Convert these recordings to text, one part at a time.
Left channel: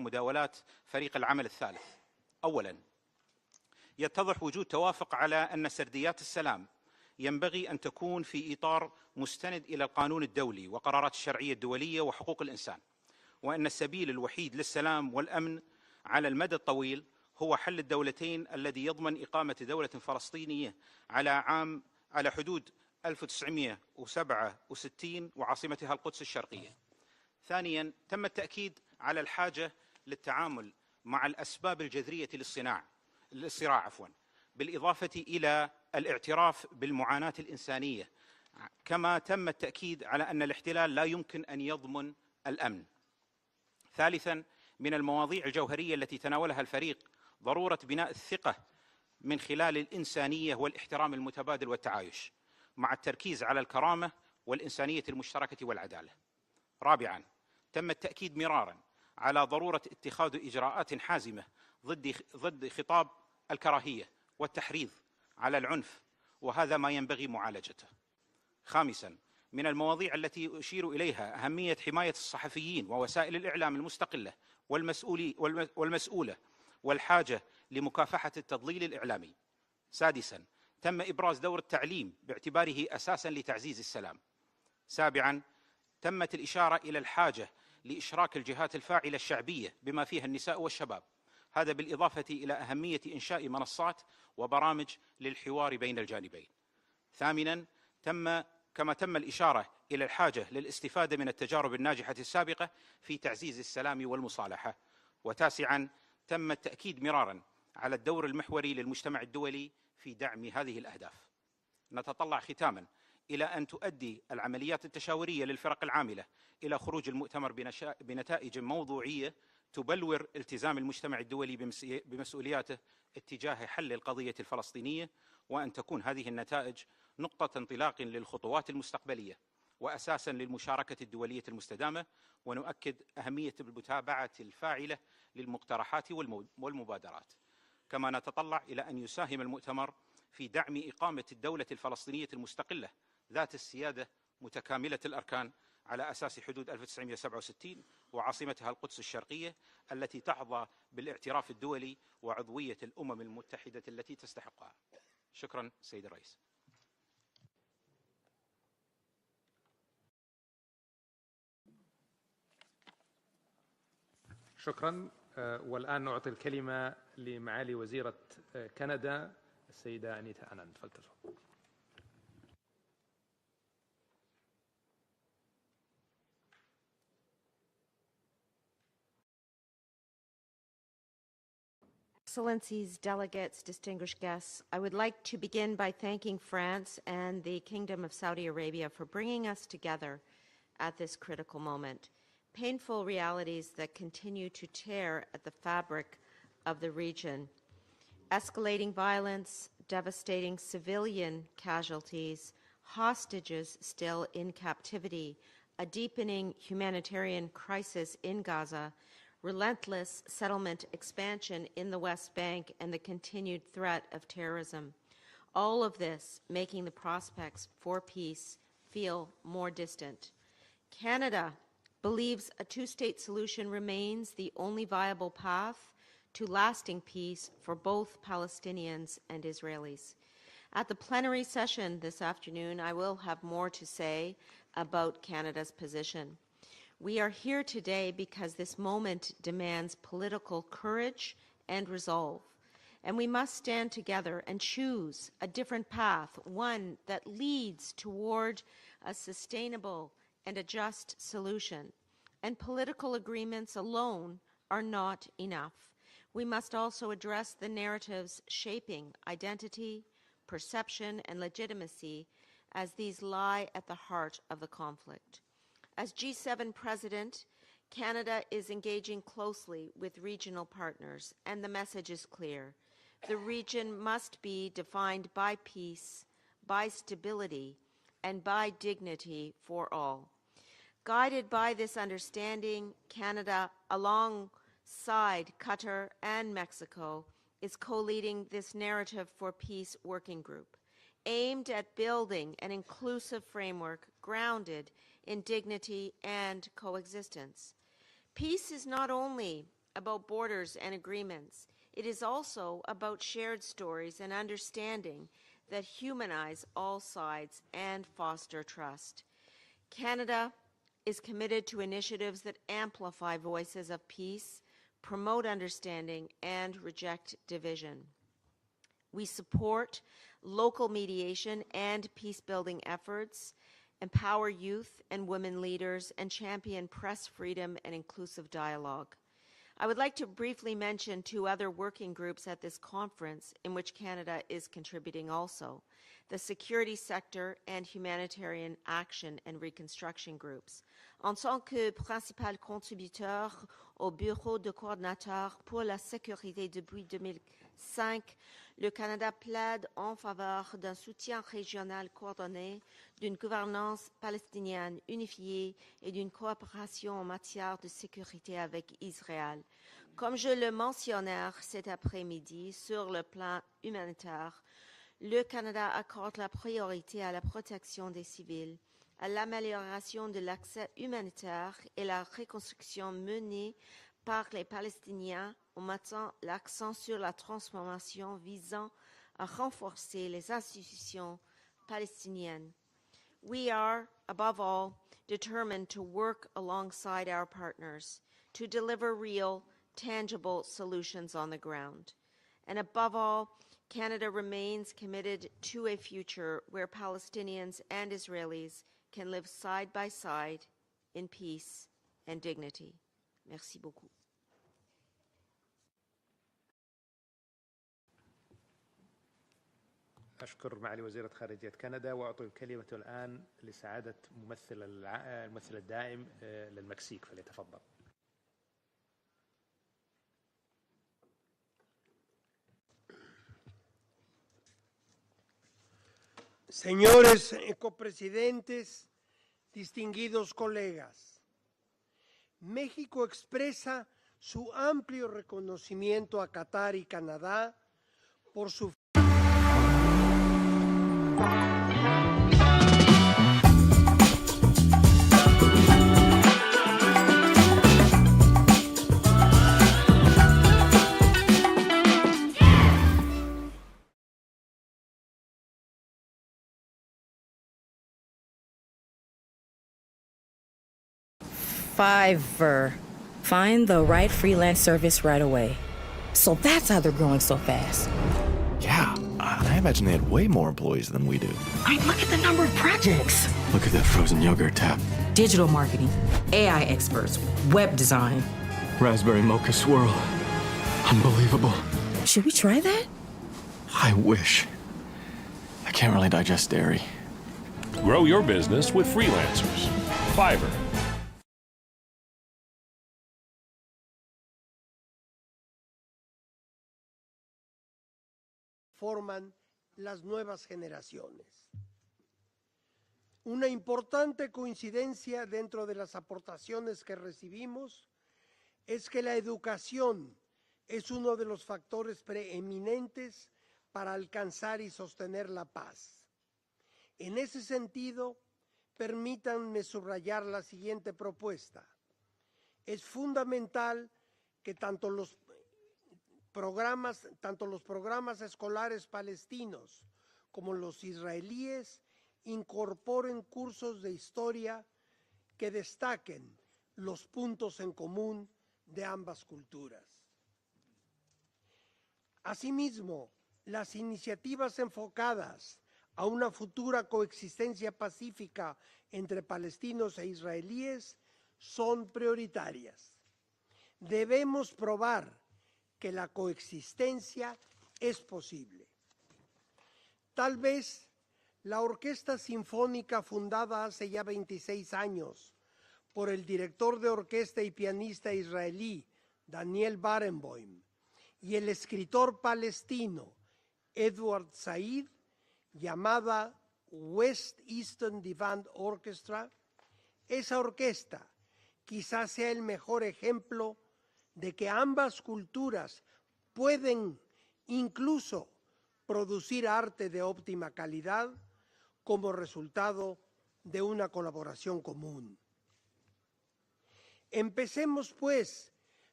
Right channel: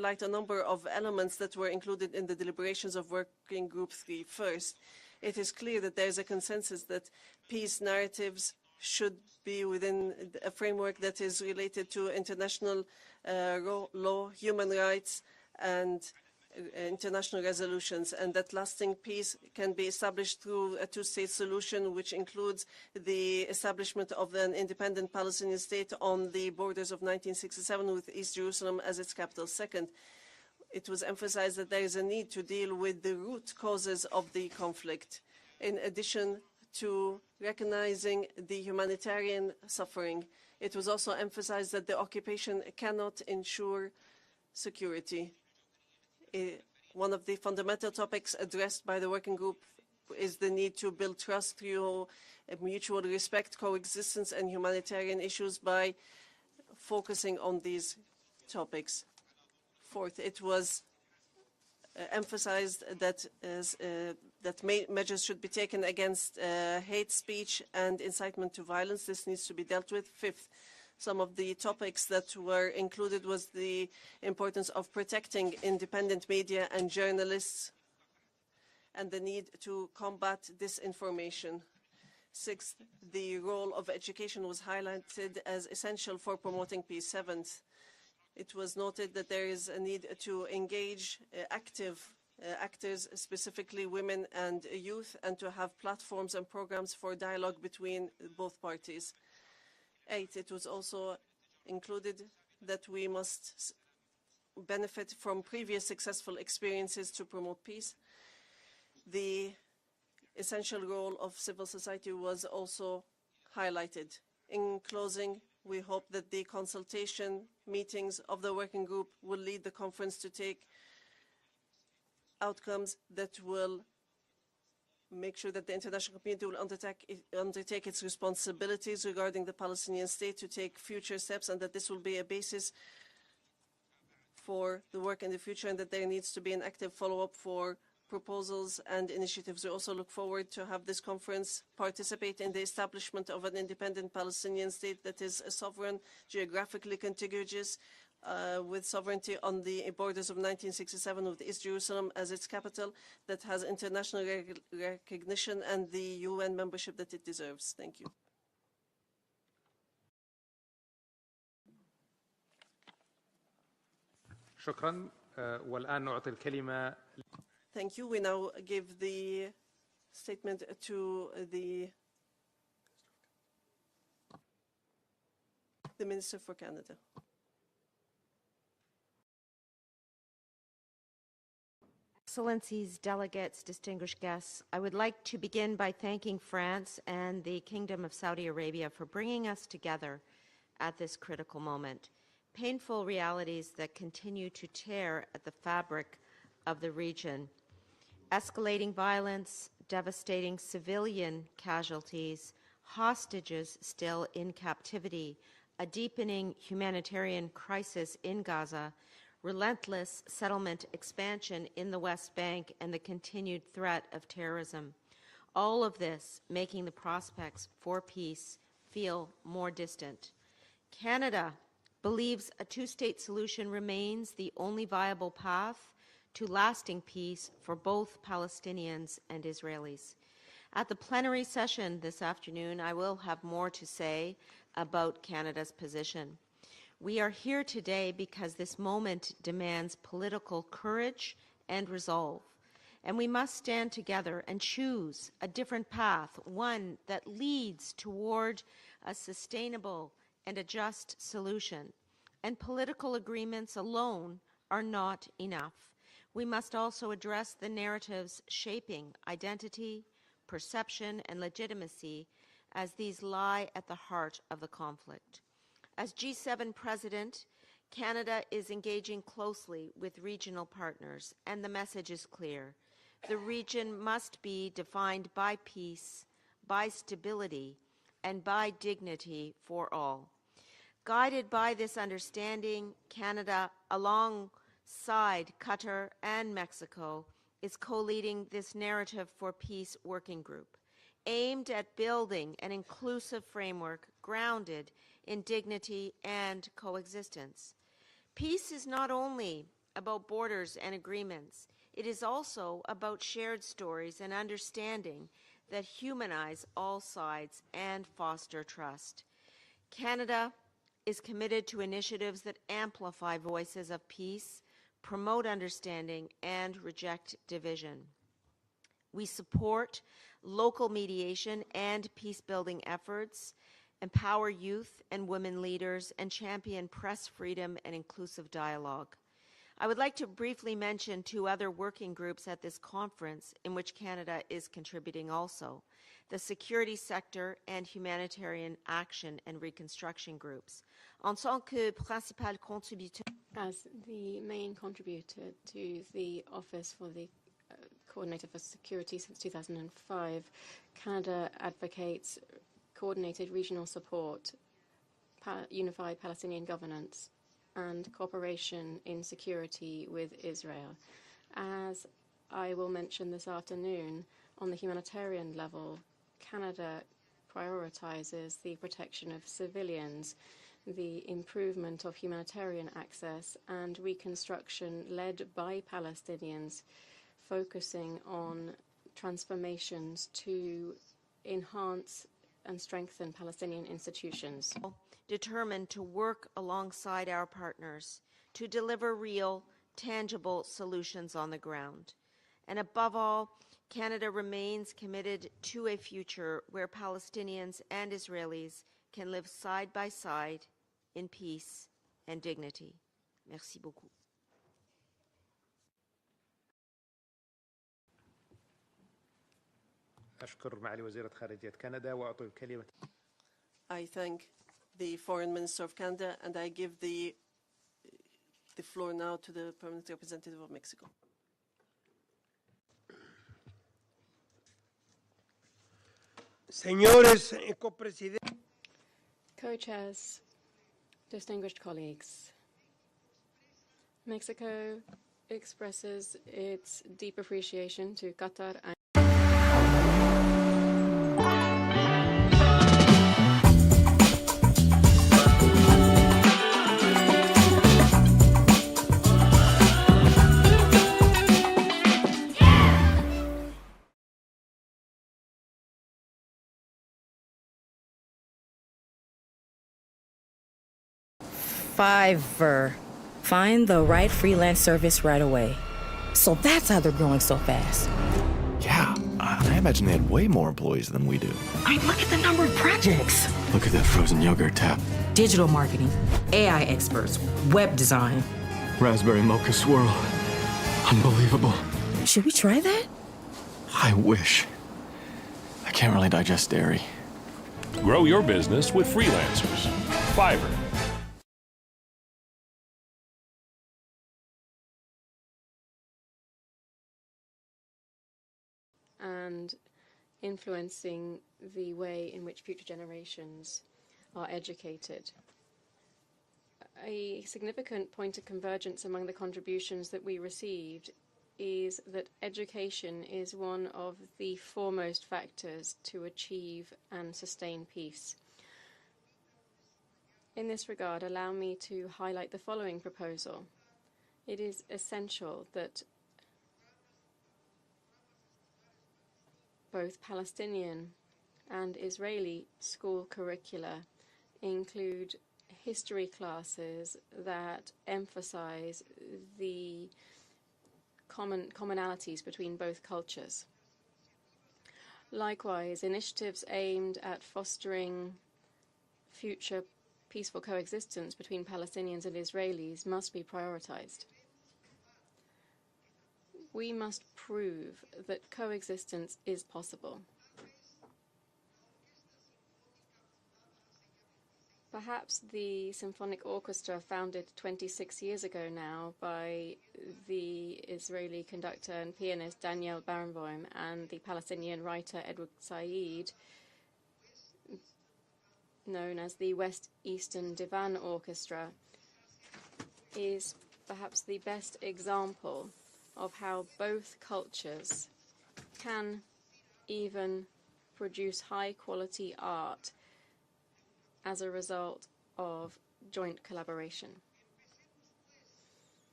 highlight a number of elements that were included in the deliberations of Working Group 3. يتضح وجود توافق على أن سرديات السلام ينبغي أن تكون في إطار مستند إلى القانون الدولي وقرارات الشرعية الدولية وحقوق الإنسان، وأن السبيل الوحيد للسلام والأمن على المدى الطويل هو حل الدولتين الذي يضمن إقامة دولة فلسطينية على حدود 1967 وعاصمتها القدس الشرقية. ثانيا تم التأكيد على الحاجة للتعامل مع الأسباب الجذرية للصراع بالإضافة إلى الاعتراف بالمعاناة الإنسانية، كما تم التأكيد على أن الاحتلال لا يمكن أن يضمن الأمن. ثالثا من المواضيع الجوهرية التي تناولها الفريق ضرورة بناء الثقة من خلال الإنسانية والاحترام المتبادل والتعايش مع التركيز على الكرامة والإنسانية المشتركة والعدالة. رابعا تم التأكيد مرارا على ضرورة اتخاذ إجراءات حازمة ضد خطاب الكراهية والتحريض على العنف، وهذا ما ينبغي معالجته. خامسا من المواضيع التي أشير إليها أهمية حماية الصحفيين ووسائل الإعلام المستقلة والمسؤولة والحاجة لمكافحة التضليل الإعلامي. سادسا تم إبراز دور التعليم باعتباره أساسا لتعزيز السلام. سابعا تمت الإشارة إلى الحاجة لإشراك الجهات الفاعلة الشعبية بما فيها النساء والشباب، هذا بالإضافة إلى أهمية إنشاء منصات وبرامج للحوار بين الجانبين. ثامنا كما تم الإشارة إلى الحاجة للاستفادة من التجارب الناجحة السابقة في تعزيز السلام والمصالحة. وتاسعا تم التأكيد مرارا على الدور المحوري للمجتمع الدولي في دعم هذه الأهداف. نتطلع ختاما إلى أن تؤدي العمليات التشاورية للفرق العاملة إلى خروج المؤتمر بنتائج موضوعية تبلور التزام المجتمع الدولي بمسؤولياته اتجاه حل القضية الفلسطينية، وأن تكون هذه النتائج نقطة انطلاق للخطوات المستقبلية وأساسا للمشاركة الدولية المستدامة. ونؤكد أهمية المتابعة الفاعلة للمقترحات والمبادرات. كما نتطلع إلى أن يساهم المؤتمر في دعم إقامة الدولة الفلسطينية المستقلة ذات السيادة متكاملة الأركان على أساس حدود 1967 وعاصمتها القدس الشرقية التي تحظى بالاعتراف الدولي وعضوية الأمم المتحدة. شكرا. والآن نعطي الكلمة لمعالي وزيرة كندا السيدة أنيتا. The Minister for Canada. Excellencies, delegates, distinguished guests, I would like to begin by thanking France and the Kingdom of Saudi Arabia for bringing us together at this critical moment. Painful realities that continue to tear at the fabric of the region. Escalating violence, devastating civilian casualties, hostages still in captivity, a deepening humanitarian crisis in Gaza, relentless settlement expansion in the West Bank, and the continued threat of terrorism. All of this making the prospects for peace feel more distant. Canada believes a two-state solution remains the only viable path to lasting peace for both Palestinians and Israelis. At the plenary session this afternoon, I will have more to say about Canada's position. We are here today because this moment demands political courage and resolve, and we must stand together and choose a different path, one that leads toward a sustainable and a just solution. And political agreements alone are not enough. We must also address the narratives shaping identity, perception, and legitimacy, as these lie at the heart of the conflict. As G7 President, Canada is engaging closely with regional partners, and the message is clear. The region must be defined by peace, by stability, and by dignity for all. Guided by this understanding, Canada, alongside Qatar and Mexico, is co-leading this Narrative for Peace working group, aimed at building an inclusive framework grounded in dignity and coexistence. Peace is not only about borders and agreements. It is also about shared stories and understanding that humanize all sides and foster trust. Canada is committed to initiatives that amplify voices of peace, promote understanding, and reject division. We support local mediation and peace-building efforts, empower youth and women leaders, and champion press freedom and inclusive dialogue. I would like to briefly mention two other working groups at this conference in which Canada is contributing also: the security sector and humanitarian action and reconstruction groups. En tant que principal contributeur au bureau de coordinateur pour la sécurité depuis 2005, le Canada plaide en faveur d'un soutien régional coordonné, d'une gouvernance palestinienne unifiée et d'une coopération en matière de sécurité avec Israël. Comme je le mentionnais cet après-midi sur le plan humanitaire, le Canada accorde la priorité à la protection des civils, à l'amélioration de l'accès humanitaire et la reconstruction menée par les Palestiniens en mettant l'accent sur la transformation visant à renforcer les institutions palestiniennes. We are, above all, determined to work alongside our partners to deliver real, tangible solutions on the ground. And above all, Canada remains committed to a future where Palestinians and Israelis can live side by side in peace and dignity. Merci beaucoup. أشكر معالي وزيرة خارجية كندا وأعطي الكلمة الآن لسعادة ممثل Minister of Canada, and I give the floor now to the Permanent Representative of Mexico. Señores copresidentes, distinguidos colegas, distinguished colleagues, México expresa su amplio reconocimiento a Qatar y Canadá por su Fiverr. Find the right freelance service right away. So that's how they're growing so fast. Yeah, I imagine they had way more employees than we do. I mean, look at the number of projects. Look at that frozen yogurt tab. Digital marketing, AI experts, web design. Raspberry mocha swirl. Unbelievable. Should we try that? I wish. I can't really digest dairy. Grow your business with freelancers. Fiverr. and influencing the way in which future generations Una importante are educated. coincidencia dentro de las aportaciones que A recibimos significant point of convergence es que among la the contributions educación that we receive es uno de los is factores that education preeminentes is one para of the alcanzar y foremost sostener la factors paz. to achieve and En ese sustain peace. sentido, permítanme subrayar la In this siguiente regard, allow me propuesta. to highlight the following Es proposal. fundamental It que is tanto los programas escolares palestinos both como los Palestinian israelíes and Israeli school incorporen curricula cursos de historia include que history destaquen classes los puntos that en común emphasize de ambas the culturas. commonalities between both Asimismo, cultures. las iniciativas enfocadas Likewise, a una initiatives futura aimed at coexistencia fostering pacífica entre future palestinos e peaceful israelíes coexistence between son Palestinians and Israelis prioritarias. must be prioritized. Debemos probar que la We must coexistencia prove es that posible. coexistence is possible. Tal vez la Orquesta Sinfónica fundada hace ya 26 años Perhaps the por el symphonic director orchestra de founded orquesta y 26 pianista years ago israelí now by Daniel Barenboim the Israeli y el conductor and escritor pianist Daniel palestino Barenboim and the Edward Palestinian Said, writer Edward Said, llamada West Eastern Divan known as Orchestra. the West Eastern Esa Divan orquesta Orchestra, quizás sea el mejor is ejemplo perhaps the de best que ambas example culturas of how pueden both cultures incluso can producir arte de even óptima calidad produce high quality como art resultado de una as a colaboración result común. of joint collaboration. Empecemos, pues,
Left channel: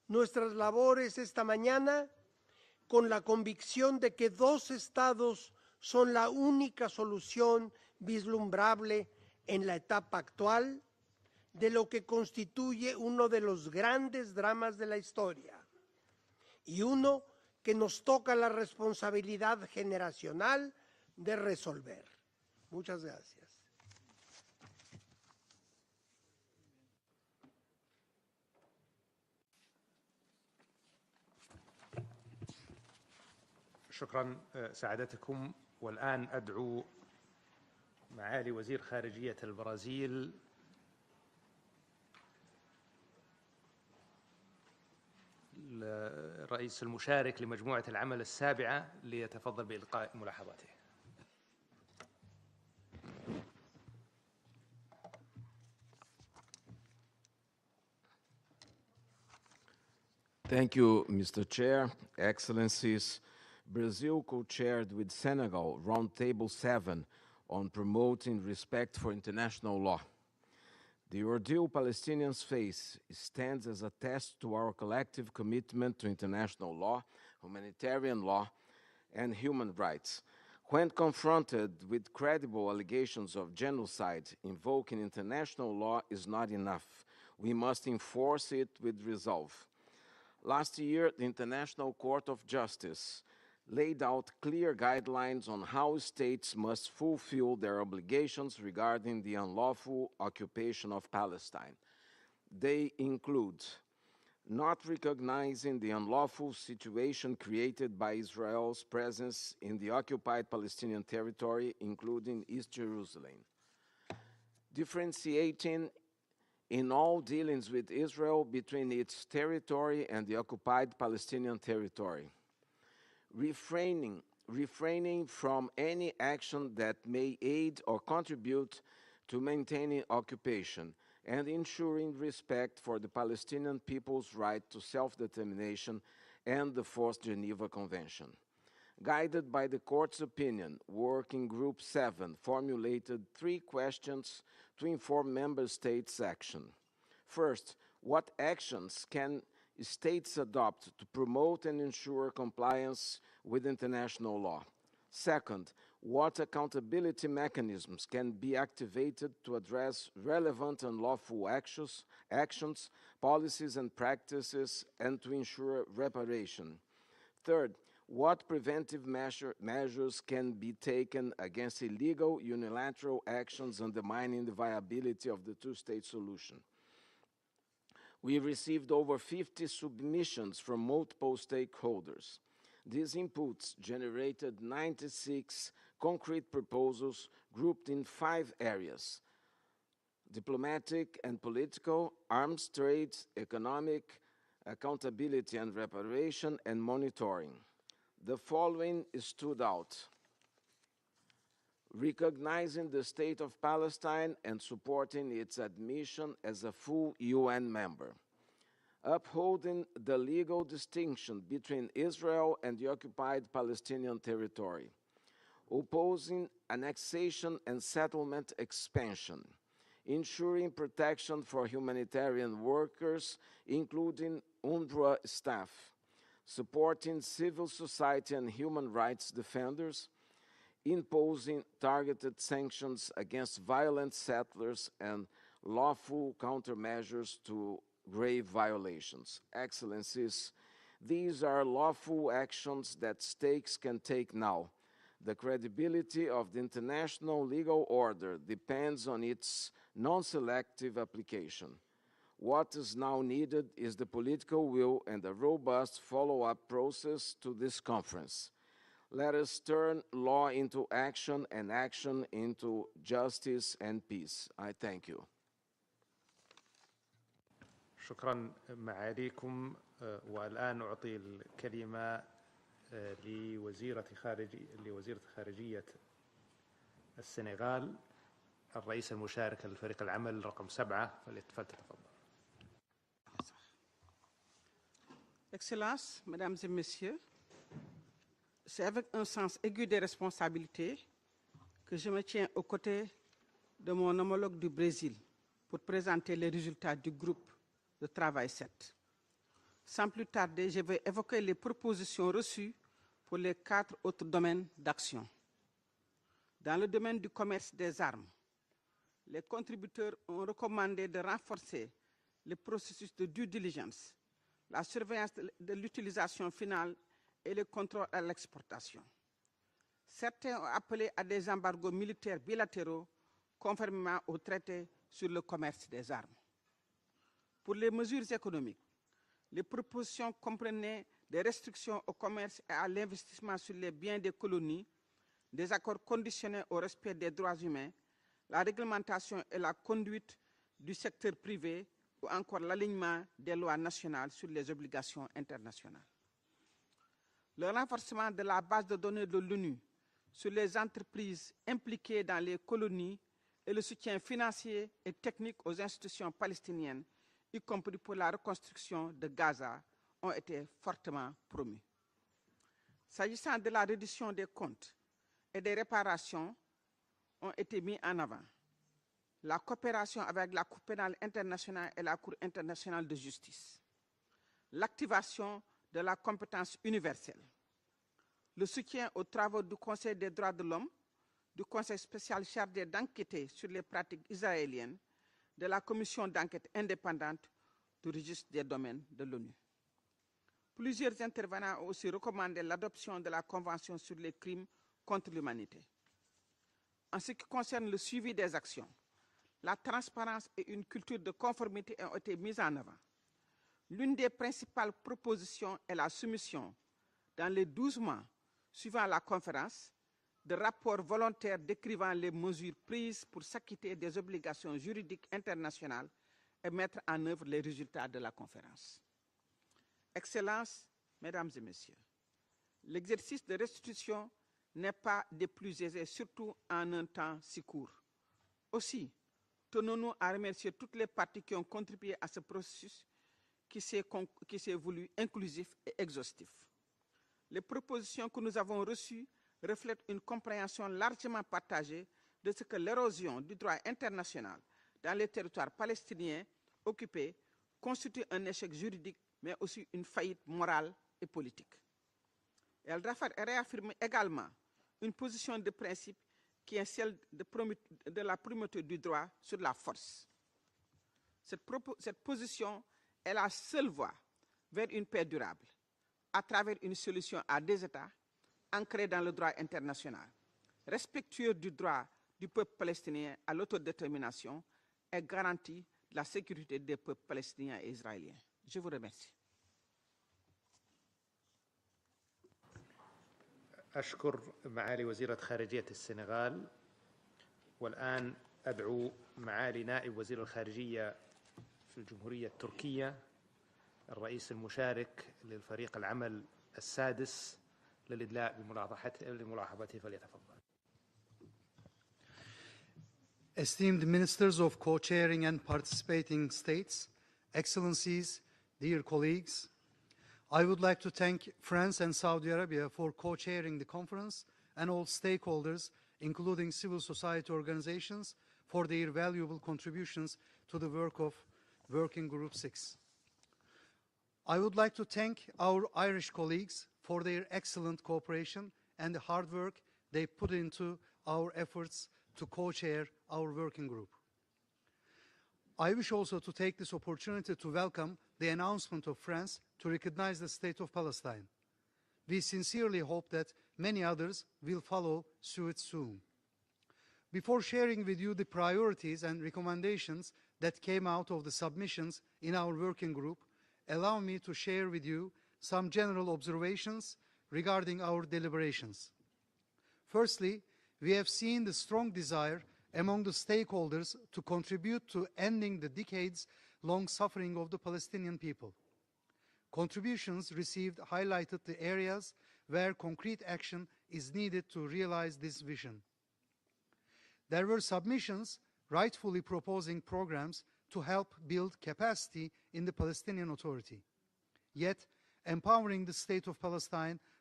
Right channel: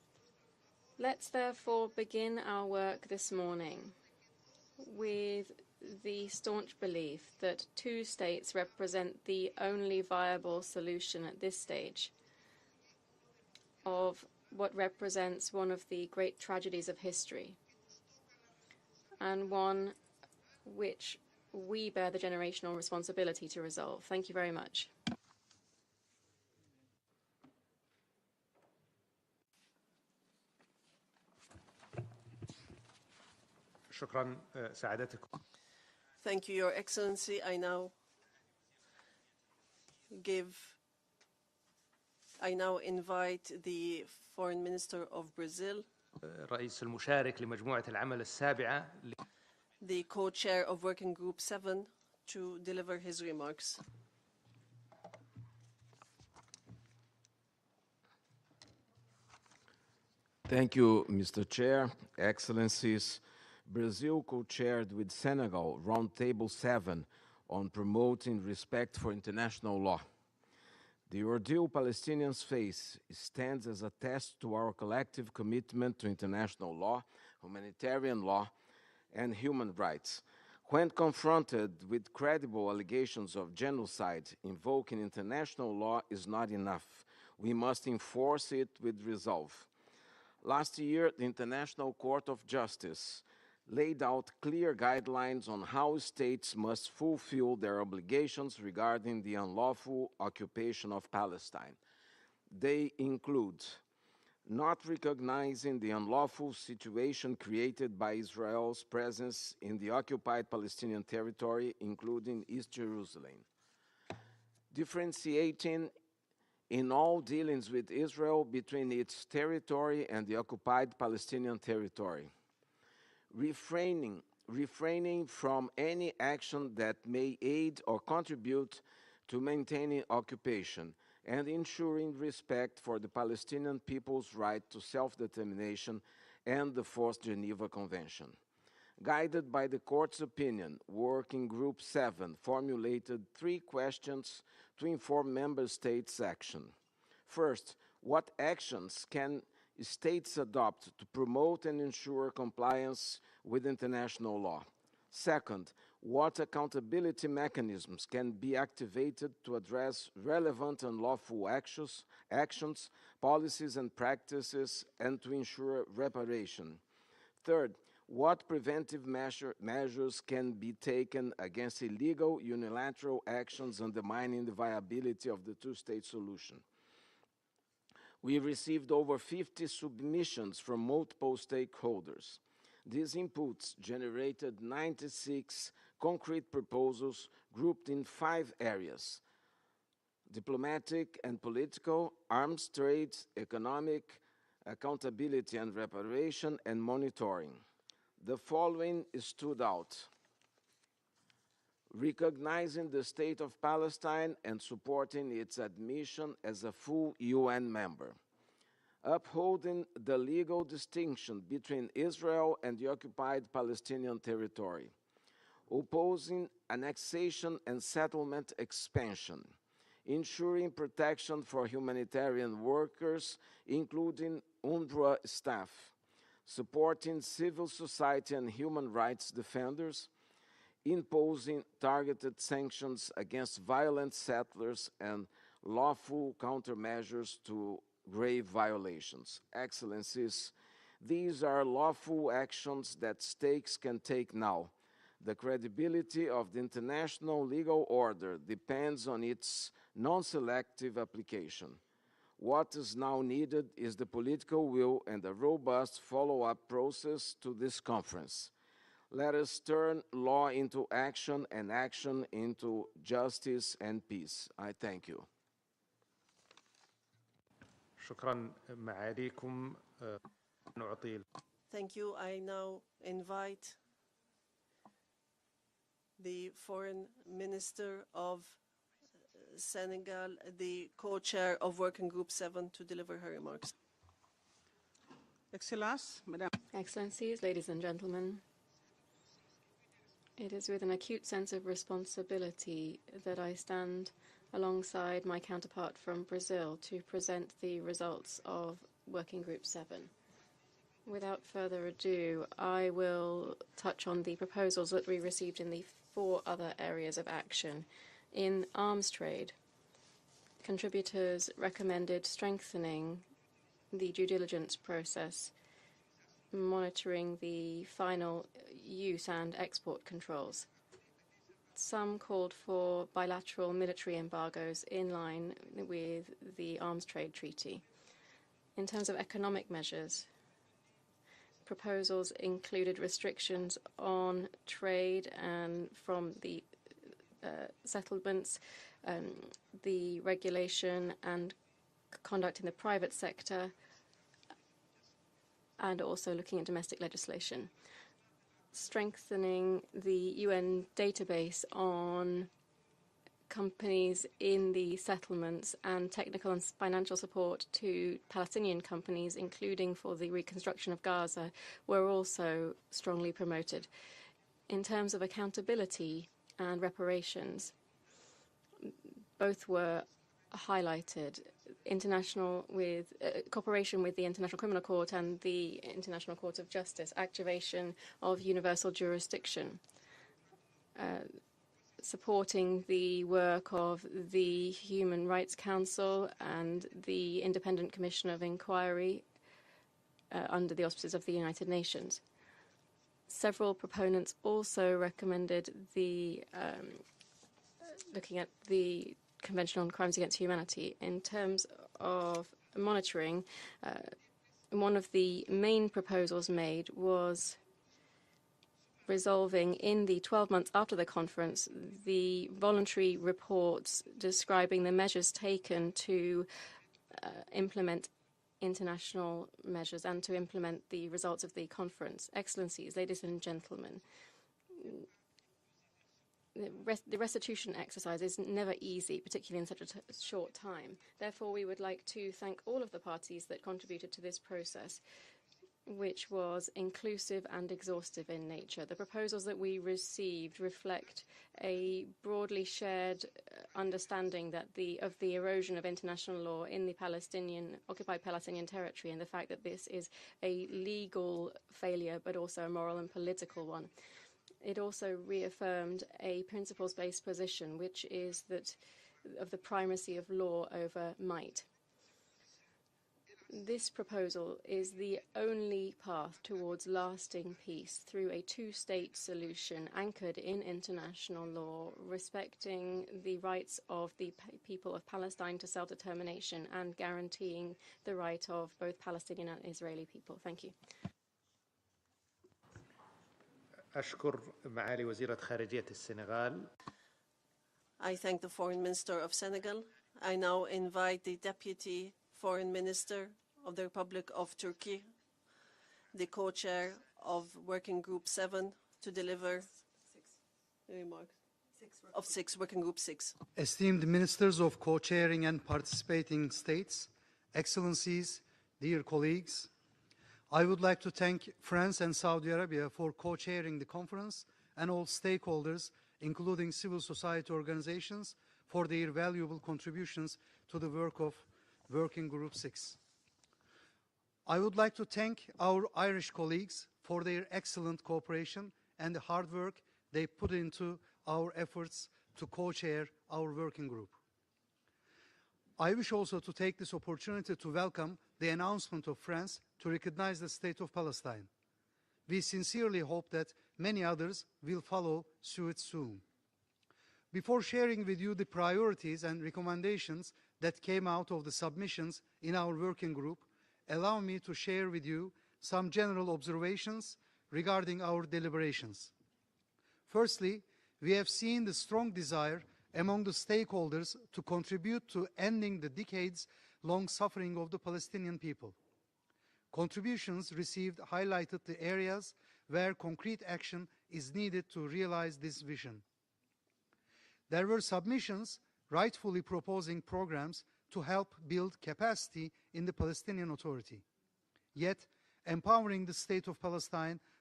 nuestras labores esta mañana con la convicción de que dos estados son la única solución vislumbrable en la etapa actual de lo que constituye uno de los grandes dramas de la historia y uno que nos toca la responsabilidad generacional de resolver. Muchas gracias. شكرا سعادتكم. والآن Thank you, Your Excellency. I now معالي وزير خارجية البرازيل I now invite the Foreign Minister of Brazil, الرئيس المشارك لمجموعة العمل السابعة ليتفضل بإلقاء the co-chair of Working Group 7, to deliver his remarks. Thank you, Mr. Chair, Excellencies. Brazil co-chaired with Senegal Roundtable 7 on promoting respect for international law. The ordeal Palestinians face stands as a test to our collective commitment to international law, humanitarian law, and human rights. When confronted with credible allegations of genocide, invoking international law is not enough. We must enforce it with resolve. Last year, the International Court of Justice laid out clear guidelines on how states must fulfill their obligations regarding the unlawful occupation of Palestine. They include not recognizing the unlawful situation created by Israel's presence in the occupied Palestinian territory, including East Jerusalem, differentiating in all dealings with Israel between its territory and the occupied Palestinian territory, refraining from any action that may aid or contribute to maintaining occupation, and ensuring respect for the Palestinian people's right to self-determination and the Fourth Geneva Convention. Guided by the Court's opinion, Working Group 7 formulated 3 questions to inform Member States' action. First, what actions can states adopt to promote and ensure compliance with international law? Second, what accountability mechanisms can be activated to address relevant and lawful actions, policies and practices, and to ensure reparation? Third, what preventive measures can be taken against illegal unilateral actions undermining the viability of the two-state solution? We received over 50 submissions from multiple stakeholders. These inputs generated 96 concrete proposals grouped in 5 areas: diplomatic and political, arms trade, economic, accountability and reparation, and monitoring. The following stood out: recognizing the State of Palestine and supporting its admission as a full UN member, upholding the legal distinction between Israel and the occupied Palestinian territory, opposing annexation and settlement expansion, ensuring protection for humanitarian workers, including UNRWA staff, supporting civil society and human rights defenders, imposing targeted sanctions against violent settlers and lawful countermeasures to grave violations. Excellencies, these are lawful actions that states can take now. The credibility of the international legal order depends on its non-selective application. What is now needed is the political will and a robust follow-up process to this conference. Let us turn law into action and action into justice and peace. I thank you. شكرا معاليكم. والآن أعطي الكلمة لوزيرة خارجية السنغال الرئيس المشارك لفريق العمل رقم 7 co-chair of Working Group 7 to deliver her remarks. Excellencies, Mesdames et Messieurs, Excellencies, ladies and gentlemen, C'est avec un sens aigu des responsabilités with an acute sense of que je me tiens aux côtés that I stand de mon homologue du Brésil my pour counterpart présenter from les Brazil résultats to du present groupe the de results travail of 7. Working Group 7. Sans plus tarder, je vais évoquer les Without further propositions ado, reçues I will pour les 4 touch on autres the domaines proposals that we d'action. received in the 4 other Dans le areas domaine of du commerce action. des armes, In arms les trade, contributeurs ont recommandé de contributors renforcer recommended le processus strengthening de due diligence, the due diligence la surveillance process, de l'utilisation finale monitoring et le the contrôle à final l'exportation. use and export controls. Certains ont appelé à des embargos Some militaires called bilatéraux for bilateral military conformément au embargoes traité in sur le line commerce des with armes. the arms trade treaty. Pour les mesures économiques, In terms of les economic measures, propositions comprenaient des restrictions au proposals commerce et à included l'investissement restrictions sur les biens des on colonies, trade des and accords from conditionnés au respect des droits humains, settlements, la réglementation et la the conduite du regulation secteur and privé, ou conduct encore of the private l'alignement des sector, lois nationales sur les obligations internationales. and also looking at domestic legislation. Le renforcement de la base de données de l'ONU Strengthening the sur les UN entreprises database impliquées dans on les colonies companies in the et settlements techniques aux and institutions technical and palestiniennes, financial support y compris pour to la Palestinian reconstruction de companies, Gaza, including for the ont été reconstruction of fortement Gaza, promus. were also strongly S'agissant de promoted. la reddition des comptes In terms of et des accountability réparations, and ont reparations, été mis en avant. La both were coopération avec la Cour pénale highlighted. internationale et la Cour internationale de justice. Cooperation with the International Criminal Court and L'activation the de la International Court of compétence Justice, universelle. activation of Le universal soutien aux travaux jurisdiction, du Conseil des droits de l'homme, du Conseil spécial supporting chargé the d'enquêter work sur les of pratiques the israéliennes, Human Rights de la Commission Council d'enquête and indépendante the Independent pour Commission of justice des Inquiry domaines de l'ONU. under the auspices Plusieurs of the United intervenants aussi Nations. recommandaient l'adoption de la Several Convention sur proponents les crimes also contre recommended l'humanité. the En ce qui concerne le suivi looking des at actions, the Convention on Crimes Against transparence et Humanity. une culture In de terms conformité ont été of mises en œuvre. monitoring, L'une des principales one of the propositions main est la proposals soumission made was dans les 12 mois suivant la resolving conférence in the 12 de months after rapports the volontaires conference décrivant les the mesures voluntary prises pour reports s'acquitter des obligations describing the juridiques measures taken internationales to et mettre en œuvre les implement résultats de la conférence. international measures and to Excellences, implement the results of Mesdames et the Messieurs, conference. Excellencies, ladies and l'exercice de gentlemen, restitution n'est pas des plus aisés, surtout en un the temps si restitution court. exercise is never Aussi, easy, particularly in such a tenons-nous à short remercier time. toutes les parties Therefore, qui we ont would like contribué to à ce thank all of processus the parties that qui s'est contributed to this process, voulu inclusif et which exhaustif. was inclusive Les and propositions exhaustive que in nous avons nature. The reçues proposals that we reflètent une received compréhension reflect largement partagée a de broadly ce que shared l'érosion du droit understanding international that the dans les territoires erosion of international palestiniens law in the occupied constitue un Palestinian échec territory and the juridique, fact mais that this aussi une is faillite a morale et legal politique. failure, but also a moral Elle and political one. réaffirme également It also une position de reaffirmed principe a qui est principle-based celle position, which de la is primauté du droit of sur the la primacy force. of law over might. Cette position est la This seule voie proposal vers is une the paix durable only path à travers towards une solution lasting à deux peace États through a ancrée two-state dans le droit solution international, anchored in international respectueux du law, droit du peuple respecting palestinien the à rights of l'autodétermination the people of et Palestine to garantit la self-determination sécurité and des peuples guaranteeing palestiniens et the israéliens. right of Je vous both remercie. Palestinian and Israeli people. Thank you. أشكر معالي وزيرة خارجية السنغال. I thank the Foreign Minister of Senegal. I now invite the Deputy Foreign Minister of the Republic of Turkey, the co-chair of Working Group 7, to deliver the remarks of Working Group 6. Esteemed Ministers of Co-chairing and participating states, Excellencies, dear colleagues, I would like to thank France and Saudi Arabia for co-chairing the conference and all stakeholders, including civil society organizations, for their valuable contributions to the work of Working Group 6. I would like to thank our Irish colleagues for their excellent cooperation and the hard work they put into our efforts to co-chair our working group. I wish also to take this opportunity to welcome the announcement of France to recognize the state of Palestine. We sincerely hope that many others will follow suit soon. Before sharing with you the priorities and recommendations that came out of the submissions in our working group, allow me to share with you some general observations regarding our deliberations. Firstly, we have seen the strong desire among the stakeholders to contribute to ending the decades-long suffering of the Palestinian people. Contributions received highlighted the areas where concrete action is needed to realize this vision. There were submissions rightfully proposing programs to help build capacity in the Palestinian Authority. Yet, empowering the state of Palestine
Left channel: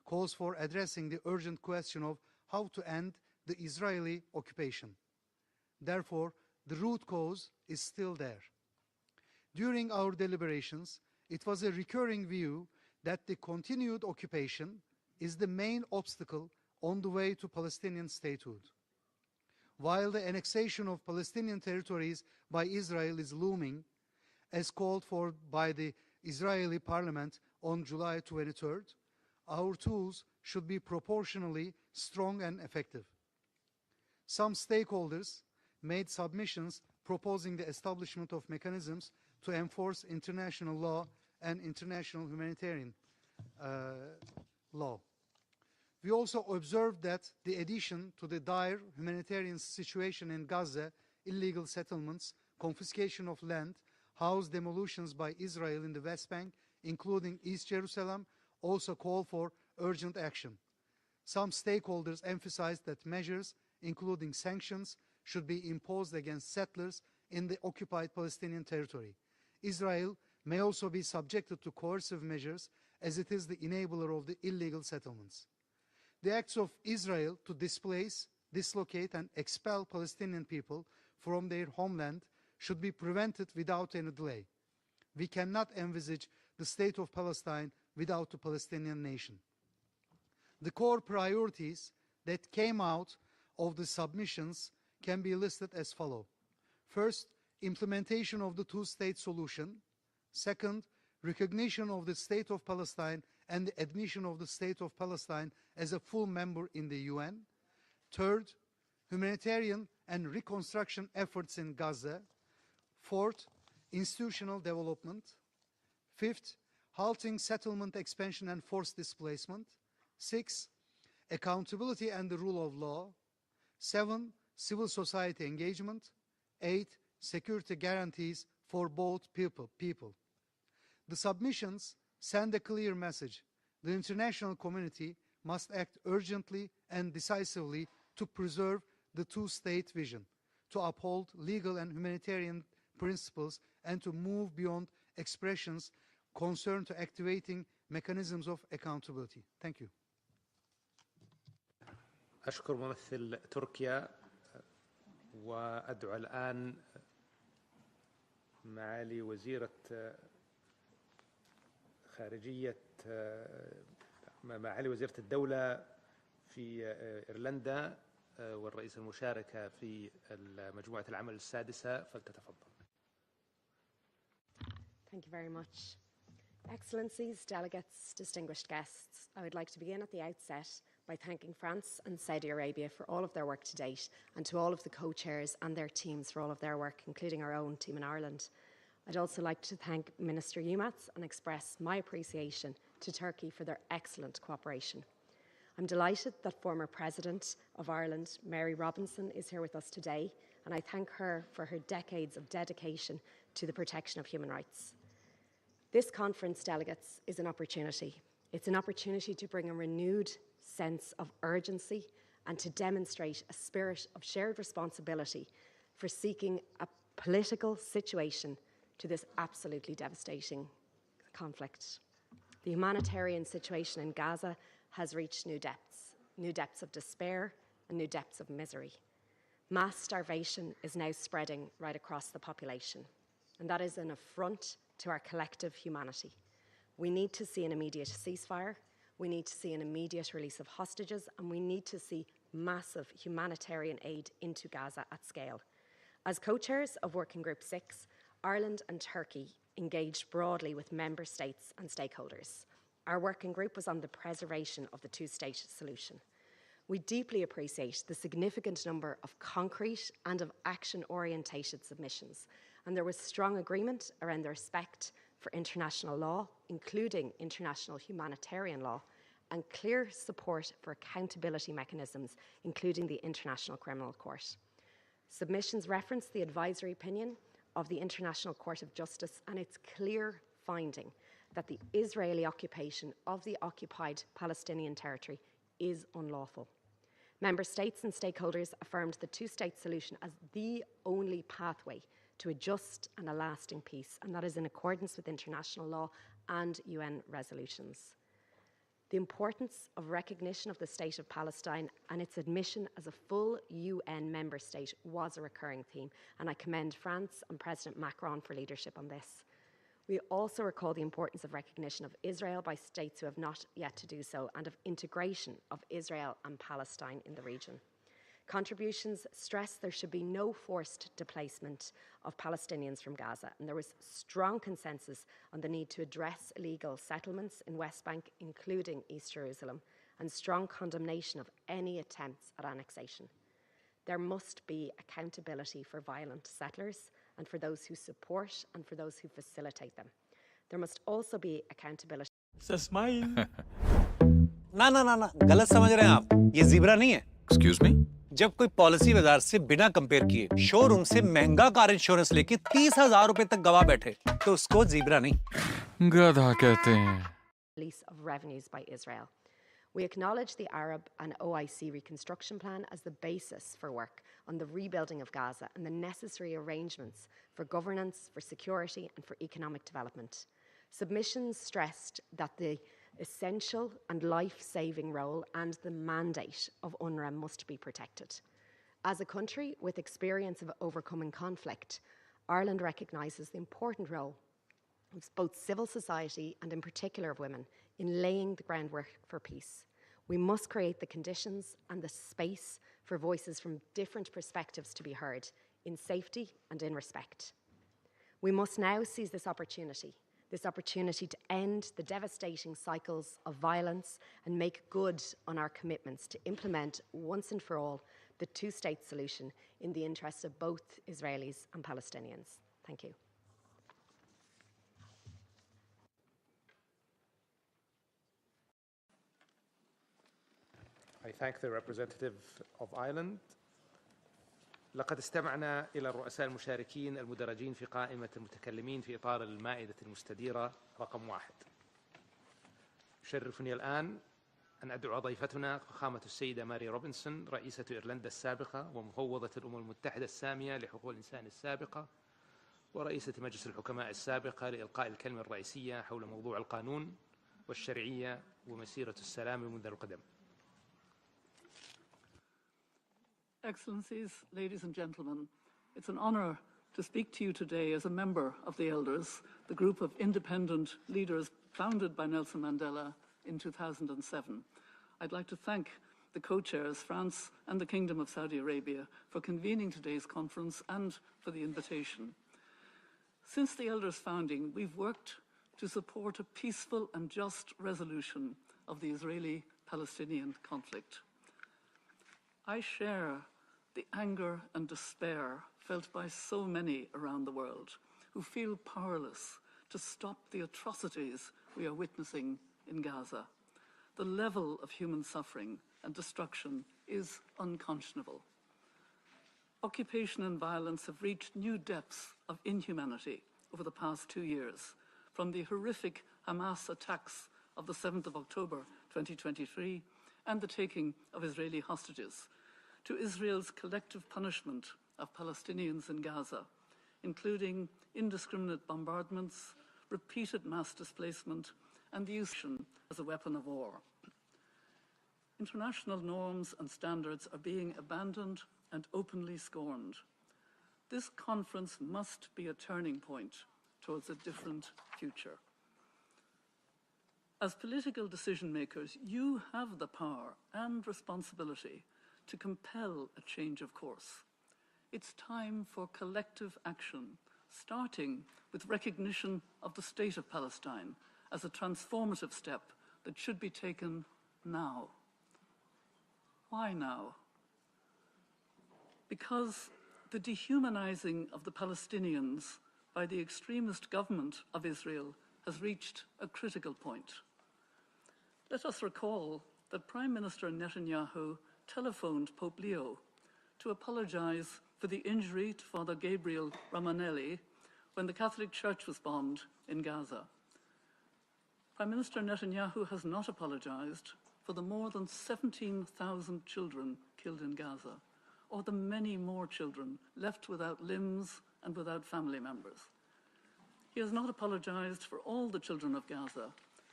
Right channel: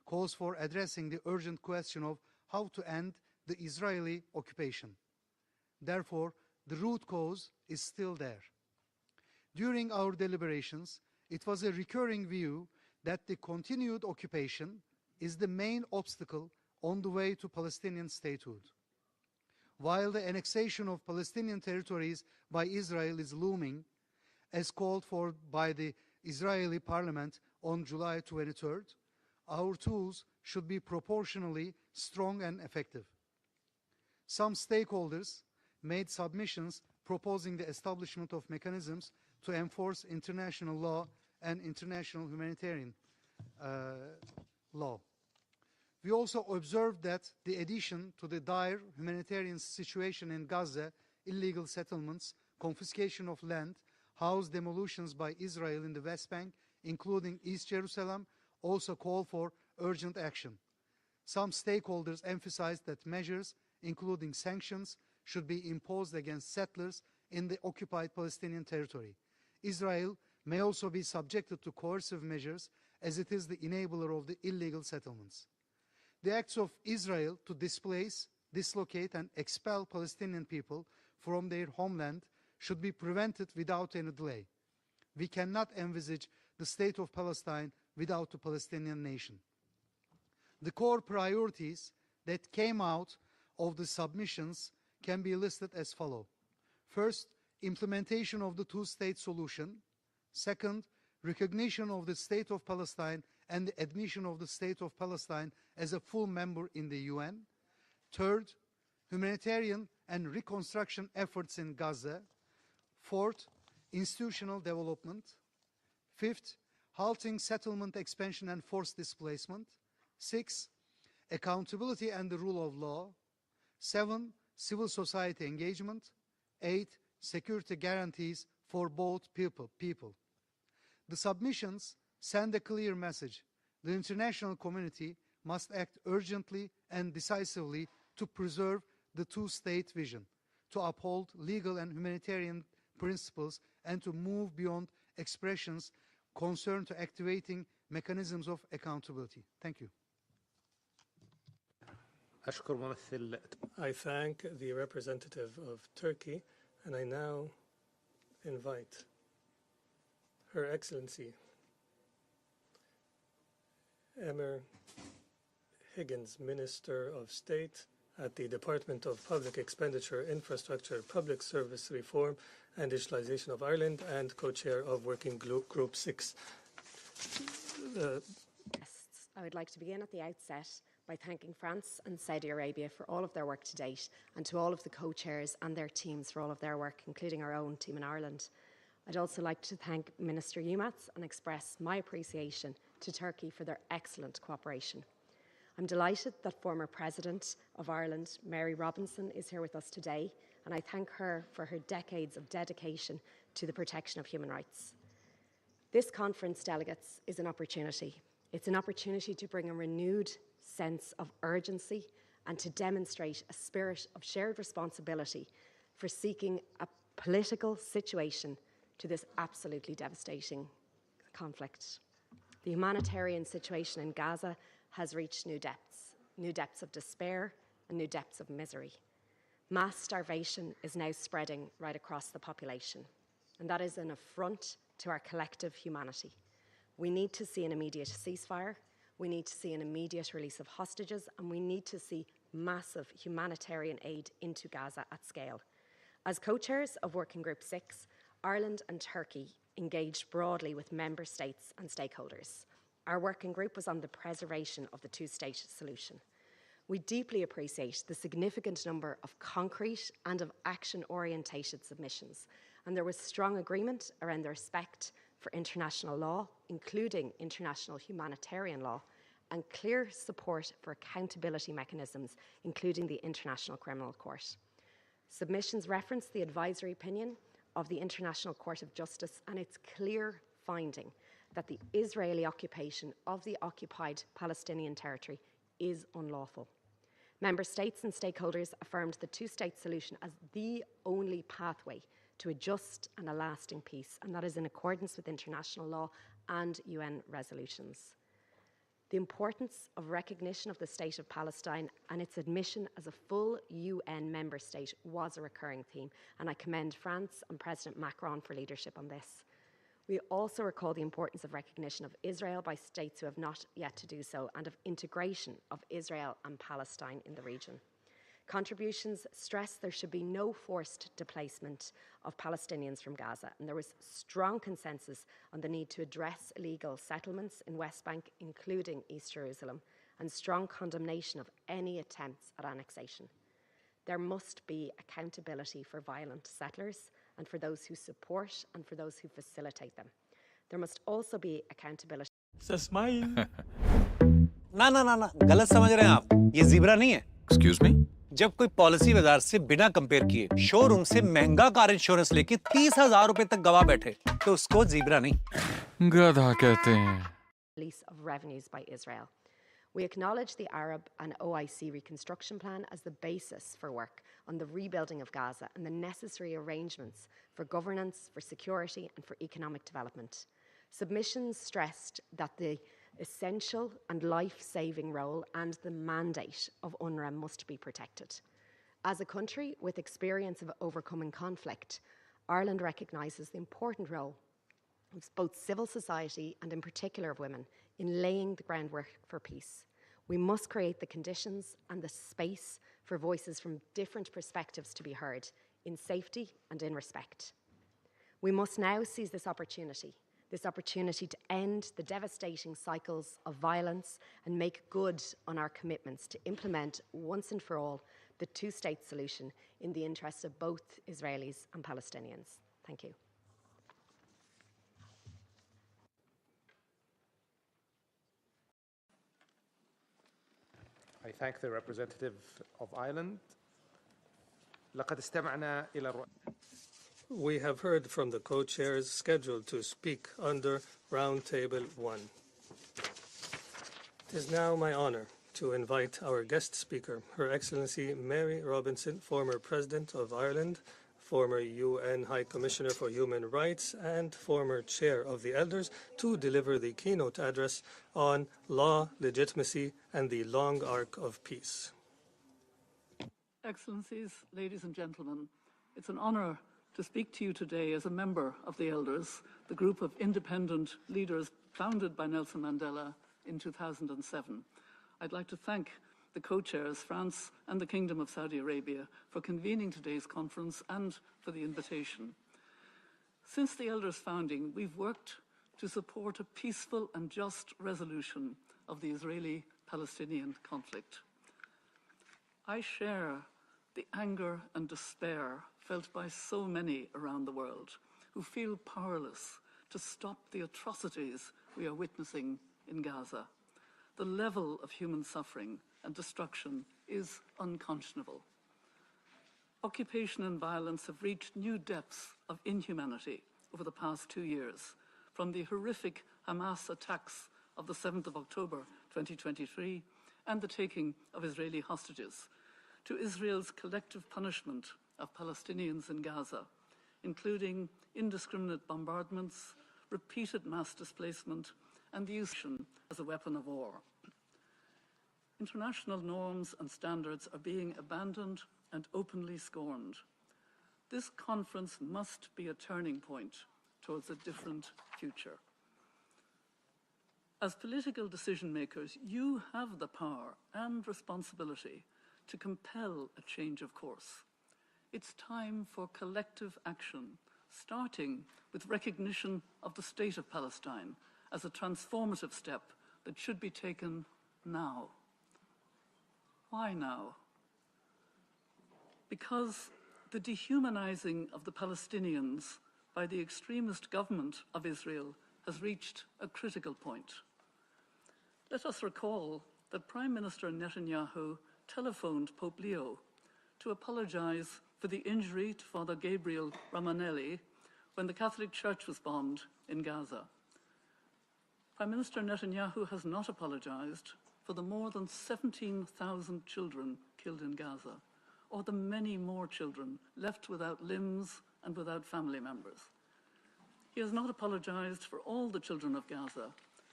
calls for addressing the urgent question of how to end the Israeli occupation. Therefore, the root cause is still there. During our deliberations, it was a recurring view that the continued occupation is the main obstacle on the way to Palestinian statehood. While the annexation of Palestinian territories by Israel is looming, as called for by the Israeli parliament on July 23rd, our tools should be proportionally strong and effective. Some stakeholders made submissions proposing the establishment of mechanisms to enforce international law and international humanitarian law. We also observed that the addition to the dire humanitarian situation in Gaza, illegal settlements, confiscation of land, house demolitions by Israel in the West Bank, including East Jerusalem, also call for urgent action. Some stakeholders emphasized that measures, including sanctions, should be imposed against settlers in the occupied Palestinian territory. Israel may also be subjected to coercive measures, as it is the enabler of the illegal settlements. The acts of Israel to displace, dislocate, and expel Palestinian people from their homeland should be prevented without any delay. We cannot envisage the state of Palestine without the Palestinian nation. The core priorities that came out of the submissions can be listed as follows. First, implementation of the two-state solution. Second, recognition of the state of Palestine and the admission of the state of Palestine as a full member in the UN. Third, humanitarian and reconstruction efforts in Gaza. Fourth, institutional development. Fifth, halting settlement expansion and forced displacement. 6, accountability and the rule of law. 7, civil society engagement. 8, security guarantees for both people. The submissions send a clear message. The international community must act urgently and decisively to preserve the two-state vision, to uphold legal and humanitarian principles, and to move beyond expressions concerned to activating mechanisms of accountability. Thank you. I thank the representative of Turkey, and I now invite Her Excellency معالي وزيرة الدولة Higgins, Minister of State at the Department of Public Expenditure, Infrastructure, Public Service Reform and Digitalization of Ireland, and co-chair of Working Group 6. Excellencies, delegates, distinguished guests, I would like to begin at the outset by thanking France and Saudi Arabia for all of their work to date, and to all of the co-chairs and their teams for all of their work, including our own team in Ireland. I'd also like to thank Minister Yilmaz and express my appreciation to Turkey for their excellent cooperation. I'm delighted that former President of Ireland, Mary Robinson, is here with us today, and I thank her for her decades of dedication to the protection of human rights. This conference, delegates, is an opportunity. It's an opportunity to bring a renewed sense of urgency and to demonstrate a spirit of shared responsibility for seeking a political situation to this absolutely devastating conflict. The humanitarian situation in Gaza has reached new depths of despair and new depths of misery. Mass starvation is now spreading right across the population, and that is an affront to our collective humanity. We need to see an immediate ceasefire, we need to see an immediate release of hostages, and we need to see massive humanitarian aid into Gaza at scale. As co-chairs of Working Group 6, Ireland and Turkey engaged broadly with member states and stakeholders. Our working group was on the preservation of the two-state solution. We deeply appreciate the significant number of concrete and of action-orientated submissions, and there was strong agreement around the respect for international law, including international humanitarian law, and clear support for accountability mechanisms, including the International Criminal Court. Submissions reference the advisory opinion of the International Court of Justice and its clear finding that the Israeli occupation of the occupied Palestinian territory is unlawful. Member states and stakeholders affirmed the two-state solution as the only pathway to a just and a lasting peace, and that is in accordance with international law and UN resolutions. The importance of recognition of the State of Palestine and its admission as a full UN member state was a recurring theme, and I commend France and President Macron for leadership on this. We also recall the importance of recognition of Israel by states who have not yet to do so, and of integration of Israel and Palestine in the region. Contributions stress there should be no forced displacement of Palestinians from Gaza, and there was strong consensus on the need to address illegal settlements in West Bank, including East Jerusalem, and strong condemnation of any attempts at annexation. There must be accountability for violent settlers and for those who support and for those who facilitate them. There must also be accountability. Smile. ना ना ना ना गलत समझ रहे हैं आप ये ज़ीब्रा नहीं है Excuse me? जब कोई पॉलिसी बाजार से बिना कंपेयर किए शोरूम से महंगा कार इंश्योरेंस लेके 30,000 रुपए तक गवा बैठे तो उसको ज़ीब्रा नहीं गधा कहते हैं Release of revenues by Israel. We acknowledge the Arab and OIC reconstruction plan as the basis for work on the rebuilding of Gaza and the necessary arrangements for governance, for security and for economic development. Submissions stressed that the essential and life-saving role and the mandate of UNRWA must be protected. As a country with experience of overcoming conflict, Ireland recognises the important role of both civil society and in particular of women in laying the groundwork for peace. We must create the conditions and the space for voices from different perspectives to be heard in safety and in respect. We must now seize this opportunity to end the devastating cycles of violence and make good on our commitments to implement once and for all the two-state solution in the interests of both Israelis and Palestinians. Thank you. I thank the representative of Ireland. لقد استمعنا إلى الرؤساء المشاركين We have heard from the co-chairs scheduled to speak under Round Table 1. It is now my honor to invite our guest speaker, Her Excellency Mary Robinson, former President of Ireland, former UN High Commissioner for Human Rights, and former Chair of the Elders, to deliver the keynote address on law, legitimacy, and the long arc of peace. Excellencies, ladies and gentlemen, it's an honor to speak to you today as a member of the Elders, the group of independent leaders founded by Nelson Mandela in 2007. I'd like to thank the co-chairs, France and the Kingdom of Saudi Arabia, for convening today's conference and for the invitation. Since the Elders' founding, we've worked to support a peaceful and just resolution of the Israeli-Palestinian conflict. I share the anger and despair felt by so many around the world who feel powerless to stop the atrocities we are witnessing in Gaza. The level of human suffering and destruction is unconscionable. Occupation and violence have reached new depths of inhumanity over the past 2 years, from the horrific Hamas attacks of the 7th of October 2023 and the taking of Israeli hostages, to Israel's collective punishment of Palestinians in Gaza, including indiscriminate bombardments, repeated mass displacement, and the use as a weapon of war. International norms and standards are being abandoned and openly scorned. This conference must be a turning point towards a different future. As political decision makers, you have the power and responsibility to compel a change of course. It's time for collective action, starting with recognition of the State of Palestine as a transformative step that should be taken now. Why now? Because the dehumanizing of the Palestinians by the extremist government of Israel has reached a critical point. Let us recall that Prime Minister Netanyahu telephoned Pope Leo to apologize for the injury to Father Gabriel Ramanelli when the Catholic Church was bombed in Gaza. Prime Minister Netanyahu has not apologized for the more than 17,000 children killed in Gaza, or the many more children left without limbs and without family members. He has not apologized for all the children of Gaza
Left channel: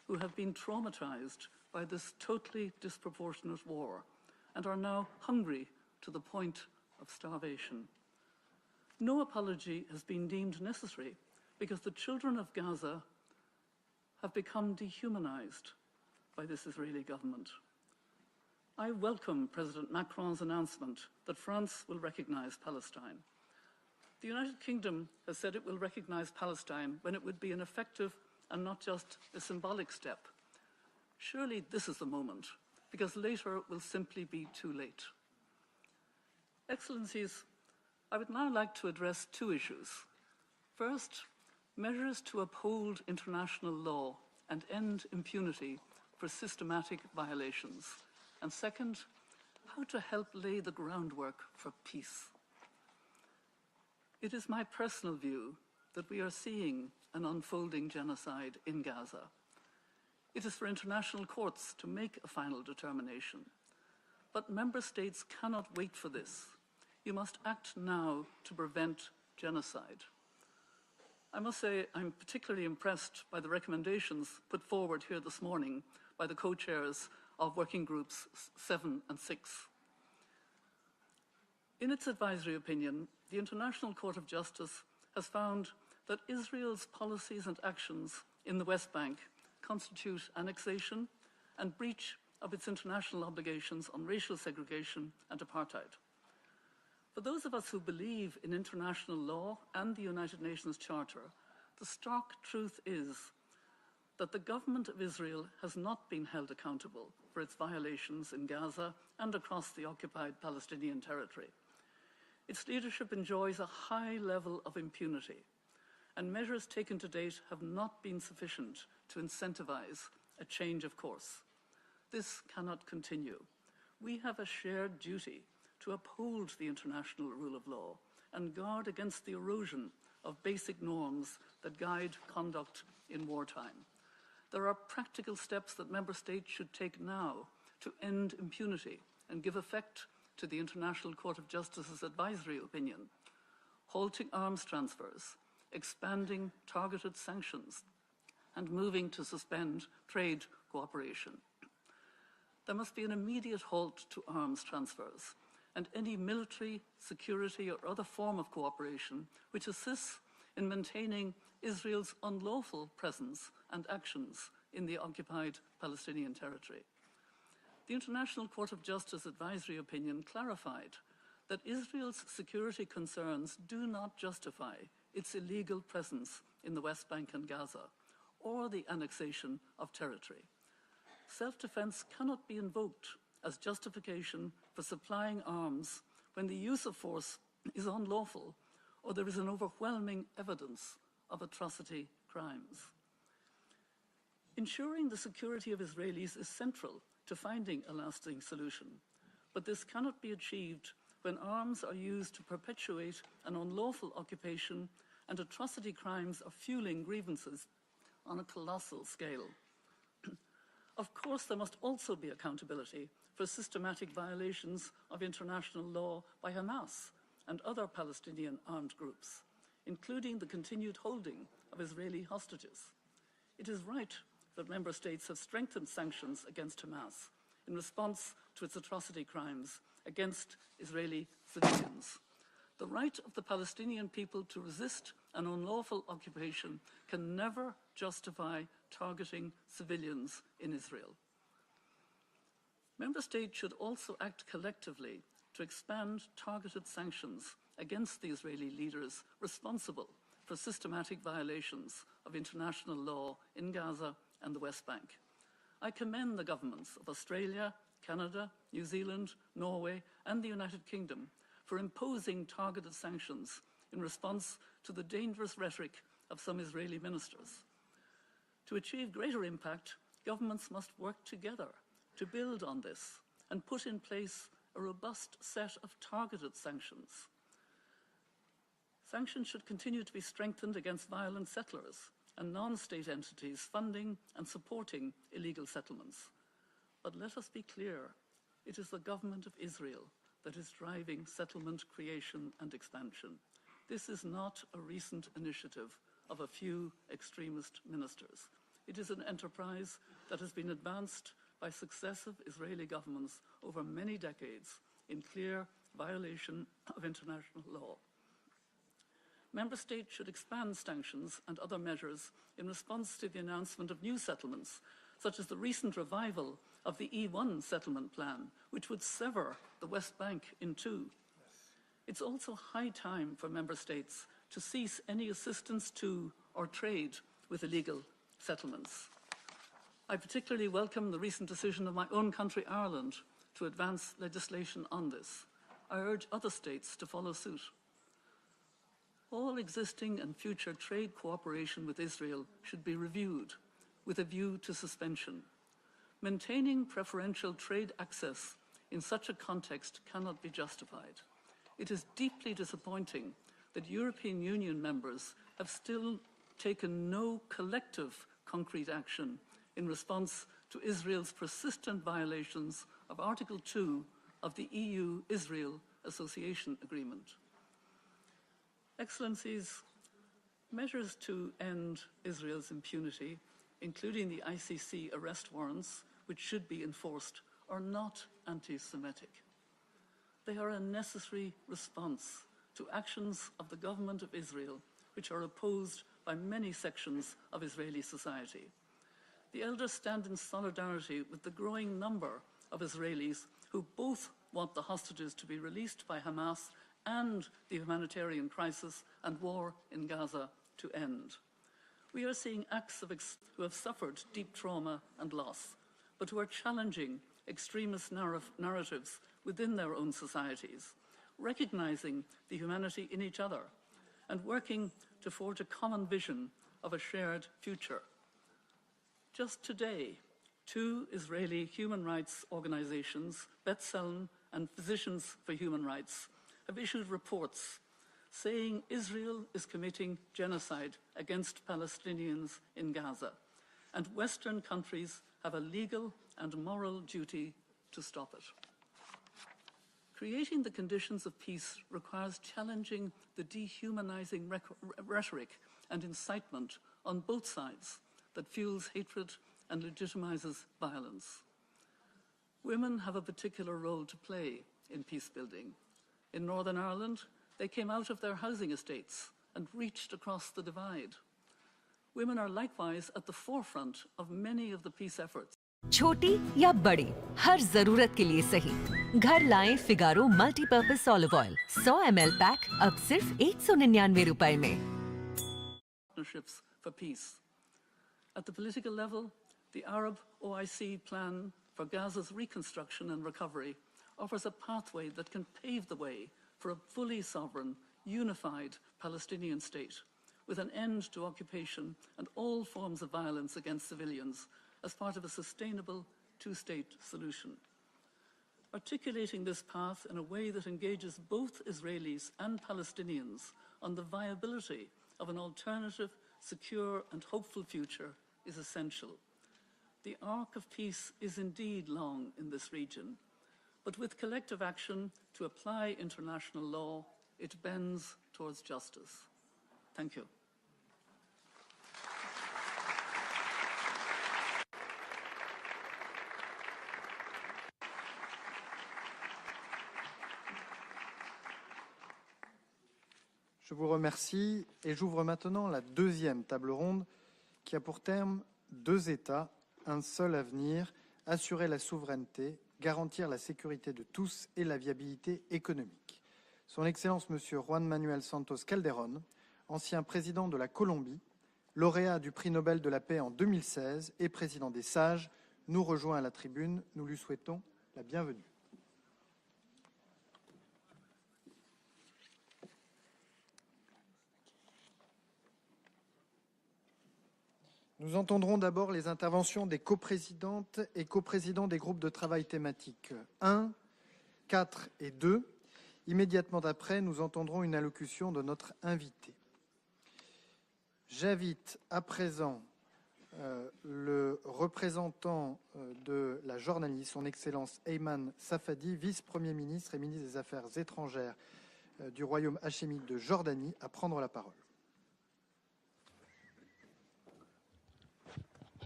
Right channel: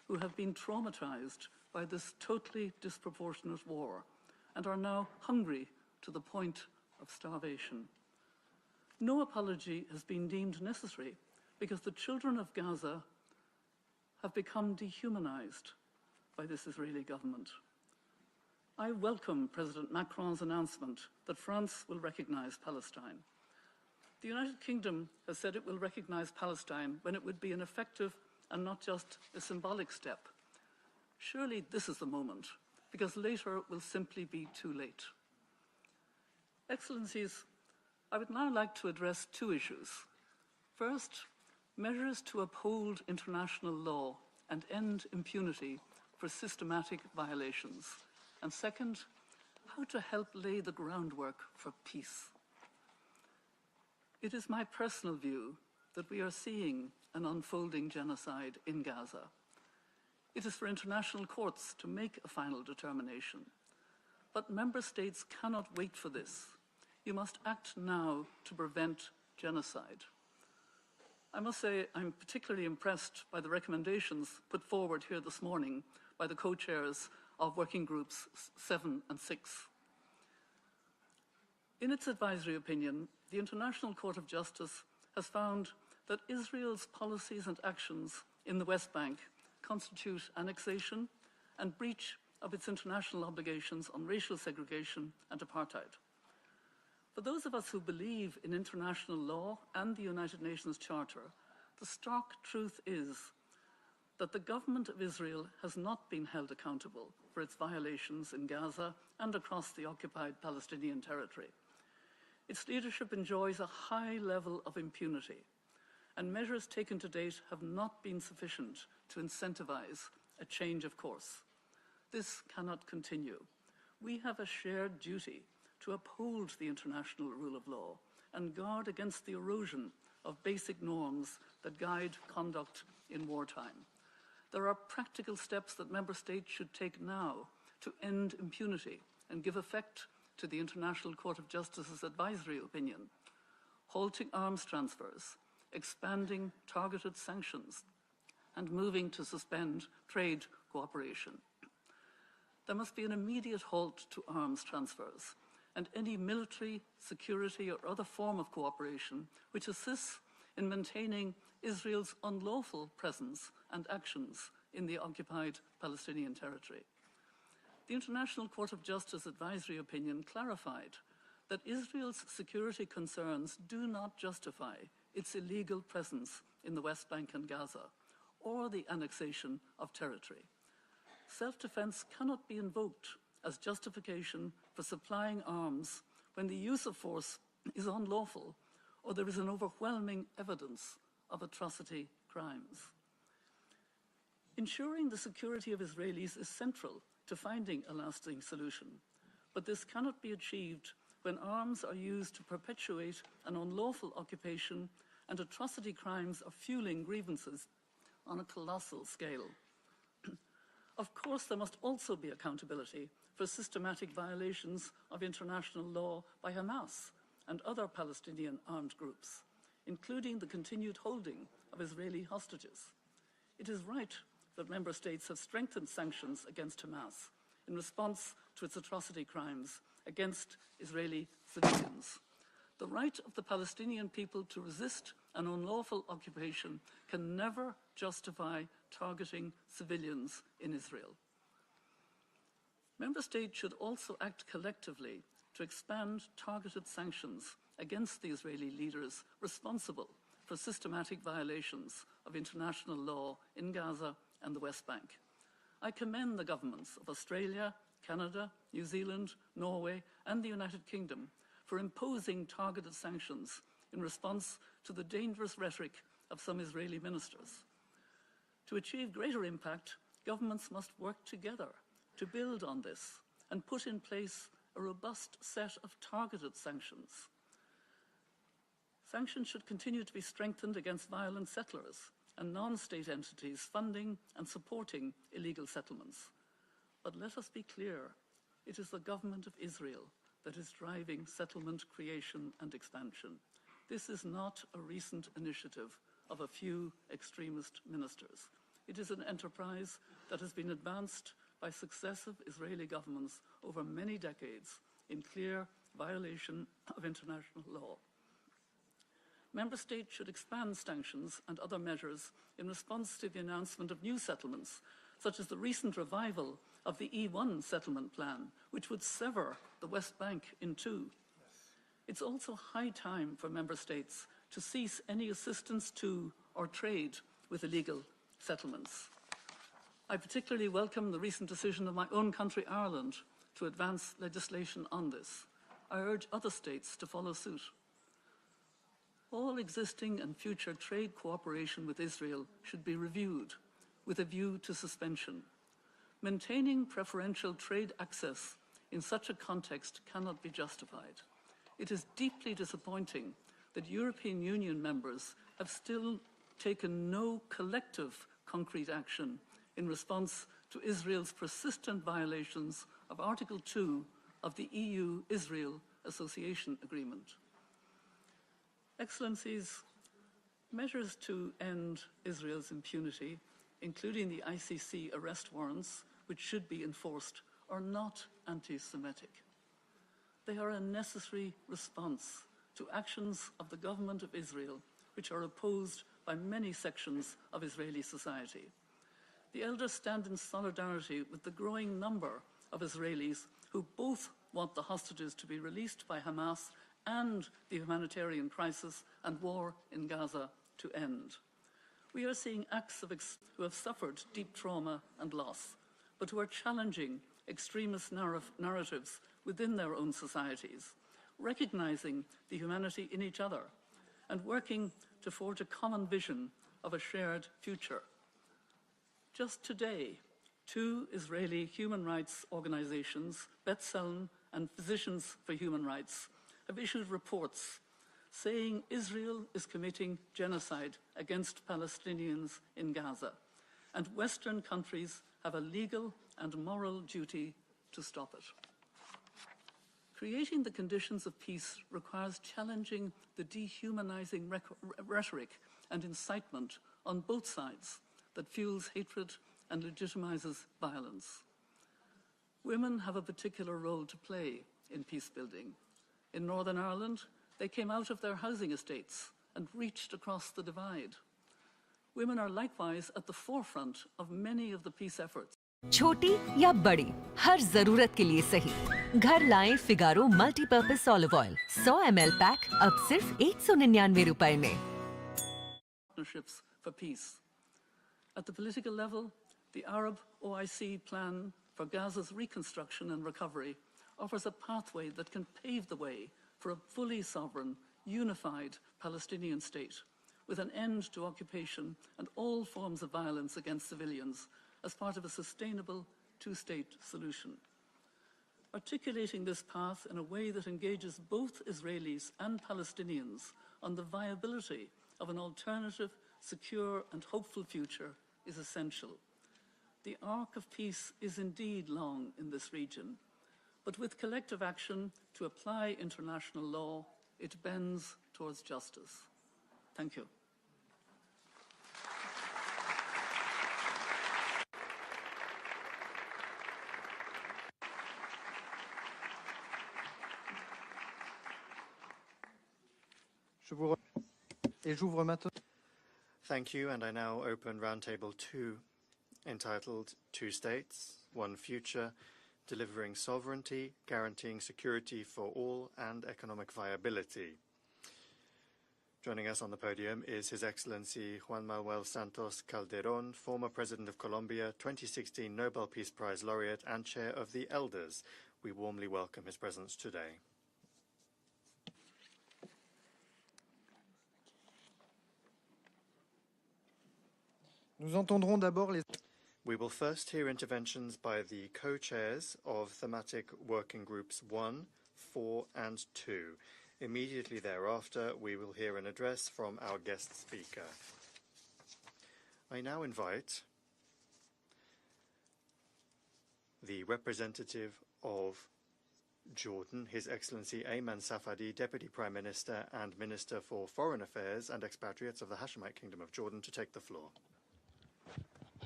who have been traumatized by this totally disproportionate war and are now hungry to the point of starvation. No apology has been deemed necessary because the children of Gaza have become dehumanized by this Israeli government. I welcome President Macron's announcement that France will recognize Palestine. The United Kingdom has said it will recognize Palestine when it would be an effective and not just a symbolic step. Surely this is the moment, because later it will simply be too late. Excellencies, I would now like to address two issues. First, measures to uphold international law and end impunity for systematic violations. And second, how to help lay the groundwork for peace. It is my personal view that we are seeing an unfolding genocide in Gaza. It is for international courts to make a final determination. But member states cannot wait for this. You must act now to prevent genocide. I must say I'm particularly impressed by the recommendations put forward here this morning by the co-chairs of working groups 7 and 6. In its advisory opinion, the International Court of Justice has found that Israel's policies and actions in the West Bank constitute annexation and breach of its international obligations on racial segregation and apartheid. For those of us who believe in international law and the United Nations Charter, the stark truth is that the government of Israel has not been held accountable for its violations in Gaza and across the occupied Palestinian territory. Its leadership enjoys a high level of impunity, and measures taken to date have not been sufficient to incentivize a change of course. This cannot continue. We have a shared duty to uphold the international rule of law and guard against the erosion of basic norms that guide conduct in wartime. There are practical steps that member states should take now to end impunity and give effect to the International Court of Justice's advisory opinion, halting arms transfers, expanding targeted sanctions, and moving to suspend trade cooperation. There must be an immediate halt to arms transfers and any military, security, or other form of cooperation which assists in maintaining Israel's unlawful presence and actions in the occupied Palestinian territory. The International Court of Justice advisory opinion clarified that Israel's security concerns do not justify its illegal presence in the West Bank and Gaza, or the annexation of territory. Self-defense cannot be invoked as justification for supplying arms when the use of force is unlawful or there is an overwhelming evidence of atrocity crimes. Ensuring the security of Israelis is central to finding a lasting solution, but this cannot be achieved when arms are used to perpetuate an unlawful occupation and atrocity crimes are fueling grievances on a colossal scale. Of course, there must also be accountability for systematic violations of international law by Hamas and other Palestinian armed groups, including the continued holding of Israeli hostages. It is right that member states have strengthened sanctions against Hamas in response to its atrocity crimes against Israeli civilians. The right of the Palestinian people to resist an unlawful occupation can never justify targeting civilians in Israel. Member states should also act collectively to expand targeted sanctions against the Israeli leaders responsible for systematic violations of international law in Gaza and the West Bank. I commend the governments of Australia, Canada, New Zealand, Norway, and the United Kingdom for imposing targeted sanctions in response to the dangerous rhetoric of some Israeli ministers. To achieve greater impact, governments must work together to build on this and put in place a robust set of targeted sanctions. Sanctions should continue to be strengthened against violent settlers and non-state entities funding and supporting illegal settlements. But let us be clear, it is the government of Israel that is driving settlement creation and expansion. This is not a recent initiative of a few extremist ministers. It is an enterprise that has been advanced by successive Israeli governments over many decades in clear violation of international law. Member States should expand sanctions and other measures in response to the announcement of new settlements, such as the recent revival of the E1 settlement plan, which would sever the West Bank in two. It's also high time for Member States to cease any assistance to or trade with illegal settlements. I particularly welcome the recent decision of my own country, Ireland, to advance legislation on this. I urge other states to follow suit. All existing and future trade cooperation with Israel should be reviewed with a view to suspension. Maintaining preferential trade access in such a context cannot be justified. It is deeply disappointing that European Union members have still taken no collective concrete action in response to Israel's persistent violations of Article 2 of the EU-Israel Association Agreement. Excellencies, measures to end Israel's impunity, including the ICC arrest warrants, which should be enforced, are not anti-Semitic. They are a necessary response to actions of the government of Israel, which are opposed by many sections of Israeli society. The elders stand in solidarity with the growing number of Israelis who both want the hostages to be released by Hamas and the humanitarian crisis and war in Gaza to end. We are seeing acts of who have suffered deep trauma and loss, but who are challenging extremist narratives within their own societies, recognizing the humanity in each other, and working to forge a common vision of a shared future. Just today, two Israeli human rights organizations, B'Tselem and Physicians for Human Rights, have issued reports saying Israel is committing genocide against Palestinians in Gaza, and Western countries have a legal and moral duty to stop it. Creating the conditions of peace requires challenging the dehumanizing rhetoric and incitement on both sides that fuels hatred and legitimizes violence. Women have a particular role to play in peace building. In Northern Ireland, they came out of their housing estates and reached across the divide. Women are likewise at the forefront of many of the peace efforts. छोटी या बड़ी, हर जरूरत के लिए सही। घर लाएं Figaro multipurpose olive oil 100 ml pack अब सिर्फ 199 रुपए में। Partnerships for peace. At the political level, the Arab OIC plan for Gaza's reconstruction and recovery offers a pathway that can pave the way for a fully sovereign, unified Palestinian state, with an end to occupation and all forms of violence against civilians as part of a sustainable two-state solution. Articulating this path in a way that engages both Israelis and Palestinians on the viability of an alternative, secure and hopeful future is essential. The arc of peace is indeed long in this region, but with collective action to apply international law, it bends towards justice. Thank you. Je vous remercie et j'ouvre maintenant la deuxième table ronde qui a pour terme deux États, un seul avenir, assurer la souveraineté, garantir la sécurité de tous et la viabilité économique. Son Excellence M. Juan Manuel Santos Calderón, ancien président de la Colombie, lauréat du prix Nobel de la paix en 2016 et président des Sages, nous rejoint à la tribune. Nous lui souhaitons la bienvenue. Nous entendrons d'abord les interventions des coprésidentes et coprésidents des groupes de travail thématiques 1, 4 et 2. Immédiatement après, nous entendrons une allocution de notre invité. J'invite à présent le représentant de la Jordanie, son Excellence Ayman Safadi, vice-premier ministre et ministre des Affaires étrangères du Royaume hachémite de Jordanie, à prendre la parole.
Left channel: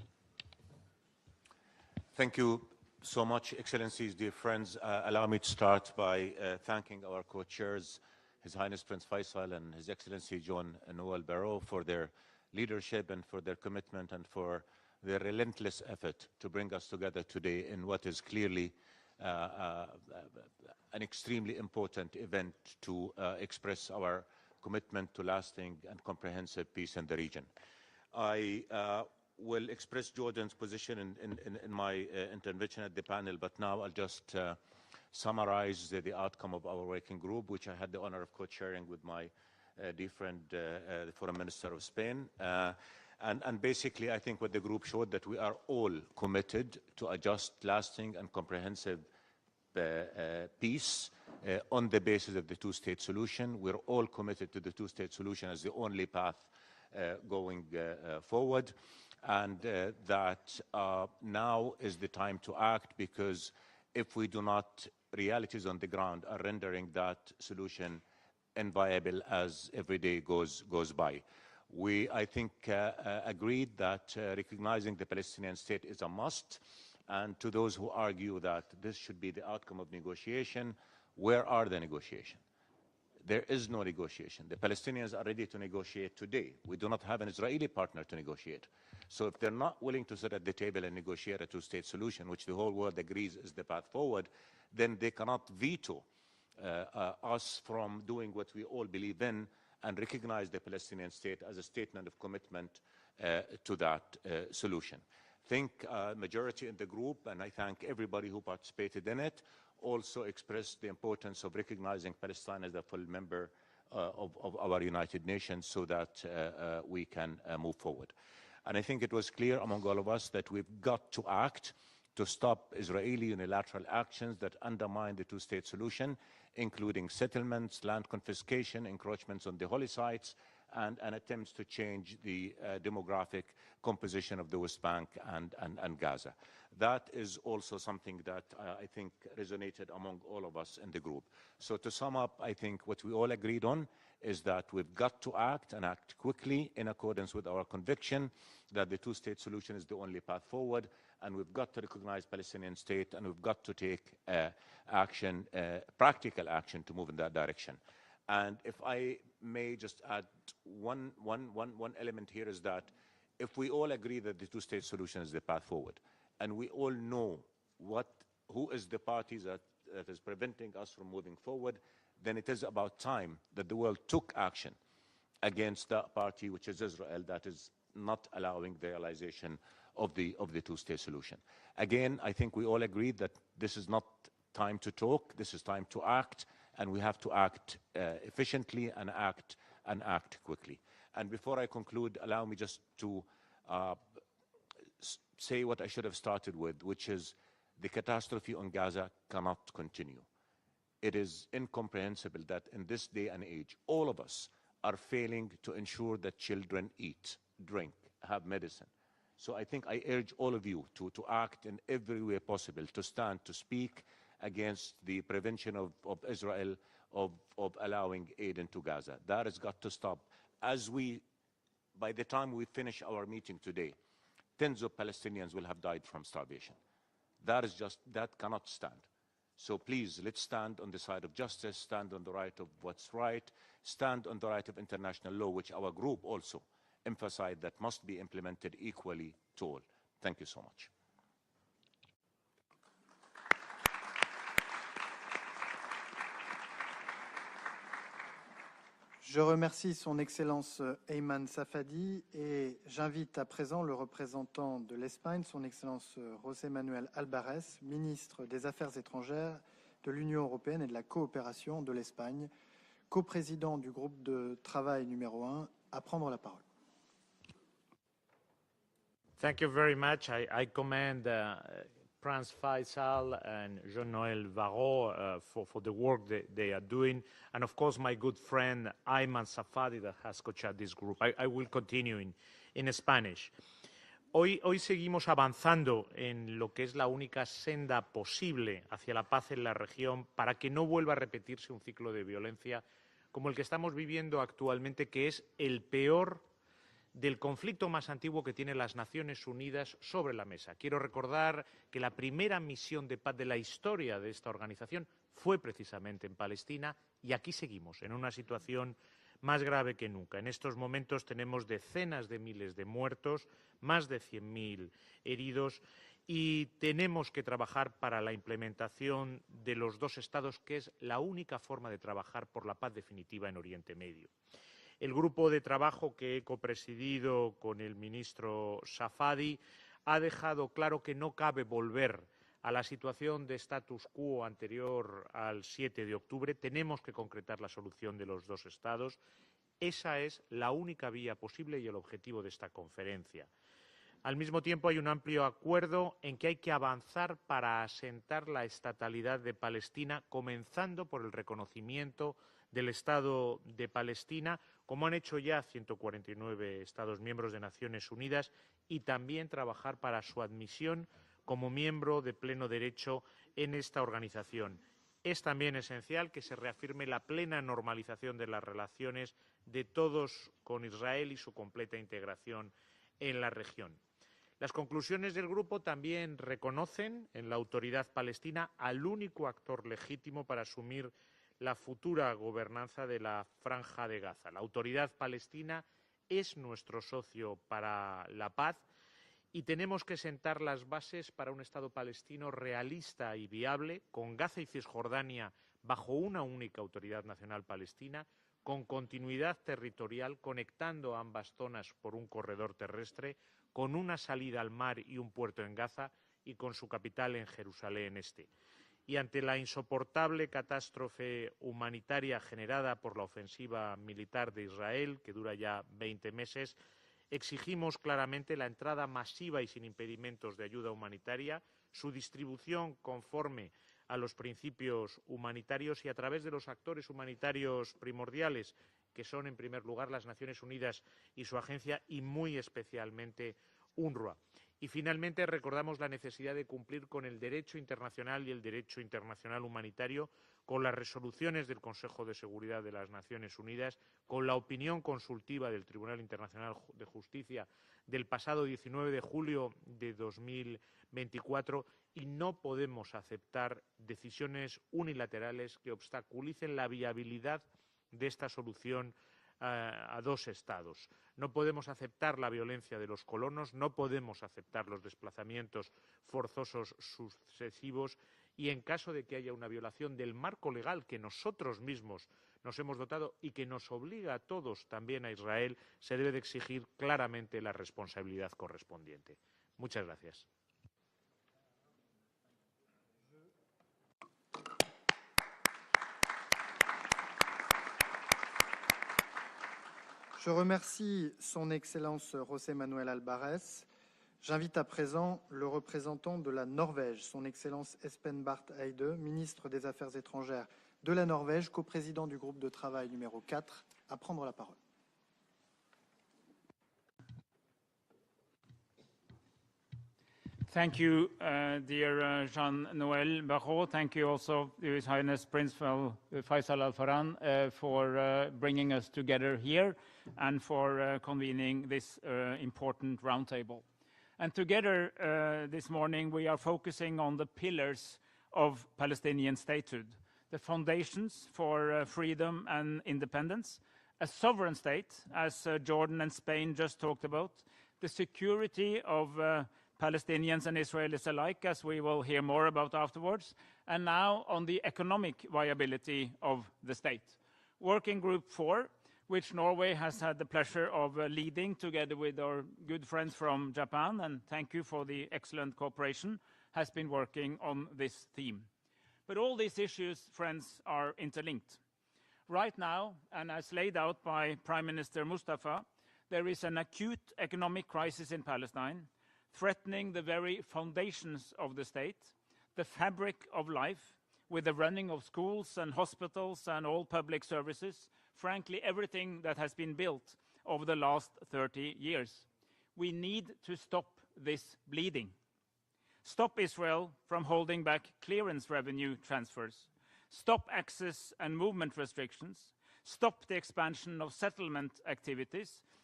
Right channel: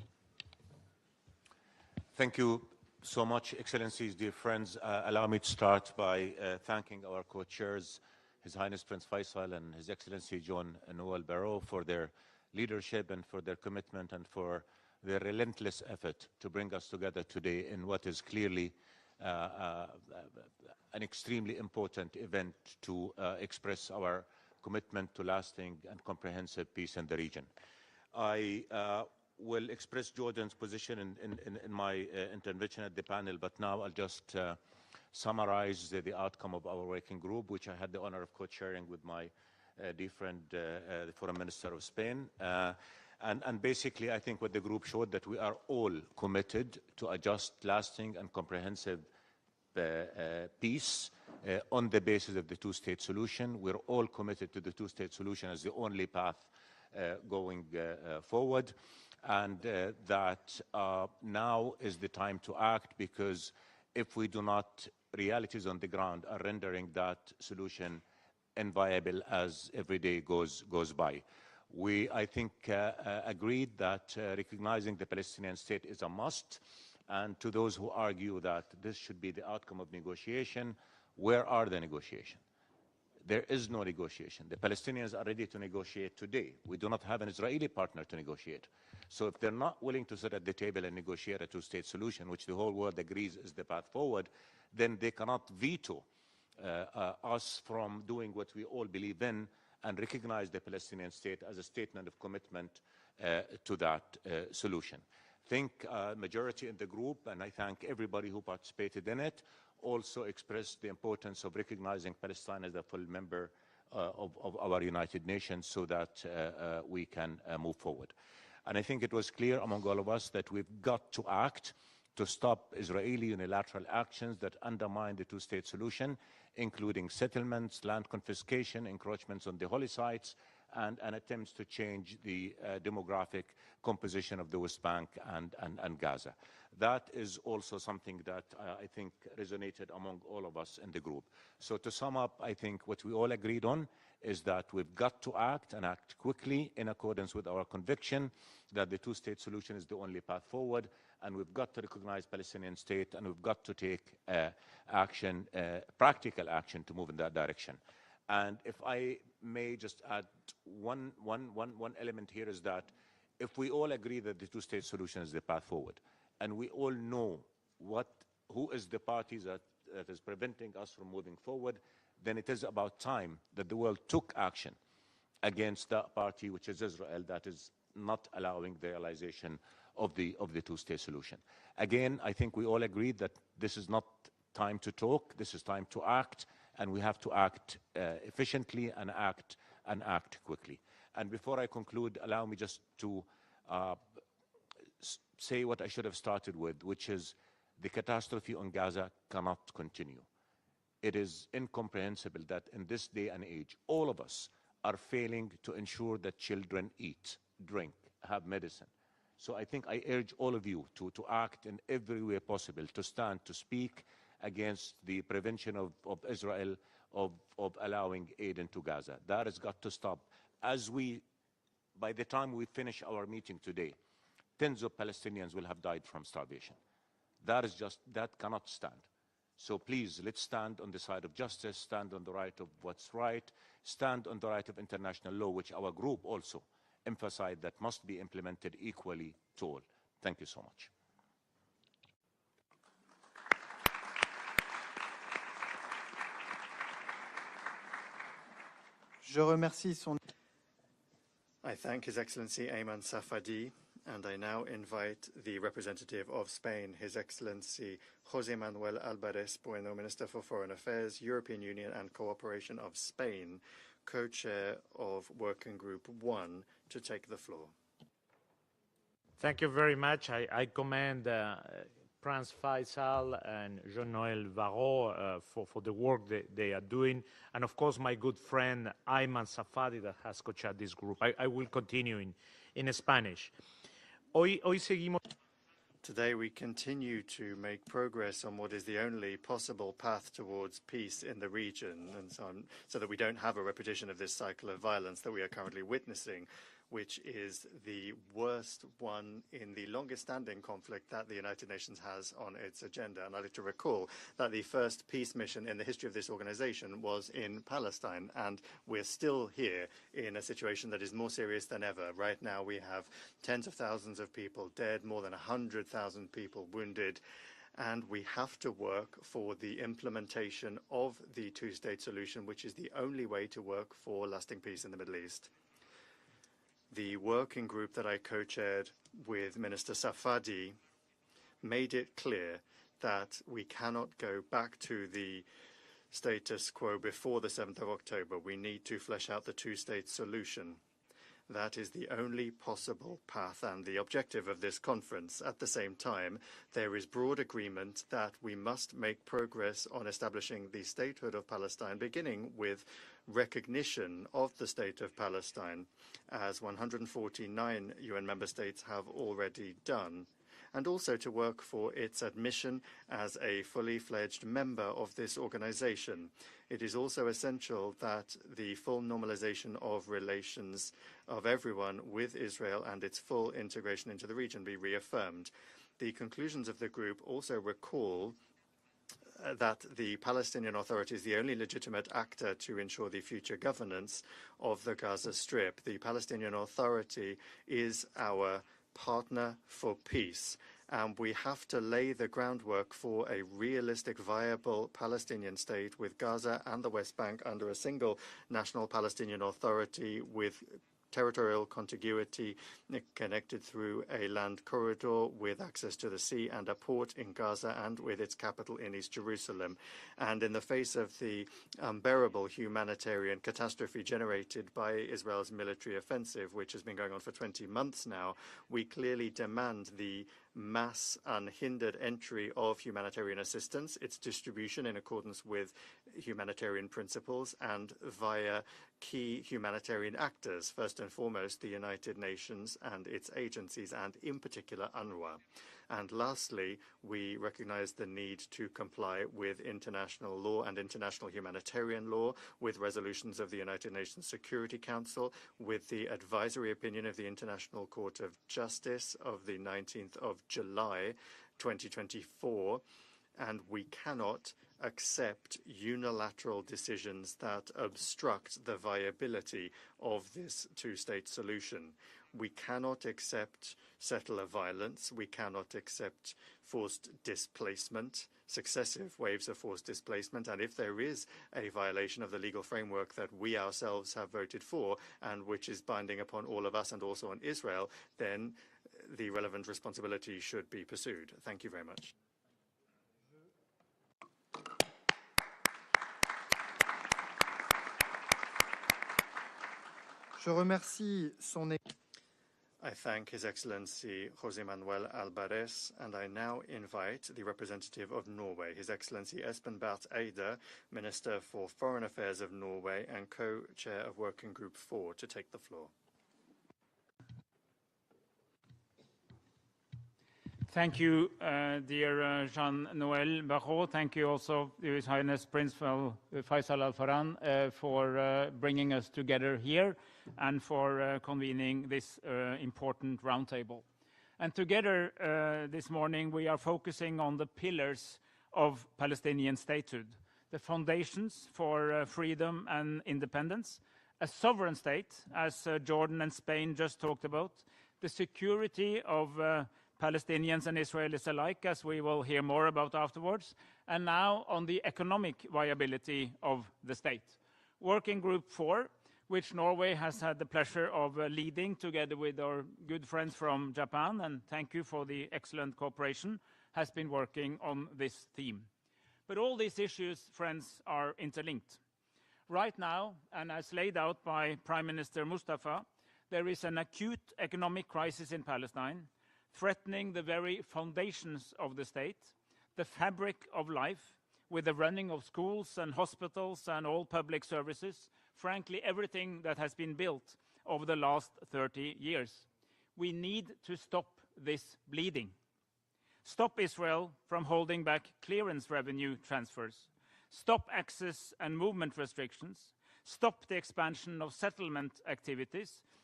Thank you so much, Excellencies, dear friends. Allow me to start by thanking our co-chairs, His Highness Prince Faisal and His Excellency John Noel Barrot, for their leadership and for their commitment and for their relentless effort to bring us together today in what is clearly an extremely important event to express our commitment to lasting and comprehensive peace in the region. I will express Jordan's position in my intervention at the panel, but now I'll just summarize the outcome of our working group, which I had the honor of co-chairing with my dear friend, the Foreign Minister of Spain. And basically, I think what the group showed that we are all committed to a just, lasting, and comprehensive peace on the basis of the two-state solution. We're all committed to the two-state solution as the only path going forward, and that now is the time to act, because if we do not, realities on the ground are rendering that solution inviable as every day goes by. We, I think, agreed that recognizing the Palestinian state is a must, and to those who argue that this should be the outcome of negotiation, where are the negotiations? There is no negotiation. The Palestinians are ready to negotiate today. We do not have an Israeli partner to negotiate. So if they're not willing to sit at the table and negotiate a two-state solution, which the whole world agrees is the path forward, then they cannot veto us from doing what we all believe in and recognize the Palestinian state as a statement of commitment to that solution. I think majority in the group, and I thank everybody who participated in it, also expressed the importance of recognizing Palestine as a full member of our United Nations so that we can move forward. And I think it was clear among all of us that we've got to act to stop Israeli unilateral actions that undermine the two-state solution, including settlements, land confiscation, encroachments on the holy sites, and attempts to change the demographic composition of the West Bank and Gaza. That is also something that I think resonated among all of us in the group. So to sum up, I think what we all agreed on is that we've got to act and act quickly in accordance with our conviction that the two-state solution is the only path forward, and we've got to recognize Palestinian state, and we've got to take action, practical action to move in that direction. And if I may just add one element here is that if we all agree that the two-state solution is the path forward, and we all know who is the party that is preventing us from moving forward, then it is about time that the world took action against that party, which is Israel, that is not allowing the realization of the two-state solution. Again, I think we all agreed that this is not time to talk, this is time to act, and we have to act efficiently and act quickly. And before I conclude, allow me just to say what I should have started with, which is the catastrophe on Gaza cannot continue. It is incomprehensible that in this day and age, all of us are failing to ensure that children eat, drink, have medicine. So I think I urge all of you to act in every way possible, to stand, to speak against the prevention of Israel of allowing aid into Gaza. That has got to stop. By the time we finish our meeting today, tens of Palestinians will have died from starvation. That cannot stand. So please, let's stand on the side of justice, stand on the right of what's right, stand on the right of international law, which our group also emphasized that must be implemented equally to all. Thank you so much. Je remercie Son Excellence Ayman Safadi et j'invite à présent le représentant de l'Espagne, Son Excellence José Manuel Alvarez, ministre des Affaires étrangères de l'Union européenne et de la coopération de l'Espagne, coprésident du groupe de travail numéro 1, à prendre la parole. Thank you very much. I commend Prince Faisal and Jean-Noël Barrot for the work that they are doing, and of course my good friend Ayman Safadi that has co-chaired this group. I will continue in Spanish. Hoy seguimos avanzando en lo que es la única senda posible hacia la paz en la región para que no vuelva a repetirse un ciclo de violencia como el que estamos viviendo actualmente, que es el peor del conflicto más antiguo que tienen las Naciones Unidas sobre la mesa. Quiero recordar que la primera misión de paz de la historia de esta organización fue precisamente en Palestina, y aquí seguimos en una situación más grave que nunca. En estos momentos tenemos decenas de miles de muertos, más de 100.000 heridos, y tenemos que trabajar para la implementación de los dos estados, que es la única forma de trabajar por la paz definitiva en Oriente Medio. El grupo de trabajo que he copresidido con el ministro Safadi ha dejado claro que no cabe volver a la situación de status quo anterior al 7 de octubre. Tenemos que concretar la solución de los dos estados. Esa es la única vía posible y el objetivo de esta conferencia. Al mismo tiempo, hay un amplio acuerdo en que hay que avanzar para asentar la estatalidad de Palestina, comenzando por el reconocimiento del Estado de Palestina, como han hecho ya 149 Estados miembros de Naciones Unidas, y también trabajar para su admisión como miembro de pleno derecho en esta organización. Es también esencial que se reafirme la plena normalización de las relaciones de todos con Israel y su completa integración en la región. Las conclusiones del grupo también reconocen en la autoridad palestina al único actor legítimo para asumir la futura gobernanza de la Franja de Gaza. La autoridad palestina es nuestro socio para la paz, y tenemos que sentar las bases para un Estado palestino realista y viable, con Gaza y Cisjordania bajo una única autoridad nacional palestina, con continuidad territorial, conectando ambas zonas por un corredor terrestre, con una salida al mar y un puerto en Gaza, y con su capital en Jerusalén Este. Y ante la insoportable catástrofe humanitaria generada por la ofensiva militar de Israel, que dura ya 20 meses, exigimos claramente la entrada masiva y sin impedimentos de ayuda humanitaria, su distribución conforme a los principios humanitarios y a través de los actores humanitarios primordiales, que son en primer lugar las Naciones Unidas y su agencia, y muy especialmente UNRWA. Y finalmente recordamos la necesidad de cumplir con el derecho internacional y el derecho internacional humanitario, con las resoluciones del Consejo de Seguridad de las Naciones Unidas, con la opinión consultiva del Tribunal Internacional de Justicia del pasado 19 de julio de 2024, y no podemos aceptar decisiones unilaterales que obstaculicen la viabilidad de esta solución a dos estados. No podemos aceptar la violencia de los colonos, no podemos aceptar los desplazamientos forzosos sucesivos, y en caso de que haya una violación del marco legal que nosotros mismos nos hemos dotado y que nos obliga a todos, también a Israel, se debe de exigir claramente la responsabilidad correspondiente. Muchas gracias. Je remercie son Excellence José Manuel Alvarez. J'invite à présent le représentant de la Norvège, son Excellence Espen Barth Eide, ministre des Affaires étrangères de la Norvège, coprésident du groupe de travail numéro 4, à prendre la parole. Thank you, dear Jean-Noël Barrot. Thank you also, His Highness Prince Faisal Al Farhan, for bringing us together here and for convening this important roundtable. And together this morning we are focusing on the pillars of Palestinian statehood, the foundations for freedom and independence, a sovereign state, as Jordan and Spain just talked about, the security of Palestinians and Israelis alike, as we will hear more about afterwards, and now on the economic viability of the state. Working Group 4, which Norway has had the pleasure of leading together with our good friends from Japan, and thank you for the excellent cooperation, has been working on this theme. But all these issues, friends, are interlinked. Right now, and as laid out by Prime Minister Mustafa, there is an acute economic crisis in Palestine, threatening the very foundations of the state, the fabric of life, with the running of schools and hospitals and all public services, frankly, everything that has been built over the last 30 years. We need to stop this bleeding. Stop Israel from holding back clearance revenue transfers. Stop access and movement restrictions. Stop the expansion of settlement activities,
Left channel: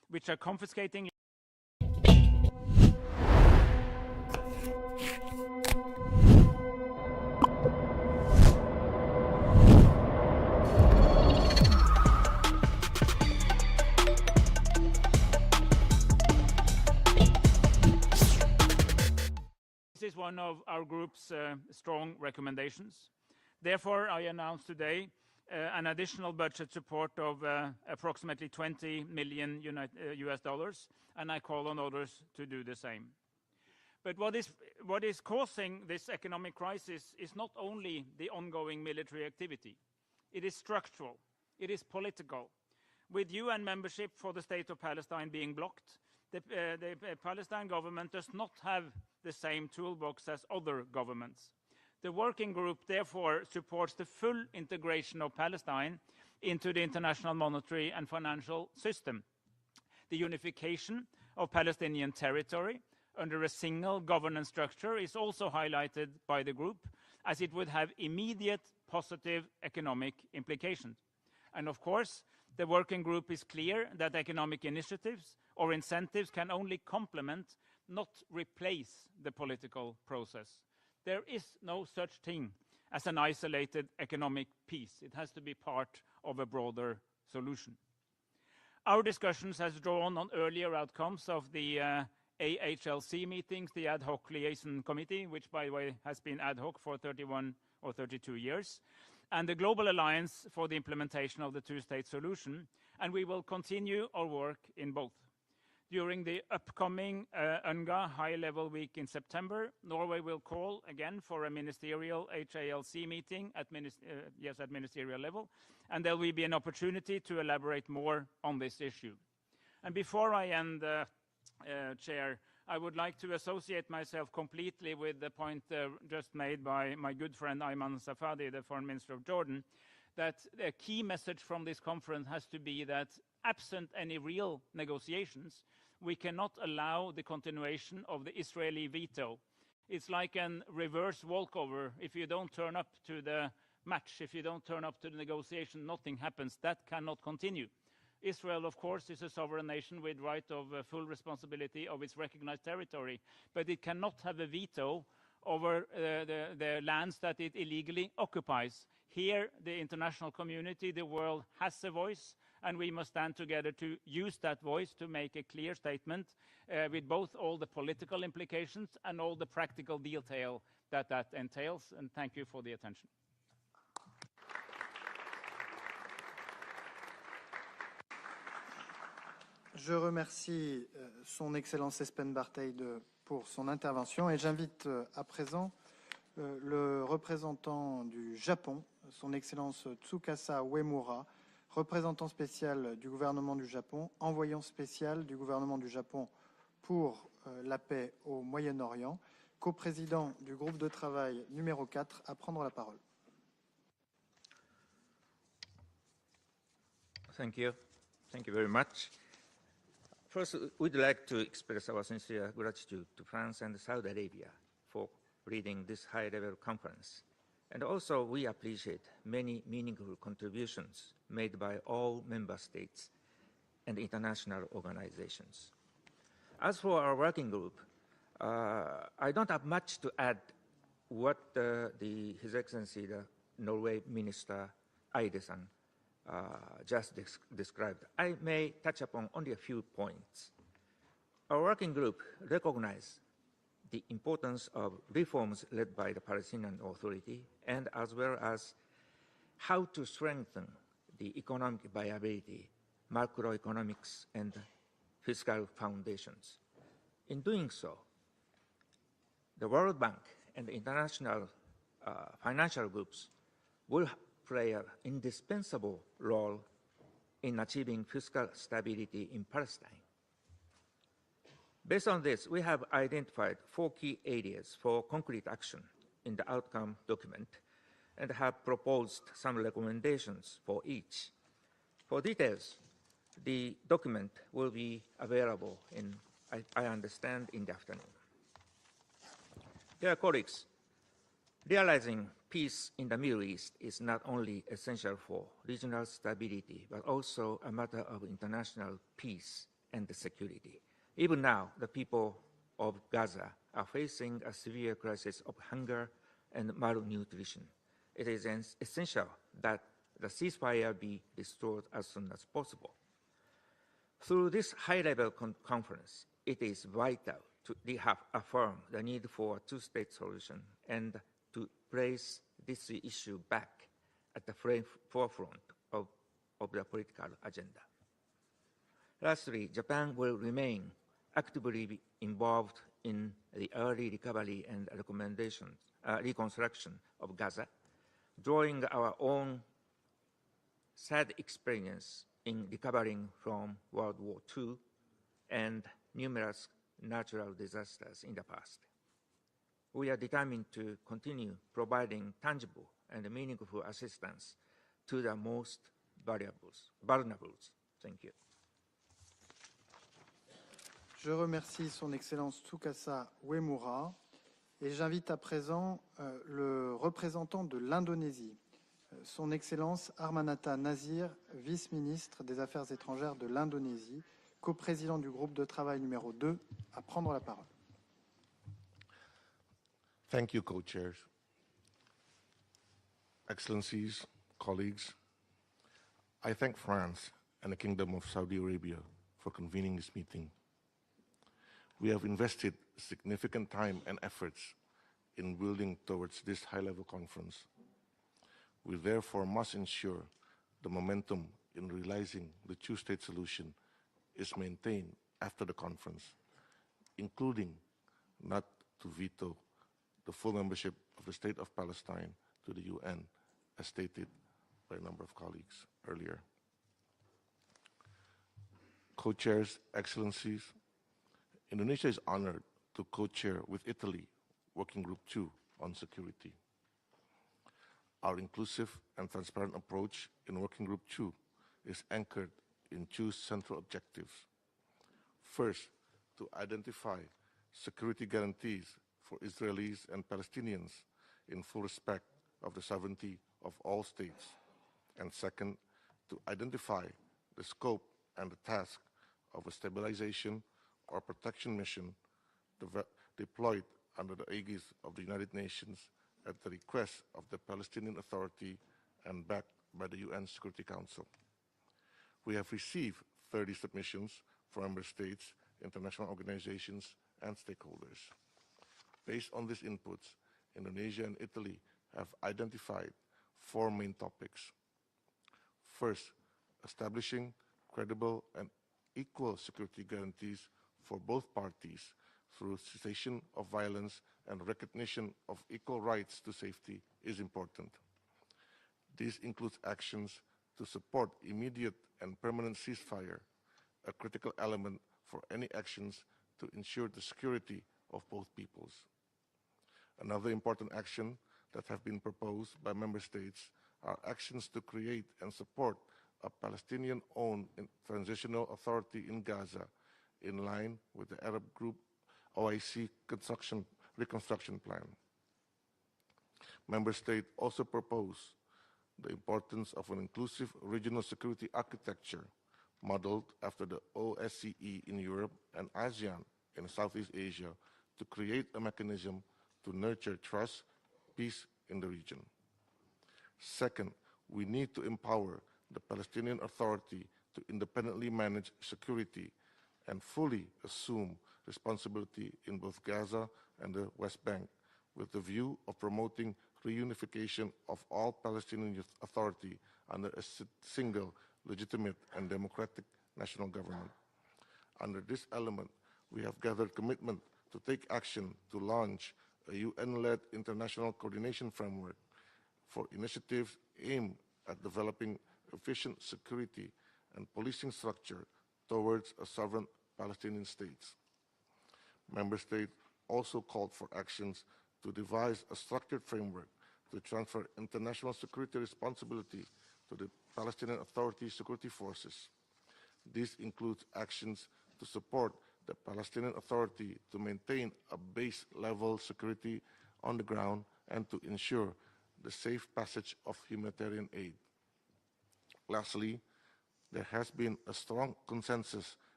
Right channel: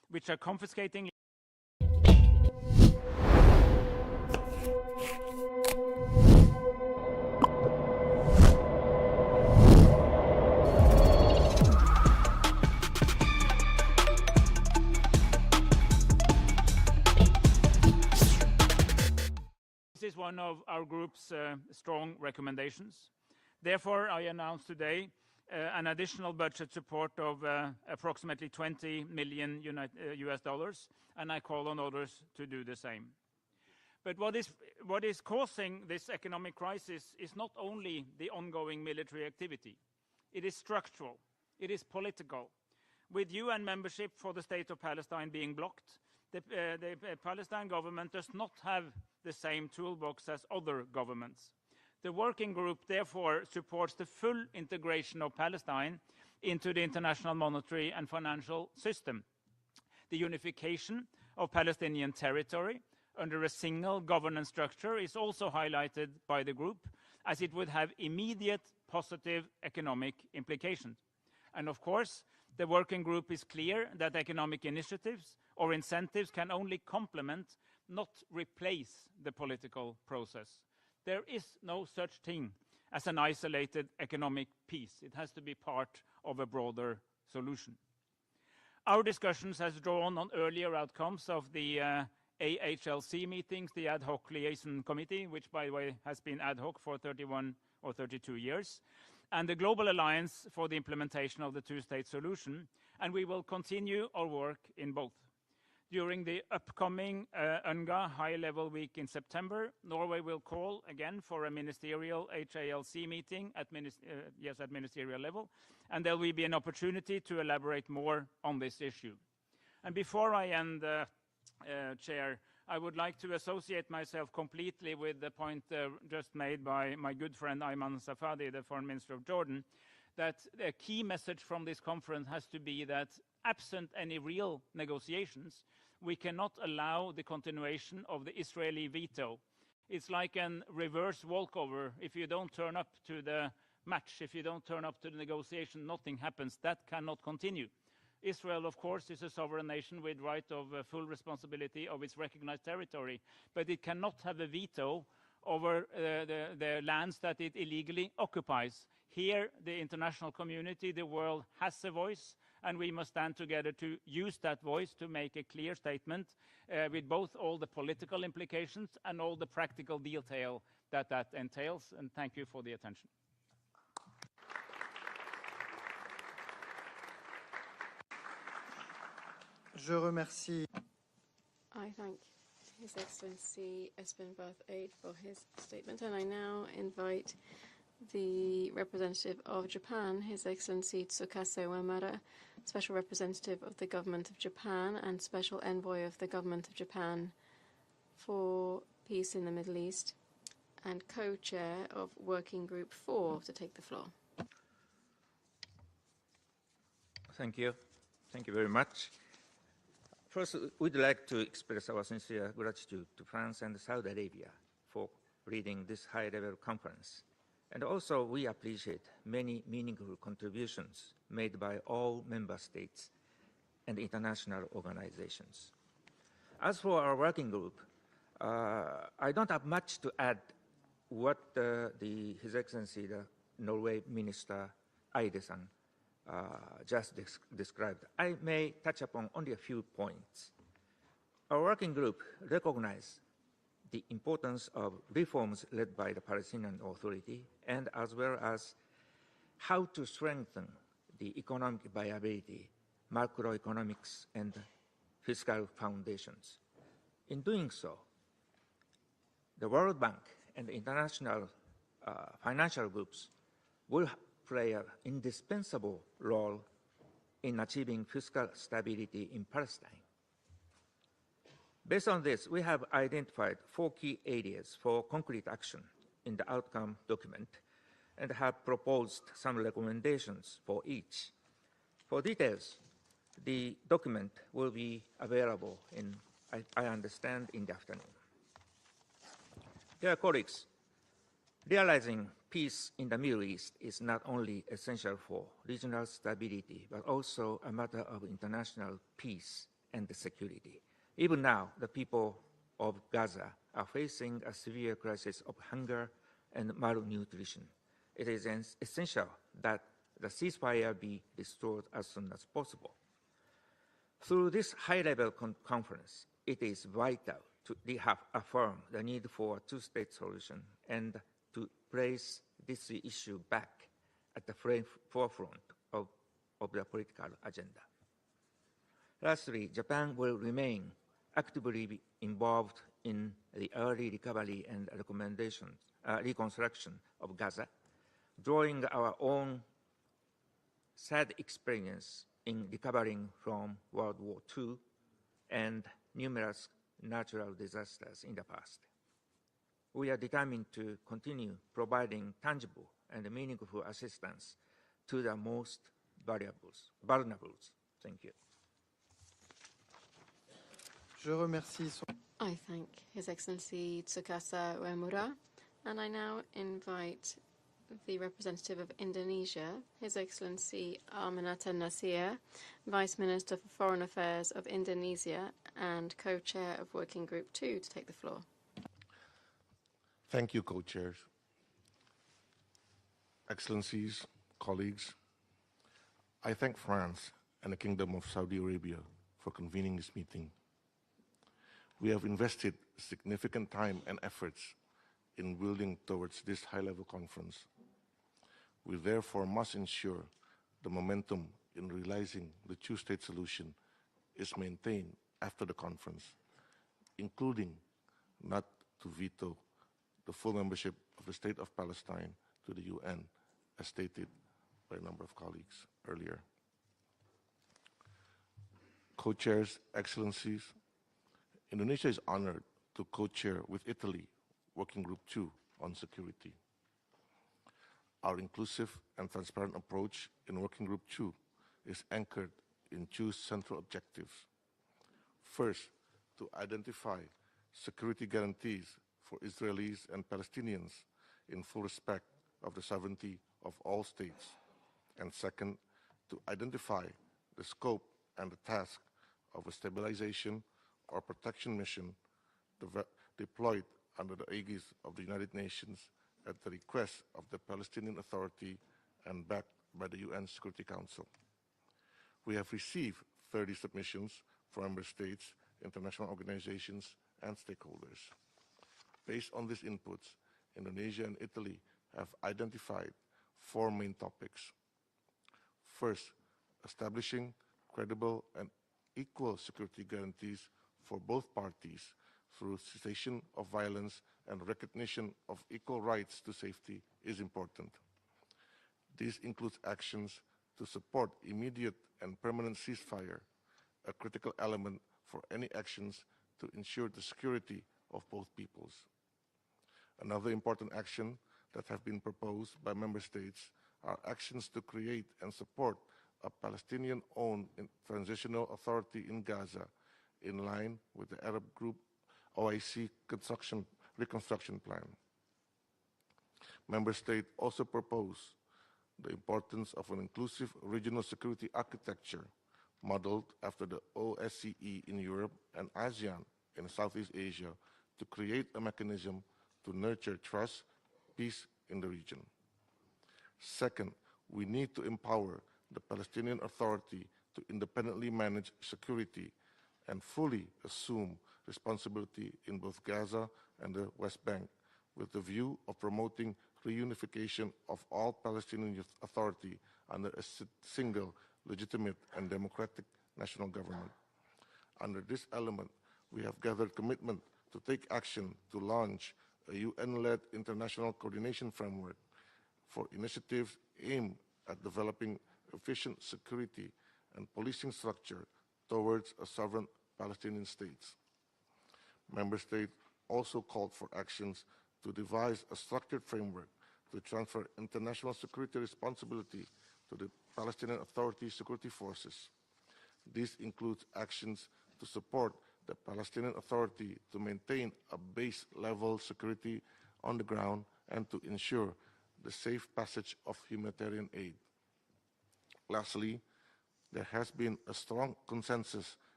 which are confiscating. This is one of our group's strong recommendations. Therefore, I announce today an additional budget support of approximately $20 million US dollars, and I call on others to do the same. But what is causing this economic crisis is not only the ongoing military activity. It is structural. It is political. With UN membership for the state of Palestine being blocked, the Palestinian government does not have the same toolbox as other governments. The working group therefore supports the full integration of Palestine into the international monetary and financial system. The unification of Palestinian territory under a single governance structure is also highlighted by the group, as it would have immediate positive economic implications. And of course, the working group is clear that economic initiatives or incentives can only complement, not replace, the political process. There is no such thing as an isolated economic peace. It has to be part of a broader solution. Our discussions has drawn on earlier outcomes of the AHLC meetings, the Ad Hoc Liaison Committee, which, by the way, has been ad hoc for 31 or 32 years, and the Global Alliance for the Implementation of the Two-State Solution, and we will continue our work in both. During the upcoming UNRWA high-level week in September, Norway will call again for a ministerial HALC meeting at ministerial level, and there will be an opportunity to elaborate more on this issue. And before I end, Chair, I would like to associate myself completely with the point just made by my good friend Ayman Safadi, the Foreign Minister of Jordan, that a key message from this conference has to be that absent any real negotiations, we cannot allow the continuation of the Israeli veto. It's like a reverse walkover. If you don't turn up to the match, if you don't turn up to the negotiation, nothing happens. That cannot continue. Israel, of course, is a sovereign nation with right of full responsibility of its recognized territory, but it cannot have a veto over the lands that it illegally occupies. Here, the international community, the world, has a voice, and we must stand together to use that voice to make a clear statement with both all the political implications and all the practical detail that entails. And thank you for the attention. Je remercie son Excellence Espen Barthey pour son intervention et j'invite à présent le représentant du Japon, son Excellence Tsukasa Uemura, représentant spécial du gouvernement du Japon, envoyant spécial du gouvernement du Japon pour la paix au Moyen-Orient, coprésident du groupe de travail numéro 4, à prendre la parole. Thank you. Thank you very much. First, we'd like to express our sincere gratitude to France and Saudi Arabia for leading this high-level conference. And also, we appreciate many meaningful contributions made by all member states and international organizations. As for our working group, I don't have much to add what His Excellency, the Norway Minister Eide-san, just described. I may touch upon only a few points. Our working group recognizes the importance of reforms led by the Palestinian Authority, and as well as how to strengthen the economic viability, macroeconomics, and fiscal foundations. In doing so, the World Bank and international financial groups will play an indispensable role in achieving fiscal stability in Palestine. Based on this, we have identified 4 key areas for concrete action in the outcome document and have proposed some recommendations for each. For details, the document will be available I understand, in the afternoon. Dear colleagues, realizing peace in the Middle East is not only essential for regional stability, but also a matter of international peace and security. Even now, the people of Gaza are facing a severe crisis of hunger and malnutrition. It is essential that the ceasefire be restored as soon as possible. Through this high-level conference, it is vital to reaffirm the need for a two-state solution and to place this issue back at the forefront of the political agenda. Lastly, Japan will remain actively involved in the early recovery and reconstruction of Gaza, drawing our own sad experience in recovering from World War II and numerous natural disasters in the past. We are determined to continue providing tangible and meaningful assistance to the most vulnerable. Thank you. Je remercie son Excellence Tsukasa Uemura et j'invite à présent le représentant de l'Indonésie, son Excellence Armanata Nazir, vice-ministre des Affaires étrangères de l'Indonésie, co-président du groupe de travail numéro 2, à prendre la parole. Thank you, co-chairs. Excellencies, colleagues, I thank France and the Kingdom of Saudi Arabia for convening this meeting. We have invested significant time and efforts in building towards this high-level conference. We therefore must ensure the momentum in realizing the two-state solution is maintained after the conference, including not to veto the full membership of the State of Palestine to the UN, as stated by a number of colleagues earlier. Co-chairs, Excellencies, Indonesia is honored to co-chair with Italy Working Group 2 on security. Our inclusive and transparent approach in Working Group 2 is anchored in two central objectives. First, to identify security guarantees for Israelis and Palestinians in full respect of the sovereignty of all states. And second, to identify the scope and the task of a stabilization or protection mission deployed under the aegis of the United Nations at the request of the Palestinian Authority and backed by the UN Security Council. We have received 30 submissions from member states, international organizations, and stakeholders. Based on these inputs, Indonesia and Italy have identified 4 main topics. First, establishing credible and equal security guarantees for both parties through cessation of violence and recognition of equal rights to safety is important. This includes actions to support immediate and permanent ceasefire, a critical element for any actions to ensure the security of both peoples. Another important action that have been proposed by member states are actions to create and support a Palestinian-owned transitional authority in Gaza in line with the Arab Group OIC reconstruction plan. Member states also propose the importance of an inclusive regional security architecture modeled after the OSCE in Europe and ASEAN in Southeast Asia to create a mechanism to nurture trust, peace in the region. Second, we need to empower the Palestinian Authority to independently manage security and fully assume responsibility in both Gaza and the West Bank, with the view of promoting reunification of all Palestinian Authority under a single, legitimate and democratic national government. Under this element, we have gathered commitment to take action to launch a UN-led international coordination framework for initiatives aimed at developing efficient security and policing structure towards a sovereign Palestinian state. Member states also called for actions to devise a structured framework to transfer international security responsibility to the Palestinian Authority security forces. This includes actions to support the Palestinian Authority to maintain a base-level security on the ground and to ensure the safe passage of humanitarian aid. Lastly, there has been a strong consensus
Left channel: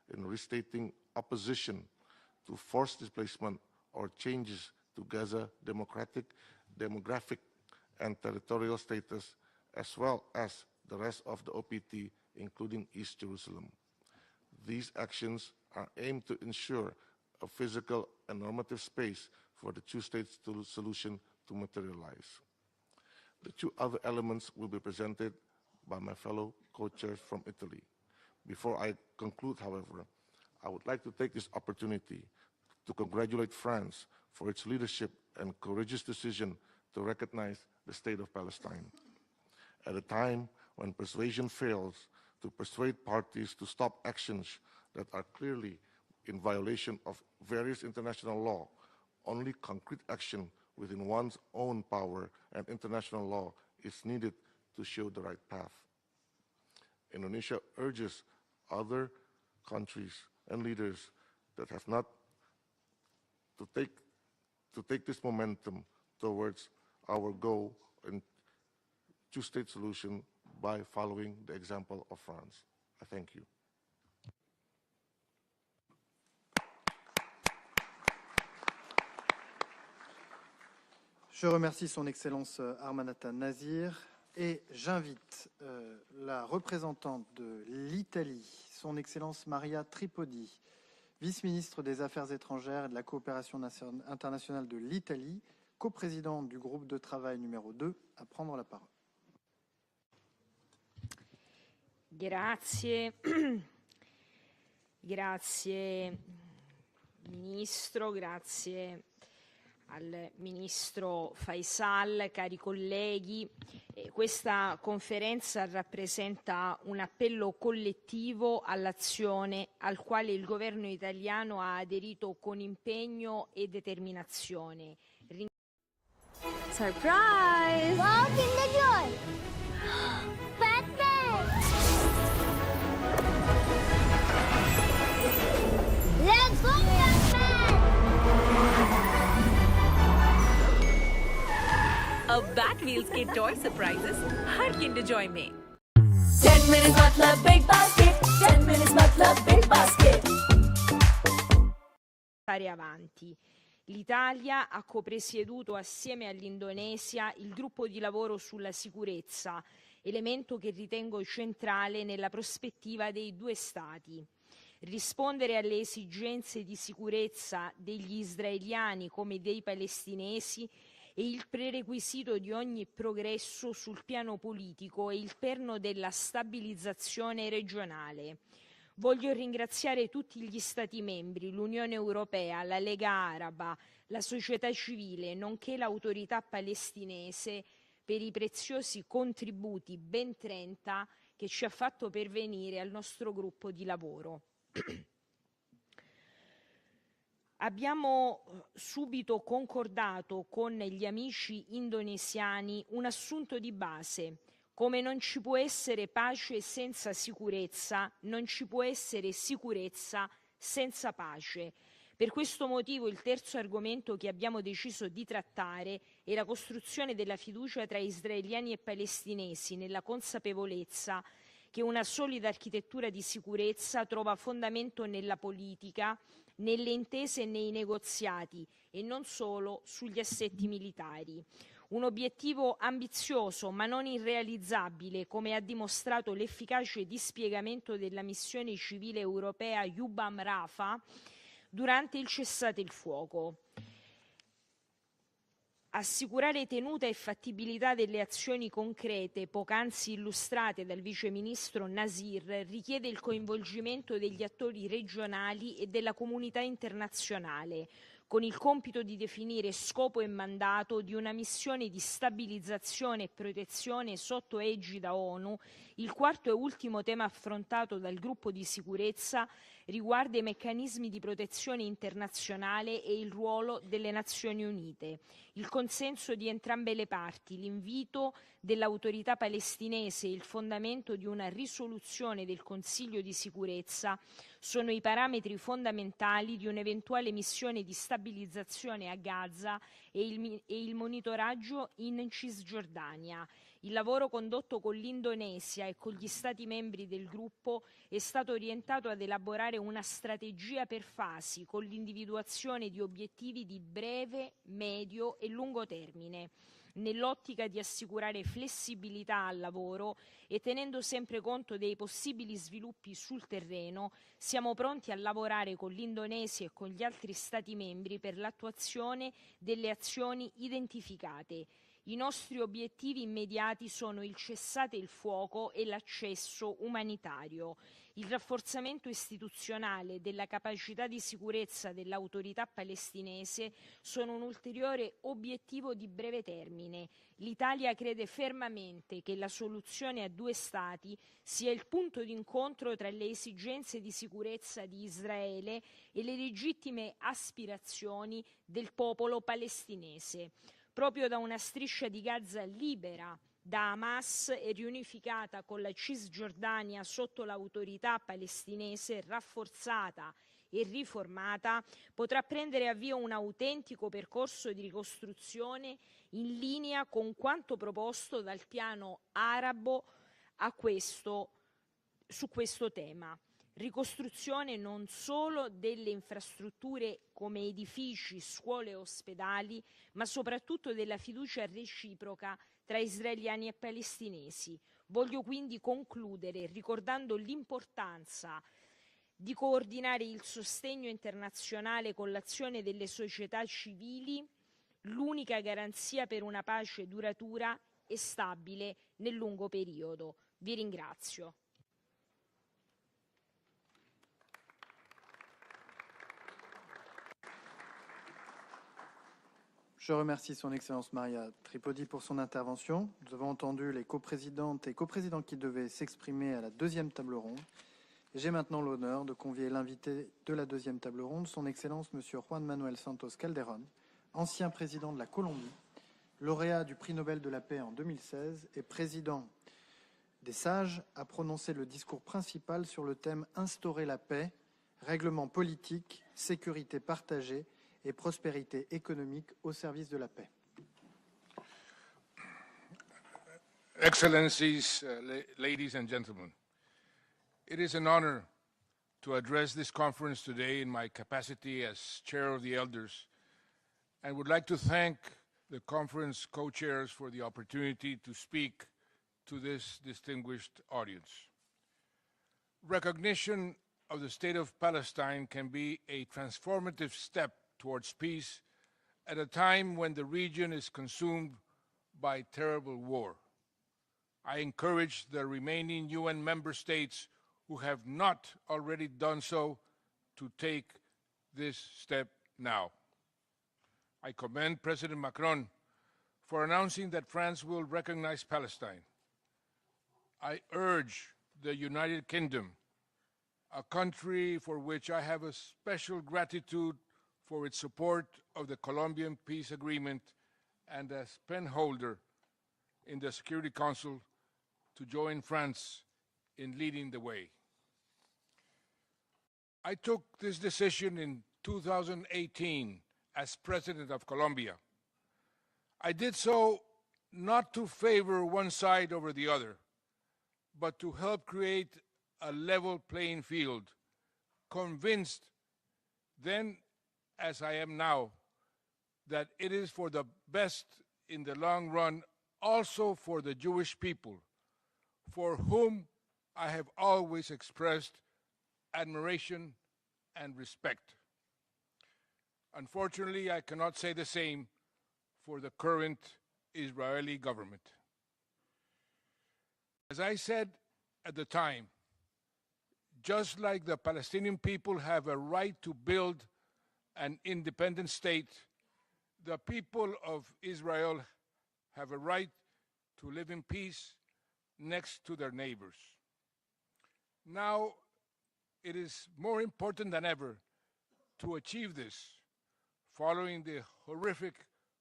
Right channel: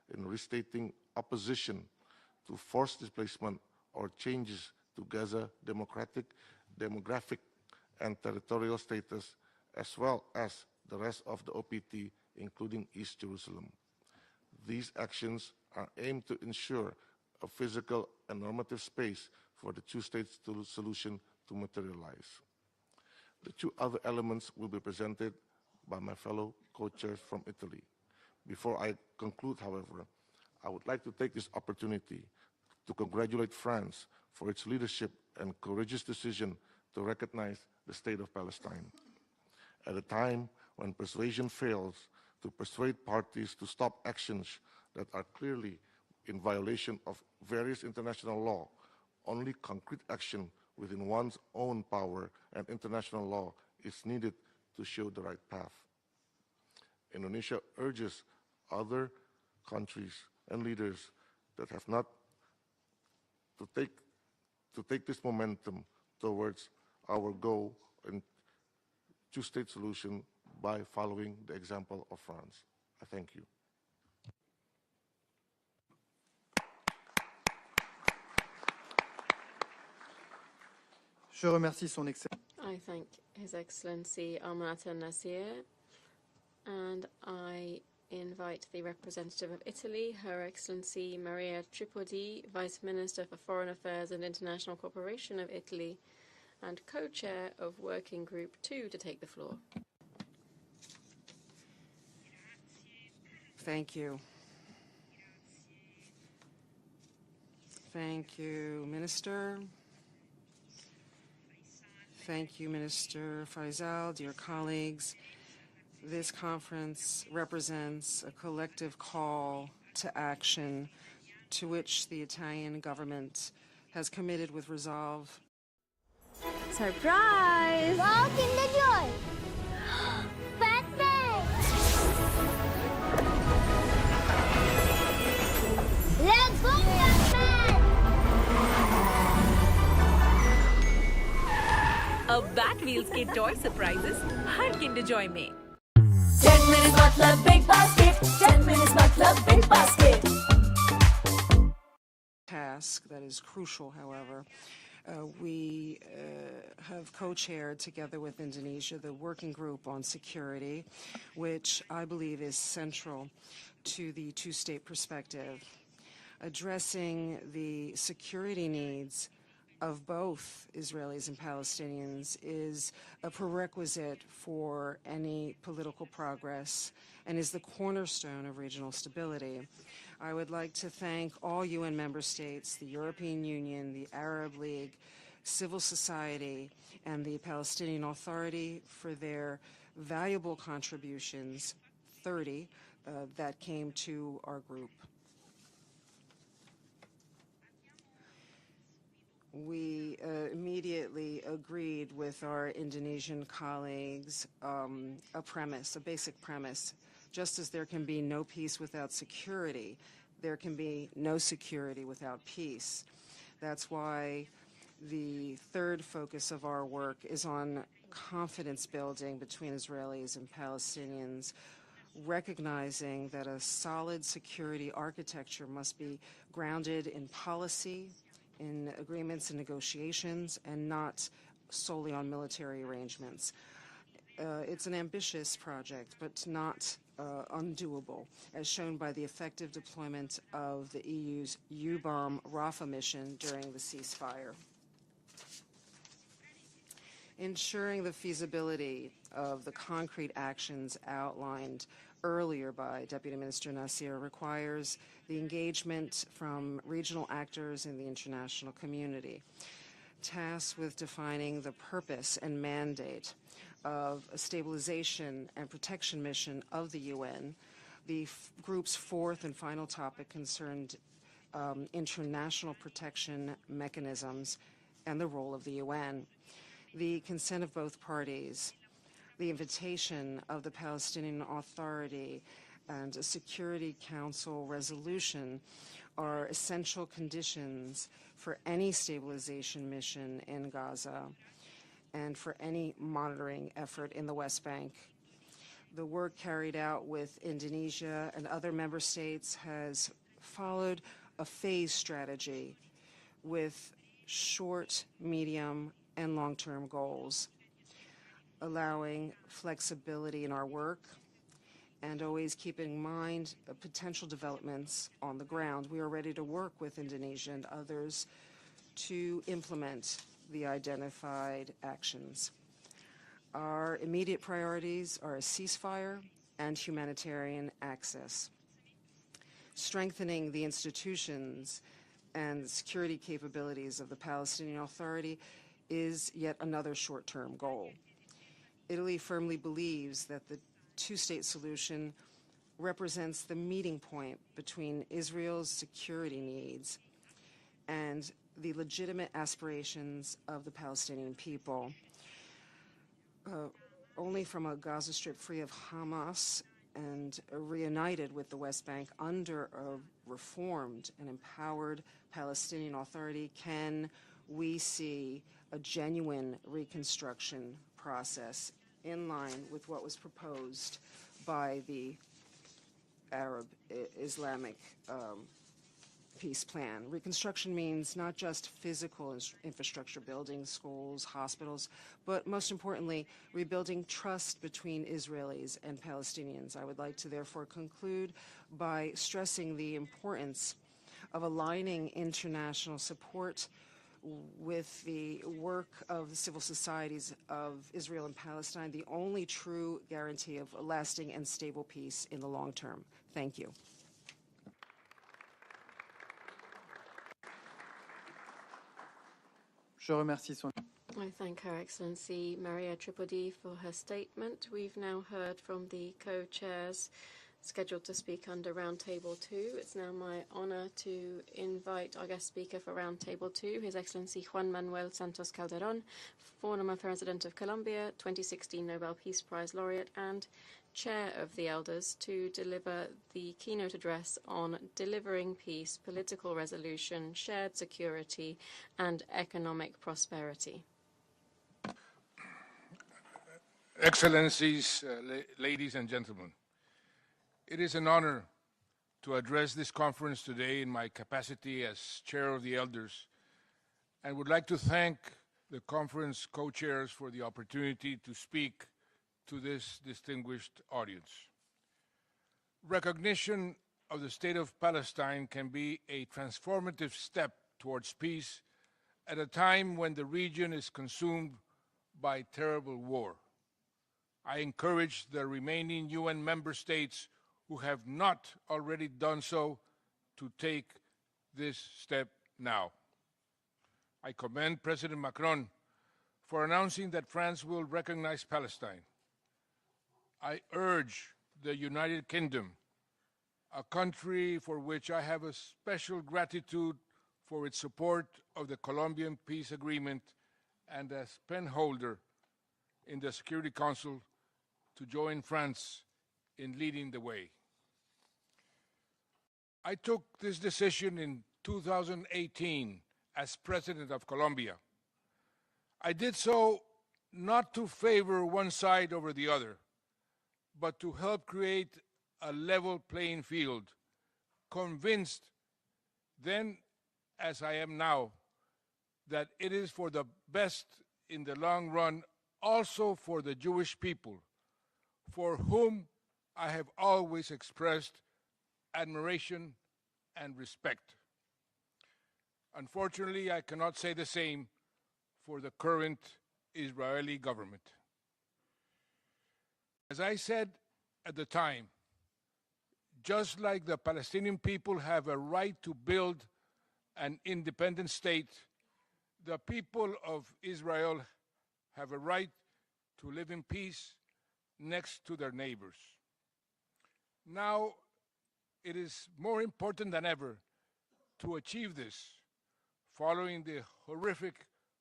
in restating opposition to forced displacement or changes to Gaza demographic and territorial status, as well as the rest of the OPT, including East Jerusalem. These actions are aimed to ensure a physical and normative space for the two-state solution to materialize. The two other elements will be presented by my fellow co-chairs from Italy. Before I conclude, however, I would like to take this opportunity to congratulate France for its leadership and courageous decision to recognize the State of Palestine. At a time when persuasion fails to persuade parties to stop actions that are clearly in violation of various international law, only concrete action within one's own power and international law is needed to show the right path. Indonesia urges other countries and leaders that have not to take this momentum towards our goal in two-state solution by following the example of France. I thank you. Je remercie son Excellence Armanata Nazir et j'invite la représentante de l'Italie, son Excellence Maria Tripodi, vice-ministre des Affaires étrangères et de la coopération internationale de l'Italie, coprésidente du groupe de travail numéro 2, à prendre la parole. Grazie. Thank you. Grazie Ministro, grazie al Ministro Faisal, cari colleghi. Questa conferenza rappresenta un appello collettivo all'azione al quale il governo italiano ha aderito con impegno e determinazione. Surprise! Wow, Kinder Joy! Batman! Let's go, Batman! अब bat wheels के toy surprises हर Kinder Joy में 10 minutes मतलब big basket 10 minutes मतलब big basket. L'Italia ha copresieduto assieme all'Indonesia il gruppo di lavoro sulla sicurezza, elemento che ritengo centrale nella prospettiva dei due Stati. Rispondere alle esigenze di sicurezza degli israeliani come dei palestinesi è il prerequisito di ogni progresso sul piano politico e il perno della stabilizzazione regionale. Voglio ringraziare tutti gli Stati membri, l'Unione Europea, la Lega Araba, la società civile, nonché l'autorità palestinese per i preziosi contributi, ben 30, che ci ha fatto pervenire al nostro gruppo di lavoro. Abbiamo subito concordato con gli amici indonesiani un assunto di base: come non ci può essere pace senza sicurezza, non ci può essere sicurezza senza pace. Per questo motivo il terzo argomento che abbiamo deciso di trattare è la costruzione della fiducia tra israeliani e palestinesi, nella consapevolezza che una solida architettura di sicurezza trova fondamento nella politica, nelle intese e nei negoziati e non solo sugli assetti militari. Un obiettivo ambizioso ma non irrealizzabile, come ha dimostrato l'efficace dispiegamento della missione civile europea UNRWA durante il cessate il fuoco. Assicurare tenuta e fattibilità delle azioni concrete poc'anzi illustrate dal Vice Ministro Nasir richiede il coinvolgimento degli attori regionali e della comunità internazionale, con il compito di definire scopo e mandato di una missione di stabilizzazione e protezione sotto egida ONU. Il quarto e ultimo tema affrontato dal gruppo di sicurezza riguarda i meccanismi di protezione internazionale e il ruolo delle Nazioni Unite. Il consenso di entrambe le parti, l'invito dell'autorità palestinese e il fondamento di una risoluzione del Consiglio di sicurezza sono i parametri fondamentali di un'eventuale missione di stabilizzazione a Gaza e il monitoraggio in Cisgiordania. Il lavoro condotto con l'Indonesia e con gli Stati membri del gruppo è stato orientato ad elaborare una strategia per fasi con l'individuazione di obiettivi di breve, medio e lungo termine, nell'ottica di assicurare flessibilità al lavoro e tenendo sempre conto dei possibili sviluppi sul terreno. Siamo pronti a lavorare con l'Indonesia e con gli altri Stati membri per l'attuazione delle azioni identificate. I nostri obiettivi immediati sono il cessate il fuoco e l'accesso umanitario, il rafforzamento istituzionale della capacità di sicurezza dell'autorità palestinese sono un ulteriore obiettivo di breve termine. L'Italia crede fermamente che la soluzione a due Stati sia il punto d'incontro tra le esigenze di sicurezza di Israele e le legittime aspirazioni del popolo palestinese. Proprio da una striscia di Gaza libera da Hamas e riunificata con la Cisgiordania sotto l'autorità palestinese rafforzata e riformata, potrà prendere avvio un autentico percorso di ricostruzione in linea con quanto proposto dal piano arabo su questo tema. Ricostruzione non solo delle infrastrutture come edifici, scuole e ospedali, ma soprattutto della fiducia reciproca tra israeliani e palestinesi. Voglio quindi concludere ricordando l'importanza di coordinare il sostegno internazionale con l'azione delle società civili, l'unica garanzia per una pace duratura e stabile nel lungo periodo. Vi ringrazio. Je remercie son Excellence Maria Tripodi pour son intervention. Nous avons entendu les coprésidentes et coprésidents qui devaient s'exprimer à la deuxième table ronde. J'ai maintenant l'honneur de convier l'invité de la deuxième table ronde, son Excellence Monsieur Juan Manuel Santos Calderón, ancien président de la Colombie, lauréat du prix Nobel de la paix en 2016 et président des Sages, a prononcé le discours principal sur le thème « Instaurer la paix, règlement politique, sécurité partagée et prospérité économique au service prosperity. Excellencies, ladies and gentlemen, it is an honor to address this conference today in my capacity as Chair of the Elders, and would like to thank the conference co-chairs for the opportunity to speak to this distinguished audience. Recognition of the State of Palestine can be a transformative step towards peace at a time when the region is consumed by terrible war. I encourage the remaining UN member states who have not already done so to take this step now. I commend President Macron for announcing that France will recognize Palestine. I urge the United Kingdom, a country for which I have a special gratitude for its support of the Colombian peace agreement and as penholder in the Security Council, to join France in leading the way. I took this decision in 2018 as President of Colombia. I did so not to favor one side over the other, but to help create a level playing field, convinced then as I am now, that it is for the best in the long run, also for the Jewish people, for whom I have always expressed admiration and respect. Unfortunately, I cannot say the same for the current Israeli government. As I said at the time, just like the Palestinian people have a right to build an independent state, the people of Israel have a right to live in peace next to their neighbors. Now, it is more important than ever to achieve this, following the horrific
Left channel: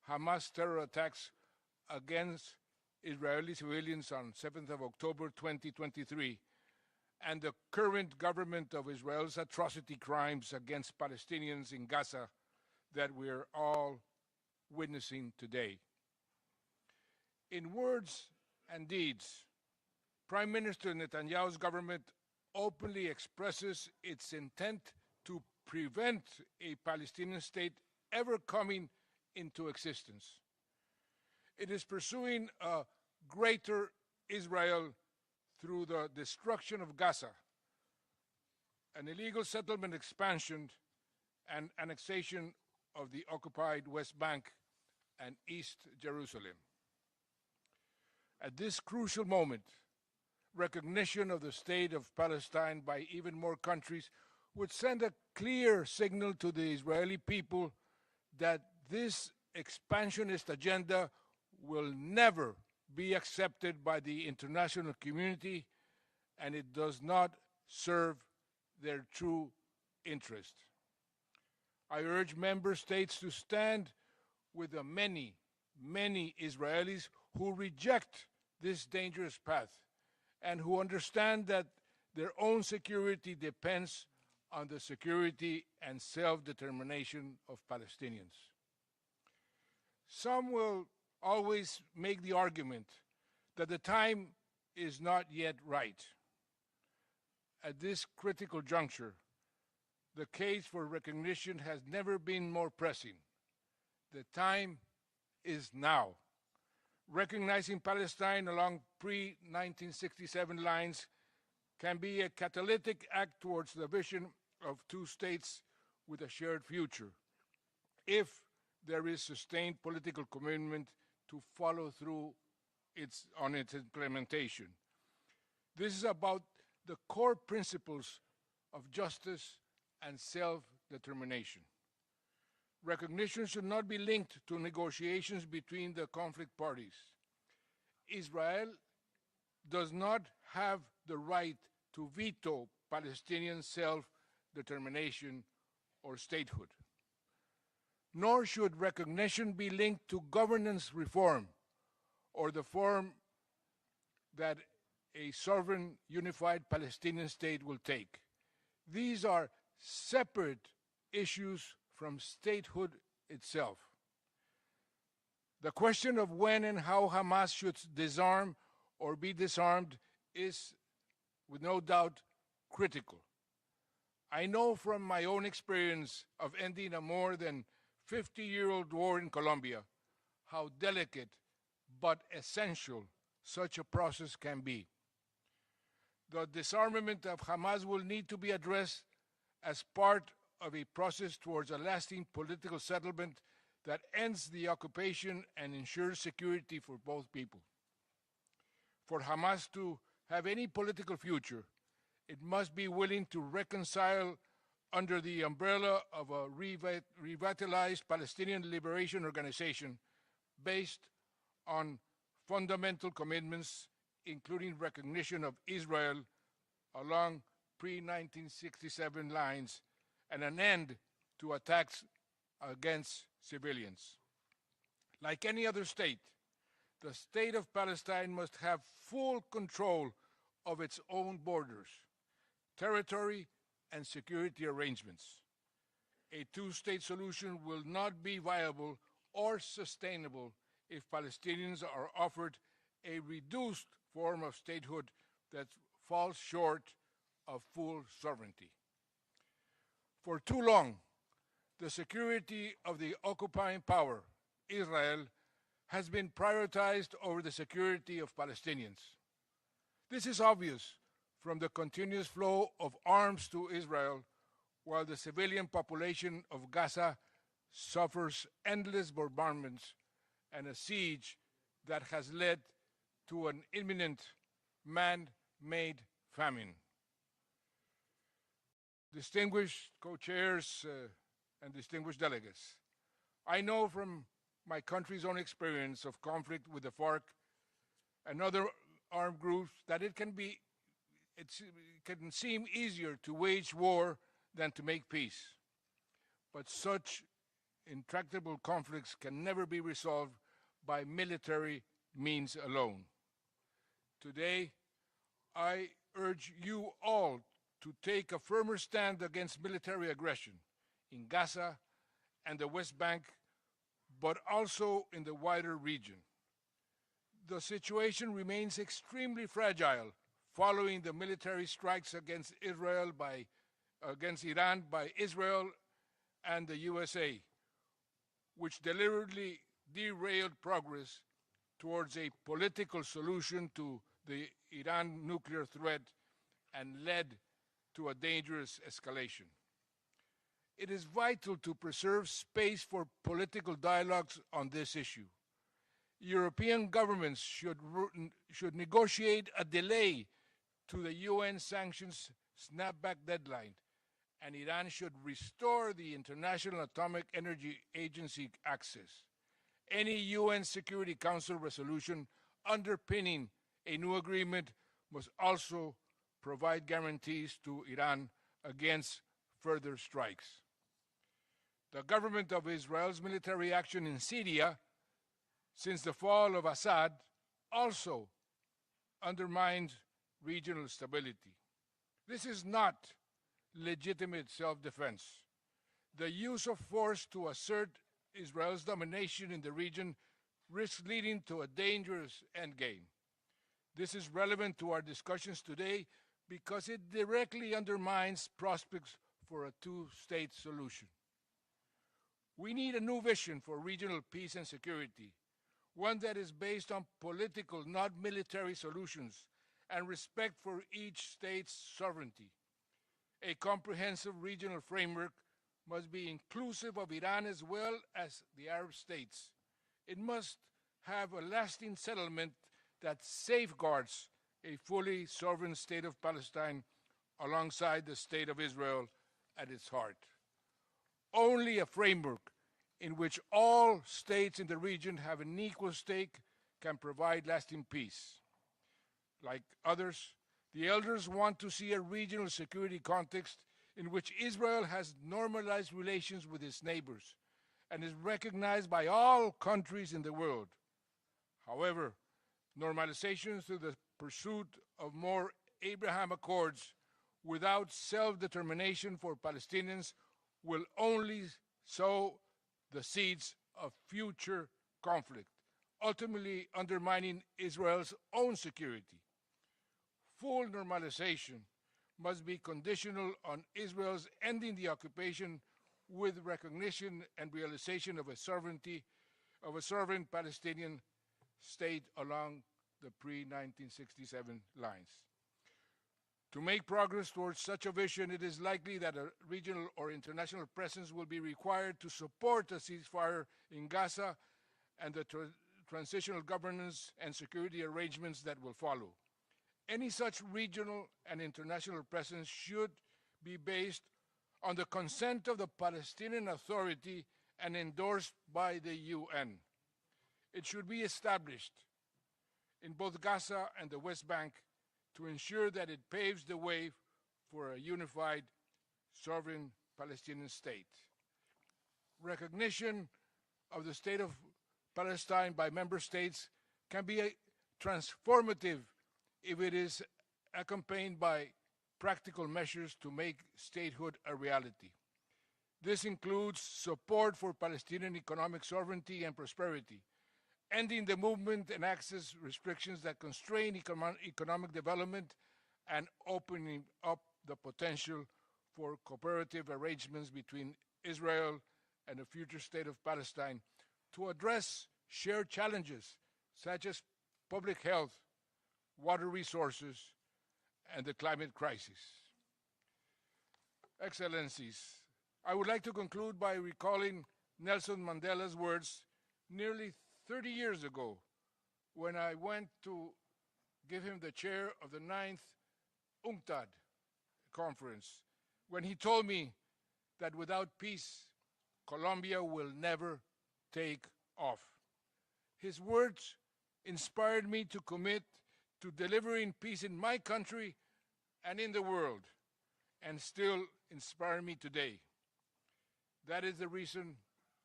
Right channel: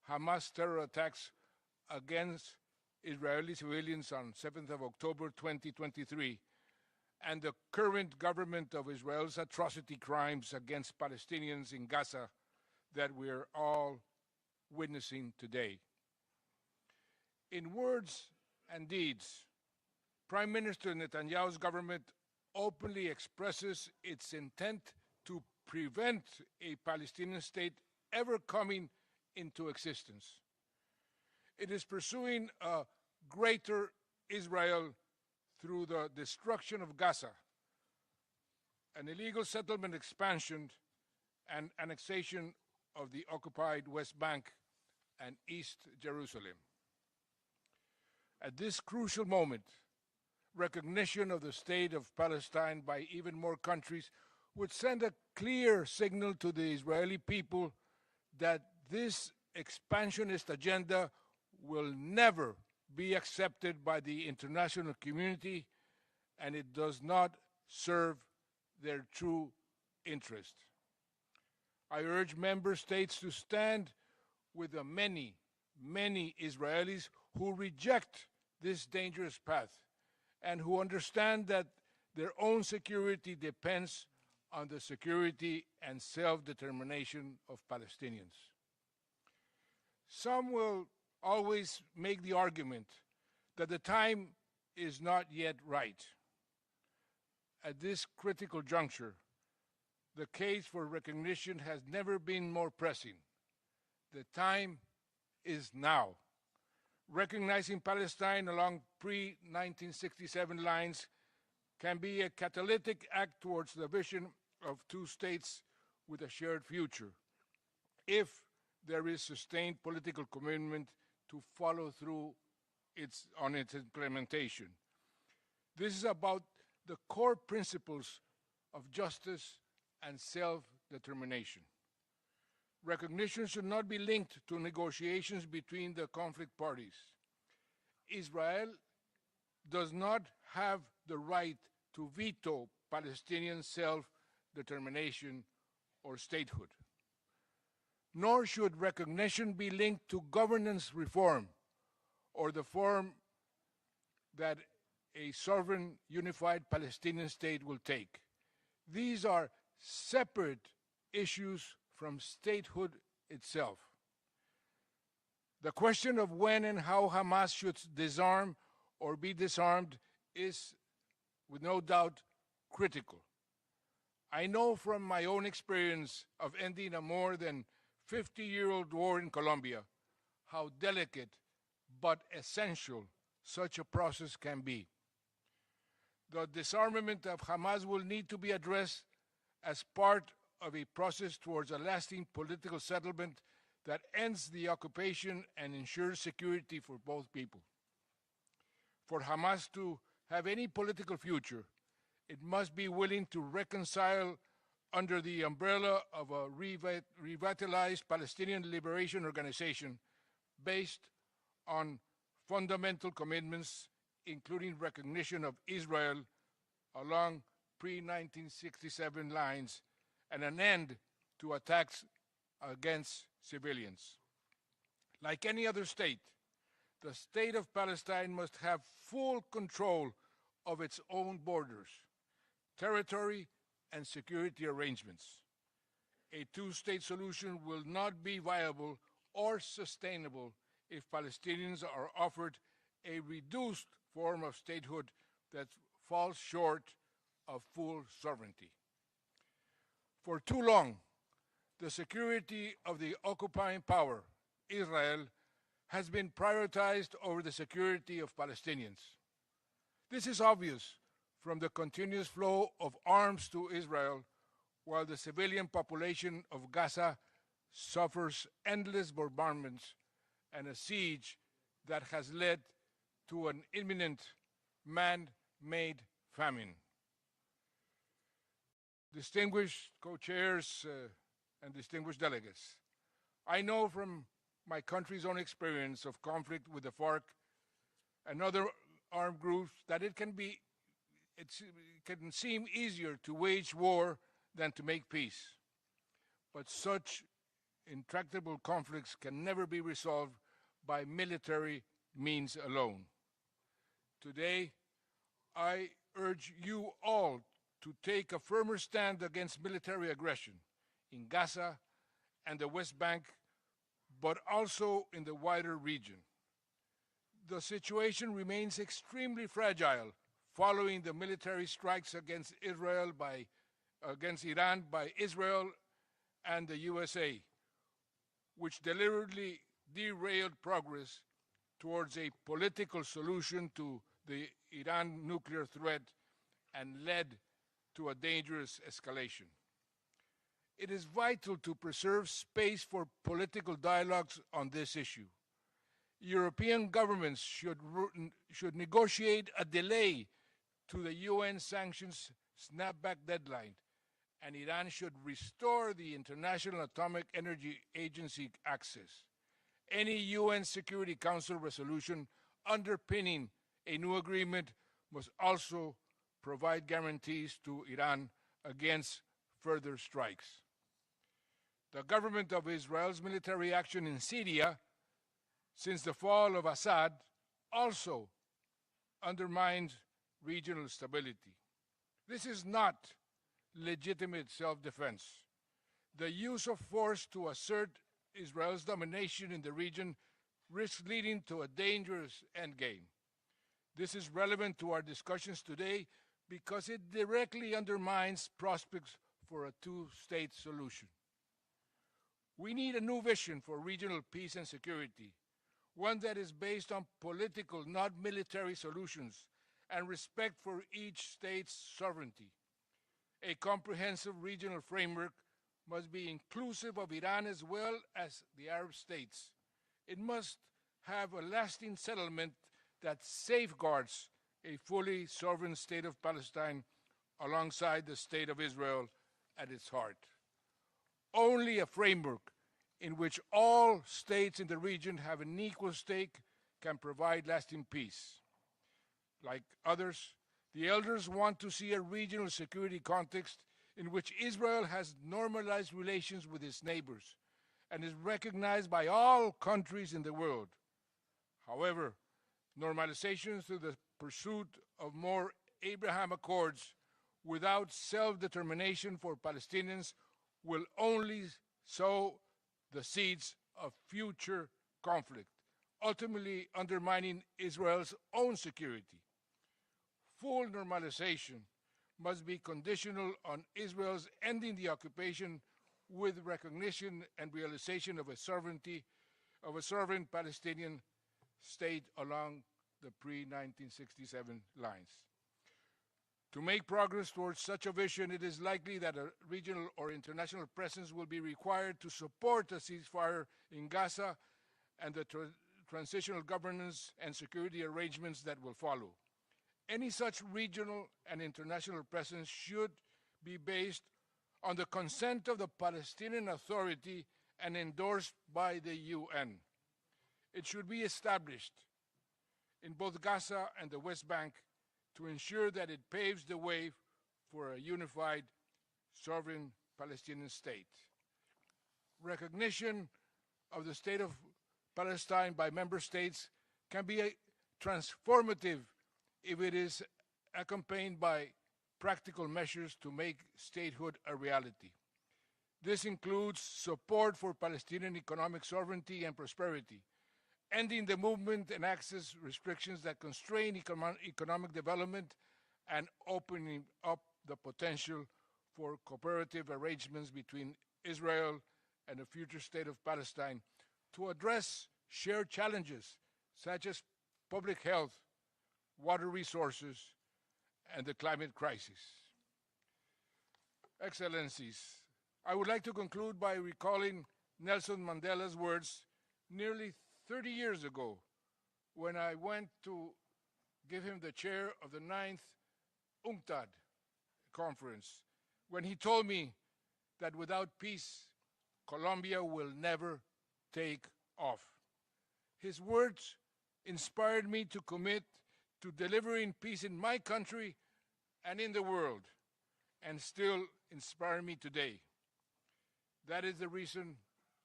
Hamas terror attacks against Israeli civilians on 7th of October 2023, and the current government of Israel's atrocity crimes against Palestinians in Gaza that we're all witnessing today. In words and deeds, Prime Minister Netanyahu's government openly expresses its intent to prevent a Palestinian state ever coming into existence. It is pursuing a greater Israel through the destruction of Gaza, an illegal settlement expansion and annexation of the occupied West Bank and East Jerusalem. At this crucial moment, recognition of the state of Palestine by even more countries would send a clear signal to the Israeli people that this expansionist agenda will never be accepted by the international community, and it does not serve their true interest. I urge member states to stand with the many, many Israelis who reject this dangerous path and who understand that their own security depends on the security and self-determination of Palestinians. Some will always make the argument that the time is not yet right. At this critical juncture, the case for recognition has never been more pressing. The time is now. Recognizing Palestine along pre-1967 lines can be a catalytic act towards the vision of two states with a shared future, if there is sustained political commitment to follow through on its implementation. This is about the core principles of justice and self-determination. Recognition should not be linked to negotiations between the conflict parties. Israel does not have the right to veto Palestinian self-determination or statehood. Nor should recognition be linked to governance reform or the form that a sovereign unified Palestinian state will take. These are separate issues from statehood itself. The question of when and how Hamas should disarm or be disarmed is, with no doubt, critical. I know from my own experience of ending a more than 50-year-old war in Colombia how delicate but essential such a process can be. The disarmament of Hamas will need to be addressed as part of a process towards a lasting political settlement that ends the occupation and ensures security for both people. For Hamas to have any political future, it must be willing to reconcile under the umbrella of a revitalized Palestinian Liberation Organization based on fundamental commitments, including recognition of Israel along pre-1967 lines and an end to attacks against civilians. Like any other state, the state of Palestine must have full control of its own borders, territory, and security arrangements. A two-state solution will not be viable or sustainable if Palestinians are offered a reduced form of statehood that falls short of full sovereignty. For too long, the security of the occupying power, Israel, has been prioritized over the security of Palestinians. This is obvious from the continuous flow of arms to Israel, while the civilian population of Gaza suffers endless bombardments and a siege that has led to an imminent man-made famine. Distinguished co-chairs and distinguished delegates, I know from my country's own experience of conflict with the FARC and other armed groups that it can seem easier to wage war than to make peace. But such intractable conflicts can never be resolved by military means alone. Today, I urge you all to take a firmer stand against military aggression in Gaza and the West Bank, but also in the wider region. The situation remains extremely fragile following the military strikes against Iran by Israel and the USA, which deliberately derailed progress towards a political solution to the Iran nuclear threat and led to a dangerous escalation. It is vital to preserve space for political dialogues on this issue. European governments should negotiate a delay to the UN sanctions snapback deadline, and Iran should restore the International Atomic Energy Agency access. Any UN Security Council resolution underpinning a new agreement must also provide guarantees to Iran against further strikes. The government of Israel's military action in Syria since the fall of Assad also undermines regional stability. This is not legitimate self-defense. The use of force to assert Israel's domination in the region risks leading to a dangerous endgame. This is relevant to our discussions today because it directly undermines prospects for a two-state solution. We need a new vision for regional peace and security, one that is based on political, not military solutions, and respect for each state's sovereignty. A comprehensive regional framework must be inclusive of Iran as well as the Arab states. It must have a lasting settlement that safeguards a fully sovereign state of Palestine alongside the state of Israel at its heart. Only a framework in which all states in the region have an equal stake can provide lasting peace. Like others, the elders want to see a regional security context in which Israel has normalized relations with its neighbors and is recognized by all countries in the world. However, normalization through the pursuit of more Abraham Accords without self-determination for Palestinians will only sow the seeds of future conflict, ultimately undermining Israel's own security. Full normalization must be conditional on Israel's ending the occupation with recognition and realization of a sovereign Palestinian state along the pre-1967 lines. To make progress towards such a vision, it is likely that a regional or international presence will be required to support a ceasefire in Gaza and the transitional governance and security arrangements that will follow. Any such regional and international presence should be based on the consent of the Palestinian Authority and endorsed by the UN. It should be established in both Gaza and the West Bank to ensure that it paves the way for a unified, sovereign Palestinian state. Recognition of the state of Palestine by member states can be transformative if it is accompanied by practical measures to make statehood a reality. This includes support for Palestinian economic sovereignty and prosperity, ending the movement and access restrictions that constrain economic development, and opening up the potential for cooperative arrangements between Israel and the future state of Palestine to address shared challenges such as public health, water resources, and the climate crisis. Excellencies, I would like to conclude by recalling Nelson Mandela's words nearly 30 years ago when I went to give him the chair of the 9th UNCTAD conference, when he told me that without peace, Colombia will never take off. His words inspired me to commit to delivering peace in my country and in the world, and still inspire me today. That is the reason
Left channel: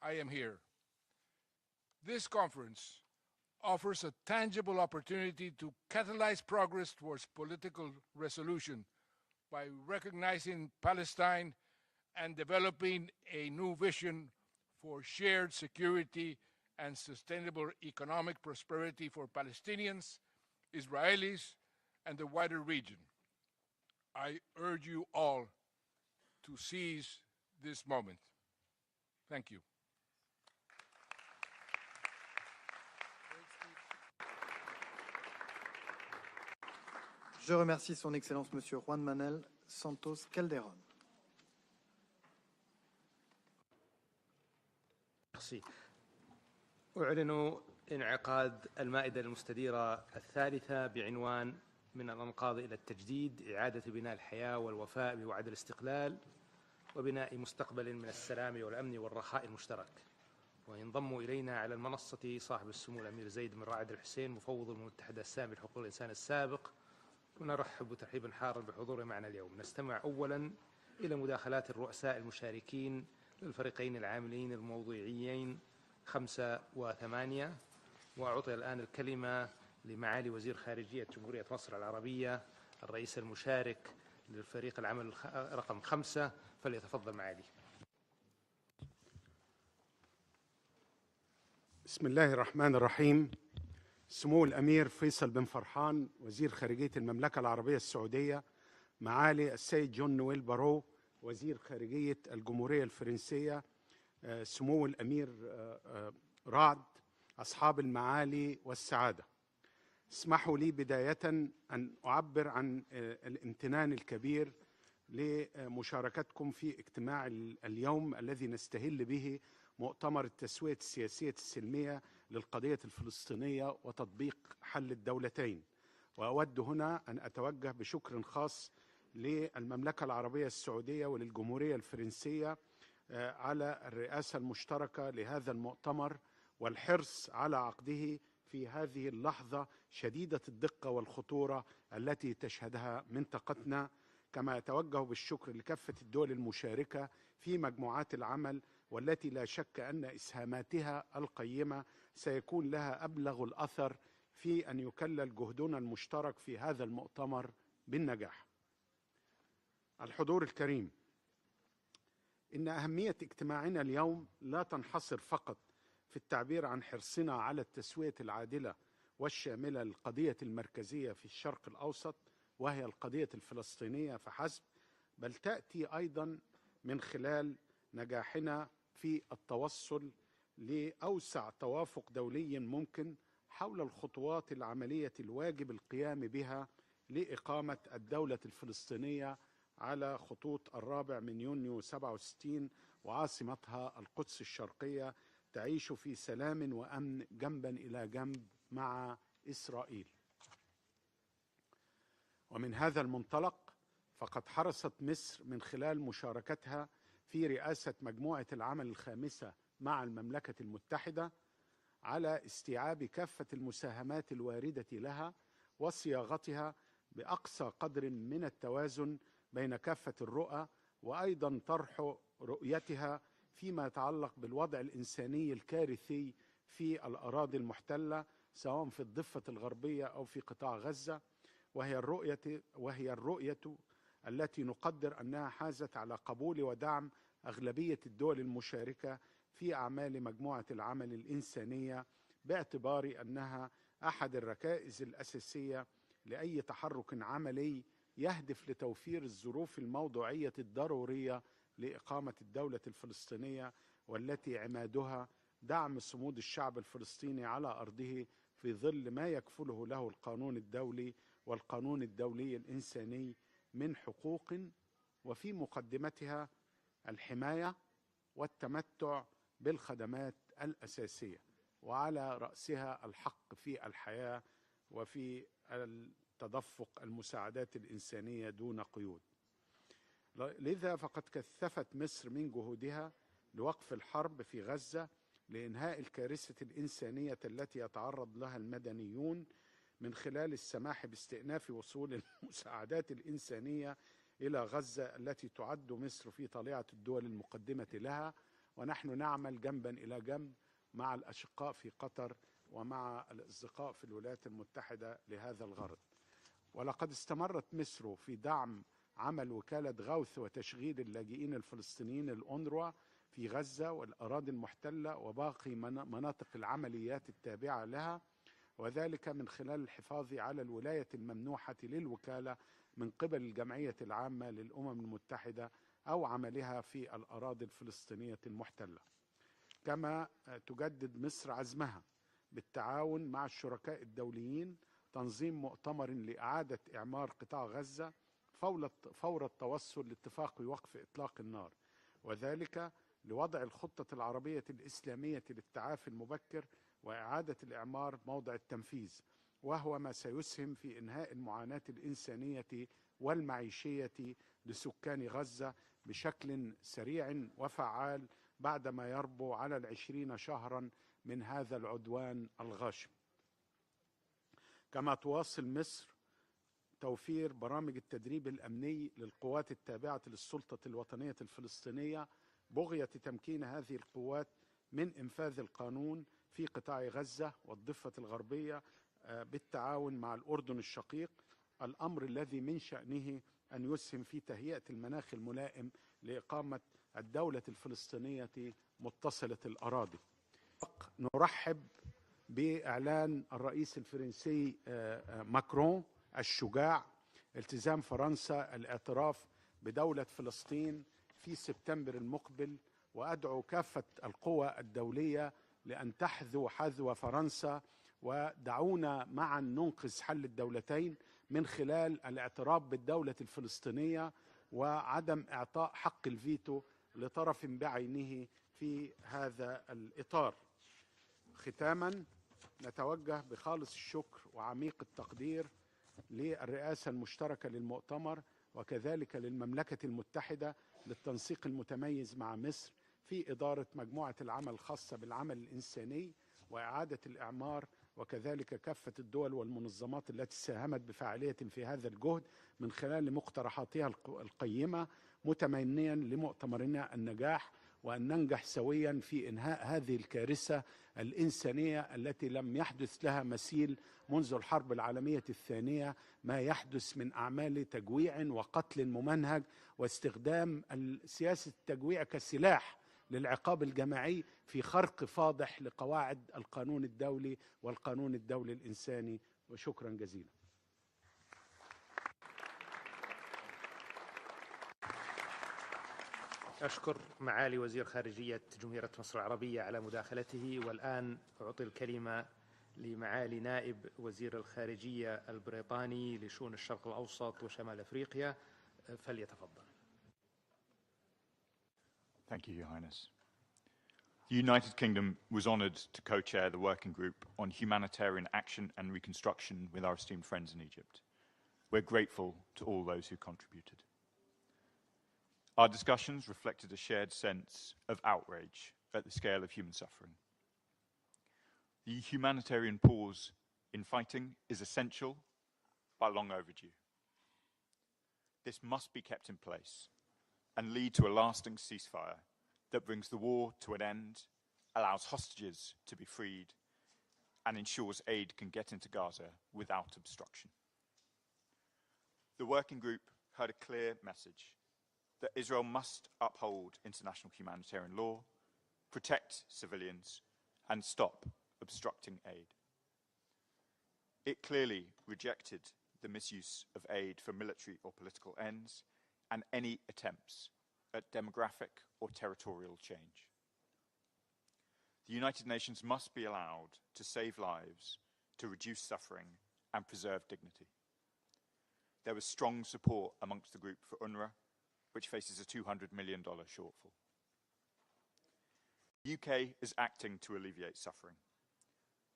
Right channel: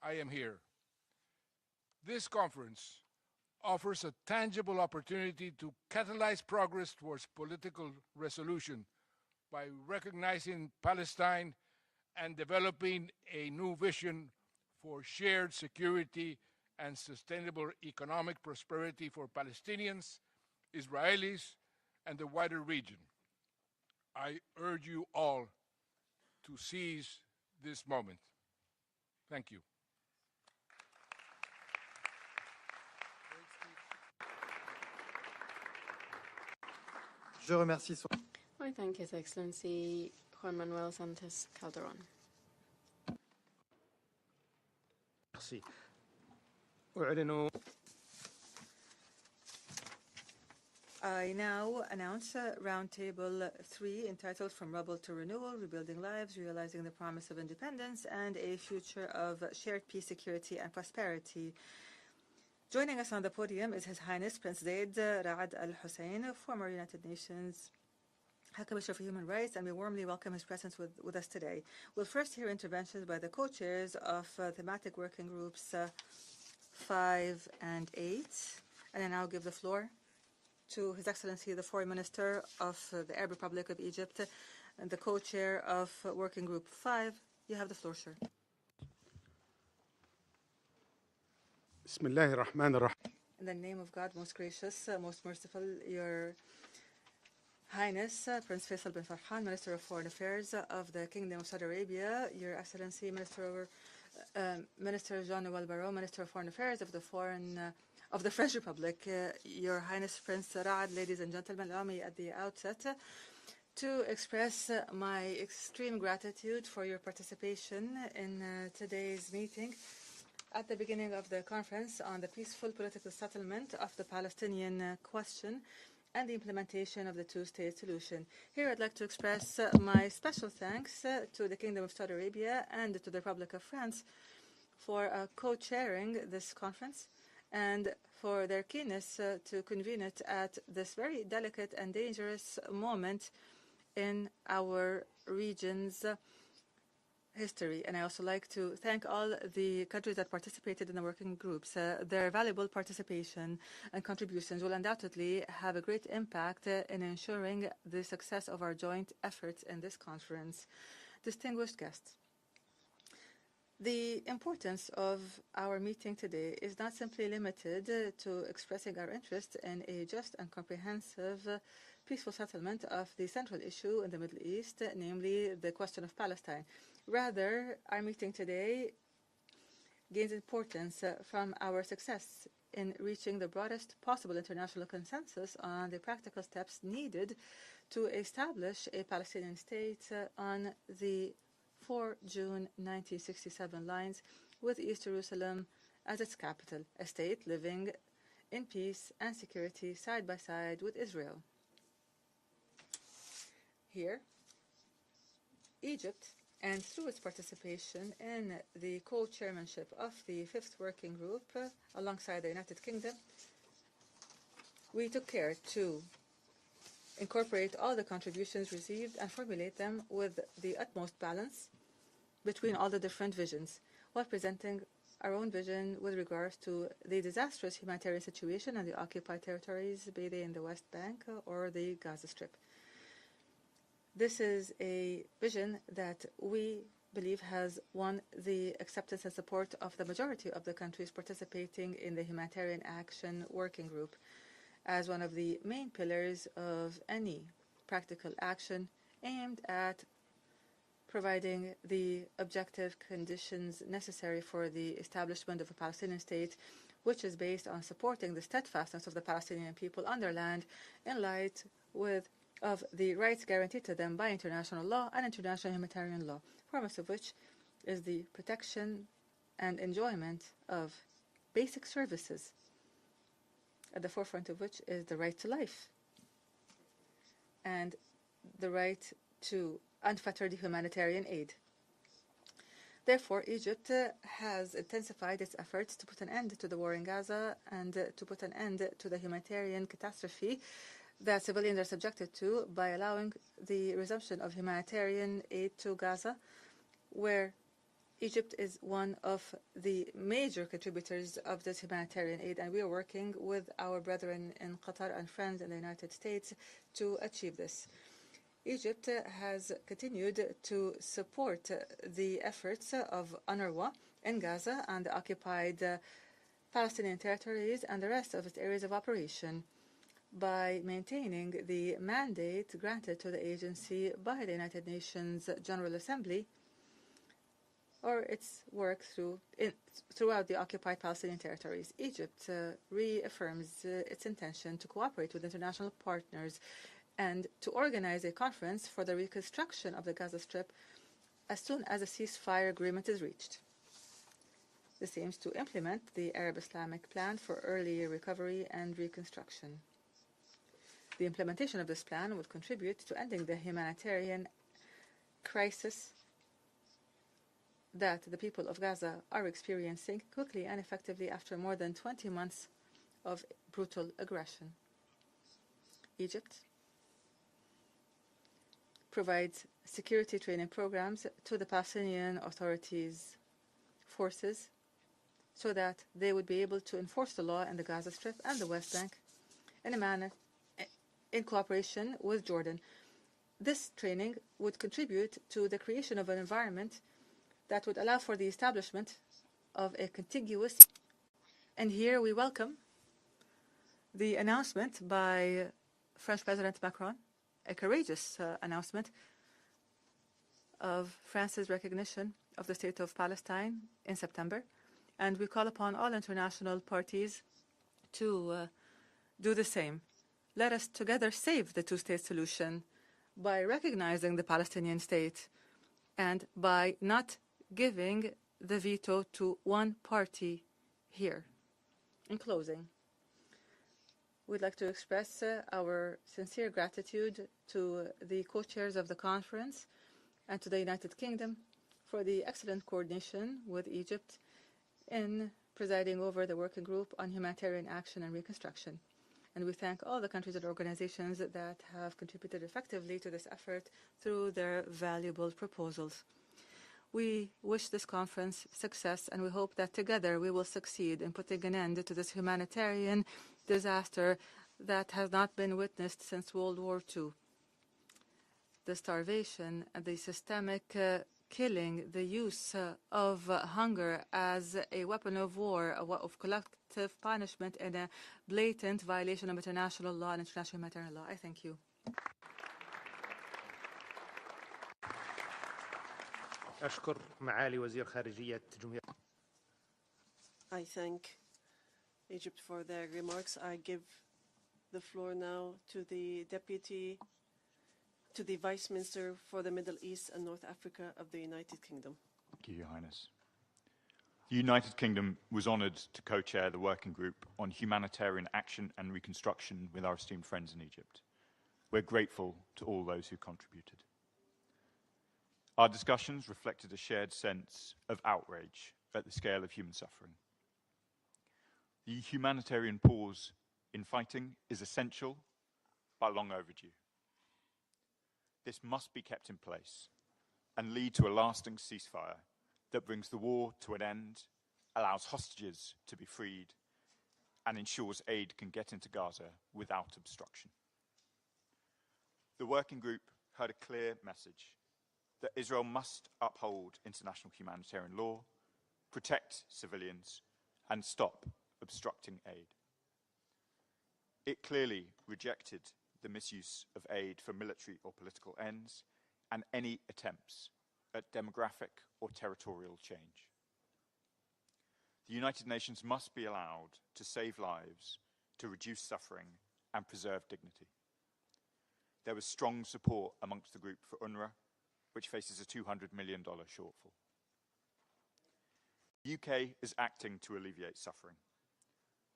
I am here. This conference offers a tangible opportunity to catalyze progress towards political resolution by recognizing Palestine and developing a new vision for shared security and sustainable economic prosperity for Palestinians, Israelis, and the wider region. I urge you all to seize this moment. Thank you. Je remercie Son Excellence Monsieur Juan Manuel Santos Calderon. Merci. أعلن انعقاد المائدة المستديرة الثالثة بعنوان من الأنقاض إلى التجديد إعادة بناء الحياة والوفاء بوعد الاستقلال وبناء مستقبل من السلام والأمن والرخاء المشترك. وينضم إلينا على المنصة صاحب السمو His Highness President Ra'ad Al-Hussein, former United Nations ونرحب ترحيبا حارا Commissioner for Human معنا Rights, and we warmly welcome his presence with us today. We'll first hear interventions by the co-chairs of thematic working groups 5 and 8, and I now give the floor to His Excellency the Foreign Minister of the Arab Republic of Egypt and the co-chair of Working Group 5. You have the floor, sir. بسم الله الرحمن الرحيم. سمو الأمير فيصل بن فرحان وزير خارجية المملكة العربية السعودية، معالي السيد جون نويل بارو وزير خارجية الجمهورية الفرنسية، سمو الأمير رعد، أصحاب المعالي والسعادة، اسمحوا لي بداية أن أعبر عن الامتنان الكبير لمشاركتكم في اجتماع اليوم الذي نستهل به مؤتمر التسوية السياسية السلمية للقضية الفلسطينية وتطبيق حل الدولتين. وأود هنا أن أتوجه بشكر خاص للمملكة العربية السعودية وللجمهورية الفرنسية على الرئاسة المشتركة لهذا المؤتمر والحرص على عقده في هذه اللحظة شديدة الدقة والخطورة التي تشهدها منطقتنا، كما أتوجه بالشكر لكافة الدول المشاركة في مجموعات العمل والتي لا شك أن إسهاماتها القيمة سيكون لها أبلغ الأثر في أن يكلل جهدنا المشترك في هذا المؤتمر بالنجاح. الحضور الكريم، إن أهمية اجتماعنا اليوم لا تنحصر فقط في التعبير عن حرصنا على التسوية العادلة والشاملة للقضية المركزية في الشرق الأوسط وهي القضية الفلسطينية فحسب، بل تأتي أيضا من خلال نجاحنا في التوصل لأوسع توافق دولي ممكن حول الخطوات العملية الواجب القيام بها لإقامة الدولة الفلسطينية على خطوط 4 من يونيو 67 وعاصمتها القدس الشرقية تعيش في سلام وأمن جنبا إلى جنب مع إسرائيل. ومن هذا المنطلق فقد حرصت مصر من خلال مشاركتها في رئاسة مجموعة العمل الخامسة مع المملكة المتحدة على استيعاب كافة المساهمات الواردة لها وصياغتها بأقصى قدر من التوازن بين كافة الرؤى، وأيضا طرح رؤيتها فيما يتعلق بالوضع الإنساني الكارثي في الأراضي المحتلة سواء في الضفة الغربية أو في قطاع غزة، وهي الرؤية التي نقدر أنها حازت على قبول ودعم أغلبية الدول المشاركة في أعمال مجموعة العمل الإنسانية، باعتبار أنها أحد الركائز الأساسية لأي تحرك عملي يهدف لتوفير الظروف الموضوعية الضرورية لإقامة الدولة الفلسطينية، والتي عمادها دعم صمود الشعب الفلسطيني على أرضه في ظل ما يكفله له القانون الدولي والقانون الدولي الإنساني by international law and international humanitarian law, foremost of which is the protection and enjoyment of basic services, at the forefront of which is the right to life, and the right to unfettered humanitarian aid. Therefore, Egypt has intensified its efforts to put an end to the war in Gaza and to put an end to the humanitarian catastrophe that civilians are subjected to by allowing the resumption of humanitarian aid to Gaza, where Egypt is one of the major contributors of this humanitarian aid, and we are working with our brethren in Qatar and friends in the United States to achieve this. Egypt has continued to support the efforts of UNRWA in Gaza and the occupied Palestinian territories and the rest of its areas of operation by maintaining the mandate granted to the agency by the United Nations General Assembly or its work throughout the occupied Palestinian territories. Egypt reaffirms its intention to cooperate with international partners and to organize a conference for the reconstruction of the Gaza Strip as soon as a ceasefire agreement is reached. This aims to implement the Arab Islamic Plan for early recovery and reconstruction. The implementation of this plan would contribute to ending the humanitarian crisis that the people of Gaza are experiencing quickly and effectively after more than 20 months of brutal aggression. Egypt provides security training programs to the Palestinian Authority's forces so that they would be able to enforce the law in the Gaza Strip and the West Bank in a manner in cooperation with Jordan. This training would contribute to the creation of an environment that would allow for the establishment of a contiguous, and here we welcome the announcement by French President Macron, a courageous announcement of France's recognition of the state of Palestine in September, and we call upon all international parties to do the same. Let us together save the two-state solution by recognizing the Palestinian state and by not giving the veto to one party here. In closing, we'd like to express our sincere gratitude to the co-chairs of the conference and to the United Kingdom for the excellent coordination with Egypt in presiding over the working group on humanitarian action and reconstruction. And we thank all the countries and organizations that have contributed effectively to this effort through their valuable proposals. We wish this conference success, and we hope that together we will succeed in putting an end to this humanitarian disaster that has not been witnessed since World War II. The starvation, the systemic killing, the use of hunger as a weapon of war, of collective punishment, and a blatant violation of international law and international humanitarian law. I thank you. أشكر معالي وزير خارجية جمهورية مصر العربية على مداخلته، والآن أعطي الكلمة لمعالي نائب وزير الخارجية البريطاني لشؤون الشرق الأوسط وشمال أفريقيا. Thank you, Your Highness. The United Kingdom was honoured to co-chair the working group on humanitarian action and reconstruction with our esteemed friends in Egypt. We're grateful to all those who contributed. Our discussions reflected a shared sense of outrage at the scale of human suffering. The humanitarian pause in fighting is essential but long overdue. This must be kept in place and lead to a lasting ceasefire that brings the war to an end, allows hostages to be freed, and ensures aid can get into Gaza without obstruction. The working group heard a clear message that Israel must uphold international humanitarian law, protect civilians, and stop obstructing aid. It clearly rejected the misuse of aid for military or political ends and any attempts at demographic or territorial change. The United Nations must be allowed to save lives, to reduce suffering, and preserve dignity. There was strong support amongst the group for UNRWA, which faces a $200 million shortfall. The UK is acting to alleviate suffering.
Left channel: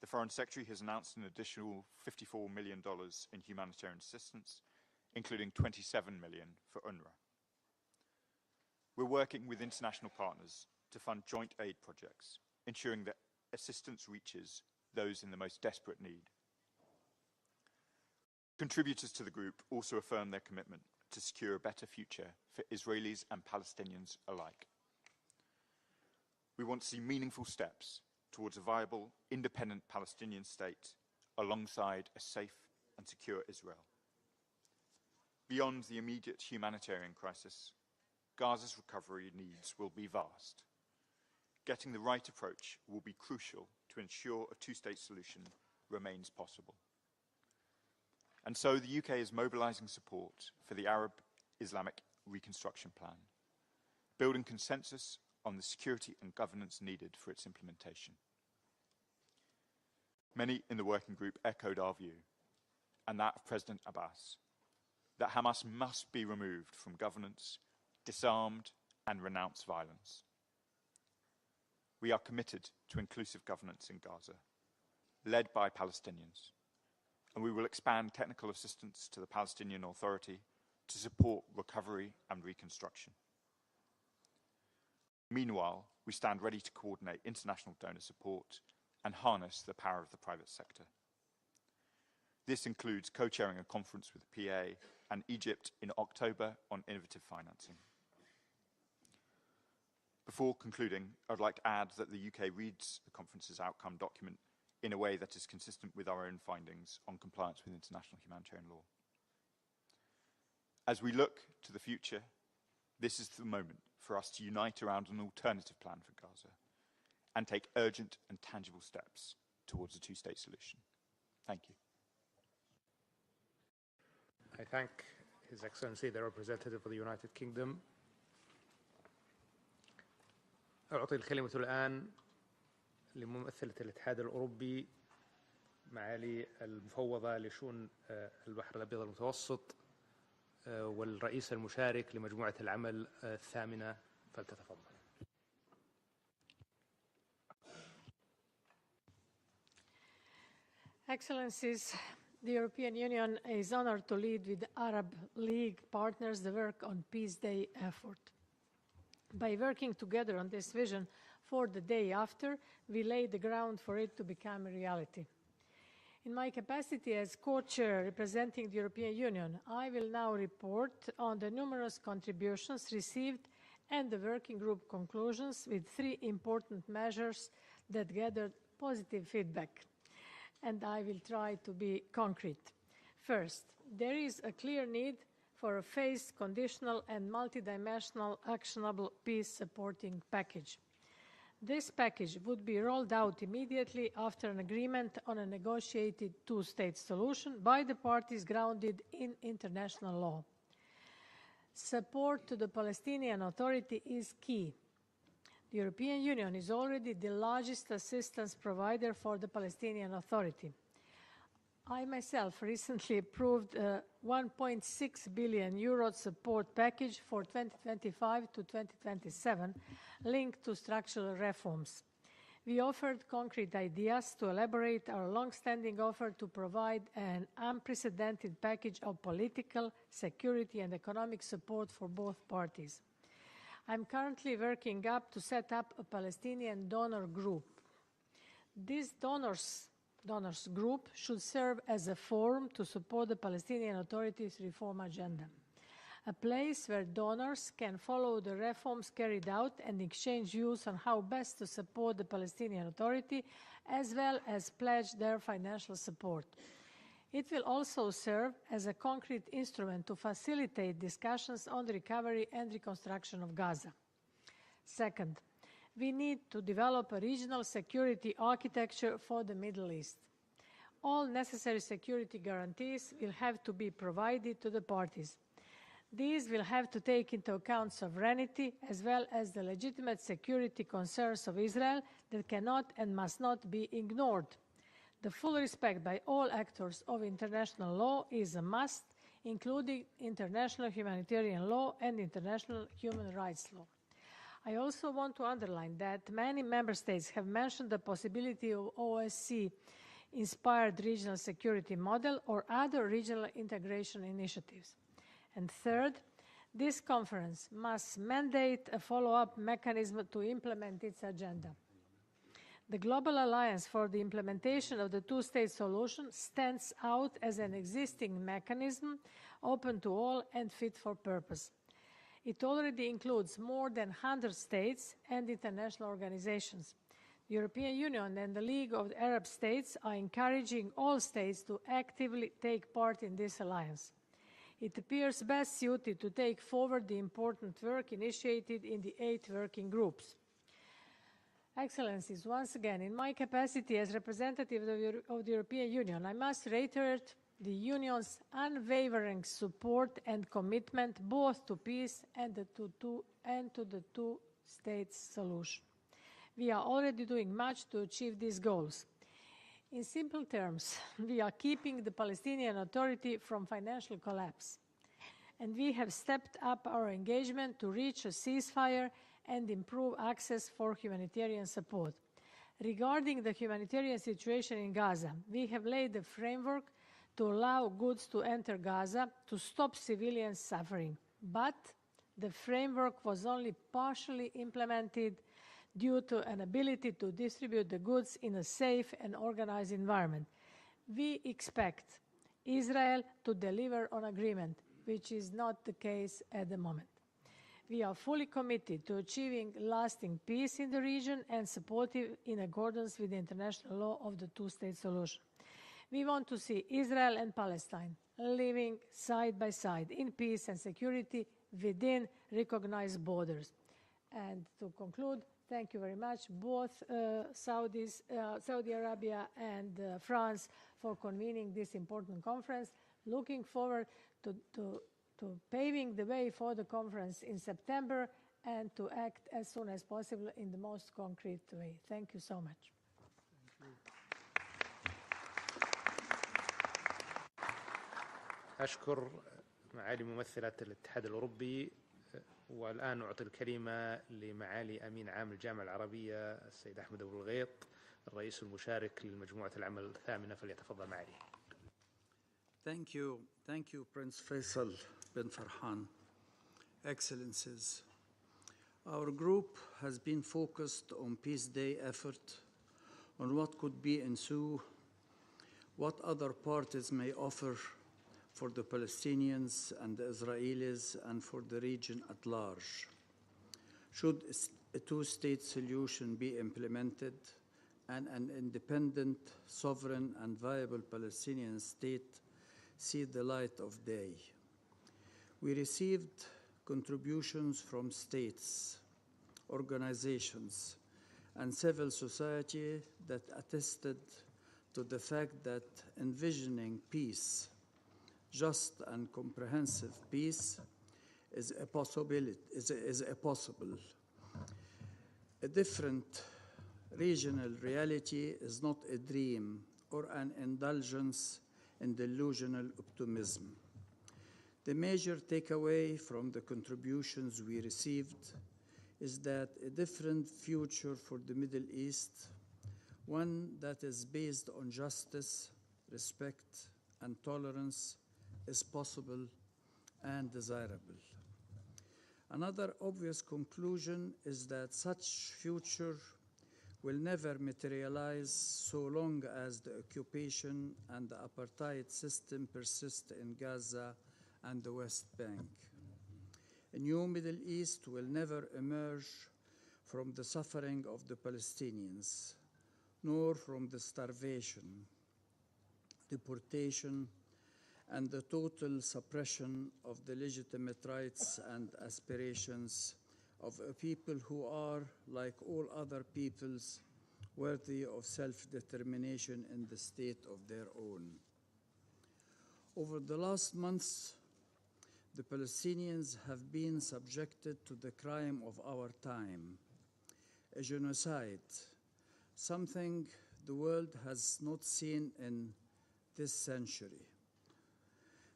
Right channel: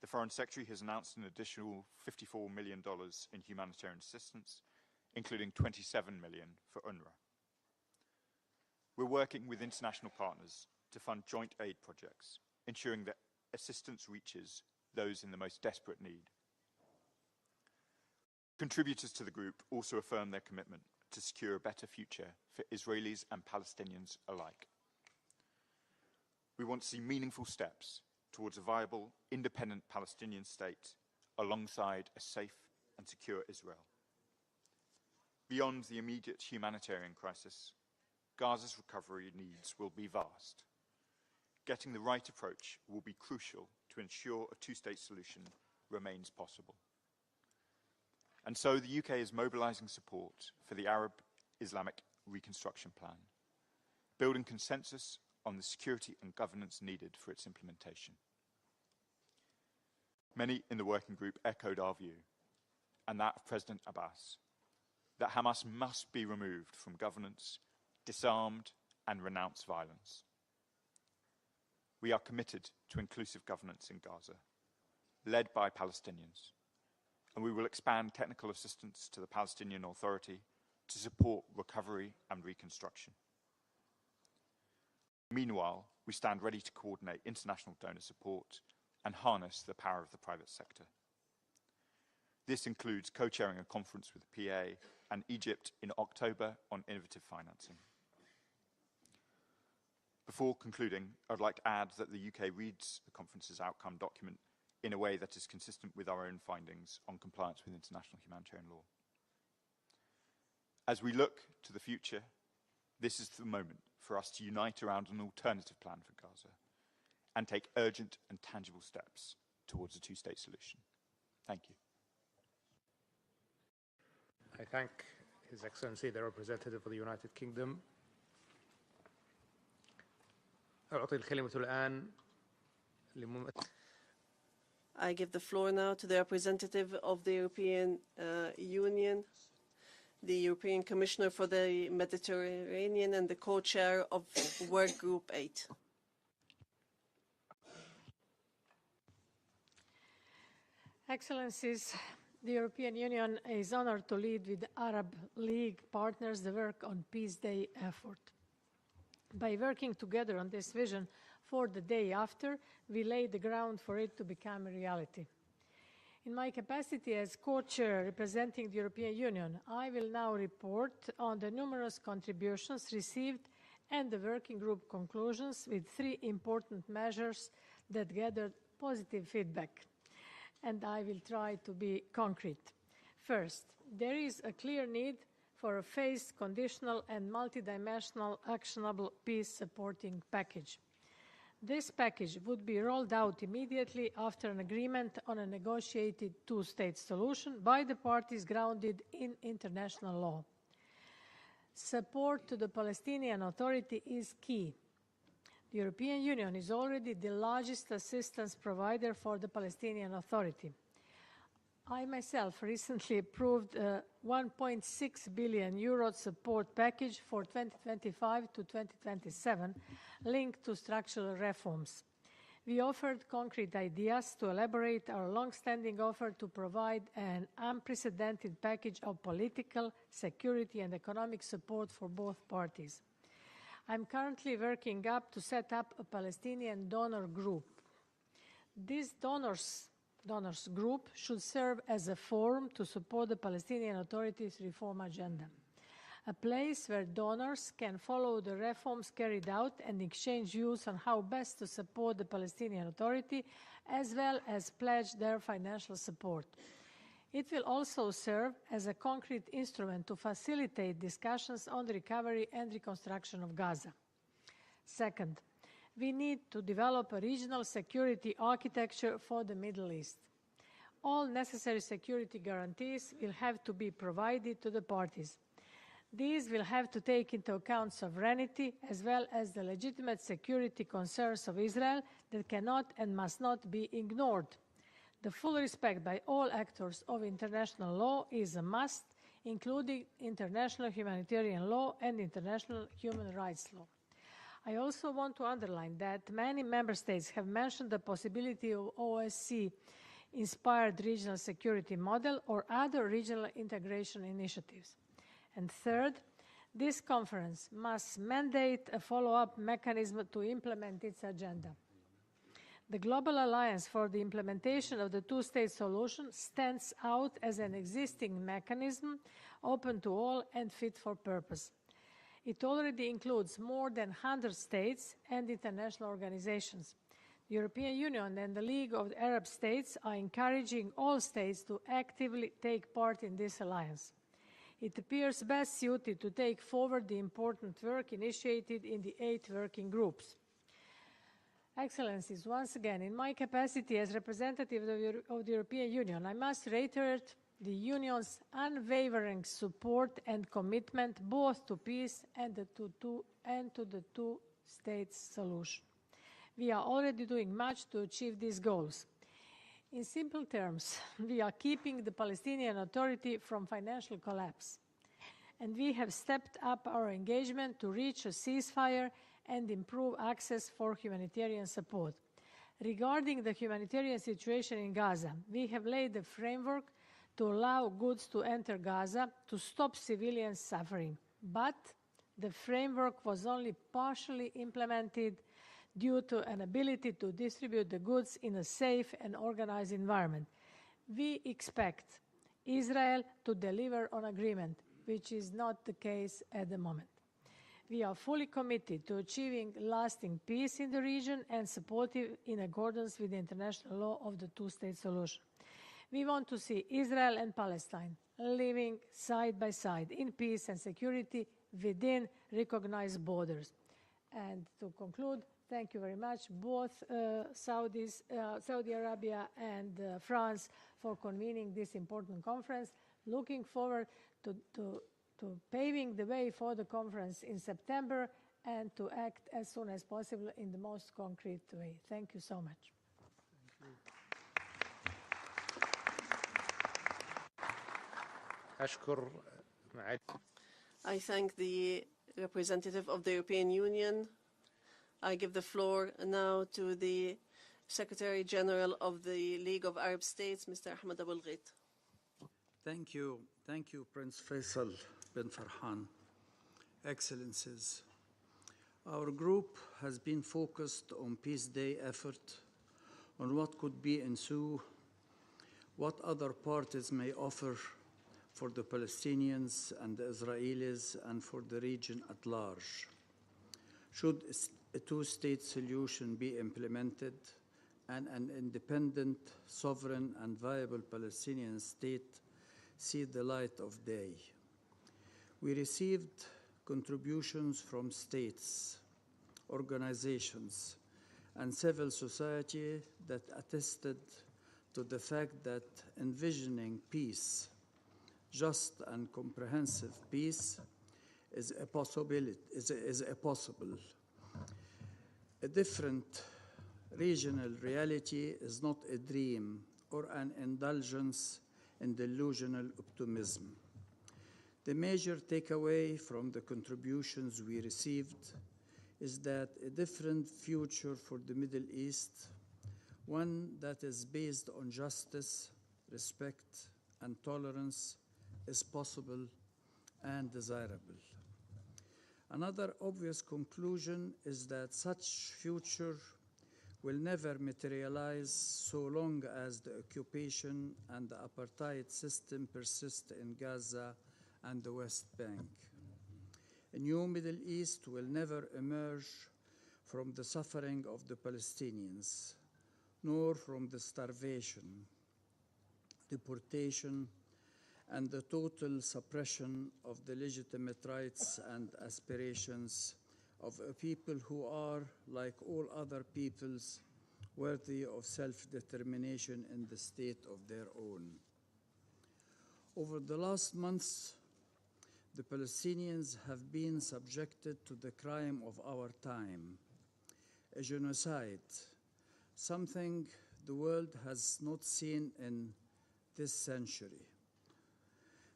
The Foreign Secretary has announced an additional $54 million in humanitarian assistance, including $27 million for UNRWA. We're working with international partners to fund joint aid projects, ensuring that assistance reaches those in the most desperate need. Contributors to the group also affirm their commitment to secure a better future for Israelis and Palestinians alike. We want to see meaningful steps towards a viable, independent Palestinian state alongside a safe and secure Israel. Beyond the immediate humanitarian crisis, Gaza's recovery needs will be vast. Getting the right approach will be crucial to ensure a two-state solution remains possible. And so the UK is mobilising support for the Arab-Islamic reconstruction plan, building consensus on the security and governance needed for its implementation. Many in the working group echoed our view, and that of President Abbas, that Hamas must be removed from governance, disarmed, and renounce violence. We are committed to inclusive governance in Gaza, led by Palestinians, and we will expand technical assistance to the Palestinian Authority to support recovery and reconstruction. Meanwhile, we stand ready to coordinate international donor support and harness the power of the private sector. This includes co-chairing a conference with the PA and Egypt in October on innovative financing. Before concluding, I'd like to add that the UK reads the conference's outcome document in a way that is consistent with our own findings on compliance with international humanitarian law. As we look to the future, this is the moment for us to unite around an alternative plan for Gaza and take urgent and tangible steps towards a two-state solution. Thank you. I thank His Excellency, the representative of the United Kingdom. أعطي الكلمة الآن لممثلة الاتحاد الأوروبي. I give the floor now to the representative of the European Union, the European Commissioner for the Mediterranean and the co-chair of Work Group 8. Excellencies, the European Union is honored to lead with Arab League partners the work on Peace Day effort. By working together on this vision for the day after, we lay the ground for it to become a reality. In my capacity as co-chair representing the European Union, I will now report on the numerous contributions received and the working group conclusions with 3 important measures that gathered positive feedback. And I will try to be concrete. First, there is a clear need for a phased, conditional and multidimensional actionable peace-supporting package. This package would be rolled out immediately after an agreement on a negotiated two-state solution by the parties grounded in international law. Support to the Palestinian Authority is key. The European Union is already the largest assistance provider for the Palestinian Authority. I myself recently approved a 1.6 billion euro support package for 2025 to 2027 linked to structural reforms. We offered concrete ideas to elaborate our long-standing offer to provide an unprecedented package of political, security and economic support for both parties. I'm currently working up to set up a Palestinian donor group. This donors group should serve as a forum to support the Palestinian Authority's reform agenda, a place where donors can follow the reforms carried out and exchange views on how best to support the Palestinian Authority, as well as pledge their financial support. It will also serve as a concrete instrument to facilitate discussions on the recovery and reconstruction of Gaza. Second, we need to develop a regional security architecture for the Middle East. All necessary security guarantees will have to be provided to the parties. These will have to take into account sovereignty as well as the legitimate security concerns of Israel that cannot and must not be ignored. The full respect by all actors of international law is a must, including international humanitarian law and international human rights law. I also want to underline that many member states have mentioned the possibility of OSCE-inspired regional security model or other regional integration initiatives. And third, this conference must mandate a follow-up mechanism to implement its agenda. The Global Alliance for the Implementation of the Two-State Solution stands out as an existing mechanism open to all and fit for purpose. It already includes more than 100 states and international organizations. The European Union and the League of Arab States are encouraging all states to actively take part in this alliance. It appears best suited to take forward the important work initiated in the 8 working groups. Excellencies, once again, in my capacity as representative of the European Union, I must reiterate the Union's unwavering support and commitment both to peace and to the two-state solution. We are already doing much to achieve these goals. In simple terms, we are keeping the Palestinian Authority from financial collapse, and we have stepped up our engagement to reach a ceasefire and improve access for humanitarian support. Regarding the humanitarian situation in Gaza, we have laid a framework to allow goods to enter Gaza to stop civilian suffering. But the framework was only partially implemented due to an ability to distribute the goods in a safe and organized environment. We expect Israel to deliver on agreement, which is not the case at the moment. We are fully committed to achieving lasting peace in the region and supportive in accordance with the international law of the two-state solution. We want to see Israel and Palestine living side by side in peace and security within recognized borders. And to conclude, thank you very much, both Saudi Arabia and France for convening this important conference. Looking forward to paving the way for the conference in September and to act as soon as possible in the most concrete way. Thank you so much. I thank the representative of the European Union. I give the floor now to the Secretary General of the League of Arab States, Mr. Ahmed Abul Ghait. Thank you. Thank you, Prince Faisal bin Farhan. Excellencies, our group has been focused on Peace Day effort, on what could be ensue, what other parties may offer for the Palestinians and the Israelis and for the region at large. Should a two-state solution be implemented and an independent, sovereign, and viable Palestinian state see the light of day? We received contributions from states, organizations, and civil society that attested to the fact that envisioning peace, just and comprehensive peace, is a possibility. A different regional reality is not a dream or an indulgence in delusional optimism. The major takeaway from the contributions we received is that a different future for the Middle East, one that is based on justice, respect, and tolerance, is possible and desirable. Another obvious conclusion is that such future will never materialize so long as the occupation and the apartheid system persist in Gaza and the West Bank. A new Middle East will never emerge from the suffering of the Palestinians, nor from the starvation, deportation, and the total suppression of the legitimate rights and aspirations of a people who are, like all other peoples, worthy of self-determination in the state of their own. Over the last months, the Palestinians have been subjected to the crime of our time, a genocide, something the world has not seen in this century.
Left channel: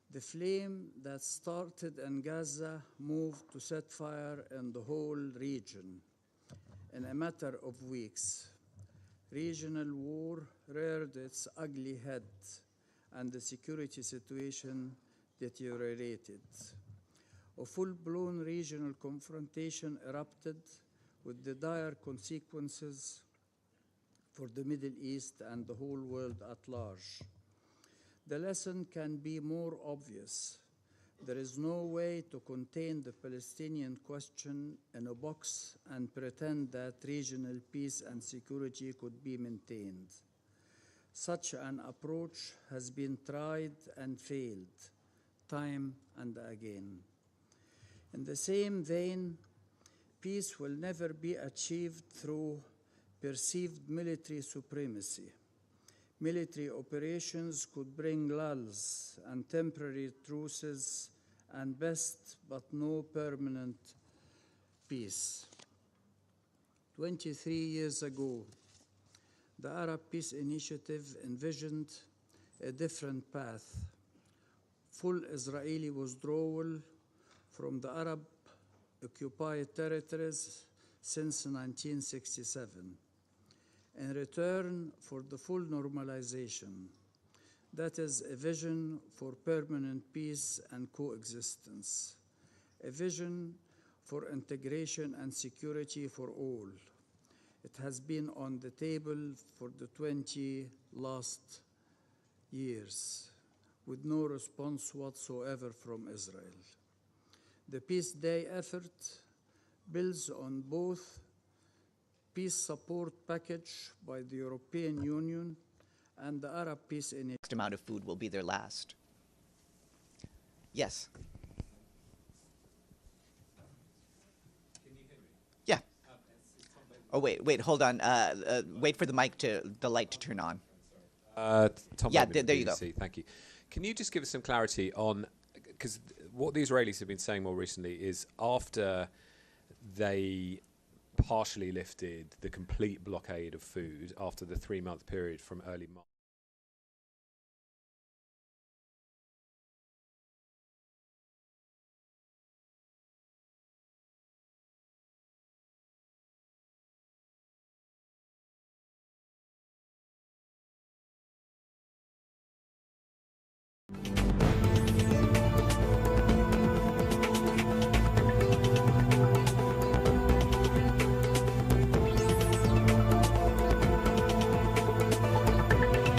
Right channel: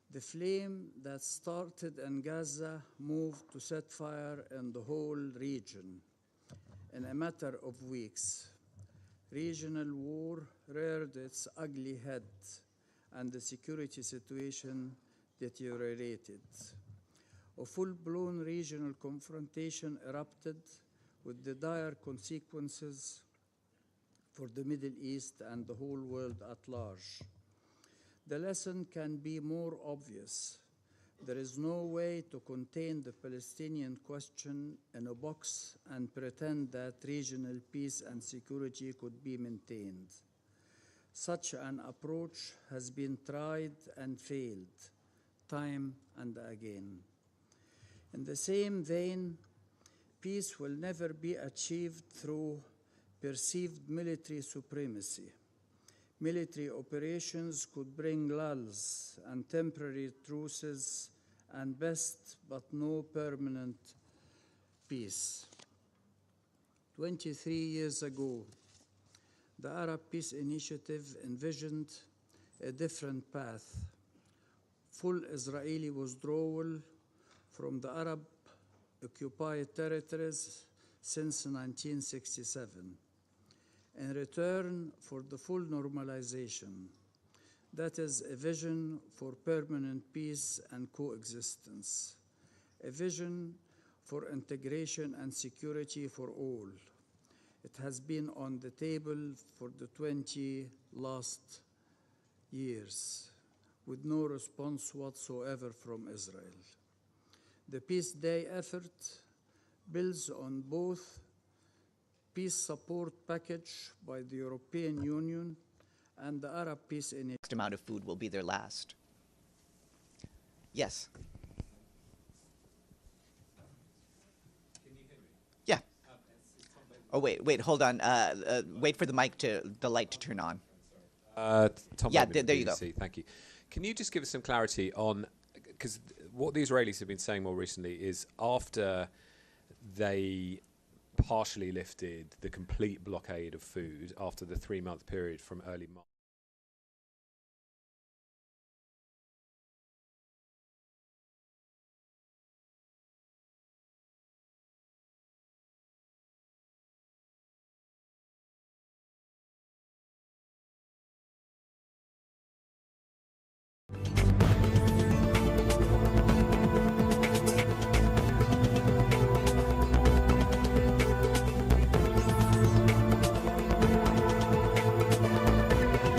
The flame that started in Gaza moved to set fire in the whole region in a matter of weeks. Regional war reared its ugly head, and the security situation deteriorated. A full-blown regional confrontation erupted with the dire consequences for the Middle East and the whole world at large. The lesson can be more obvious. There is no way to contain the Palestinian question in a box and pretend that regional peace and security could be maintained. Such an approach has been tried and failed, time and again. In the same vein, peace will never be achieved through perceived military supremacy. Military operations could bring lulls and temporary truces and best but no permanent peace. 23 years ago, the Arab Peace Initiative envisioned a different path: full Israeli withdrawal from the Arab-occupied territories since 1967, in return for the full normalization. That is a vision for permanent peace and coexistence, a vision for integration and security for all. It has been on the table for the 20 last years, with no response whatsoever from Israel. The Peace Day effort builds on both peace support package by the European Union and the Arab Peace Initiative. Next amount of food will be their last. Yes. Can you hear me? Yeah. Oh wait, hold on. Wait for the light to turn on. Tom yeah, Bowman, there you go. Thank you. Can you just give us some clarity on, because what the Israelis have been saying more recently is after they partially lifted the complete blockade of food after the 3-month period from early March.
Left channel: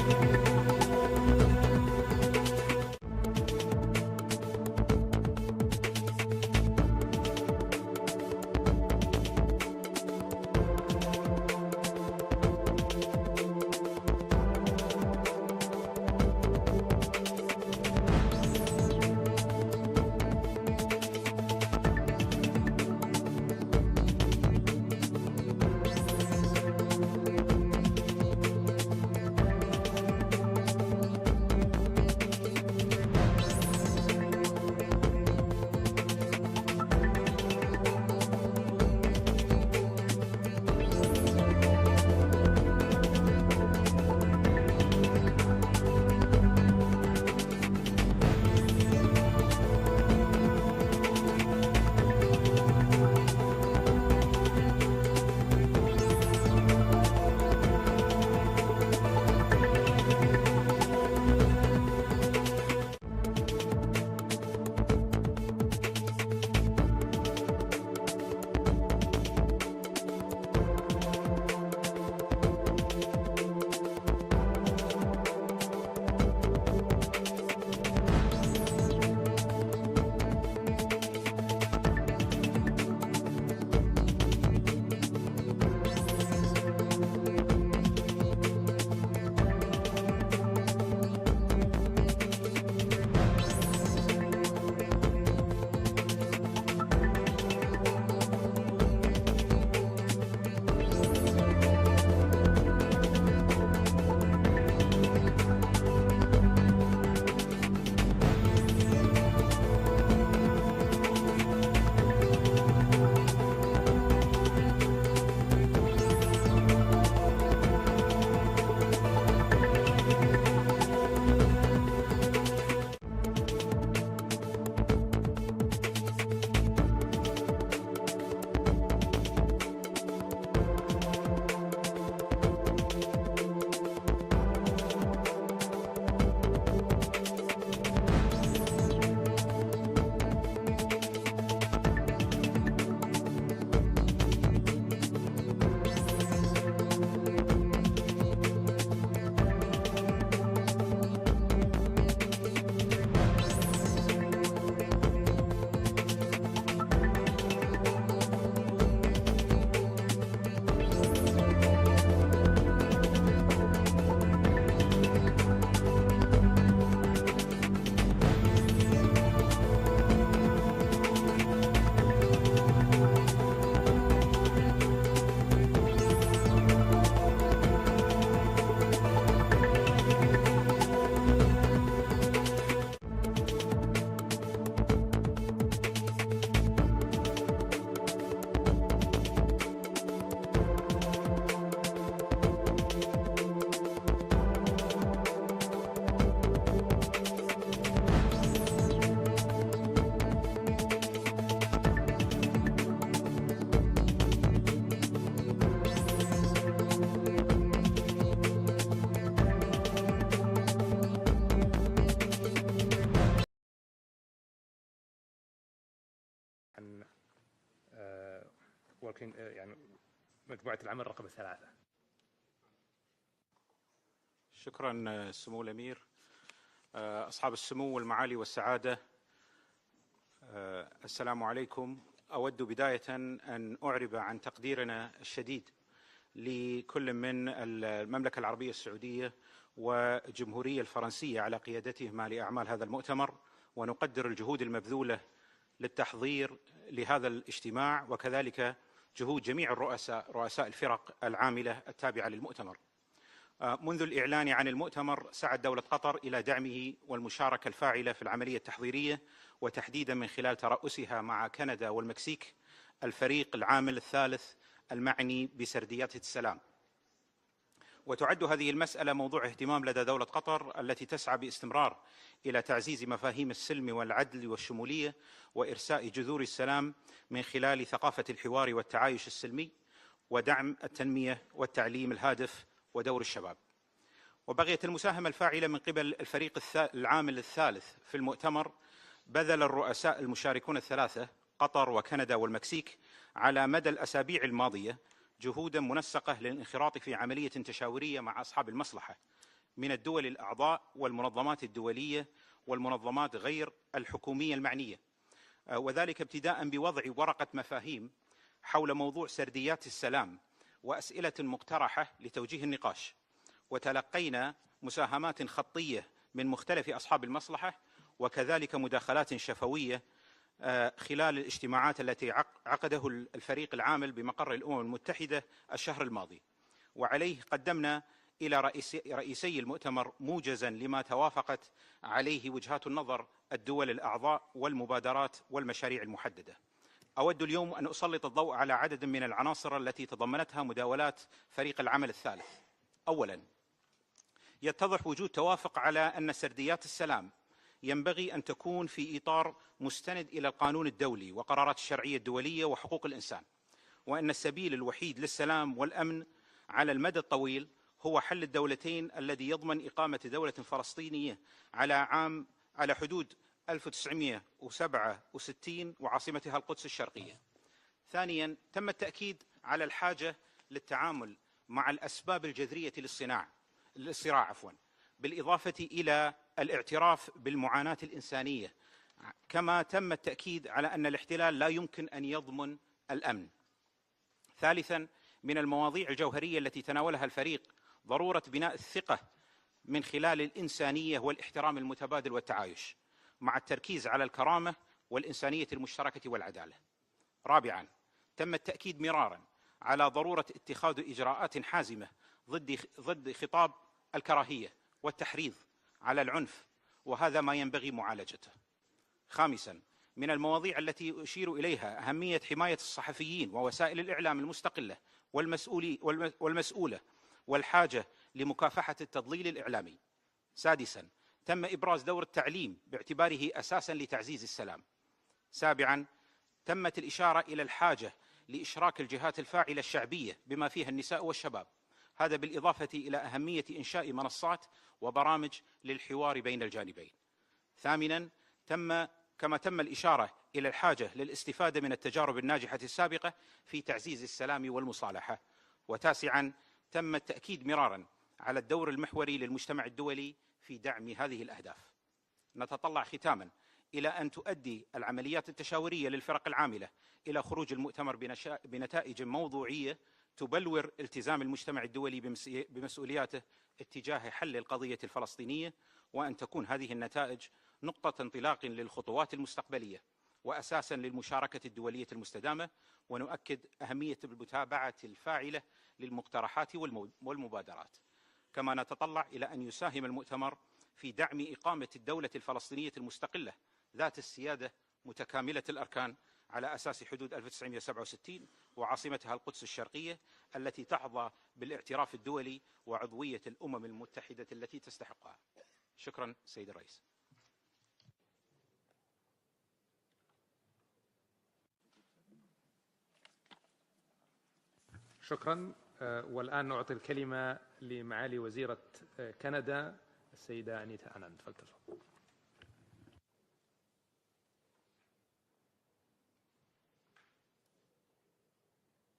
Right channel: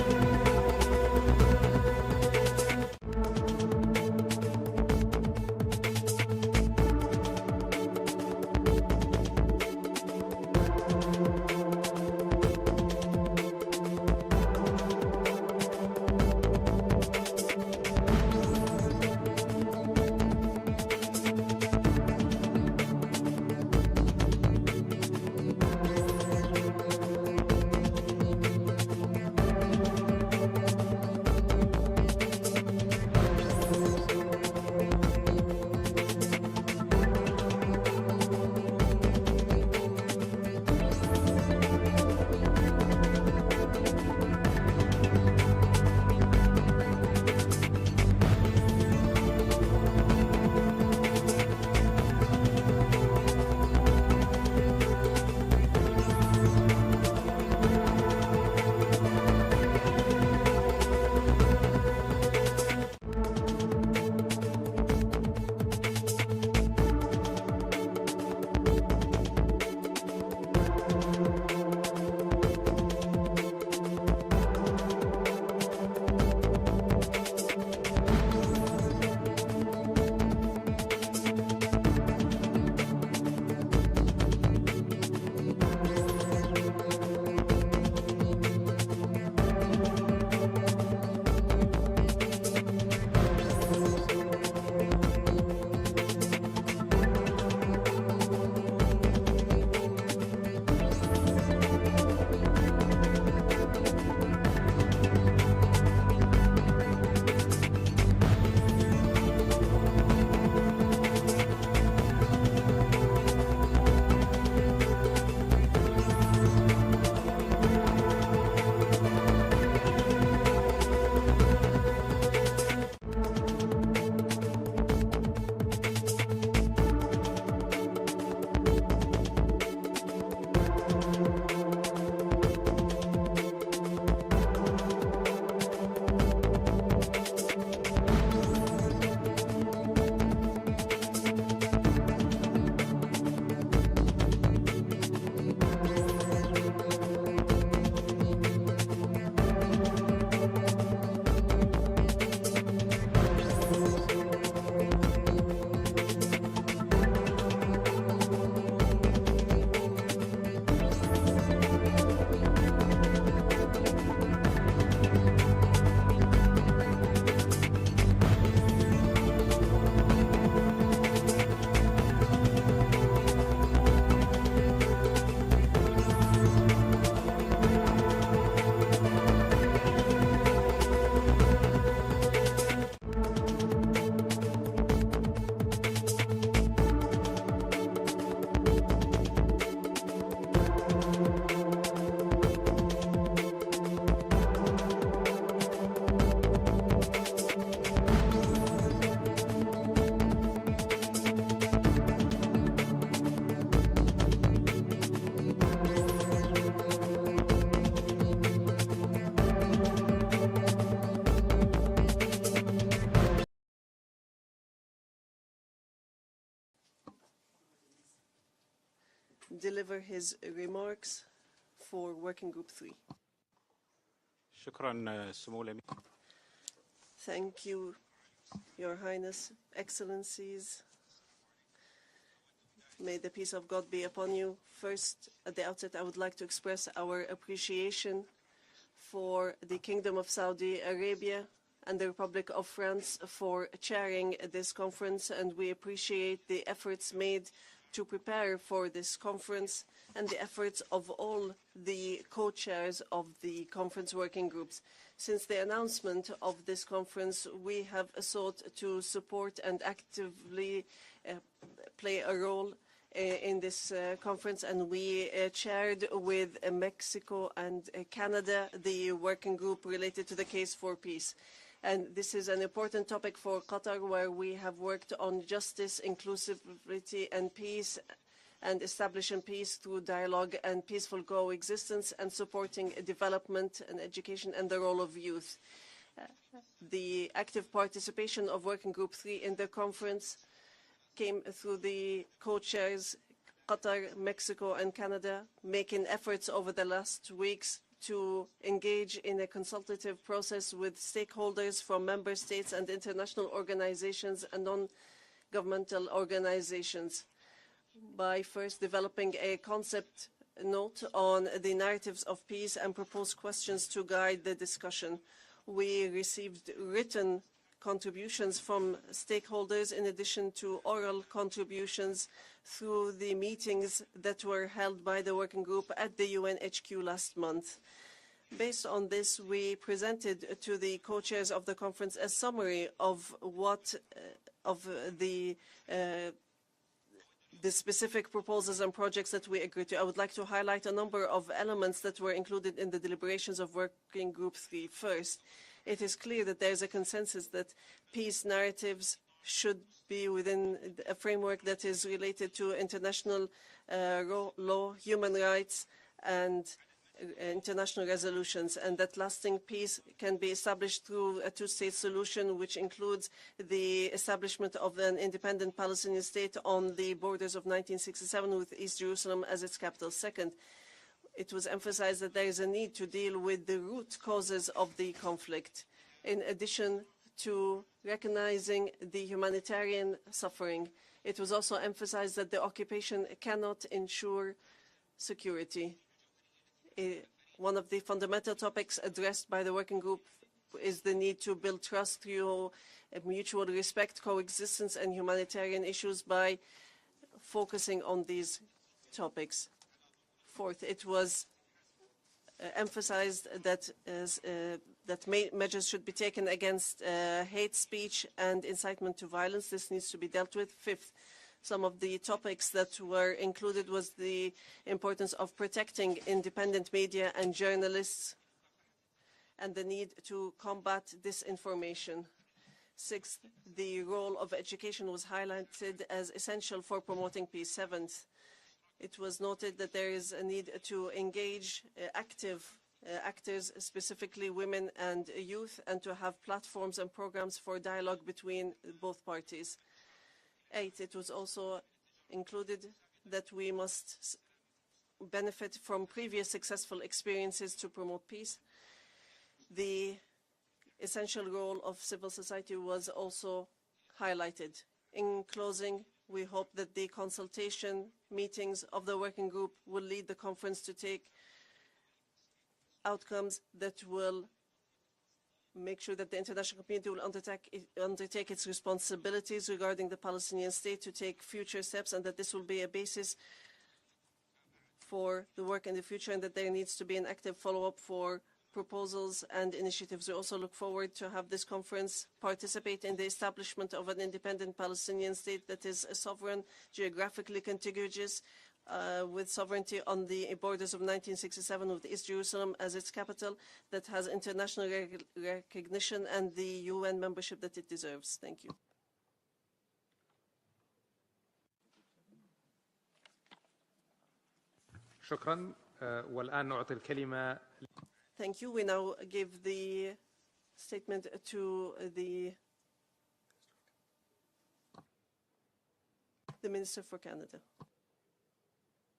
deliver his remarks for Working Group 3. شكرا سمو الأمير أصحاب السمو والمعالي والسعادة. السلام عليكم. أود بداية أن أعرب عن تقديرنا الشديد لكل من المملكة العربية السعودية والجمهورية الفرنسية على قيادتهما لأعمال هذا المؤتمر، ونقدر الجهود المبذولة للتحضير لهذا الاجتماع، وكذلك جهود جميع الرؤساء الفرق العاملة التابعة للمؤتمر. منذ الإعلان عن المؤتمر سعت دولة قطر إلى دعمه والمشاركة الفاعلة في العملية التحضيرية، وتحديدا من خلال ترأسها مع كندا والمكسيك الفريق العامل الثالث المعني بسرديات السلام. وتعد هذه المسألة موضوع اهتمام لدى دولة قطر التي تسعى باستمرار إلى تعزيز مفاهيم السلم والعدل والشمولية وإرساء جذور السلام من خلال ثقافة الحوار والتعايش السلمي ودعم التنمية والتعليم الهادف ودور الشباب. وبغيت المساهمة الفاعلة من قبل الفريق العامل الثالث في المؤتمر. بذل الرؤساء المشاركون الثلاثة قطر وكندا والمكسيك على مدى الأسابيع الماضية جهودا منسقة للانخراط في عملية تشاورية مع أصحاب المصلحة من الدول الأعضاء والمنظمات الدولية والمنظمات غير الحكومية المعنية، وذلك ابتداء بوضع ورقة مفاهيم حول موضوع سرديات السلام وأسئلة مقترحة لتوجيه النقاش. وتلقينا مساهمات خطية من مختلف أصحاب المصلحة، وكذلك مداخلات شفوية خلال الاجتماعات التي عقده الفريق العامل بمقر الأمم المتحدة الشهر الماضي. وعليه قدمنا إلى رئيسي المؤتمر موجزا لما توافقت عليه وجهات النظر الدول الأعضاء والمبادرات والمشاريع المحددة. أود اليوم أن أسلط الضوء على عدد من العناصر التي تضمنتها مداولات فريق العمل الثالث. أولا، يتضح وجود توافق على أن سرديات السلام ينبغي أن تكون في إطار مستند إلى القانون الدولي وقرارات الشرعية الدولية وحقوق الإنسان، وأن السبيل الوحيد للسلام والأمن على المدى الطويل هو حل الدولتين الذي يضمن إقامة دولة فلسطينية على حدود 1967 وعاصمتها القدس الشرقية. ثانيا، تم التأكيد على الحاجة للتعامل مع الأسباب الجذرية للصراع، بالإضافة إلى الاعتراف بالمعاناة الإنسانية، كما تم التأكيد على أن الاحتلال لا يمكن أن يضمن الأمن. ثالثا، من المواضيع الجوهرية التي تناولها الفريق ضرورة بناء الثقة من خلال الإنسانية والاحترام المتبادل والتعايش، مع التركيز على الكرامة والإنسانية المشتركة والعدالة. رابعا، تم التأكيد مرارا على ضرورة اتخاذ إجراءات حازمة ضد خطاب الكراهية والتحريض على العنف، وهذا ما ينبغي معالجته. خامسا، من المواضيع التي أشير إليها أهمية حماية الصحفيين ووسائل الإعلام المستقلة والمسؤولة والحاجة لمكافحة التضليل الإعلامي. سادسا، تم إبراز دور التعليم باعتباره أساسا لتعزيز السلام. سابعا، تمت الإشارة إلى الحاجة لإشراك الجهات الفاعلة الشعبية بما فيها النساء والشباب، هذا بالإضافة إلى أهمية إنشاء منصات وبرامج للحوار بين الجانبين. ثامنا، كما تم الإشارة إلى الحاجة للاستفادة من التجارب الناجحة السابقة في تعزيز السلام والمصالحة. وتاسعا، تم التأكيد مرارا على الدور المحوري للمجتمع الدولي في دعم هذه الأهداف. نتطلع ختاما إلى أن تؤدي العمليات التشاورية للفرق العاملة إلى خروج المؤتمر بنتائج موضوعية تبلور التزام المجتمع الدولي بمسؤولياته اتجاه حل القضية الفلسطينية، وأن تكون هذه النتائج نقطة انطلاق للخطوات المستقبلية وأساسا للمشاركة الدولية المستدامة. ونؤكد أهمية المتابعة الفاعلة للمقترحات والمبادرات. كما نتطلع إلى أن يساهم المؤتمر في دعم إقامة الدولة الفلسطينية المستقلة ذات السيادة متكاملة الأركان على أساس حدود 1967 وعاصمتها القدس الشرقية التي تحظى بالاعتراف الدولي وعضوية الأمم المتحدة التي تستحقها. شكرا. والآن نعطي الكلمة لمعالي وزيرة كندا السيدة the Minister for Canada.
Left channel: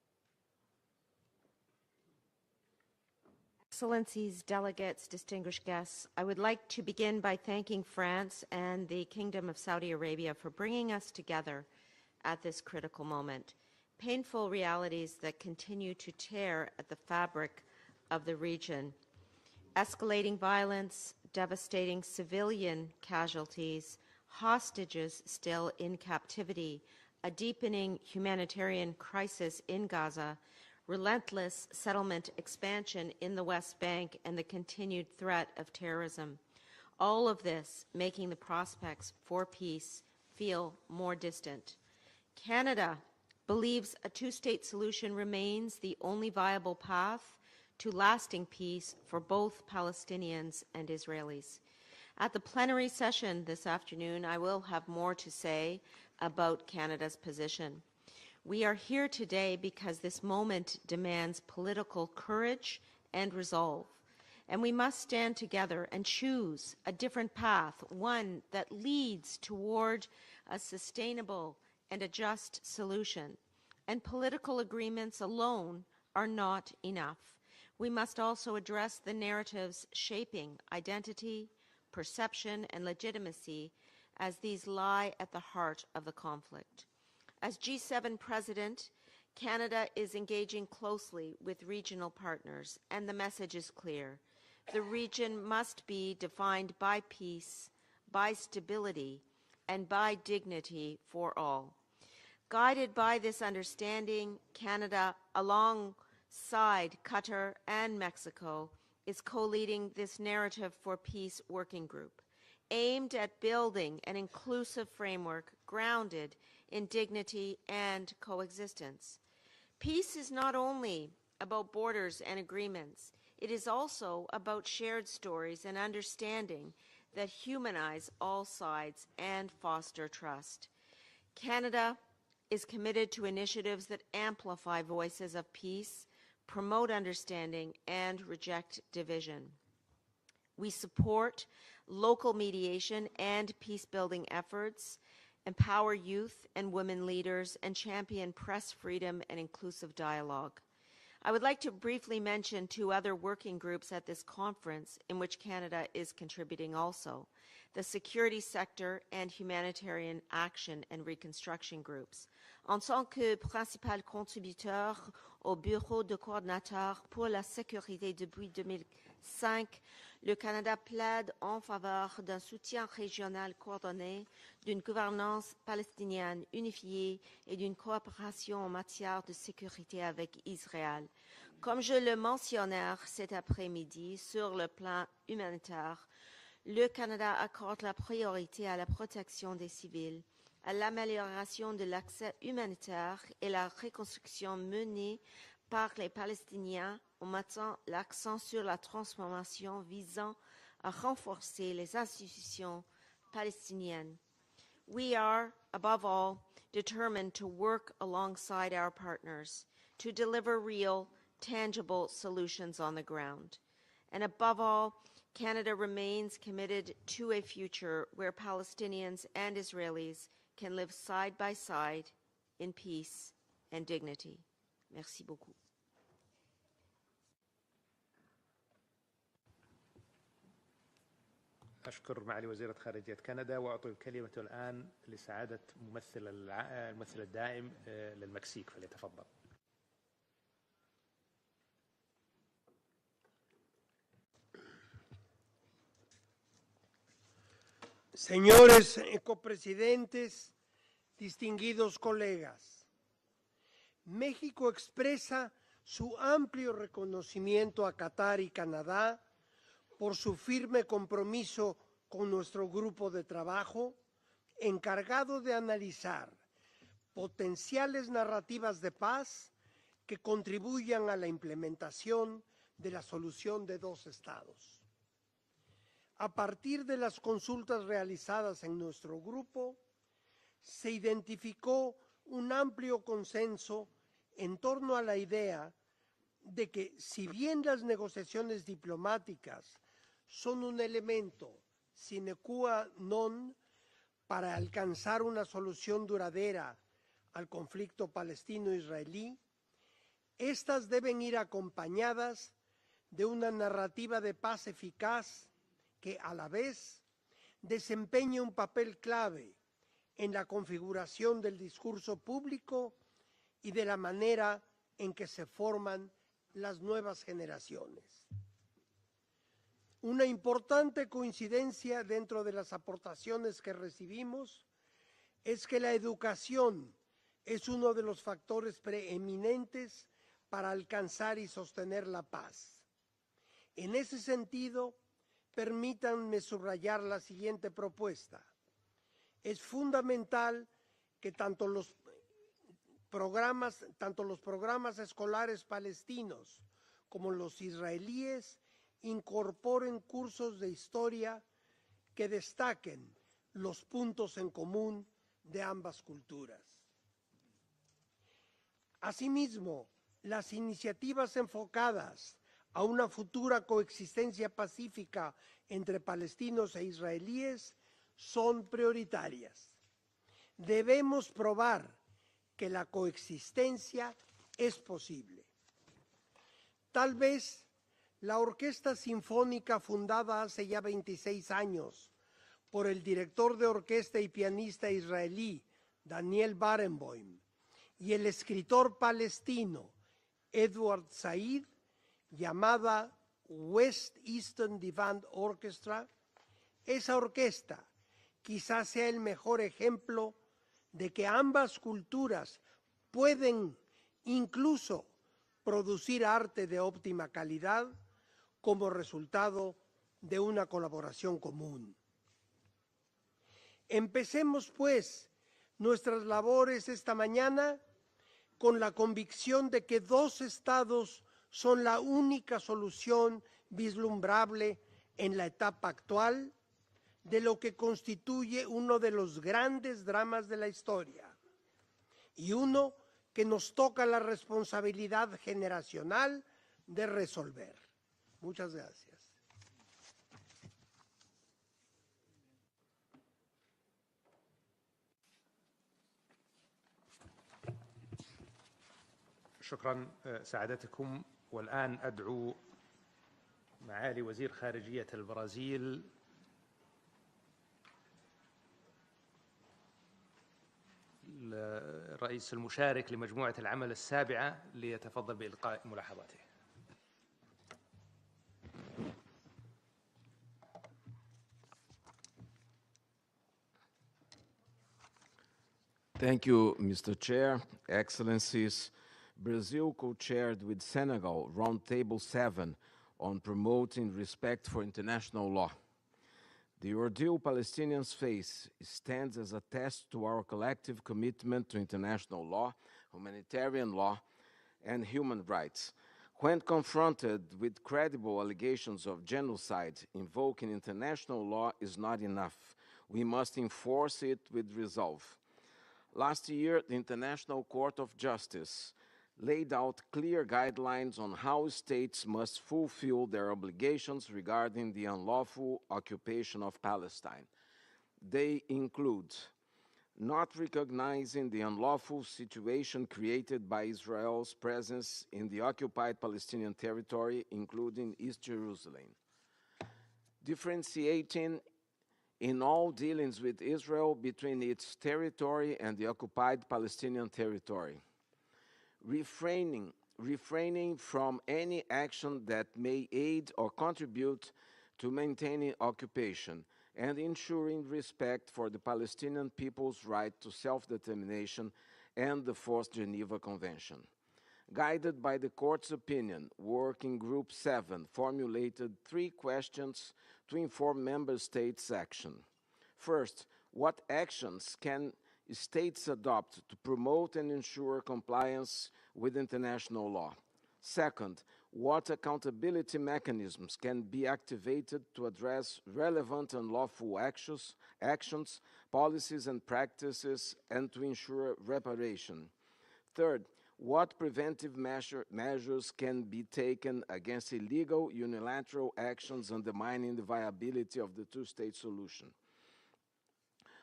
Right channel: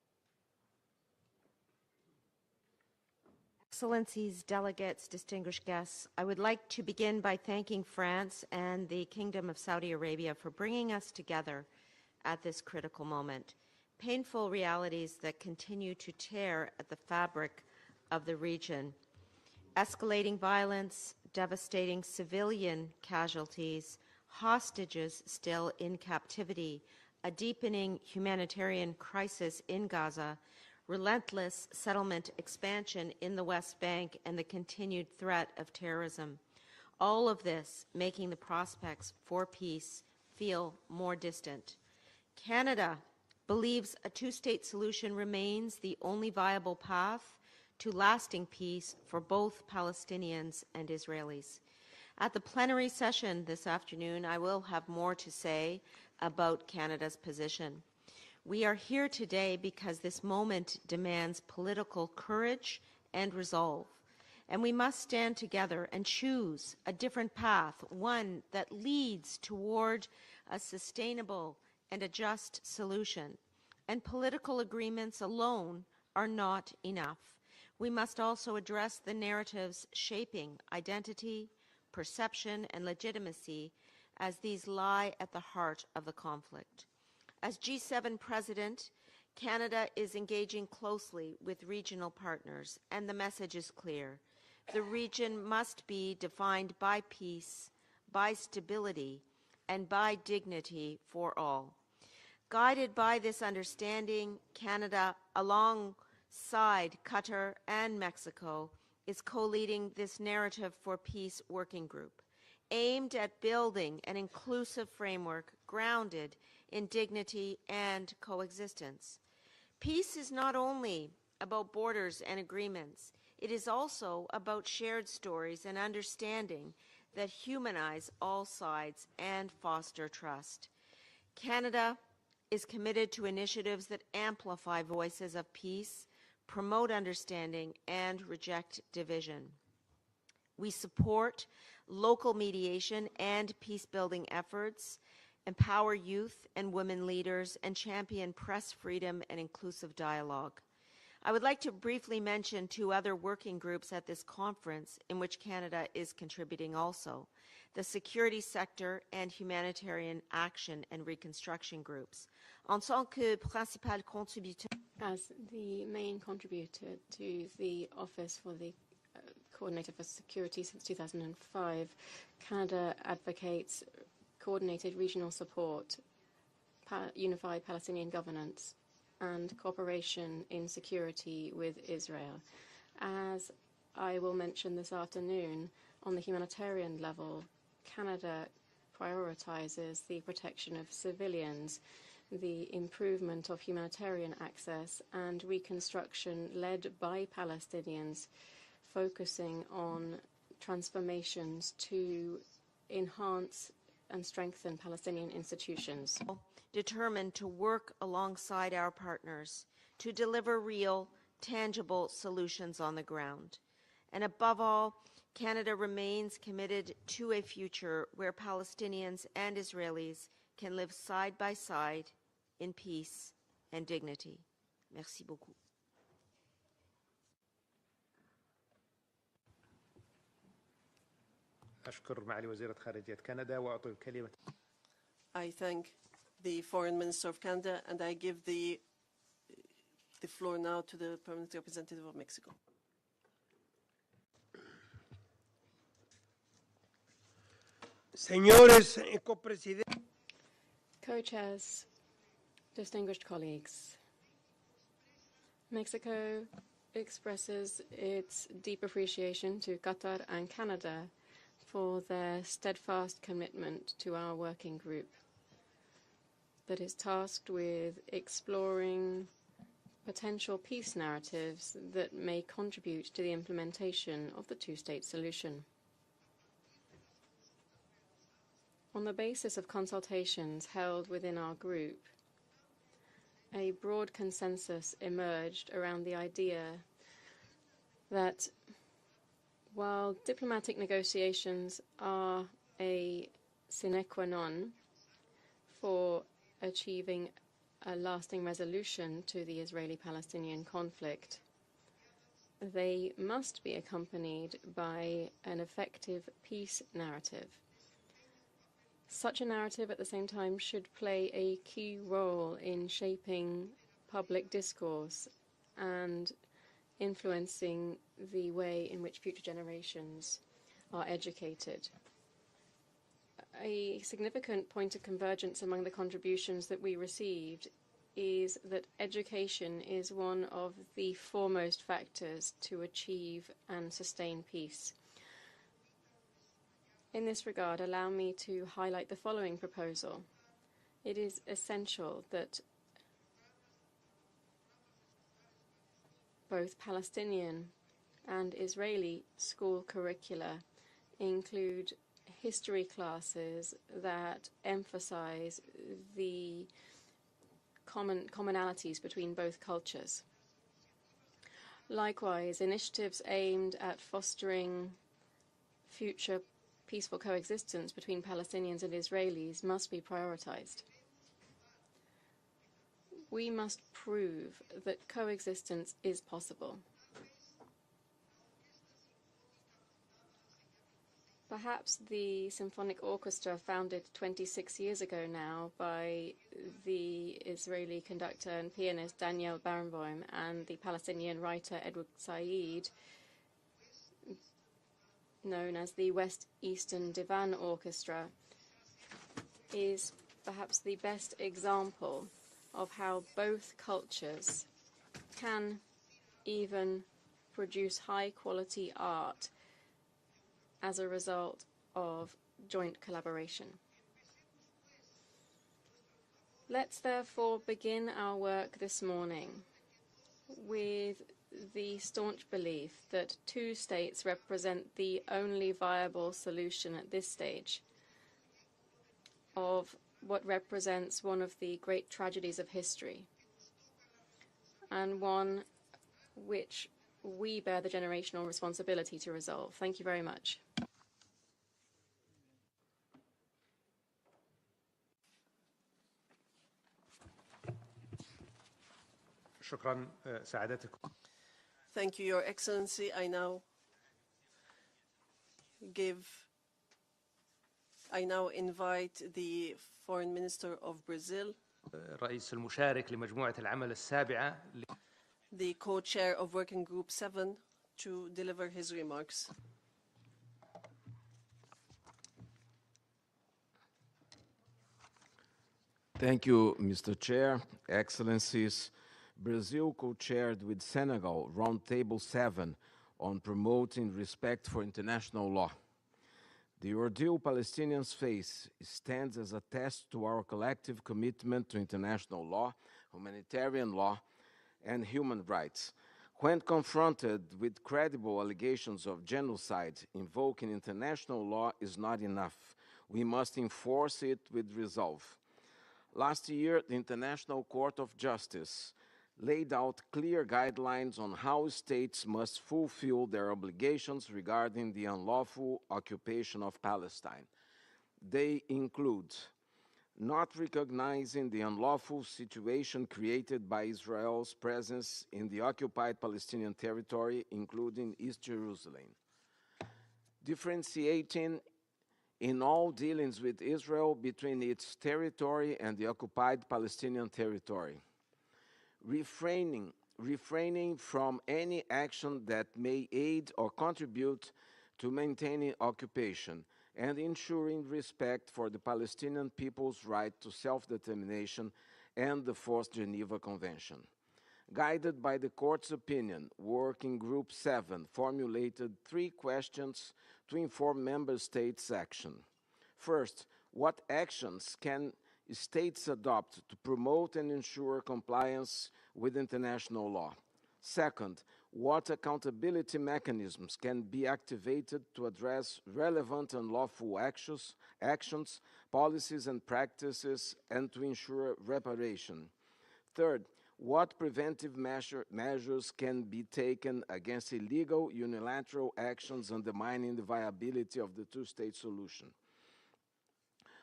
Excellencies, delegates, distinguished guests, I would like to begin by thanking France and the Kingdom of Saudi Arabia for bringing us together at this critical moment. Painful realities that continue to tear at the fabric of the region. Escalating violence, devastating civilian casualties, hostages still in captivity, a deepening humanitarian crisis in Gaza, relentless settlement expansion in the West Bank, and the continued threat of terrorism. All of this making the prospects for peace feel more distant. Canada believes a two-state solution remains the only viable path to lasting peace for both Palestinians and Israelis. At the plenary session this afternoon, I will have more to say about Canada's position. We are here today because this moment demands political courage and resolve, and we must stand together and choose a different path, one that leads toward a sustainable and a just solution. And political agreements alone are not enough. We must also address the narratives shaping identity, perception, and legitimacy, as these lie at the heart of the conflict. As G7 president, Canada is engaging closely with regional partners, and the message is clear. The region must be defined by peace, by stability, and by dignity for all. Guided by this understanding, Canada, alongside Qatar and Mexico, is co-leading this Narrative for Peace working group, aimed at building an inclusive framework grounded in dignity and coexistence. Peace is not only about borders and agreements, it is also about shared stories and understanding that humanize all sides and foster trust. Canada is committed to initiatives that amplify voices of peace, promote understanding, and reject division. We support local mediation and peace-building efforts, empower youth and women leaders, and champion press freedom and inclusive dialogue. I would like to briefly mention two other working groups at this conference in which Canada is contributing also: the Security Sector and Humanitarian Action and Reconstruction groups. En tant que principal contributeur au bureau de coordinateur pour la sécurité depuis 2005, le Canada plaide en faveur d'un soutien régional coordonné, d'une gouvernance palestinienne unifiée et d'une coopération en matière de sécurité avec Israël. Comme je le mentionnais cet après-midi sur le plan humanitaire, le Canada accorde la priorité à la protection des civils, à l'amélioration de l'accès humanitaire et la reconstruction menée par les Palestiniens en mettant l'accent sur la transformation visant à renforcer les institutions palestiniennes. We are, above all, determined to work alongside our partners to deliver real, tangible solutions on the ground. And above all, Canada remains committed to a future where Palestinians and Israelis can live side by side in peace and dignity. Merci beaucoup. أشكر معالي وزيرة خارجية كندا وأعطي الكلمة الآن لسعادة ممثل العام الدائم لمكسيكو. ليتفضل. The floor now to the permanent representative of Mexico. Señores copresidentes, distinguidos colegas, distinguished colleagues, México expresa su amplio reconocimiento a Qatar y Canadá por su firme compromiso con nuestro grupo de trabajo encargado de analizar potenciales narrativas de paz que contribuyan a la implementación de la solución de dos estados. A partir de las consultas realizadas en nuestro grupo, se identificó un amplio consenso en torno a la idea de que, si bien las negociaciones diplomáticas son un elemento sine qua non sine qua para non alcanzar una solución for duradera achieving al a conflicto lasting resolution palestino-israelí, to the Israeli-Palestinian estas deben ir conflict. acompañadas They de una must be narrativa de accompanied paz by eficaz an que effective a la peace vez narrative. desempeña un papel clave Such a narrative at the same en la time should play configuración a del key discurso role público in shaping y de la public manera en discourse que se forman and las nuevas influencing generaciones. the way in which future generations Una importante are educated. coincidencia dentro de las aportaciones que A recibimos significant point of convergence es que among la the contributions that educación we receive es uno de los is factores that education preeminentes is one para of the alcanzar y foremost sostener la factors paz. to achieve and En ese sustain sentido, peace. permítanme subrayar la In this siguiente regard, allow me propuesta. to highlight the following Es proposal. fundamental It que is tanto los programas escolares palestinos both como los Palestinian and israelíes Israeli school incorporen curricula cursos de historia include que history destaquen classes los puntos that en común emphasize de ambas the culturas. commonalities between both Asimismo, cultures. las iniciativas enfocadas Likewise, a una initiatives futura aimed at coexistencia fostering pacífica entre future palestinos e peaceful israelíes coexistence between son Palestinians and prioritarias. Israelis must be prioritized. Debemos probar que la We must coexistencia prove es that posible. coexistence is possible. Tal vez la Orquesta Sinfónica fundada hace ya 26 años Perhaps the por el symphonic director orchestra de founded orquesta y 26 pianista years ago israelí now by Daniel Barenboim the Israeli y el conductor and escritor pianist Daniel palestino Barenboim and Edward the Palestinian Said, writer Edward Said, llamada West Eastern Divan known as Orchestra. the West Eastern Esa Divan orquesta Orchestra, quizás sea el mejor is ejemplo perhaps the de best que ambas example culturas of how pueden both cultures incluso can producir arte de even óptima calidad produce high quality como art resultado de una as a colaboración result común. of joint collaboration. Empecemos pues nuestras labores Let's esta therefore mañana begin our work con la this morning convicción de que dos estados with son la the staunch única belief solución that two states vislumbrable represent the en la only etapa viable actual solution at this de lo que stage constituye uno de los of grandes dramas what de la represents historia one of the great y tragedies of uno history, que nos toca la and responsabilidad one generacional which de we resolver. bear the generational Muchas responsibility to resolve. Thank you very much. شكرا سعادتكم. والآن Thank you, Your Excellency. I now معالي وزير خارجية البرازيل I now invite the Foreign Minister of Brazil, الرئيس المشارك لمجموعة العمل السابعة ليتفضل بإلقاء the co-chair of Working Group 7, to deliver his remarks. Thank you, Mr. Chair, Excellencies. Brazil co-chaired with Senegal Roundtable 7 on promoting respect for international law. The ordeal Palestinians face stands as a test to our collective commitment to international law, humanitarian law, and human rights. When confronted with credible allegations of genocide, invoking international law is not enough. We must enforce it with resolve. Last year, the International Court of Justice laid out clear guidelines on how states must fulfill their obligations regarding the unlawful occupation of Palestine. They include not recognizing the unlawful situation created by Israel's presence in the occupied Palestinian territory, including East Jerusalem, differentiating in all dealings with Israel between its territory and the occupied Palestinian territory, refraining from any action that may aid or contribute to maintaining occupation, and ensuring respect for the Palestinian people's right to self-determination and the Fourth Geneva Convention. Guided by the Court's opinion, Working Group 7 formulated 3 questions to inform Member States' action. First, what actions can states adopt to promote and ensure compliance with international law? Second, what accountability mechanisms can be activated to address relevant unlawful actions, policies, and practices, and to ensure reparation? Third, what preventive measures can be taken against illegal unilateral actions undermining the viability of the two-state solution?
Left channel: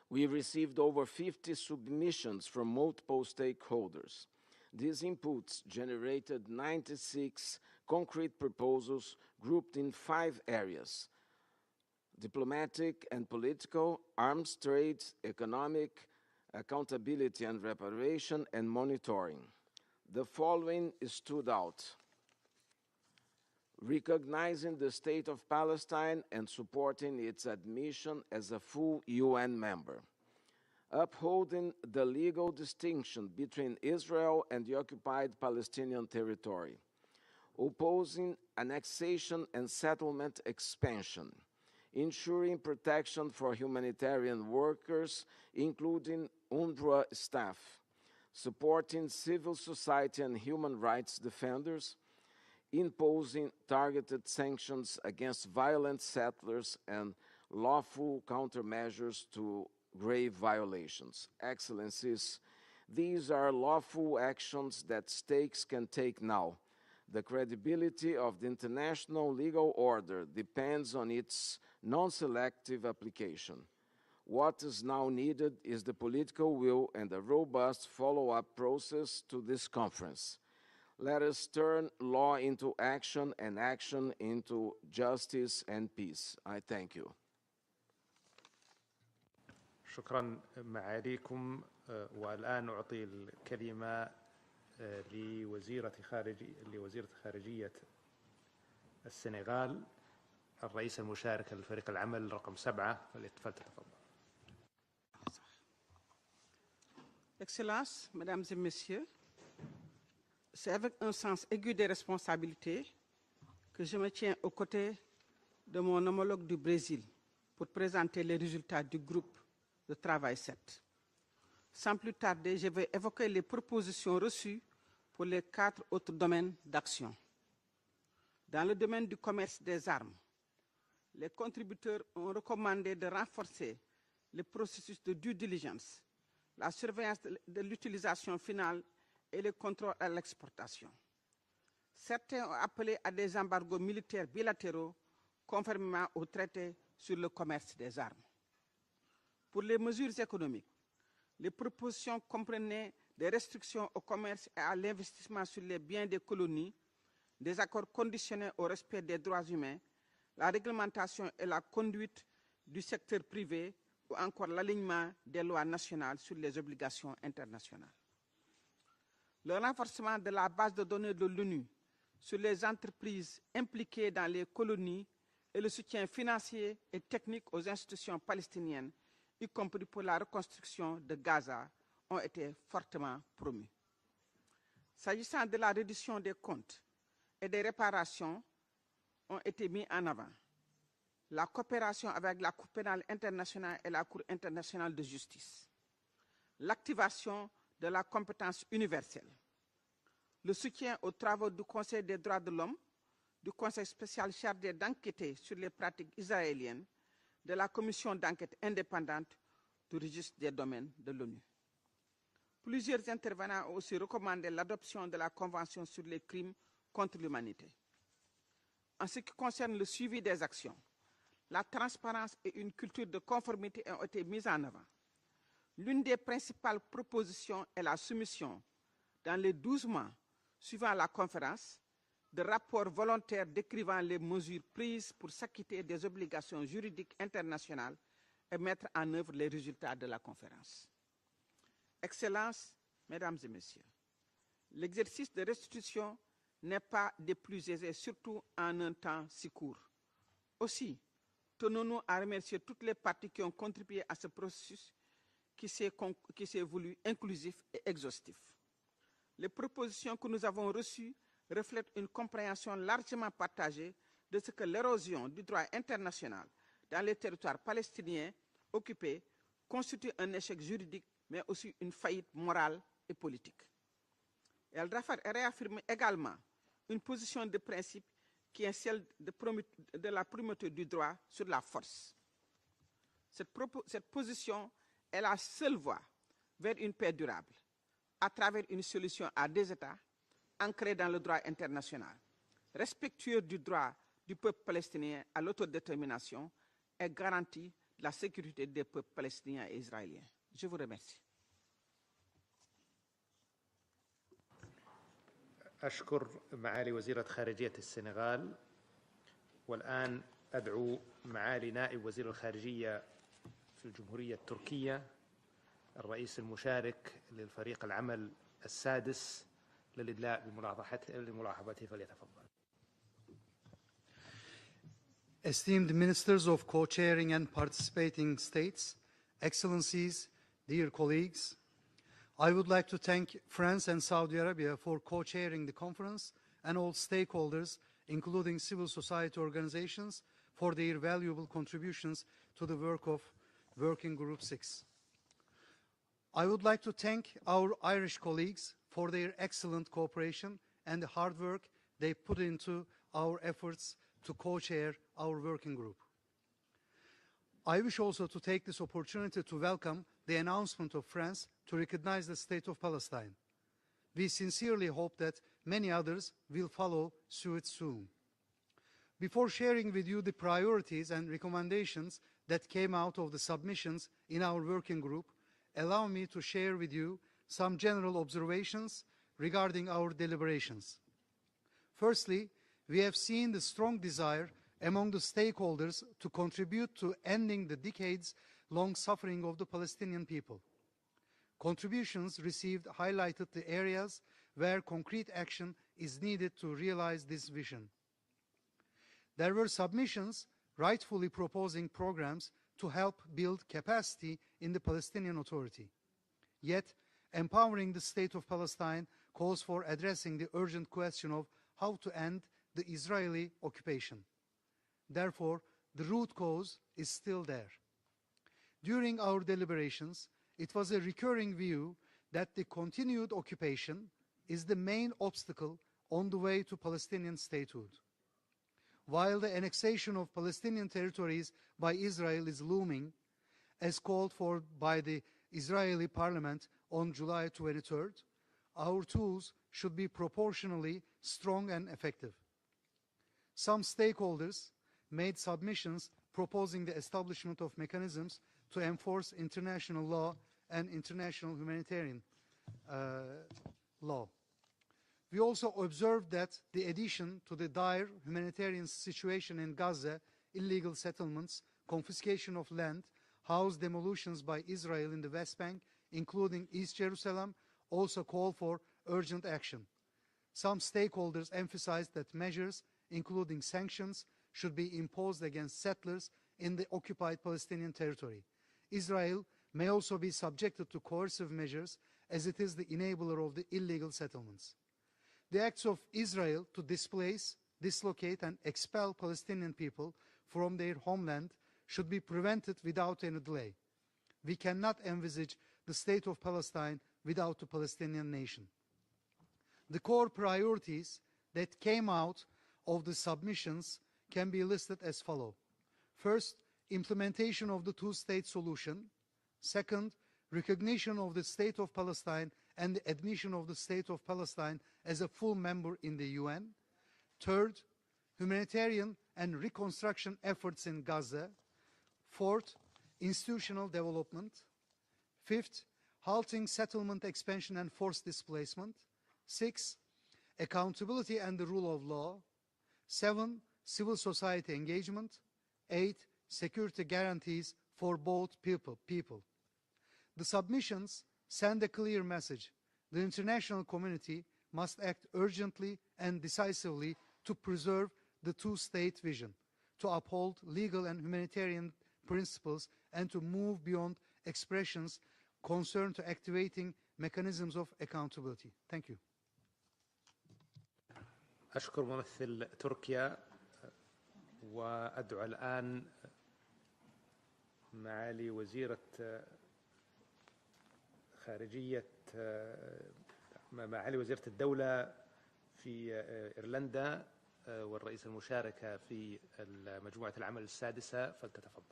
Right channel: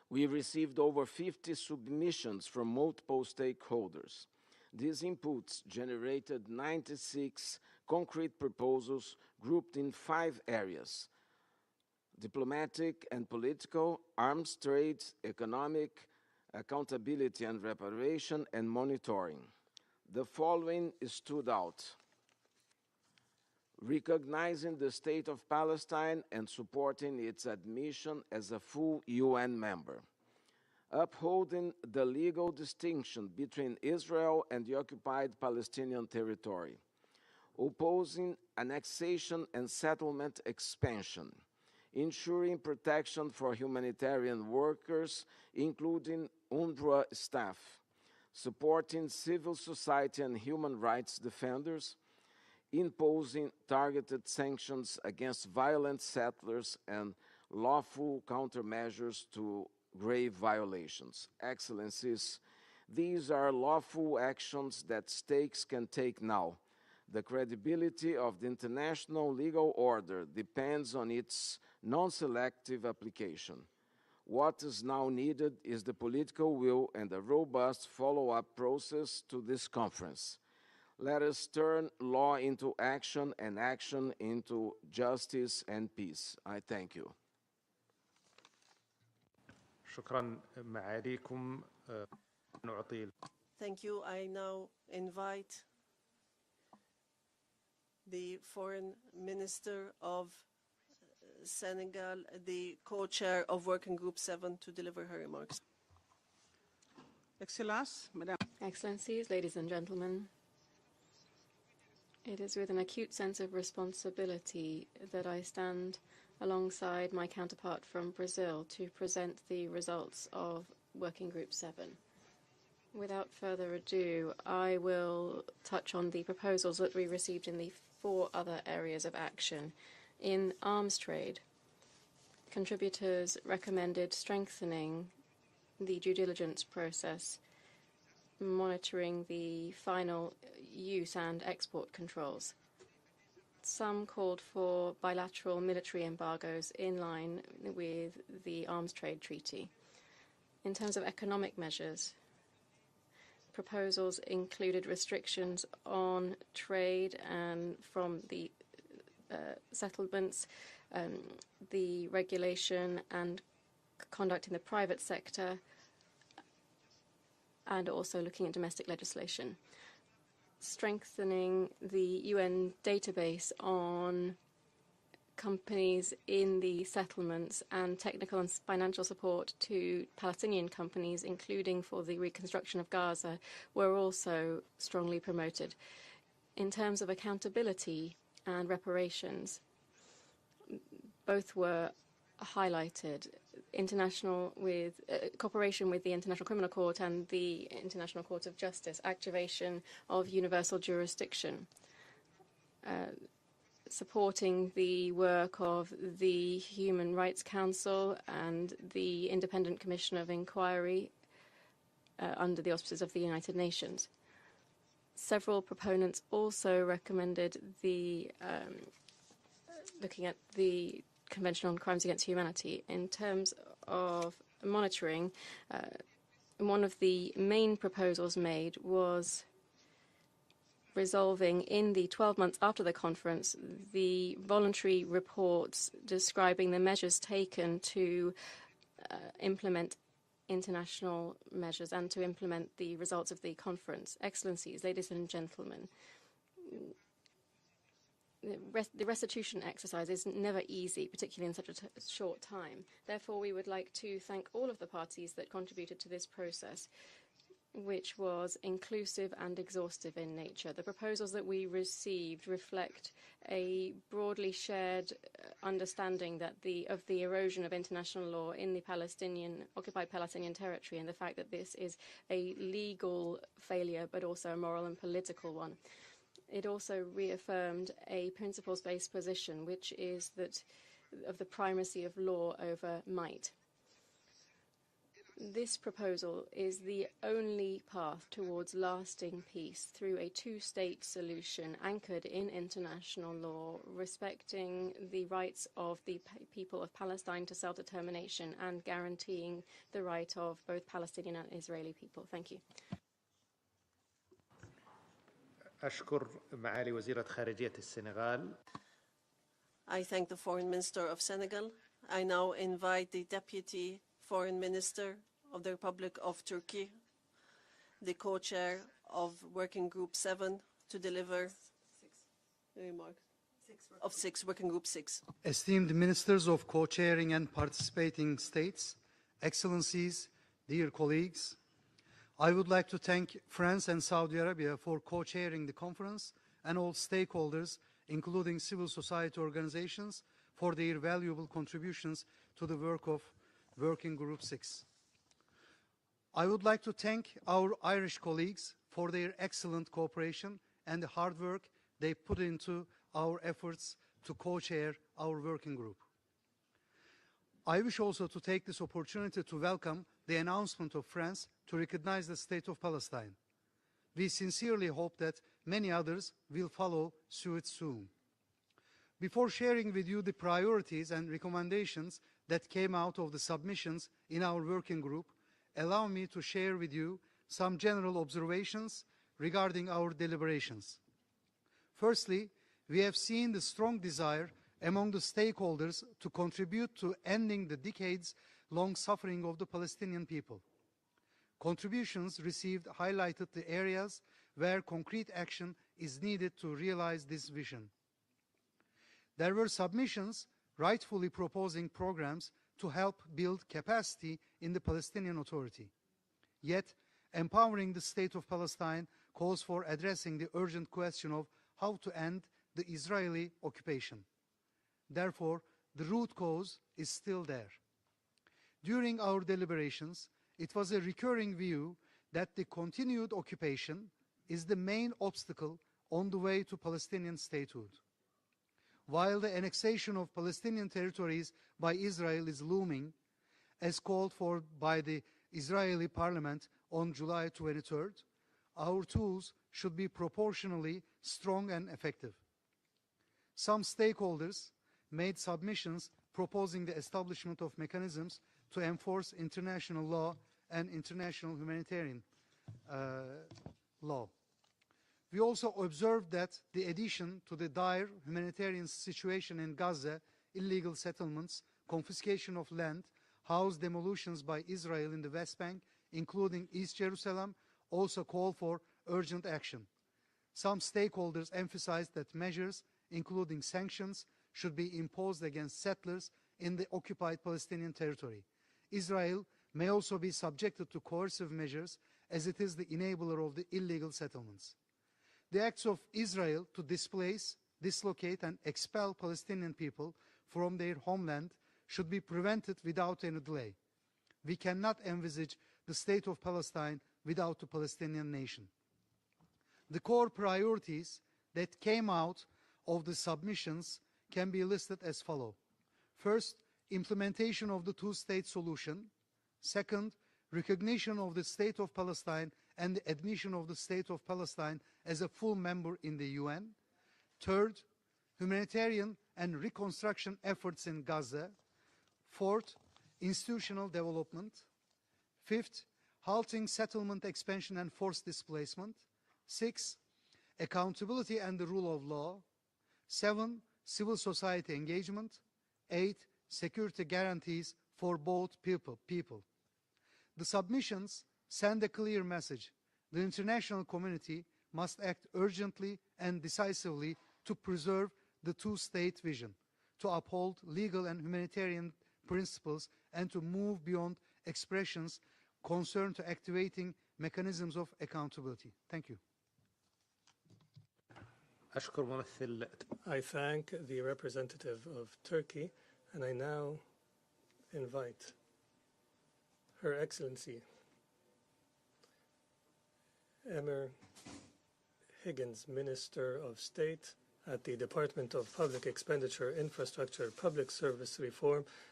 We received over 50 submissions from multiple stakeholders. These inputs generated 96 concrete proposals grouped in 5 areas: diplomatic and political, arms trade, economic, accountability and reparation, and monitoring. The following stood out: recognizing the State of Palestine and supporting its admission as a full UN member, upholding the legal distinction between Israel and the occupied Palestinian territory, opposing annexation and settlement expansion, ensuring protection for humanitarian workers, including UNRWA staff, supporting civil society and human rights defenders, imposing targeted sanctions against violent settlers and lawful countermeasures to grave violations. Excellencies, these are lawful actions that states can take now. The credibility of the international legal order depends on its non-selective application. What is now needed is the political will and a robust follow-up process to this conference. Let us turn law into action and action into justice and peace. I thank you. شكرا معاليكم. والآن أعطي الكلمة لوزيرة خارجية السنغال الرئيس المشارك لفريق العمل رقم 7 co-chair of working group 7 to deliver her remarks. Excellences, Mesdames et Messieurs, Excellencies, ladies and gentlemen, c'est avec un sens aigu des it is with responsabilités an acute sense of que je me tiens aux responsibility côtés that I stand de mon homologue du Brésil alongside my pour counterpart from présenter les Brazil résultats to du present groupe the de results travail of 7. Working Group 7. Sans plus tarder, je vais évoquer Without les further propositions ado, reçues I pour will les 4 touch on autres the domaines proposals that we d'action. received in the 4 other Dans le areas domaine of du commerce action. des armes, In arms les trade, contributeurs ont recommandé de contributors renforcer recommended le strengthening processus de due diligence, the due diligence la surveillance process, de l'utilisation finale monitoring et le the contrôle à final l'exportation. use and export controls. Certains ont appelé à des embargos Some militaires called bilatéraux for bilateral military conformément au traité embargoes in sur le line commerce des with armes. the arms trade treaty. Pour les mesures économiques, In terms of les economic measures, propositions comprenaient des restrictions au proposals commerce et à included l'investissement restrictions sur les biens des on colonies, trade des and accords from conditionnés au respect des droits humains, settlements, la réglementation et la the conduite du regulation secteur and privé ou conduct encore of the private l'alignement des sector, lois nationales sur les obligations and internationales. also looking at domestic legislation. Le renforcement de la base de données de l'ONU Strengthening the sur les UN entreprises database impliquées dans on les colonies et le soutien companies in financier the et technique settlements aux and institutions technical and palestiniennes, financial support y compris pour to la Palestinian reconstruction de companies, Gaza, including for the ont été reconstruction of fortement Gaza, promus. were also strongly S'agissant de promoted. la reddition des comptes In terms of et des accountability réparations, and ont reparations, été mis en avant. La both were coopération avec la Cour pénale highlighted. internationale et la Cour internationale de justice. Cooperation with the International Criminal Court and L'activation the de la International Court of compétence Justice, universelle. activation of Le universal soutien aux travaux jurisdiction, du Conseil des droits de l'homme, du Conseil spécial supporting chargé the d'enquêter work sur les of pratiques the israéliennes, Human Rights de la Commission Council d'enquête and indépendante the Independent du Commission of registre des domaines Inquiry de l'ONU. Under the auspices Plusieurs of the United intervenants ont aussi Nations. recommandé l'adoption de la Several Convention sur les proponents crimes also contre recommended l'humanité. the En ce qui concerne le suivi looking des at actions, the Convention on Crimes Against transparence et Humanity. une culture In de terms conformité ont été of mises en œuvre. monitoring, L'une des principales one of the propositions main est la proposals soumission made was dans les 12 mois suivant la resolving conférence in the 12 de months after rapports the volontaires conference décrivant les the mesures voluntary prises pour reports s'acquitter des describing the obligations measures juridiques taken internationales to et mettre en œuvre les implement résultats de la conférence. international measures and to Excellences, implement the results Mesdames of et the Messieurs, conference. Excellencies, ladies and l'exercice de gentlemen, restitution n'est pas des plus aisés, surtout en un the temps si restitution court. exercise is never Aussi, easy, particularly in such a tenons-nous à short remercier time. toutes les parties Therefore, qui we ont would like contribué to à ce thank all of processus the parties that qui contributed to this s'est process, voulu inclusif et which exhaustif. was inclusive Les and propositions exhaustive que in nous avons nature. The reçues proposals that we reflètent une received compréhension reflect largement a partagée de broadly ce que shared l'érosion du droit understanding international that dans of les the territoires erosion of international palestiniens law in the occupés occupied constitue un Palestinian échec territory, juridique, and the fact mais that this aussi une is faillite a morale et legal politique. failure, but also a moral and Elle political one. réaffirme également It also une position de reaffirmed principe a qui est celle principle-based position, which de la is primauté du droit of sur the la force. primacy of law over might. Cette position This proposal is the only path towards lasting peace through a two-state solution anchored in international law, respecting the rights of the people of Palestine to self-determination and guaranteeing the right of both Palestinian and Israeli people. Thank you. أشكر معالي وزيرة خارجية السنغال. I thank the Foreign Minister of Senegal. I now invite the Deputy Foreign Minister of the Republic of Turkey, the co-chair of Working Group 7, to deliver of Working Group 6. Esteemed Ministers of Co-chairing and participating states, Excellencies, dear colleagues, I would like to thank France and Saudi Arabia for co-chairing the conference and all stakeholders, including civil society organizations, for their valuable contributions to the work of Working Group 6. I would like to thank our Irish colleagues for their excellent cooperation and the hard work they put into our efforts to co-chair our working group. I wish also to take this opportunity to welcome the announcement of France to recognize the State of Palestine. We sincerely hope that many others will follow suit soon. Before sharing with you the priorities and recommendations that came out of the submissions in our working group, allow me to share with you some general observations regarding our deliberations. Firstly, we have seen the strong desire among the stakeholders to contribute to ending the decades-long suffering of the Palestinian people. Contributions received highlighted the areas where concrete action is needed to realize this vision. There were submissions rightfully proposing programs to help build capacity in the Palestinian Authority. Yet, empowering the State of Palestine calls for addressing the urgent question of how to end the Israeli occupation. Therefore, the root cause is still there. During our deliberations, it was a recurring view that the continued occupation is the main obstacle on the way to Palestinian statehood. While the annexation of Palestinian territories by Israel is looming, as called for by the Israeli parliament on July 23rd, our tools should be proportionally strong and effective. Some stakeholders made submissions proposing the establishment of mechanisms to enforce international law and international humanitarian law. We also observed that the addition to the dire humanitarian situation in Gaza, illegal settlements, confiscation of land, house demolitions by Israel in the West Bank, including East Jerusalem, also call for urgent action. Some stakeholders emphasized that measures, including sanctions, should be imposed against settlers in the occupied Palestinian territory. Israel may also be subjected to coercive measures, as it is the enabler of the illegal settlements. The acts of Israel to displace, dislocate, and expel Palestinian people from their homeland should be prevented without any delay. We cannot envisage the State of Palestine without a Palestinian nation. The core priorities that came out of the submissions can be listed as follows. First, implementation of the two-state solution. Second, recognition of the State of Palestine and the admission of the State of Palestine as a full member in the UN. Third, humanitarian and reconstruction efforts in Gaza. Fourth, institutional development. Fifth, halting settlement expansion and forced displacement. 6, accountability and the rule of law. 7, civil society engagement. 8, security guarantees for both people. The submissions send a clear message. The international community must act urgently and decisively to preserve the two-state vision, to uphold legal and humanitarian principles, and to move beyond expressions concerned to activating mechanisms of accountability. Thank you. I thank the representative of Turkey, and I now invite Her Excellency Emir Higgins, Minister of State at the Department of Public Expenditure, Infrastructure, Public Service Reform,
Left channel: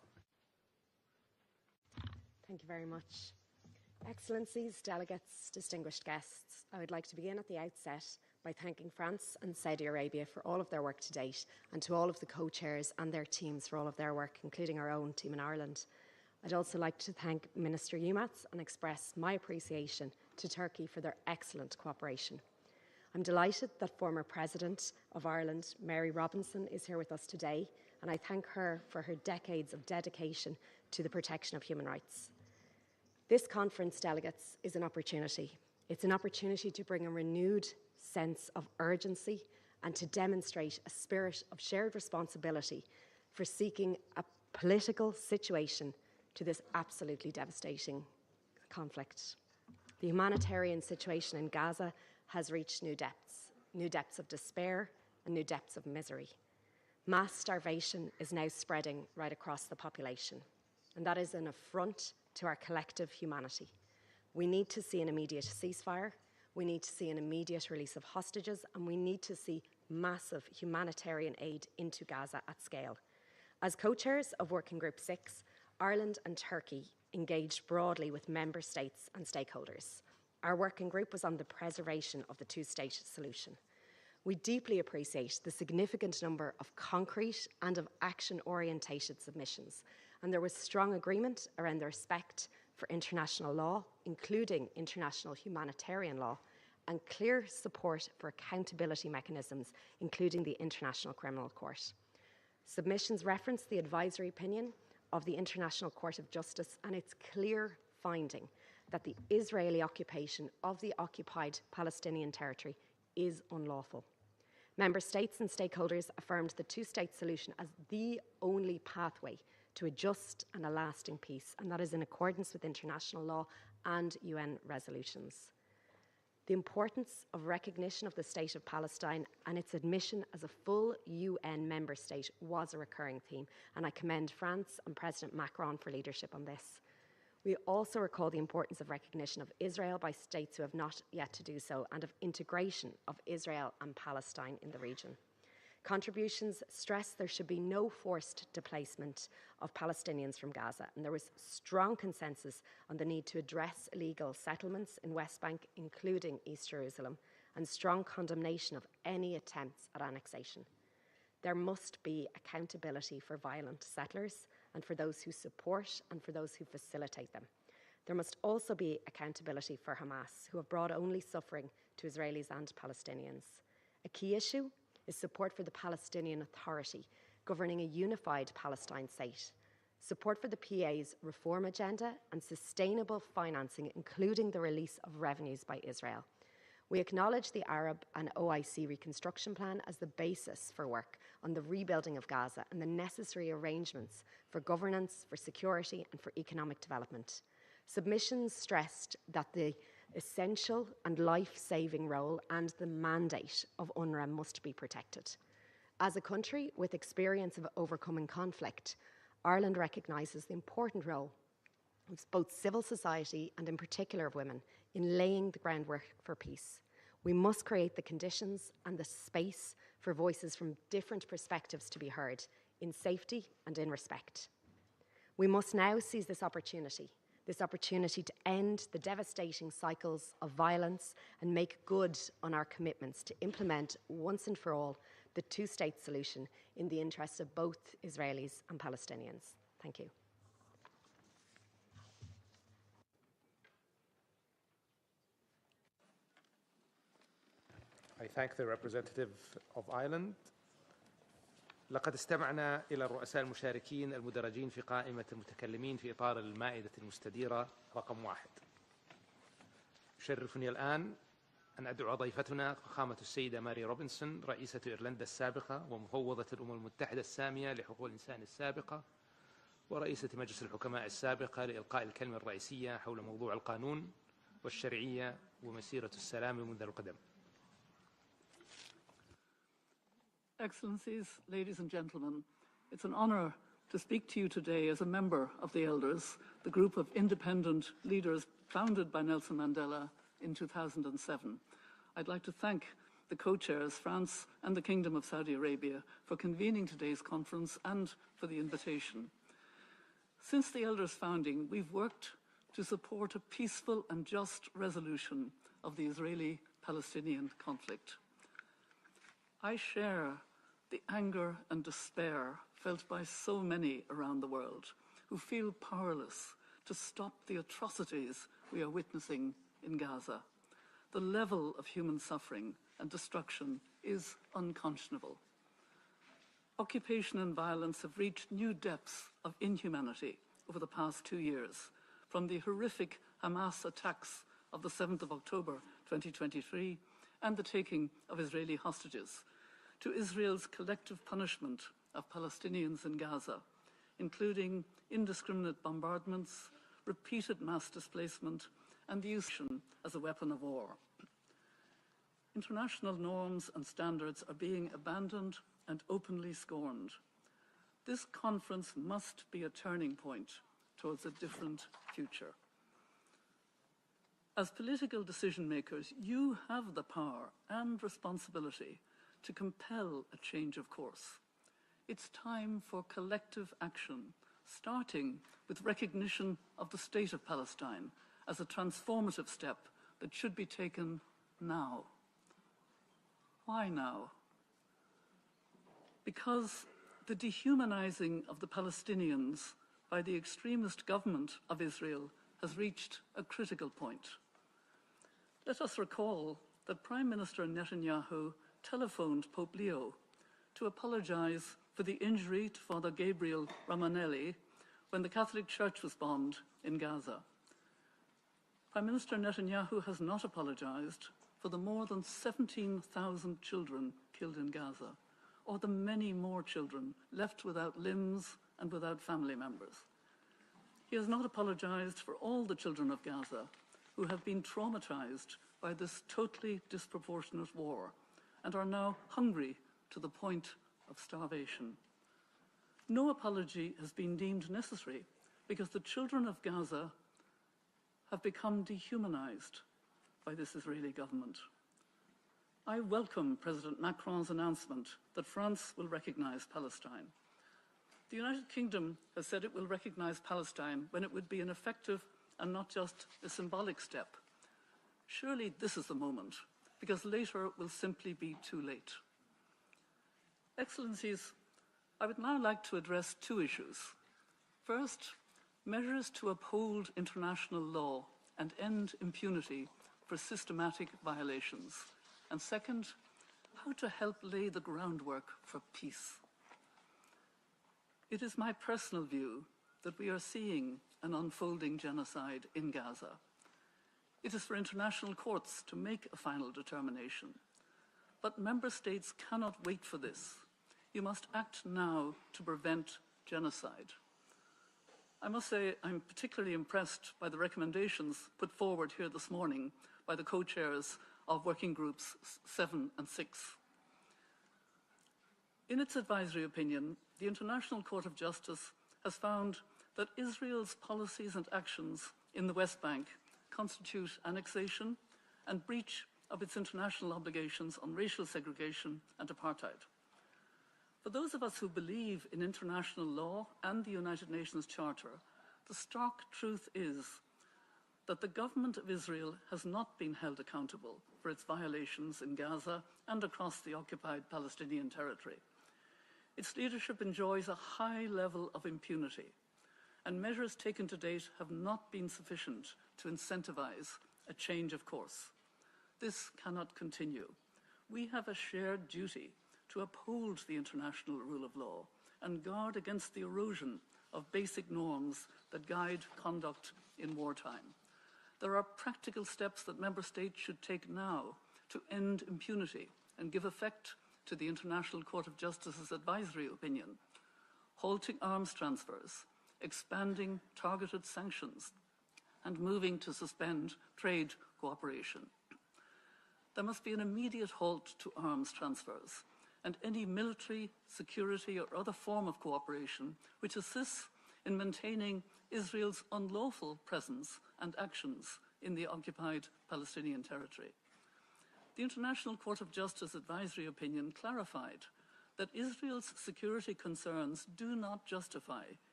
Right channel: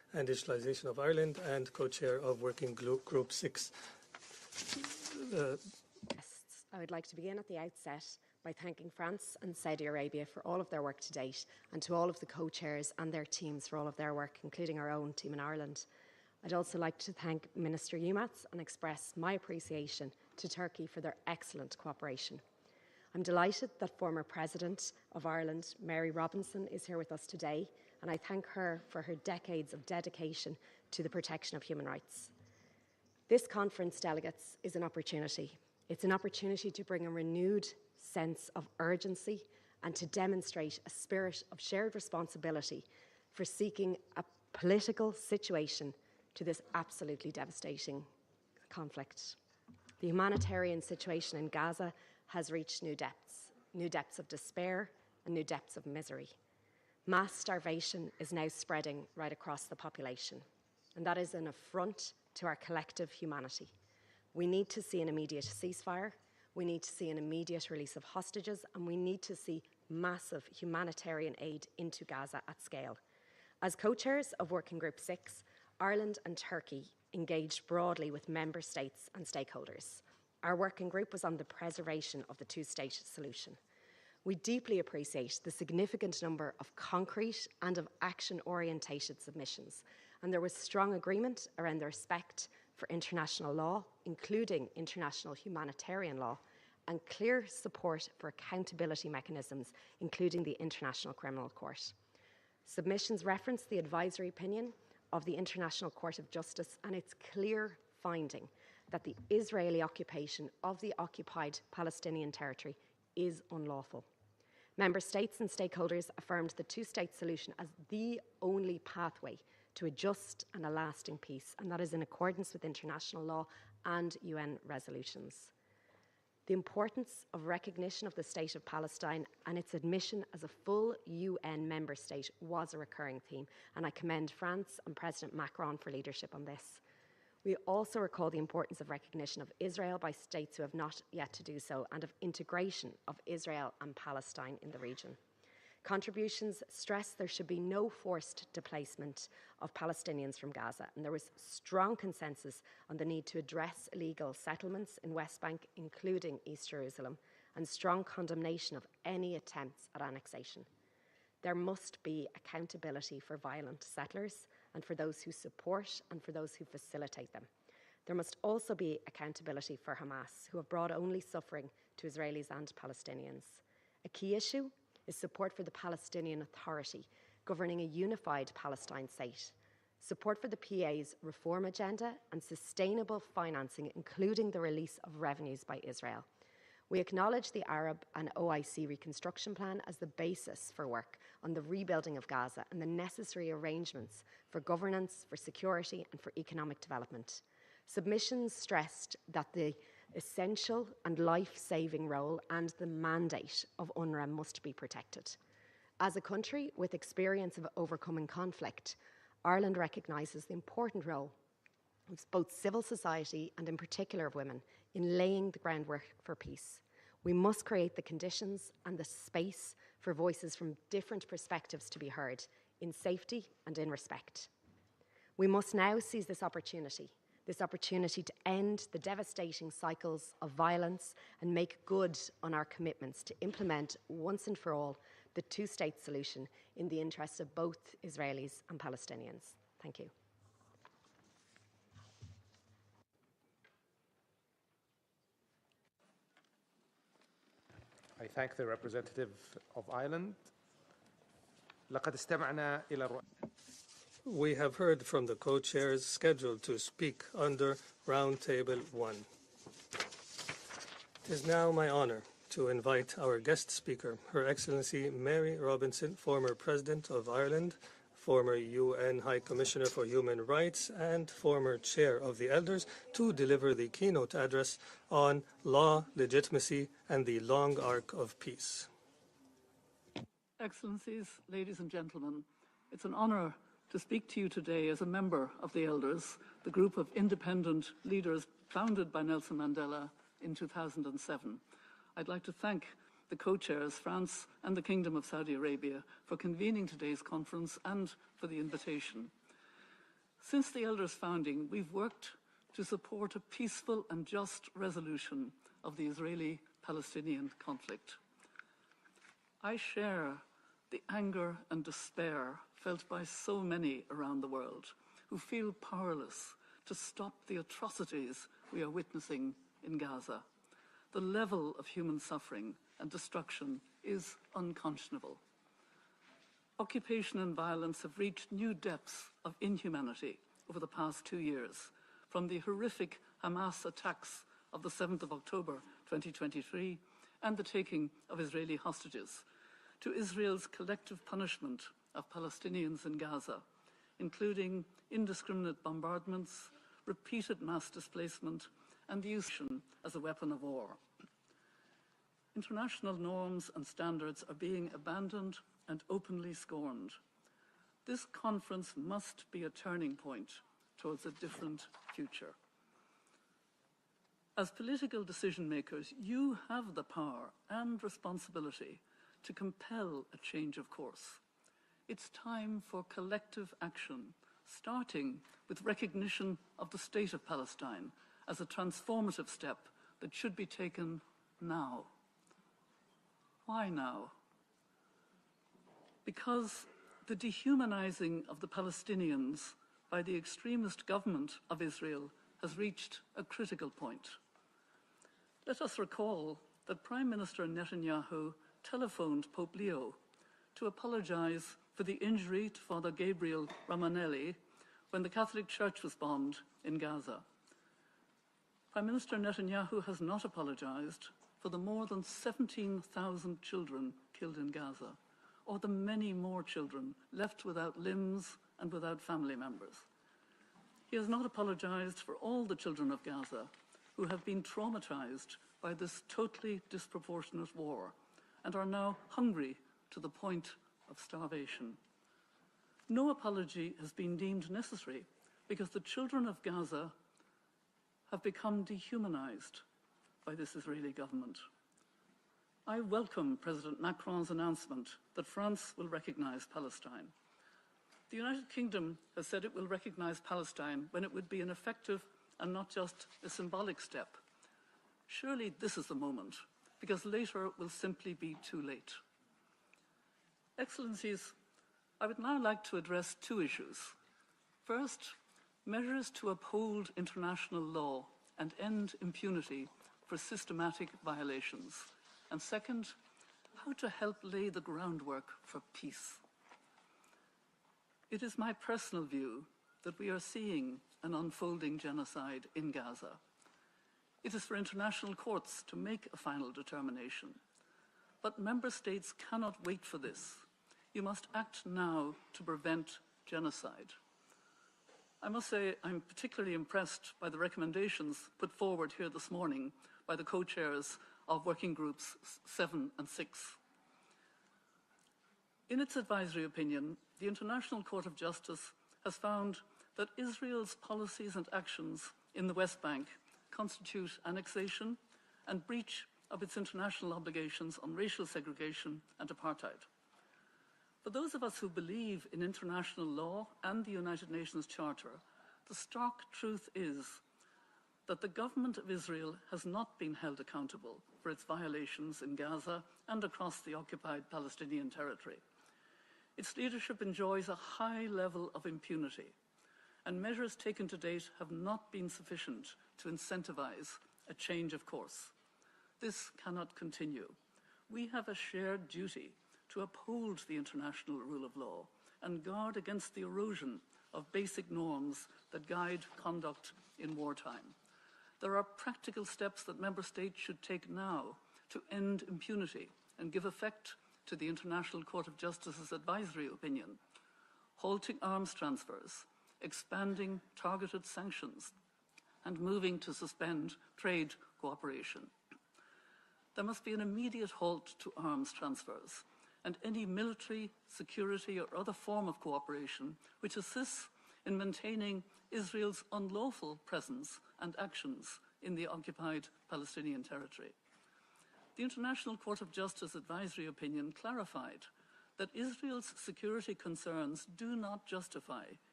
and Digitalization of Ireland and co-chair of Working Group 6. Excellencies, delegates, distinguished guests, I would like to begin at the outset by thanking France and Saudi Arabia for all of their work to date, and to all of the co-chairs and their teams for all of their work, including our own team in Ireland. I'd also like to thank Minister Yilmaz and express my appreciation to Turkey for their excellent cooperation. I'm delighted that former President of Ireland, Mary Robinson, is here with us today, and I thank her for her decades of dedication to the protection of human rights. This conference, delegates, is an opportunity. It's an opportunity to bring a renewed sense of urgency and to demonstrate a spirit of shared responsibility for seeking a political situation to this absolutely devastating conflict. The humanitarian situation in Gaza has reached new depths of despair and new depths of misery. Mass starvation is now spreading right across the population, and that is an affront to our collective humanity. We need to see an immediate ceasefire, we need to see an immediate release of hostages, and we need to see massive humanitarian aid into Gaza at scale. As co-chairs of Working Group 6, Ireland and Turkey engaged broadly with member states and stakeholders. Our working group was on the preservation of the two-state solution. We deeply appreciate the significant number of concrete and of action-orientated submissions, and there was strong agreement around the respect for international law, including international humanitarian law, and clear support for accountability mechanisms, including the International Criminal Court. Submissions reference the advisory opinion of the International Court of Justice and its clear finding that the Israeli occupation of the occupied Palestinian territory is unlawful. Member states and stakeholders affirmed the two-state solution as the only pathway to a just and a lasting peace, and that is in accordance with international law and UN resolutions. The importance of recognition of the State of Palestine and its admission as a full UN member state was a recurring theme, and I commend France and President Macron for leadership on this. We also recall the importance of recognition of Israel by states who have not yet to do so, and of integration of Israel and Palestine in the region. Contributions stress there should be no forced displacement of Palestinians from Gaza, and there was strong consensus on the need to address illegal settlements in West Bank, including East Jerusalem, and strong condemnation of any attempts at annexation. There must be accountability for violent settlers and for those who support and for those who facilitate them. There must also be accountability for Hamas, who have brought only suffering to Israelis and Palestinians. A key issue is support for the Palestinian Authority, governing a unified Palestine state, support for the PA's reform agenda, and sustainable financing, including the release of revenues by Israel. We acknowledge the Arab and OIC reconstruction plan as the basis for work on the rebuilding of Gaza and the necessary arrangements for governance, for security, and for economic development. Submissions stressed that the essential and life-saving role and the mandate of UNRWA must be protected. As a country with experience of overcoming conflict, Ireland recognises the important role of both civil society and in particular of women in laying the groundwork for peace. We must create the conditions and the space for voices from different perspectives to be heard in safety and in respect. We must now seize this opportunity to end the devastating cycles of violence and make good on our commitments to implement once and for all the two-state solution in the interests of both Israelis and Palestinians. Thank you. I thank the representative of Ireland. We have heard from the co-chairs scheduled to speak under Roundtable 1. It is now my honor to invite our guest speaker, Her Excellency Mary Robinson, former President of Ireland, former UN High Commissioner for Human Rights, and former Chair of the Elders, to deliver the keynote address on law, legitimacy, and the long arc of peace. Excellencies, ladies and gentlemen, it's an honor to speak to you today as a member of the Elders, the group of independent leaders founded by Nelson Mandela in 2007. I'd like to thank the co-chairs, France and the Kingdom of Saudi Arabia, for convening today's conference and for the invitation. Since the Elders' founding, we've worked to support a peaceful and just resolution of the Israeli-Palestinian conflict. I share the anger and despair felt by so many around the world who feel powerless to stop the atrocities we are witnessing in Gaza. The level of human suffering and destruction is unconscionable. Occupation and violence have reached new depths of inhumanity over the past 2 years, from the horrific Hamas attacks of the 7th of October 2023 and the taking of Israeli hostages, to Israel's collective punishment of Palestinians in Gaza, including indiscriminate bombardments, repeated mass displacement, and the use as a weapon of war. International norms and standards are being abandoned and openly scorned. This conference must be a turning point towards a different future. As political decision makers, you have the power and responsibility to compel a change of course. It's time for collective action, starting with recognition of the state of Palestine as a transformative step that should be taken now. Why now? Because the dehumanizing of the Palestinians by the extremist government of Israel has reached a critical point. Let us recall that Prime Minister Netanyahu telephoned Pope Leo to apologize for the injury to Father Gabriel Ramanelli when the Catholic Church was bombed in Gaza. Prime Minister Netanyahu has not apologized for the more than 17,000 children killed in Gaza, or the many more children left without limbs and without family members. He has not apologized for all the children of Gaza who have been traumatized by this totally disproportionate war and are now hungry to the point of starvation. No apology has been deemed necessary because the children of Gaza have become dehumanized by this Israeli government. I welcome President Macron's announcement that France will recognize Palestine. The United Kingdom has said it will recognize Palestine when it would be an effective and not just a symbolic step. Surely this is the moment, because later will simply be too late. Excellencies, I would now like to address two issues. First, measures to uphold international law and end impunity for systematic violations. And second, how to help lay the groundwork for peace. It is my personal view that we are seeing an unfolding genocide in Gaza. It is for international courts to make a final determination. But member states cannot wait for this. You must act now to prevent genocide. I must say I'm particularly impressed by the recommendations put forward here this morning by the co-chairs of Working Groups 7 and 6. In its advisory opinion, the International Court of Justice has found that Israel's policies and actions in the West Bank constitute annexation and breach of its international obligations on racial segregation and apartheid. For those of us who believe in international law and the United Nations Charter, the stark truth is that the government of Israel has not been held accountable for its violations in Gaza and across the occupied Palestinian territory. Its leadership enjoys a high level of impunity, and measures taken to date have not been sufficient to incentivize a change of course. This cannot continue. We have a shared duty to uphold the international rule of law and guard against the erosion of basic norms that guide conduct in wartime. There are practical steps that member states should take now to end impunity and give effect to the International Court of Justice's advisory opinion, halting arms transfers, expanding targeted sanctions, and moving to suspend trade cooperation. There must be an immediate halt to arms transfers and any military, security, or other form of cooperation which assists in maintaining Israel's unlawful presence and actions in the occupied Palestinian territory. The International Court of Justice advisory opinion clarified that Israel's security concerns do not justify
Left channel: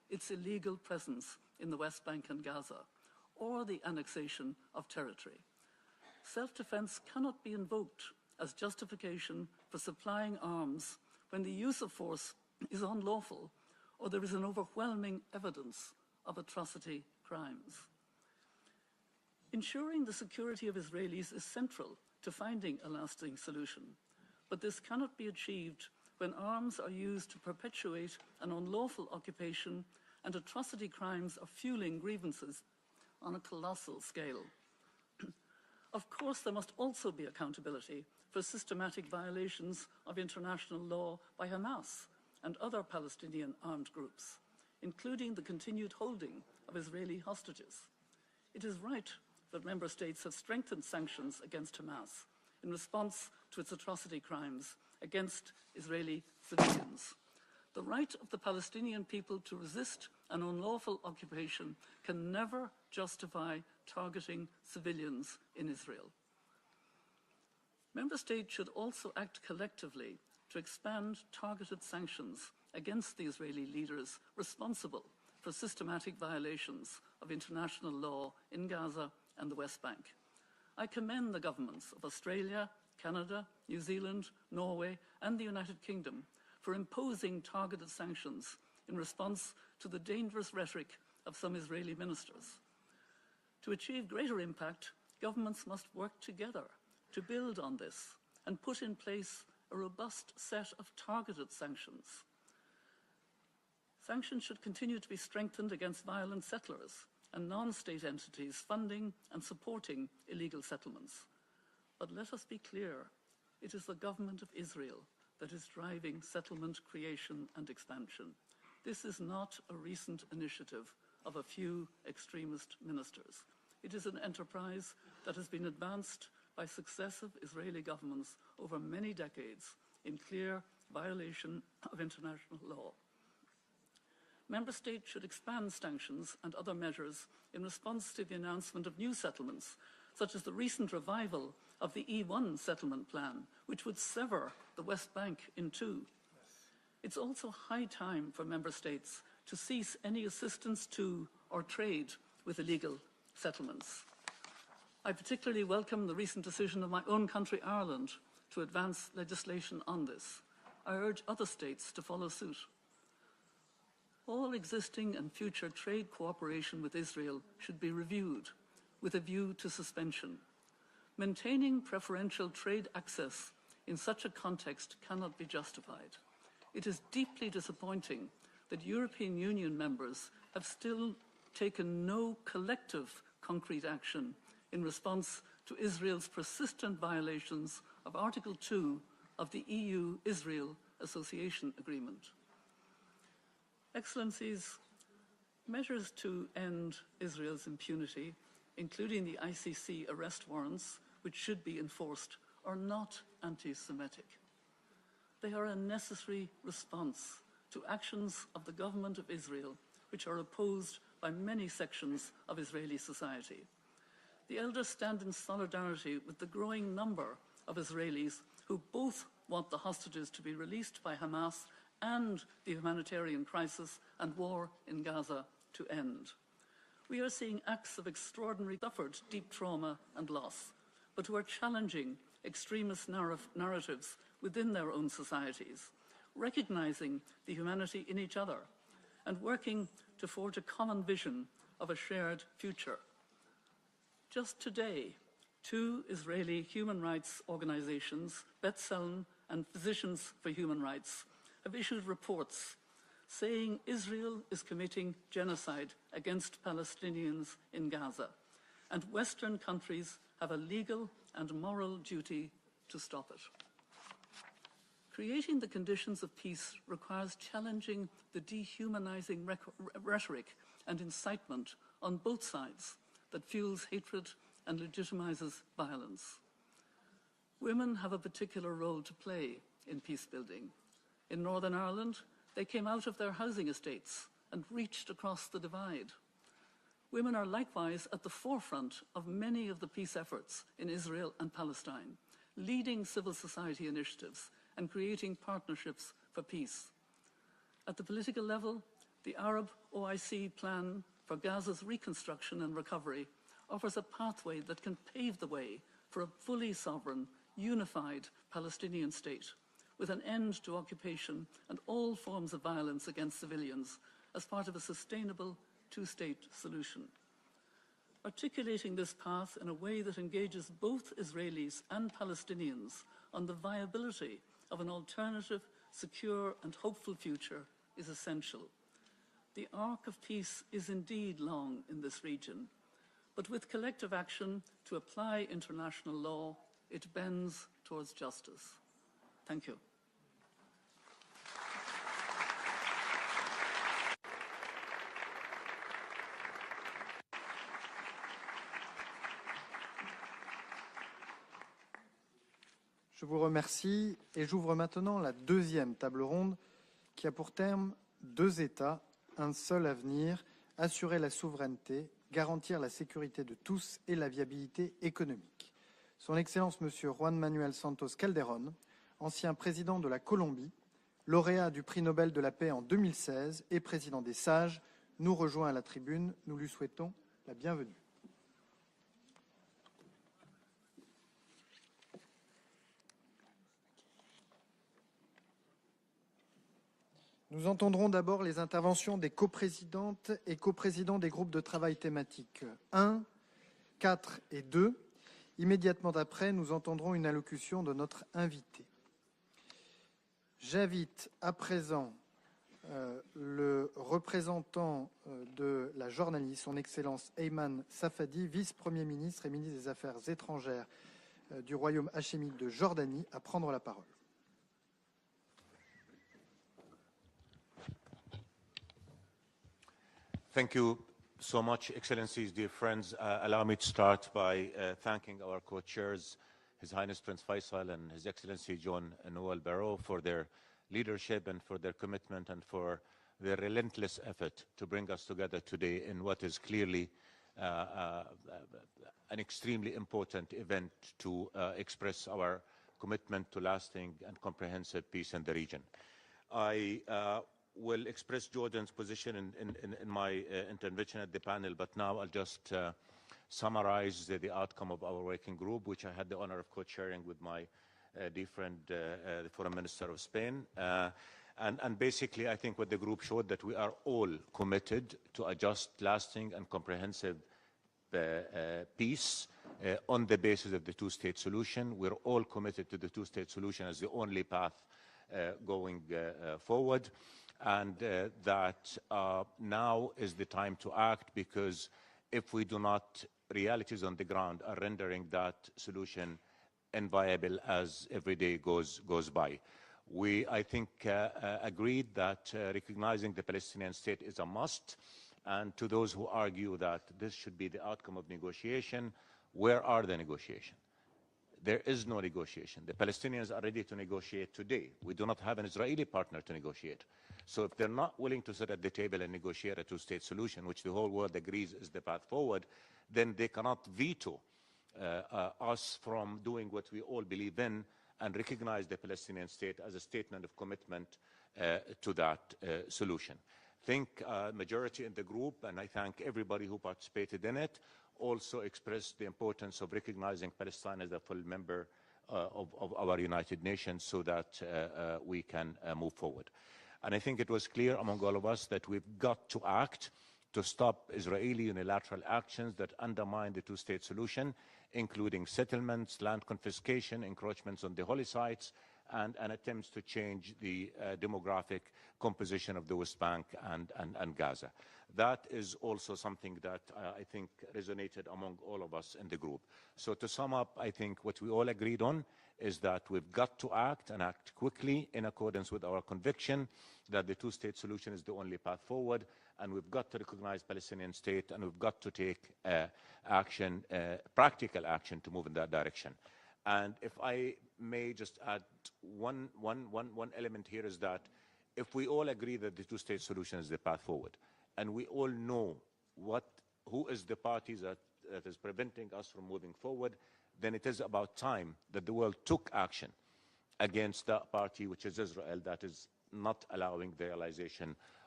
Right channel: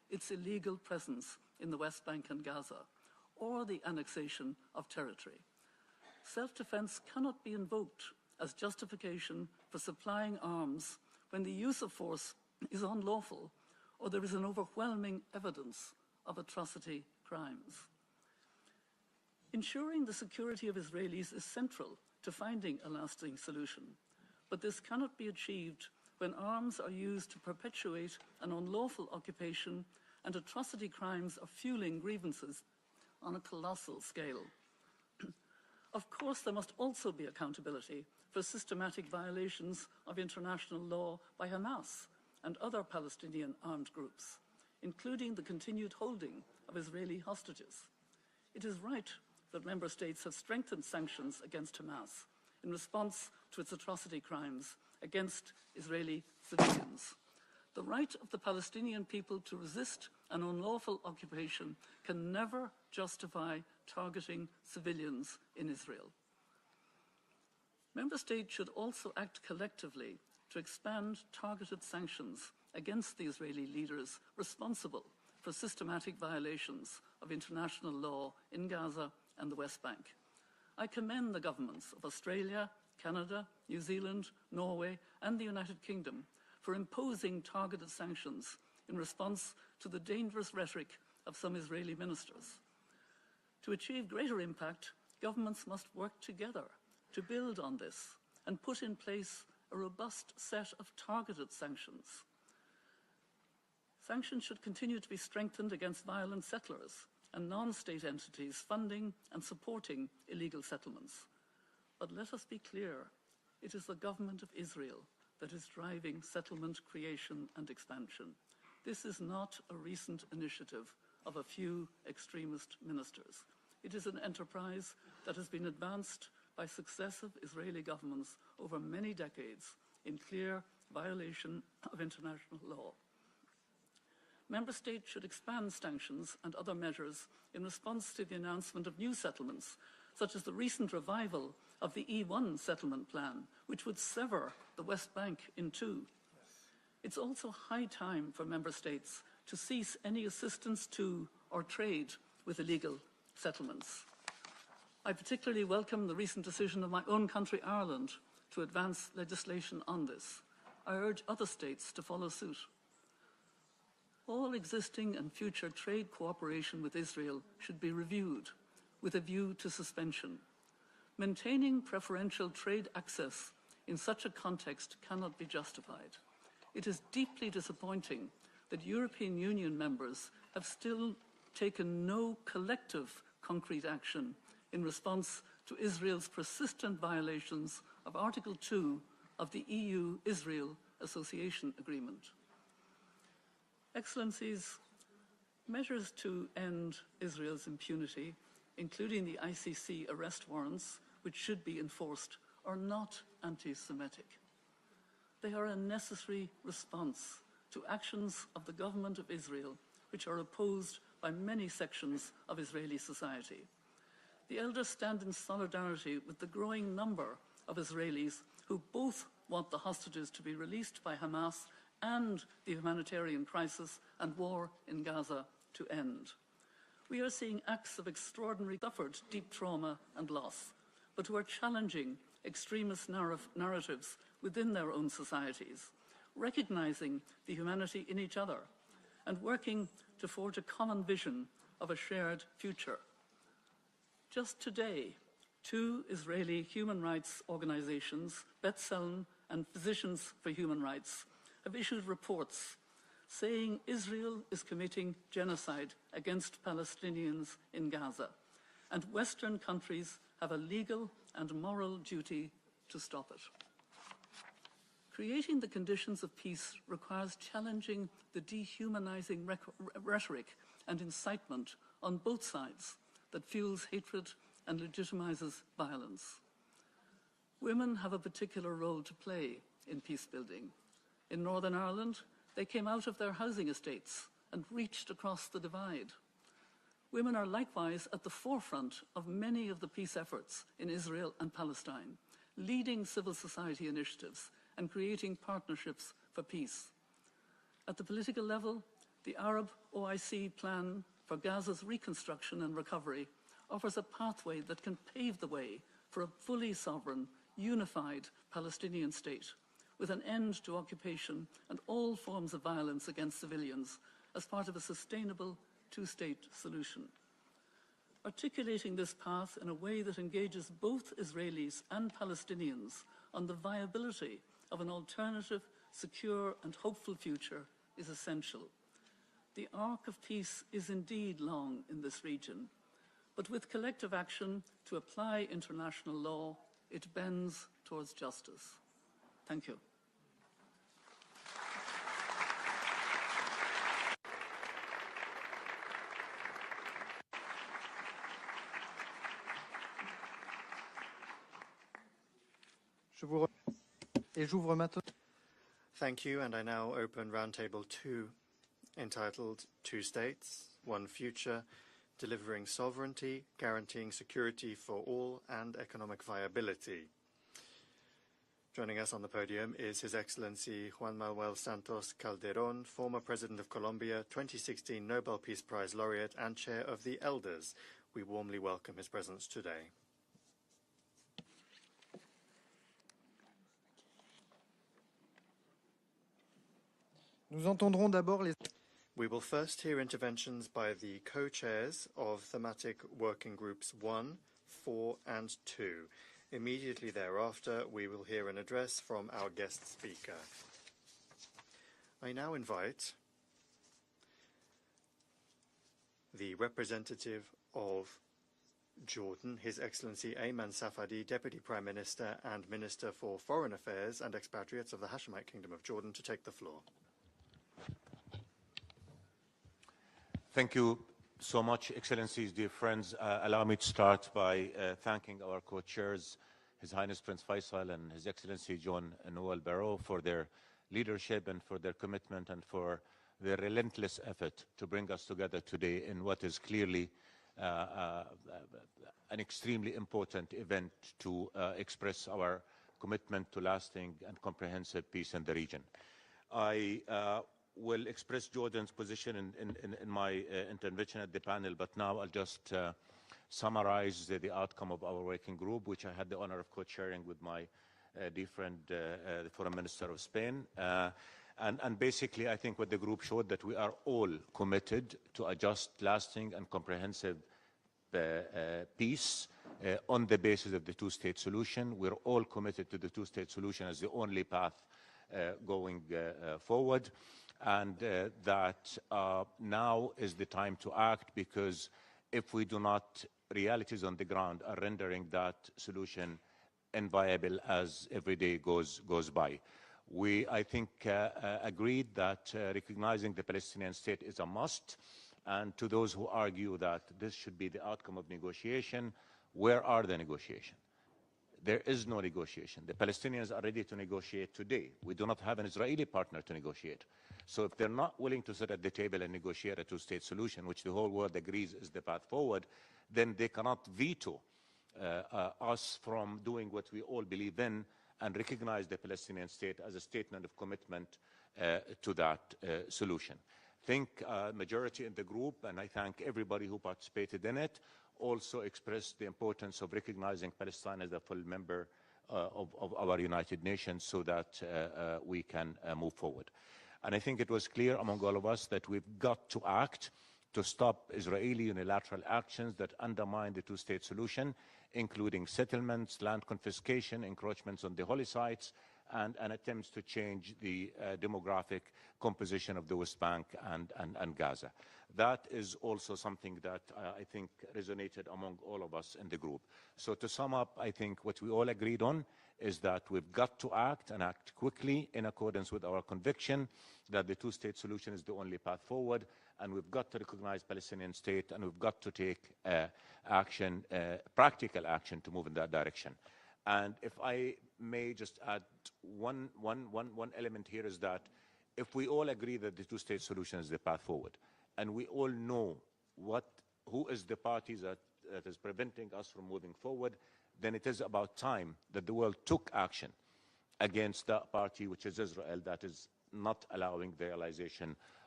its illegal presence in the West Bank and Gaza, or the annexation of territory. Self-defense cannot be invoked as justification for supplying arms when the use of force is unlawful or there is an overwhelming evidence of atrocity crimes. Ensuring the security of Israelis is central to finding a lasting solution, but this cannot be achieved when arms are used to perpetuate an unlawful occupation and atrocity crimes are fueling grievances on a colossal scale. Of course, there must also be accountability for systematic violations of international law by Hamas and other Palestinian armed groups, including the continued holding of Israeli hostages. It is right that member states have strengthened sanctions against Hamas in response to its atrocity crimes against Israeli civilians. The right of the Palestinian people to resist an unlawful occupation can never justify targeting civilians in Israel. Member states should also act collectively to expand targeted sanctions against the Israeli leaders responsible for systematic violations of international law in Gaza and the West Bank. I commend the governments of Australia, Canada, New Zealand, Norway, and the United Kingdom for imposing targeted sanctions in response to the dangerous rhetoric of some Israeli ministers. To achieve greater impact, governments must work together to build on this and put in place a robust set of targeted sanctions. Sanctions should continue to be strengthened against violent settlers and non-state entities funding and supporting illegal settlements. But let us be clear, it is the government of Israel that is driving settlement creation and expansion. This is not a recent initiative of a few extremist ministers. It is an enterprise that has been advanced by successive Israeli governments over many decades in clear violation of international law. Member States should expand sanctions and other measures in response to the announcement of new settlements, such as the recent revival of the E1 settlement plan, which would sever the West Bank in two. It's also high time for Member States to cease any assistance to or trade with illegal settlements. I particularly welcome the recent decision of my own country, Ireland, to advance legislation on this. I urge other states to follow suit. All existing and future trade cooperation with Israel should be reviewed with a view to suspension. Maintaining preferential trade access in such a context cannot be justified. It is deeply disappointing that European Union members have still taken no collective concrete action in response to Israel's persistent violations of Article 2 of the EU-Israel Association Agreement. Excellencies, measures to end Israel's impunity, including the ICC arrest warrants, which should be enforced, are not anti-Semitic. They are a necessary response to actions of the government of Israel, which are opposed by many sections of Israeli society. The elders stand in solidarity with the growing number of Israelis who both want the hostages to be released by Hamas and the humanitarian crisis and war in Gaza to end. We are seeing acts of extraordinary suffered deep trauma and loss, but who are challenging extremist narratives within their own societies, recognizing the humanity in each other, and working to forge a common vision of a shared future. Just today, two Israeli human rights organizations, B'Tselem and Physicians for Human Rights, have issued reports saying Israel is committing genocide against Palestinians in Gaza, and Western countries have a legal and moral duty to stop it. Creating the conditions of peace requires challenging the dehumanizing rhetoric and incitement on both sides that fuels hatred and legitimizes violence. Women have a particular role to play in peace building. In Northern Ireland, they came out of their housing estates and reached across the divide. Women are likewise at the forefront of many of the peace efforts in Israel and Palestine, leading civil society initiatives and creating partnerships for peace. At the political level, The Arab OIC plan for Gaza's reconstruction and recovery offers a pathway that can pave the way for a fully sovereign, unified Palestinian state, with an end to occupation and all forms of violence against civilians as part of a sustainable two-state solution. Articulating this path in a way that engages both Israelis and Palestinians on the viability of an alternative, secure and hopeful future is essential. The arc of peace is indeed long in this region, but with collective action to apply international law, it bends towards justice. Thank you. Je vous remercie et j'ouvre maintenant la deuxième table ronde qui a pour terme 2 États, un seul avenir, assurer la souveraineté, garantir la sécurité de tous et la viabilité économique. Son Excellence M. Juan Manuel Santos Calderón, ancien président de la Colombie, lauréat du prix Nobel de la paix en 2016 et président des Sages, nous rejoint à la tribune. Nous lui souhaitons la bienvenue. Nous entendrons d'abord les interventions des coprésidentes et coprésidents des groupes de travail thématiques 1, 4 et 2. Immédiatement après, nous entendrons une allocution de notre invité. J'invite à présent le représentant de la Jordanie, son Excellence Ayman Safadi, vice-premier ministre et ministre des Affaires étrangères du Royaume hachémite de Jordanie, à prendre la parole. Thank you so much, Excellencies, dear friends. Allow me to start by thanking our co-chairs, His Highness Prince Faisal and His Excellency John Noel Barrot, for their leadership and for their commitment and for their relentless effort to bring us together today in what is clearly an extremely important event to express our commitment to lasting and comprehensive peace in the region. I will express Jordan's position in my intervention at the panel, but now I'll just summarize the outcome of our working group, which I had the honor of co-chairing with my dear friend, the Foreign Minister of Spain. And basically, I think what the group showed that we are all committed to a just, lasting, and comprehensive peace on the basis of the two-state solution. We're all committed to the two-state solution as the only path going forward. And that now is the time to act, because if we do not, realities on the ground are rendering that solution inviable as every day goes by. We, I think, agreed that recognizing the Palestinian state is a must. And to those who argue that this should be the outcome of negotiation, where are the negotiations? There is no negotiation. The Palestinians are ready to negotiate today. We do not have an Israeli partner to negotiate. So if they're not willing to sit at the table and negotiate a two-state solution, which the whole world agrees is the path forward, then they cannot veto us from doing what we all believe in and recognize the Palestinian state as a statement of commitment to that solution. I think majority in the group, and I thank everybody who participated in it, also expressed the importance of recognizing Palestine as a full member of our United Nations so that we can move forward. And I think it was clear among all of us that we've got to act to stop Israeli unilateral actions that undermine the two-state solution, including settlements, land confiscation, encroachments on the holy sites, and attempts to change the demographic composition of the West Bank and Gaza. That is also something that I think resonated among all of us in the group. So to sum up, I think what we all agreed on is that we've got to act and act quickly in accordance with our conviction that the two-state solution is the only path forward, and we've got to recognize Palestinian state, and we've got to take action, practical action to move in that direction. And if I may just add one element here is that if we all agree that the two-state solution is the path forward, and we all know who is the party that is preventing us from moving forward, then it is about time that the world took action against that party, which is Israel, that is not allowing the realization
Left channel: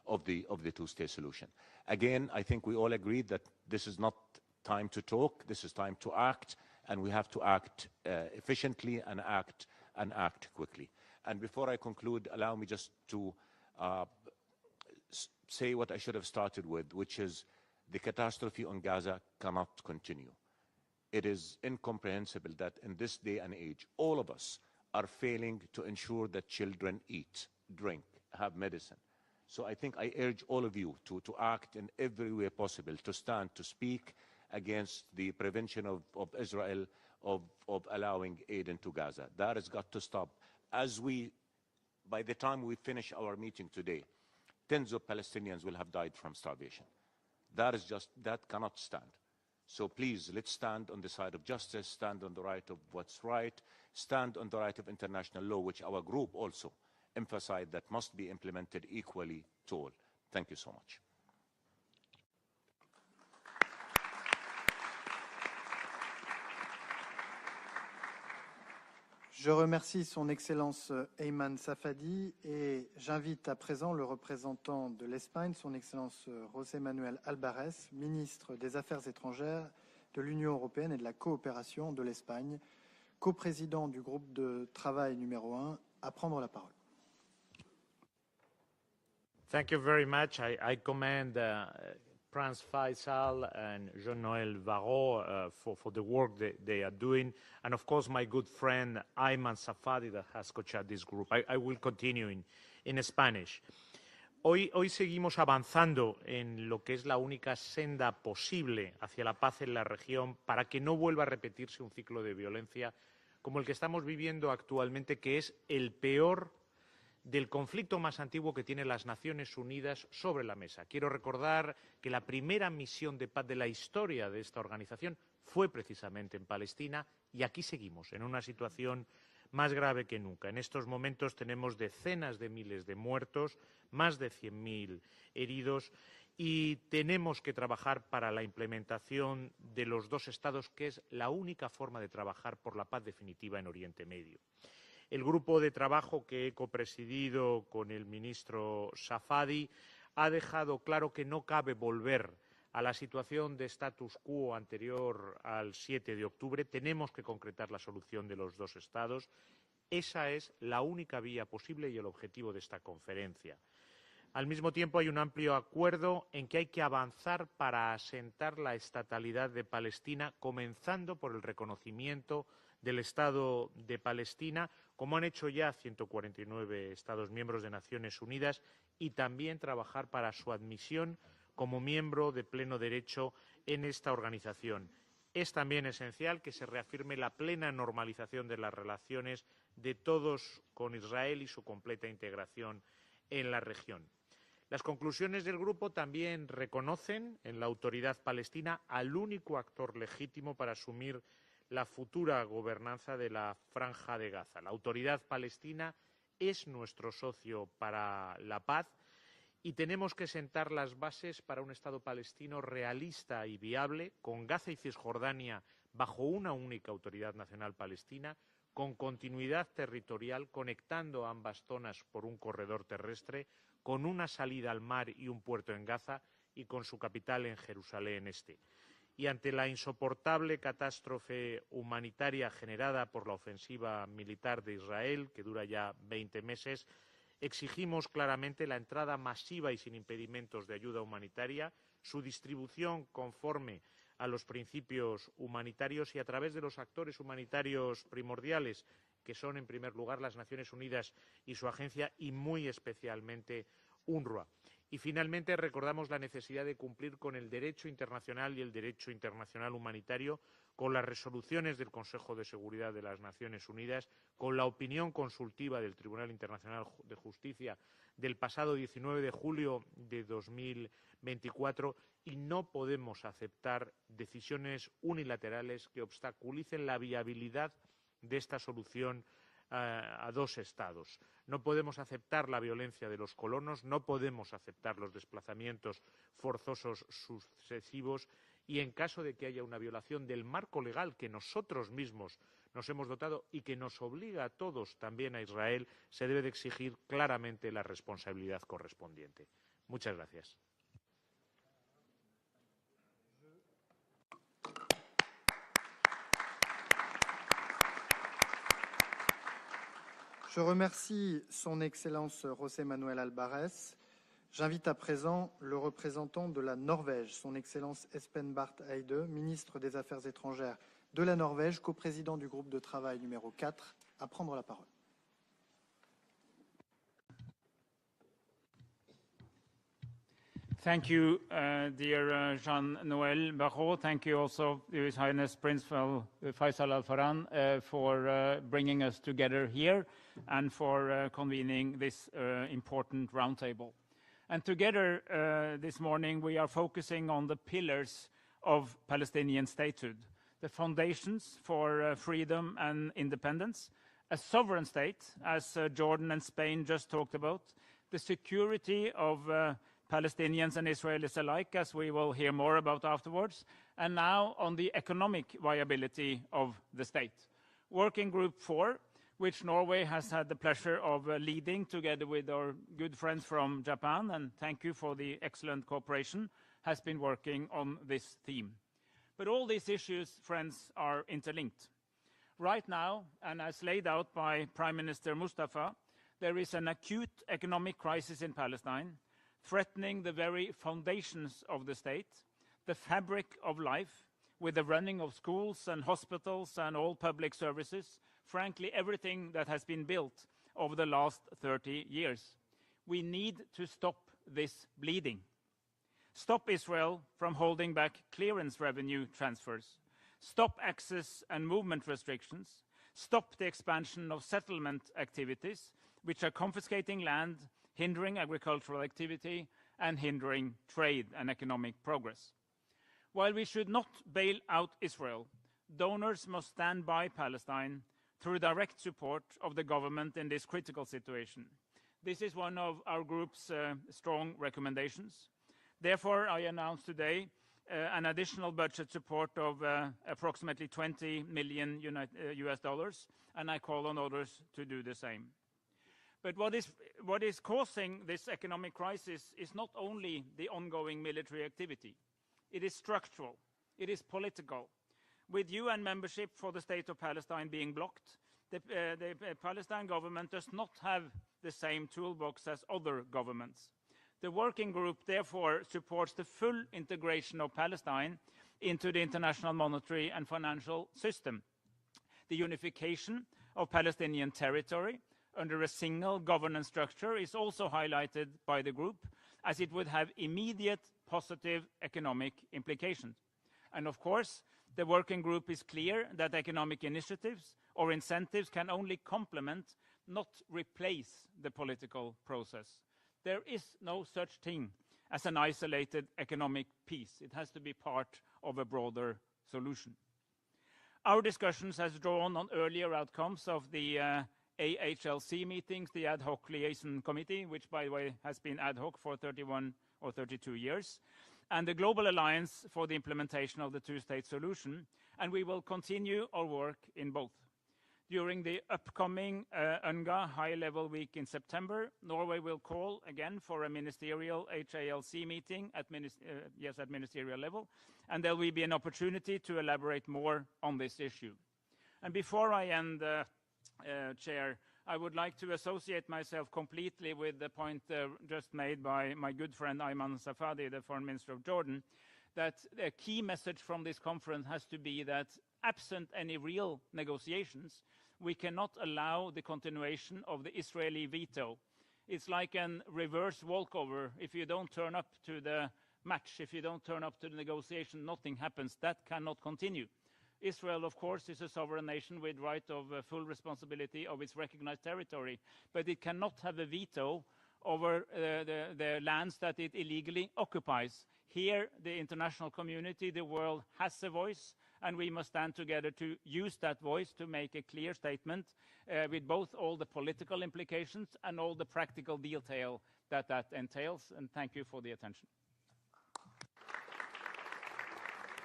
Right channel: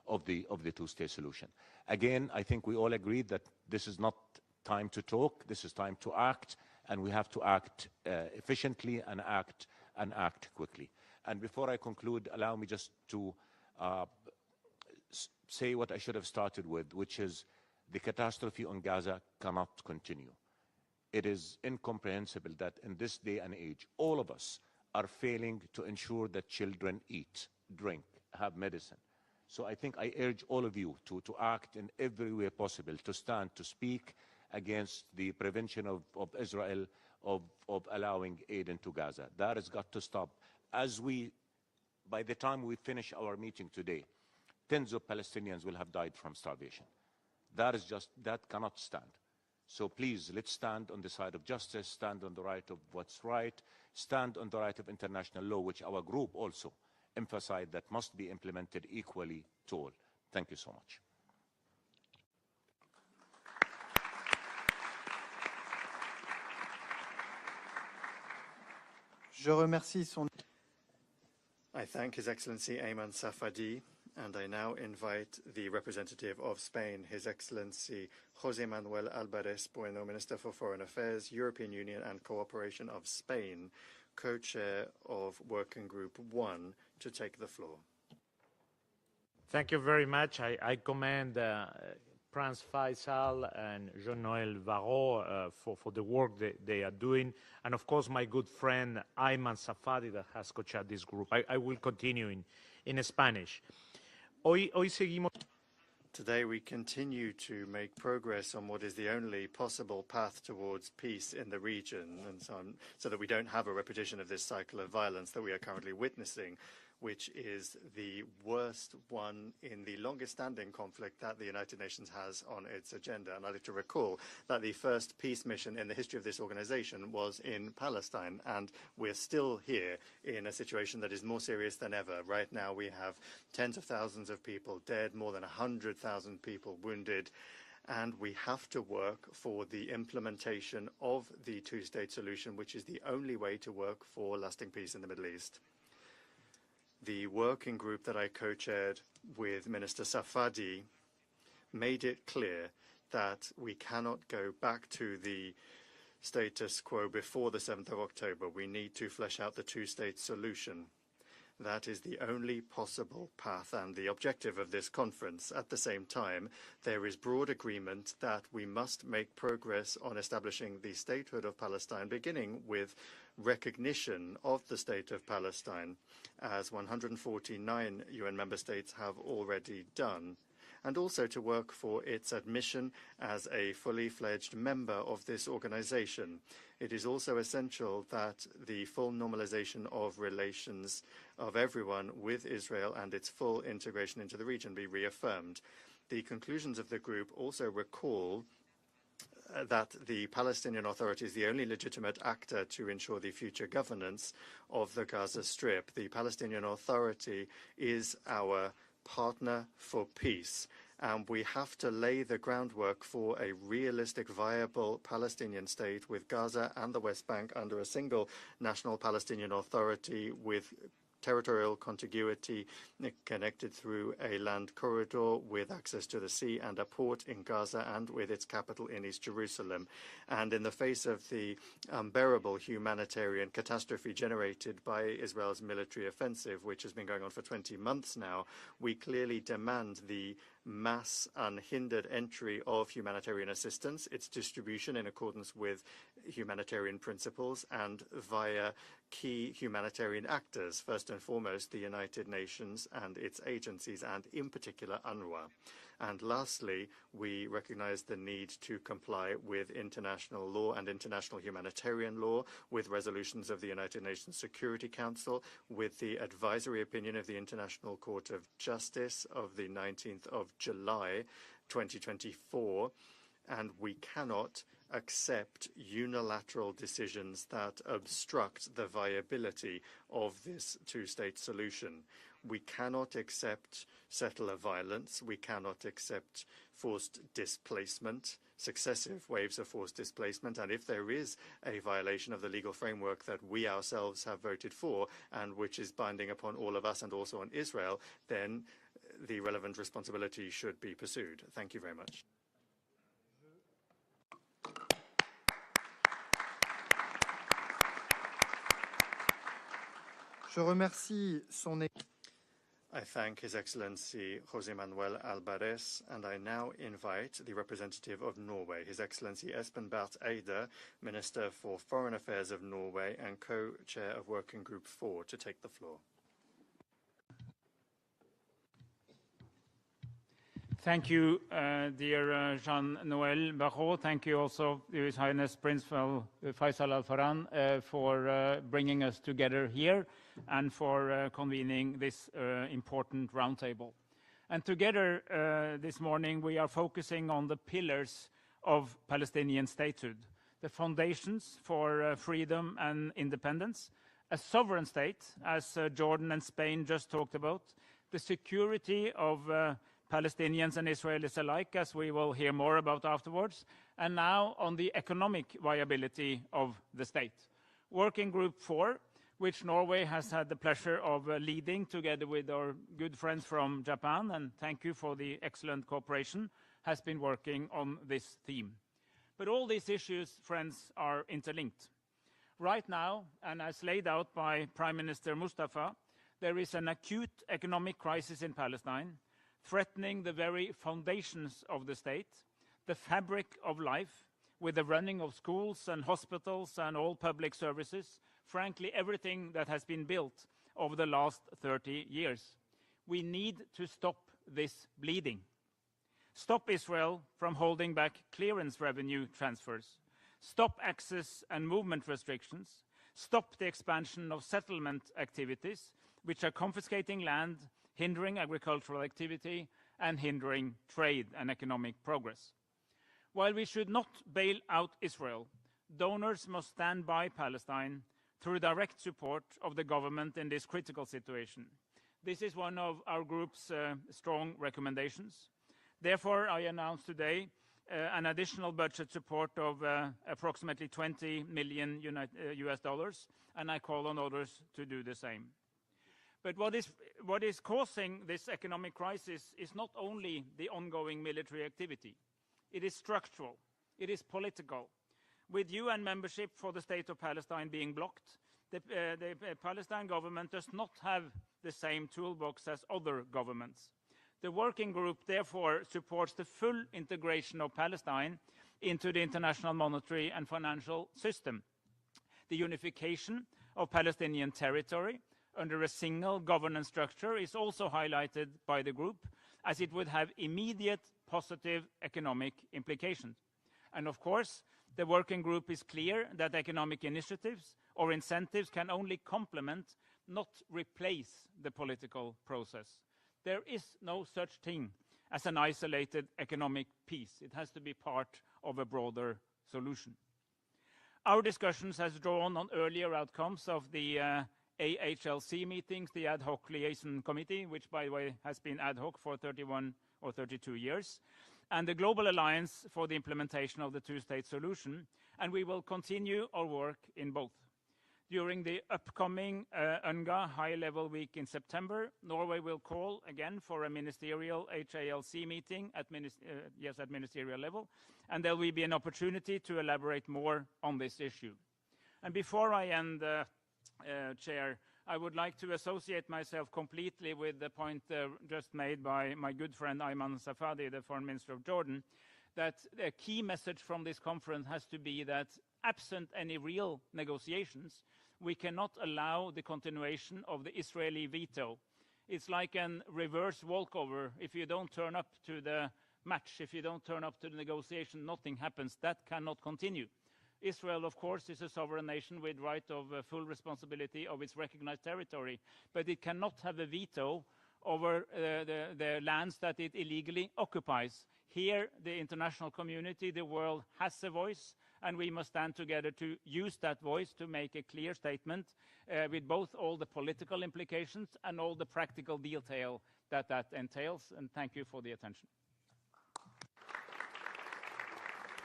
of the two-state solution. Again, I think we all agreed that this is not time to talk, this is time to act, and we have to act efficiently and act quickly. And before I conclude, allow me just to say what I should have started with, which is the catastrophe on Gaza cannot continue. It is incomprehensible that in this day and age, all of us are failing to ensure that children eat, drink, have medicine. So I think I urge all of you to act in every way possible, to stand, to speak against the prevention of Israel of allowing aid into Gaza. That has got to stop. By the time we finish our meeting today, tens of Palestinians will have died from starvation. That cannot stand. So please, let's stand on the side of justice, stand on the right of what's right, stand on the right of international law, which our group also emphasized that must be implemented equally to all. Thank you so much. Je remercie son Excellence Ayman Safadi et j'invite à présent le représentant de l'Espagne, son Excellence José Manuel Alvarez, ministre des Affaires étrangères de l'Union européenne et de la coopération de l'Espagne, coprésident du groupe de travail numéro 1, à prendre la parole. Thank you very much. I commend Prince Faisal and Jean-Noël Varro for the work they are doing, and of course my good friend Ayman Safadi that has co-chaired this group. I will continue in Spanish. Hoy seguimos avanzando en lo que es la única senda posible hacia la paz en la región para que no vuelva a repetirse un ciclo de violencia como el que estamos viviendo actualmente, que es el peor del conflicto más antiguo que tienen las Naciones Unidas sobre la mesa. Quiero recordar que la primera misión de paz de la historia de esta organización fue precisamente en Palestina, y aquí seguimos en una situación más grave que nunca. En estos momentos tenemos decenas de miles de muertos, más de 100.000 heridos, y tenemos que trabajar para la implementación de los dos estados, que es la única forma de trabajar por la paz definitiva en Oriente Medio. El grupo de trabajo que he presidido por el ministro Safadi ha dejado claro que no cabe volver a la situación de status quo anterior al 7 de octubre. Tenemos que concretar la solución de los dos estados. Esa es la única vía posible y el objetivo de esta conferencia. Al mismo tiempo hay un amplio acuerdo en que hay que avanzar para asentar la estatalidad de Palestina, comenzando por el reconocimiento del Estado de Palestina, como han hecho ya 149 Estados miembros de Naciones Unidas, y también trabajar para su admisión como miembro de pleno derecho en esta organización. Es también esencial que se reafirme la plena normalización de las relaciones de todos con Israel y su completa integración en la región. Las conclusiones del grupo también reconocen en la autoridad palestina al único actor legítimo para asumir la futura gobernanza de la Franja de Gaza. La autoridad palestina es nuestro socio para la paz, y tenemos que sentar las bases para un Estado palestino realista y viable, con Gaza y Cisjordania bajo una única autoridad nacional palestina, con continuidad territorial, conectando ambas zonas por un corredor terrestre, con una salida al mar y un puerto en Gaza, y con su capital en Jerusalén Este. Y ante la insoportable catástrofe humanitaria generada por la ofensiva militar de Israel, que dura ya 20 meses, exigimos claramente la entrada masiva y sin impedimentos de ayuda humanitaria, su distribución conforme a los principios humanitarios y a través de los actores humanitarios primordiales, que son en primer lugar las Naciones Unidas y su agencia, y muy especialmente UNRWA. Y finalmente recordamos la necesidad de cumplir con el derecho internacional y el derecho internacional humanitario, con las resoluciones del Consejo de Seguridad de las Naciones Unidas, con la opinión consultiva del Tribunal Internacional de Justicia del pasado 19 de julio de 2024, y no podemos aceptar decisiones unilaterales que obstaculicen la viabilidad de esta solución a dos estados. No podemos aceptar la violencia de los colonos, no podemos aceptar los desplazamientos forzosos sucesivos, successive waves of forced displacement, and if there is a violation of the legal framework that we ourselves have voted for, and which is binding upon all of us and also on Israel, then the relevant responsibility should be pursued. Thank you very much. Je remercie son Excellence José Manuel Alvarez. J'invite à présent le représentant de la Norvège, son Excellence Espen Barth Eide, ministre des Affaires étrangères de la Norvège, coprésident du groupe de travail numéro 4, à prendre la parole. Thank you, dear Jean-Noël Barrot. Thank you also, His Highness Prince Faisal Al Farhan, for bringing us together here and for convening this important roundtable. And together this morning we are focusing on the pillars of Palestinian statehood, the foundations for freedom and independence, a sovereign state, as Jordan and Spain just talked about, the security of Palestinians and Israelis alike, as we will hear more about afterwards, and now on the economic viability of the state. Working Group 4, which Norway has had the pleasure of leading together with our good friends from Japan, and thank you for the excellent cooperation, has been working on this theme. But all these issues, friends, are interlinked. Right now, and as laid out by Prime Minister Mustafa, there is an acute economic crisis in Palestine, threatening the very foundations of the state, the fabric of life, with the running of schools and hospitals and all public services, frankly, everything that has been built over the last 30 years. We need to stop this bleeding. Stop Israel from holding back clearance revenue transfers. Stop access and movement restrictions. Stop the expansion of settlement activities, which are confiscating land, hindering agricultural activity, and hindering trade and economic progress. While we should not bail out Israel, donors must stand by Palestine through direct support of the government in this critical situation. This is one of our group's strong recommendations. Therefore, I announce today an additional budget support of approximately $20 million US dollars, and I call on others to do the same. But what is causing this economic crisis is not only the ongoing military activity. It is structural. It is political. With UN membership for the state of Palestine being blocked, the Palestine government does not have the same toolbox as other governments. The working group therefore supports the full integration of Palestine into the international monetary and financial system, the unification of Palestinian territory under a single governance structure is also highlighted by the group, as it would have immediate positive economic implications. And of course, the working group is clear that economic initiatives or incentives can only complement, not replace, the political process. There is no such thing as an isolated economic peace. It has to be part of a broader solution. Our discussions has drawn on earlier outcomes of the AHLC meetings, the Ad Hoc Liaison Committee, which, by the way, has been ad hoc for 31 or 32 years, and the Global Alliance for the Implementation of the Two-State Solution, and we will continue our work in both. During the upcoming UNRWA High-Level Week in September, Norway will call again for a ministerial HALC meeting at ministerial level, and there will be an opportunity to elaborate more on this issue. And before I end, Chair, I would like to associate myself completely with the point just made by my good friend Ayman Safadi, the Foreign Minister of Jordan, that a key message from this conference has to be that absent any real negotiations, we cannot allow the continuation of the Israeli veto. It's like a reverse walkover. If you don't turn up to the match, if you don't turn up to the negotiation, nothing happens. That cannot continue. Israel, of course, is a sovereign nation with right of full responsibility of its recognized territory, but it cannot have a veto over the lands that it illegally occupies. Here, the international community, the world, has a voice, and we must stand together to use that voice to make a clear statement with both all the political implications and all the practical detail that entails. And thank you for the attention.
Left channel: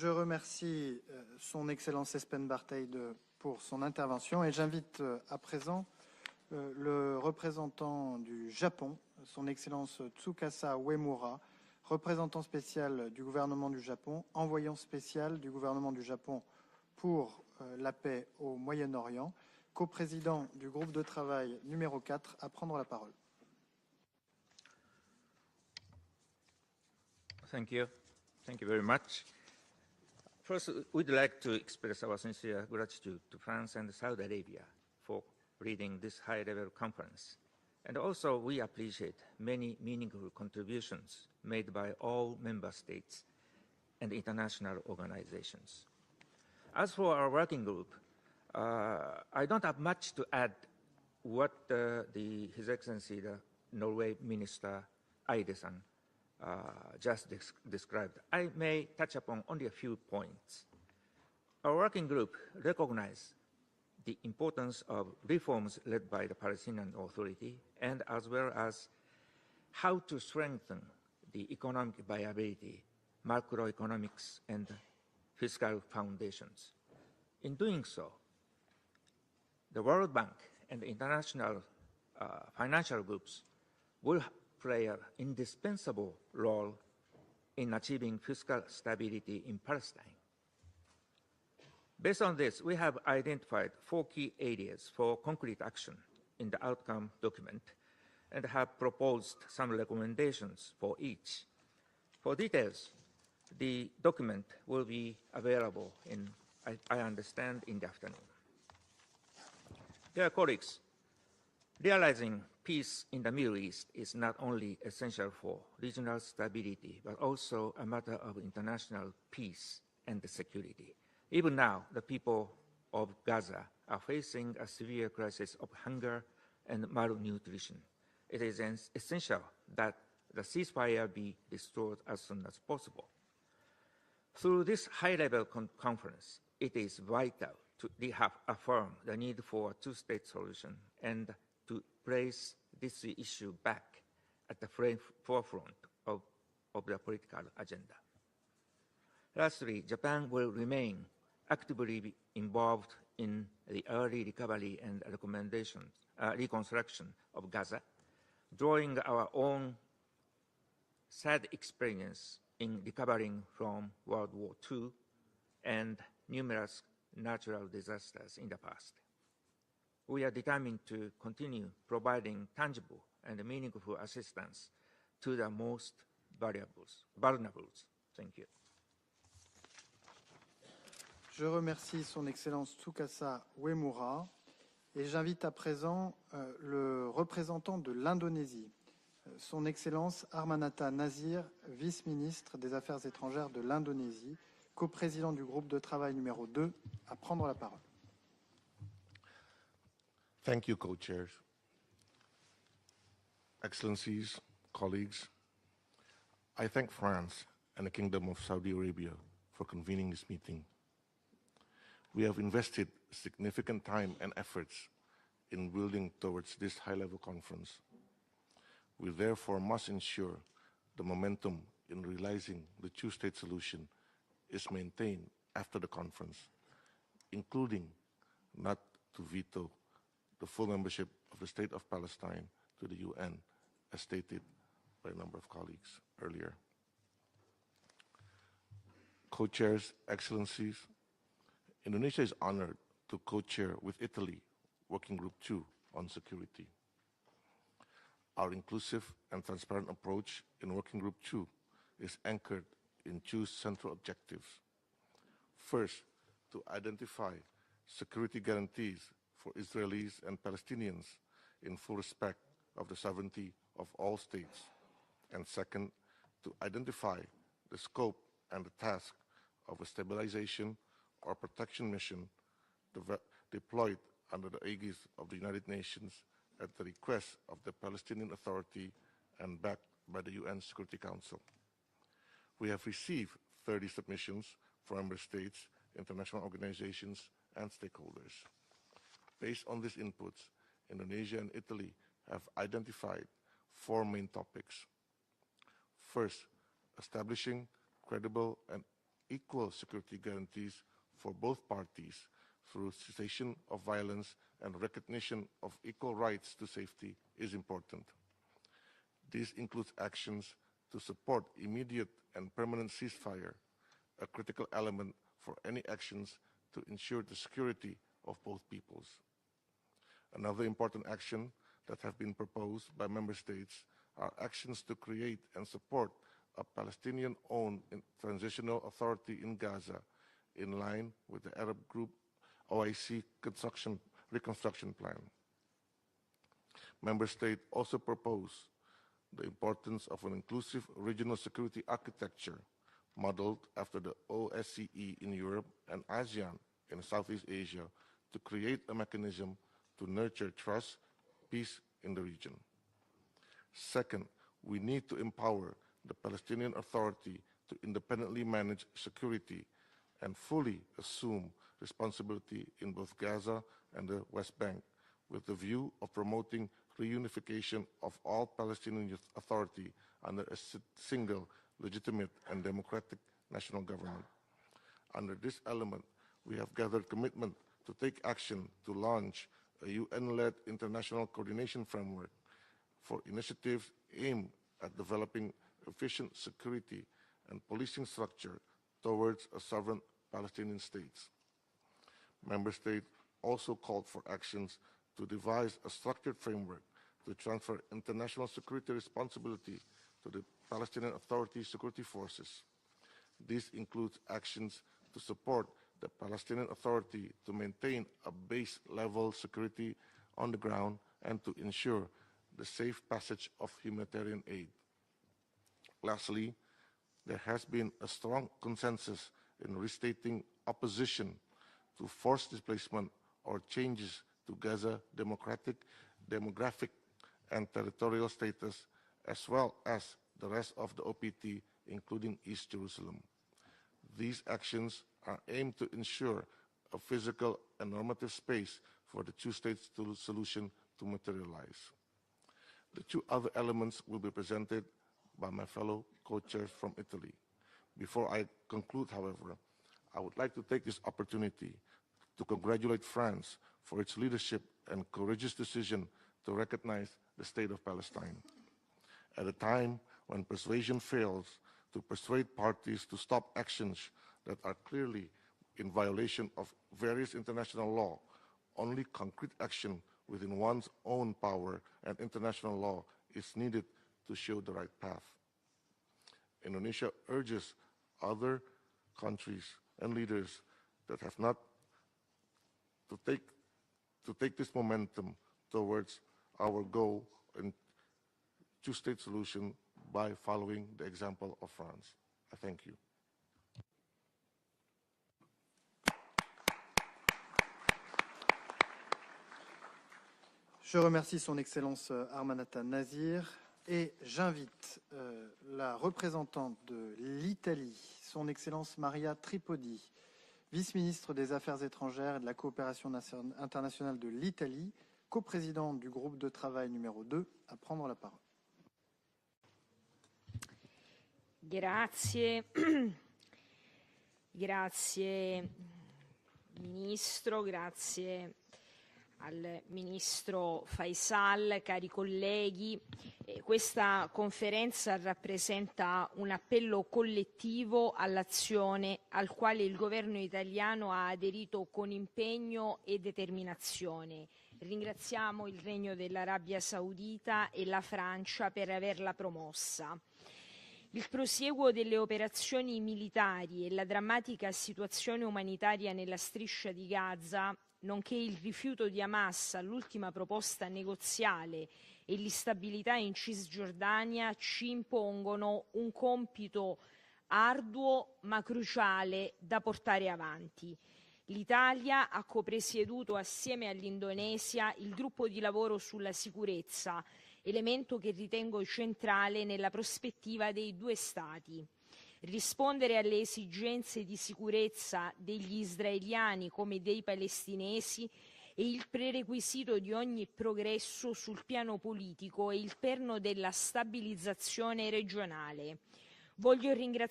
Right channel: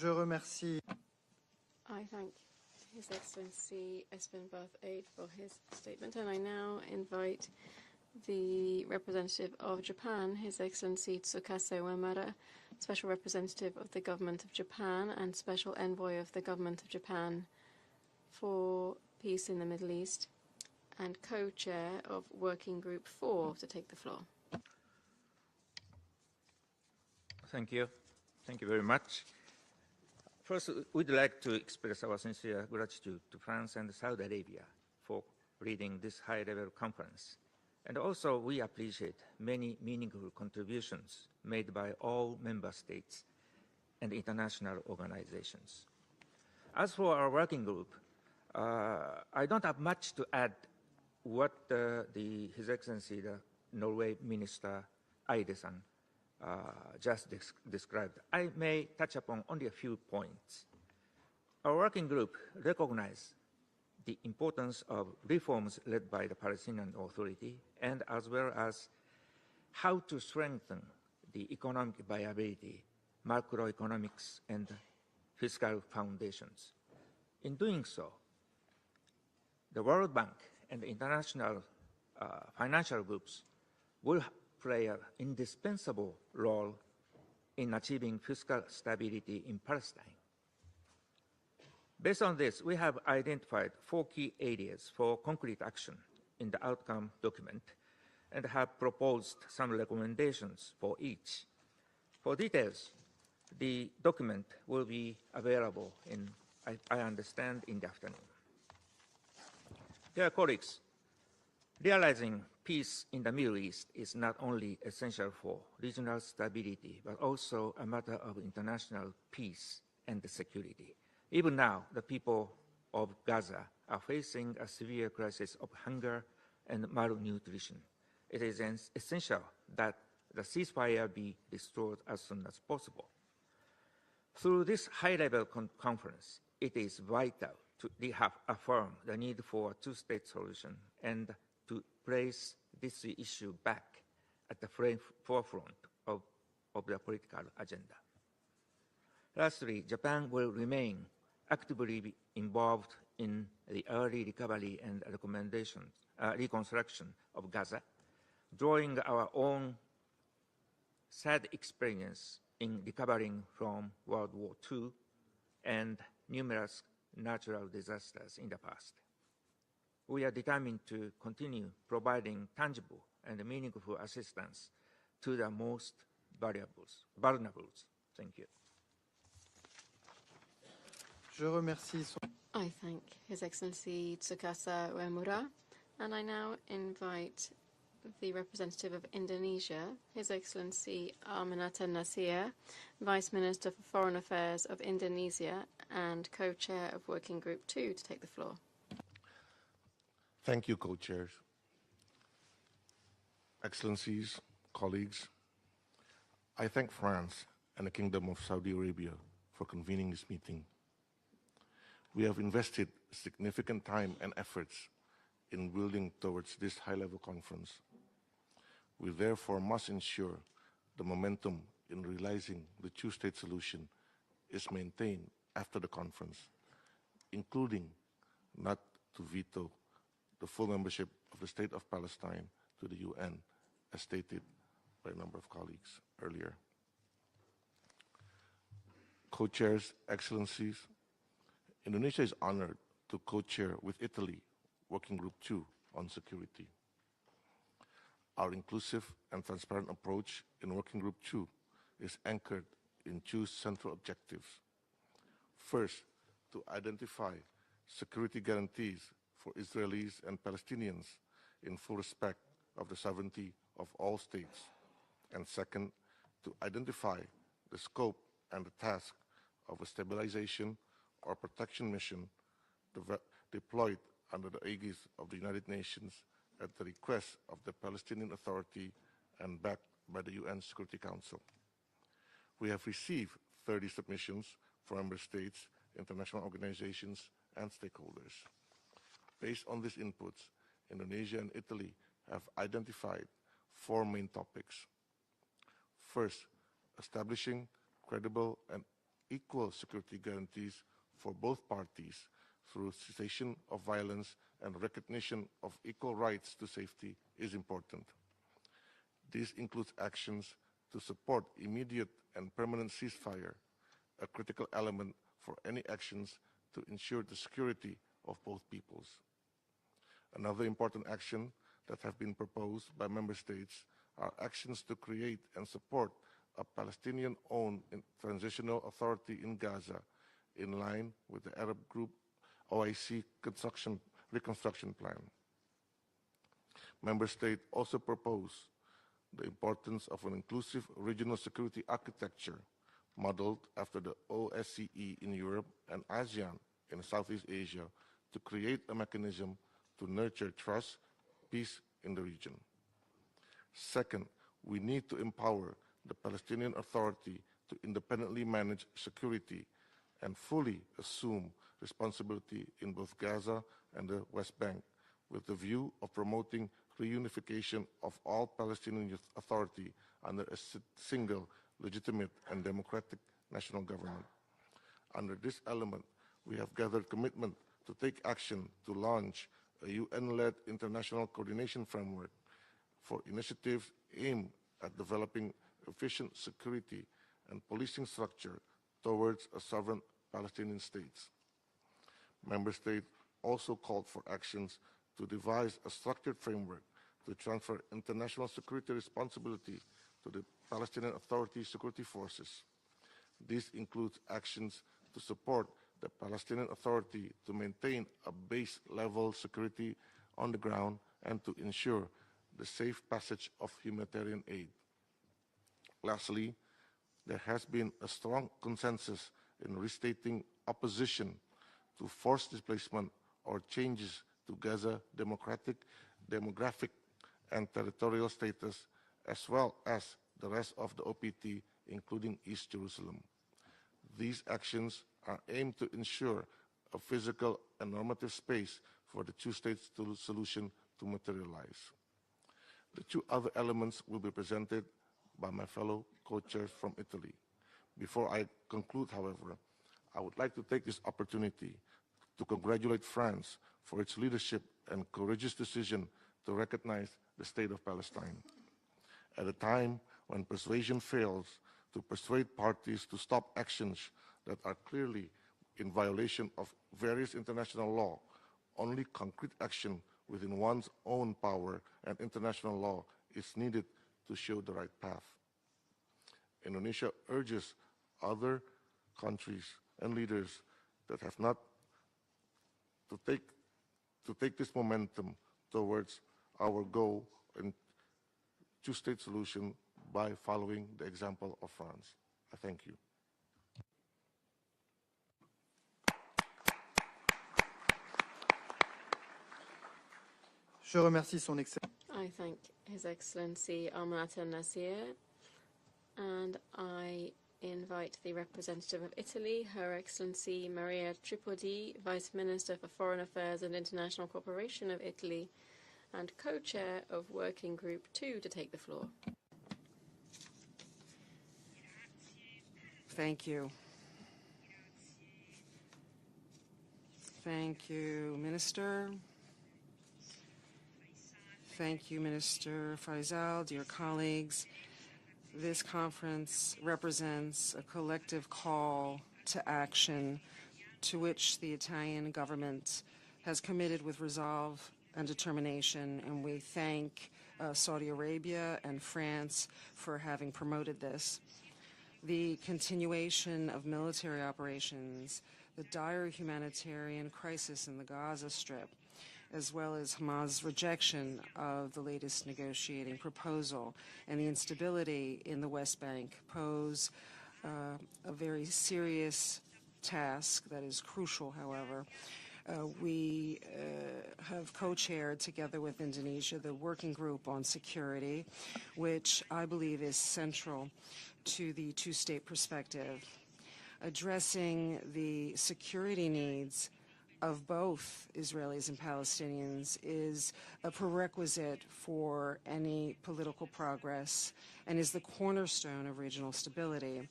Je remercie son Excellence Espen Bartheid pour son intervention et j'invite à présent le représentant du Japon, son Excellence Tsukasa Uemura, représentant spécial du gouvernement du Japon, envoyant spécial du gouvernement du Japon pour la paix au Moyen-Orient, coprésident du groupe de travail numéro 4, à prendre la parole. Thank you. Thank you very much. First, we'd like to express our sincere gratitude to France and Saudi Arabia for leading this high-level conference. And also, we appreciate many meaningful contributions made by all member states and international organizations. As for our working group, I don't have much to add what His Excellency, the Norway Minister Eidesen, just described. I may touch upon only a few points. Our working group recognizes the importance of reforms led by the Palestinian Authority and as well as how to strengthen the economic viability, macroeconomics, and fiscal foundations. In doing so, the World Bank and international financial groups will play an indispensable role in achieving fiscal stability in Palestine. Based on this, we have identified 4 key areas for concrete action in the outcome document and have proposed some recommendations for each. For details, the document will be available I understand, in the afternoon. Dear colleagues, realizing peace in the Middle East is not only essential for regional stability, but also a matter of international peace and security. Even now, the people of Gaza are facing a severe crisis of hunger and malnutrition. It is essential that the ceasefire be restored as soon as possible. Through this high-level conference, it is vital to affirm the need for a two-state solution and to place this issue back at the forefront of the political agenda. Lastly, Japan will remain actively involved in the early recovery and reconstruction of Gaza, drawing our own sad experience in recovering from World War II and numerous natural disasters in the past. We are determined to continue providing tangible and meaningful assistance to the most vulnerable. Thank you. Je remercie son Excellence Tsukasa Uemura et j'invite à présent le représentant de l'Indonésie, son Excellence Armanata Nazir, vice-ministre des Affaires étrangères de l'Indonésie, coprésident du groupe de travail numéro 2, à prendre la parole. Thank you, co-chairs. Excellencies, colleagues, I thank France and the Kingdom of Saudi Arabia for convening this meeting. We have invested significant time and efforts in building towards this high-level conference. We therefore must ensure the momentum in realizing the two-state solution is maintained after the conference, including not to veto the full membership of the State of Palestine to the UN, as stated by a number of colleagues earlier. Co-chairs, Excellencies, Indonesia is honored to co-chair with Italy Working Group 2 on security. Our inclusive and transparent approach in Working Group 2 is anchored in two central objectives. First, to identify security guarantees for Israelis and Palestinians in full respect of the sovereignty of all states. And second, to identify the scope and the task of a stabilization or protection mission deployed under the aegis of the United Nations at the request of the Palestinian Authority and backed by the UN Security Council. We have received 30 submissions from member states, international organizations, and stakeholders. Based on these inputs, Indonesia and Italy have identified 4 main topics. First, establishing credible and equal security guarantees for both parties through cessation of violence and recognition of equal rights to safety is important. This includes actions to support immediate and permanent ceasefire, a critical element for any actions to ensure the security of both peoples. Another important action that have been proposed by member states are actions to create and support a Palestinian-owned transitional authority in Gaza in line with the Arab group OIC reconstruction plan. Member states also propose the importance of an inclusive regional security architecture modeled after the OSCE in Europe and ASEAN in Southeast Asia to create a mechanism to nurture trust, peace in the region. Second, we need to empower the Palestinian Authority to independently manage security and fully assume responsibility in both Gaza and the West Bank, with the view of promoting reunification of all Palestinian Authority under a single, legitimate and democratic national government. Under this element, we have gathered commitment to take action to launch a UN-led international coordination framework for initiatives aimed at developing efficient security and policing structure towards a sovereign Palestinian state. Member states also called for actions to devise a structured framework to transfer international security responsibility to the Palestinian Authority security forces. This includes actions to support the Palestinian Authority to maintain a base-level security on the ground and to ensure the safe passage of humanitarian aid. Lastly, there has been a strong consensus in restating opposition to forced displacement or changes to Gaza demographic and territorial status, as well as the rest of the OPT, including East Jerusalem. These actions are aimed to ensure a physical and normative space for the two-state solution to materialize. The two other elements will be presented by my fellow co-chairs from Italy. Before I conclude, however, I would like to take this opportunity to congratulate France for its leadership and courageous decision to recognize the State of Palestine. At a time when persuasion fails to persuade parties to stop actions that are clearly in violation of various international law, only concrete action within one's own power and international law is needed to show the right path. Indonesia urges other countries and leaders that have not to take this momentum towards our goal in two-state solution by following the example of France. I thank you. Je remercie son Excellence Armanata Nazir et j'invite la représentante de l'Italie, son Excellence Maria Tripodi, vice-ministre des Affaires étrangères et de la coopération internationale de l'Italie, coprésidente du groupe de travail numéro 2, à prendre la parole. Grazie. Thank you. Grazie Ministro, grazie Minister. Al Ministro Faisal, cari colleghi, questa conferenza rappresenta un appello collettivo all'azione al quale il governo italiano ha aderito con impegno e determinazione. Ringraziamo il Regno dell'Arabia Saudita e la Francia per averla promossa. Il prosieguo delle operazioni militari e la drammatica situazione umanitaria nella striscia di Gaza, nonché il rifiuto di Hamas all'ultima proposta negoziale e l'instabilità in Cisgiordania ci impongono un compito arduo ma cruciale da portare avanti. L'Italia ha copresieduto assieme all'Indonesia il gruppo di lavoro sulla sicurezza, elemento che ritengo centrale nella prospettiva dei due Stati. Rispondere alle esigenze di sicurezza degli israeliani come dei palestinesi è il prerequisito di ogni progresso sul piano politico e il perno della stabilizzazione regionale. Voglio ringraziare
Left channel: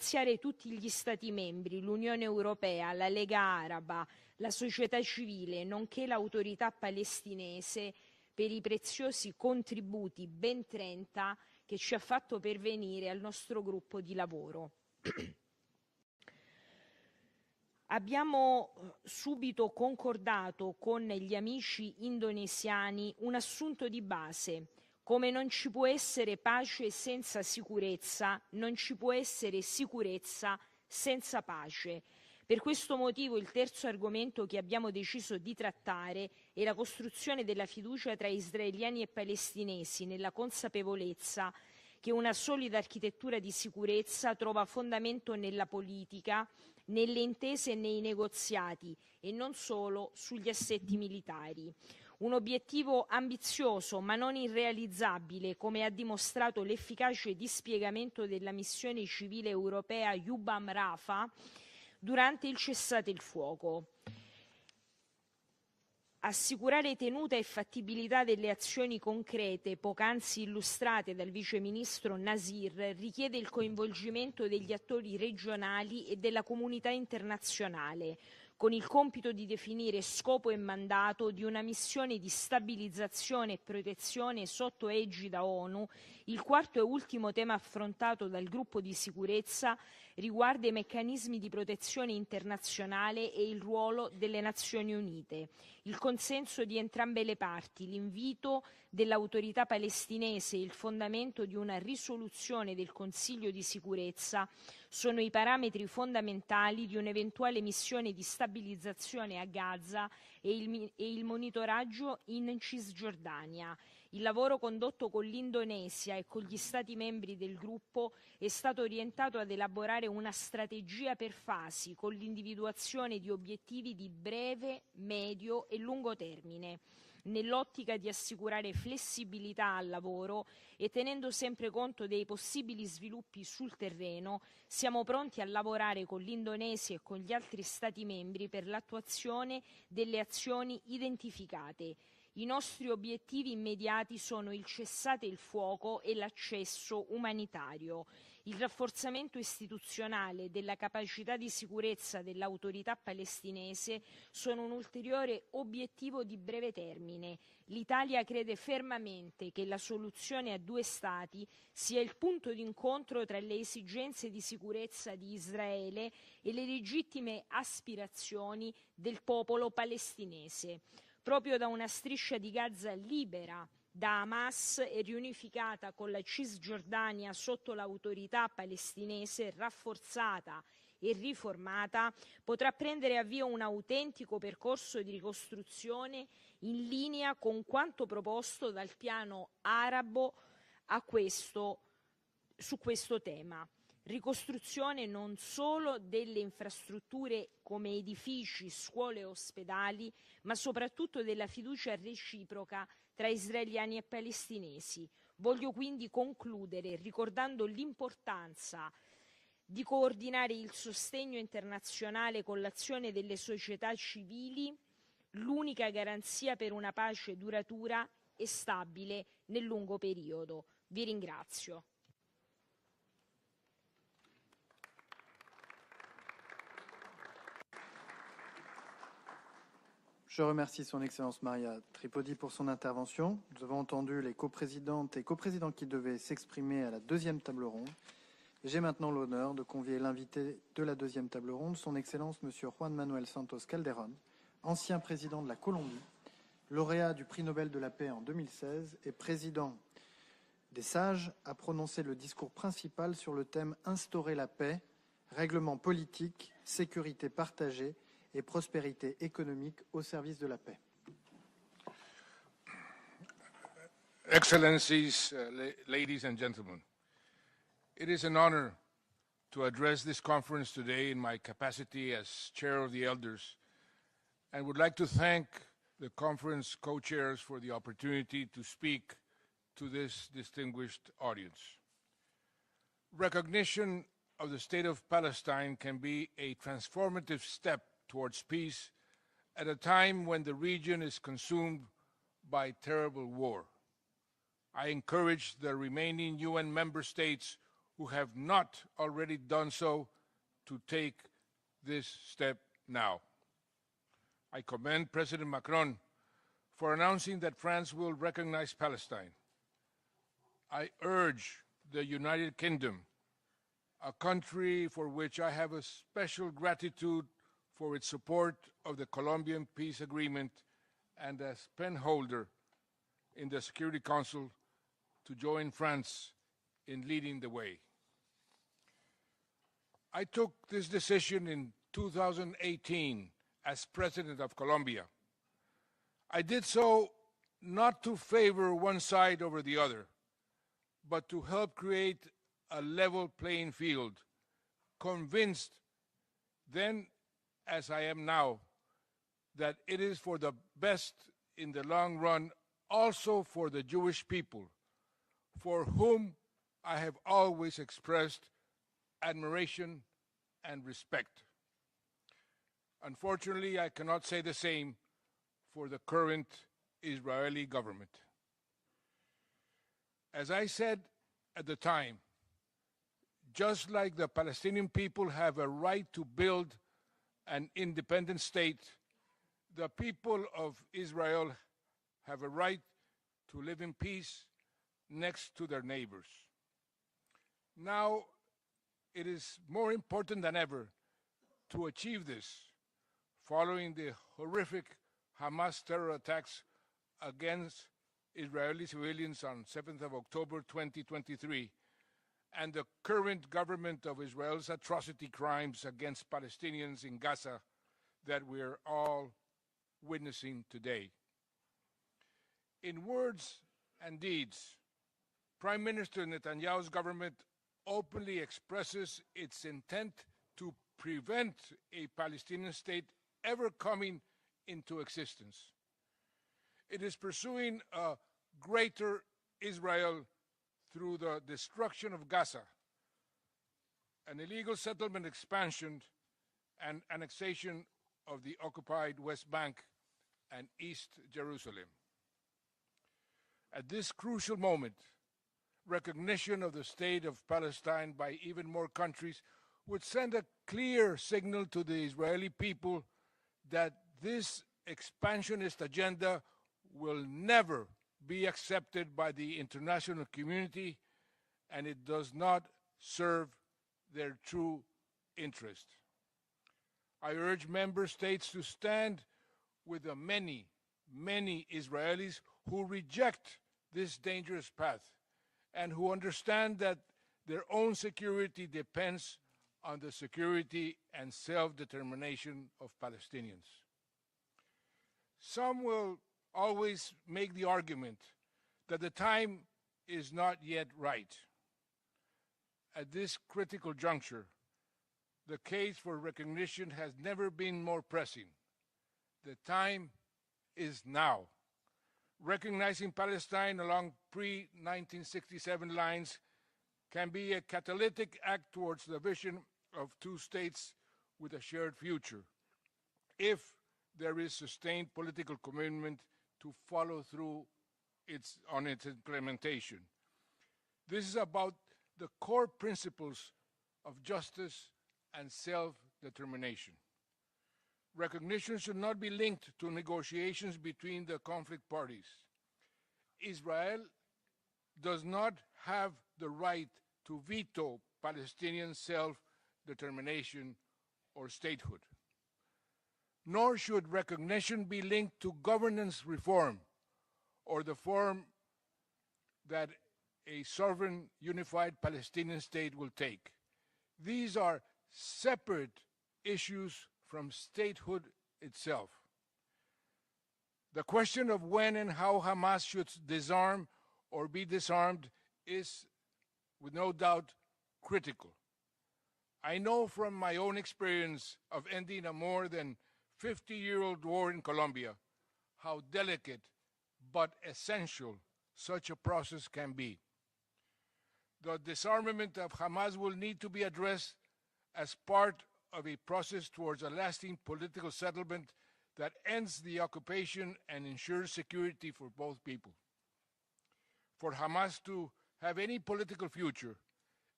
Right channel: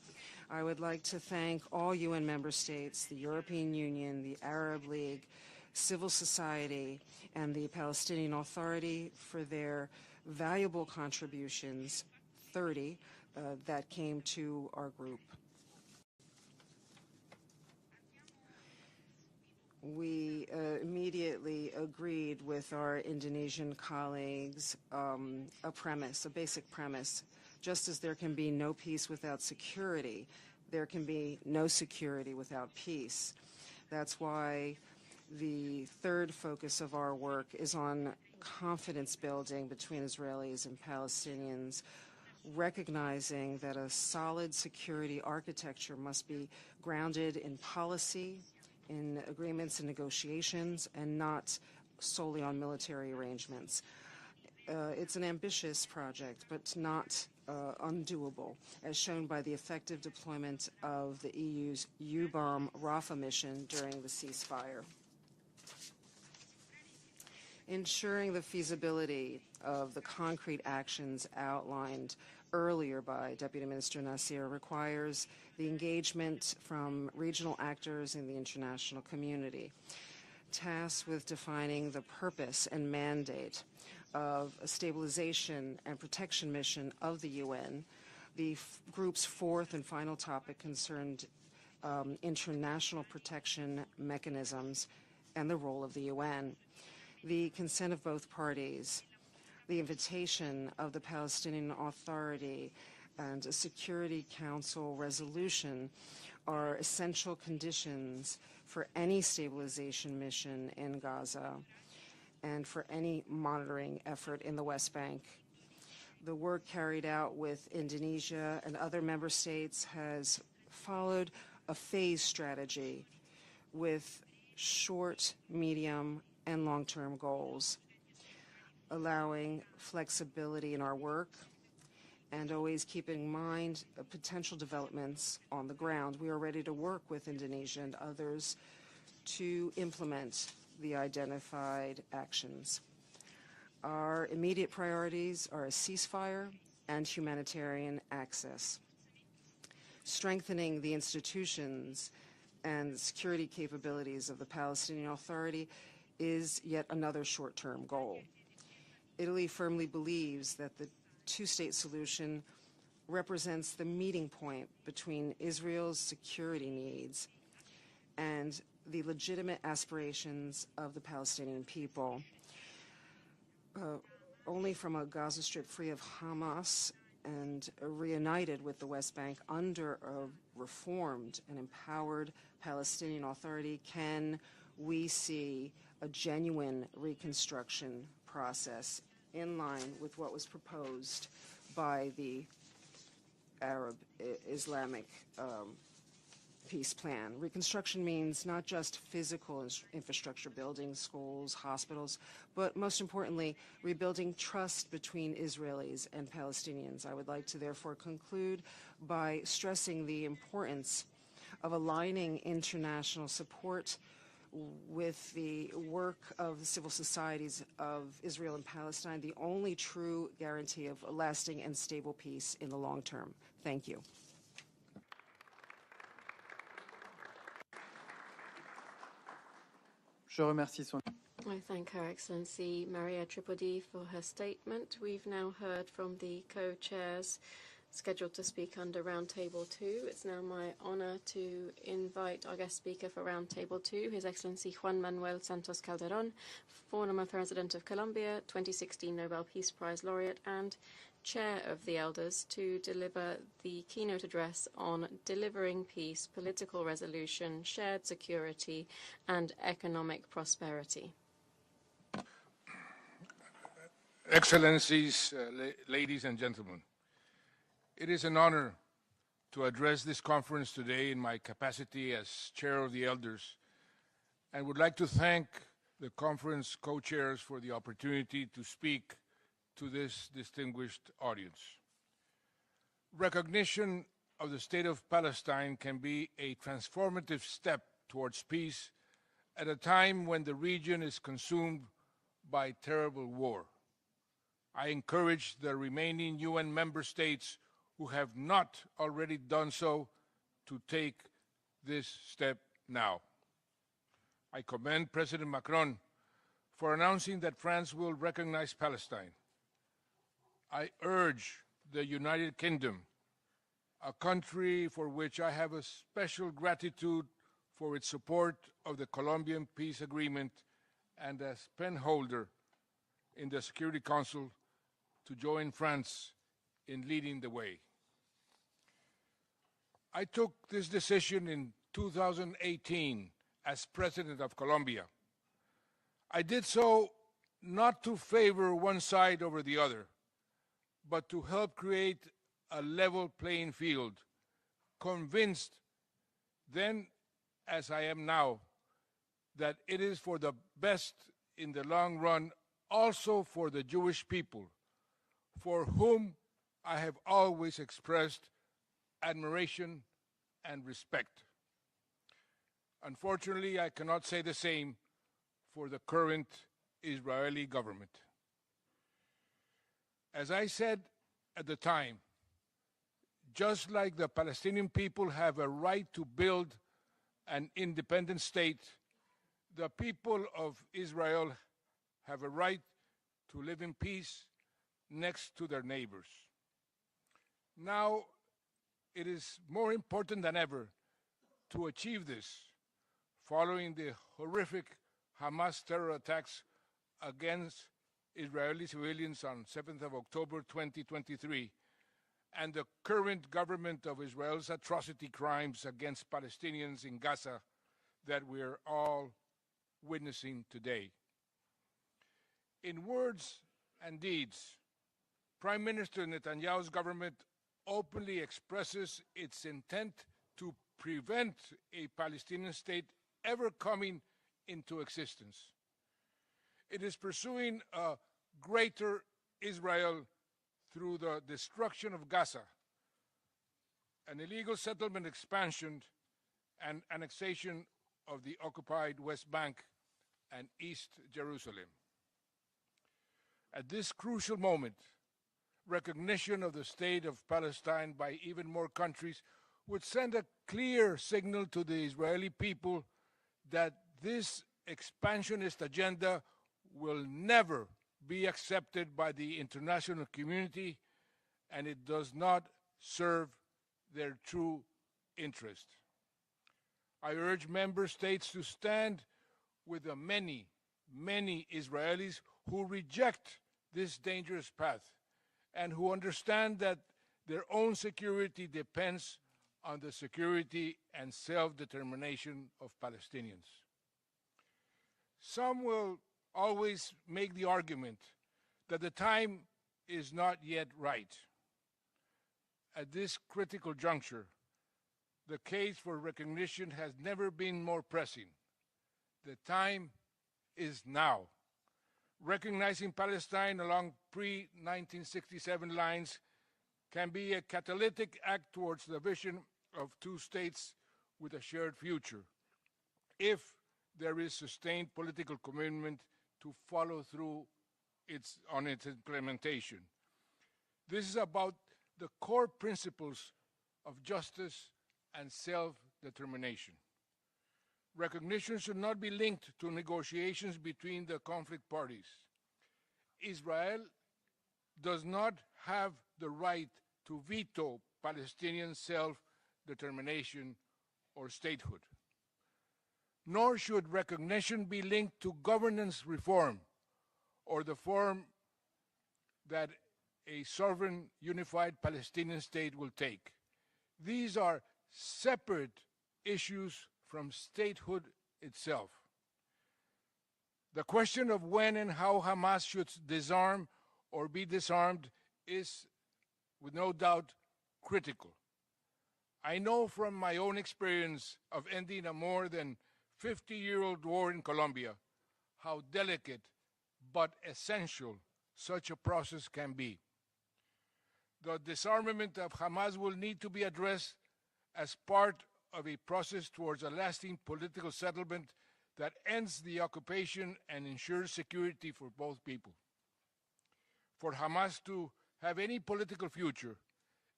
ringraziare tutti gli Stati membri, l'Unione Europea, la Lega Araba, la società civile, nonché l'autorità palestinese per i preziosi contributi, ben 30, che ci ha fatto pervenire al nostro gruppo di lavoro. Abbiamo subito concordato con gli amici indonesiani un assunto di base: come non ci può essere pace senza sicurezza, non ci può essere sicurezza senza pace. Per questo motivo il terzo argomento che abbiamo deciso di trattare è la costruzione della fiducia tra israeliani e palestinesi, nella consapevolezza che una solida architettura di sicurezza trova fondamento nella politica, nelle intese e nei negoziati e non solo sugli assetti militari. Un obiettivo ambizioso ma non irrealizzabile, come ha dimostrato l'efficace dispiegamento della missione civile europea UNRWA durante il cessate il fuoco. Assicurare tenuta e fattibilità delle azioni concrete poc'anzi illustrate dal vice ministro Nasir richiede il coinvolgimento degli attori regionali e della comunità internazionale, con il compito di definire scopo e mandato di una missione di stabilizzazione e protezione sotto egida ONU. Il quarto e ultimo tema affrontato dal gruppo di sicurezza riguarda i meccanismi di protezione internazionale e il ruolo delle Nazioni Unite. Il consenso di entrambe le parti, l'invito dell'autorità palestinese e il fondamento di una risoluzione del Consiglio di sicurezza sono i parametri fondamentali di un'eventuale missione di stabilizzazione a Gaza e il monitoraggio in Cisgiordania. Il lavoro condotto con l'Indonesia e con gli Stati membri del gruppo è stato orientato ad elaborare una strategia per fasi, con l'individuazione di obiettivi di breve, medio e lungo termine, nell'ottica di assicurare flessibilità al lavoro e tenendo sempre conto dei possibili sviluppi sul terreno. Siamo pronti a lavorare con l'Indonesia e con gli altri Stati membri per l'attuazione delle azioni identificate. I nostri obiettivi immediati sono il cessate il fuoco e l'accesso umanitario, il rafforzamento istituzionale della capacità di sicurezza dell'autorità palestinese sono un ulteriore obiettivo di breve termine. L'Italia crede fermamente che la soluzione a due Stati sia il punto d'incontro tra le esigenze di sicurezza di Israele e le legittime aspirazioni del popolo palestinese. Proprio da una striscia di Gaza libera da Hamas e riunificata con la Cisgiordania sotto l'autorità palestinese rafforzata e riformata, potrà prendere avvio un autentico percorso di ricostruzione in linea con quanto proposto dal piano arabo su questo tema. Ricostruzione non solo delle infrastrutture come edifici, scuole e ospedali, ma soprattutto della fiducia reciproca tra israeliani e palestinesi. Voglio quindi concludere ricordando l'importanza di coordinare il sostegno internazionale con l'azione delle società civili, l'unica garanzia per una pace duratura e stabile nel lungo periodo. Vi ringrazio. Je remercie son Excellence Maria Tripodi pour son intervention. Nous avons entendu les coprésidentes et coprésidents qui devaient s'exprimer à la deuxième table ronde. J'ai maintenant l'honneur de convier l'invité de la deuxième table ronde, son Excellence M. Juan Manuel Santos Calderón, ancien président de la Colombie, lauréat du prix Nobel de la paix en 2016 et président des Sages, a prononcé le discours principal sur le thème « Instaurer la paix, règlement politique, sécurité partagée et prospérité économique au service prosperity. Excellencies, ladies and gentlemen, it is an honor to address this conference today in my capacity as Chair of the Elders. I would like to thank the conference co-chairs for the opportunity to speak to this distinguished audience. Recognition of the State of Palestine can be a transformative step towards peace at a time when the region is consumed by terrible war. I encourage the remaining UN member states who have not already done so to take this step now. I commend President Macron for announcing that France will recognize Palestine. I urge the United Kingdom, a country for which I have a special gratitude for its support of the Colombian peace agreement and as penholder in the Security Council, to join France in leading the way. I took this decision in 2018 as President of Colombia. I did so not to favor one side over the other, but to help create a level playing field, convinced then, as I am now, that it is for the best in the long run, also for the Jewish people, for whom I have always expressed admiration and respect. Unfortunately, I cannot say the same for the current Israeli government. As I said at the time, just like the Palestinian people have a right to build an independent state, the people of Israel have a right to live in peace next to their neighbors. Now, it is more important than ever to achieve this, following the horrific Hamas terror attacks against Israeli civilians on 7th of October 2023, and the current government of Israel's atrocity crimes against Palestinians in Gaza that we are all witnessing today. In words and deeds, Prime Minister Netanyahu's government openly expresses its intent to prevent a Palestinian state ever coming into existence. It is pursuing a greater Israel through the destruction of Gaza, an illegal settlement expansion and annexation of the occupied West Bank and East Jerusalem. At this crucial moment, recognition of the state of Palestine by even more countries would send a clear signal to the Israeli people that this expansionist agenda will never be accepted by the international community, and it does not serve their true interest. I urge member states to stand with the many, many Israelis who reject this dangerous path and who understand that their own security depends on the security and self-determination of Palestinians. Some will always make the argument that the time is not yet right. At this critical juncture, the case for recognition has never been more pressing. The time is now. Recognizing Palestine along pre-1967 lines can be a catalytic act towards the vision of two states with a shared future, if there is sustained political commitment to follow through on its implementation. This is about the core principles of justice and self-determination. Recognition should not be linked to negotiations between the conflict parties. Israel does not have the right to veto Palestinian self-determination or statehood. Nor should recognition be linked to governance reform or the form that a sovereign unified Palestinian state will take. These are separate issues from statehood itself. The question of when and how Hamas should disarm or be disarmed is, with no doubt, critical. I know from my own experience of ending a more than 50-year-old war in Colombia how delicate but essential such a process can be. The disarmament of Hamas will need to be addressed as part of a process towards a lasting political settlement that ends the occupation and ensures security for both people. For Hamas to have any political future,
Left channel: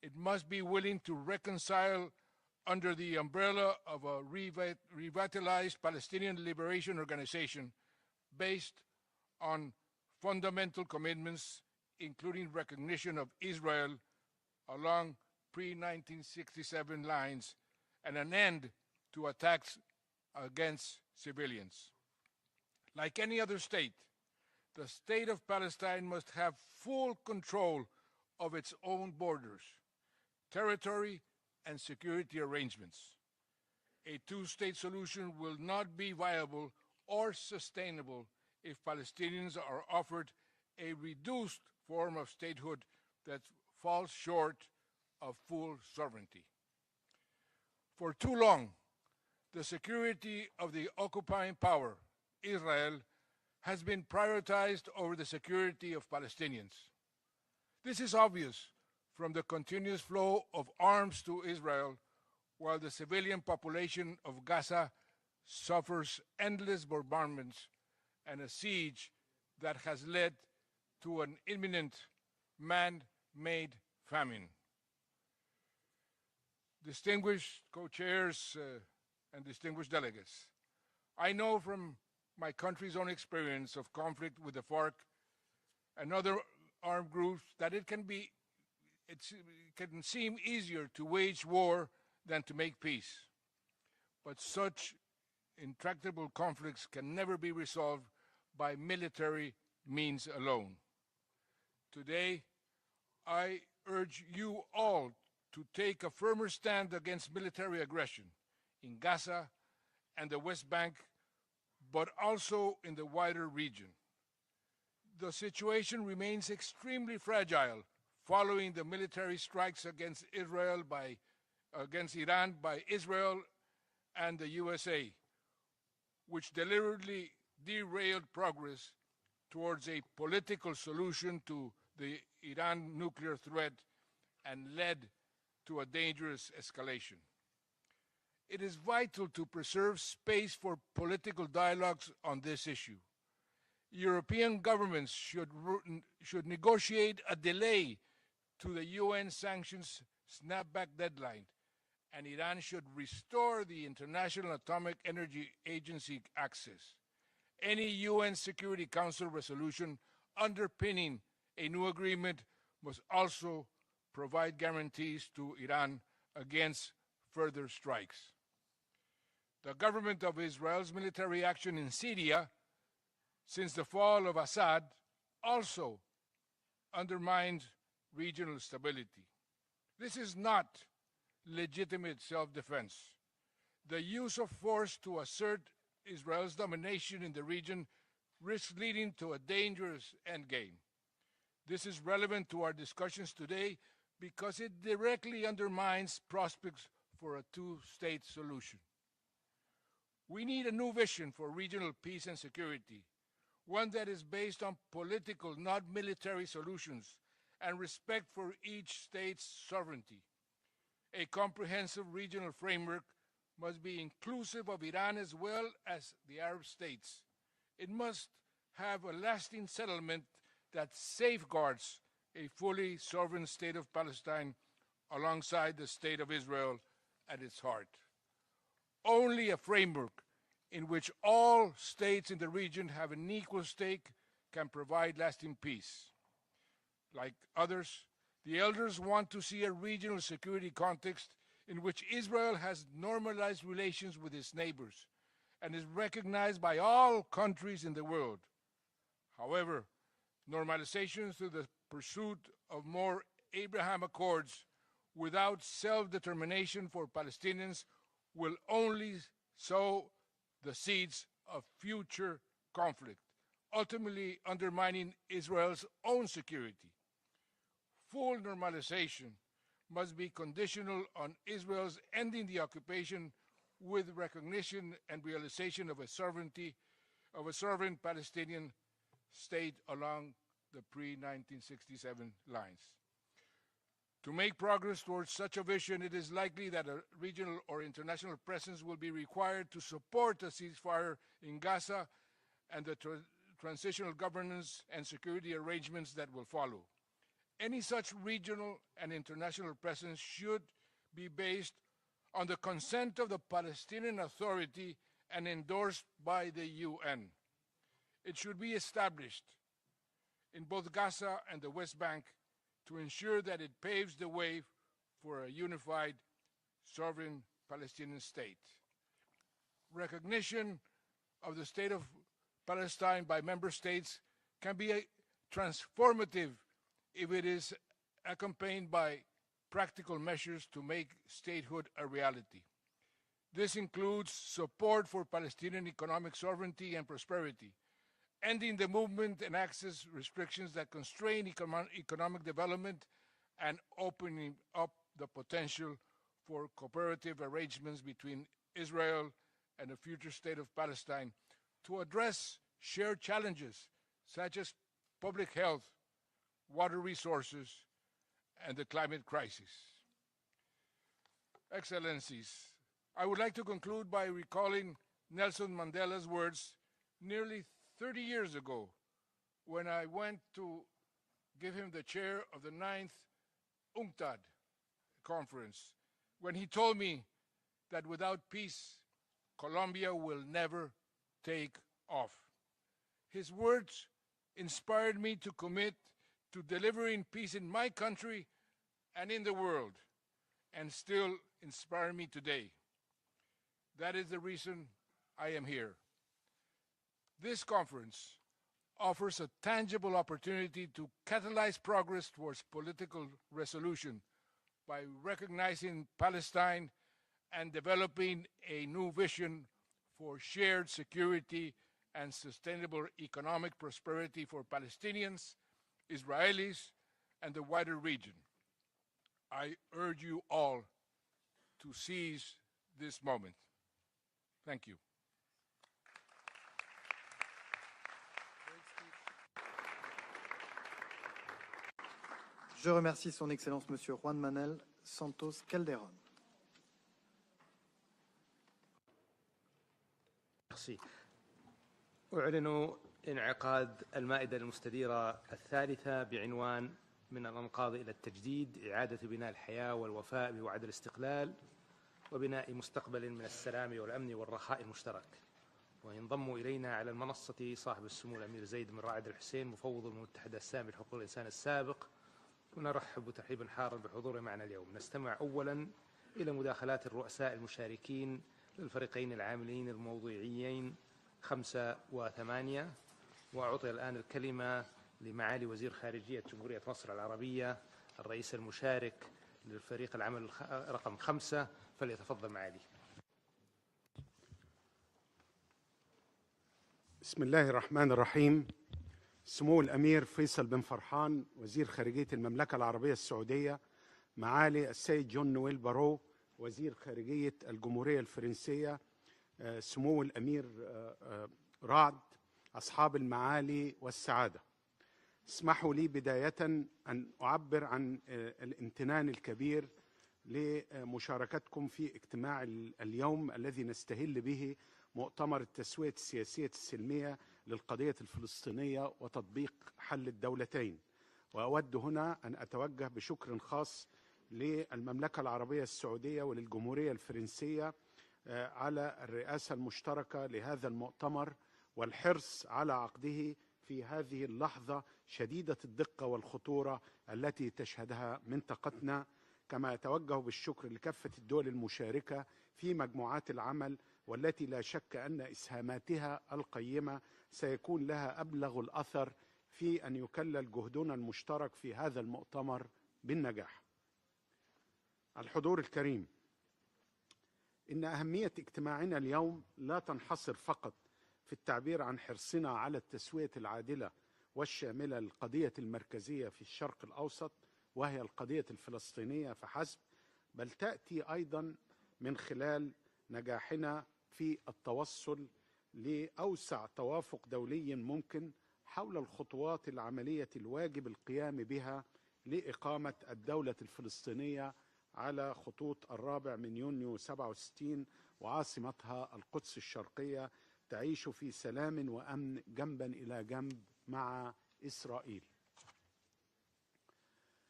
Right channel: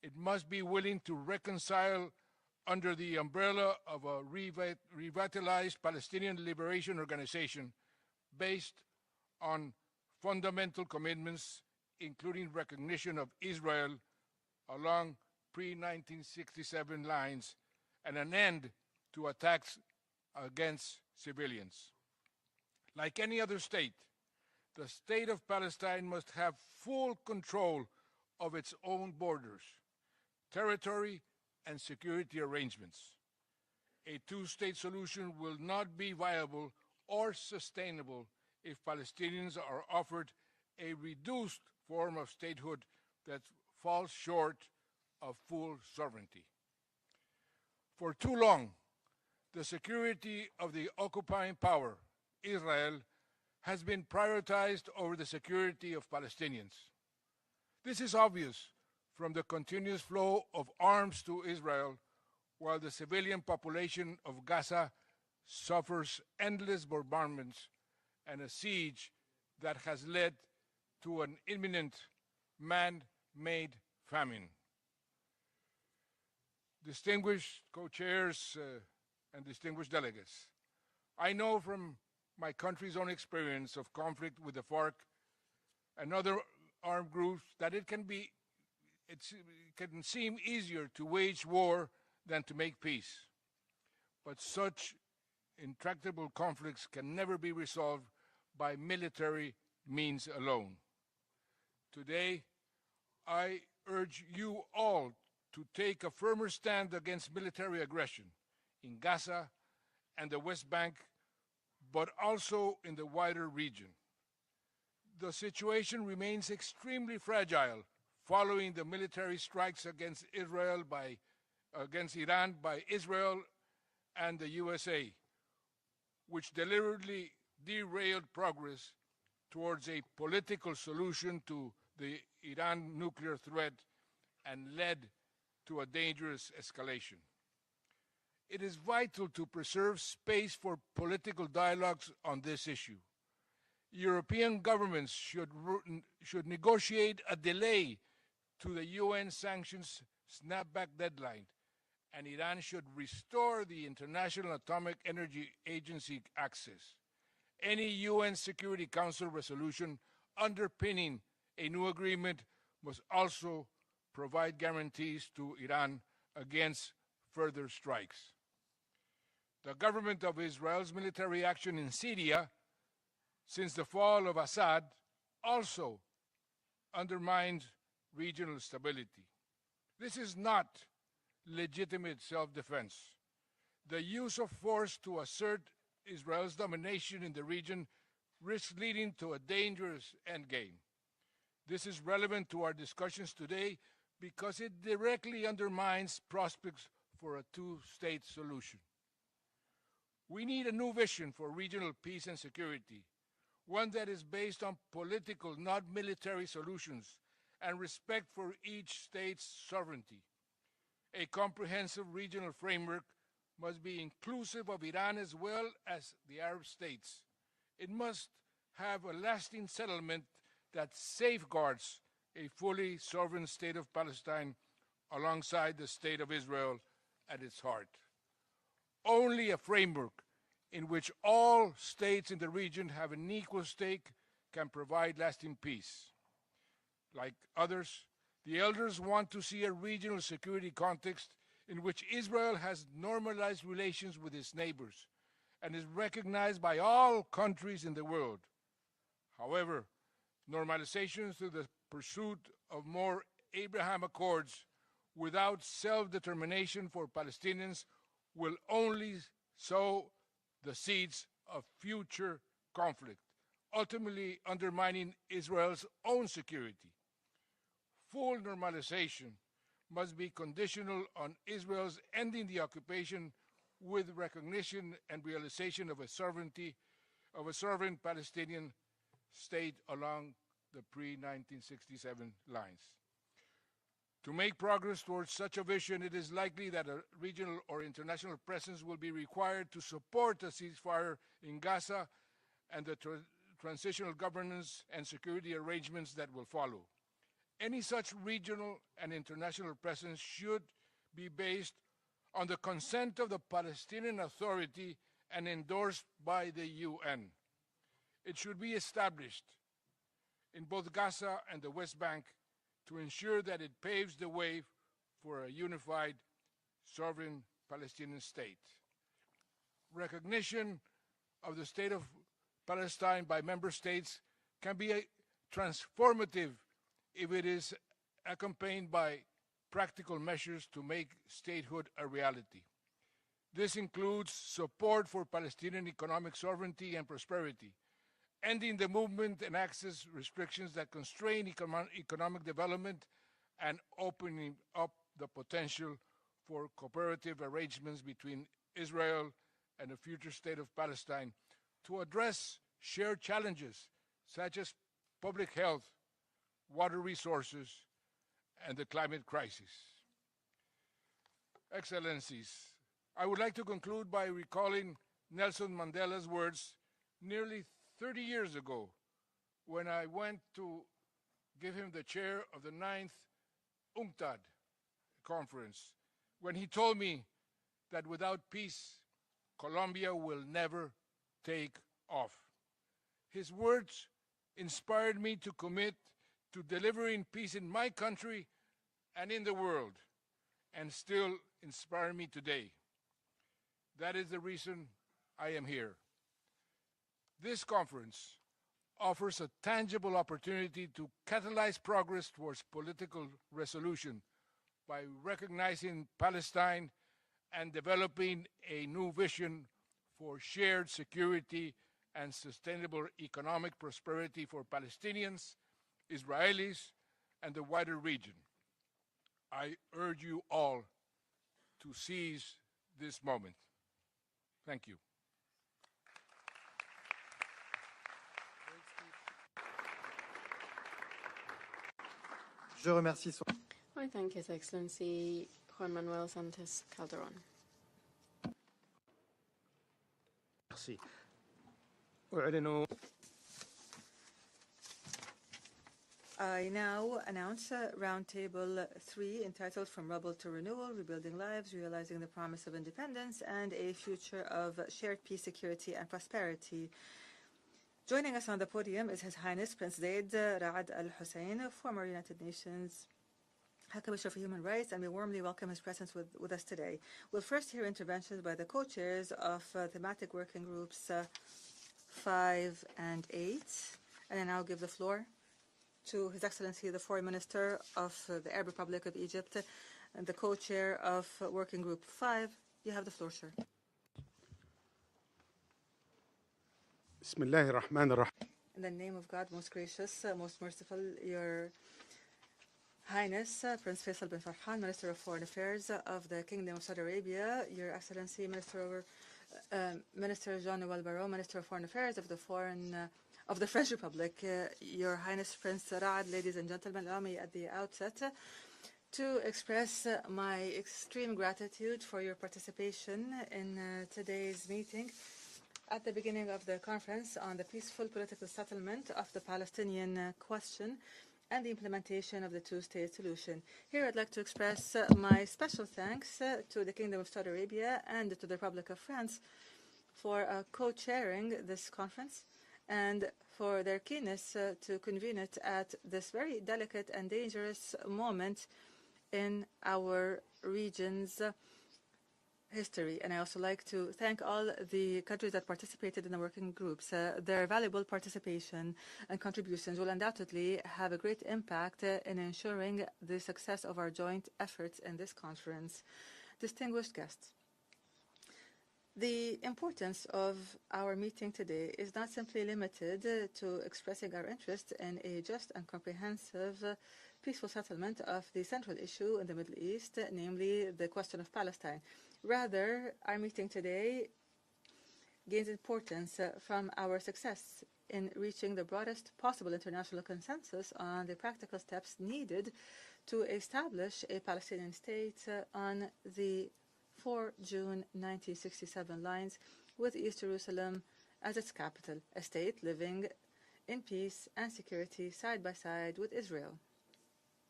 It must be willing to reconcile under the umbrella of a revitalized Palestinian Liberation Organization based on fundamental commitments, including recognition of Israel along pre-1967 lines and an end to attacks against civilians. Like any other state, the state of Palestine must have full control of its own borders, territory, and security arrangements. A two-state solution will not be viable or sustainable if Palestinians are offered a reduced form of statehood that falls short of full sovereignty. For too long, the security of the occupying power, Israel, has been prioritized over the security of Palestinians. This is obvious from the continuous flow of arms to Israel, while the civilian population of Gaza suffers endless bombardments and a siege that has led to an imminent man-made famine. Distinguished co-chairs and distinguished delegates, I know from my country's own experience of conflict with the FARC and other armed groups that it can seem easier to wage war than to make peace. But such intractable conflicts can never be resolved by military means alone. Today, I urge you all to take a firmer stand against military aggression in Gaza and the West Bank, but also in the wider region. The situation remains extremely fragile following the military strikes against Iran by Israel and the USA, which deliberately derailed progress towards a political solution to the Iran nuclear threat and led to a dangerous escalation. It is vital to preserve space for political dialogues on this issue. European governments should negotiate a delay to the UN sanctions snapback deadline, and Iran should restore the International Atomic Energy Agency access. Any UN Security Council resolution underpinning a new agreement must also provide guarantees to Iran against further strikes. The government of Israel's military action in Syria since the fall of Assad also undermined regional stability. This is not legitimate self-defense. The use of force to assert Israel's domination in the region risks leading to a dangerous endgame. This is relevant to our discussions today because it directly undermines prospects for a two-state solution. We need a new vision for regional peace and security, one that is based on political, not military solutions, and respect for each state's sovereignty. A comprehensive regional framework must be inclusive of Iran as well as the Arab states. It must have a lasting settlement that safeguards a fully sovereign state of Palestine alongside the state of Israel at its heart. Only a framework in which all states in the region have an equal stake can provide lasting peace. Like others, the elders want to see a regional security context in which Israel has normalized relations with its neighbors and is recognized by all countries in the world. However, normalization through the pursuit of more Abraham Accords without self-determination for Palestinians will only sow the seeds of future conflict, ultimately undermining Israel's own security. Full normalization must be conditional on Israel's ending the occupation with recognition and realization of a sovereign Palestinian state along the pre-1967 lines. To make progress towards such a vision, it is likely that a regional or international presence will be required to support a ceasefire in Gaza and the transitional governance and security arrangements that will follow. Any such regional and international presence should be based on the consent of the Palestinian Authority and endorsed by the UN. It should be established in both Gaza and the West Bank to ensure that it paves the way for a unified, sovereign Palestinian state. Recognition of the state of Palestine by member states can be transformative if it is accompanied by practical measures to make statehood a reality. This includes support for Palestinian economic sovereignty and prosperity, ending the movement and access restrictions that constrain economic development, and opening up the potential for cooperative arrangements between Israel and the future state of Palestine to address shared challenges such as public health, water resources, and the climate crisis. Excellencies, I would like to conclude by recalling Nelson Mandela's words nearly 30 years ago when I went to give him the chair of the 9th UNCTAD conference, when he told me that without peace, Colombia will never take off. His words inspired me to commit to delivering peace in my country and in the world, and still inspire me today. That is the reason I am here. This conference offers a tangible opportunity to catalyze progress towards political resolution by recognizing Palestine and developing a new vision for shared security and sustainable economic prosperity for Palestinians, Israelis, and the wider region. I urge you all to seize this moment. Thank you. Je remercie Son Excellence Monsieur Juan Manuel Santos Calderon. Merci. أعلن انعقاد المائدة المستديرة الثالثة بعنوان من الأنقاض إلى التجديد إعادة بناء الحياة والوفاء بوعد الاستقلال وبناء مستقبل من السلام والأمن والرخاء المشترك. وينضم إلينا على المنصة صاحب السمو His Highness Prince Zaid Ra'ad Al Hussein, former United Nations ونرحب ترحيبا حارا بالحضور معنا اليوم. نستمع أولا إلى مداخلات الرؤساء المشاركين الفريقين العاملين الموضوعيين 5 و8. وأعطي الآن الكلمة لمعالي وزير خارجية جمهورية مصر العربية الرئيس المشارك للفريق العمل رقم 5 فليتفضل معالي. بسم الله الرحمن الرحيم. سمو الأمير فيصل بن فرحان وزير خارجية المملكة العربية السعودية، معالي السيد جون نويل بارو وزير خارجية الجمهورية الفرنسية، سمو الأمير رعد، أصحاب المعالي والسعادة، اسمحوا لي بداية أن أعبر عن الامتنان الكبير لمشاركتكم في اجتماع اليوم الذي نستهل به مؤتمر التسوية السياسية السلمية للقضية الفلسطينية وتطبيق حل الدولتين. وأود هنا أن أتوجه بشكر خاص للمملكة العربية السعودية والجمهورية الفرنسية على الرئاسة المشتركة لهذا المؤتمر والحرص على عقده في هذه اللحظة شديدة الدقة والخطورة التي تشهدها منطقتنا، كما أتوجه بالشكر لكافة الدول المشاركة في مجموعات العمل والتي لا شك أن إسهاماتها القيمة سيكون لها أبلغ الأثر في أن يكلل جهدنا المشترك في هذا المؤتمر بالنجاح. الحضور الكريم، إن أهمية اجتماعنا اليوم لا تنحصر فقط في التعبير عن حرصنا على التسوية العادلة والشاملة للقضية المركزية في الشرق الأوسط وهي القضية الفلسطينية فحسب، بل تأتي أيضا من خلال نجاحنا في التوصل لأوسع توافق دولي ممكن حول الخطوات العملية الواجب القيام بها لإقامة الدولة الفلسطينية على خطوط 4 من يونيو 67 وعاصمتها القدس الشرقية تعيش في سلام وأمن جنبا إلى جنب مع إسرائيل.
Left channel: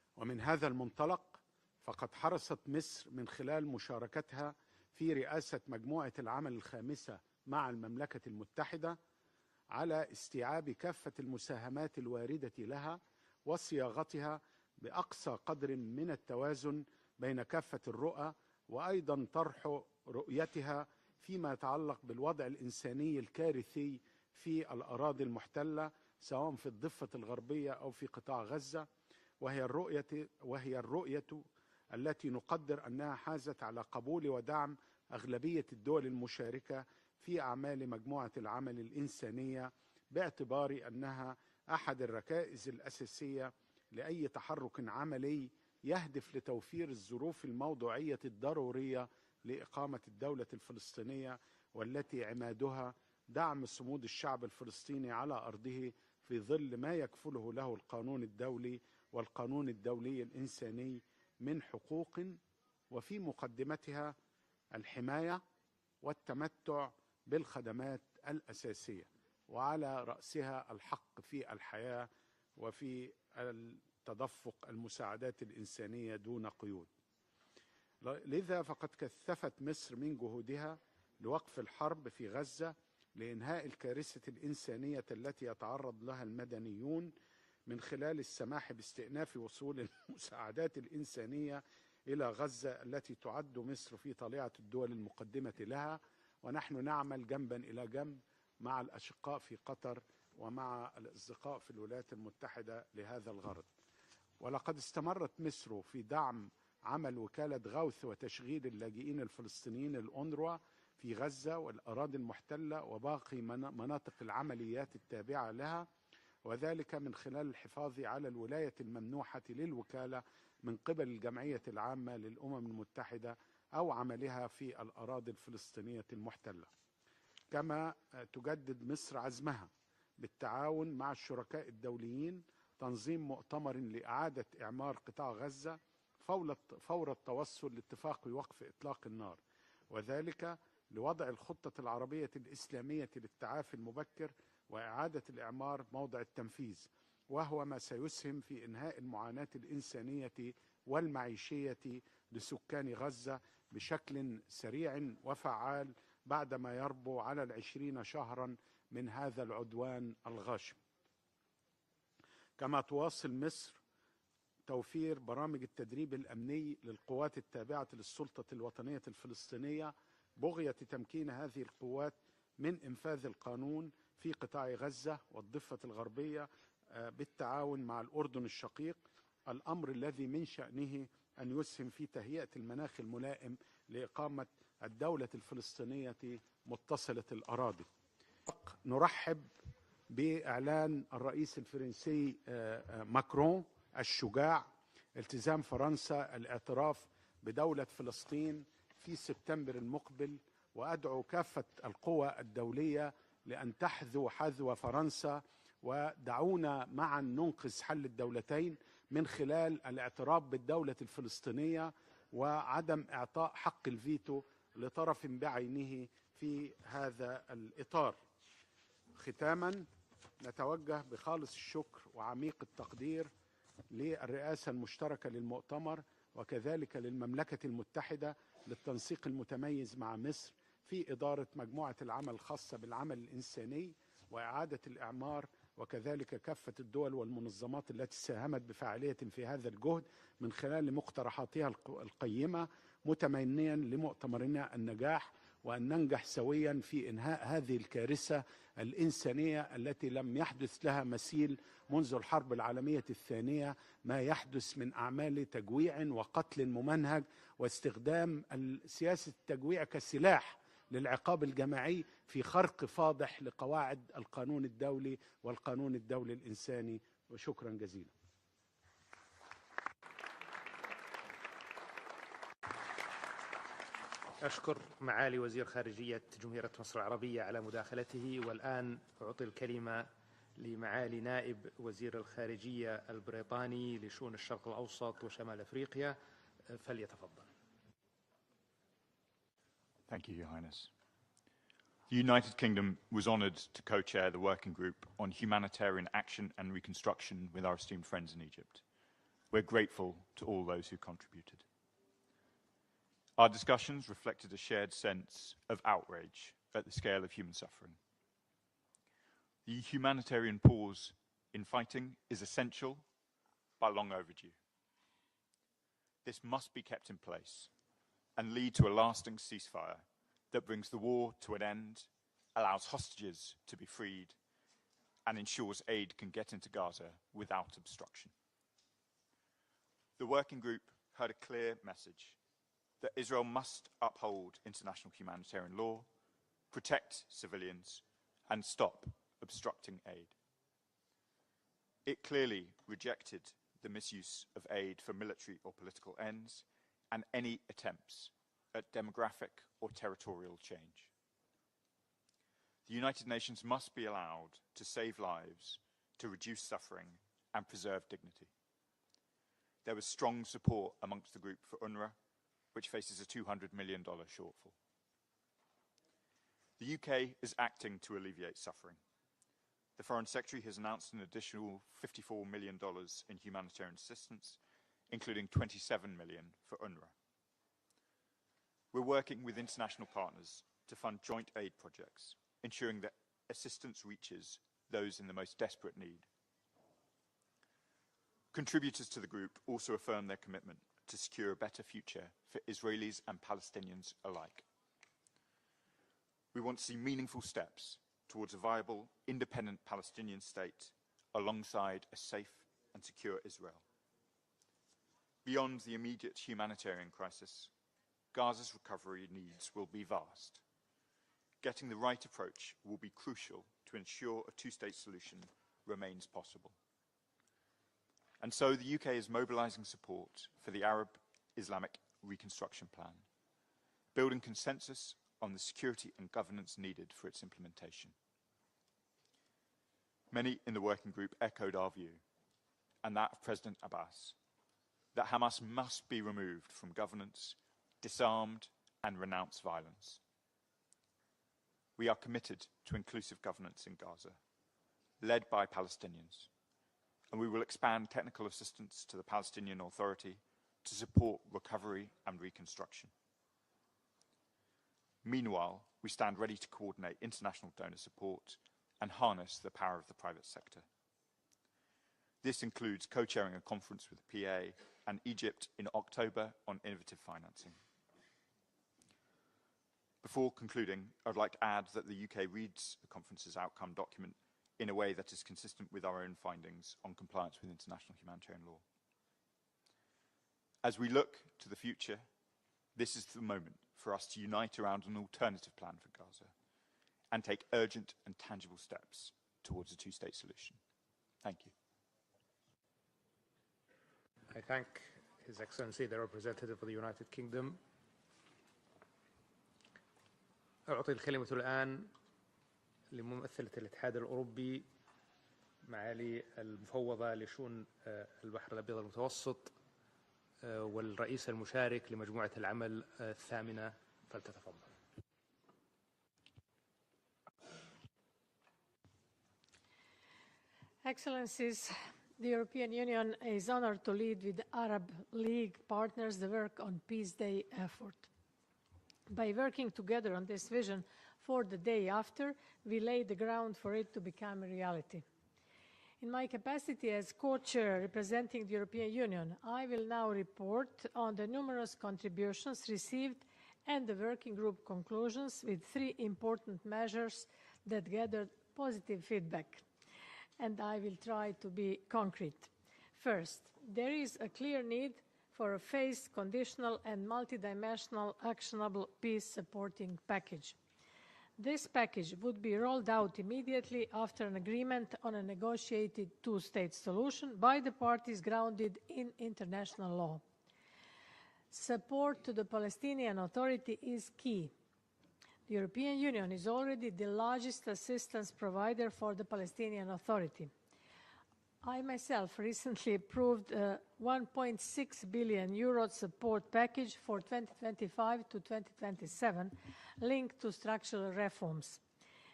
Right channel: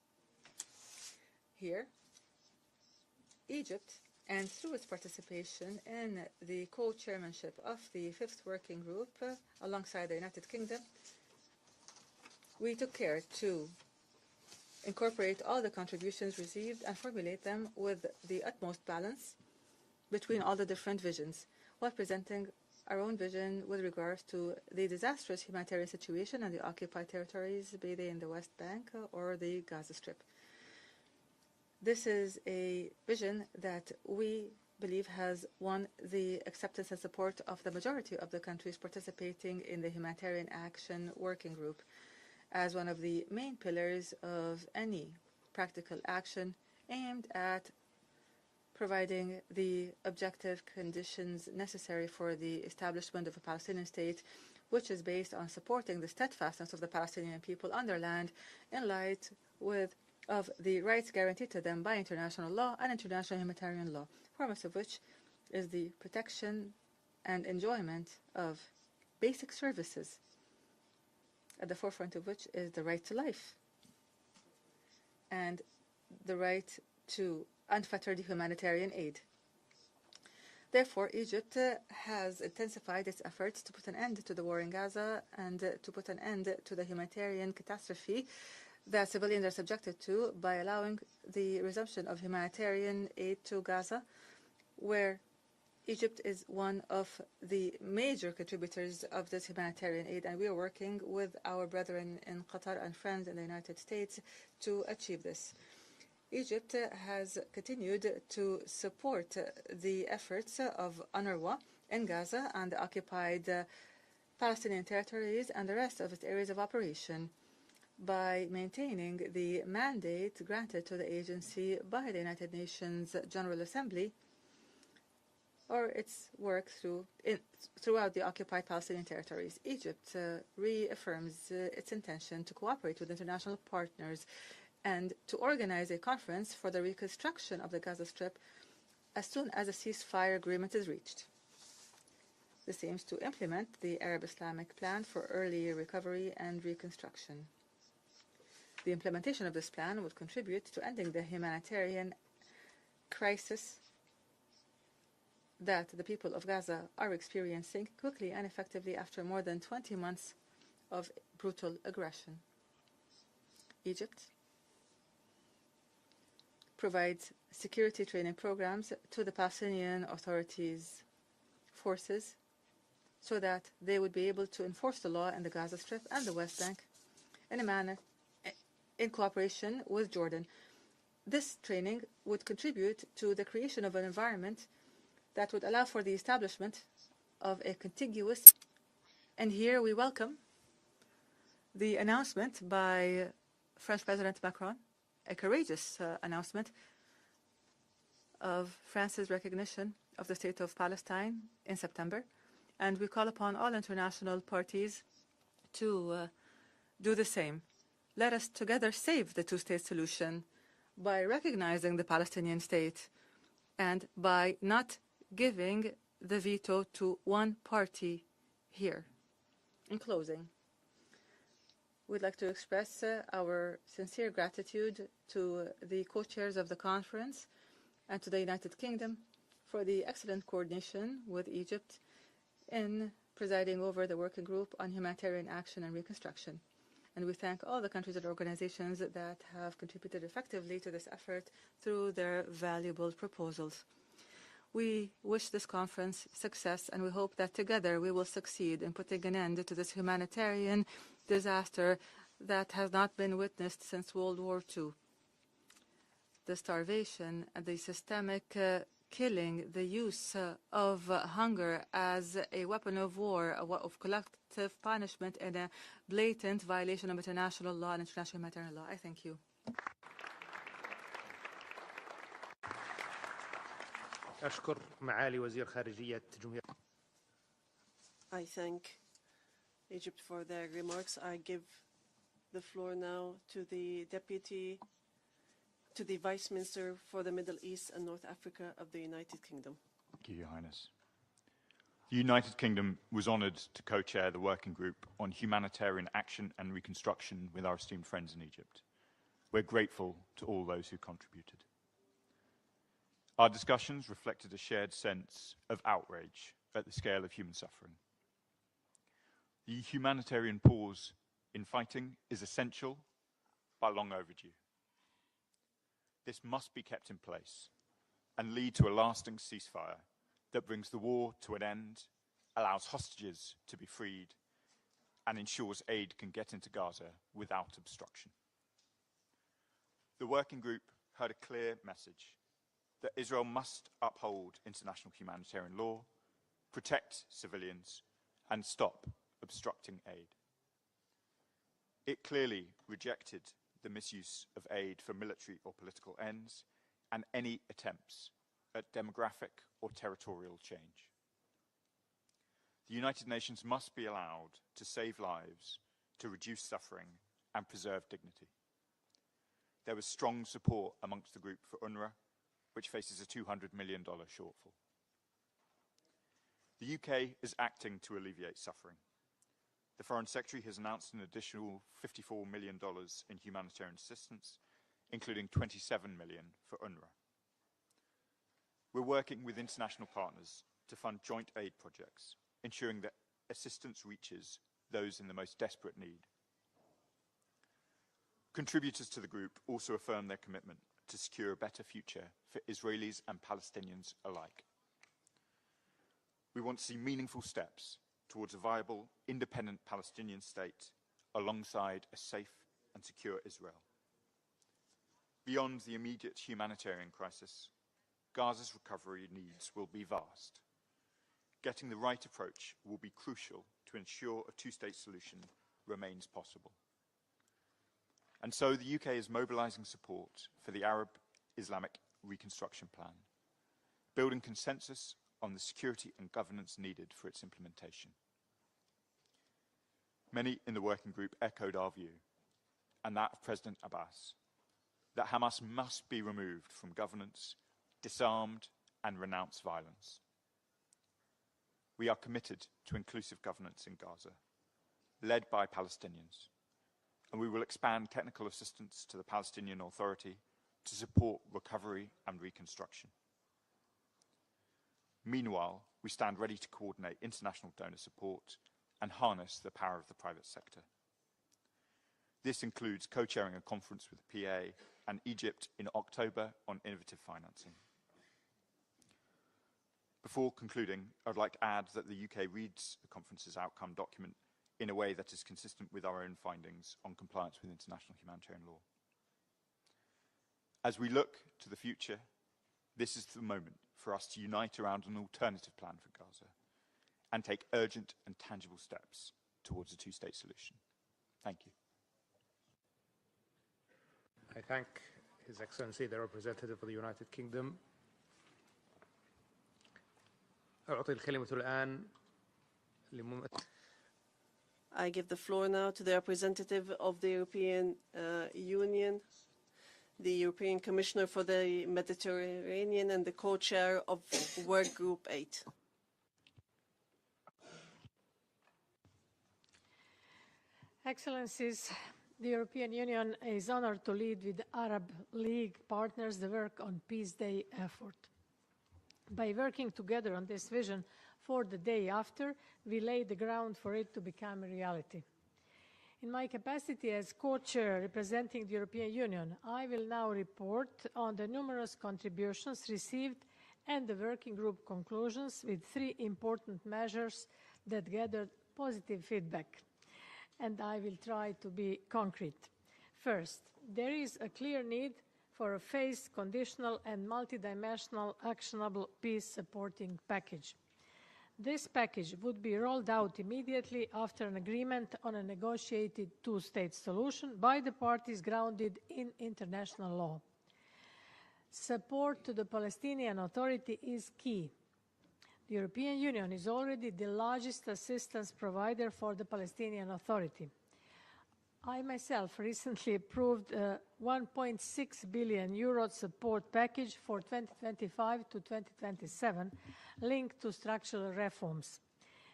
ومن هذا المنطلق فقد حرصت مصر من خلال مشاركتها في رئاسة مجموعة العمل الخامسة مع المملكة المتحدة على استيعاب كافة المساهمات الواردة لها وصياغتها بأقصى قدر من التوازن بين كافة الرؤى وأيضا طرح رؤيتها فيما يتعلق بالوضع الإنساني الكارثي في الأراضي المحتلة سواء في الضفة الغربية أو في قطاع غزة وهي الرؤية التي نقدر أنها حازت على قبول ودعم أغلبية الدول المشاركة في أعمال مجموعة العمل الإنسانية باعتبار أنها أحد الركائز الأساسية لأي تحرك عملي يهدف لتوفير الظروف الموضوعية الضرورية لإقامة الدولة الفلسطينية والتي أمادها دعم صمود الشعب الفلسطيني على أرضه في ظل ما يكفله له القانون الدولي والقانون الدولي الإنساني by international law and international humanitarian law, foremost of which is the protection and enjoyment of basic services, at the forefront of which is the right to life and the right to unfettered humanitarian aid. Therefore, Egypt has intensified its efforts to put an end to the war in Gaza and to put an end to the humanitarian catastrophe that civilians are subjected to by allowing the resumption of humanitarian aid to Gaza, where Egypt is one of the major contributors of this humanitarian aid, and we are working with our brethren in Qatar and friends in the United States to achieve this. Egypt has continued to support the efforts of UNRWA in Gaza and the occupied Palestinian territories and the rest of its areas of operation by maintaining the mandate granted to the agency by the United Nations General Assembly or its work throughout the occupied Palestinian territories. Egypt reaffirms its intention to cooperate with international partners and to organize a conference for the reconstruction of the Gaza Strip as soon as a ceasefire agreement is reached. This aims to implement the Arab-Islamic plan for early recovery and reconstruction. The implementation of this plan would contribute to ending the humanitarian crisis that the people of Gaza are experiencing quickly and effectively after more than 20 months of brutal aggression. Egypt provides security training programs to the Palestinian authorities' forces so that they would be able to enforce the law in the Gaza Strip and the West Bank in a manner in cooperation with Jordan. This training would contribute to the creation of an environment that would allow for the establishment of a contiguous, and here we welcome the announcement by French President Macron, a courageous announcement of France's recognition of the state of Palestine in September, and we call upon all international parties to do the same. Let us together save the two-state solution by recognizing the Palestinian state and by not giving the veto to one party here. In closing, we'd like to express our sincere gratitude to the co-chairs of the conference and to the United Kingdom for the excellent coordination with Egypt in presiding over the working group on humanitarian action and reconstruction. And we thank all the countries and organizations that have contributed effectively to this effort through their valuable proposals. We wish this conference success, and we hope that together we will succeed in putting an end to this humanitarian disaster that has not been witnessed since World War II. The starvation, the systemic killing, the use of hunger as a weapon of war, a weapon of collective punishment, and a blatant violation of international law and international humanitarian law. I thank you. أشكر معالي وزير خارجية جمهورية مصر العربية على مداخلته، والآن أعطي الكلمة لمعالي نائب وزير الخارجية البريطاني لشؤون الشرق الأوسط وشمال أفريقيا. Thank you, Your Highness. The United Kingdom was honoured to co-chair the working group on humanitarian action and reconstruction with our esteemed friends in Egypt. We're grateful to all those who contributed. Our discussions reflected a shared sense of outrage at the scale of human suffering. The humanitarian pause in fighting is essential, but long overdue. This must be kept in place and lead to a lasting ceasefire that brings the war to an end, allows hostages to be freed, and ensures aid can get into Gaza without obstruction. The working group heard a clear message that Israel must uphold international humanitarian law, protect civilians, and stop obstructing aid. It clearly rejected the misuse of aid for military or political ends and any attempts at demographic or territorial change. The United Nations must be allowed to save lives, to reduce suffering, and preserve dignity. There was strong support amongst the group for UNRWA, which faces a $200 million shortfall. The UK is acting to alleviate suffering. The Foreign Secretary has announced an additional $54 million in humanitarian assistance, including $27 million for UNRWA. We're working with international partners to fund joint aid projects, ensuring that assistance reaches those in the most desperate need. Contributors to the group also affirm their commitment to secure a better future for Israelis and Palestinians alike. We want to see meaningful steps towards a viable, independent Palestinian state alongside a safe and secure Israel. Beyond the immediate humanitarian crisis, Gaza's recovery needs will be vast. Getting the right approach will be crucial to ensure a two-state solution remains possible. And so the UK is mobilising support for the Arab Islamic Reconstruction Plan, building consensus on the security and governance needed for its implementation. Many in the working group echoed our view, and that of President Abbas, that Hamas must be removed from governance, disarmed, and renounce violence. We are committed to inclusive governance in Gaza, led by Palestinians, and we will expand technical assistance to the Palestinian Authority to support recovery and reconstruction. Meanwhile, we stand ready to coordinate international donor support and harness the power of the private sector. This includes co-chairing a conference with the PA and Egypt in October on innovative financing. Before concluding, I'd like to add that the UK reads the conference's outcome document in a way that is consistent with our own findings on compliance with international humanitarian law. As we look to the future, this is the moment for us to unite around an alternative plan for Gaza and take urgent and tangible steps towards a two-state solution. Thank you. I thank His Excellency, the representative of the United Kingdom. أعطي الكلمة الآن لممثلة الاتحاد الأوروبي. I give the floor now to the representative of the European Union, the European Commissioner for the Mediterranean and the co-chair of Work Group 8. Excellencies, the European Union is honored to lead with Arab League partners the work on Peace Day effort. By working together on this vision for the day after, we lay the ground for it to become a reality. In my capacity as co-chair representing the European Union, I will now report on the numerous contributions received and the working group conclusions with 3 important measures that gathered positive feedback. And I will try to be concrete. First, there is a clear need for a phased, conditional and multidimensional actionable peace-supporting package. This package would be rolled out immediately after an agreement on a negotiated two-state solution by the parties grounded in international law. Support to the Palestinian Authority is key. The European Union is already the largest assistance provider for the Palestinian Authority. I myself recently approved a 1.6 billion euro support package for 2025 to 2027 linked to structural reforms.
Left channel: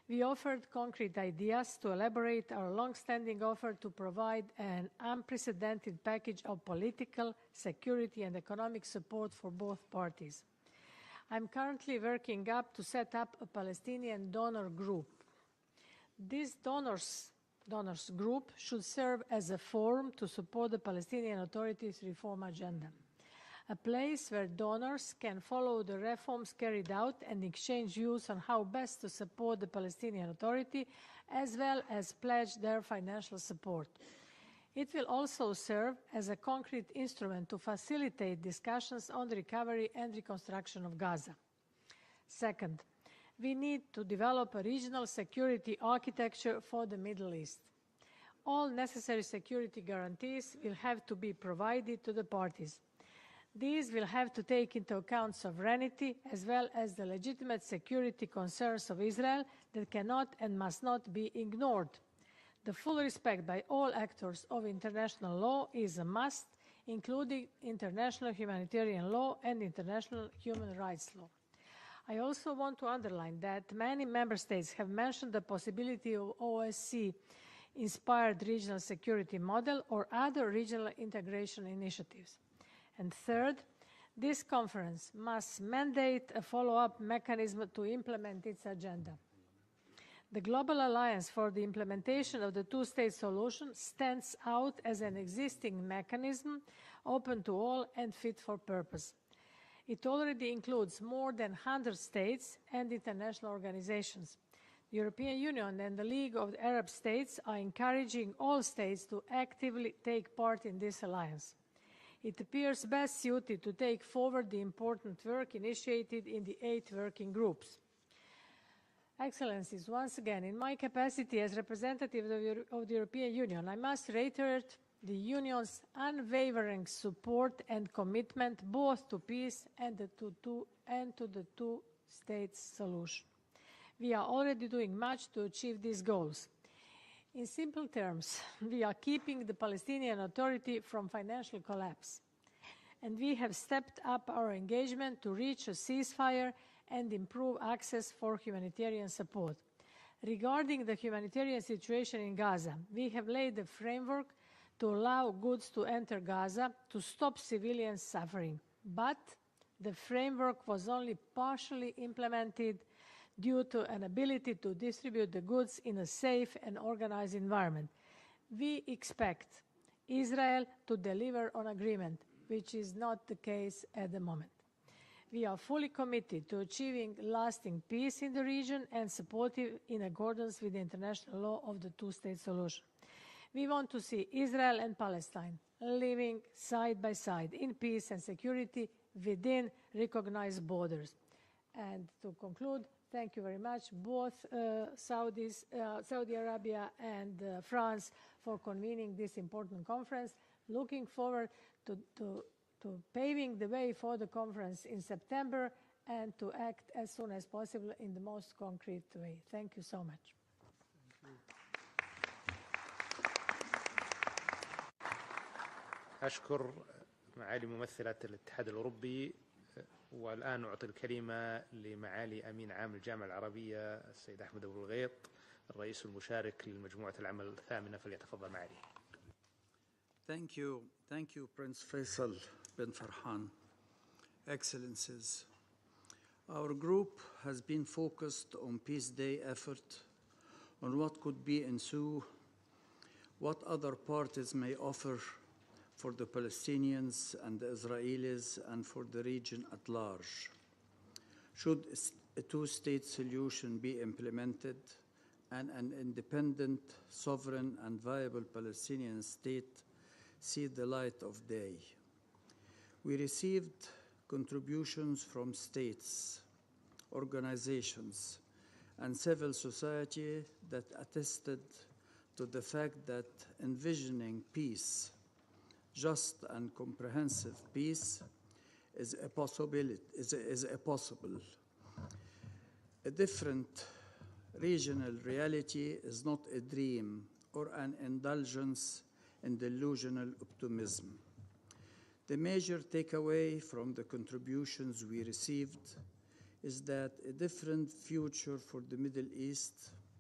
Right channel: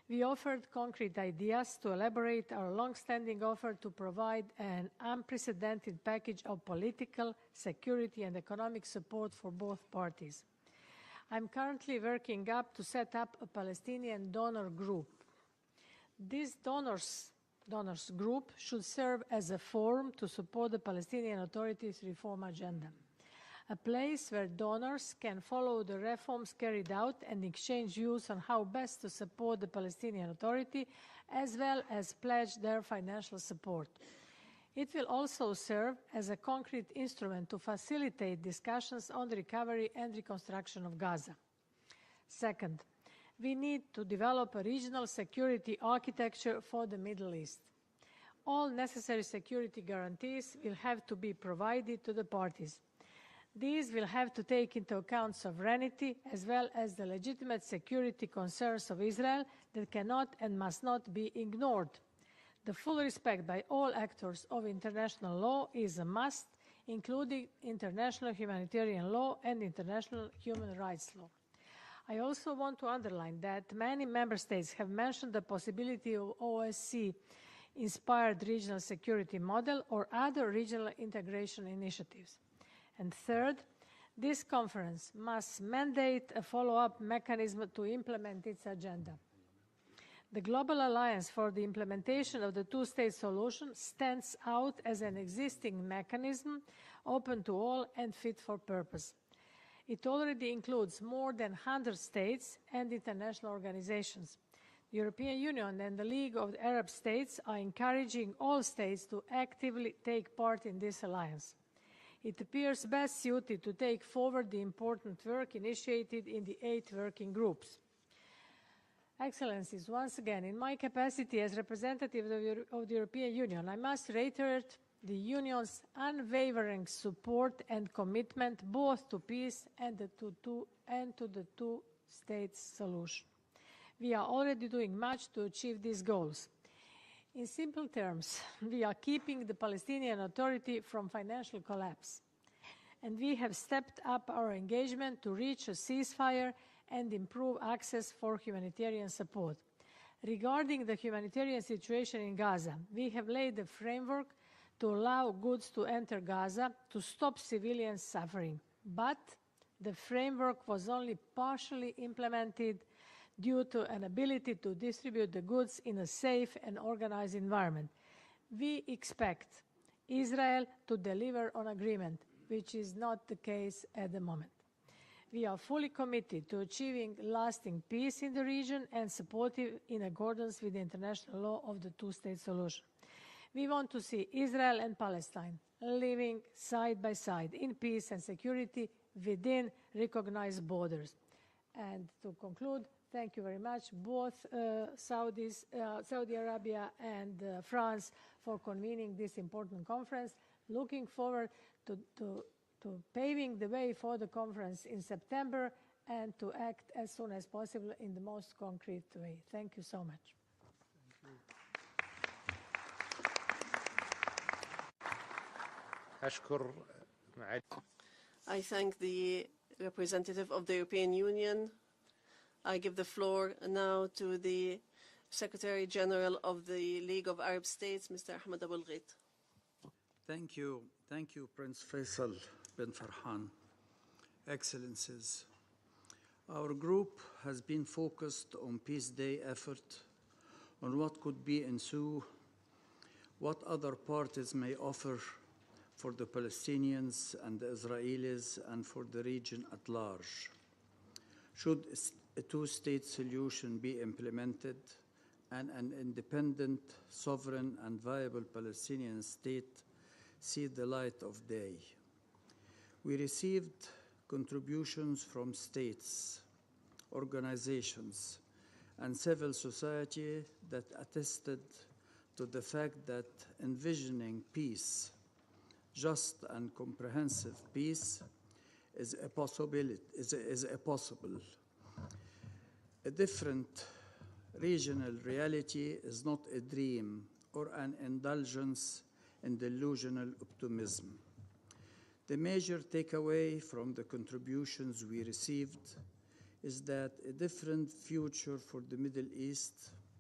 We offered concrete ideas to elaborate our long-standing offer to provide an unprecedented package of political, security, and economic support for both parties. I'm currently working to set up a Palestinian donor group. This donors group should serve as a forum to support the Palestinian Authority's reform agenda, a place where donors can follow the reforms carried out and exchange views on how best to support the Palestinian Authority, as well as pledge their financial support. It will also serve as a concrete instrument to facilitate discussions on the recovery and reconstruction of Gaza. Second, we need to develop a regional security architecture for the Middle East. All necessary security guarantees will have to be provided to the parties. These will have to take into account sovereignty as well as the legitimate security concerns of Israel that cannot and must not be ignored. The full respect by all actors of international law is a must, including international humanitarian law and international human rights law. I also want to underline that many member states have mentioned the possibility of OSCE-inspired regional security model or other regional integration initiatives. And third, this conference must mandate a follow-up mechanism to implement its agenda. The Global Alliance for the Implementation of the Two-State Solution stands out as an existing mechanism open to all and fit for purpose. It already includes more than 100 states and international organizations. The European Union and the League of Arab States are encouraging all states to actively take part in this alliance. It appears best suited to take forward the important work initiated in the 8 working groups. Excellencies, once again, in my capacity as representative of the European Union, I must reiterate the Union's unwavering support and commitment both to peace and to the two-state solution. We are already doing much to achieve these goals. In simple terms, we are keeping the Palestinian Authority from financial collapse, and we have stepped up our engagement to reach a ceasefire and improve access for humanitarian support. Regarding the humanitarian situation in Gaza, we have laid a framework to allow goods to enter Gaza to stop civilian suffering. But the framework was only partially implemented due to an ability to distribute the goods in a safe and organized environment. We expect Israel to deliver on agreement, which is not the case at the moment. We are fully committed to achieving lasting peace in the region and supportive in accordance with the international law of the two-state solution. We want to see Israel and Palestine living side by side in peace and security within recognized borders. And to conclude, thank you very much, both Saudi Arabia and France for convening this important conference. Looking forward to paving the way for the conference in September and to act as soon as possible in the most concrete way. Thank you so much. I thank the representative of the European Union. I give the floor now to the Secretary General of the League of Arab States, Mr. Mahmoud Abbas. Thank you. Thank you, Prince Faisal bin Farhan. Excellencies, our group has been focused on Peace Day effort, on what could be ensue, what other parties may offer for the Palestinians and the Israelis and for the region at large. Should a two-state solution be implemented and an independent, sovereign, and viable Palestinian state see the light of day? We received contributions from states, organizations, and civil society that attested to the fact that envisioning peace, just and comprehensive peace, is a possibility. A different regional reality is not a dream or an indulgence in delusional optimism. The major takeaway from the contributions we received is that a different future for the Middle East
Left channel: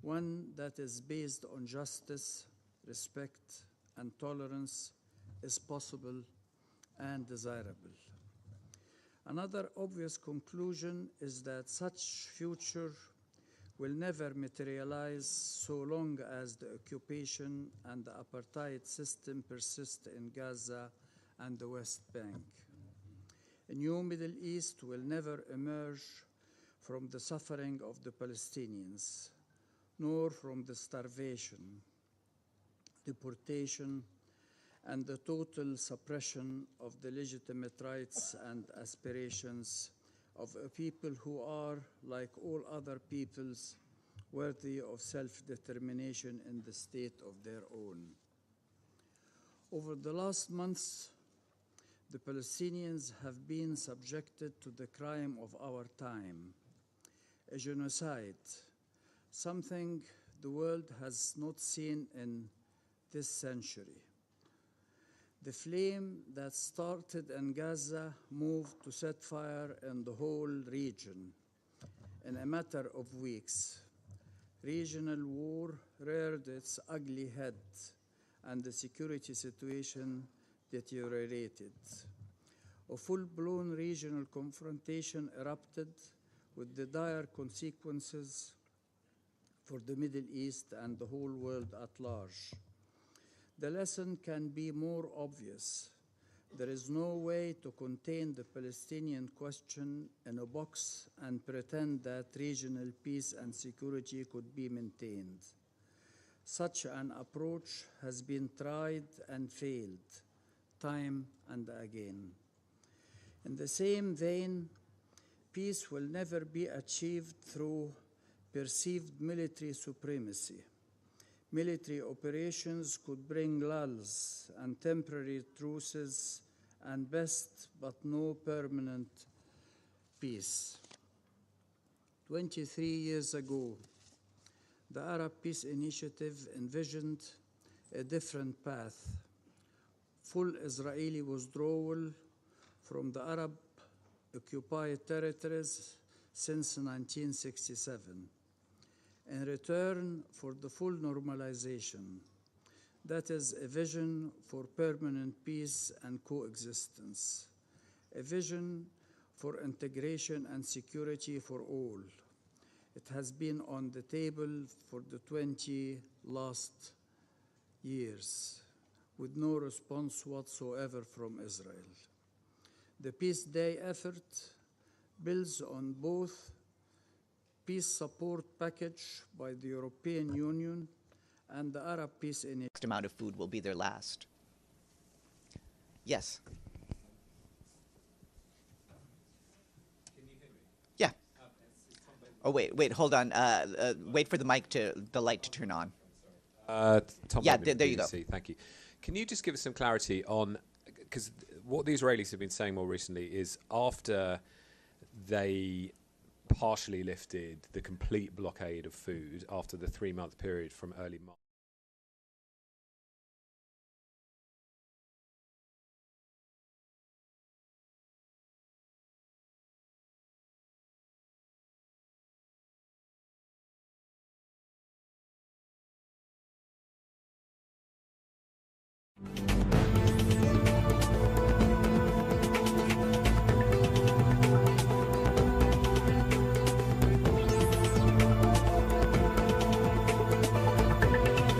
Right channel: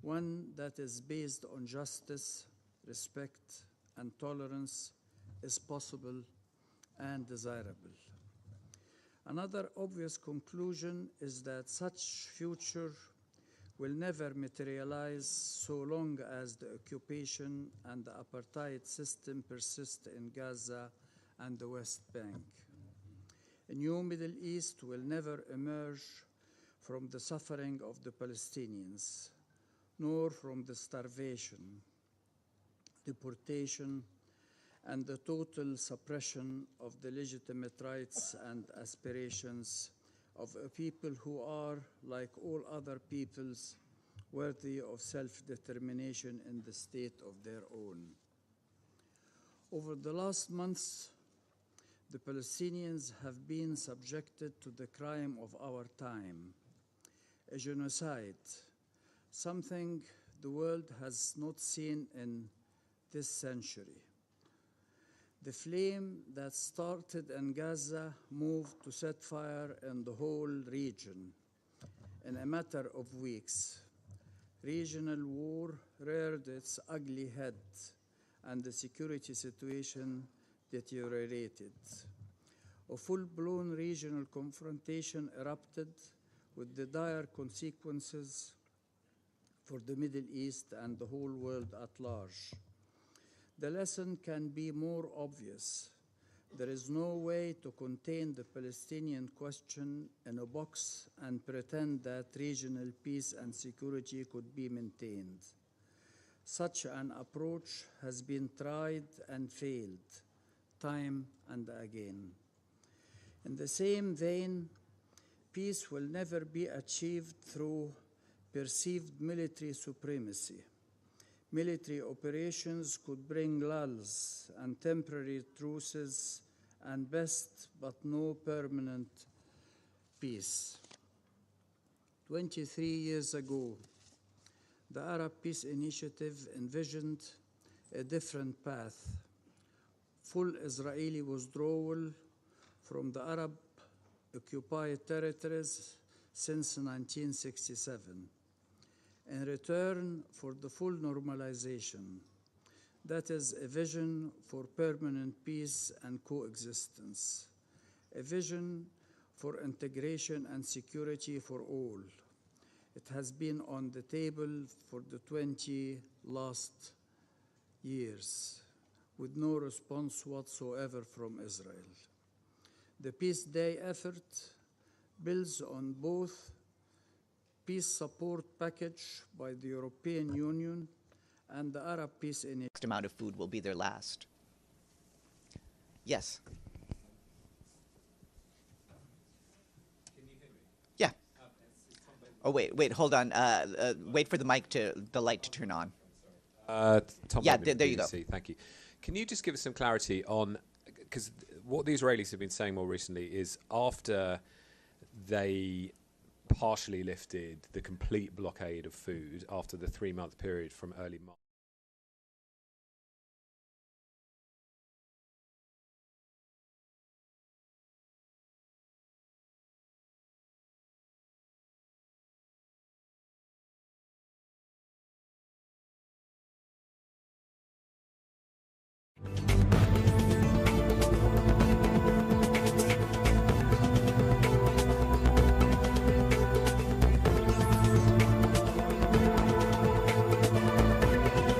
one that is based on justice, respect, and tolerance is possible and desirable. Another obvious conclusion is that such future will never materialize so long as the occupation and the apartheid system persist in Gaza and the West Bank. A new Middle East will never emerge from the suffering of the Palestinians, nor from the starvation, deportation, and the total suppression of the legitimate rights and aspirations of a people who are, like all other peoples, worthy of self-determination in the state of their own. Over the last months, the Palestinians have been subjected to the crime of our time, a genocide, something the world has not seen in this century. The flame that started in Gaza moved to set fire in the whole region in a matter of weeks. Regional war reared its ugly head, and the security situation deteriorated. A full-blown regional confrontation erupted with the dire consequences for the Middle East and the whole world at large. The lesson can be more obvious. There is no way to contain the Palestinian question in a box and pretend that regional peace and security could be maintained. Such an approach has been tried and failed, time and again. In the same vein, peace will never be achieved through perceived military supremacy. Military operations could bring lulls and temporary truces and best but no permanent peace. 23 years ago, the Arab Peace Initiative envisioned a different path: full Israeli withdrawal from the Arab-occupied territories since 1967. In return for the full normalization, that is a vision for permanent peace and coexistence, a vision for integration and security for all. It has been on the table for the 20 last years, with no response whatsoever from Israel. The Peace Day effort builds on both peace support package by the European Union and the Arab Peace Initiative. Next amount of food will be their last. Yes. Can you hear me? Yeah. Oh wait, hold on. Wait for the light to turn on. Tom, yeah, there you go. Thank you. Can you just give us some clarity on, because what the Israelis have been saying more recently is after they partially lifted the complete blockade of food after the 3-month period from early March.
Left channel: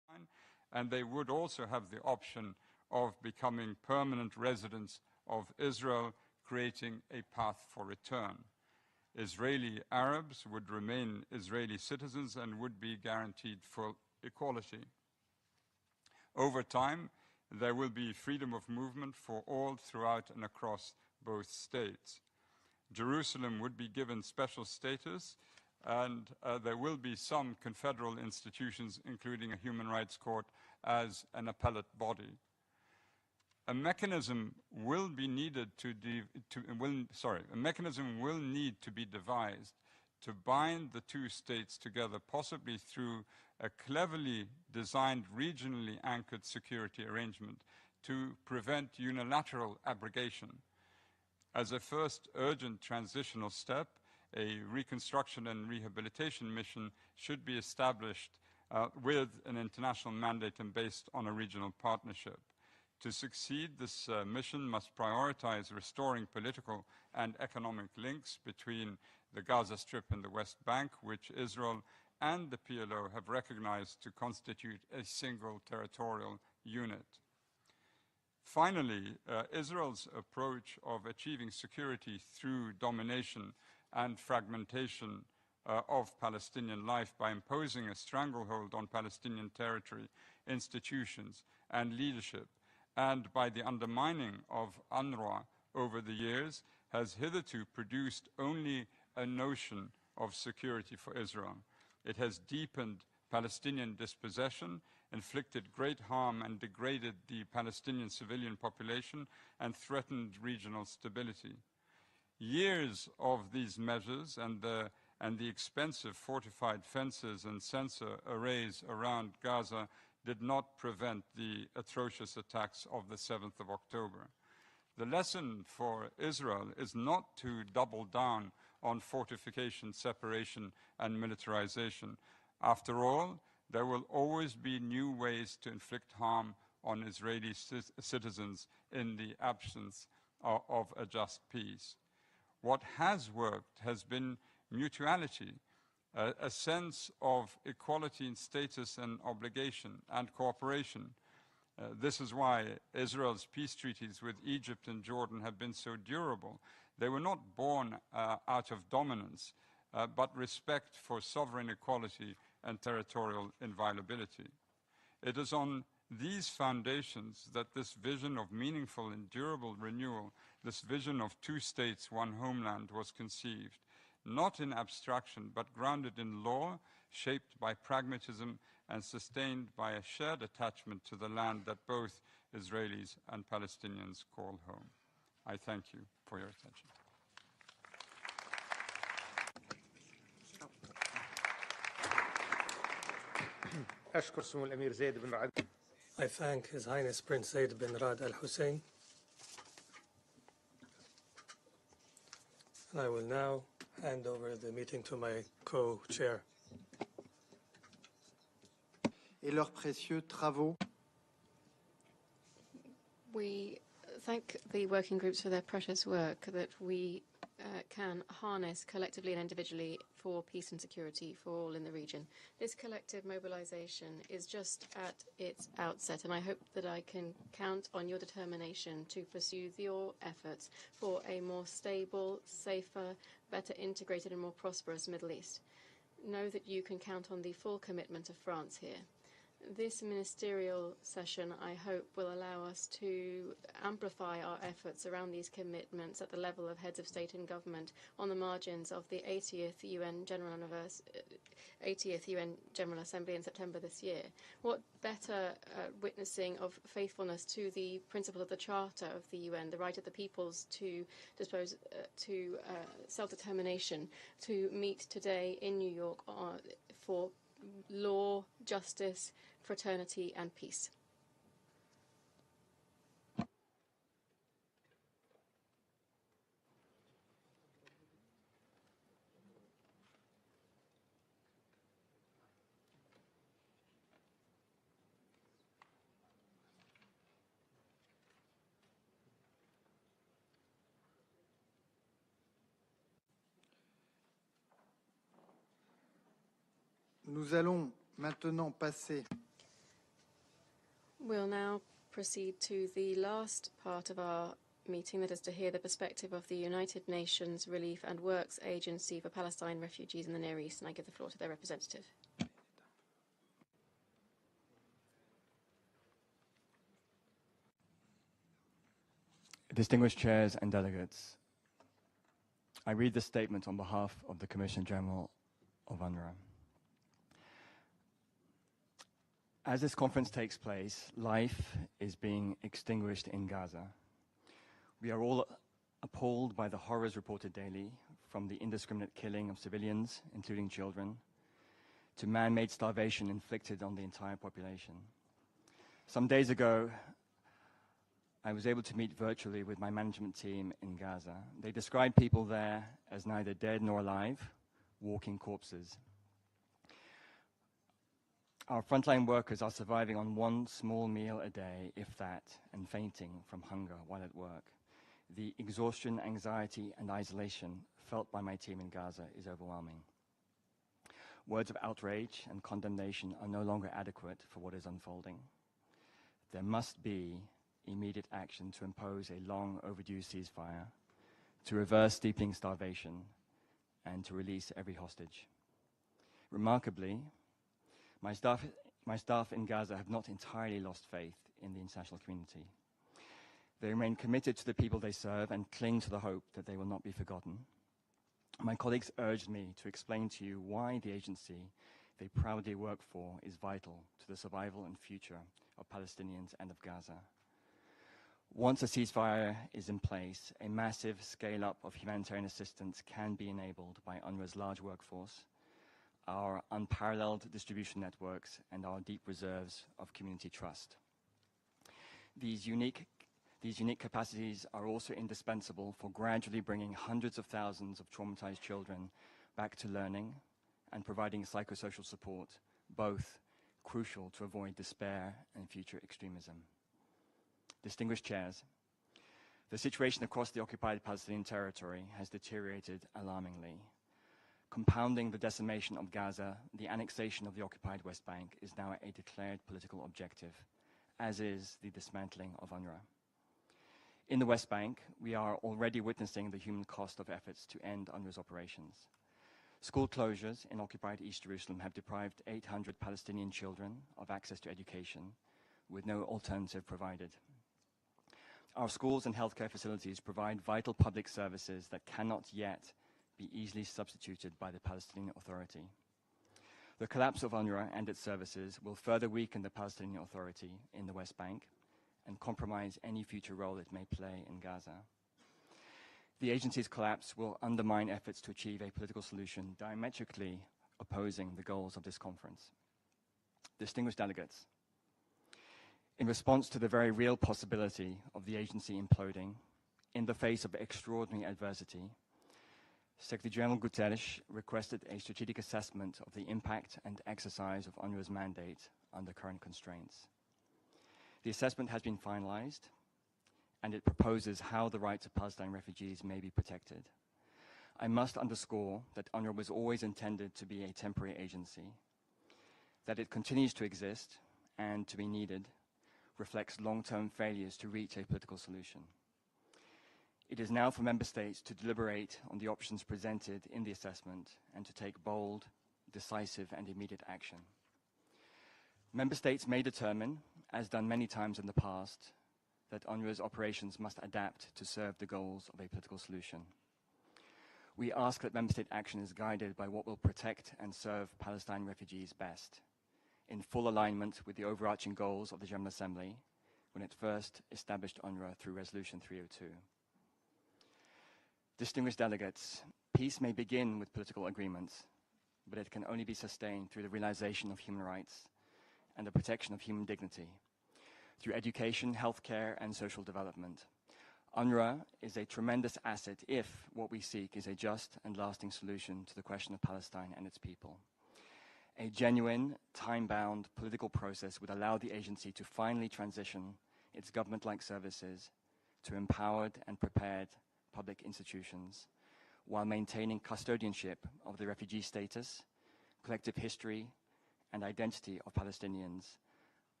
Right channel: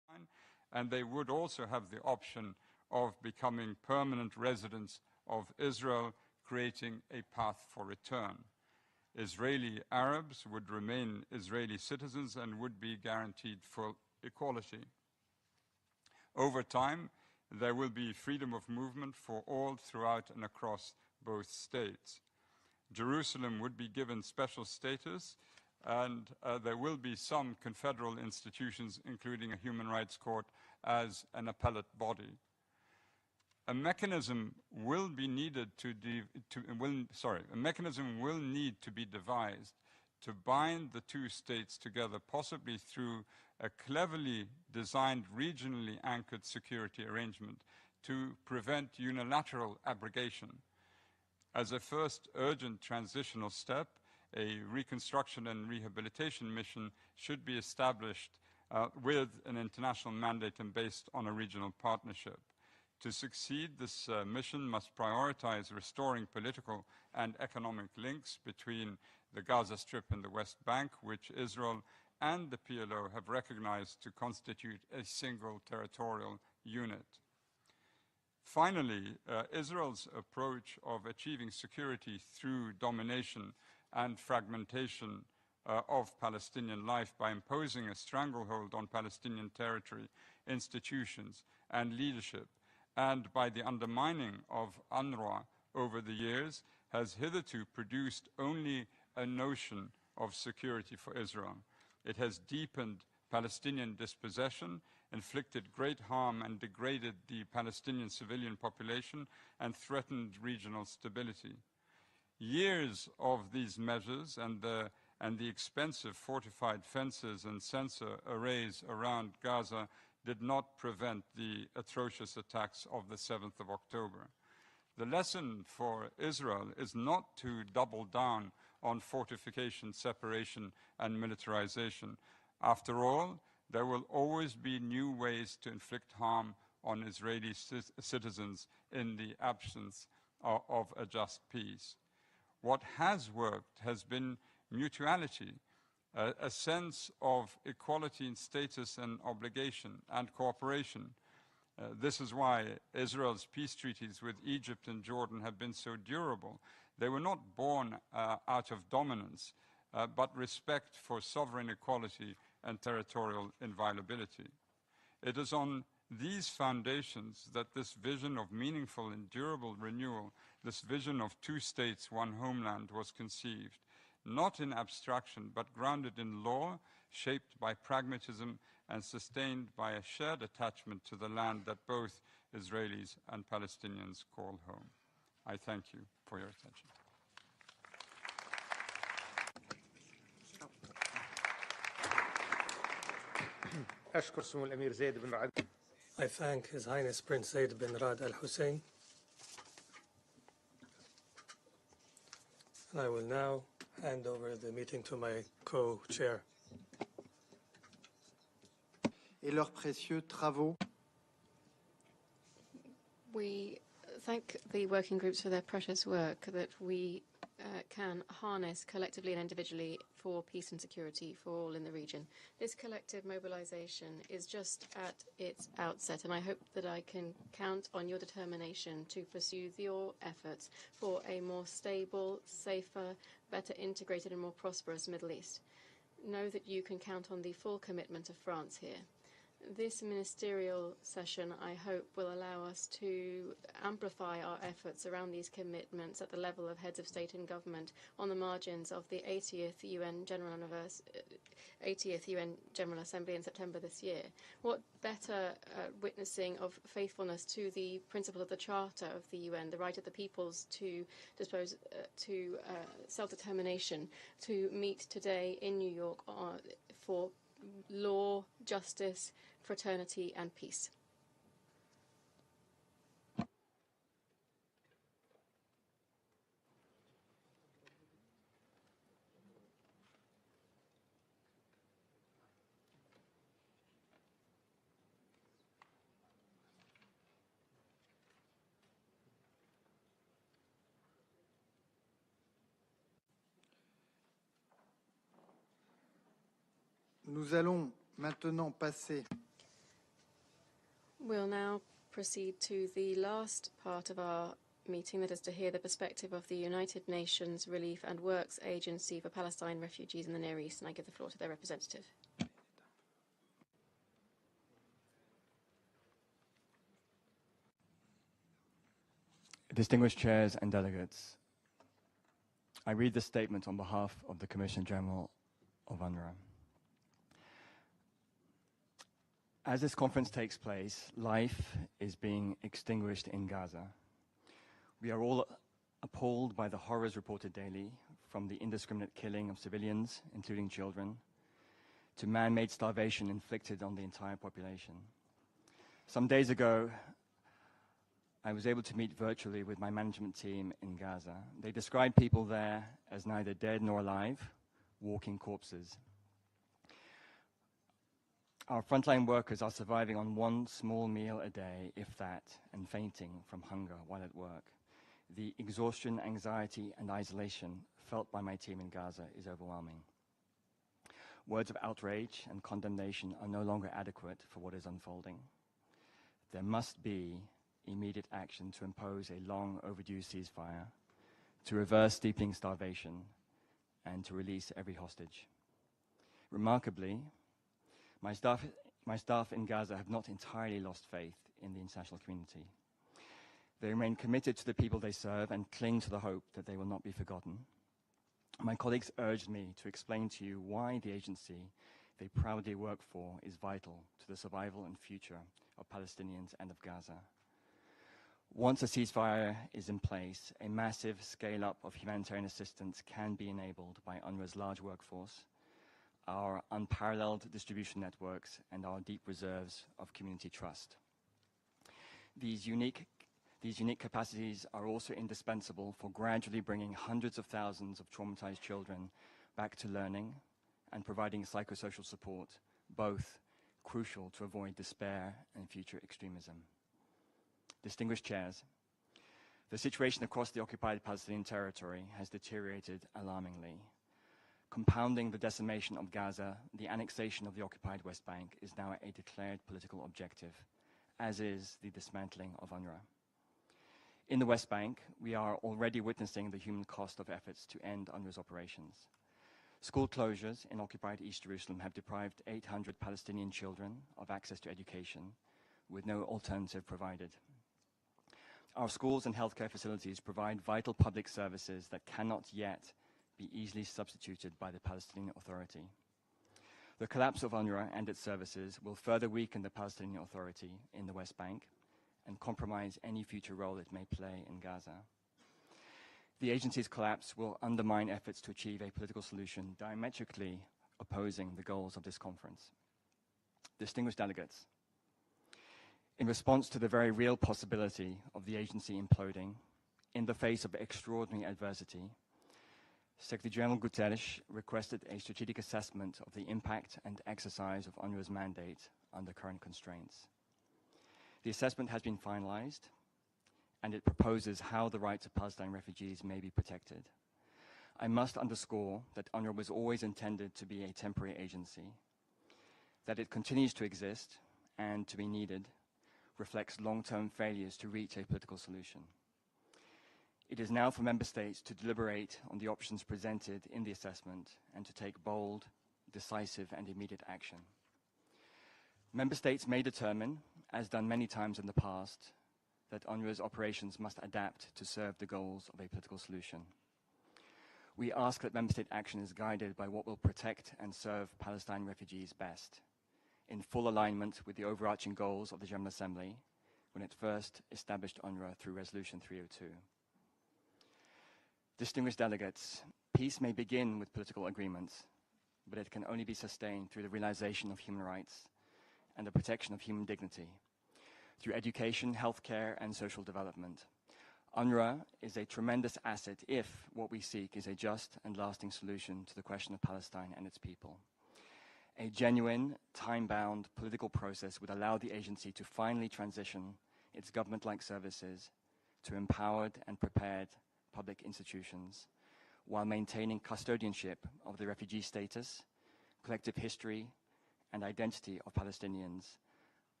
and they would also have the option of becoming permanent residents of Israel, creating a path for return. Israeli Arabs would remain Israeli citizens and would be guaranteed full equality. Over time, there will be freedom of movement for all throughout and across both states. Jerusalem would be given special status, and there will be some confederal institutions, including a human rights court, as an appellate body. A mechanism will be needed a mechanism will need to be devised to bind the two states together, possibly through a cleverly designed, regionally anchored security arrangement to prevent unilateral abrogation. As a first urgent transitional step, a reconstruction and rehabilitation mission should be established with an international mandate and based on a regional partnership. To succeed, this mission must prioritize restoring political and economic links between the Gaza Strip and the West Bank, which Israel and the PLO have recognized to constitute a single territorial unit. Finally, Israel's approach of achieving security through domination and fragmentation of Palestinian life by imposing a stranglehold on Palestinian territory, institutions, and leadership, and by the undermining of UNRWA over the years, has hitherto produced only a notion of security for Israel. It has deepened Palestinian dispossession, inflicted great harm and degraded the Palestinian civilian population, and threatened regional stability. Years of these measures and the expensive fortified fences and sensor arrays around Gaza did not prevent the atrocious attacks of the 7th of October. The lesson for Israel is not to double down on fortification, separation, and militarization. After all, there will always be new ways to inflict harm on Israeli citizens in the absence of a just peace. What has worked has been mutuality, a sense of equality in status and obligation and cooperation. This is why Israel's peace treaties with Egypt and Jordan have been so durable. They were not born out of dominance, but respect for sovereign equality and territorial inviolability. It is on these foundations that this vision of meaningful and durable renewal, this vision of two states, one homeland, was conceived, not in abstraction, but grounded in law, shaped by pragmatism, and sustained by a shared attachment to the land that both Israelis and Palestinians call home. I thank you for your attention. I thank His Highness Prince Zaid bin Rad Al Hussein. And I will now hand over the meeting to my co-chair. Et leurs précieux travaux. We thank the working groups for their precious work that we can harness collectively and individually for peace and security for all in the region. This collective mobilization is just at its outset, and I hope that I can count on your determination to pursue your efforts for a more stable, safer, better integrated and more prosperous Middle East. Know that you can count on the full commitment of France here. This ministerial session, I hope, will allow us to amplify our efforts around these commitments at the level of heads of state and government on the margins of the 80th UN General Assembly in September this year. What better witnessing of faithfulness to the principle of the Charter of the UN, the right of the peoples to self-determination, to meet today in New York for law, justice, fraternity, and peace. Nous allons maintenant passer. We'll now proceed to the last part of our meeting, that is to hear the perspective of the United Nations Relief and Works Agency for Palestine Refugees in the Near East, and I give the floor to their representative. Distinguished chairs and delegates, I read this statement on behalf of the Commissioner General of UNRWA. As this conference takes place, life is being extinguished in Gaza. We are all appalled by the horrors reported daily, from the indiscriminate killing of civilians, including children, to man-made starvation inflicted on the entire population. Some days ago, I was able to meet virtually with my management team in Gaza. They described people there as neither dead nor alive, walking corpses. Our frontline workers are surviving on one small meal a day, if that, and fainting from hunger while at work. The exhaustion, anxiety, and isolation felt by my team in Gaza is overwhelming. Words of outrage and condemnation are no longer adequate for what is unfolding. There must be immediate action to impose a long overdue ceasefire, to reverse deepening starvation, and to release every hostage. Remarkably, my staff in Gaza have not entirely lost faith in the international community. They remain committed to the people they serve and cling to the hope that they will not be forgotten. My colleagues urged me to explain to you why the agency they proudly work for is vital to the survival and future of Palestinians and of Gaza. Once a ceasefire is in place, a massive scale-up of humanitarian assistance can be enabled by UNRWA's large workforce, our unparalleled distribution networks, and our deep reserves of community trust. These unique capacities are also indispensable for gradually bringing hundreds of thousands of traumatized children back to learning and providing psychosocial support, both crucial to avoid despair and future extremism. Distinguished chairs, the situation across the occupied Palestinian territory has deteriorated alarmingly. Compounding the decimation of Gaza, the annexation of the occupied West Bank is now a declared political objective, as is the dismantling of UNRWA. In the West Bank, we are already witnessing the human cost of efforts to end UNRWA's operations. School closures in occupied East Jerusalem have deprived 800 Palestinian children of access to education, with no alternative provided. Our schools and healthcare facilities provide vital public services that cannot yet be easily substituted by the Palestinian Authority. The collapse of UNRWA and its services will further weaken the Palestinian Authority in the West Bank and compromise any future role it may play in Gaza. The agency's collapse will undermine efforts to achieve a political solution diametrically opposing the goals of this conference. Distinguished delegates, in response to the very real possibility of the agency imploding in the face of extraordinary adversity, Secretary General Guterres requested a strategic assessment of the impact and exercise of UNRWA's mandate under current constraints. The assessment has been finalized, and it proposes how the rights of Palestine refugees may be protected. I must underscore that UNRWA was always intended to be a temporary agency. That it continues to exist and to be needed reflects long-term failures to reach a political solution. It is now for member states to deliberate on the options presented in the assessment and to take bold, decisive, and immediate action. Member states may determine, as done many times in the past, that UNRWA's operations must adapt to serve the goals of a political solution. We ask that member state action is guided by what will protect and serve Palestine refugees best, in full alignment with the overarching goals of the General Assembly when it first established UNRWA through Resolution 302. Distinguished delegates, peace may begin with political agreements, but it can only be sustained through the realization of human rights and the protection of human dignity, through education, healthcare, and social development. UNRWA is a tremendous asset if what we seek is a just and lasting solution to the question of Palestine and its people. A genuine, time-bound political process would allow the agency to finally transition its government-like services to empowered and prepared public institutions, while maintaining custodianship of the refugee status, collective history, and identity of Palestinians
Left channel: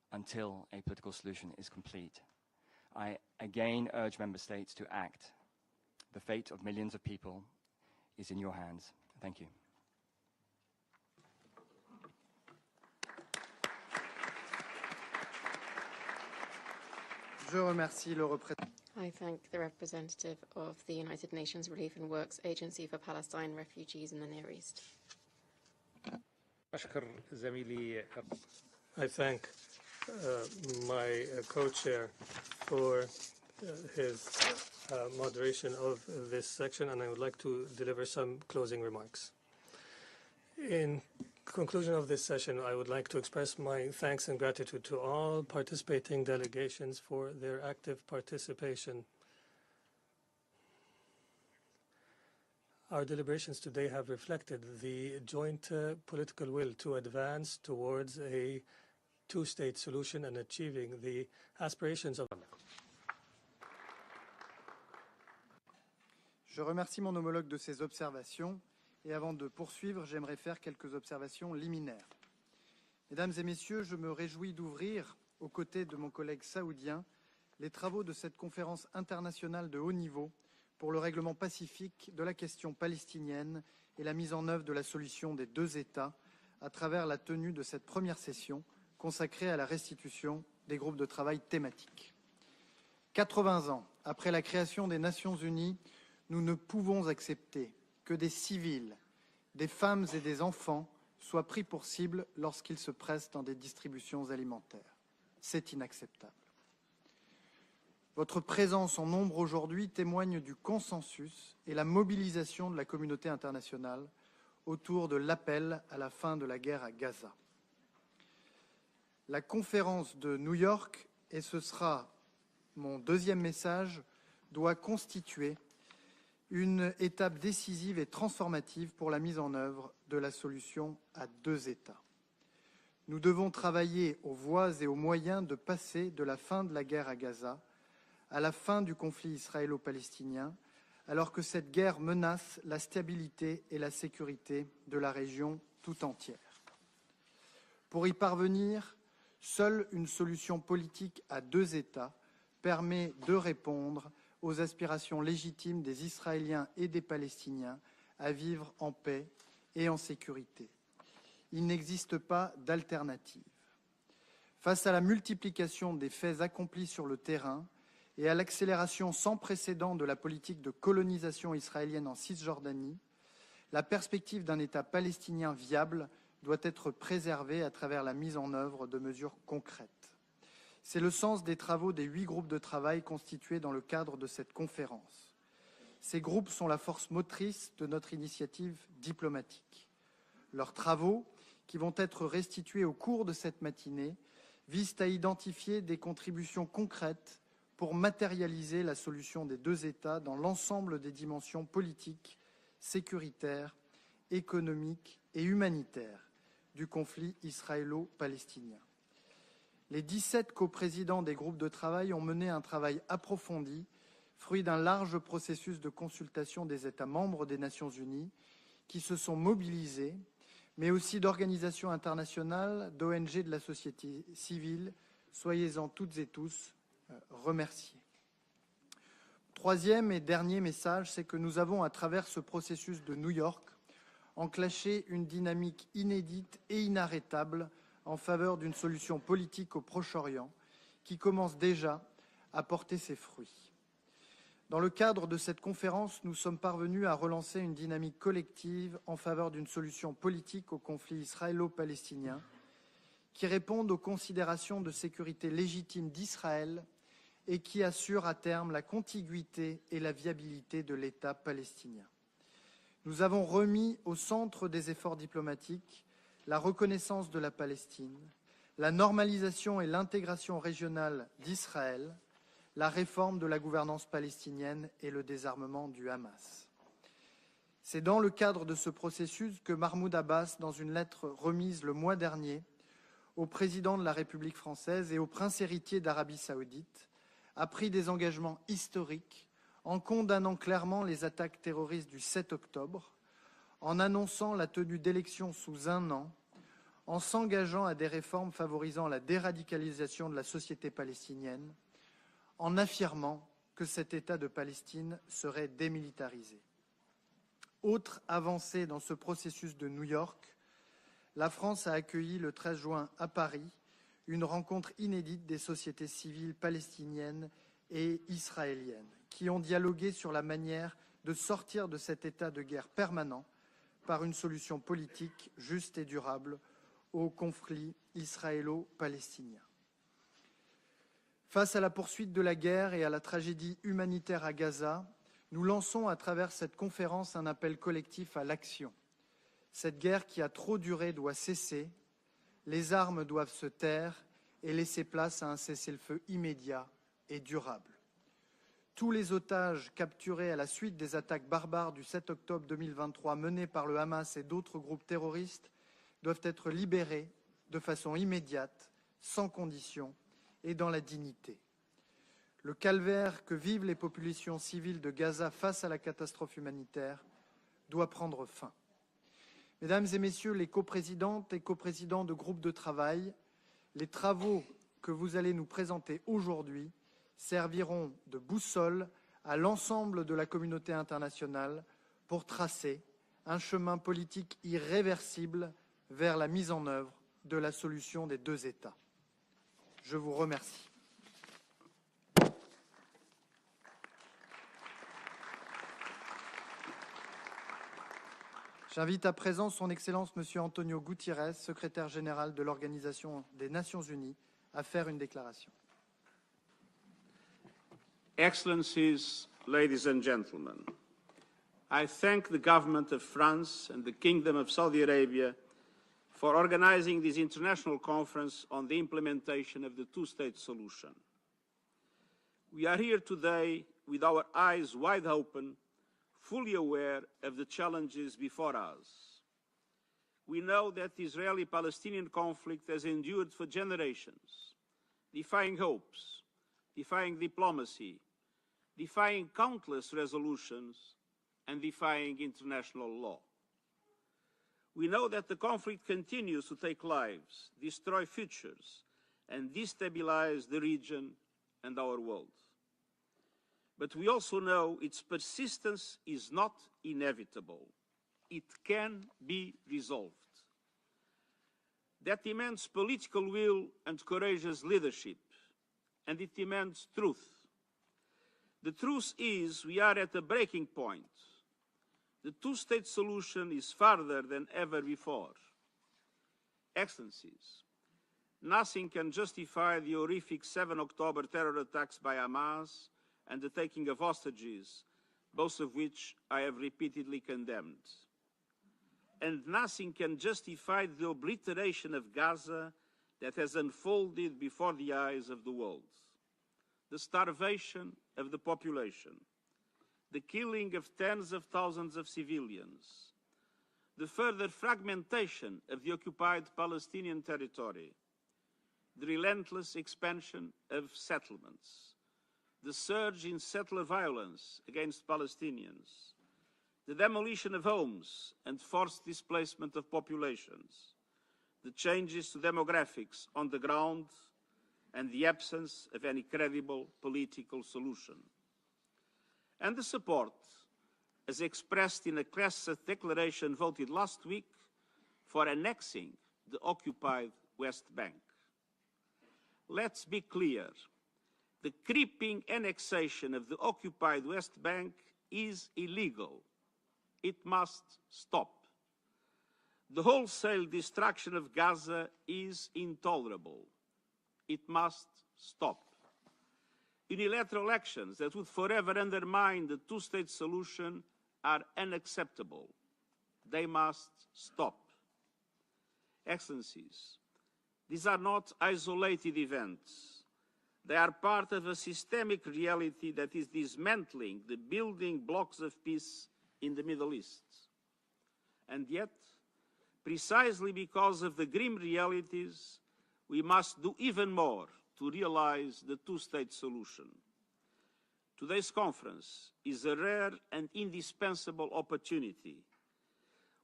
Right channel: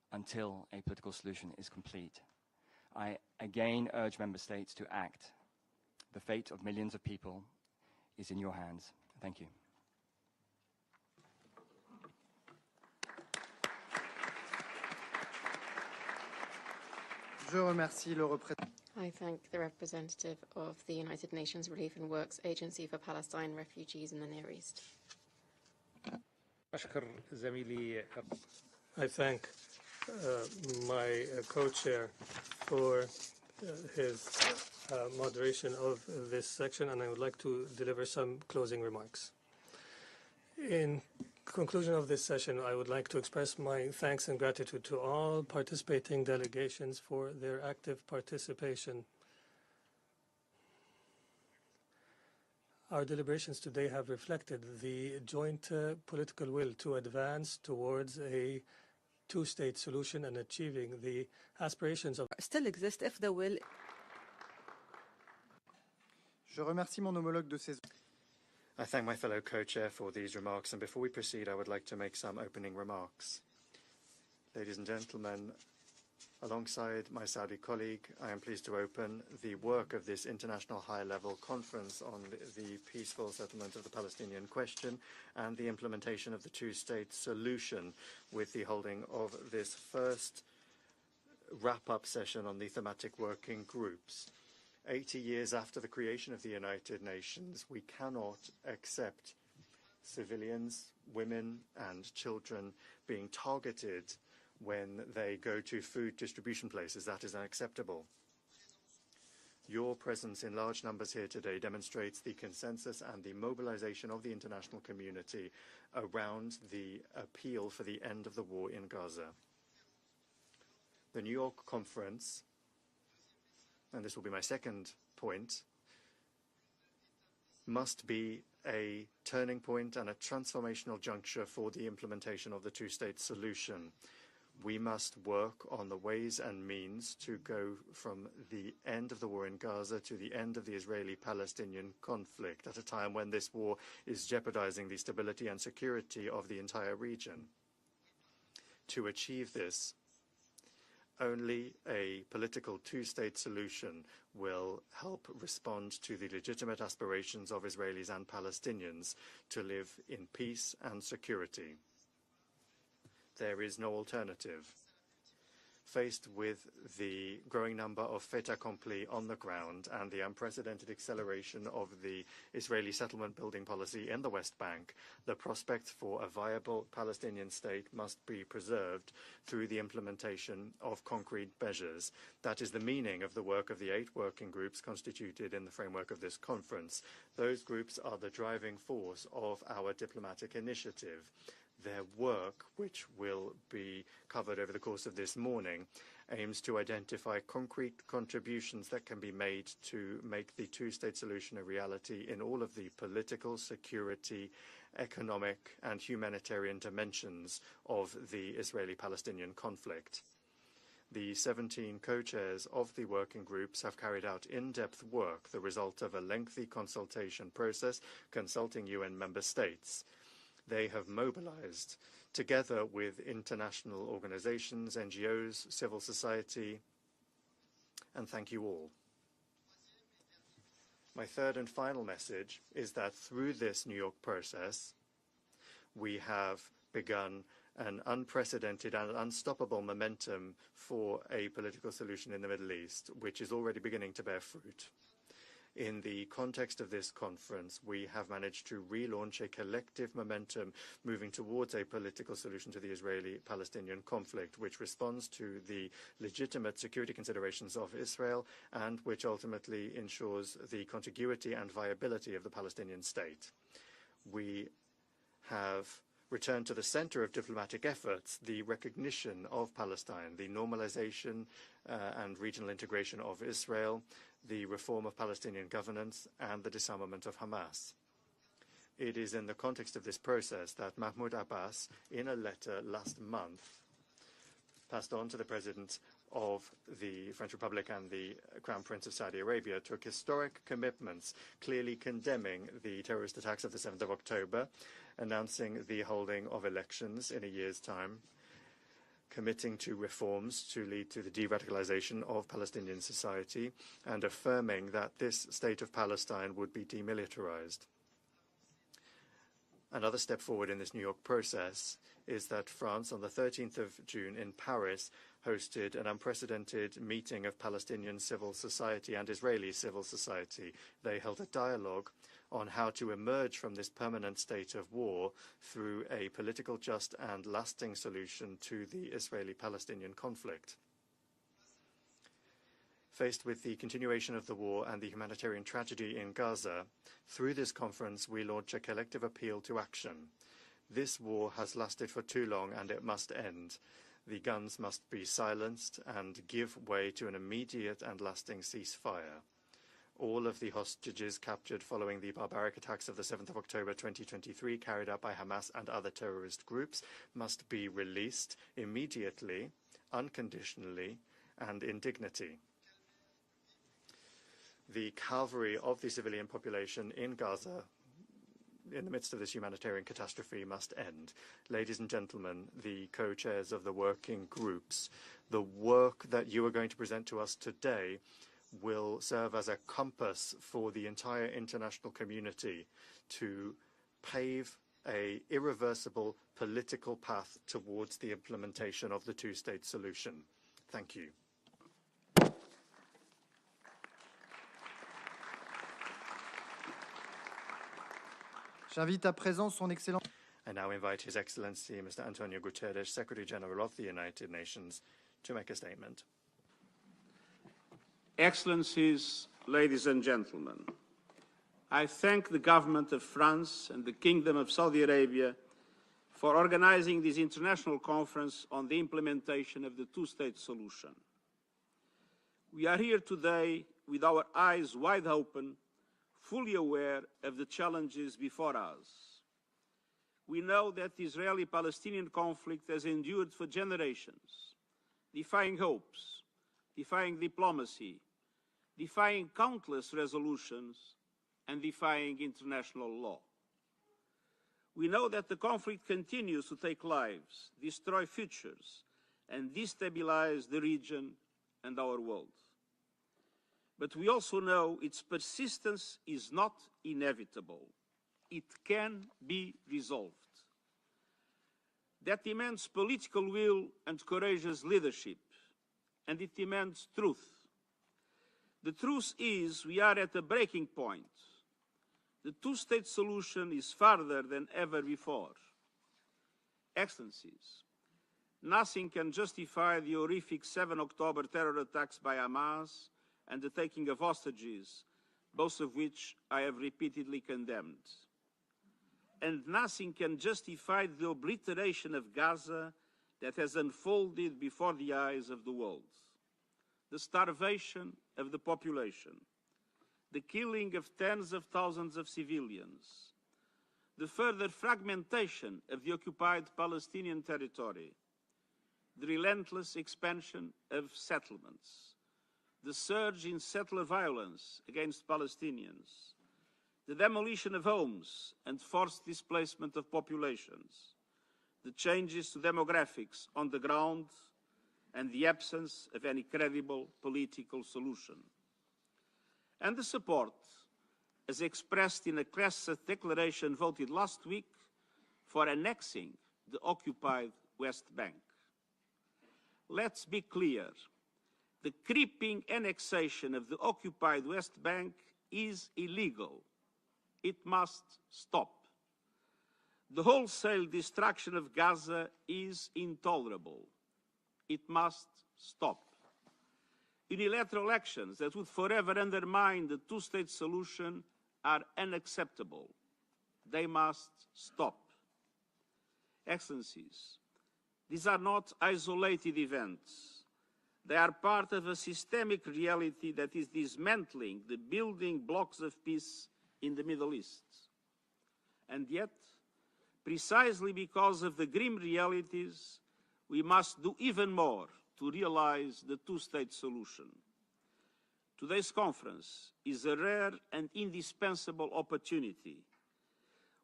until a political solution is complete. I again urge member states to act. The fate of millions of people is in your hands. Thank you. Je remercie le représentant. I thank the representative of the United Nations Relief and Works Agency for Palestine Refugees in the Near East. I thank my co-chair for his moderation of this section, and I would like to deliver some closing remarks. In conclusion of this session, I would like to express my thanks and gratitude to all participating delegations for their active participation. Our deliberations today have reflected the joint political will to advance towards a two-state solution and achieving the aspirations of still exist if the will. Je remercie mon homologue de ses observations. I thank my fellow co-chair for these remarks, and before we proceed, I would like to make some opening remarks. Mesdames et messieurs, je me réjouis d'ouvrir, aux côtés de mon collègue saoudien, les travaux de cette conférence internationale de haut niveau pour le règlement pacifique de la question palestinienne et la mise en œuvre de la solution des deux États à travers la tenue de cette première session consacrée à la restitution des groupes de travail thématiques. 80 ans après la création des Nations Unies, nous ne pouvons accepter que des civils, des femmes et des enfants soient pris pour cible lorsqu'ils se pressent dans des distributions alimentaires. C'est inacceptable. Votre présence en nombre aujourd'hui témoigne du consensus et la mobilisation de la communauté internationale autour de l'appel à la fin de la guerre à Gaza. La conférence de New York, et ce sera mon deuxième message, doit constituer une étape décisive et transformative pour la mise en œuvre de la solution à deux États. Nous devons travailler aux voies et aux moyens de passer de la fin de la guerre à Gaza à la fin du conflit israélo-palestinien, alors que cette guerre menace la stabilité et la sécurité de la région tout entière. Pour y parvenir, seule une solution politique à deux États permet de répondre aux aspirations légitimes des Israéliens et des Palestiniens à vivre en paix et en sécurité. Il n'existe pas d'alternative. Face à la multiplication des faits accomplis sur le terrain et à l'accélération sans précédent de la politique de colonisation israélienne en Cisjordanie, la perspective d'un État palestinien viable doit être préservée à travers la mise en œuvre de mesures concrètes. C'est le sens des travaux des 8 groupes de travail constitués dans le cadre de cette conférence. Ces groupes sont la force motrice de notre initiative diplomatique. Leurs travaux, qui vont être restitués au cours de cette matinée, visent à identifier des contributions concrètes pour matérialiser la solution des deux États dans l'ensemble des dimensions politiques, sécuritaires, économiques et humanitaires du conflit israélo-palestinien. Les 17 coprésidents des groupes de travail ont mené un travail approfondi, fruit d'un large processus de consultation des États membres des Nations Unies qui se sont mobilisés, mais aussi d'organisations internationales, d'ONG de la société civile. Soyez-en toutes et tous remerciés. Troisième et dernier message, c'est que nous avons, à travers ce processus de New York, enclenché une dynamique inédite et inarrêtable en faveur d'une solution politique au Proche-Orient, qui commence déjà à porter ses fruits. Dans le cadre de cette conférence, nous sommes parvenus à relancer une dynamique collective en faveur d'une solution politique au conflit israélo-palestinien qui réponde aux considérations de sécurité légitime d'Israël et qui assure à terme la contiguïté et la viabilité de l'État palestinien. Nous avons remis au centre des efforts diplomatiques la reconnaissance de la Palestine, la normalisation et l'intégration régionale d'Israël, la réforme de la gouvernance palestinienne et le désarmement du Hamas. C'est dans le cadre de ce processus que Mahmoud Abbas, dans une lettre remise le mois dernier au président de la République française et au prince héritier d'Arabie saoudite, a pris des engagements historiques en condamnant clairement les attaques terroristes du 7 octobre, en annonçant la tenue d'élections sous un an en s'engageant à des réformes favorisant la déradicalisation de la société palestinienne, en affirmant que cet État de Palestine serait démilitarisé. Autre avancée dans ce processus de New York, la France a accueilli le 13 juin à Paris une rencontre inédite des sociétés civiles palestiniennes et israéliennes qui ont dialogué sur la manière de sortir de cet état de guerre permanent par une solution politique juste et durable au conflit israélo-palestinien. Face à la poursuite de la guerre et à la tragédie humanitaire à Gaza, nous lançons à travers cette conférence un appel collectif à l'action. Cette guerre qui a trop duré doit cesser, les armes doivent se taire et laisser place à un cessez-le-feu immédiat et durable. Tous les otages capturés à la suite des attaques barbares du 7 octobre 2023 menées par le Hamas et d'autres groupes terroristes doivent être libérés de façon immédiate, sans condition et dans la dignité. Le calvaire que vivent les populations civiles de Gaza face à la catastrophe humanitaire doit prendre fin. Mesdames et messieurs les coprésidentes et coprésidents de groupes de travail, les travaux que vous allez nous présenter aujourd'hui serviront de boussole à l'ensemble de la communauté internationale pour tracer un chemin politique irréversible vers la mise en œuvre de la solution des deux États. Je vous remercie. J'invite à présent son Excellence M. Antonio Guterres, secrétaire général de l'Organisation des Nations Unies, à faire une déclaration. Excellencies, ladies and gentlemen, I thank the government of France and the Kingdom of Saudi Arabia for organizing this international conference on the implementation of the two-state solution. We are here today with our eyes wide open, fully aware of the challenges before us. We know that the Israeli-Palestinian conflict has endured for generations, defying hopes, defying diplomacy, defying countless resolutions, and defying international law. We know that the conflict continues to take lives, destroy futures, and destabilize the region and our world. But we also know its persistence is not inevitable. It can be resolved. That demands political will and courageous leadership, and it demands truth. The truth is we are at a breaking point. The two-state solution is farther than ever before. Excellencies, nothing can justify the horrific 7 October terror attacks by Hamas and the taking of hostages, both of which I have repeatedly condemned. And nothing can justify the obliteration of Gaza that has unfolded before the eyes of the world. The starvation of the population, the killing of tens of thousands of civilians, the further fragmentation of the occupied Palestinian territory, the relentless expansion of settlements, the surge in settler violence against Palestinians, the demolition of homes and forced displacement of populations, the changes to demographics on the ground, and the absence of any credible political solution. And the support, as expressed in a Knesset declaration voted last week, for annexing the occupied West Bank. Let's be clear. The creeping annexation of the occupied West Bank is illegal. It must stop. The wholesale destruction of Gaza is intolerable. It must stop. Unilateral actions that would forever undermine the two-state solution are unacceptable. They must stop. Excellencies, these are not isolated events. They are part of a systemic reality that is dismantling the building blocks of peace in the Middle East. And yet, precisely because of the grim realities, we must do even more to realize the two-state solution. Today's conference is a rare and indispensable opportunity.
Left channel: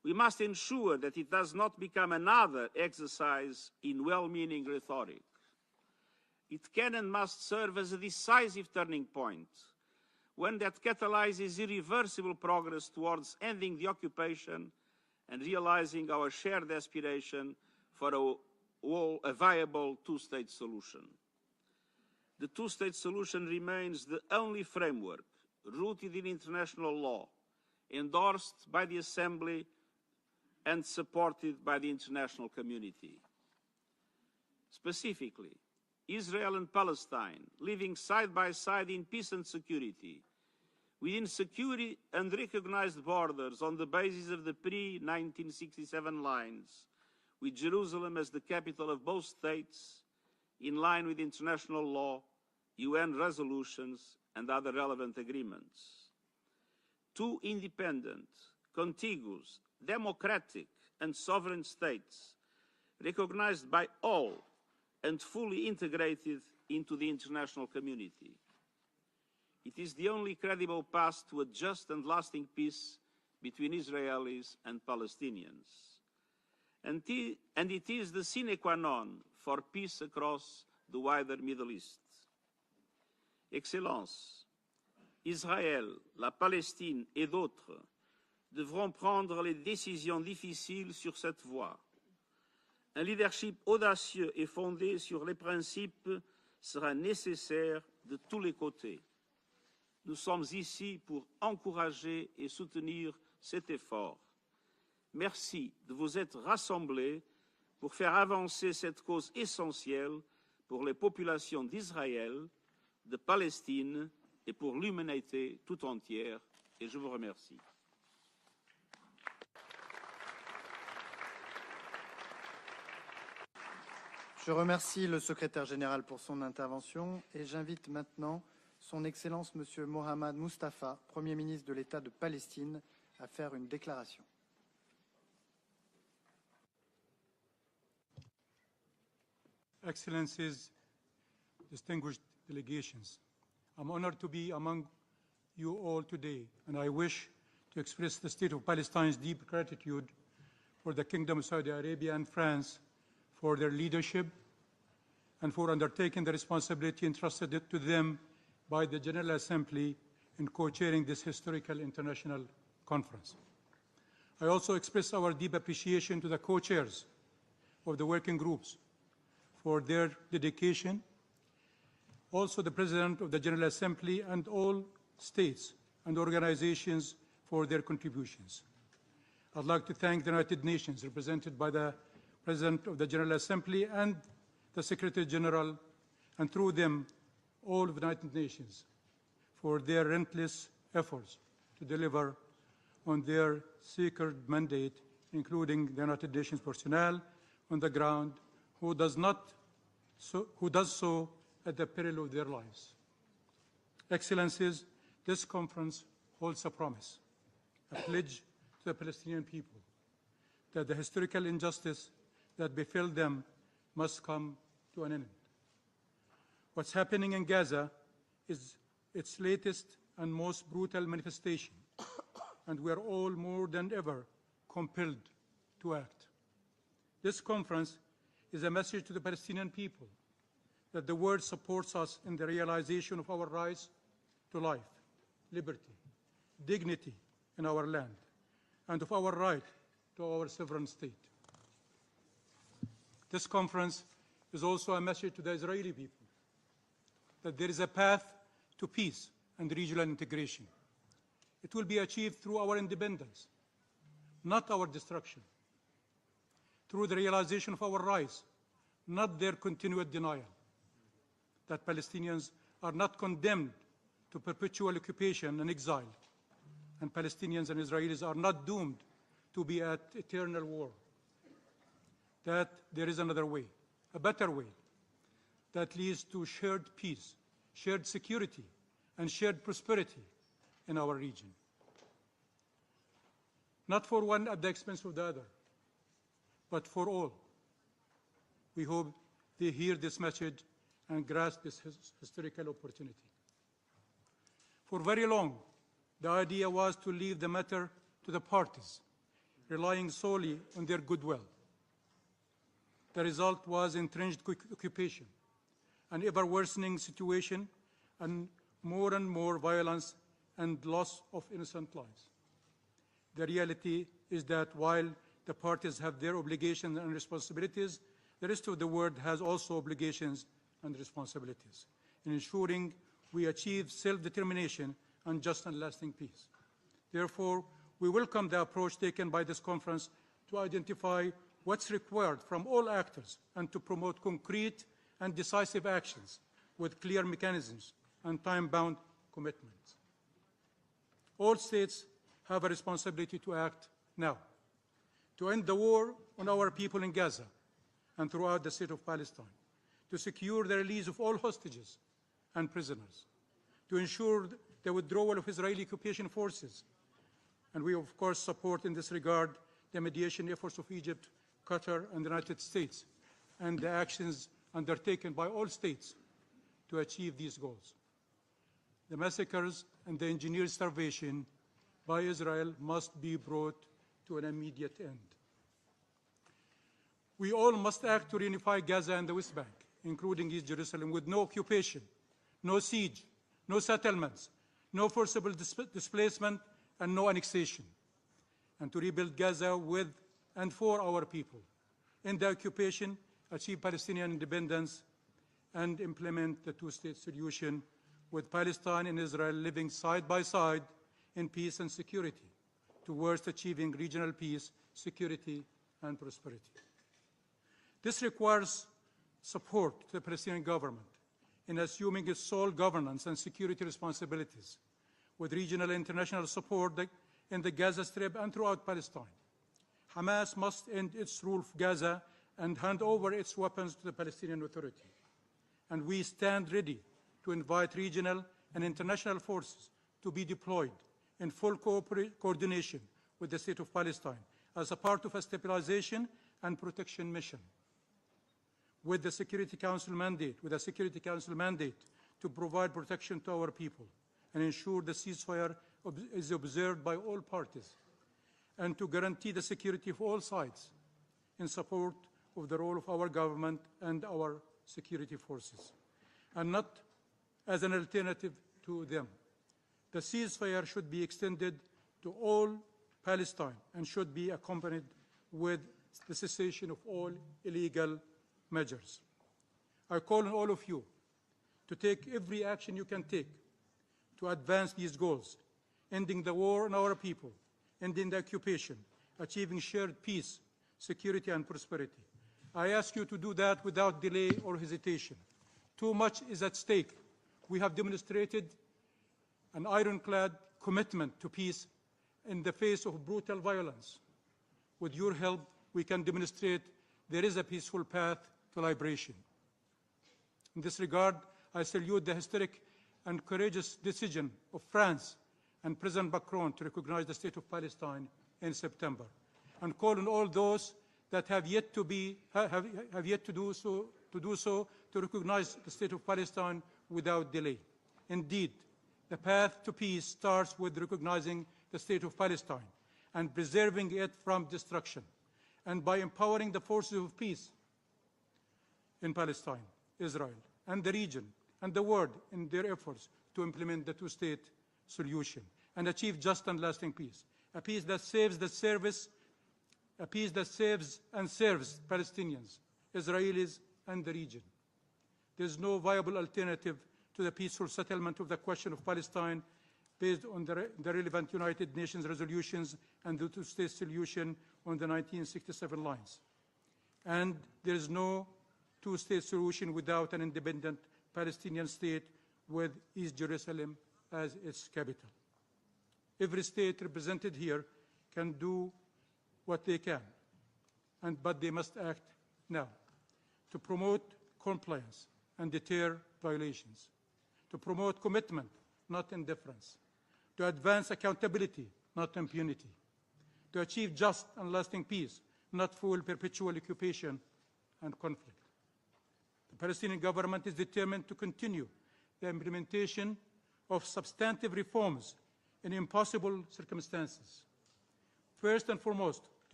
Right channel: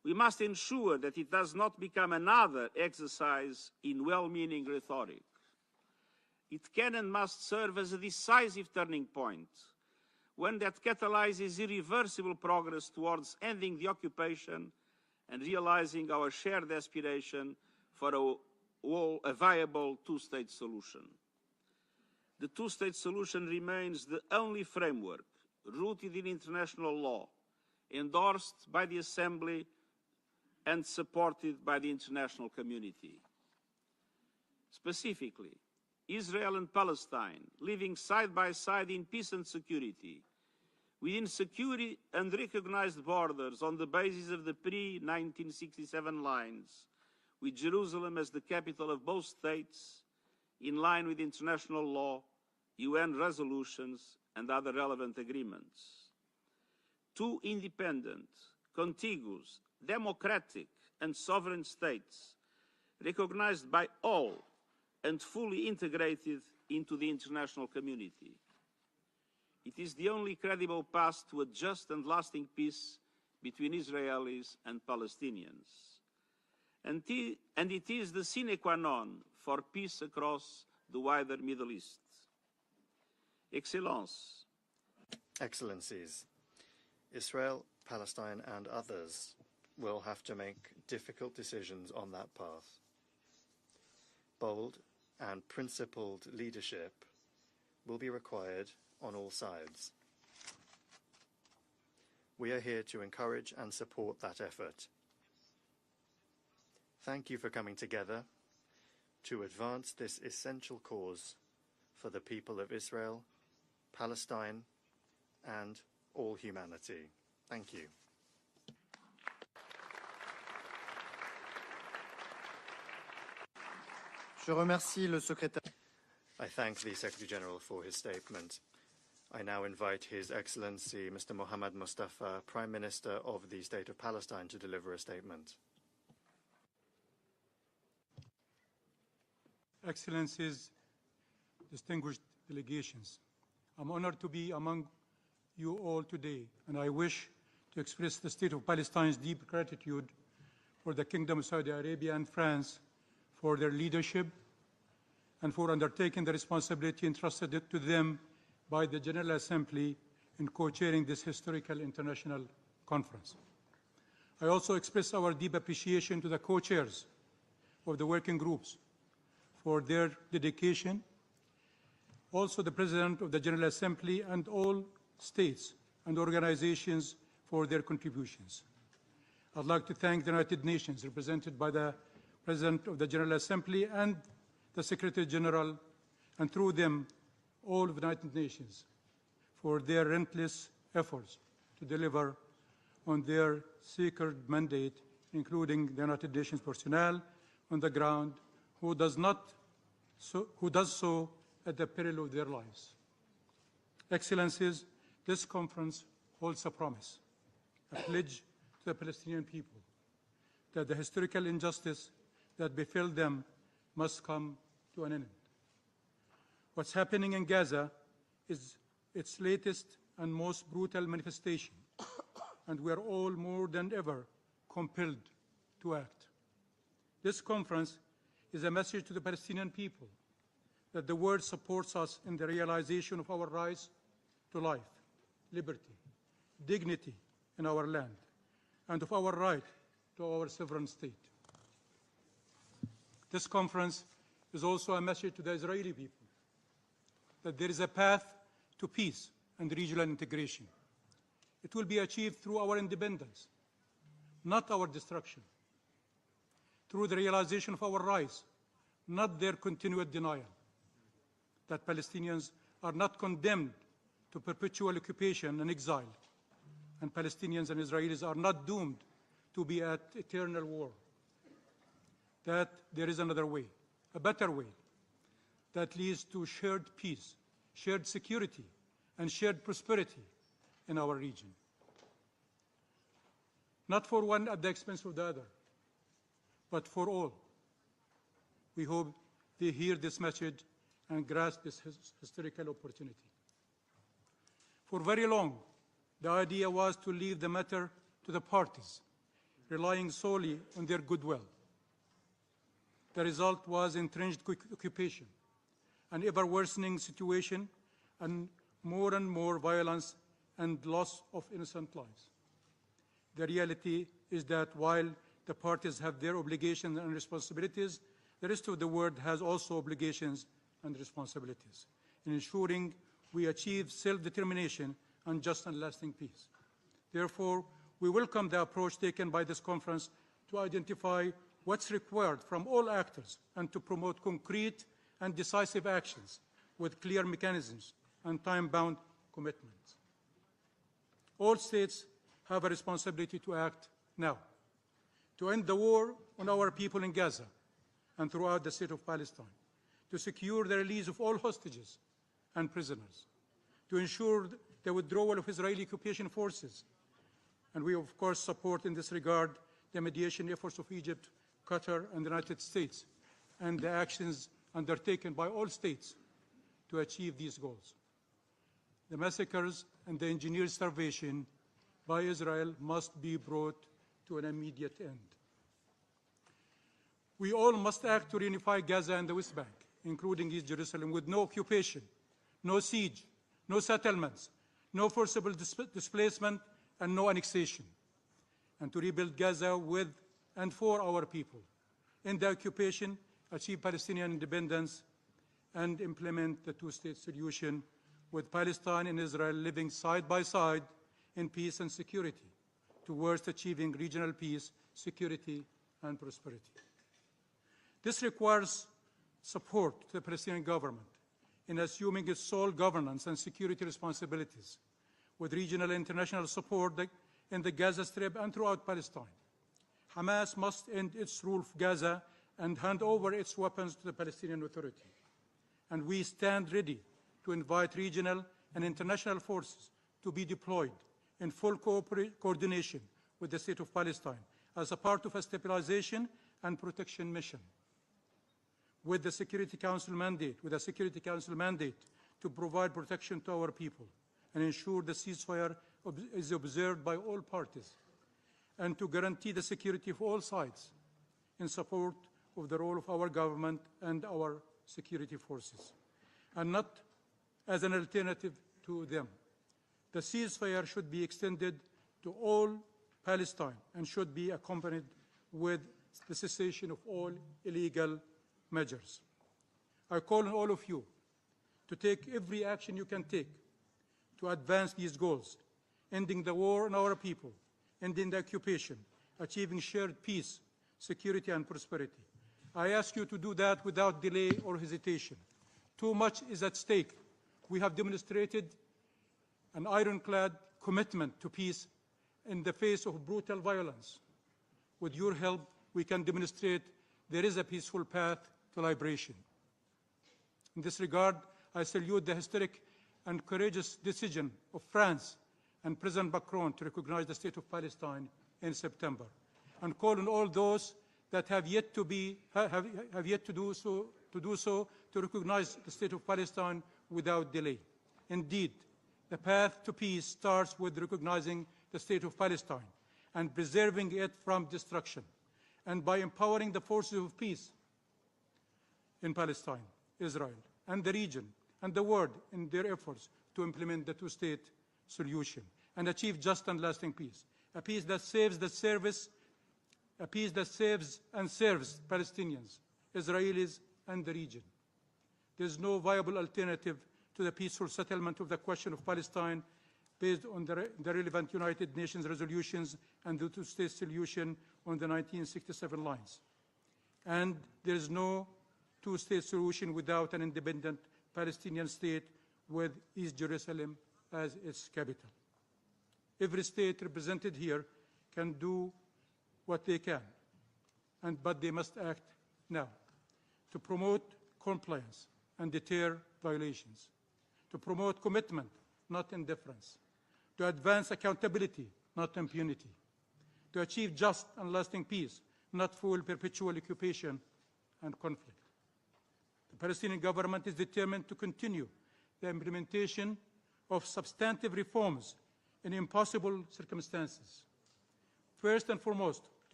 we must ensure that it does not become another exercise in well-meaning rhetoric. It can and must serve as a decisive turning point, one that catalyzes irreversible progress towards ending the occupation and realizing our shared aspiration for a viable two-state solution. The two-state solution remains the only framework rooted in international law, endorsed by the Assembly and supported by the international community. Specifically, Israel and Palestine living side by side in peace and security, within secure and recognized borders on the basis of the pre-1967 lines, with Jerusalem as the capital of both states, in line with international law, UN resolutions, and other relevant agreements. Two independent, contiguous, democratic, and sovereign states, recognized by all and fully integrated into the international community. It is the only credible path to a just and lasting peace between Israelis and Palestinians. And it is the sine qua non for peace across the wider Middle East. Excellences, Israël, la Palestine et d'autres devront prendre les décisions difficiles sur cette voie. Un leadership audacieux et fondé sur les principes sera nécessaire de tous les côtés. Nous sommes ici pour encourager et soutenir cet effort. Merci de vous être rassemblés pour faire avancer cette cause essentielle pour les populations d'Israël, de Palestine et pour l'humanité tout entière. Et je vous remercie. Je remercie le secrétaire général pour son intervention et j'invite maintenant Son Excellence Monsieur Mohamed Mustafa, Premier ministre de l'État de Palestine, to deliver a statement. Excellencies, distinguished delegations, I'm honored to be among you all today, and I wish to express the State of Palestine's deep gratitude for the Kingdom of Saudi Arabia and France for their leadership and for undertaking the responsibility entrusted to them by the General Assembly in co-chairing this historical international conference. I also express our deep appreciation to the co-chairs of the working groups for their dedication, also the President of the General Assembly and all states and organizations for their contributions. I'd like to thank the United Nations, represented by the President of the General Assembly and the Secretary General, and through them, all of the United Nations, for their relentless efforts to deliver on their sacred mandate, including the United Nations personnel on the ground who does so at the peril of their lives. Excellencies, this conference holds a promise, a pledge to the Palestinian people that the historical injustice that befell them must come to an end. What's happening in Gaza is its latest and most brutal manifestation, and we are all more than ever compelled to act. This conference is a message to the Palestinian people that the world supports us in the realization of our rights to life, liberty, dignity in our land, and of our right to our sovereign state. This conference is also a message to the Israeli people that there is a path to peace and regional integration. It will be achieved through our independence, not our destruction, through the realization of our rights, not their continued denial, that Palestinians are not condemned to perpetual occupation and exile, and Palestinians and Israelis are not doomed to be at eternal war, that there is another way, a better way, that leads to shared peace, shared security, and shared prosperity in our region. Not for one at the expense of the other, but for all. We hope they hear this message and grasp this historical opportunity. For very long, the idea was to leave the matter to the parties, relying solely on their goodwill. The result was entrenched occupation, an ever-worsening situation, and more violence and loss of innocent lives. The reality is that while the parties have their obligations and responsibilities, the rest of the world has also obligations and responsibilities in ensuring we achieve self-determination and just and lasting peace. Therefore, we welcome the approach taken by this conference to identify what's required from all actors and to promote concrete and decisive actions with clear mechanisms and time-bound commitments. All states have a responsibility to act now, to end the war on our people in Gaza and throughout the state of Palestine, to secure the release of all hostages and prisoners, to ensure the withdrawal of Israeli occupation forces. And we, of course, support in this regard the mediation efforts of Egypt, Qatar, and the United States, and the actions undertaken by all states to achieve these goals. The massacres and the engineered starvation by Israel must be brought to an immediate end. We all must act to reunify Gaza and the West Bank, including East Jerusalem, with no occupation, no siege, no settlements, no forcible displacement, and no annexation, and to rebuild Gaza with and for our people, end the occupation, achieve Palestinian independence, and implement the two-state solution with Palestine and Israel living side by side in peace and security towards achieving regional peace, security, and prosperity. This requires support to the Palestinian government in assuming its sole governance and security responsibilities, with regional and international support in the Gaza Strip and throughout Palestine. Hamas must end its rule of Gaza and hand over its weapons to the Palestinian Authority. And we stand ready to invite regional and international forces to be deployed in full coordination with the State of Palestine as a part of a stabilization and protection mission. With the Security Council mandate, to provide protection to our people and ensure the ceasefire is observed by all parties, and to guarantee the security of all sides in support of the role of our government and our security forces, and not as an alternative to them. The ceasefire should be extended to all Palestine and should be accompanied with the cessation of all illegal measures. I call on all of you to take every action you can take to advance these goals, ending the war on our people, ending the occupation, achieving shared peace, security, and prosperity. I ask you to do that without delay or hesitation. Too much is at stake. We have demonstrated an ironclad commitment to peace in the face of brutal violence. With your help, we can demonstrate there is a peaceful path to liberation. In this regard, I salute the historic and courageous decision of France and President Macron to recognize the State of Palestine in September, and call on all those that have yet to do so to recognize the State of Palestine without delay. Indeed, the path to peace starts with recognizing the State of Palestine and preserving it from destruction, and by empowering the forces of peace in Palestine, Israel, and the region, and the world in their efforts to implement the two-state solution and achieve just and lasting peace, a peace that saves and serves Palestinians, Israelis, and the region. There is no viable alternative to the peaceful settlement of the question of Palestine based on the relevant United Nations resolutions and the two-state solution on the 1967 lines. And there is no two-state solution without an independent Palestinian state with East Jerusalem as its capital. Every state represented here can do what they can, but they must act now to promote compliance and deter violations, to promote commitment, not indifference, to advance accountability, not impunity, to achieve just and lasting peace, not full perpetual occupation and conflict. The Palestinian government is determined to continue the implementation of substantive reforms in impossible circumstances. First and foremost,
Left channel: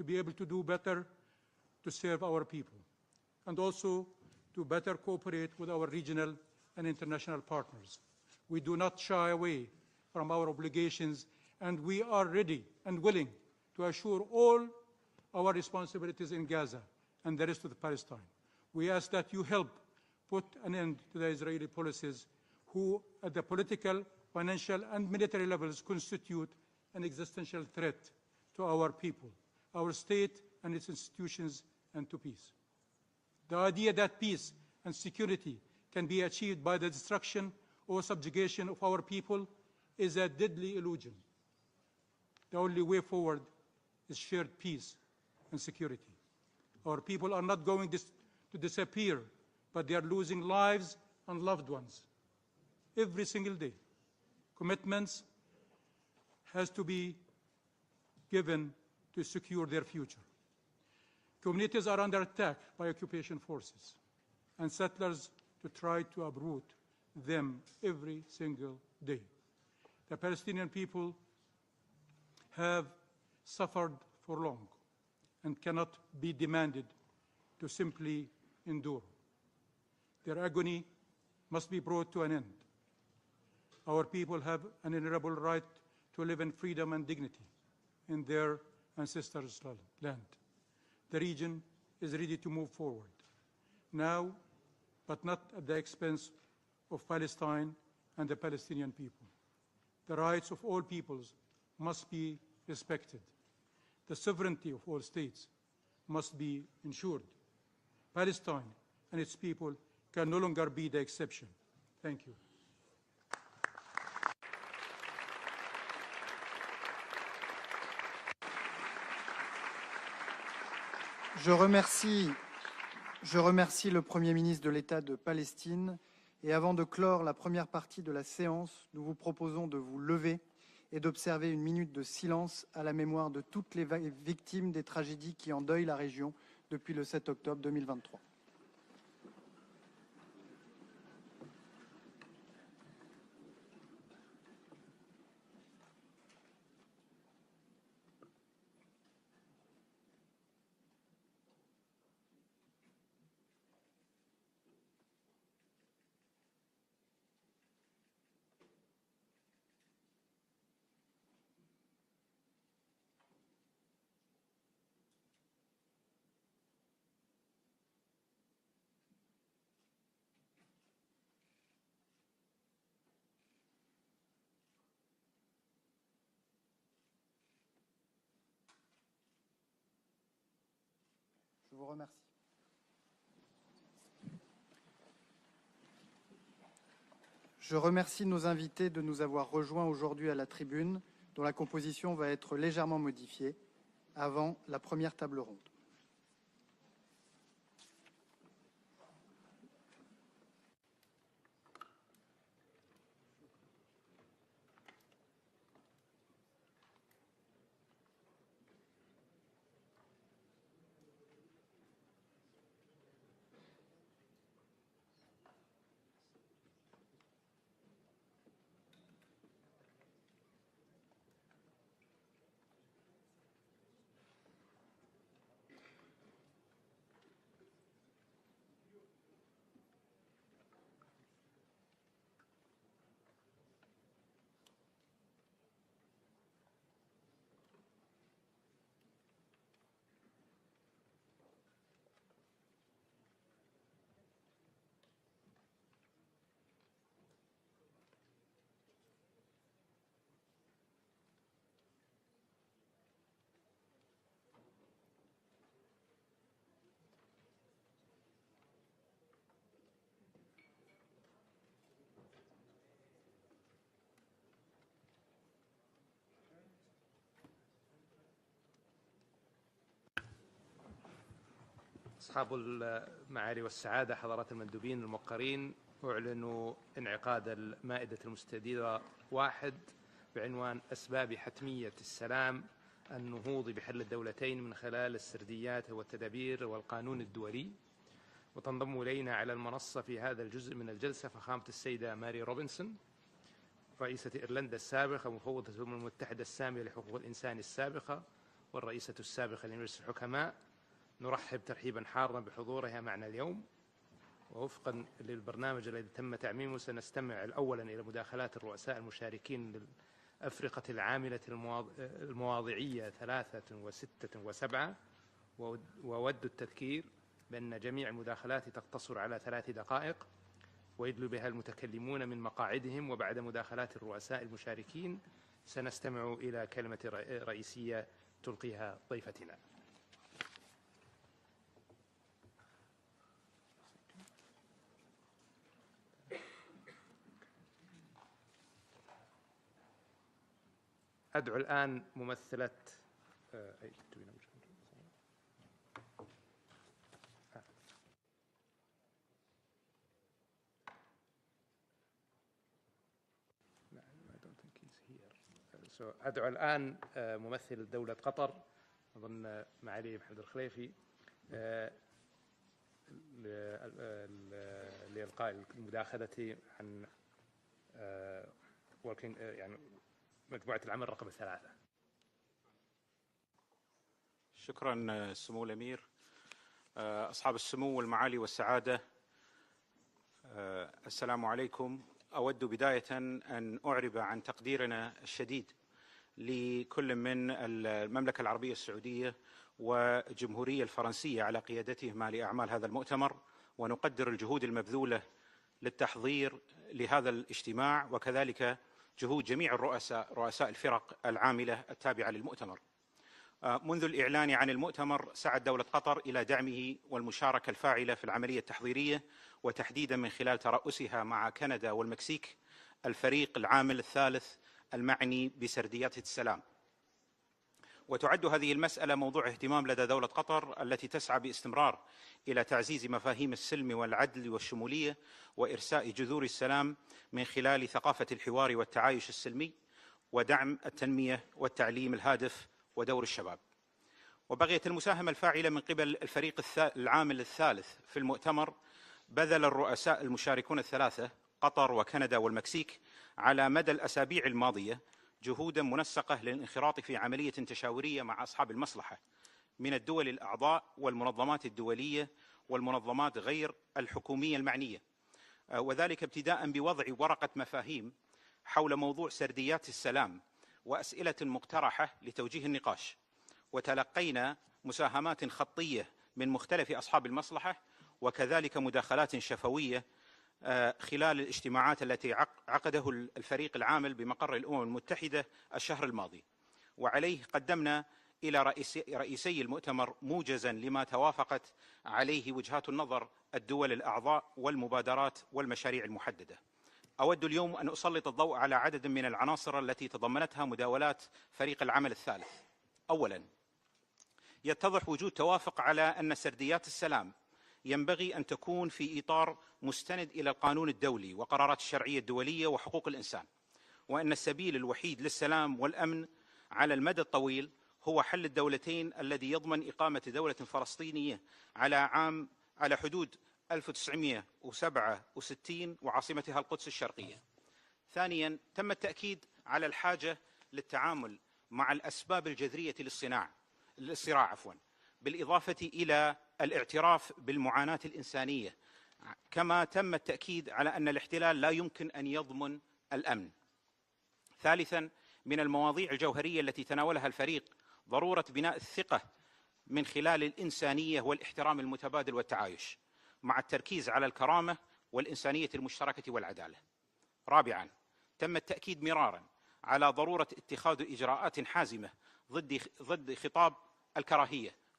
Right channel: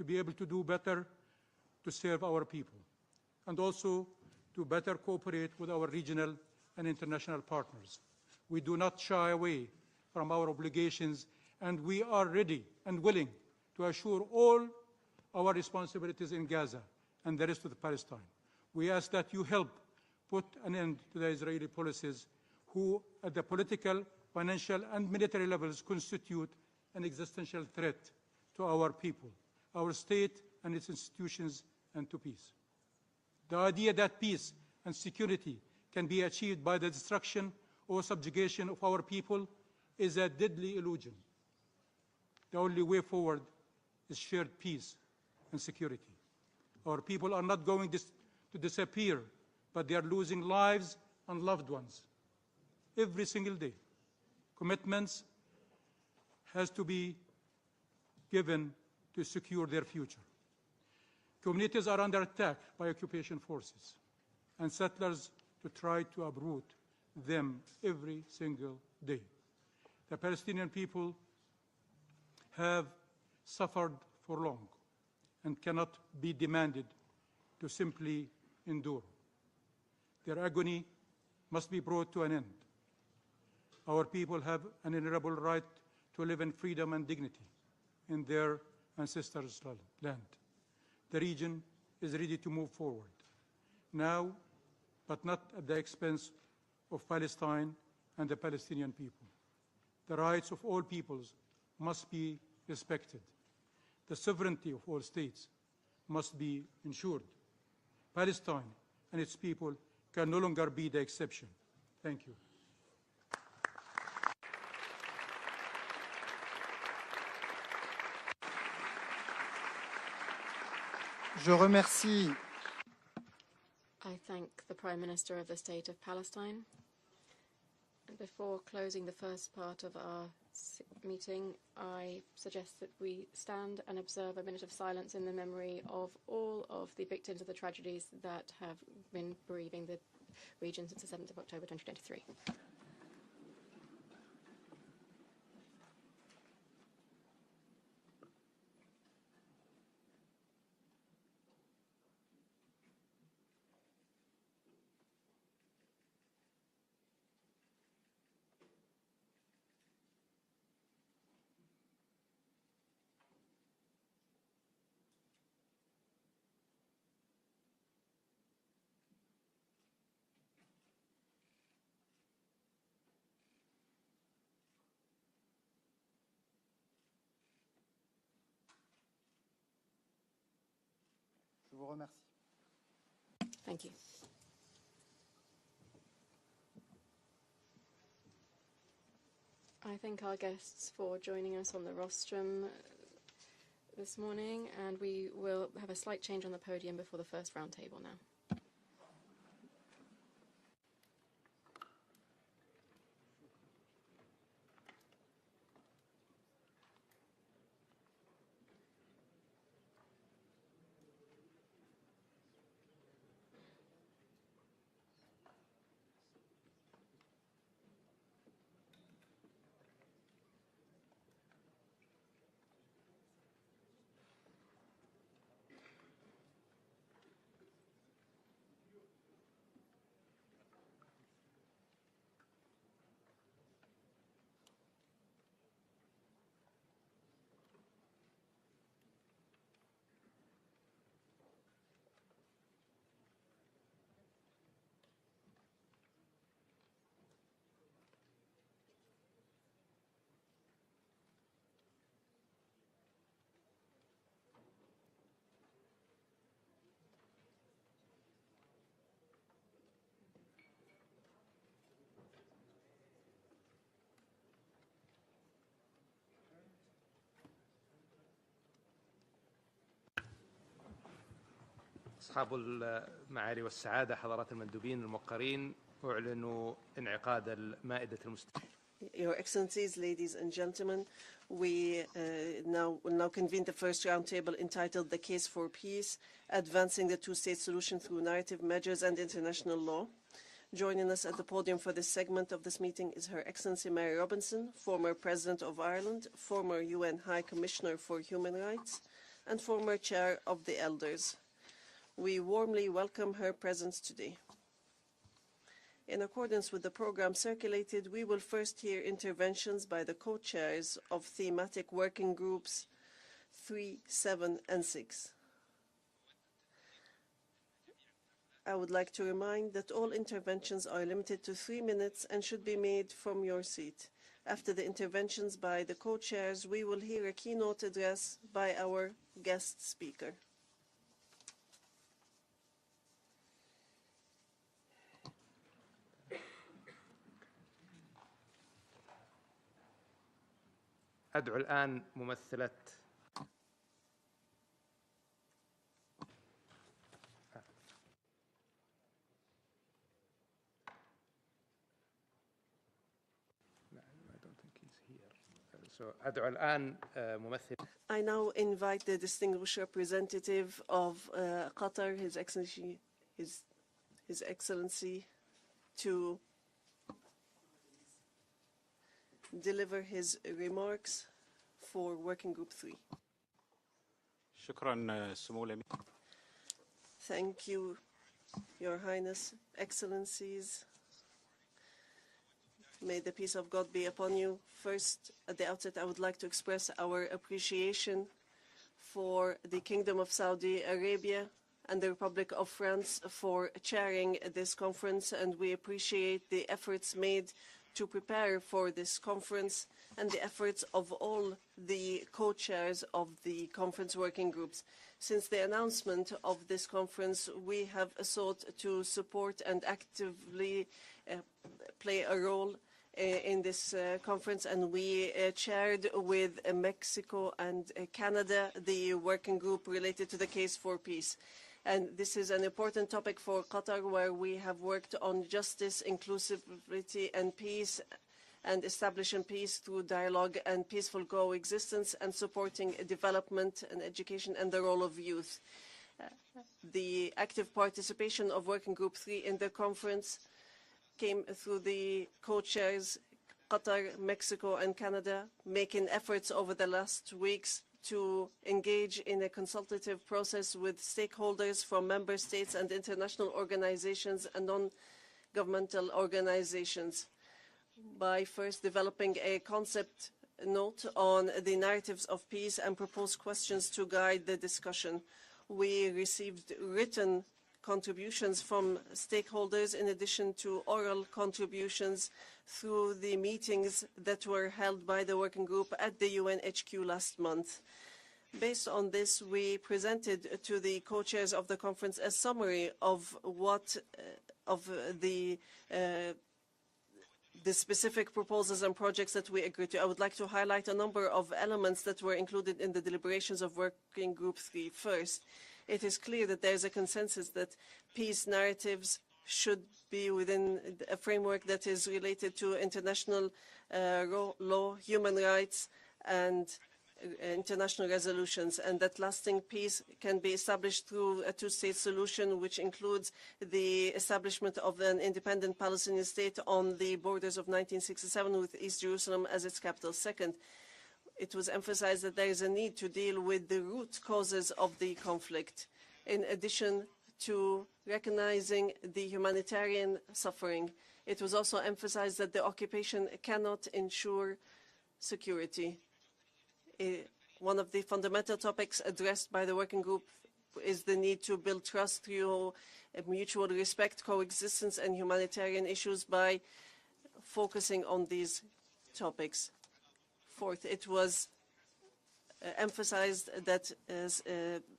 to be able to do better to serve our people, and also to better cooperate with our regional and international partners. We do not shy away from our obligations, and we are ready and willing to assure all our responsibilities in Gaza and the rest of Palestine. We ask that you help put an end to the Israeli policies who, at the political, financial, and military levels, constitute an existential threat to our people, our state and its institutions, and to peace. The idea that peace and security can be achieved by the destruction or subjugation of our people is a deadly illusion. The only way forward is shared peace and security. Our people are not going to disappear, but they are losing lives and loved ones every single day. Commitments has to be given to secure their future. Communities are under attack by occupation forces and settlers to try to uproot them every single day. The Palestinian people have suffered for long and cannot be demanded to simply endure. Their agony must be brought to an end. Our people have an inalienable right to live in freedom and dignity in their ancestors' land. The region is ready to move forward now, but not at the expense of Palestine and the Palestinian people. The rights of all peoples must be respected. The sovereignty of all states must be ensured. Palestine and its people can no longer be the exception. Thank you. Je remercie le Premier ministre de l'État de Palestine et avant de clore la première partie de la séance, nous vous proposons de vous lever et d'observer une minute de silence à la mémoire de toutes les victimes des tragédies qui endeuillent la région depuis le 7 octobre 2023. Je vous remercie. Thank you. Je remercie nos invités de nous avoir rejoints aujourd'hui à la tribune, dont la composition va être légèrement modifiée avant la première table ronde. أصحاب المعالي والسعادة، حضرات المندوبين الموقرين، أعلن انعقاد المائدة المستديرة واحد بعنوان أسباب حتمية السلام now convene the first roundtable entitled The Case for Peace, Advancing the Two-State Solution Through Narrative Measures and International Law. Joining us at the podium for this segment of this meeting is Her Excellency Mary Robinson, former President of Ireland, former UN High Commissioner for Human Rights, and former Chair of the Elders. We warmly welcome her presence today. In accordance with the program circulated, we will first hear interventions by the co-chairs of thematic working groups 3, 7, and 6. I would like to remind that all interventions are limited to 3 minutes and should be made from your seat. After the interventions by the co-chairs, we will hear a keynote address by our guest speaker. أدعو الآن ممثلة أدعو الآن ممثل الدولة I now invite the distinguished representative of Qatar, His Excellency, to deliver his remarks for Working Group 3. شكرا سمو الأمير أصحاب السمو والمعالي والسعادة. Your Highness, Excellencies. السلام عليكم. أود بداية أن أعرب عن تقديرنا الشديد لكل من المملكة العربية السعودية والجمهورية الفرنسية على قيادتهما لأعمال هذا المؤتمر، ونقدر الجهود المبذولة للتحضير لهذا الاجتماع، وكذلك جهود جميع الرؤساء ورؤساء الفرق العاملة التابعة للمؤتمر. منذ الإعلان عن المؤتمر سعت دولة قطر إلى دعمه والمشاركة الفاعلة في العملية التحضيرية، وتحديدا من خلال ترأسها مع كندا والمكسيك الفريق العامل الثالث المعني بسرديات السلام. وتعد هذه المسألة موضوع اهتمام لدى دولة قطر التي تسعى باستمرار إلى تعزيز مفاهيم السلم والعدل والشمولية وإرساء جذور السلام من خلال ثقافة الحوار والتعايش السلمي ودعم التنمية والتعليم الهادف ودور الشباب. وبغية المساهمة الفاعلة من قبل الفريق العامل الثالث في المؤتمر بذل الرؤساء المشاركون الثلاثة قطر وكندا والمكسيك على مدى الأسابيع الماضية جهودا منسقة للانخراط في عملية تشاورية مع أصحاب المصلحة من الدول الأعضاء والمنظمات الدولية والمنظمات غير الحكومية المعنية، وذلك ابتداء بوضع ورقة مفاهيم حول موضوع سرديات السلام وأسئلة مقترحة لتوجيه النقاش، وتلقينا مساهمات خطية من مختلف أصحاب المصلحة وكذلك مداخلات شفوية خلال الاجتماعات التي عقده الفريق العامل بمقر الأمم المتحدة الشهر الماضي. وعليه قدمنا إلى رئيسي المؤتمر موجزا لما توافقت عليه وجهات النظر الدول الأعضاء والمبادرات والمشاريع المحددة. أود اليوم أن أسلط الضوء على عدد من العناصر التي تضمنتها مداولات فريق العمل الثالث. أولا، يتضح وجود توافق على أن سرديات السلام ينبغي أن تكون في إطار مستند إلى القانون الدولي وقرارات الشرعية الدولية وحقوق الإنسان، وأن السبيل الوحيد للسلام والأمن على المدى الطويل هو حل الدولتين الذي يضمن إقامة دولة فلسطينية على حدود 1967 وعاصمتها القدس الشرقية. ثانيا، تم التأكيد على الحاجة للتعامل مع الأسباب الجذرية للصراع بالإضافة إلى الاعتراف بالمعاناة الإنسانية، كما تم التأكيد على أن الاحتلال لا يمكن أن يضمن الأمن. ثالثا، من المواضيع الجوهرية التي تناولها الفريق ضرورة بناء الثقة من خلال الإنسانية والاحترام المتبادل والتعايش مع التركيز على الكرامة والإنسانية المشتركة والعدالة. رابعا، تم التأكيد مرارا على ضرورة اتخاذ إجراءات حازمة ضد خطاب الكراهية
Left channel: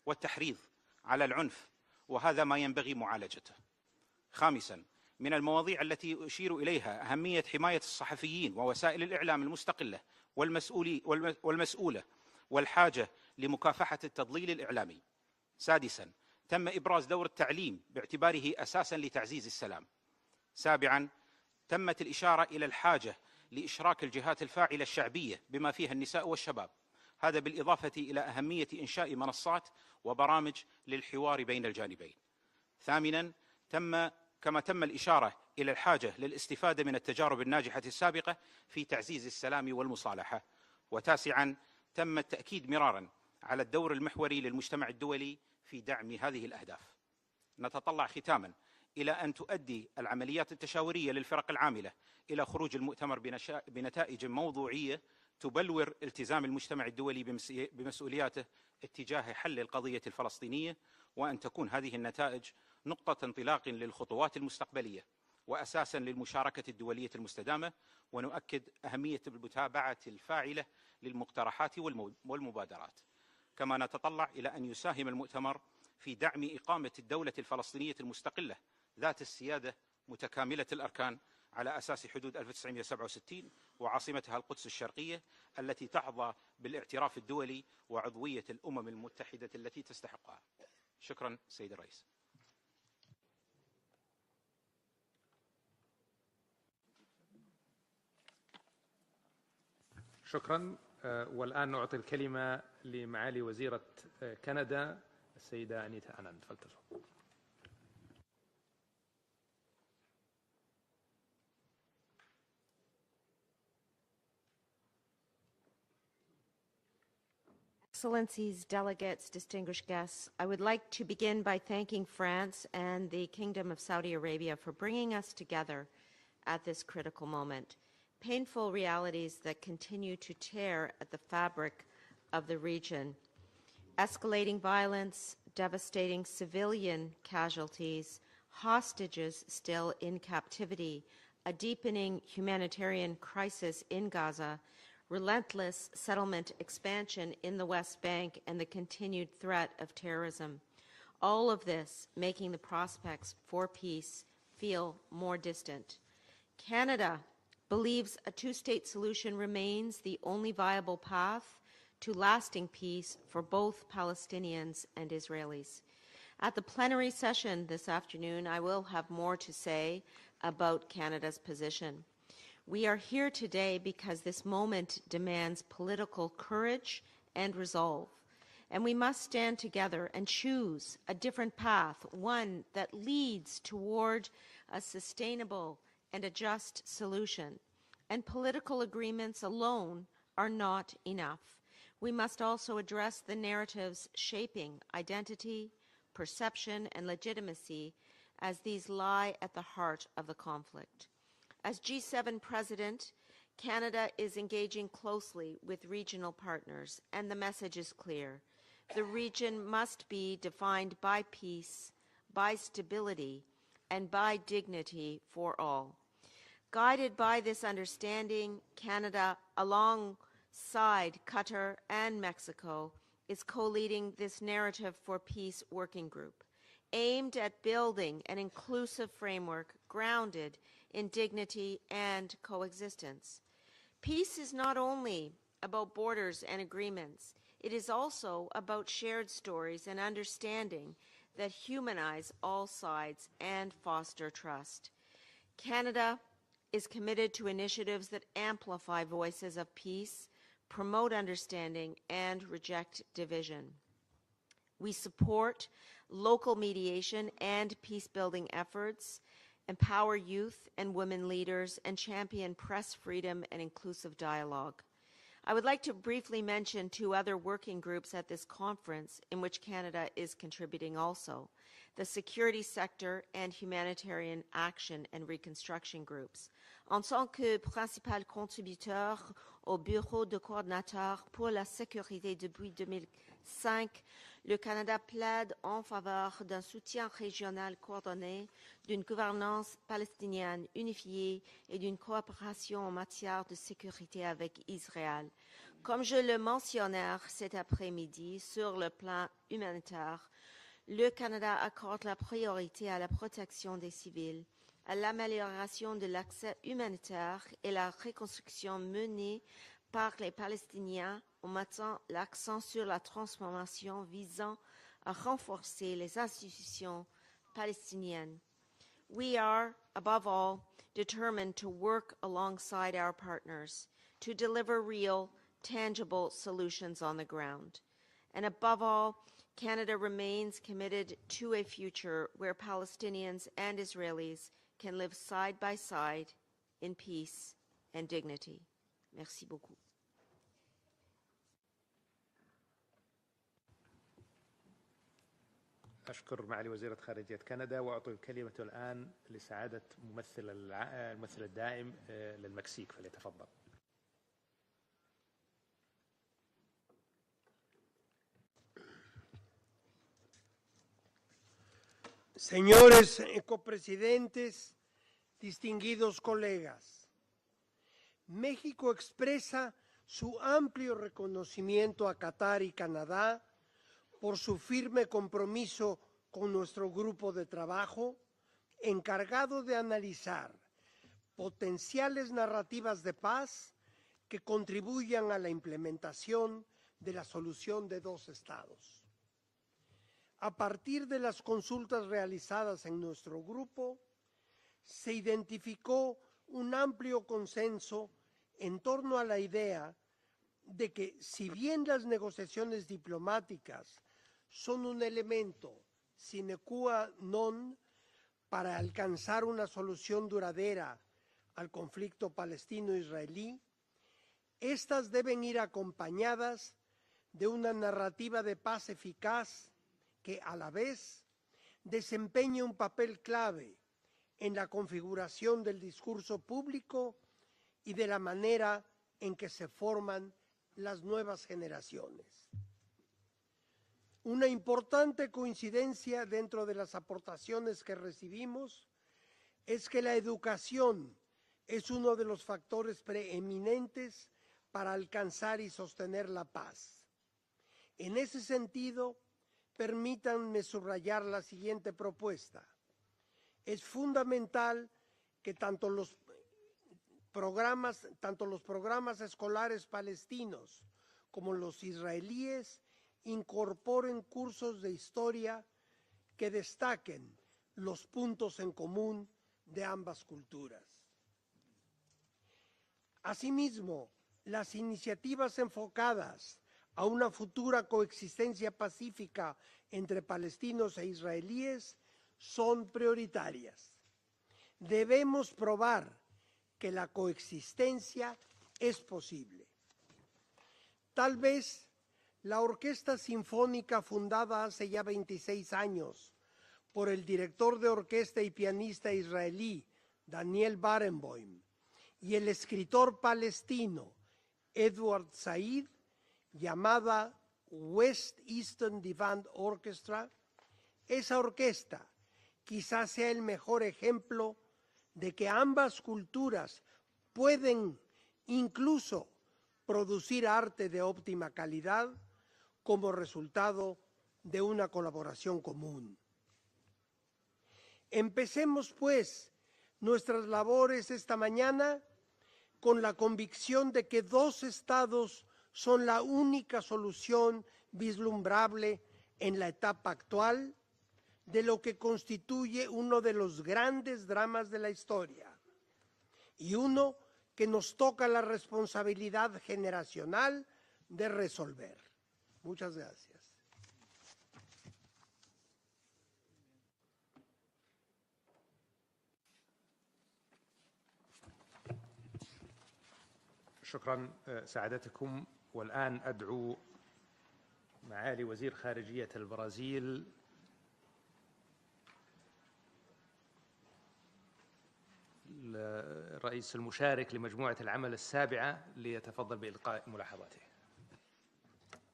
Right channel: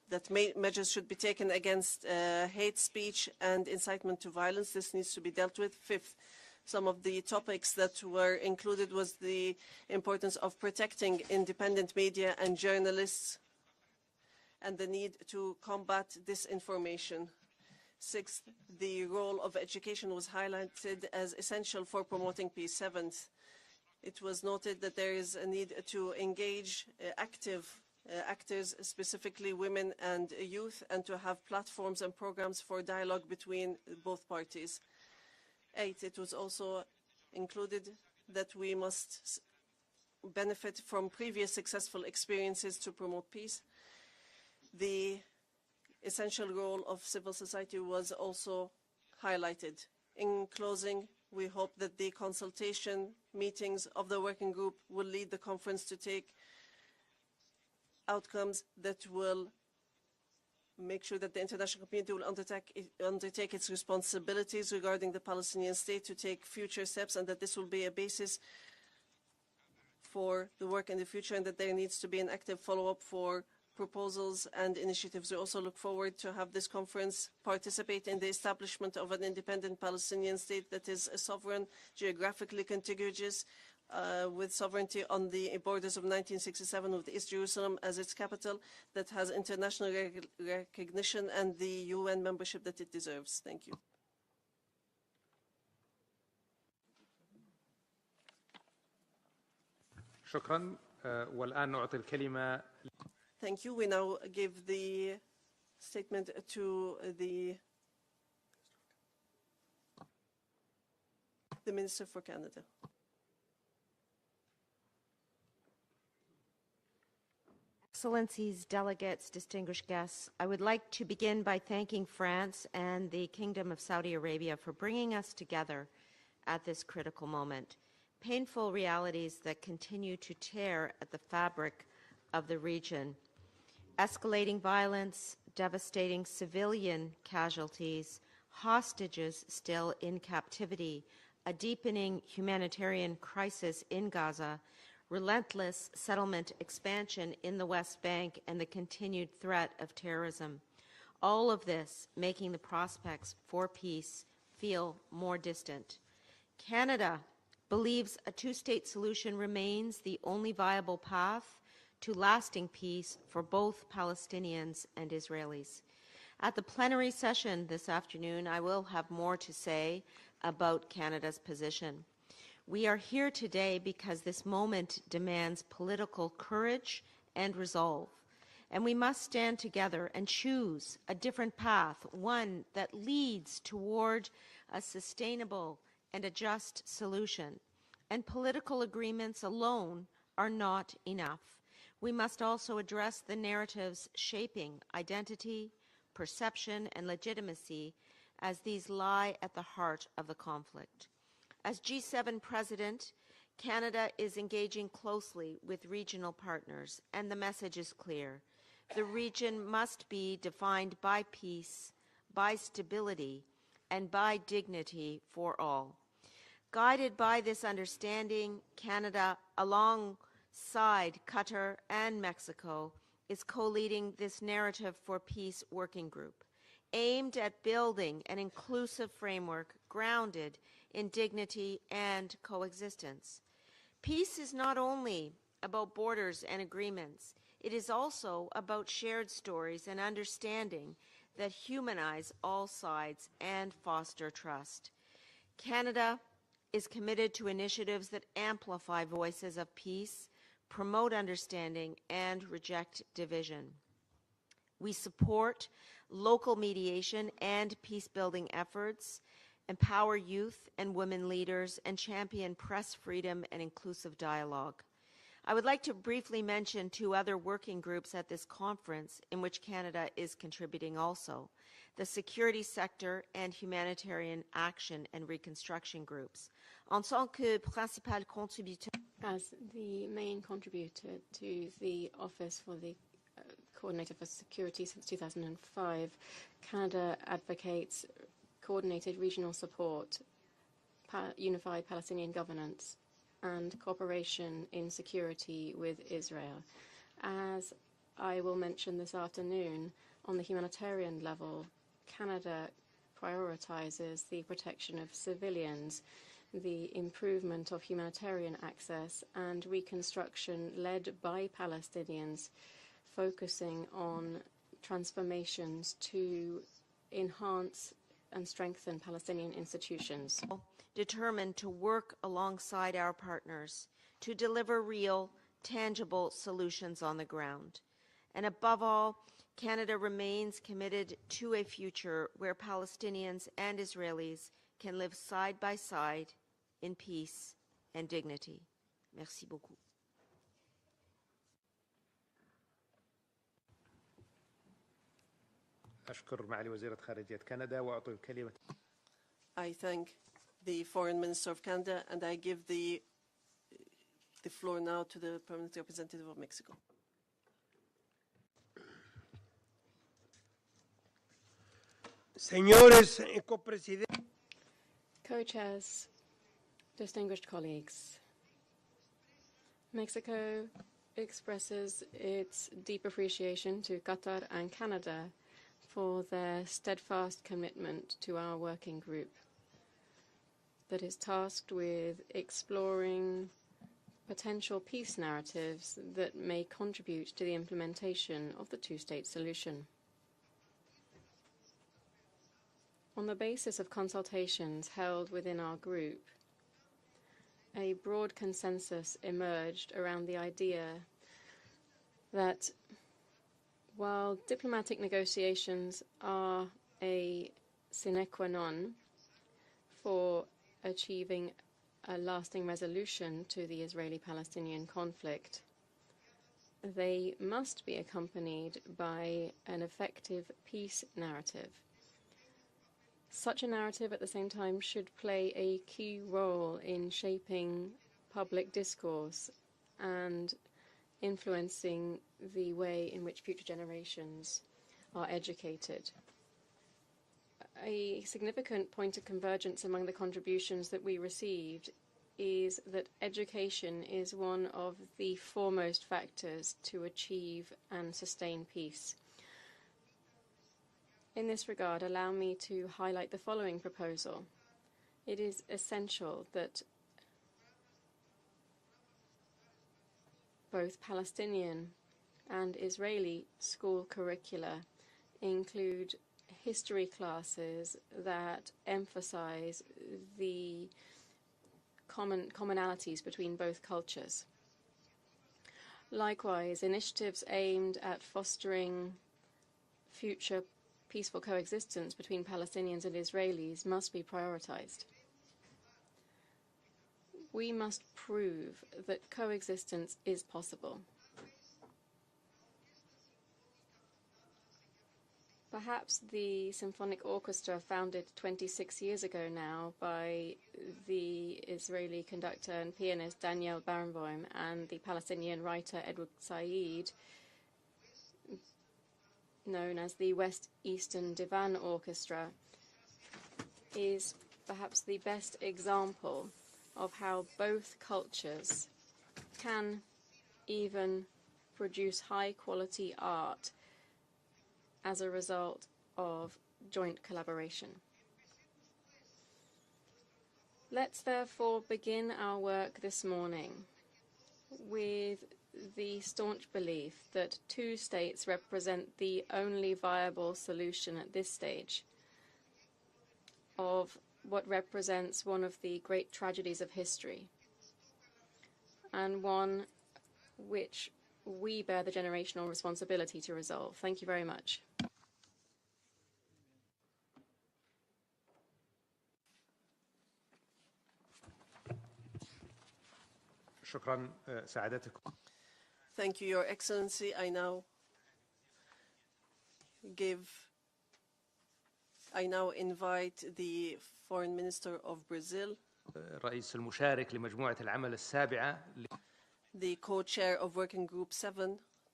والتحريض على العنف وهذا ما ينبغي معالجته. خامسا من المواضيع التي أشير إليها أهمية حماية الصحفيين ووسائل الإعلام المستقلة والمسؤولة والحاجة لمكافحة التضليل الإعلامي. سادسا تم إبراز دور التعليم باعتباره أساسا لتعزيز السلام. سابعا تمت الإشارة إلى الحاجة لإشراك الجهات الفاعلة الشعبية بما فيها النساء والشباب، هذا بالإضافة إلى أهمية إنشاء منصات وبرامج للحوار بين الجانبين. ثامنا كما تم الإشارة إلى الحاجة للاستفادة من التجارب الناجحة السابقة في تعزيز السلام والمصالحة. وتاسعا تم التأكيد مرارا على الدور المحوري للمجتمع الدولي في دعم هذه الأهداف. نتطلع ختاما إلى أن تؤدي العمليات التشاورية للفرق العاملة إلى خروج المؤتمر بنتائج موضوعية تبلور التزام المجتمع الدولي بمسؤولياته اتجاه حل القضية الفلسطينية، وأن تكون هذه النتائج نقطة انطلاق للخطوات المستقبلية وأساسا للمشاركة الدولية المستدامة. ونؤكد أهمية المتابعة الفاعلة للمقترحات والمبادرات. كما نتطلع إلى أن يساهم المؤتمر في دعم إقامة الدولة الفلسطينية المستقلة ذات السيادة متكاملة الأركان على أساس حدود 1967 وعاصمتها القدس الشرقية التي تحظى بالاعتراف الدولي وعضوية الأمم المتحدة. شكرا. والآن نعطي الكلمة لمعالي وزيرة كندا السيدة نيتانياهو. The Minister for Canada. Excellencies, delegates, distinguished guests, I would like to begin by thanking France and the Kingdom of Saudi Arabia for bringing us together at this critical moment. Painful realities that continue to tear at the fabric of the region. Escalating violence, devastating civilian casualties, hostages still in captivity, a deepening humanitarian crisis in Gaza, relentless settlement expansion in the West Bank, and the continued threat of terrorism. All of this making the prospects for peace feel more distant. Canada believes a two-state solution remains the only viable path to lasting peace for both Palestinians and Israelis. At the plenary session this afternoon, I will have more to say about Canada's position. We are here today because this moment demands political courage and resolve, and we must stand together and choose a different path, one that leads toward a sustainable and a just solution. And political agreements alone are not enough. We must also address the narratives shaping identity, perception, and legitimacy, as these lie at the heart of the conflict. As G7 President, Canada is engaging closely with regional partners, and the message is clear. The region must be defined by peace, by stability, and by dignity for all. Guided by this understanding, Canada, alongside Qatar and Mexico, is co-leading this Narrative for Peace working group, aimed at building an inclusive framework grounded in dignity and coexistence. Peace is not only about borders and agreements, it is also about shared stories and understanding that humanize all sides and foster trust. Canada is committed to initiatives that amplify voices of peace, promote understanding, and reject division. We support local mediation and peace-building efforts, empower youth and women leaders, and champion press freedom and inclusive dialogue. I would like to briefly mention two other working groups at this conference in which Canada is contributing also: the security sector and humanitarian action and reconstruction groups. En tant que principal contributeur au bureau de coordinateur pour la sécurité depuis 5, le Canada plaide en faveur d'un soutien régional coordonné, d'une gouvernance palestinienne unifiée et d'une coopération en matière de sécurité avec Israël. Comme je le mentionnais cet après-midi sur le plan humanitaire, le Canada accorde la priorité à la protection des civils, à l'amélioration de l'accès humanitaire et la reconstruction menée par les Palestiniens en mettant l'accent sur la transformation visant à renforcer les institutions palestiniennes. We are, above all, determined to work alongside our partners to deliver real, tangible solutions on the ground. And above all, Canada remains committed to a future where Palestinians and Israelis can live side by side in peace and dignity. Merci beaucoup. أشكر معالي وزيرة خارجية كندا وأعطي الكلمة الآن لسعادة ممثل العام الدائم لمكسيك. The floor now to the permanent representative of Mexico. Señores copresidentes, distinguidos colegas, distinguished colleagues, México expresa su amplio reconocimiento a Qatar y Canadá por su firme compromiso con nuestro grupo de trabajo encargado de analizar potenciales narrativas de paz que contribuyan a la implementación de la solución de dos estados. A partir de las consultas realizadas en nuestro grupo, se identificó un amplio consenso en torno a la idea de que si bien las negociaciones diplomáticas son un elemento sine qua non para alcanzar una solución duradera al conflicto palestino-israelí, estas deben ir acompañadas de una narrativa de paz eficaz que a la vez desempeñe un papel clave en la configuración del discurso público y de la manera en que se forman las nuevas generaciones. Una importante coincidencia dentro de las aportaciones que recibimos es que la educación es uno de los factores preeminentes para alcanzar y sostener la paz. En ese sentido, permítanme subrayar la siguiente propuesta. Es fundamental que tanto los programas escolares palestinos como los israelíes incorporen cursos de historia que destaquen los puntos en común de ambas culturas. Asimismo, las iniciativas enfocadas a una futura coexistencia pacífica entre palestinos e israelíes son prioritarias. Debemos probar que la coexistencia es posible. Tal vez la Orquesta Sinfónica fundada hace ya 26 años por el director de orquesta y pianista israelí Daniel Barenboim y el escritor palestino Edward Said, llamada West Eastern Divan Orchestra, esa orquesta quizás sea el mejor ejemplo de que ambas culturas pueden incluso producir arte de óptima calidad como resultado de una colaboración común. Empecemos pues nuestras labores esta mañana con la convicción de que dos estados son la única solución vislumbrable en la etapa actual de lo que constituye uno de los grandes dramas de la historia y uno que nos toca la responsabilidad generacional de resolver. Muchas gracias. شكرا سعادتكم. والآن Thank you, Your Excellency. I now معالي وزير خارجية البرازيل. I now invite the Foreign Minister of Brazil, الرئيس المشارك لمجموعة العمل السابعة، ليتفضل بإلقاء the co-chair of Working Group 7,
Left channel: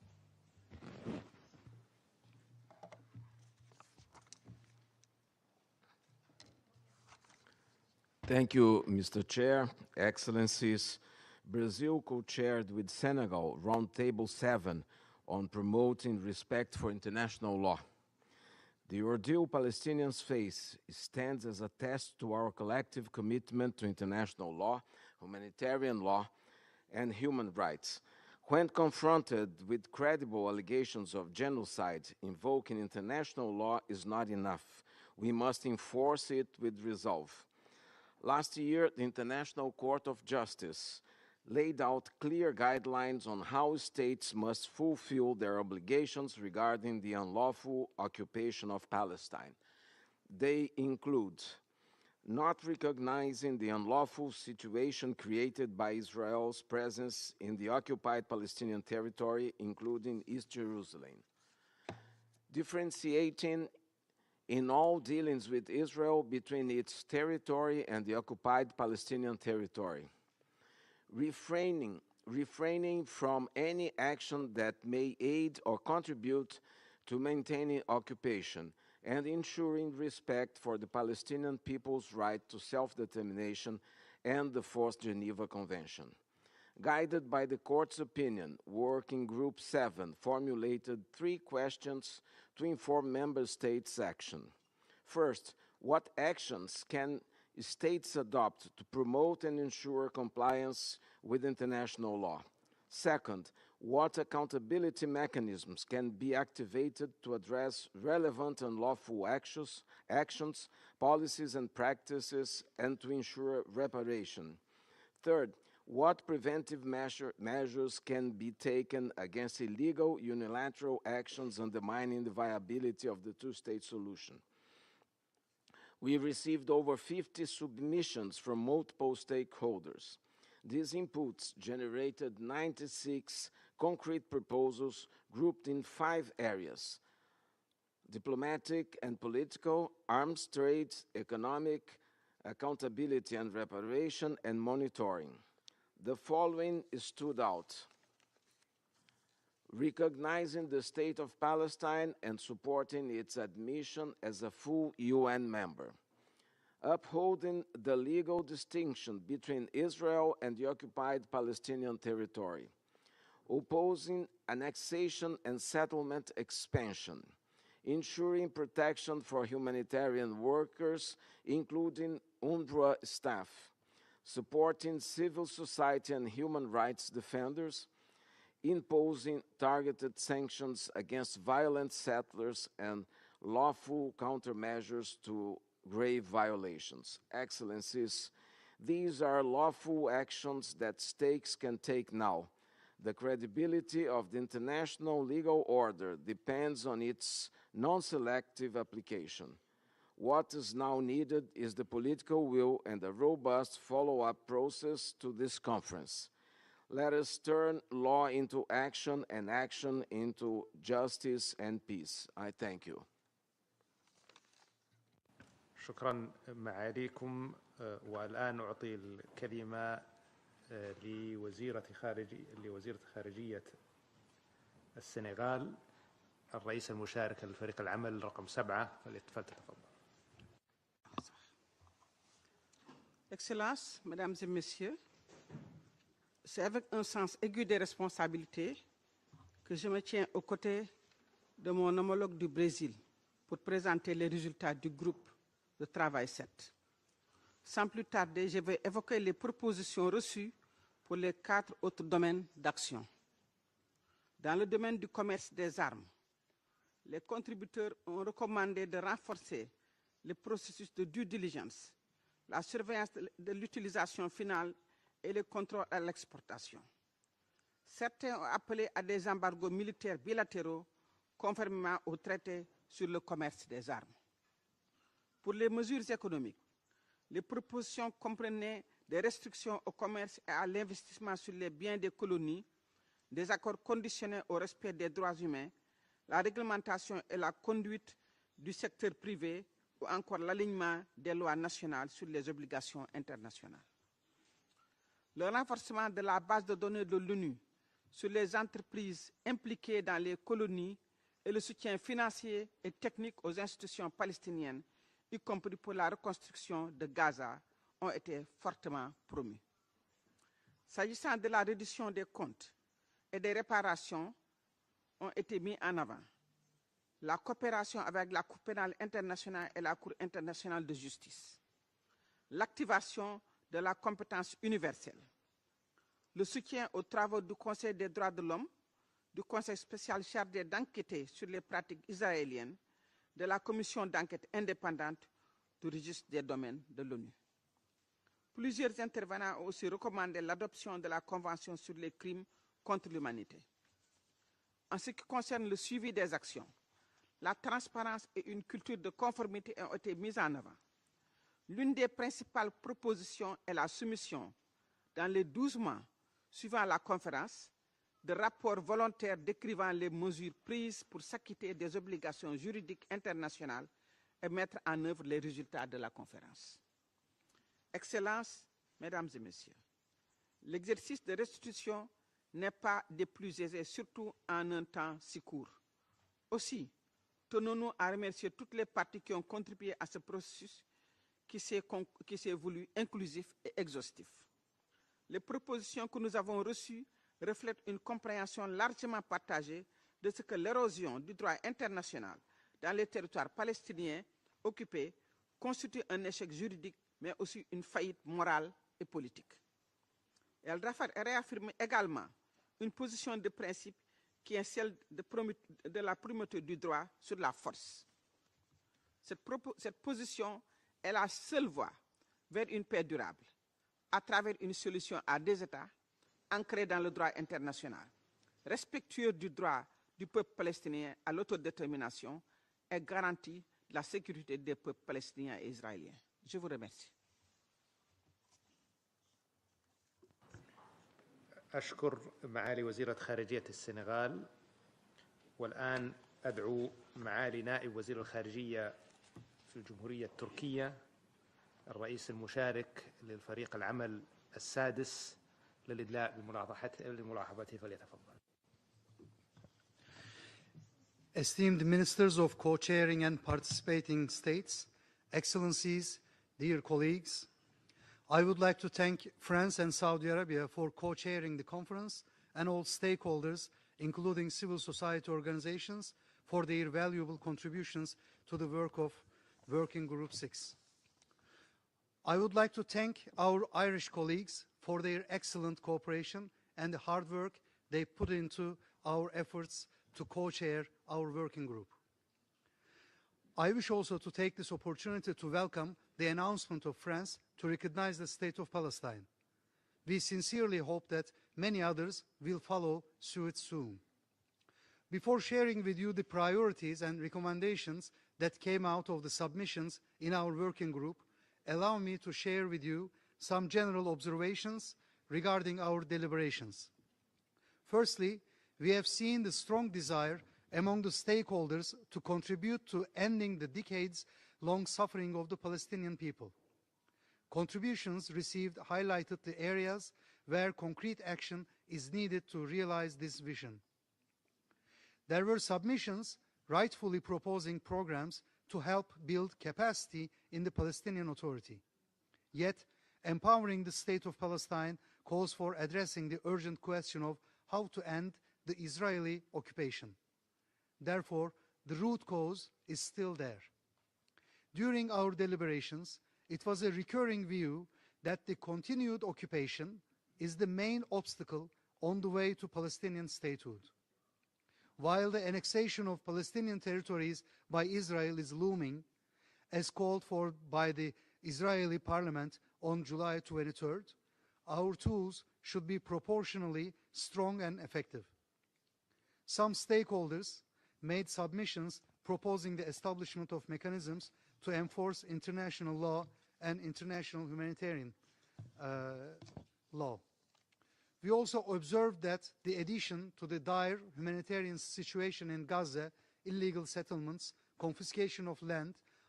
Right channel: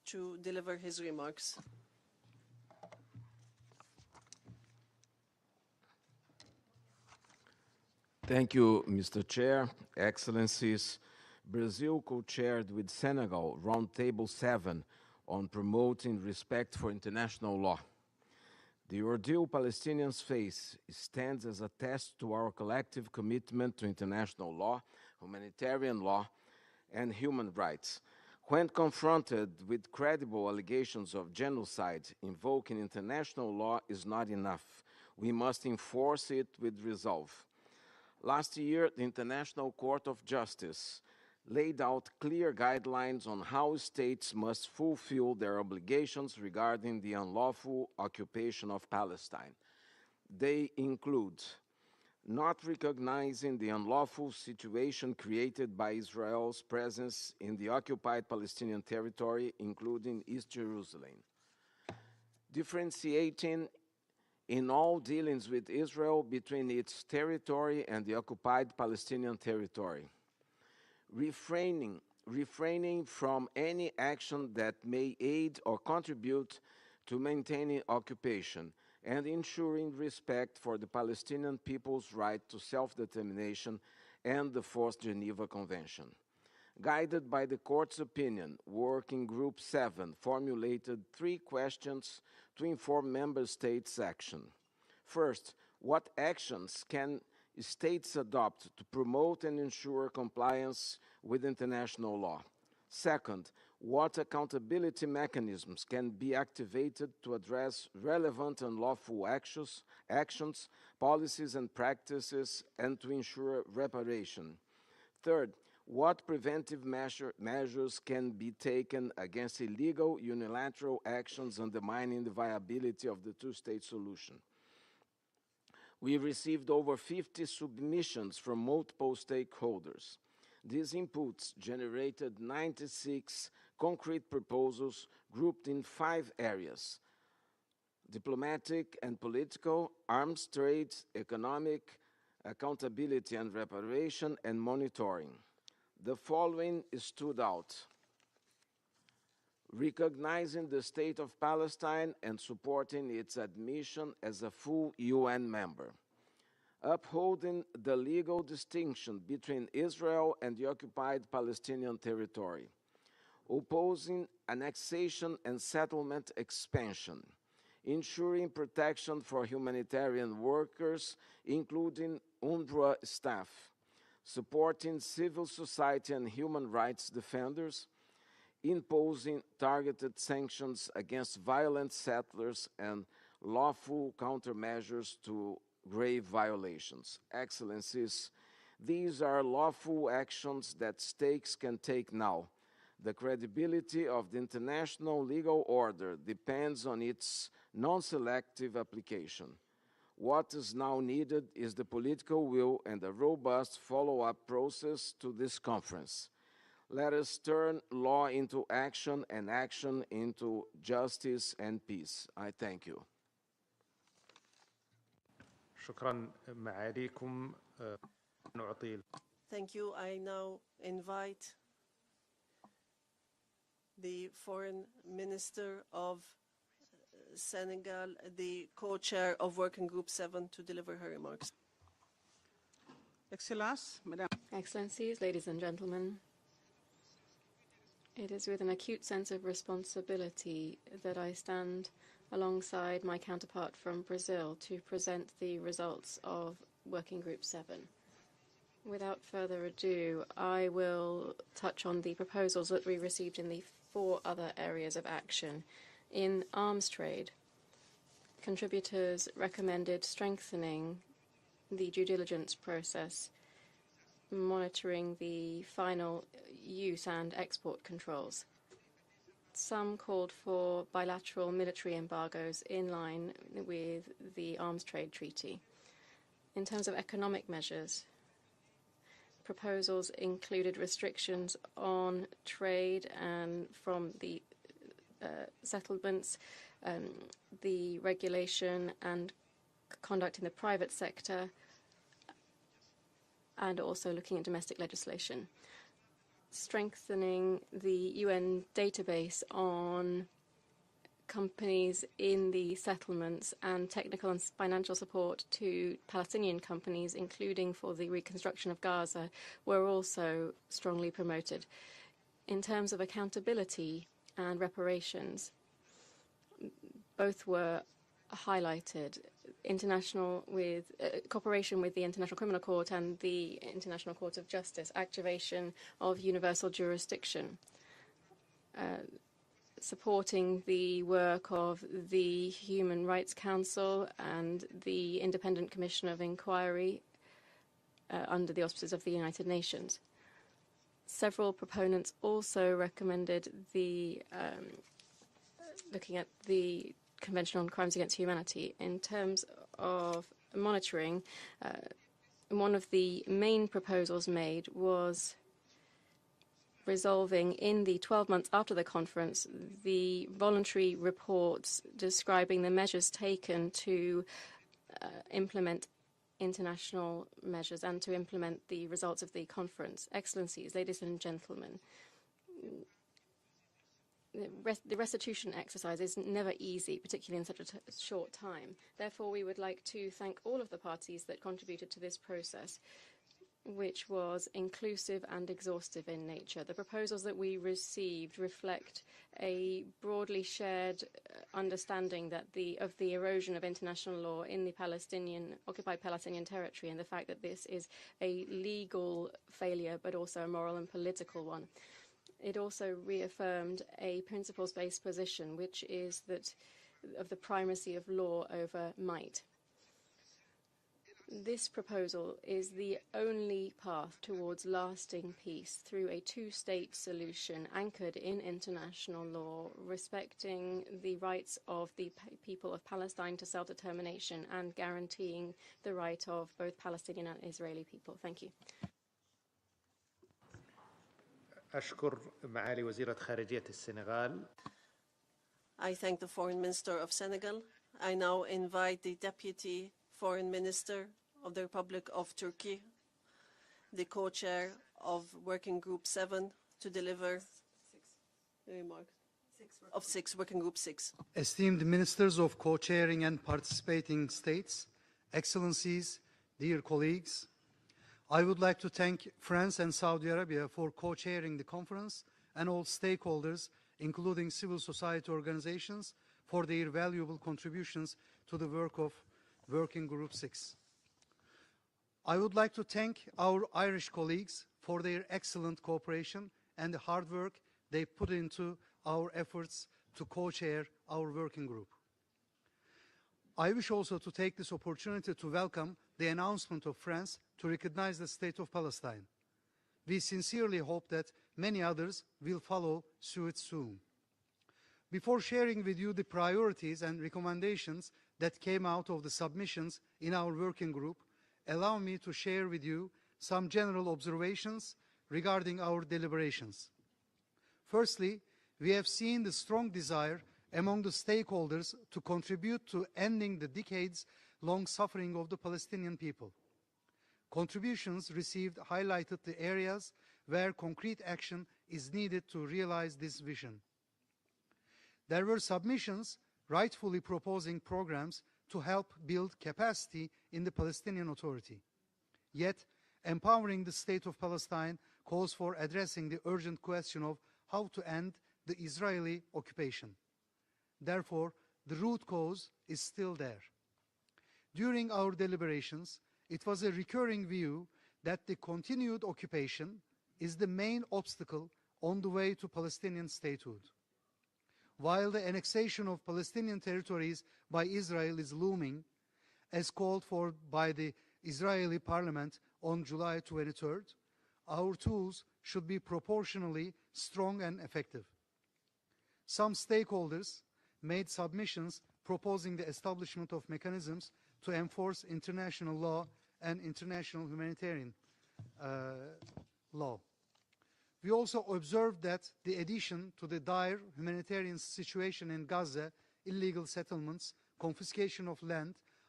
to deliver his remarks. Thank you, Mr. Chair, Excellencies. Brazil co-chaired with Senegal Roundtable 7 on promoting respect for international law. The ordeal Palestinians face stands as a test to our collective commitment to international law, humanitarian law, and human rights. When confronted with credible allegations of genocide, invoking international law is not enough. We must enforce it with resolve. Last year, the International Court of Justice laid out clear guidelines on how states must fulfill their obligations regarding the unlawful occupation of Palestine. They include not recognizing the unlawful situation created by Israel's presence in the occupied Palestinian territory, including East Jerusalem, differentiating in all dealings with Israel between its territory and the occupied Palestinian territory, refraining from any action that may aid or contribute to maintaining occupation, and ensuring respect for the Palestinian people's right to self-determination and the Fourth Geneva Convention. Guided by the Court's opinion, Working Group 7 formulated 3 questions to inform Member States' action. First, what actions can states adopt to promote and ensure compliance with international law? Second, what accountability mechanisms can be activated to address relevant and lawful actions, policies and practices, and to ensure reparation? Third, what preventive measures can be taken against illegal unilateral actions undermining the viability of the two-state solution? We received over 50 submissions from multiple stakeholders. These inputs generated 96 concrete proposals grouped in 5 areas: diplomatic and political, arms trade, economic, accountability and reparation, and monitoring. The following stood out: recognizing the State of Palestine and supporting its admission as a full UN member, upholding the legal distinction between Israel and the occupied Palestinian territory, opposing annexation and settlement expansion, ensuring protection for humanitarian workers, including UNRWA staff, supporting civil society and human rights defenders, imposing targeted sanctions against violent settlers and lawful countermeasures to grave violations. Excellencies, these are lawful actions that states can take now. The credibility of the international legal order depends on its non-selective application. What is now needed is the political will and a robust follow-up process to this conference. Let us turn law into action and action into justice and peace. I thank you. شكرا معاليكم. والآن أعطي الكلمة لوزيرة خارجية السنغال الرئيس المشارك لفريق العمل رقم 7 co-chair of Working Group 7 to deliver her remarks. Excellences, Mesdames et Messieurs, ladies and gentlemen, c'est avec un sens aigu des responsabilités que je me tiens aux côtés de mon homologue du Brésil pour présenter les résultats du groupe de travail 7. Sans plus tarder, je vais évoquer les propositions reçues pour les 4 autres domaines d'action. Dans le domaine du commerce des armes, in arms trade, les contributeurs ont recommandé de renforcer le processus de due diligence, la surveillance de l'utilisation finale et le contrôle à l'exportation. Certains ont appelé à des embargos militaires bilatéraux conformément au traité sur le commerce des armes. Pour les mesures économiques, les propositions comprenaient des restrictions au commerce et à l'investissement sur les biens des colonies, des accords conditionnés au respect des droits humains, la réglementation et la conduite du secteur privé, conduct in the private sector, and also looking at domestic legislation. Strengthening the UN database on companies in the settlements and technical and financial support to Palestinian companies, including for the reconstruction of Gaza, were also strongly promoted. In terms of accountability and reparations, both were highlighted. Cooperation with the International Criminal Court and the International Court of Justice, activation of universal jurisdiction, supporting the work of the Human Rights Council and the Independent Commission of Inquiry under the auspices of the United Nations. Several proponents also recommended the Convention on Crimes Against Humanity. In terms of monitoring, one of the main proposals made was resolving in the 12 months after the conference the voluntary reports describing the measures taken to implement international measures and to implement the results of the conference. Excellencies, ladies and gentlemen, the restitution exercise is never easy, particularly in such a short time. Therefore, we would like to thank all of the parties that contributed to this process, which was inclusive and exhaustive in nature. The proposals that we received reflect a broadly shared understanding that of the erosion of international law in the occupied Palestinian territory, and the fact that this is a legal failure, but also a moral and political one. It also reaffirmed a principles-based position, which is of the primacy of law over might. This proposal is the only path towards lasting peace through a two-state solution anchored in international law, respecting the rights of the people of Palestine to self-determination and guaranteeing the right of both Palestinian and Israeli people. Thank you. أشكر معالي وزيرة خارجية السنغال. I thank the Foreign Minister of Senegal. I now invite the Deputy Foreign Minister of the Republic of Turkey, the co-chair of Working Group 7, to deliver the remarks of Working Group 6. Esteemed Ministers of Co-chairing and participating states, Excellencies, dear colleagues, I would like to thank France and Saudi Arabia for co-chairing the conference and all stakeholders, including civil society organizations, for their valuable contributions to the work of Working Group 6. I would like to thank our Irish colleagues for their excellent cooperation and the hard work they put into our efforts to co-chair our working group. I wish also to take this opportunity to welcome the announcement of France to recognize the state of Palestine. We sincerely hope that many others will follow suit soon. Before sharing with you the priorities and recommendations that came out of the submissions in our working group, allow me to share with you some general observations regarding our deliberations. Firstly, we have seen the strong desire among the stakeholders to contribute to ending the decades-long suffering of the Palestinian people. Contributions received highlighted the areas where concrete action is needed to realize this vision. There were submissions rightfully proposing programs to help build capacity in the Palestinian Authority. Yet, empowering the state of Palestine calls for addressing the urgent question of how to end the Israeli occupation. Therefore, the root cause is still there. During our deliberations, it was a recurring view that the continued occupation is the main obstacle on the way to Palestinian statehood. While the annexation of Palestinian territories by Israel is looming, as called for by the Israeli parliament on July 23rd, our tools should be proportionally strong and effective. Some stakeholders made submissions proposing the establishment of mechanisms to enforce international law and international humanitarian law. We also observed that the addition to the dire humanitarian situation in Gaza, illegal settlements, confiscation of land,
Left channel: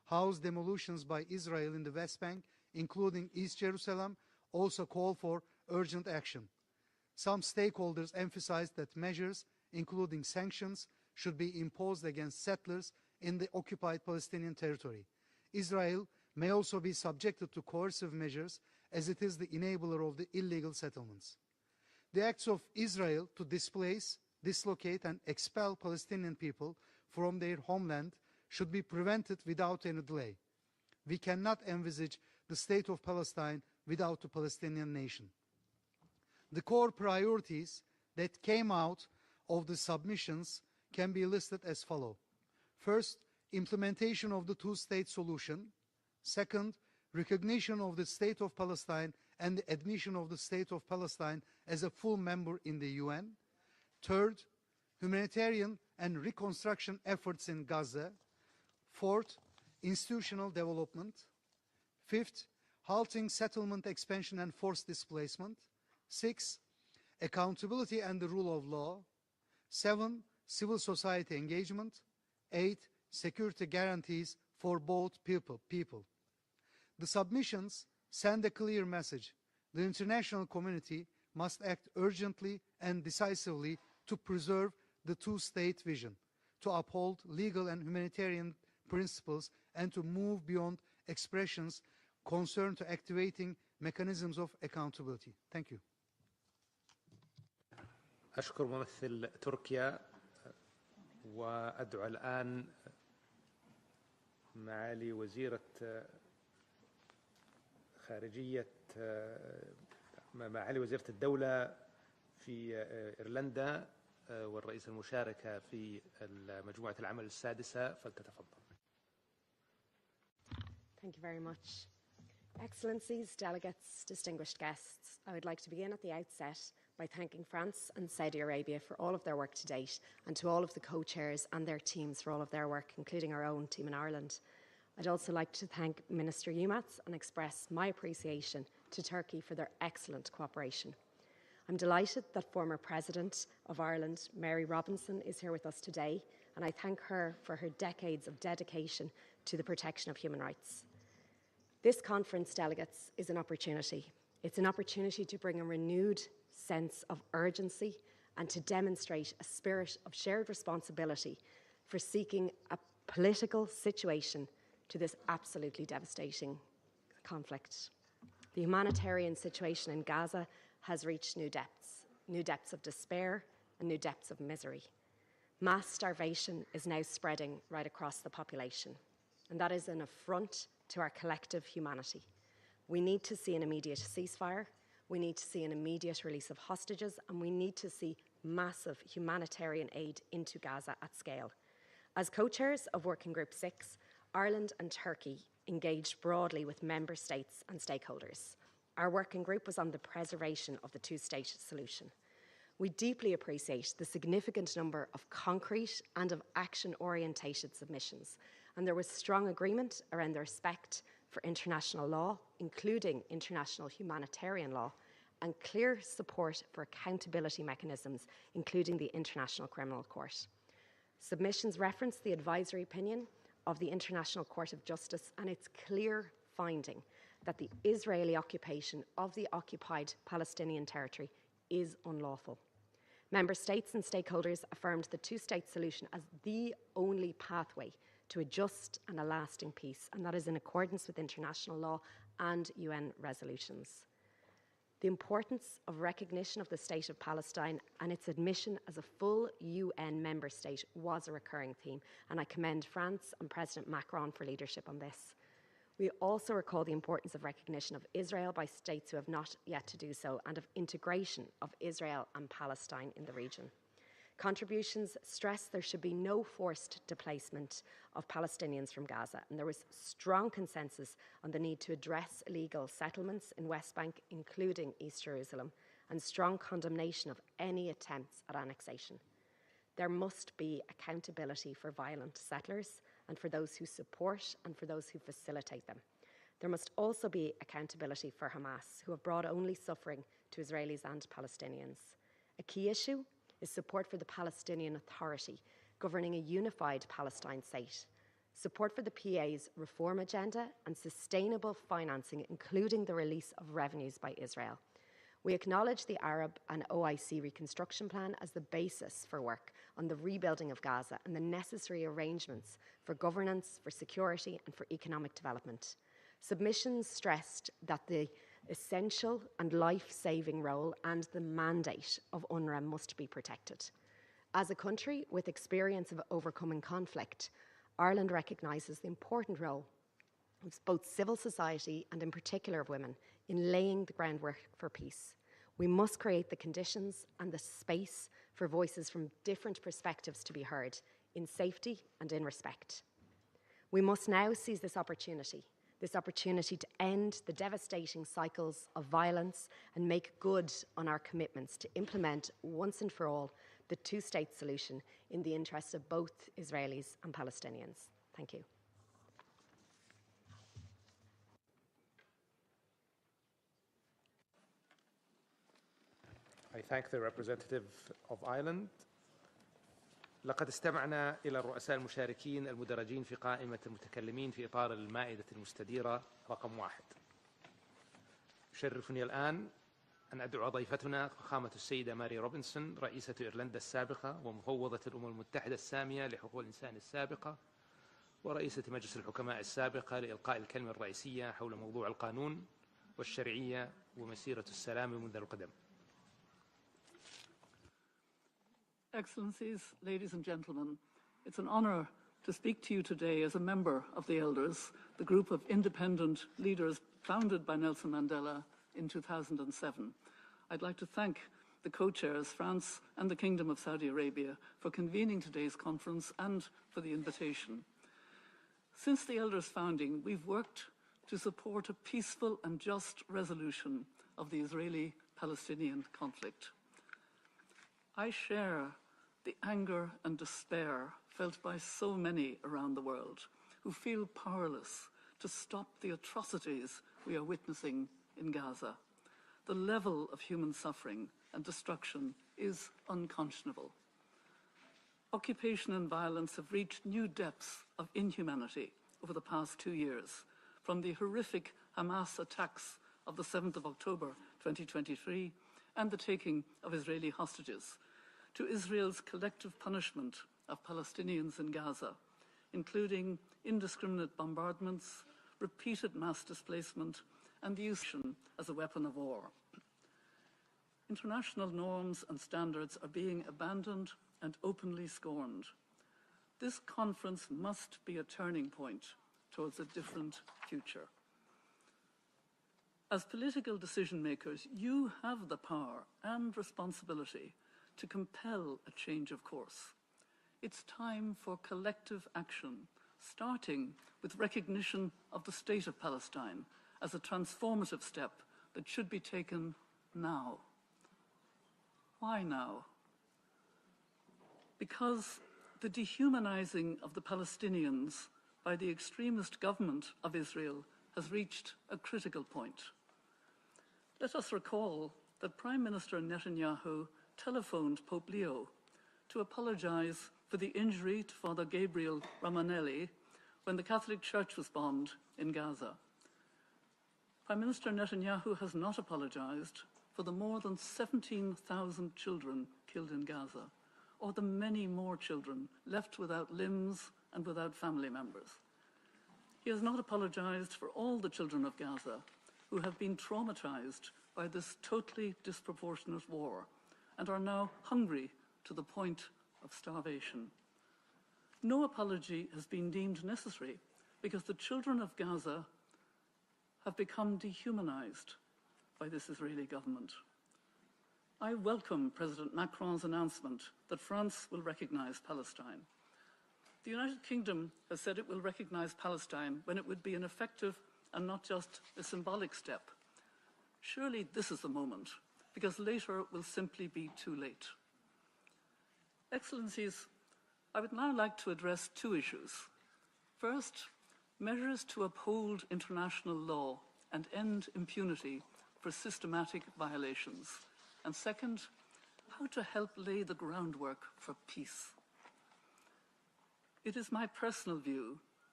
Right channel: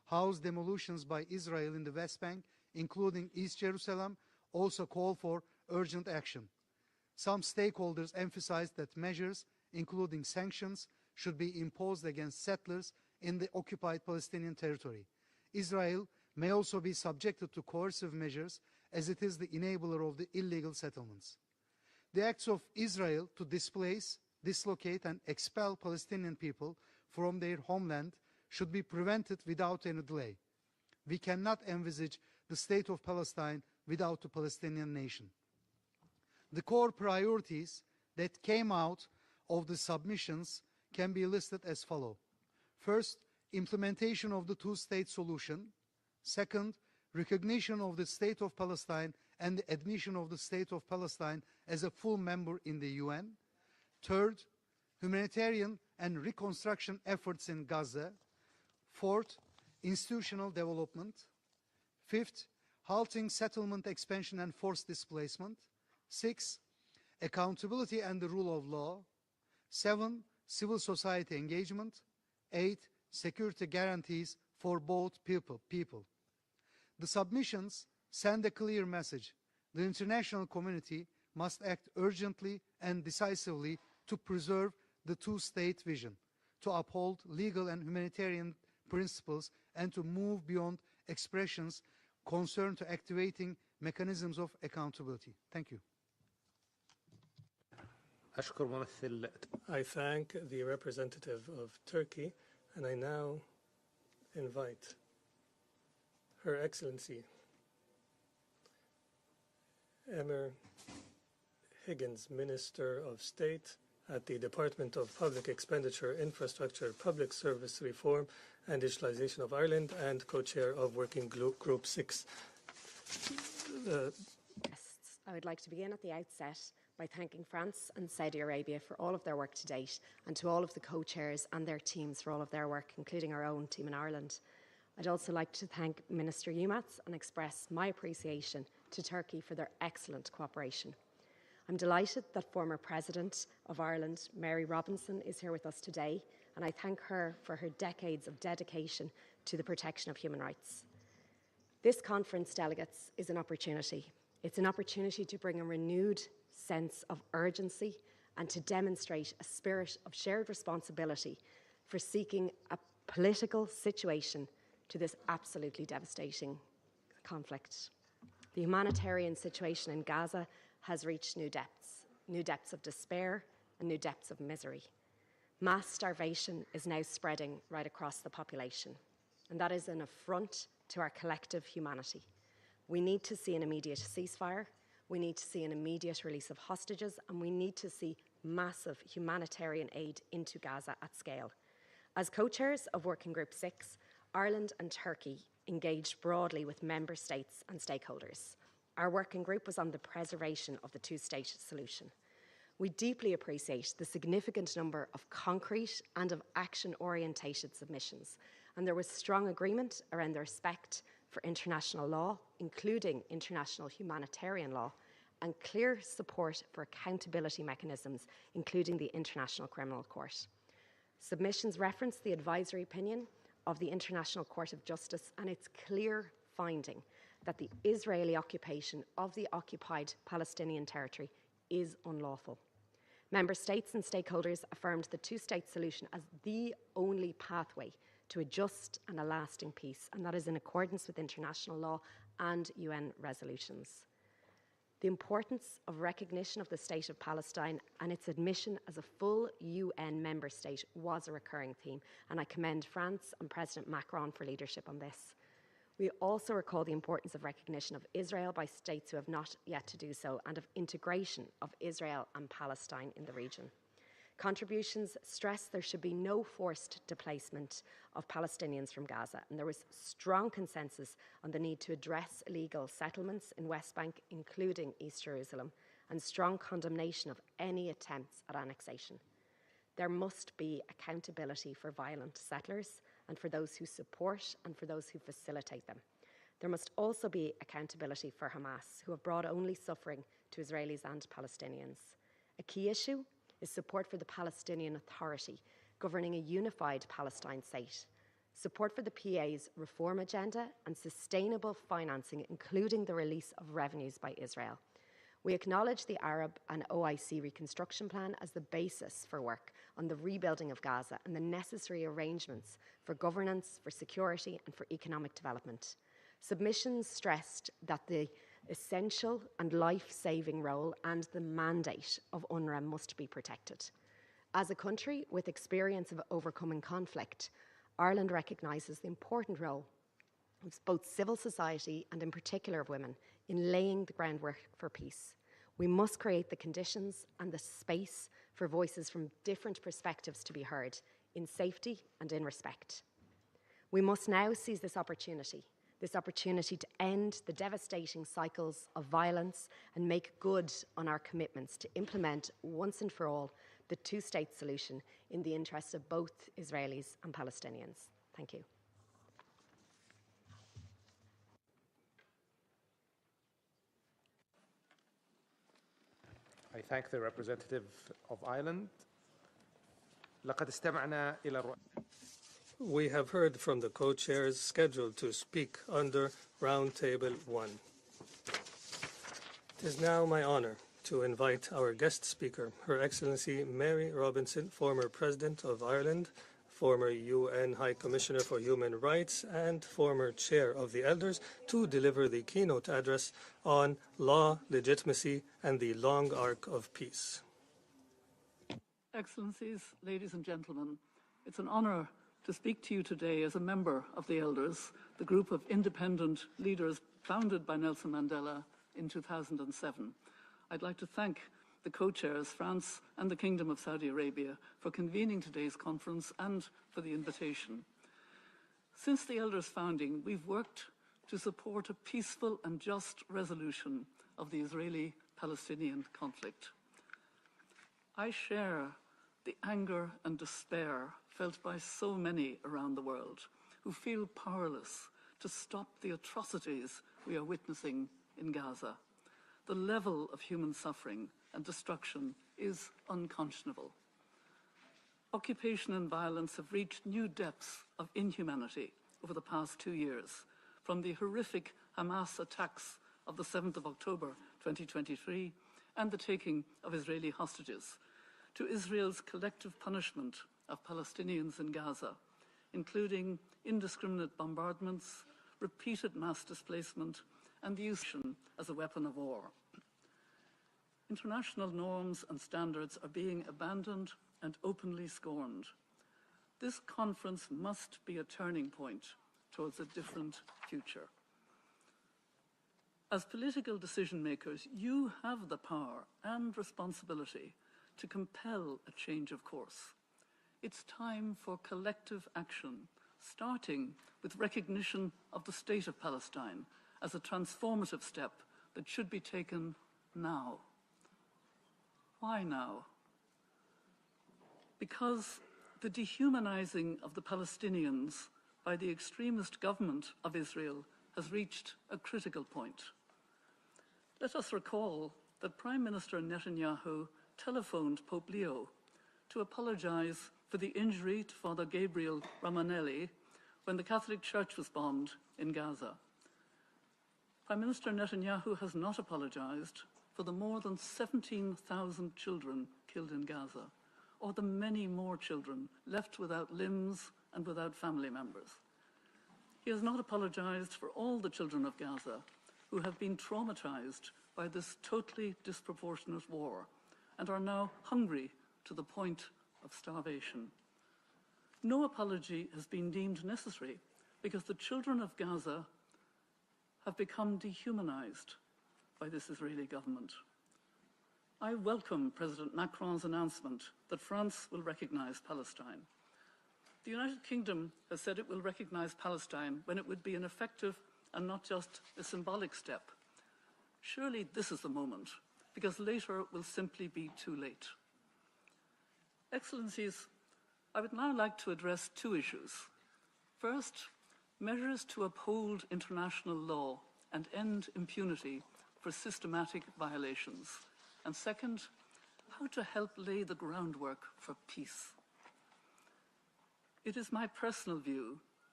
house demolitions by Israel in the West Bank, including East Jerusalem, also call for urgent action. Some stakeholders emphasized that measures, including sanctions, should be imposed against settlers in the occupied Palestinian territory. Israel may also be subjected to coercive measures, as it is the enabler of the illegal settlements. The acts of Israel to displace, dislocate, and expel Palestinian people from their homeland should be prevented without any delay. We cannot envisage the state of Palestine without the Palestinian nation. The core priorities that came out of the submissions can be listed as follows. First, implementation of the two-state solution. Second, recognition of the state of Palestine and the admission of the state of Palestine as a full member in the UN. Third, humanitarian and reconstruction efforts in Gaza. Fourth, institutional development. Fifth, halting settlement expansion and forced displacement. 6, accountability and the rule of law. 7, civil society engagement. 8, security guarantees for both people. The submissions send a clear message. The international community must act urgently and decisively to preserve the two-state vision, to uphold legal and humanitarian principles, and to move beyond expressions concerned to activating mechanisms of accountability. Thank you. I thank the representative of Turkey, and I now invite Her Excellency Emir Higgins, Minister of State at the Department of Public Expenditure, Infrastructure, Public Service Reform and Digitalization of Ireland, and co-chair of Working Group 6. Excellencies, delegates, distinguished guests, I would like to begin at the outset by thanking France and Saudi Arabia for all of their work to date, and to all of the co-chairs and their teams for all of their work, including our own team in Ireland. I'd also like to thank Minister Yilmaz and express my appreciation to Turkey for their excellent cooperation. I'm delighted that former President of Ireland, Mary Robinson, is here with us today, and I thank her for her decades of dedication to the protection of human rights. This conference, delegates, is an opportunity. It's an opportunity to bring a renewed sense of urgency and to demonstrate a spirit of shared responsibility for seeking a political situation to this absolutely devastating conflict. The humanitarian situation in Gaza has reached new depths of despair and new depths of misery. Mass starvation is now spreading right across the population, and that is an affront to our collective humanity. We need to see an immediate ceasefire, we need to see an immediate release of hostages, and we need to see massive humanitarian aid into Gaza at scale. As co-chairs of Working Group 6, Ireland and Turkey engaged broadly with member states and stakeholders. Our working group was on the preservation of the two-state solution. We deeply appreciate the significant number of concrete and of action-orientated submissions, and there was strong agreement around the respect for international law, including international humanitarian law, and clear support for accountability mechanisms, including the International Criminal Court. Submissions reference the advisory opinion of the International Court of Justice and its clear finding that the Israeli occupation of the occupied Palestinian territory is unlawful. Member states and stakeholders affirmed the two-state solution as the only pathway to a just and a lasting peace, and that is in accordance with international law and UN resolutions. The importance of recognition of the state of Palestine and its admission as a full UN member state was a recurring theme, and I commend France and President Macron for leadership on this. We also recall the importance of recognition of Israel by states who have not yet to do so, and of integration of Israel and Palestine in the region. Contributions stress there should be no forced displacement of Palestinians from Gaza, and there was strong consensus on the need to address illegal settlements in West Bank, including East Jerusalem, and strong condemnation of any attempts at annexation. There must be accountability for violent settlers and for those who support and for those who facilitate them. There must also be accountability for Hamas, who have brought only suffering to Israelis and Palestinians. A key issue is support for the Palestinian Authority, governing a unified Palestine state. support for the PA's reform agenda and sustainable financing, including the release of revenues by Israel. We acknowledge the Arab and OIC reconstruction plan as the basis for work on the rebuilding of Gaza and the necessary arrangements for governance, for security and for economic development. Submissions stressed that the essential and life-saving role and the mandate of UNRWA must be protected. As a country with experience of overcoming conflict, Ireland recognises the important role of both civil society and in particular of women in laying the groundwork for peace. We must create the conditions and the space for voices from different perspectives to be heard in safety and in respect. We must now seize this opportunity to end the devastating cycles of violence and make good on our commitments to implement once and for all the two-state solution in the interests of both Israelis and Palestinians. Thank you. I thank the representative of Ireland. We have heard from the co-chairs scheduled to speak under Roundtable 1. It is now my honor to invite our guest speaker, Her Excellency Mary Robinson, former President of Ireland, former UN High Commissioner for Human Rights, and former Chair of the Elders, to deliver the keynote address on law, legitimacy, and the long arc of peace. Excellencies, ladies and gentlemen, it's an honor to speak to you today as a member of the Elders, the group of independent leaders founded by Nelson Mandela in 2007. I'd like to thank the co-chairs, France and the Kingdom of Saudi Arabia, for convening today's conference and for the invitation. Since the Elders' founding, we've worked to support a peaceful and just resolution of the Israeli-Palestinian conflict. I share the anger and despair felt by so many around the world who feel powerless to stop the atrocities we are witnessing in Gaza. The level of human suffering and destruction is unconscionable. Occupation and violence have reached new depths of inhumanity over the past 2 years, from the horrific Hamas attacks of the 7th of October 2023 and the taking of Israeli hostages, to Israel's collective punishment of Palestinians in Gaza, including indiscriminate bombardments, repeated mass displacement, and the use as a weapon of war. International norms and standards are being abandoned and openly scorned. This conference must be a turning point towards a different future. As political decision makers, you have the power and responsibility to compel a change of course. It's time for collective action, starting with recognition of the state of Palestine as a transformative step that should be taken now. Why now? Because the dehumanizing of the Palestinians by the extremist government of Israel has reached a critical point. Let us recall that Prime Minister Netanyahu telephoned Pope Leo to apologize for the injury to Father Gabriel Ramanelli when the Catholic Church was bombed in Gaza. Prime Minister Netanyahu has not apologized for the more than 17,000 children killed in Gaza, or the many more children left without limbs and without family members. He has not apologized for all the children of Gaza who have been traumatized by this totally disproportionate war and are now hungry to the point of starvation. No apology has been deemed necessary because the children of Gaza have become dehumanized by this Israeli government. I welcome President Macron's announcement that France will recognize Palestine. The United Kingdom has said it will recognize Palestine when it would be an effective and not just a symbolic step. Surely this is the moment, because later will simply be too late. Excellencies, I would now like to address two issues. First, measures to uphold international law and end impunity for systematic violations. And second, how to help lay the groundwork for peace. It is my personal view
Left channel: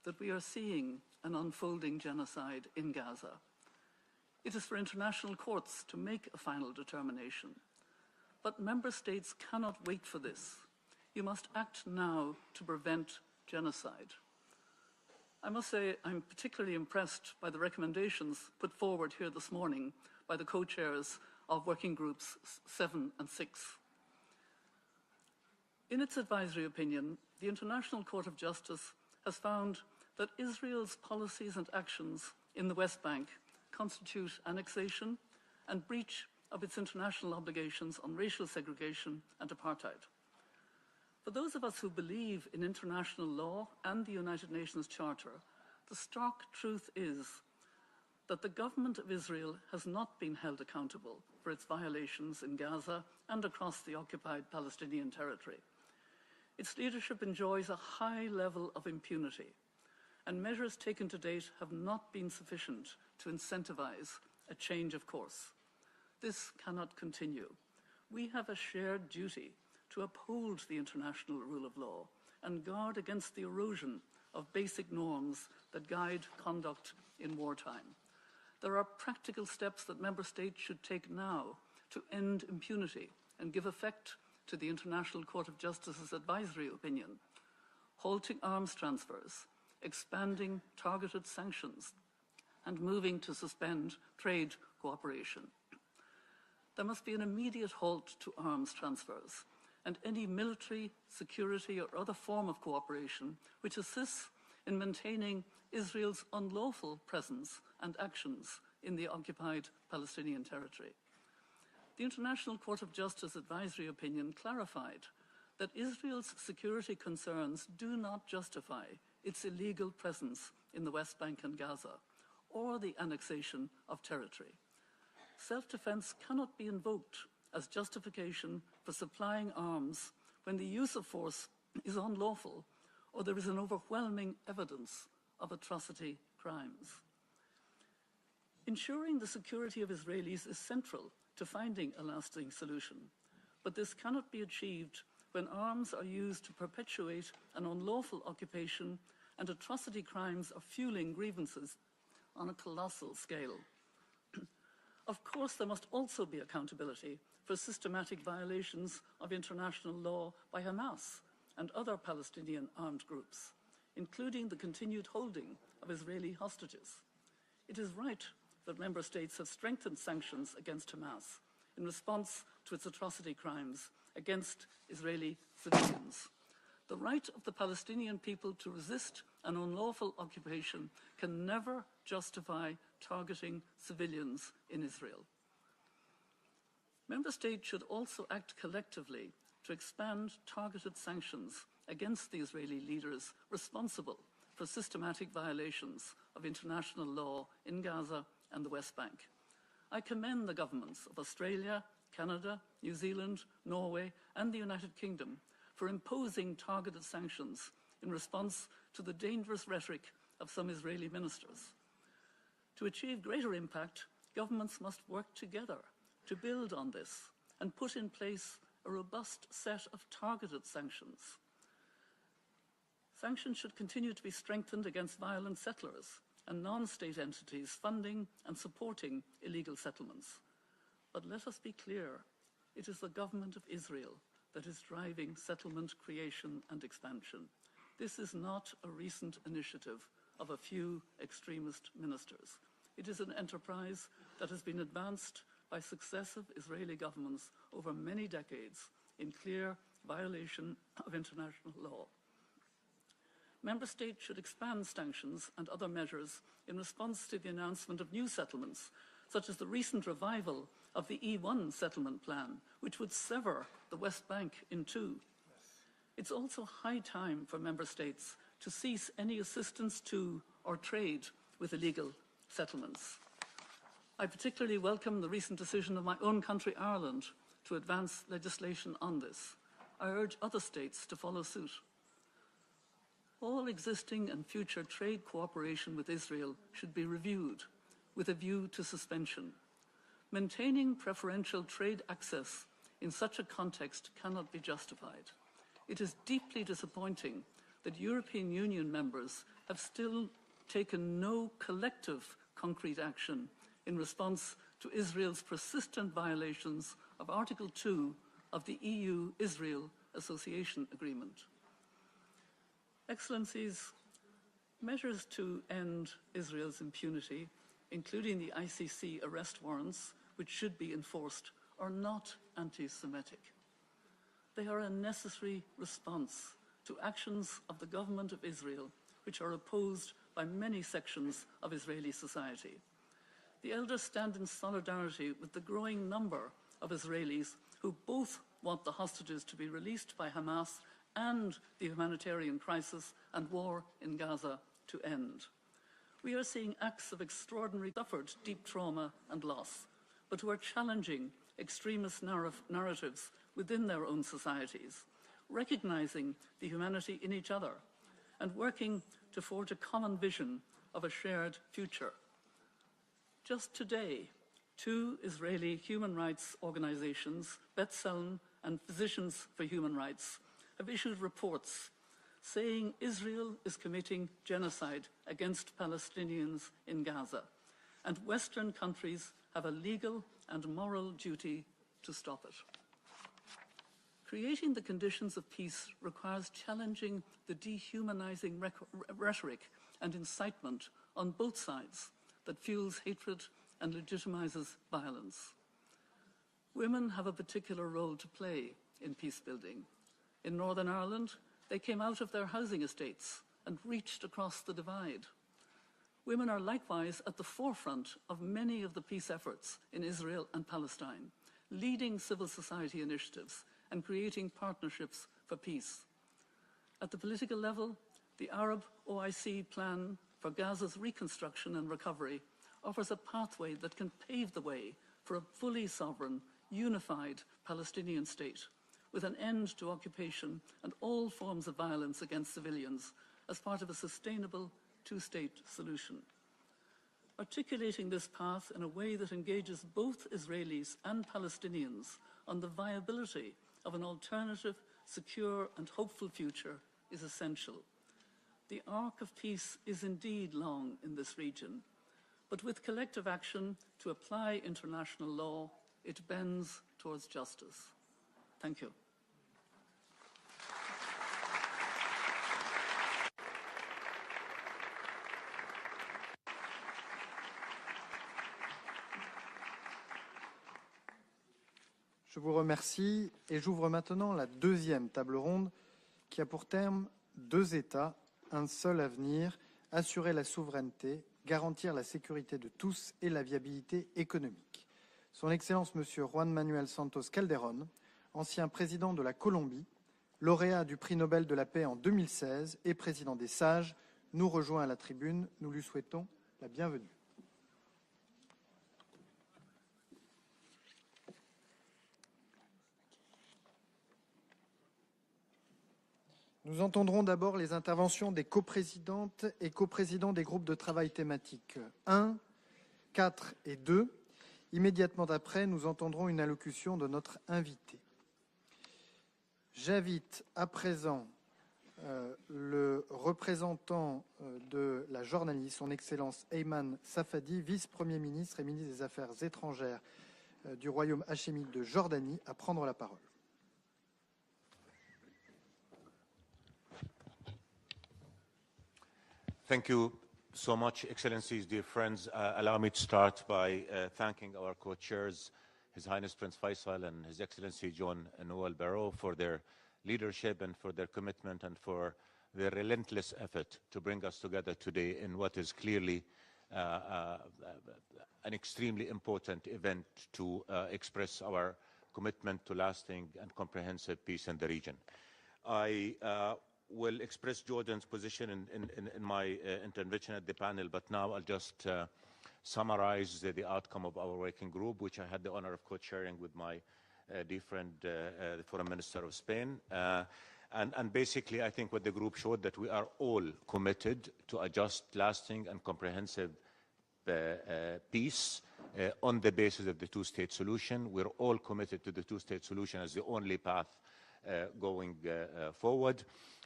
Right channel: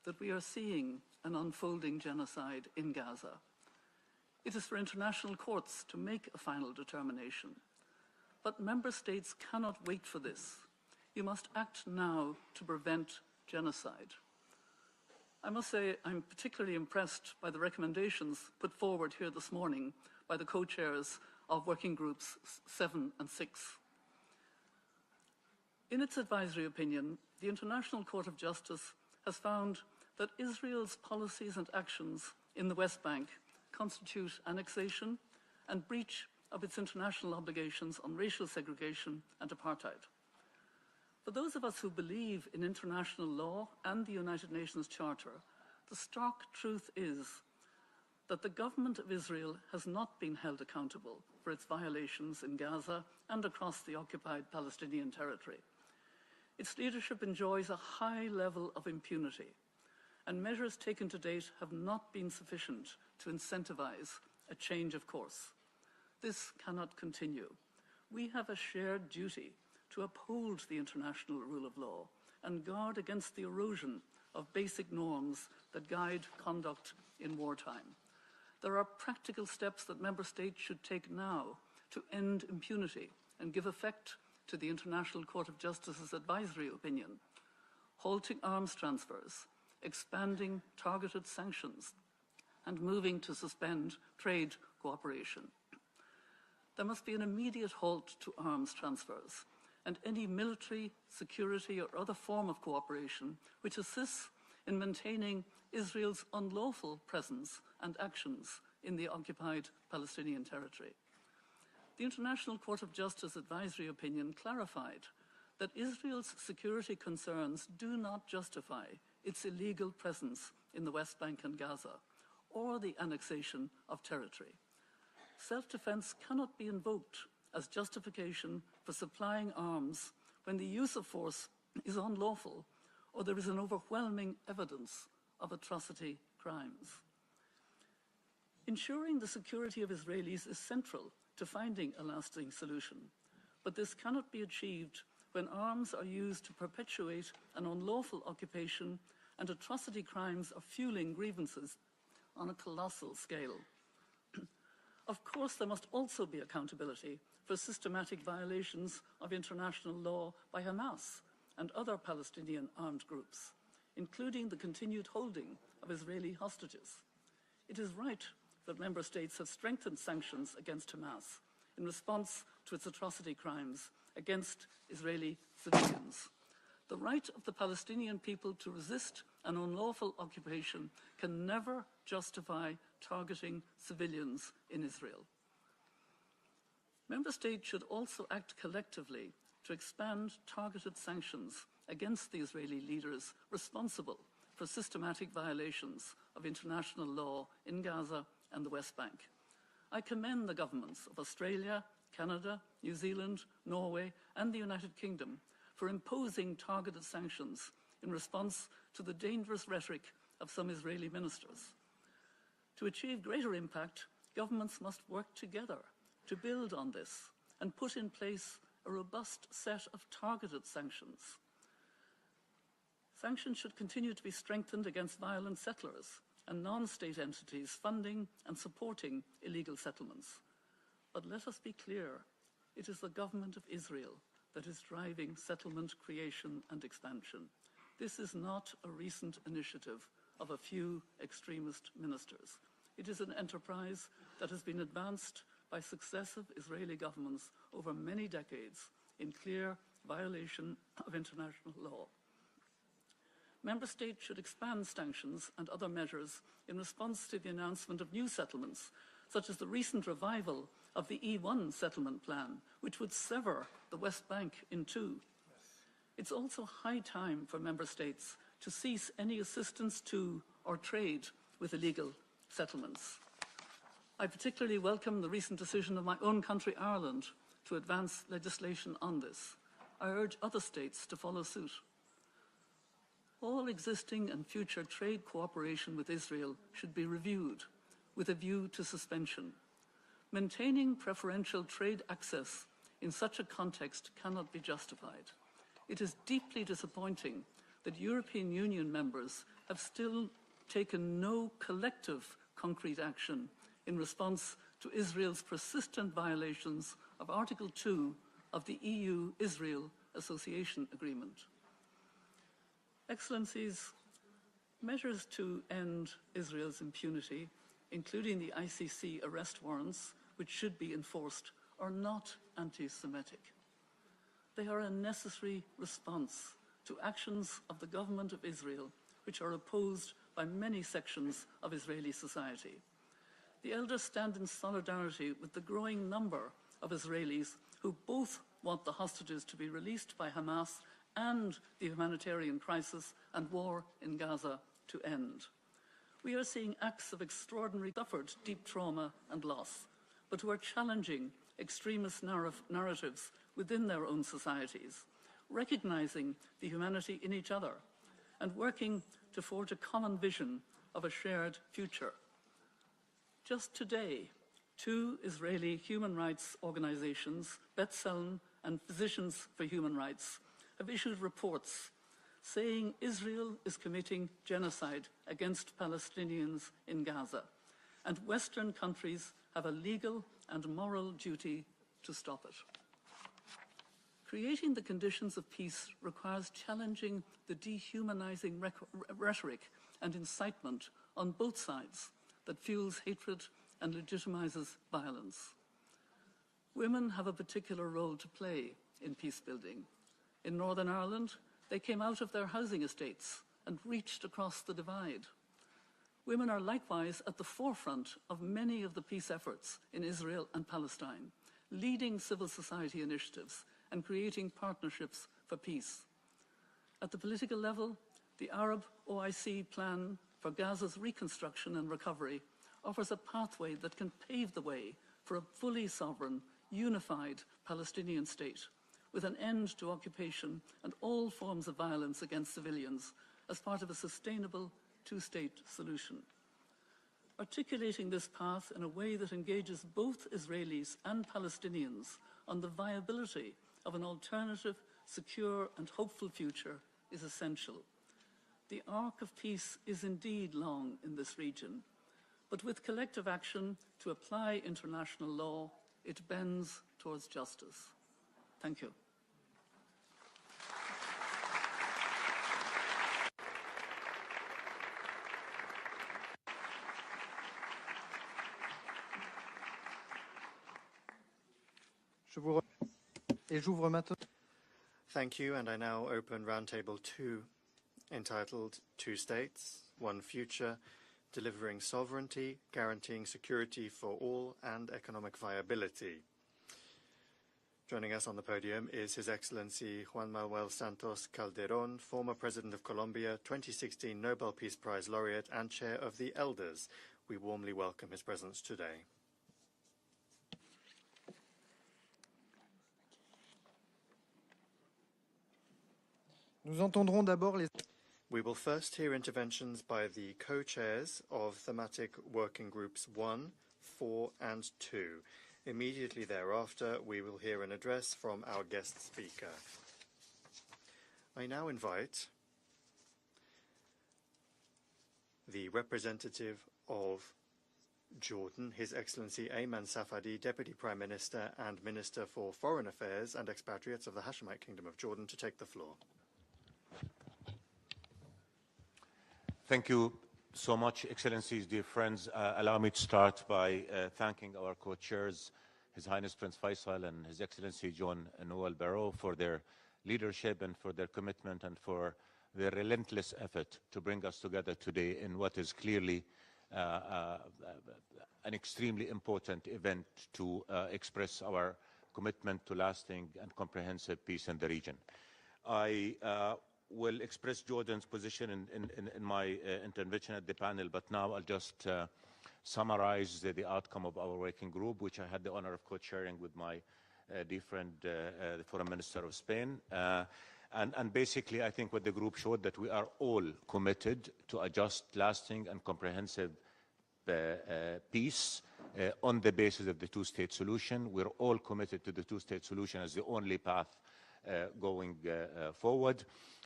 that we are seeing an unfolding genocide in Gaza. It is for international courts to make a final determination. But member states cannot wait for this. You must act now to prevent genocide. I must say I'm particularly impressed by the recommendations put forward here this morning by the co-chairs of Working Groups 7 and 6. In its advisory opinion, the International Court of Justice has found that Israel's policies and actions in the West Bank constitute annexation and breach of its international obligations on racial segregation and apartheid. For those of us who believe in international law and the United Nations Charter, the stark truth is that the government of Israel has not been held accountable for its violations in Gaza and across the occupied Palestinian territory. Its leadership enjoys a high level of impunity, and measures taken to date have not been sufficient to incentivize a change of course. This cannot continue. We have a shared duty to uphold the international rule of law and guard against the erosion of basic norms that guide conduct in wartime. There are practical steps that member states should take now to end impunity and give effect to the International Court of Justice's advisory opinion, halting arms transfers, expanding targeted sanctions, and moving to suspend trade cooperation. There must be an immediate halt to arms transfers and any military, security, or other form of cooperation which assists in maintaining Israel's unlawful presence and actions in the occupied Palestinian territory. The International Court of Justice advisory opinion clarified that Israel's security concerns do not justify its illegal presence in the West Bank and Gaza, or the annexation of territory. Self-defense cannot be invoked as justification for supplying arms when the use of force is unlawful or there is an overwhelming evidence of atrocity crimes. Ensuring the security of Israelis is central to finding a lasting solution, but this cannot be achieved when arms are used to perpetuate an unlawful occupation and atrocity crimes are fueling grievances on a colossal scale. Of course, there must also be accountability for systematic violations of international law by Hamas and other Palestinian armed groups, including the continued holding of Israeli hostages. It is right that member states have strengthened sanctions against Hamas in response to its atrocity crimes against Israeli civilians. The right of the Palestinian people to resist an unlawful occupation can never justify targeting civilians in Israel. Member states should also act collectively to expand targeted sanctions against the Israeli leaders responsible for systematic violations of international law in Gaza and the West Bank. I commend the governments of Australia, Canada, New Zealand, Norway, and the United Kingdom for imposing targeted sanctions in response to the dangerous rhetoric of some Israeli ministers. To achieve greater impact, governments must work together to build on this and put in place a robust set of targeted sanctions. Sanctions should continue to be strengthened against violent settlers and non-state entities funding and supporting illegal settlements. But let us be clear, it is the government of Israel that is driving settlement creation and expansion. This is not a recent initiative of a few extremist ministers. It is an enterprise that has been advanced by successive Israeli governments over many decades in clear violation of international law. Member states should expand sanctions and other measures in response to the announcement of new settlements, such as the recent revival of the E1 settlement plan, which would sever the West Bank in two. It's also high time for member states to cease any assistance to or trade with illegal settlements. I particularly welcome the recent decision of my own country, Ireland, to advance legislation on this. I urge other states to follow suit. All existing and future trade cooperation with Israel should be reviewed with a view to suspension. Maintaining preferential trade access in such a context cannot be justified. It is deeply disappointing that European Union members have still taken no collective concrete action in response to Israel's persistent violations of Article 2 of the EU-Israel Association Agreement. Excellencies, measures to end Israel's impunity, including the ICC arrest warrants, which should be enforced, are not anti-Semitic. They are a necessary response to actions of the government of Israel, which are opposed by many sections of Israeli society. The elders stand in solidarity with the growing number of Israelis who both want the hostages to be released by Hamas and the humanitarian crisis and war in Gaza to end. We are seeing acts of extraordinary suffered deep trauma and loss, but who are challenging extremist narratives within their own societies, recognizing the humanity in each other, and working to forge a common vision of a shared future. Just today, 2 Israeli human rights organizations, B'Tselem and Physicians for Human Rights, have issued reports saying Israel is committing genocide against Palestinians in Gaza, and Western countries have a legal and moral duty to stop it. Creating the conditions of peace requires challenging the dehumanizing rhetoric and incitement on both sides that fuels hatred and legitimizes violence. Women have a particular role to play in peace building. In Northern Ireland, they came out of their housing estates and reached across the divide. Women are likewise at the forefront of many of the peace efforts in Israel and Palestine, leading civil society initiatives and creating partnerships for peace. At the political level, the Arab OIC plan for Gaza's reconstruction and recovery offers a pathway that can pave the way for a fully sovereign, unified Palestinian state, with an end to occupation and all forms of violence against civilians as part of a sustainable two-state solution. Articulating this path in a way that engages both Israelis and Palestinians on the viability of an alternative, secure and hopeful future is essential. The arc of peace is indeed long in this region, but with collective action to apply international law, it bends towards justice. Thank you. Je vous remercie et j'ouvre maintenant la deuxième table ronde qui a pour terme 2 États, un seul avenir, assurer la souveraineté, garantir la sécurité de tous et la viabilité économique. Son Excellence M. Juan Manuel Santos Calderón, ancien président de la Colombie, lauréat du prix Nobel de la paix en 2016 et président des Sages, nous rejoint à la tribune. Nous lui souhaitons la bienvenue. Nous entendrons d'abord les interventions des coprésidentes et coprésidents des groupes de travail thématiques 1, 4 et 2. Immédiatement après, nous entendrons une allocution de notre invité. J'invite à présent le représentant de la Jordanie, son Excellence Ayman Safadi, vice-premier ministre et ministre des Affaires étrangères du Royaume hachémite de Jordanie, à prendre la parole. Thank you so much, Excellencies, dear friends. Allow me to start by thanking our co-chairs, His Highness Prince Faisal and His Excellency John Noel Barrot, for their leadership and for their commitment and for their relentless effort to bring us together today in what is clearly an extremely important event to express our commitment to lasting and comprehensive peace in the region. I will express Jordan's position in my intervention at the panel, but now I'll just summarize the outcome of our working group, which I had the honor of co-chairing with my dear friend, the Foreign Minister of Spain. And basically, I think what the group showed that we are all committed to a just, lasting, and comprehensive peace on the basis of the two-state solution. We're all committed to the two-state solution as the only path going forward.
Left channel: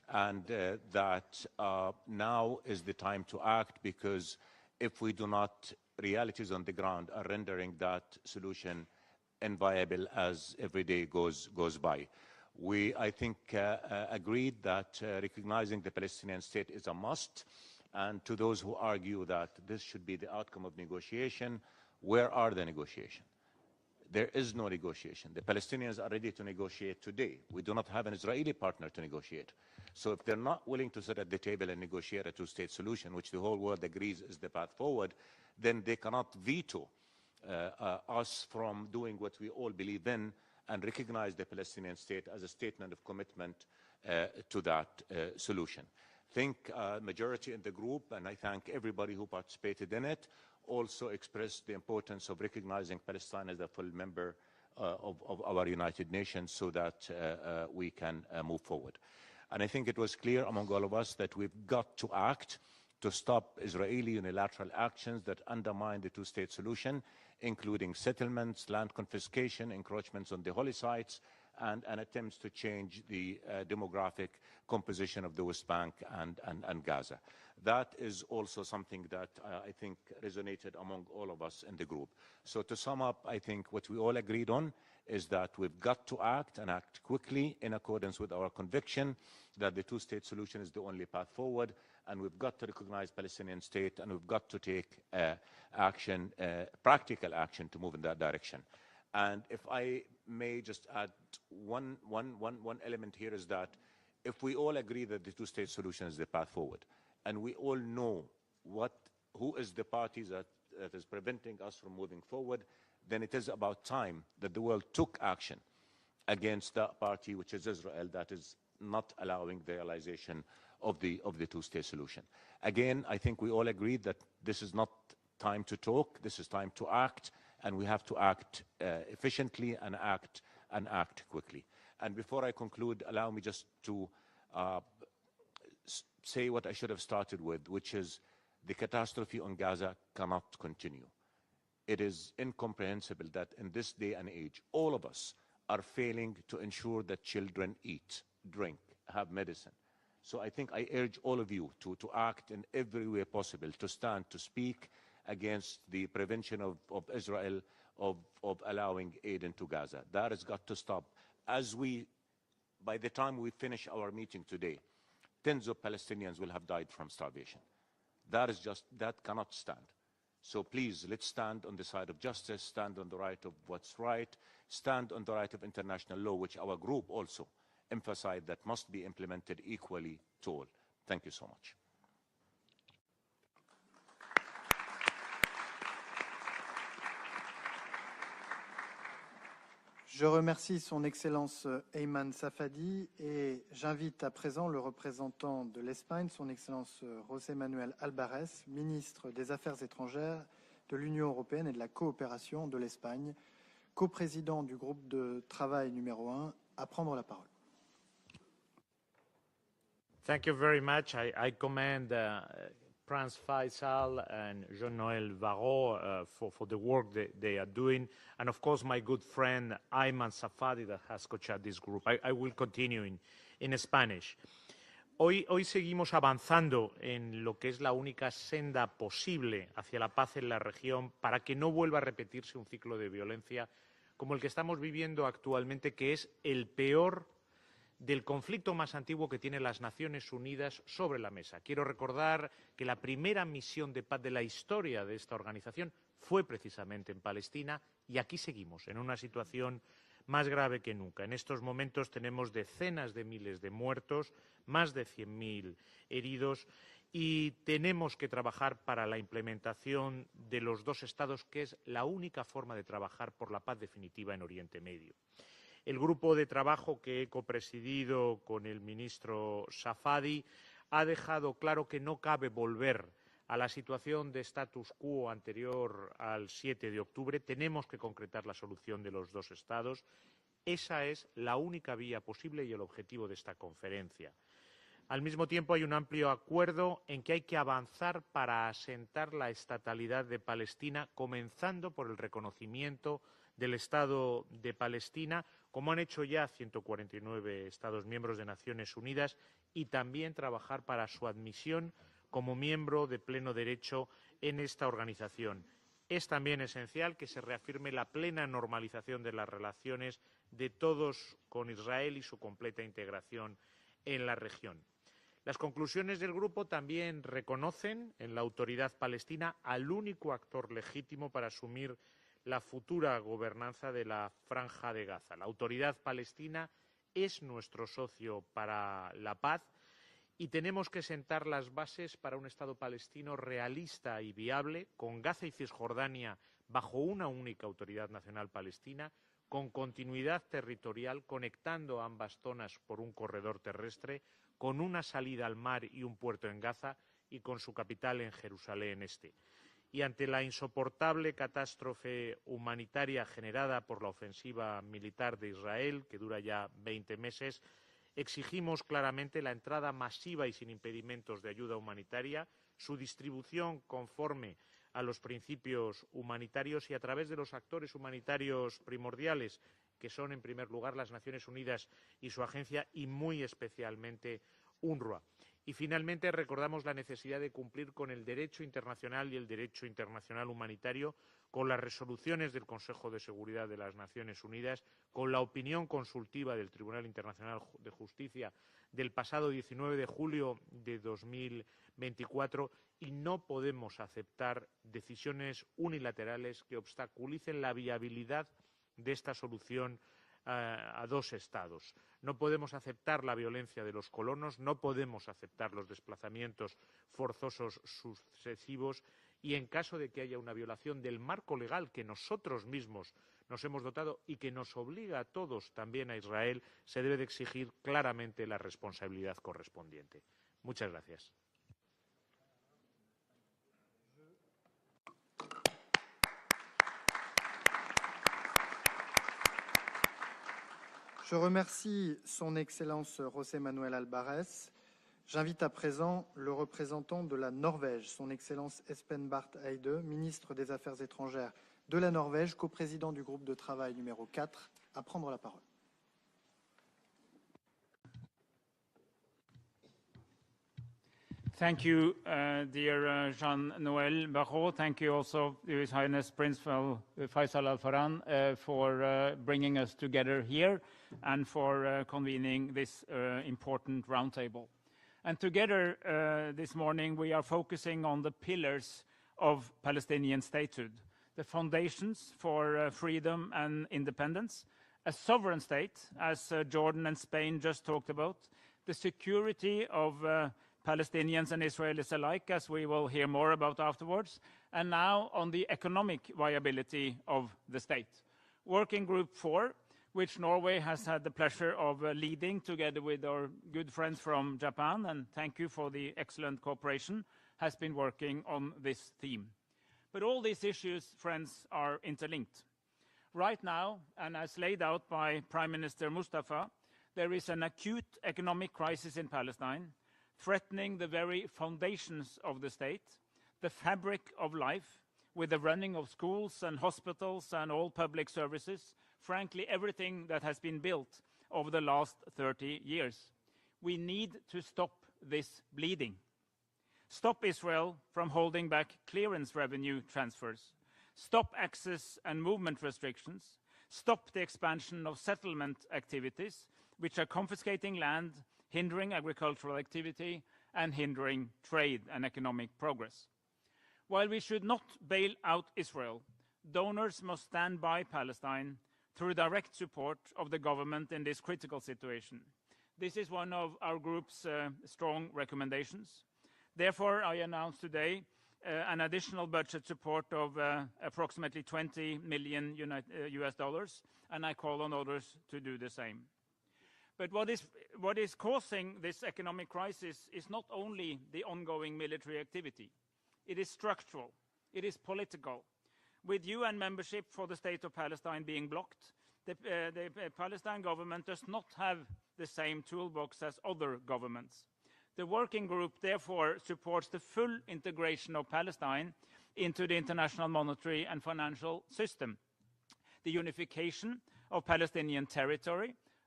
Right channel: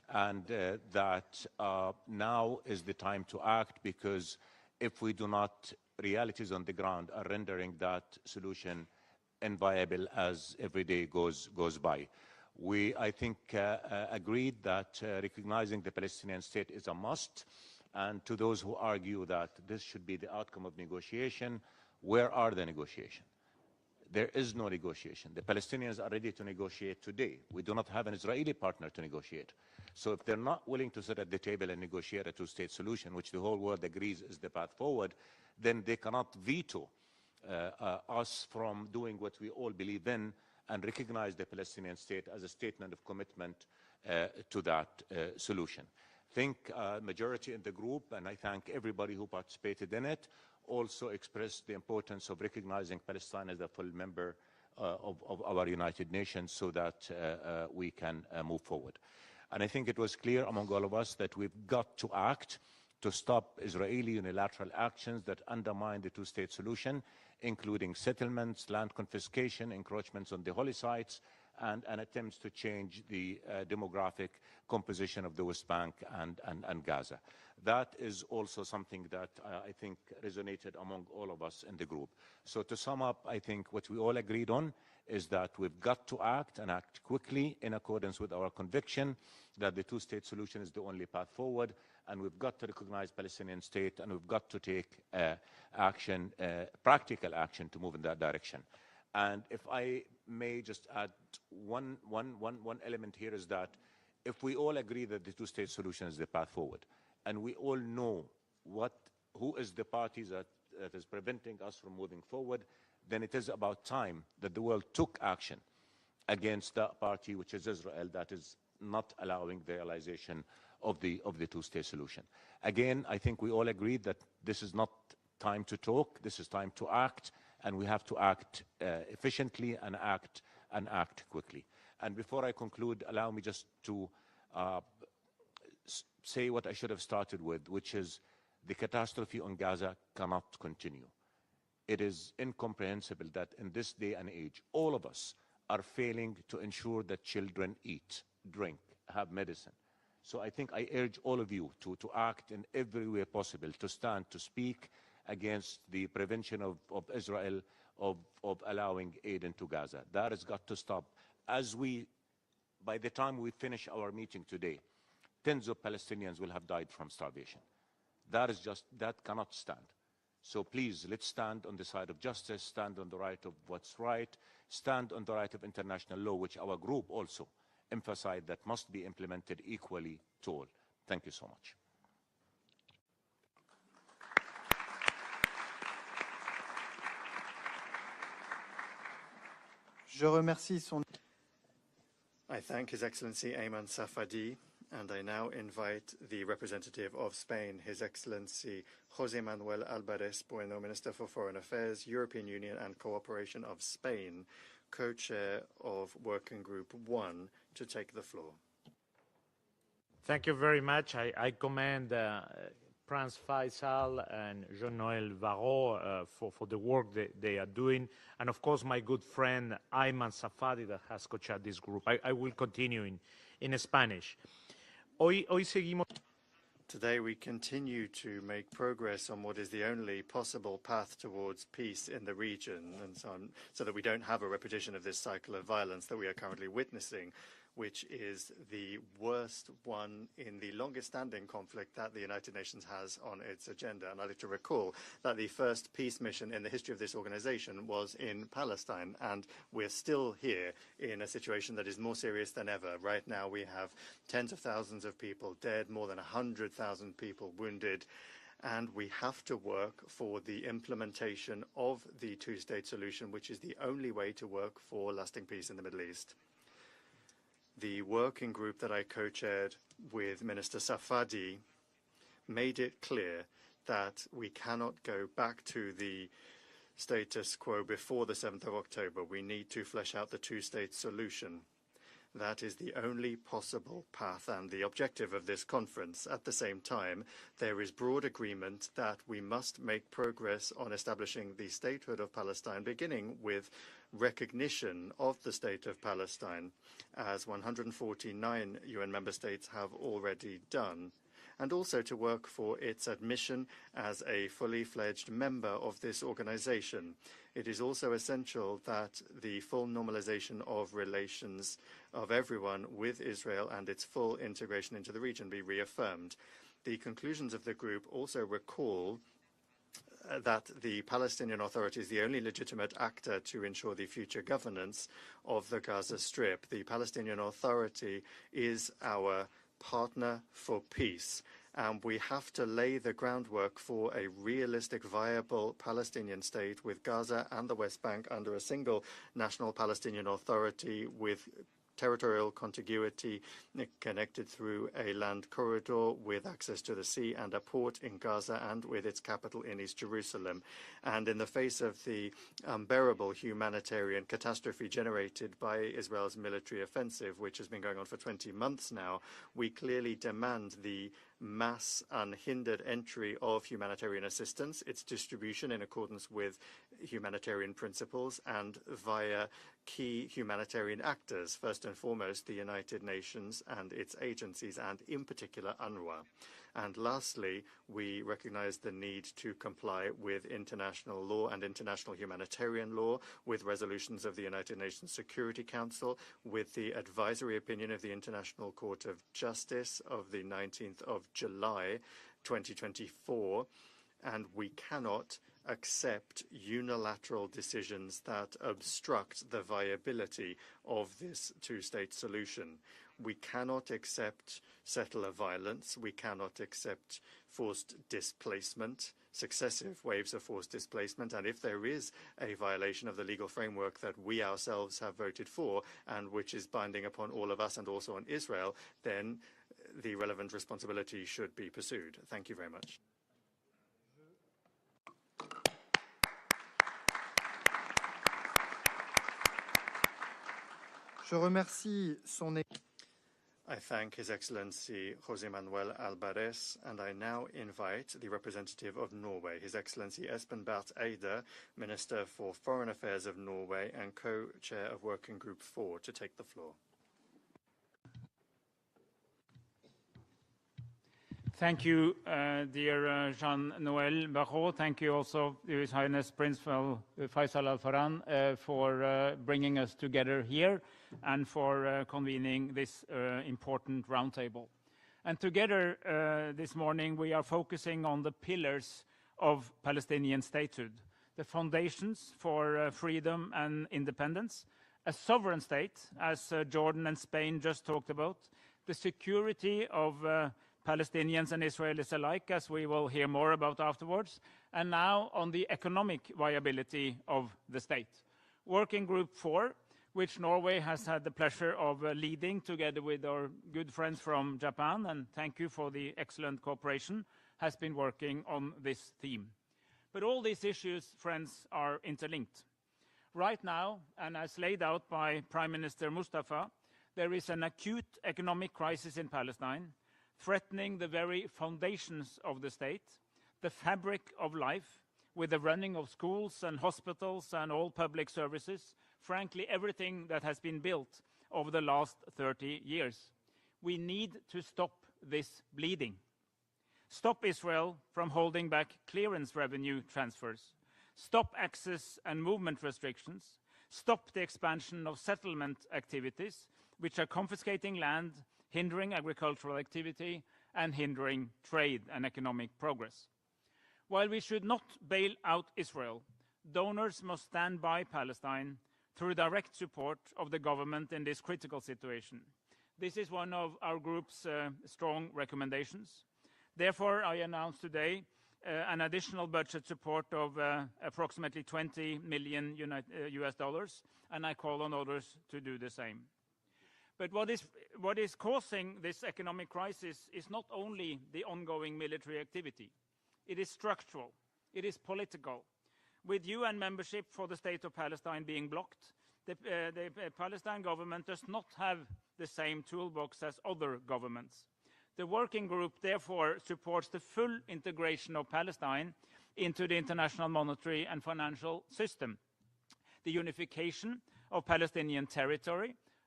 and that now is the time to act, because if we do not, realities on the ground are rendering that solution inviable as every day goes by. We, I think, agreed that recognizing the Palestinian state is a must, and to those who argue that this should be the outcome of negotiation, where are the negotiations? There is no negotiation. The Palestinians are ready to negotiate today. We do not have an Israeli partner to negotiate. So if they're not willing to sit at the table and negotiate a two-state solution, which the whole world agrees is the path forward, then they cannot veto us from doing what we all believe in and recognize the Palestinian state as a statement of commitment to that solution. I think majority in the group, and I thank everybody who participated in it, also expressed the importance of recognizing Palestine as a full member of our United Nations so that we can move forward. And I think it was clear among all of us that we've got to act to stop Israeli unilateral actions that undermine the two-state solution, including settlements, land confiscation, encroachments on the holy sites, and attempts to change the demographic composition of the West Bank and Gaza. That is also something that I think resonated among all of us in the group. So to sum up, I think what we all agreed on is that we've got to act and act quickly in accordance with our conviction that the two-state solution is the only path forward, and we've got to recognize Palestinian state, and we've got to take action, practical action to move in that direction. And if I may just add one element here is that if we all agree that the two-state solution is the path forward, and we all know who is the party that is preventing us from moving forward, then it is about time that the world took action against that party, which is Israel, that is not allowing the realization of the two-state solution. Again, I think we all agreed that this is not time to talk, this is time to act, and we have to act efficiently and act quickly. And before I conclude, allow me just to say what I should have started with, which is the catastrophe on Gaza cannot continue. It is incomprehensible that in this day and age, all of us are failing to ensure that children eat, drink, have medicine. So I think I urge all of you to act in every way possible, to stand, to speak against the prevention of Israel of allowing aid into Gaza. That has got to stop. By the time we finish our meeting today, tens of Palestinians will have died from starvation. That cannot stand. So please, let's stand on the side of justice, stand on the right of what's right, stand on the right of international law, which our group also emphasized that must be implemented equally to all. Thank you so much. Je remercie son Excellence Ayman Safadi et j'invite à présent le représentant de l'Espagne, son Excellence José Manuel Alvarez, ministre des Affaires étrangères de l'Union européenne et de la coopération de l'Espagne, coprésident du groupe de travail numéro 1, à prendre la parole. Thank you very much. I commend Franz Faisal and Jean-Noël Varro for the work that they are doing, and of course my good friend Ayman Safadi that has co-chaired this group. I will continue in Spanish. Hoy seguimos avanzando en lo que es la única senda posible hacia la paz en la región para que no vuelva a repetirse un ciclo de violencia como el que estamos viviendo actualmente, que es el peor del conflicto más antiguo que tienen las Naciones Unidas sobre la mesa. Quiero recordar que la primera misión de paz de la historia de esta organización fue precisamente en Palestina, y aquí seguimos en una situación más grave que nunca. En estos momentos tenemos decenas de miles de muertos, más de 100.000 heridos, y tenemos que trabajar para la implementación de los dos estados, que es la única forma de trabajar por la paz definitiva en Oriente Medio. El grupo de trabajo que he presidido por el ministro Safadi ha dejado claro que no cabe volver a la situación de status quo anterior al 7 de octubre. Tenemos que concretar la solución de los dos estados. Esa es la única vía posible y el objetivo de esta conferencia. Al mismo tiempo hay un amplio acuerdo en que hay que avanzar para asentar la estatalidad de Palestina, comenzando por el reconocimiento del Estado de Palestina, como han hecho ya 149 149 UN member states have already done, and also to work for its admission as a fully fledged member of this organization. It is also essential that the full normalization of relations of everyone with Israel and its full integration into the region be reaffirmed. The conclusions of the group also recall that the Palestinian Authority is the only legitimate actor to ensure the future governance of the Gaza Strip. The Palestinian Authority is our partner for peace, and we have to lay the groundwork for a realistic, viable Palestinian state with Gaza and the West Bank under a single national Palestinian Authority with territorial contiguity connected through a land corridor with access to the sea and a port in Gaza and with its capital in East Jerusalem. And in the face of the unbearable humanitarian catastrophe generated by Israel's military offensive, which has been going on for 20 months now, we clearly demand the mass unhindered entry of humanitarian assistance, its distribution in accordance with humanitarian principles and via key humanitarian actors, first and foremost the United Nations and its agencies, and in particular UNRWA. And lastly, we recognize the need to comply with international law and international humanitarian law, with resolutions of the United Nations Security Council, with the advisory opinion of the International Court of Justice of the 19th of July 2024, and we cannot accept unilateral decisions that obstruct the viability of this two-state solution. We cannot accept settler violence. We cannot accept forced displacement, successive waves of forced displacement, and if there is a violation of the legal framework that we ourselves have voted for and which is binding upon all of us and also on Israel, then the relevant responsibility should be pursued. Thank you very much. Je remercie son Excellence José Manuel Alvarez. J'invite à présent le représentant de la Norvège, son Excellence Espen Barth Eide, ministre des Affaires étrangères de la Norvège, coprésident du groupe de travail numéro 4, à prendre la parole. Thank you, dear Jean-Noël Barrot. Thank you also, His Highness Prince Faisal Al Farhan, for bringing us together here and for convening this important roundtable. And together this morning we are focusing on the pillars of Palestinian statehood, the foundations for freedom and independence, a sovereign state, as Jordan and Spain just talked about, the security of Palestinians and Israelis alike, as we will hear more about afterwards, and now on the economic viability of the state. Working Group 4, which Norway has had the pleasure of leading together with our good friends from Japan, and thank you for the excellent cooperation, has been working on this theme. But all these issues, friends, are interlinked. Right now, and as laid out by Prime Minister Mustafa, there is an acute economic crisis in Palestine, threatening the very foundations of the state, the fabric of life, with the running of schools and hospitals and all public services, frankly, everything that has been built over the last 30 years. We need to stop this bleeding. Stop Israel from holding back clearance revenue transfers. Stop access and movement restrictions. Stop the expansion of settlement activities, which are confiscating land, hindering agricultural activity, and hindering trade and economic progress. While we should not bail out Israel, donors must stand by Palestine through direct support of the government in this critical situation. This is one of our group's strong recommendations. Therefore, I announce today an additional budget support of approximately $20 million US dollars, and I call on others to do the same. But what is causing this economic crisis is not only the ongoing military activity. It is structural. It is political. With UN membership for the state of Palestine being blocked, the Palestine government does not have the same toolbox as other governments. The working group therefore supports the full integration of Palestine into the international monetary and financial system, the unification of Palestinian territory,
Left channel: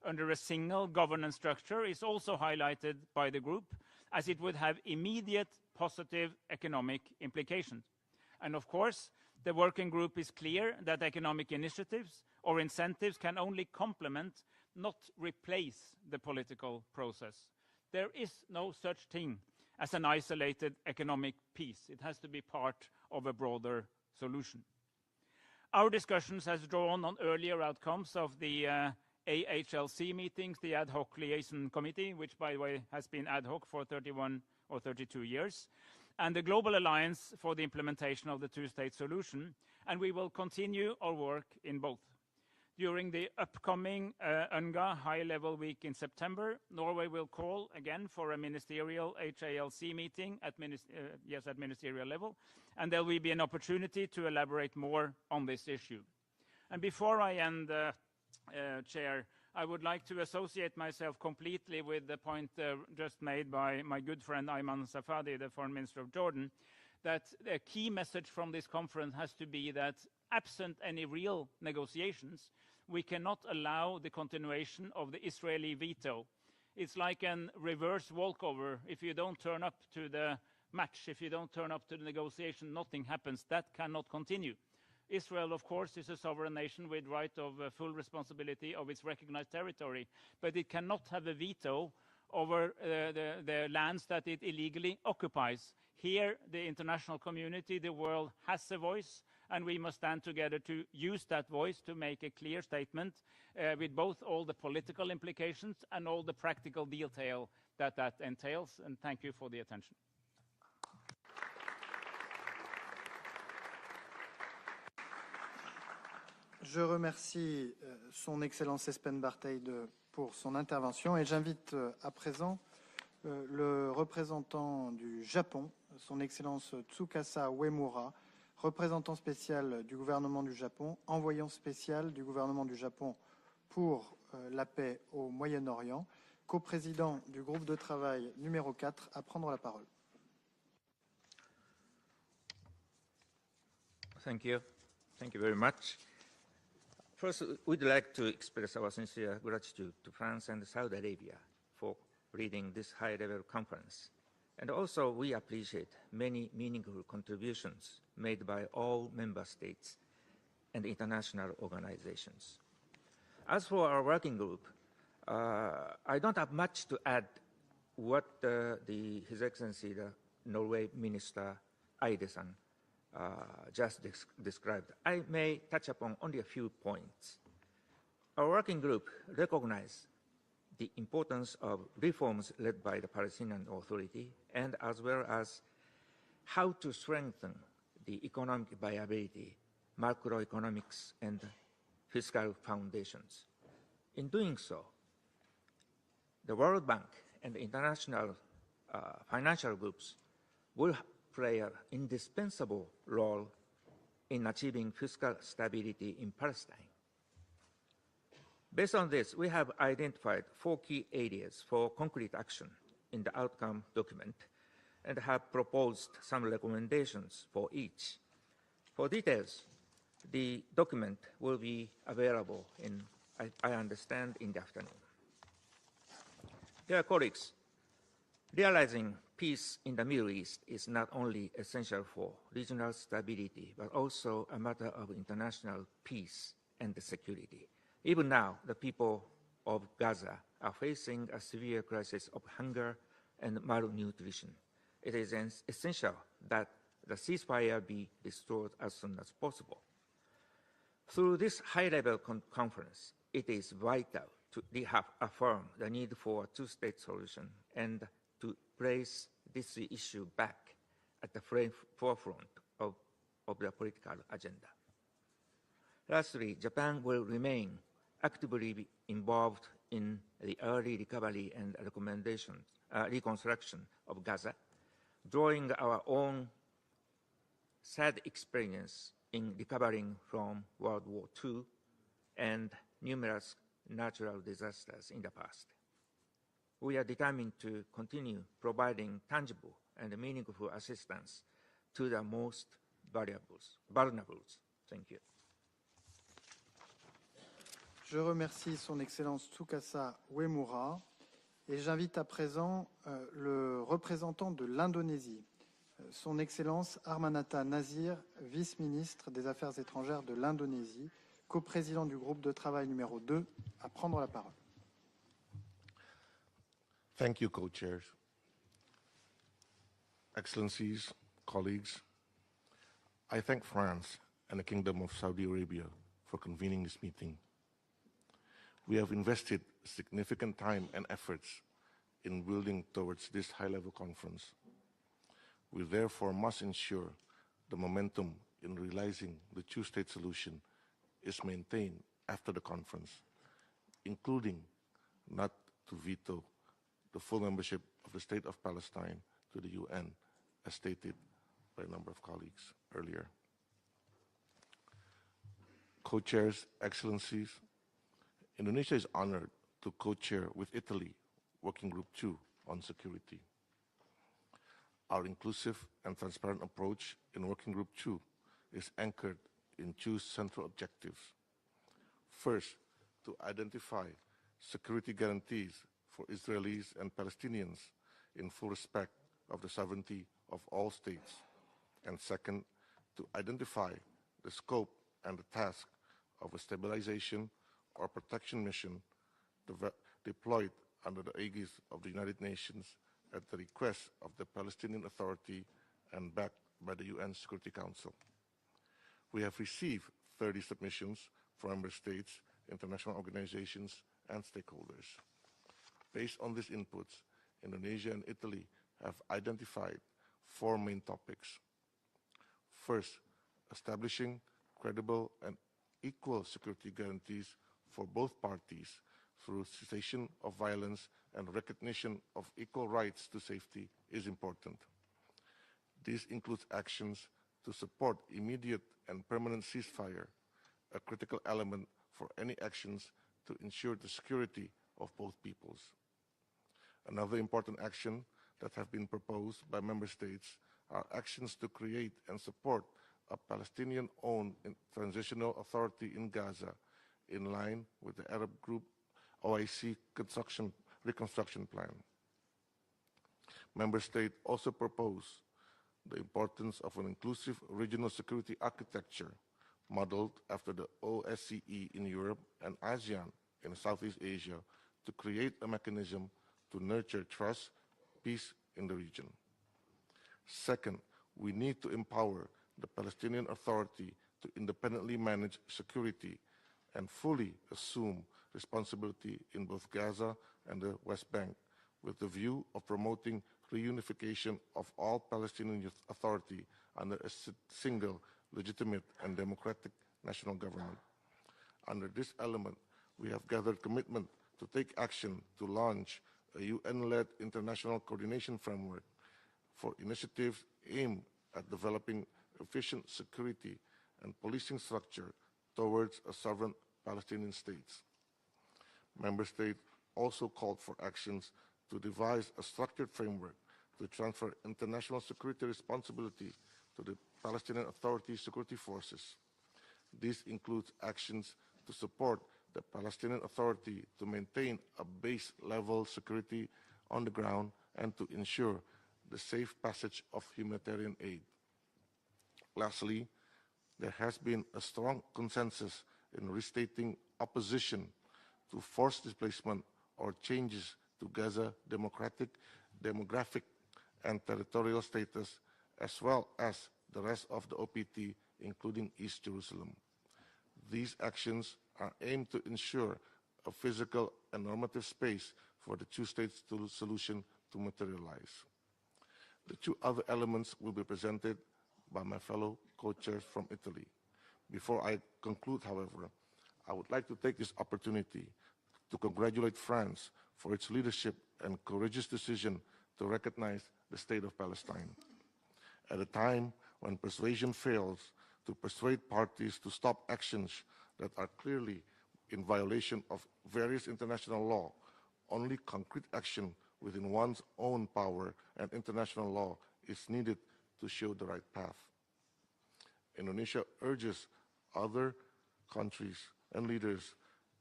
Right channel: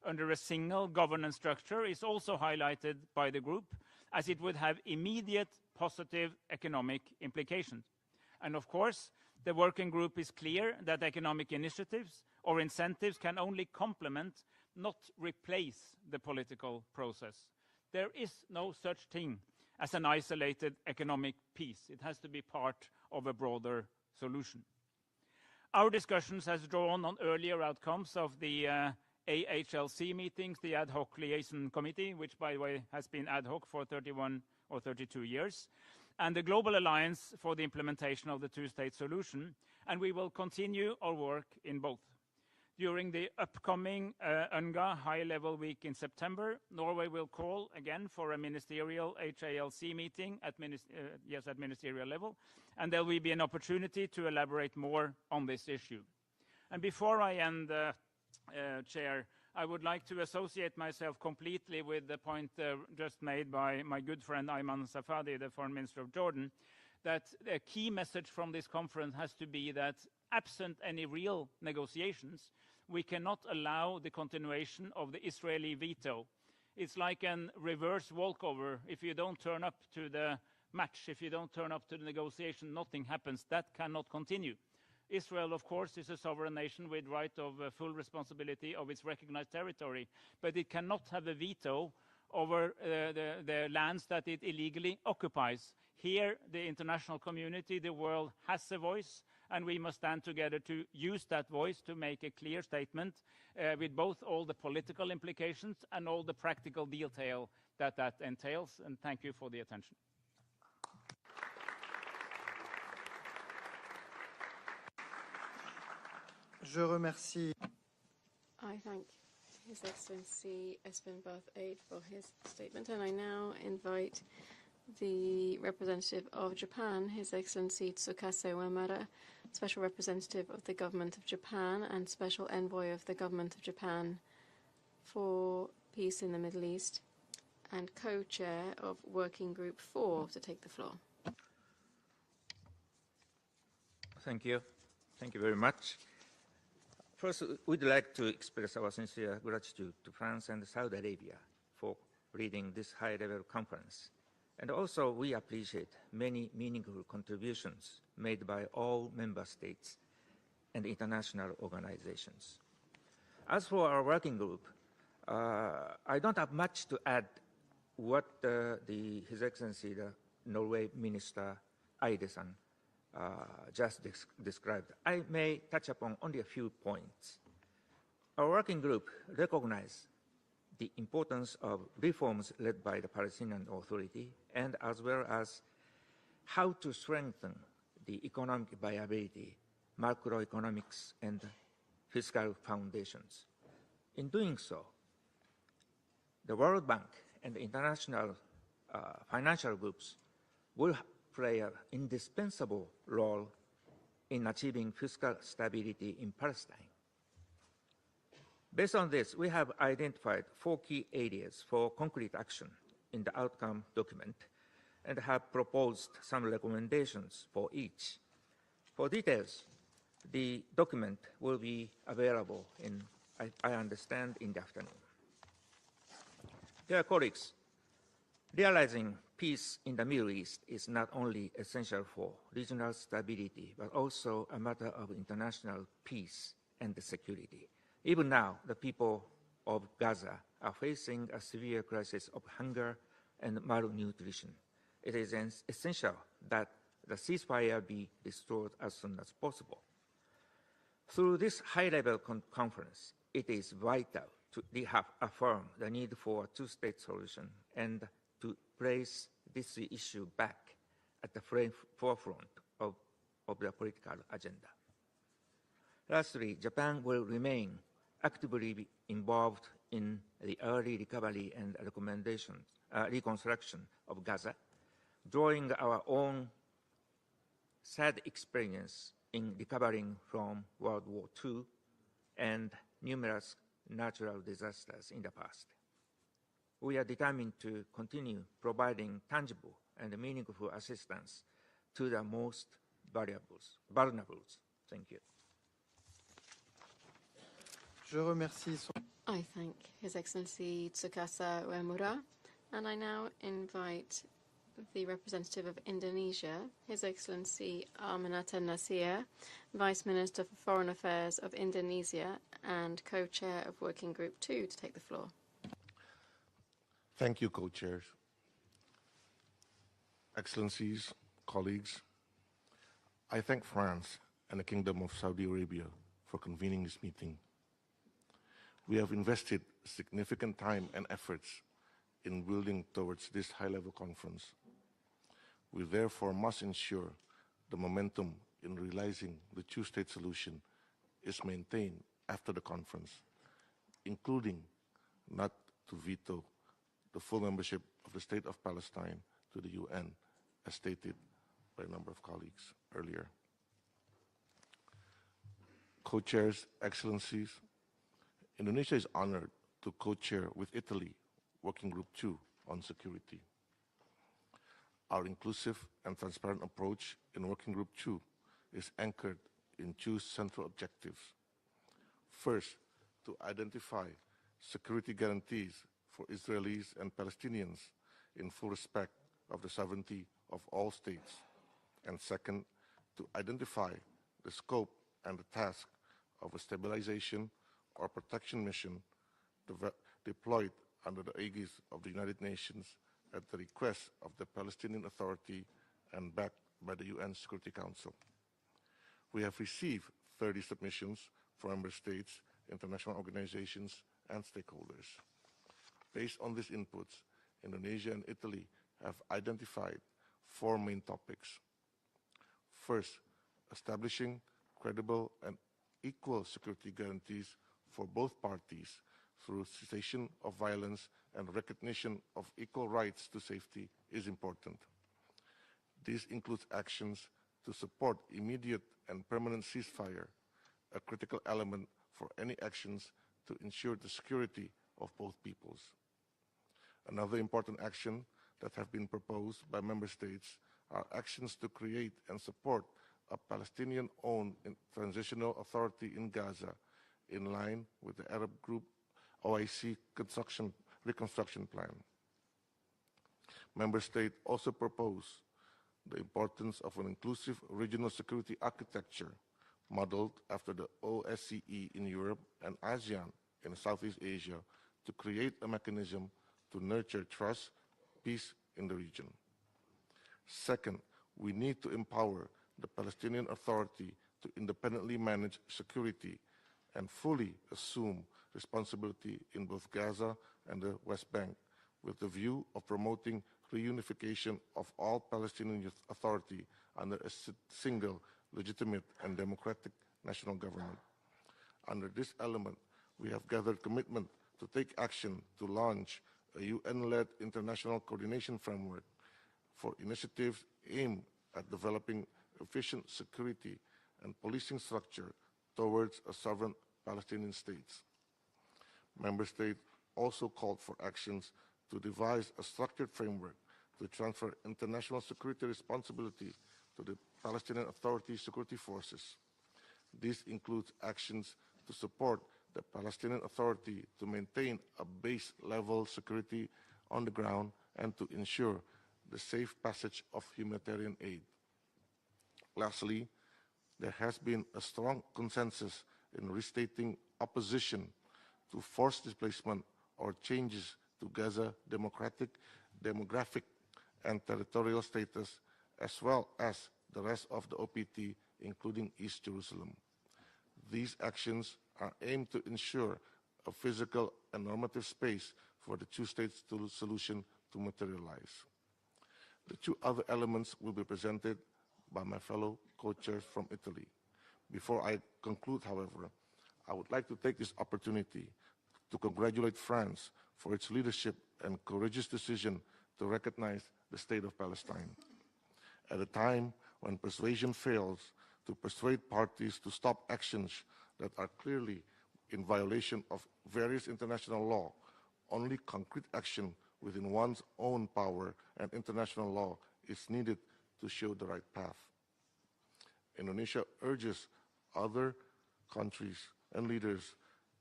under a single governance structure is also highlighted by the group, as it would have immediate positive economic implications. And of course, the working group is clear that economic initiatives or incentives can only complement, not replace, the political process. There is no such thing as an isolated economic peace. It has to be part of a broader solution. Our discussions has drawn on earlier outcomes of the AHLC meetings, the Ad Hoc Liaison Committee, which, by the way, has been ad hoc for 31 or 32 years, and the Global Alliance for the Implementation of the Two-State Solution, and we will continue our work in both. During the upcoming UNRWA High-Level Week in September, Norway will call again for a ministerial HALC meeting at ministerial level, and there will be an opportunity to elaborate more on this issue. And before I end, Chair, I would like to associate myself completely with the point just made by my good friend Ayman Safadi, the Foreign Minister of Jordan, that a key message from this conference has to be that absent any real negotiations, we cannot allow the continuation of the Israeli veto. It's like a reverse walkover. If you don't turn up to the match, if you don't turn up to the negotiation, nothing happens. That cannot continue. Israel, of course, is a sovereign nation with right of full responsibility of its recognized territory, but it cannot have a veto over the lands that it illegally occupies. Here, the international community, the world, has a voice, and we must stand together to use that voice to make a clear statement with both all the political implications and all the practical detail that entails. And thank you for the attention. Je remercie son Excellence Espen Barth pour son intervention et j'invite à présent le représentant du Japon, son Excellence Tsukasa Uemura, représentant spécial du gouvernement du Japon, envoyant spécial du gouvernement du Japon pour la paix au Moyen-Orient, coprésident du groupe de travail numéro 4, à prendre la parole. Thank you. Thank you very much. First, we'd like to express our sincere gratitude to France and Saudi Arabia for leading this high-level conference. And also, we appreciate many meaningful contributions made by all member states and international organizations. As for our working group, I don't have much to add what His Excellency, the Norway Minister Eide-san, just described. I may touch upon only a few points. Our working group recognizes the importance of reforms led by the Palestinian Authority, and as well as how to strengthen the economic viability, macroeconomics, and fiscal foundations. In doing so, the World Bank and international financial groups will play an indispensable role in achieving fiscal stability in Palestine. Based on this, we have identified 4 key areas for concrete action in the outcome document and have proposed some recommendations for each. For details, the document will be available I understand, in the afternoon. Dear colleagues, realizing peace in the Middle East is not only essential for regional stability, but also a matter of international peace and security. Even now, the people of Gaza are facing a severe crisis of hunger and malnutrition. It is essential that the ceasefire be restored as soon as possible. Through this high-level conference, it is vital to reaffirm the need for a two-state solution and to place this issue back at the forefront of the political agenda. Lastly, Japan will remain actively involved in the early recovery and reconstruction of Gaza, drawing our own sad experience in recovering from World War II and numerous natural disasters in the past. We are determined to continue providing tangible and meaningful assistance to the most vulnerable. Thank you. Je remercie son Excellence Tsukasa Uemura et j'invite à présent le représentant de l'Indonésie, son Excellence Armanata Nazir, vice-ministre des Affaires étrangères de l'Indonésie, co-président du groupe de travail numéro 2, à prendre la parole. Thank you, co-chairs. Excellencies, colleagues, I thank France and the Kingdom of Saudi Arabia for convening this meeting. We have invested significant time and efforts in building towards this high-level conference. We therefore must ensure the momentum in realizing the two-state solution is maintained after the conference, including not to veto the full membership of the State of Palestine to the UN, as stated by a number of colleagues earlier. Co-chairs, Excellencies, Indonesia is honored to co-chair with Italy, Working Group 2 on security. Our inclusive and transparent approach in Working Group 2 is anchored in two central objectives. First, to identify security guarantees for Israelis and Palestinians in full respect of the sovereignty of all states. And second, to identify the scope and the task of a stabilization or protection mission deployed under the aegis of the United Nations at the request of the Palestinian Authority and backed by the UN Security Council. We have received 30 submissions from member states, international organizations, and stakeholders. Based on these inputs, Indonesia and Italy have identified 4 main topics. First, establishing credible and equal security guarantees for both parties through cessation of violence and recognition of equal rights to safety is important. This includes actions to support immediate and permanent ceasefire, a critical element for any actions to ensure the security of both peoples. Another important action that have been proposed by member states are actions to create and support a Palestinian-owned transitional authority in Gaza, in line with the Arab group OIC reconstruction plan. Member states also propose the importance of an inclusive regional security architecture modeled after the OSCE in Europe and ASEAN in Southeast Asia to create a mechanism to nurture trust, peace in the region. Second, we need to empower the Palestinian Authority to independently manage security and fully assume responsibility in both Gaza and the West Bank, with the view of promoting reunification of all Palestinian Authority under a single, legitimate and democratic national government. Under this element, we have gathered commitment to take action to launch a UN-led international coordination framework for initiatives aimed at developing efficient security and policing structure towards a sovereign Palestinian state. Member states also called for actions to devise a structured framework to transfer international security responsibility to the Palestinian Authority security forces. This includes actions to support the Palestinian Authority to maintain a base-level security on the ground and to ensure the safe passage of humanitarian aid. Lastly, there has been a strong consensus in restating opposition to forced displacement or changes to Gaza demographic and territorial status, as well as the rest of the OPT, including East Jerusalem. These actions are aimed to ensure a physical and normative space for the two-state solution to materialize. The 2 other elements will be presented by my fellow co-chairs from Italy. Before I conclude, however, I would like to take this opportunity to congratulate France for its leadership and courageous decision to recognize the State of Palestine. At a time when persuasion fails to persuade parties to stop actions that are clearly in violation of various international law, only concrete action within one's own power and international law is needed to show the right path. Indonesia urges other countries and leaders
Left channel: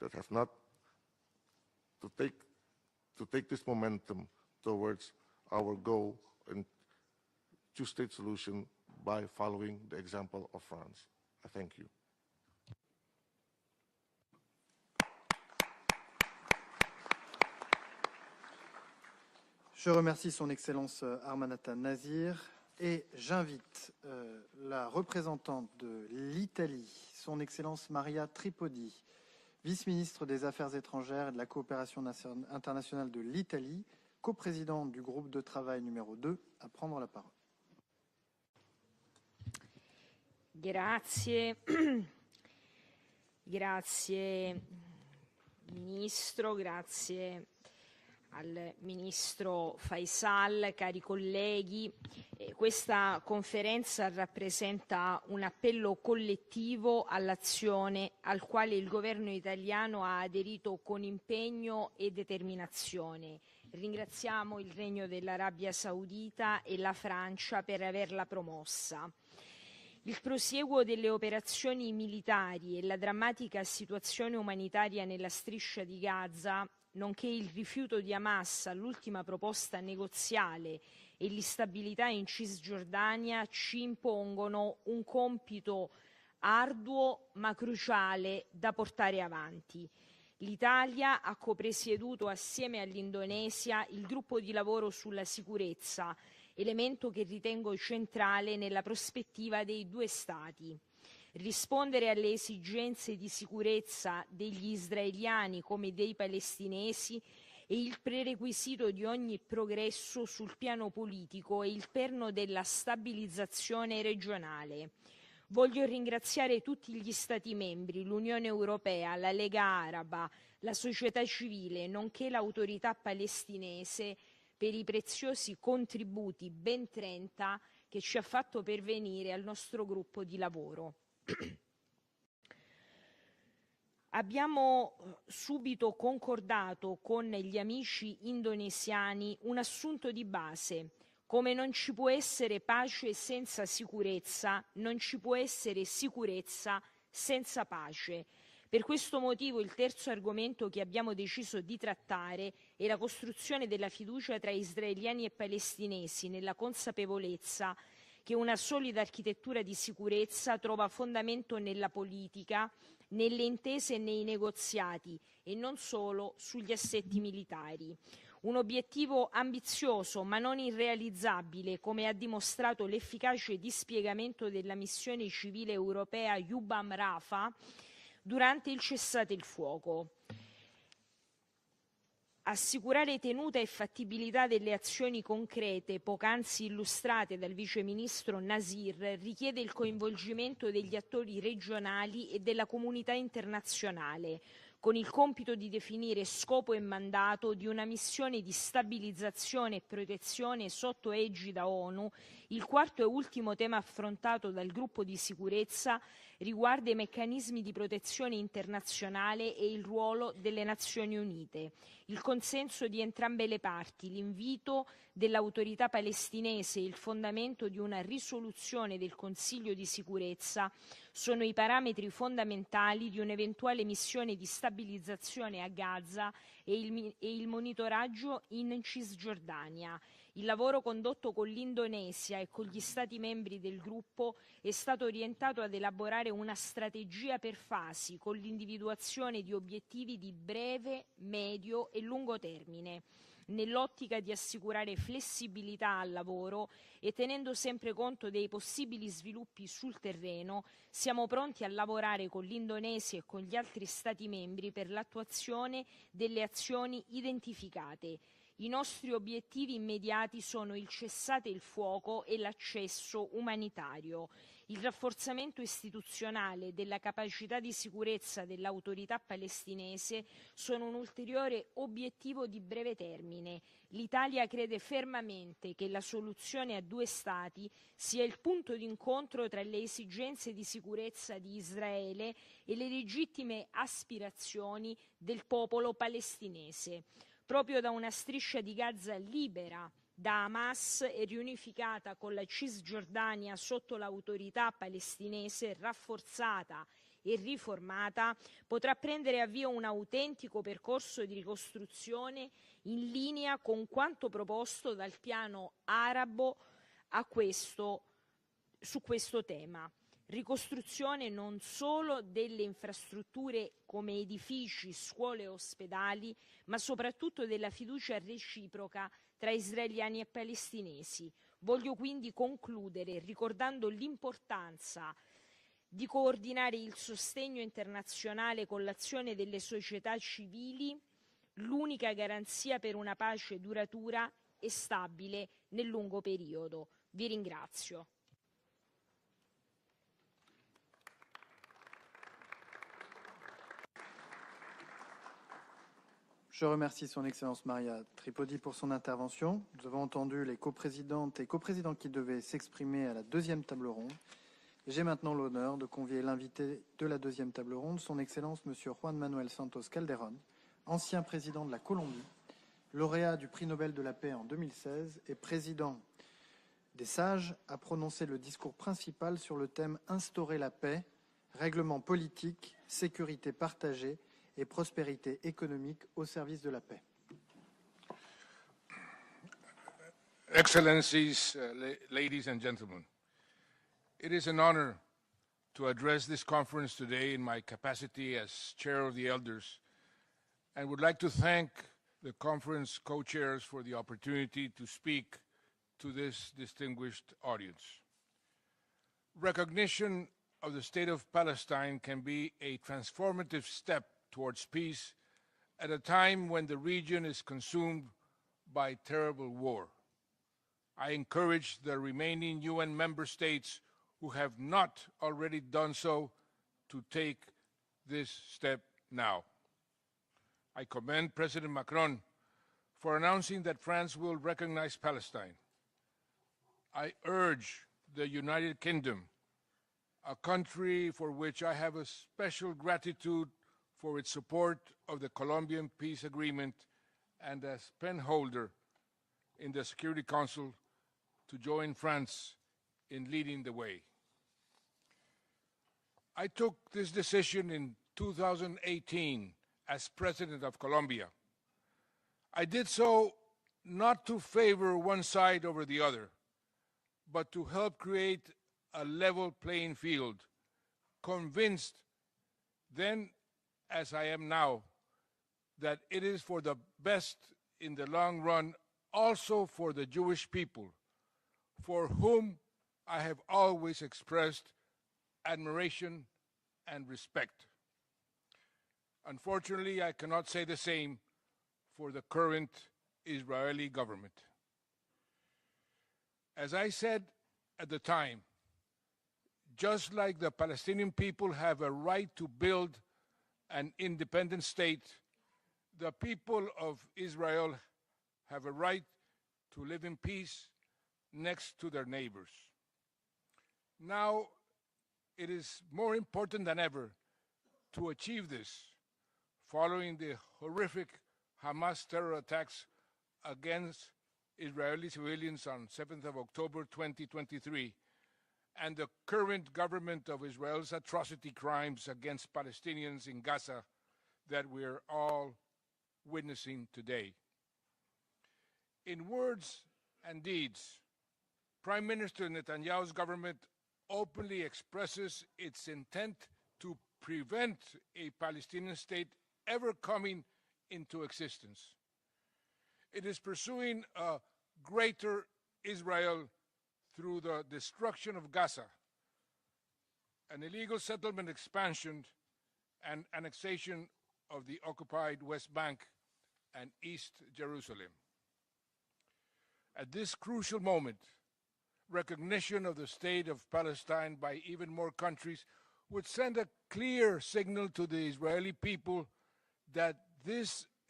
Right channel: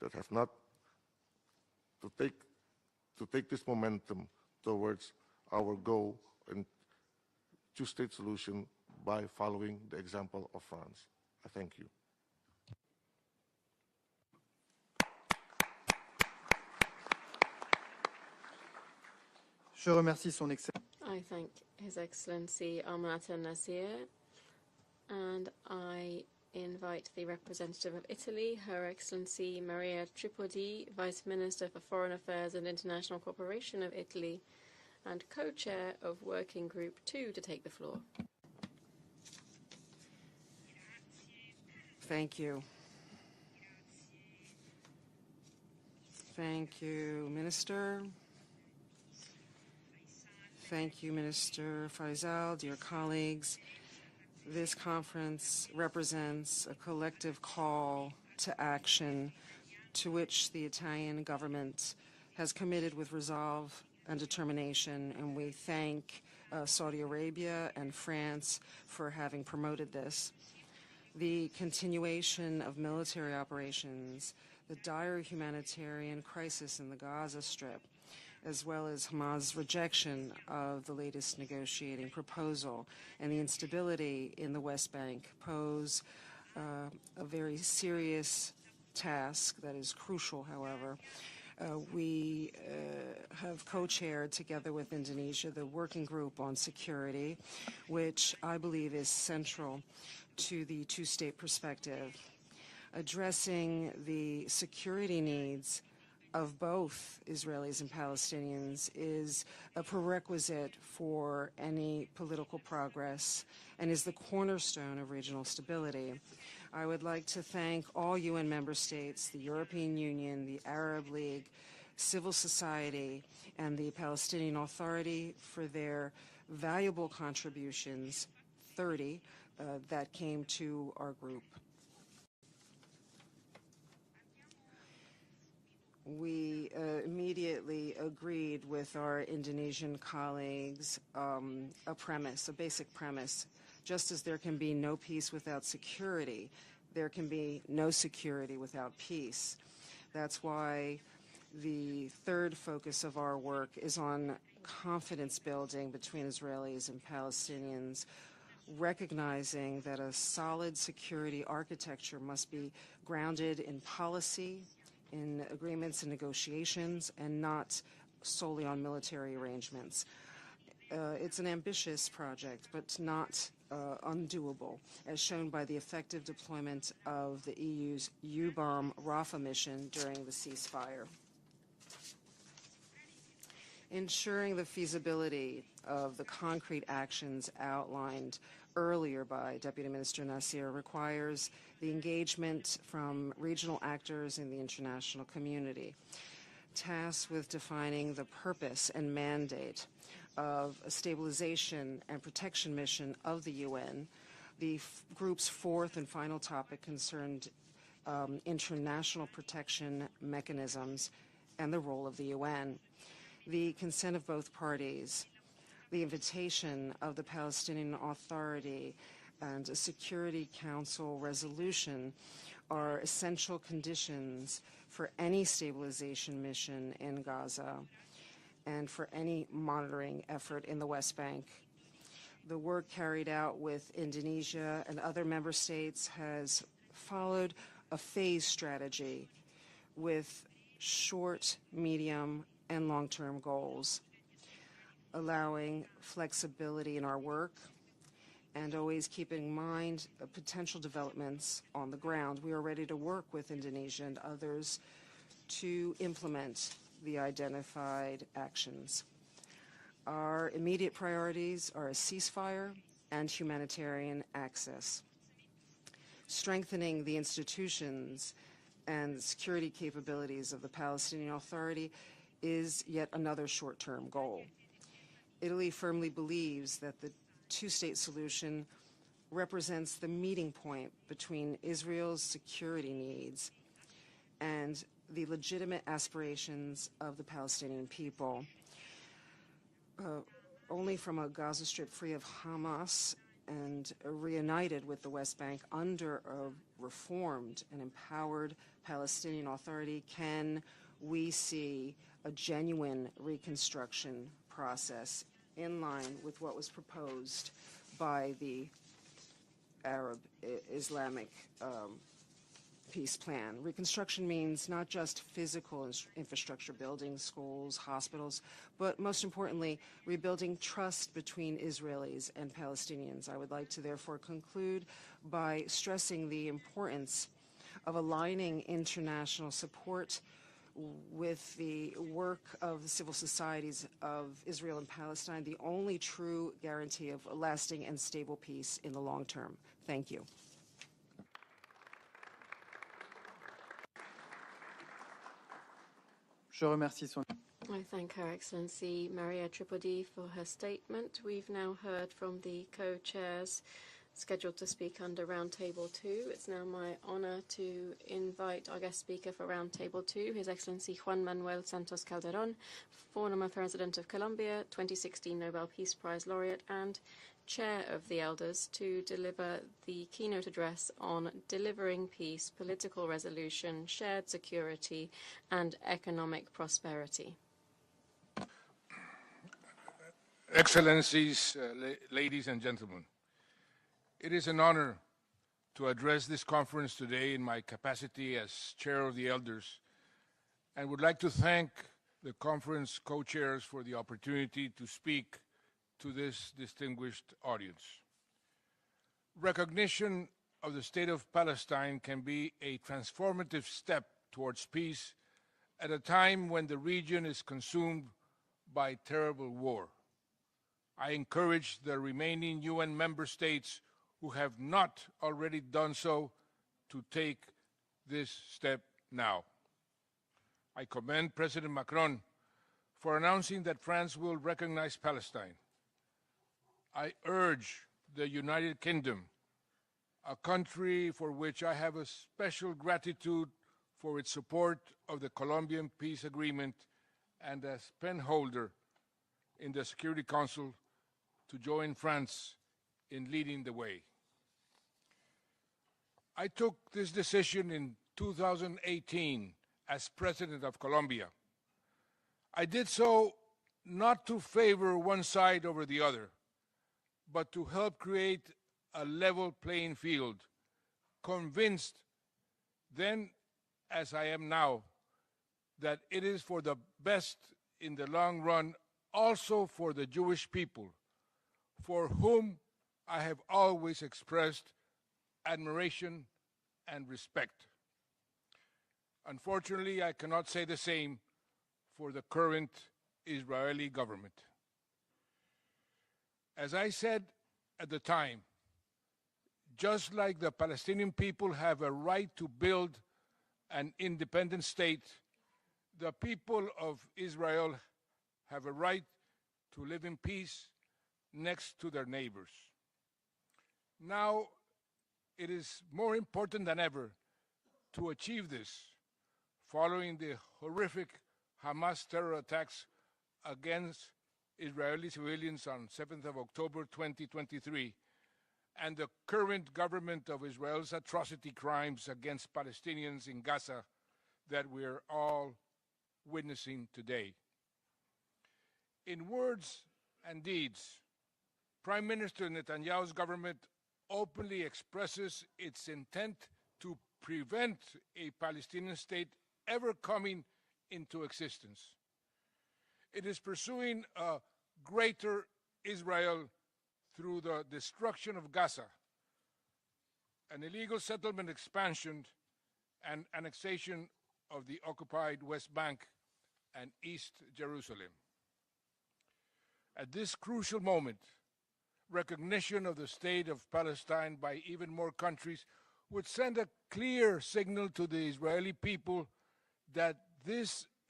that have not to take this momentum towards our goal in two-state solution by following the example of France. I thank you. Je remercie son Excellence Armanata Nazir et j'invite la représentante de l'Italie, son Excellence Maria Tripodi, vice-ministre des Affaires étrangères et de la coopération internationale de l'Italie, coprésidente du groupe de travail numéro 2, à prendre la parole. Grazie. Thank you. Grazie Ministro, grazie Minister. Al Ministro Faisal, cari colleghi, questa conferenza rappresenta un appello collettivo all'azione al quale il governo italiano ha aderito con impegno e determinazione. Ringraziamo l'impegno dell'Arabia Saudita e la Francia per averla promossa. Il prosieguo delle operazioni militari e la drammatica situazione umanitaria nella striscia di Gaza, nonché il rifiuto di Hamas all'ultima proposta negoziale e l'instabilità in Cisgiordania ci impongono un compito arduo ma cruciale da portare avanti. L'Italia ha copresieduto assieme all'Indonesia il gruppo di lavoro sulla sicurezza, elemento che ritengo centrale nella prospettiva dei due Stati. Rispondere alle esigenze di sicurezza degli israeliani come dei palestinesi è il prerequisito di ogni progresso sul piano politico e il perno della stabilizzazione regionale. Voglio ringraziare tutti gli Stati membri, l'Unione Europea, la Lega Araba, la società civile, nonché l'autorità palestinese per i preziosi contributi, ben 30, che ci ha fatto pervenire al nostro gruppo di lavoro. Abbiamo subito concordato con gli amici indonesiani un assunto di base: come non ci può essere pace senza sicurezza, non ci può essere sicurezza senza pace. Per questo motivo il terzo argomento che abbiamo deciso di trattare è la costruzione della fiducia tra israeliani e palestinesi, nella consapevolezza che una solida architettura di sicurezza trova fondamento nella politica, nelle intese e nei negoziati e non solo sugli assetti militari. Un obiettivo ambizioso ma non irrealizzabile, come ha dimostrato l'efficace dispiegamento della missione civile europea UBAM Rafah durante il cessate il fuoco. Assicurare tenuta e fattibilità delle azioni concrete poc'anzi illustrate dal Vice Ministro Nasir richiede il coinvolgimento degli attori regionali e della comunità internazionale, con il compito di definire scopo e mandato di una missione di stabilizzazione e protezione sotto egida ONU. Il quarto e ultimo tema affrontato dal gruppo di sicurezza riguarda i meccanismi di protezione internazionale e il ruolo delle Nazioni Unite. Il consenso di entrambe le parti, l'invito dell'autorità palestinese e il fondamento di una risoluzione del Consiglio di sicurezza sono i parametri fondamentali di un'eventuale missione di stabilizzazione a Gaza e il monitoraggio in Cisgiordania. Il lavoro condotto con l'Indonesia e con gli Stati membri del gruppo è stato orientato ad elaborare una strategia per fasi, con l'individuazione di obiettivi di breve, medio e lungo termine, nell'ottica di assicurare flessibilità al lavoro e tenendo sempre conto dei possibili sviluppi sul terreno. Siamo pronti a lavorare con l'Indonesia e con gli altri Stati membri per l'attuazione delle azioni identificate. I nostri obiettivi immediati sono il cessate il fuoco e l'accesso umanitario, il rafforzamento istituzionale della capacità di sicurezza dell'autorità palestinese sono un ulteriore obiettivo obiettivo di breve termine. L'Italia crede fermamente che la soluzione a due stati sia il punto d'incontro tra le esigenze di sicurezza di Israele e le legittime aspirazioni del popolo palestinese. Proprio da una striscia di Gaza libera da Hamas e riunificata con la Cisgiordania sotto l'autorità palestinese rafforzata e riformata, potrà prendere avvio un autentico percorso di ricostruzione in linea con quanto proposto dal piano arabo su questo tema. Ricostruzione non solo delle infrastrutture come edifici, scuole e ospedali, ma soprattutto della fiducia reciproca tra israeliani e palestinesi. Voglio quindi concludere ricordando l'importanza di coordinare il sostegno internazionale con l'azione delle società civili, l'unica garanzia per una pace duratura e stabile nel lungo periodo. Vi ringrazio. Je remercie son Excellence Maria Tripodi pour son intervention. Nous avons entendu les coprésidentes et coprésidents qui devaient s'exprimer à la deuxième table ronde. J'ai maintenant l'honneur de convier l'invité de la deuxième table ronde, son Excellence M. Juan Manuel Santos Calderón, ancien président de la Colombie, lauréat du prix Nobel de la paix en 2016 et président des Sages, a prononcé le discours principal sur le thème « Instaurer la paix, règlement politique, sécurité partagée et prospérité économique au service prosperity. Excellencies, ladies and gentlemen, it is an honor to address this conference today in my capacity as Chair of the Elders, and would like to thank the conference co-chairs for the opportunity to speak to this distinguished audience. Recognition of the State of Palestine can be a transformative step towards peace at a time when the region is consumed by terrible war. I encourage the remaining UN member states who have not already done so to take this step now. I commend President Macron for announcing that France will recognize Palestine. I urge the United Kingdom, a country for which I have a special gratitude for its support of the Colombian peace agreement and as penholder in the Security Council, to join France in leading the way. I took this decision in 2018 as President of Colombia. I did so not to favor one side over the other, but to help create a level playing field, convinced then, as I am now, that it is for the best in the long run, also for the Jewish people, for whom I have always expressed admiration and respect. Unfortunately, I cannot say the same for the current Israeli government. As I said at the time, just like the Palestinian people have a right to build an independent state, the people of Israel have a right to live in peace next to their neighbors. Now, it is more important than ever to achieve this, following the horrific Hamas terror attacks against Israeli civilians on 7th of October 2023, and the current government of Israel's atrocity crimes against Palestinians in Gaza that we are all witnessing today. In words and deeds, Prime Minister Netanyahu's government openly expresses its intent to prevent a Palestinian state ever coming into existence. It is pursuing a greater Israel through the destruction of Gaza, an illegal settlement expansion and annexation of the occupied West Bank and East Jerusalem. At this crucial moment, recognition of the state of Palestine by even more countries would send a clear signal to the Israeli people that this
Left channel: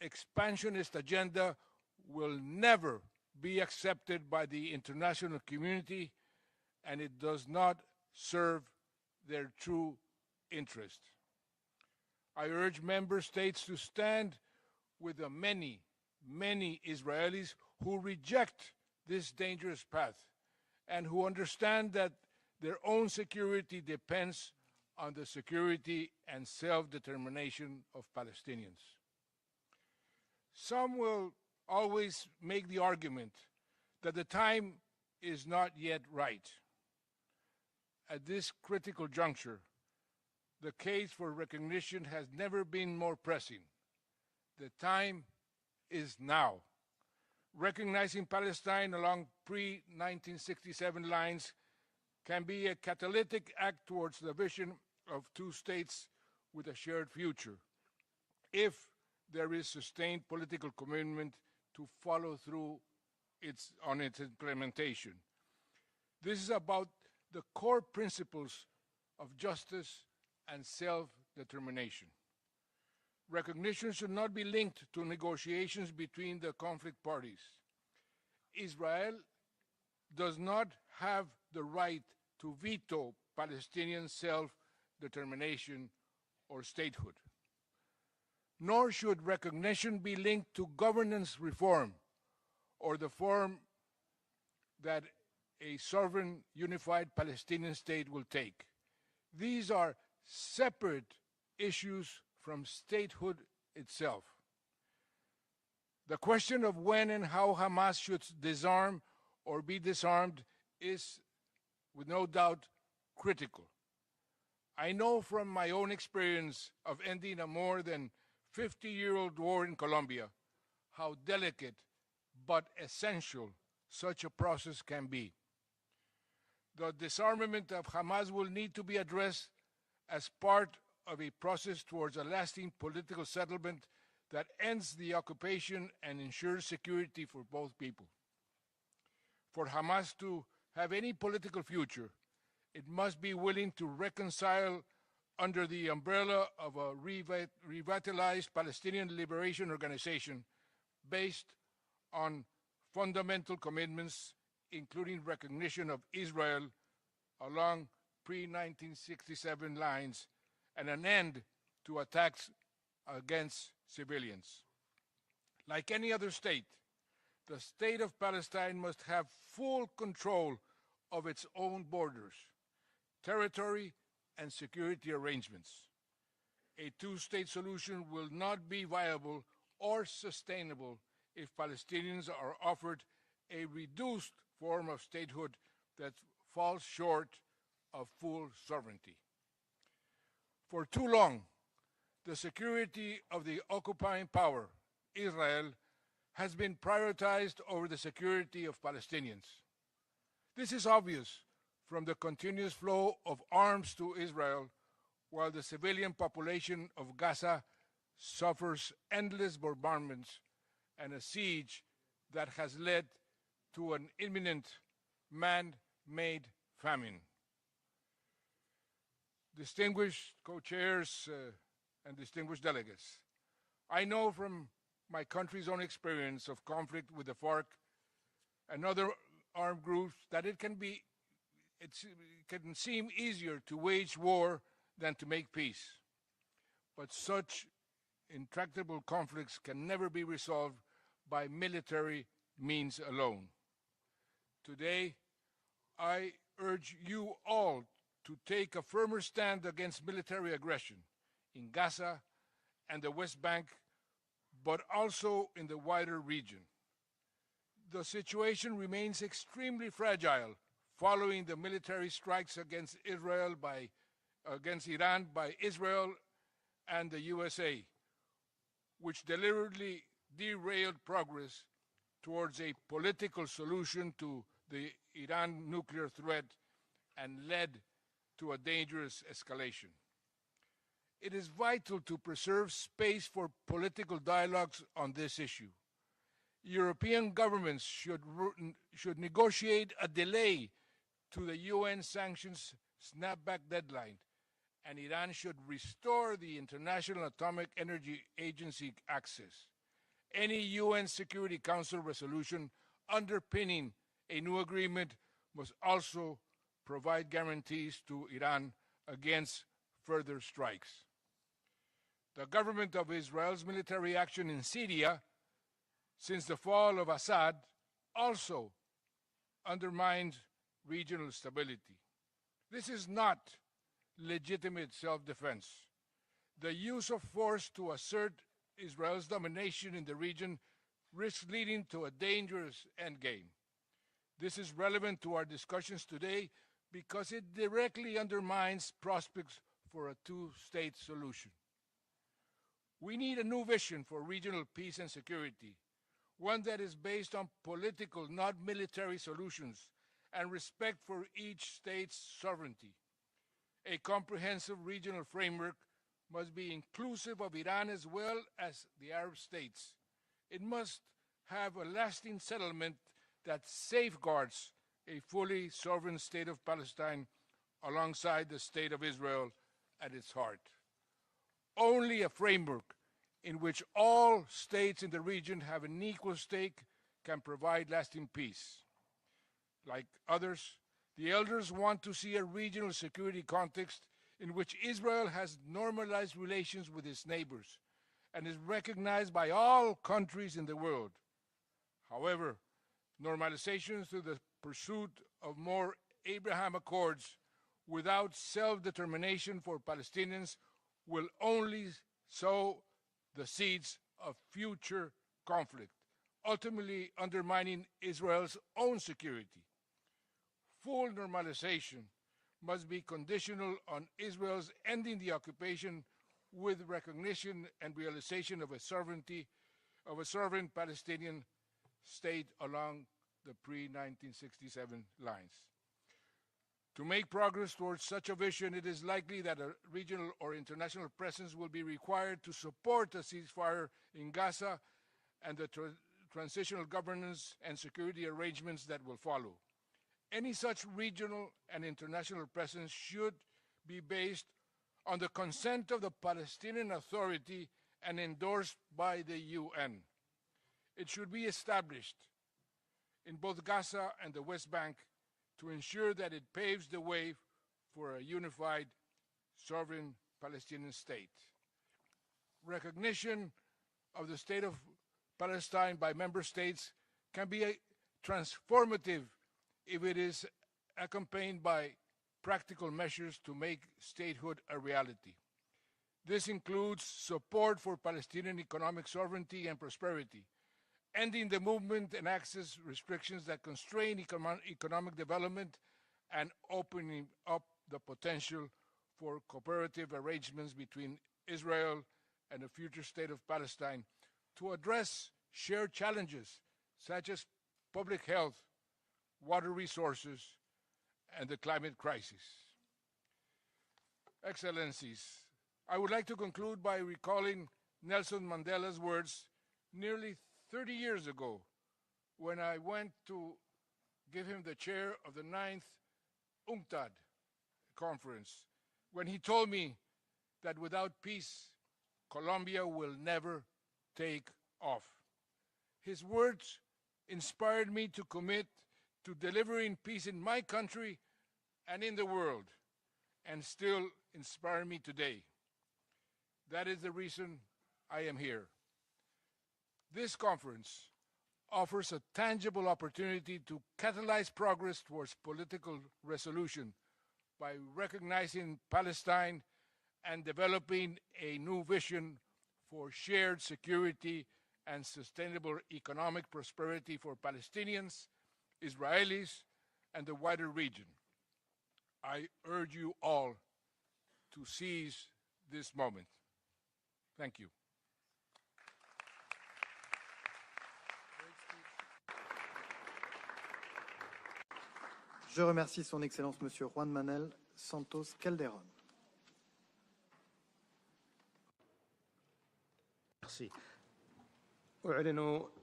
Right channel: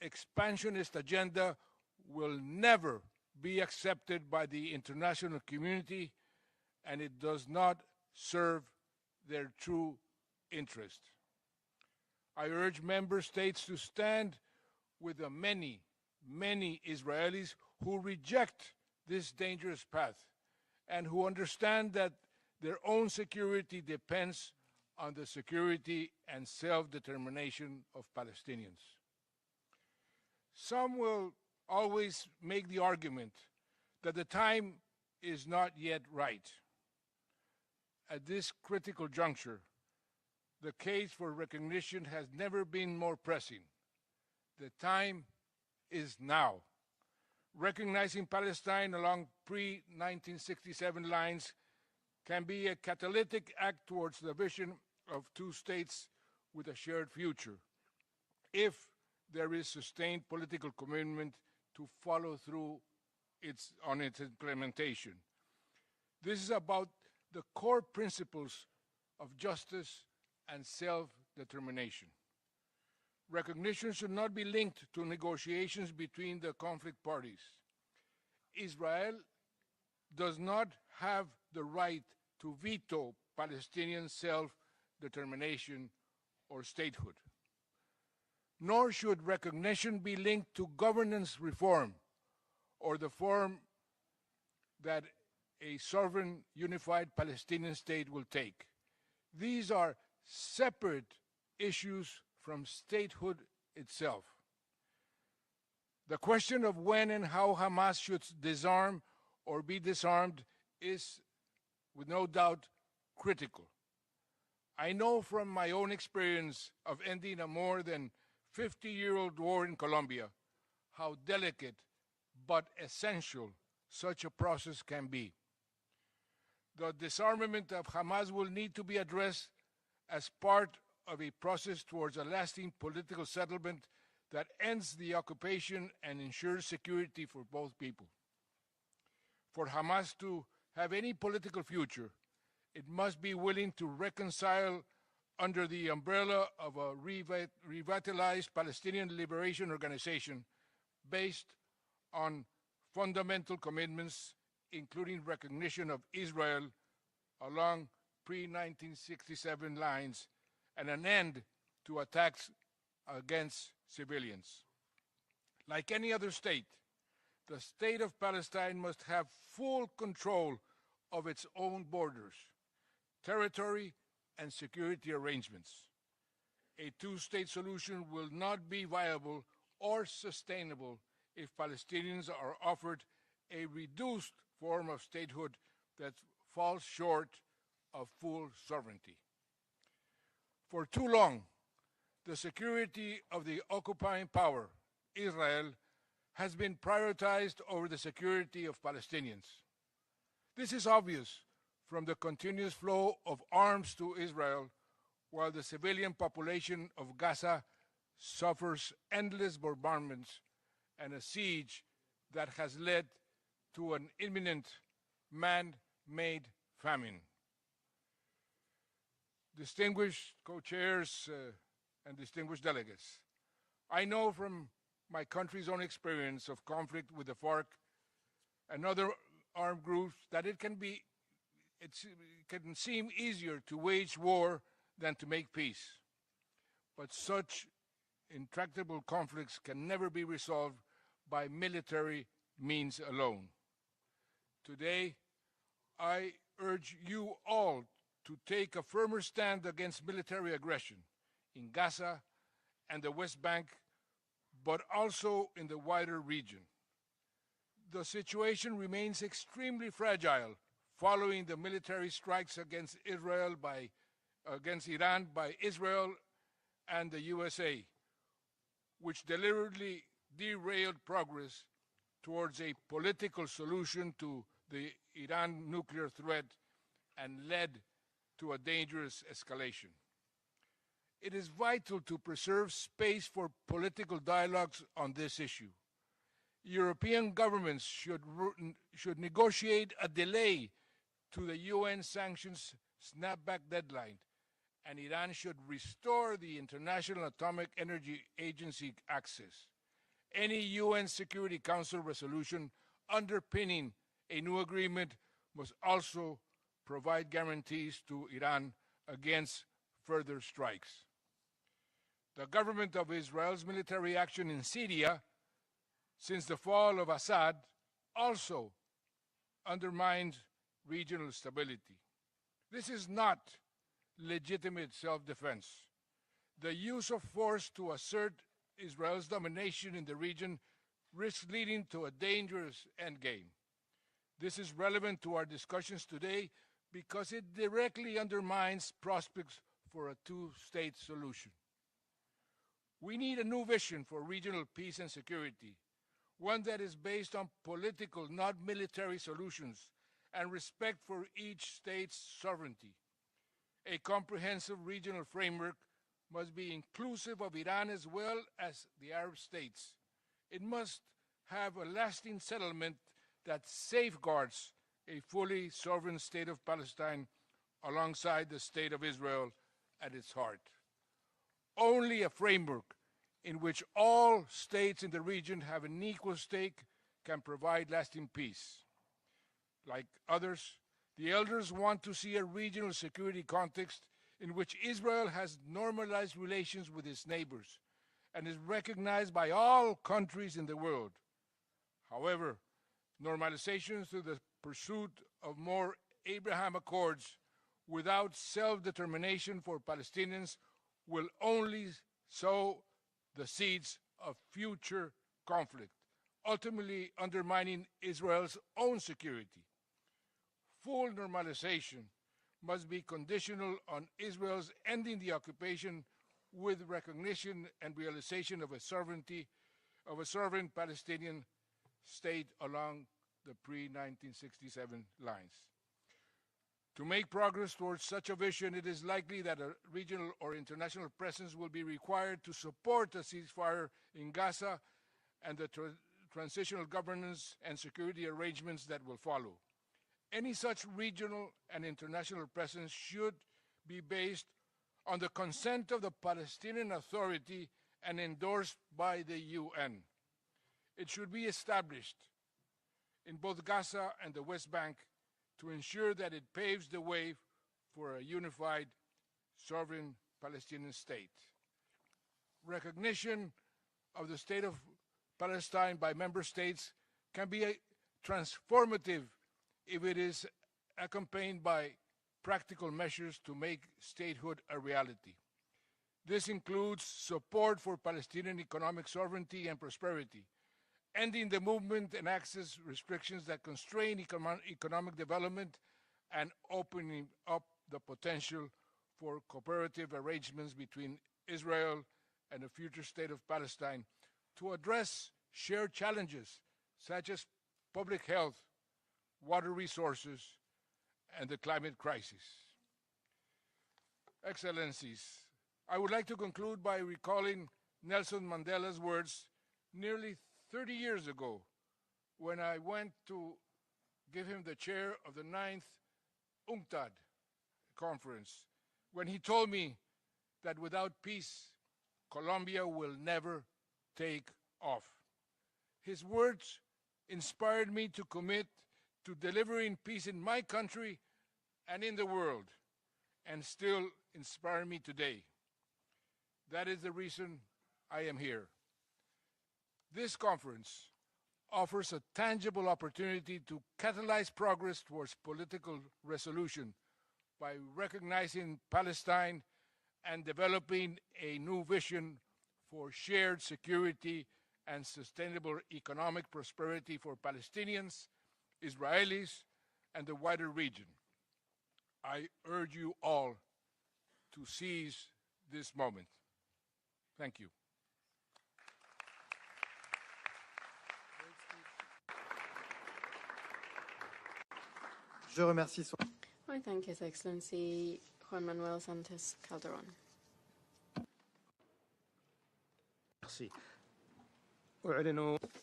expansionist agenda will never be accepted by the international community, and it does not serve their true interest. I urge member states to stand with the many, many Israelis who reject this dangerous path and who understand that their own security depends on the security and self-determination of Palestinians. Some will always make the argument that the time is not yet right. At this critical juncture, the case for recognition has never been more pressing. The time is now. Recognizing Palestine along pre-1967 lines can be a catalytic act towards the vision of two states with a shared future, if there is sustained political commitment to follow through on its implementation. This is about the core principles of justice and self-determination. Recognition should not be linked to negotiations between the conflict parties. Israel does not have the right to veto Palestinian self-determination or statehood. Nor should recognition be linked to governance reform or the form that a sovereign unified Palestinian state will take. These are separate issues from statehood itself. The question of when and how Hamas should disarm or be disarmed is, with no doubt, critical. I know from my own experience of ending a more than 50-year-old war in Colombia how delicate but essential such a process can be. The disarmament of Hamas will need to be addressed as part of a process towards a lasting political settlement that ends the occupation and ensures security for both people. For Hamas to have any political future, it must be willing to reconcile under the umbrella of a revitalized Palestinian Liberation Organization based on fundamental commitments, including recognition of Israel along pre-1967 lines and an end to attacks against civilians. Like any other state, the state of Palestine must have full control of its own borders, territory, and security arrangements. A two-state solution will not be viable or sustainable if Palestinians are offered a reduced form of statehood that falls short of full sovereignty. For too long, the security of the occupying power, Israel, has been prioritized over the security of Palestinians. This is obvious from the continuous flow of arms to Israel, while the civilian population of Gaza suffers endless bombardments and a siege that has led to an imminent man-made famine. Distinguished co-chairs and distinguished delegates, I know from my country's own experience of conflict with the FARC and other armed groups that it can seem easier to wage war than to make peace. But such intractable conflicts can never be resolved by military means alone. Today, I urge you all to take a firmer stand against military aggression in Gaza and the West Bank, but also in the wider region. The situation remains extremely fragile following the military strikes against Iran by Israel and the USA, which deliberately derailed progress towards a political solution to the Iran nuclear threat and led to a dangerous escalation. It is vital to preserve space for political dialogues on this issue. European governments should negotiate a delay to the UN sanctions snapback deadline, and Iran should restore the International Atomic Energy Agency access. Any UN Security Council resolution underpinning a new agreement must also provide guarantees to Iran against further strikes. The government of Israel's military action in Syria since the fall of Assad also undermines regional stability. This is not legitimate self-defense. The use of force to assert Israel's domination in the region risks leading to a dangerous endgame. This is relevant to our discussions today because it directly undermines prospects for a two-state solution. We need a new vision for regional peace and security, one that is based on political, not military solutions, and respect for each state's sovereignty. A comprehensive regional framework must be inclusive of Iran as well as the Arab states. It must have a lasting settlement that safeguards a fully sovereign state of Palestine alongside the state of Israel at its heart. Only a framework in which all states in the region have an equal stake can provide lasting peace. Like others, the elders want to see a regional security context in which Israel has normalized relations with its neighbors and is recognized by all countries in the world. However, normalization through the pursuit of more Abraham Accords without self-determination for Palestinians will only sow the seeds of future conflict, ultimately undermining Israel's own security. Full normalization must be conditional on Israel's ending the occupation with recognition and realization of a sovereign Palestinian state along the pre-1967 lines. To make progress towards such a vision, it is likely that a regional or international presence will be required to support a ceasefire in Gaza and the transitional governance and security arrangements that will follow. Any such regional and international presence should be based on the consent of the Palestinian Authority and endorsed by the UN. It should be established in both Gaza and the West Bank to ensure that it paves the way for a unified, sovereign Palestinian state. Recognition of the state of Palestine by member states can be transformative if it is accompanied by practical measures to make statehood a reality. This includes support for Palestinian economic sovereignty and prosperity, ending the movement and access restrictions that constrain economic development, and opening up the potential for cooperative arrangements between Israel and the future state of Palestine to address shared challenges such as public health, water resources, and the climate crisis. Excellencies, I would like to conclude by recalling Nelson Mandela's words nearly 30 years ago when I went to give him the chair of the 9th UNCTAD conference, when he told me that without peace, Colombia will never take off. His words inspired me to commit to delivering peace in my country and in the world, and still inspire me today. That is the reason I am here. This conference offers a tangible opportunity to catalyze progress towards political resolution by recognizing Palestine and developing a new vision for shared security and sustainable economic prosperity for Palestinians, Israelis, and the wider region. I urge you all to seize this moment. Thank you. Je remercie Son Excellence Monsieur Juan Manuel Santos Calderon. Merci. أعلن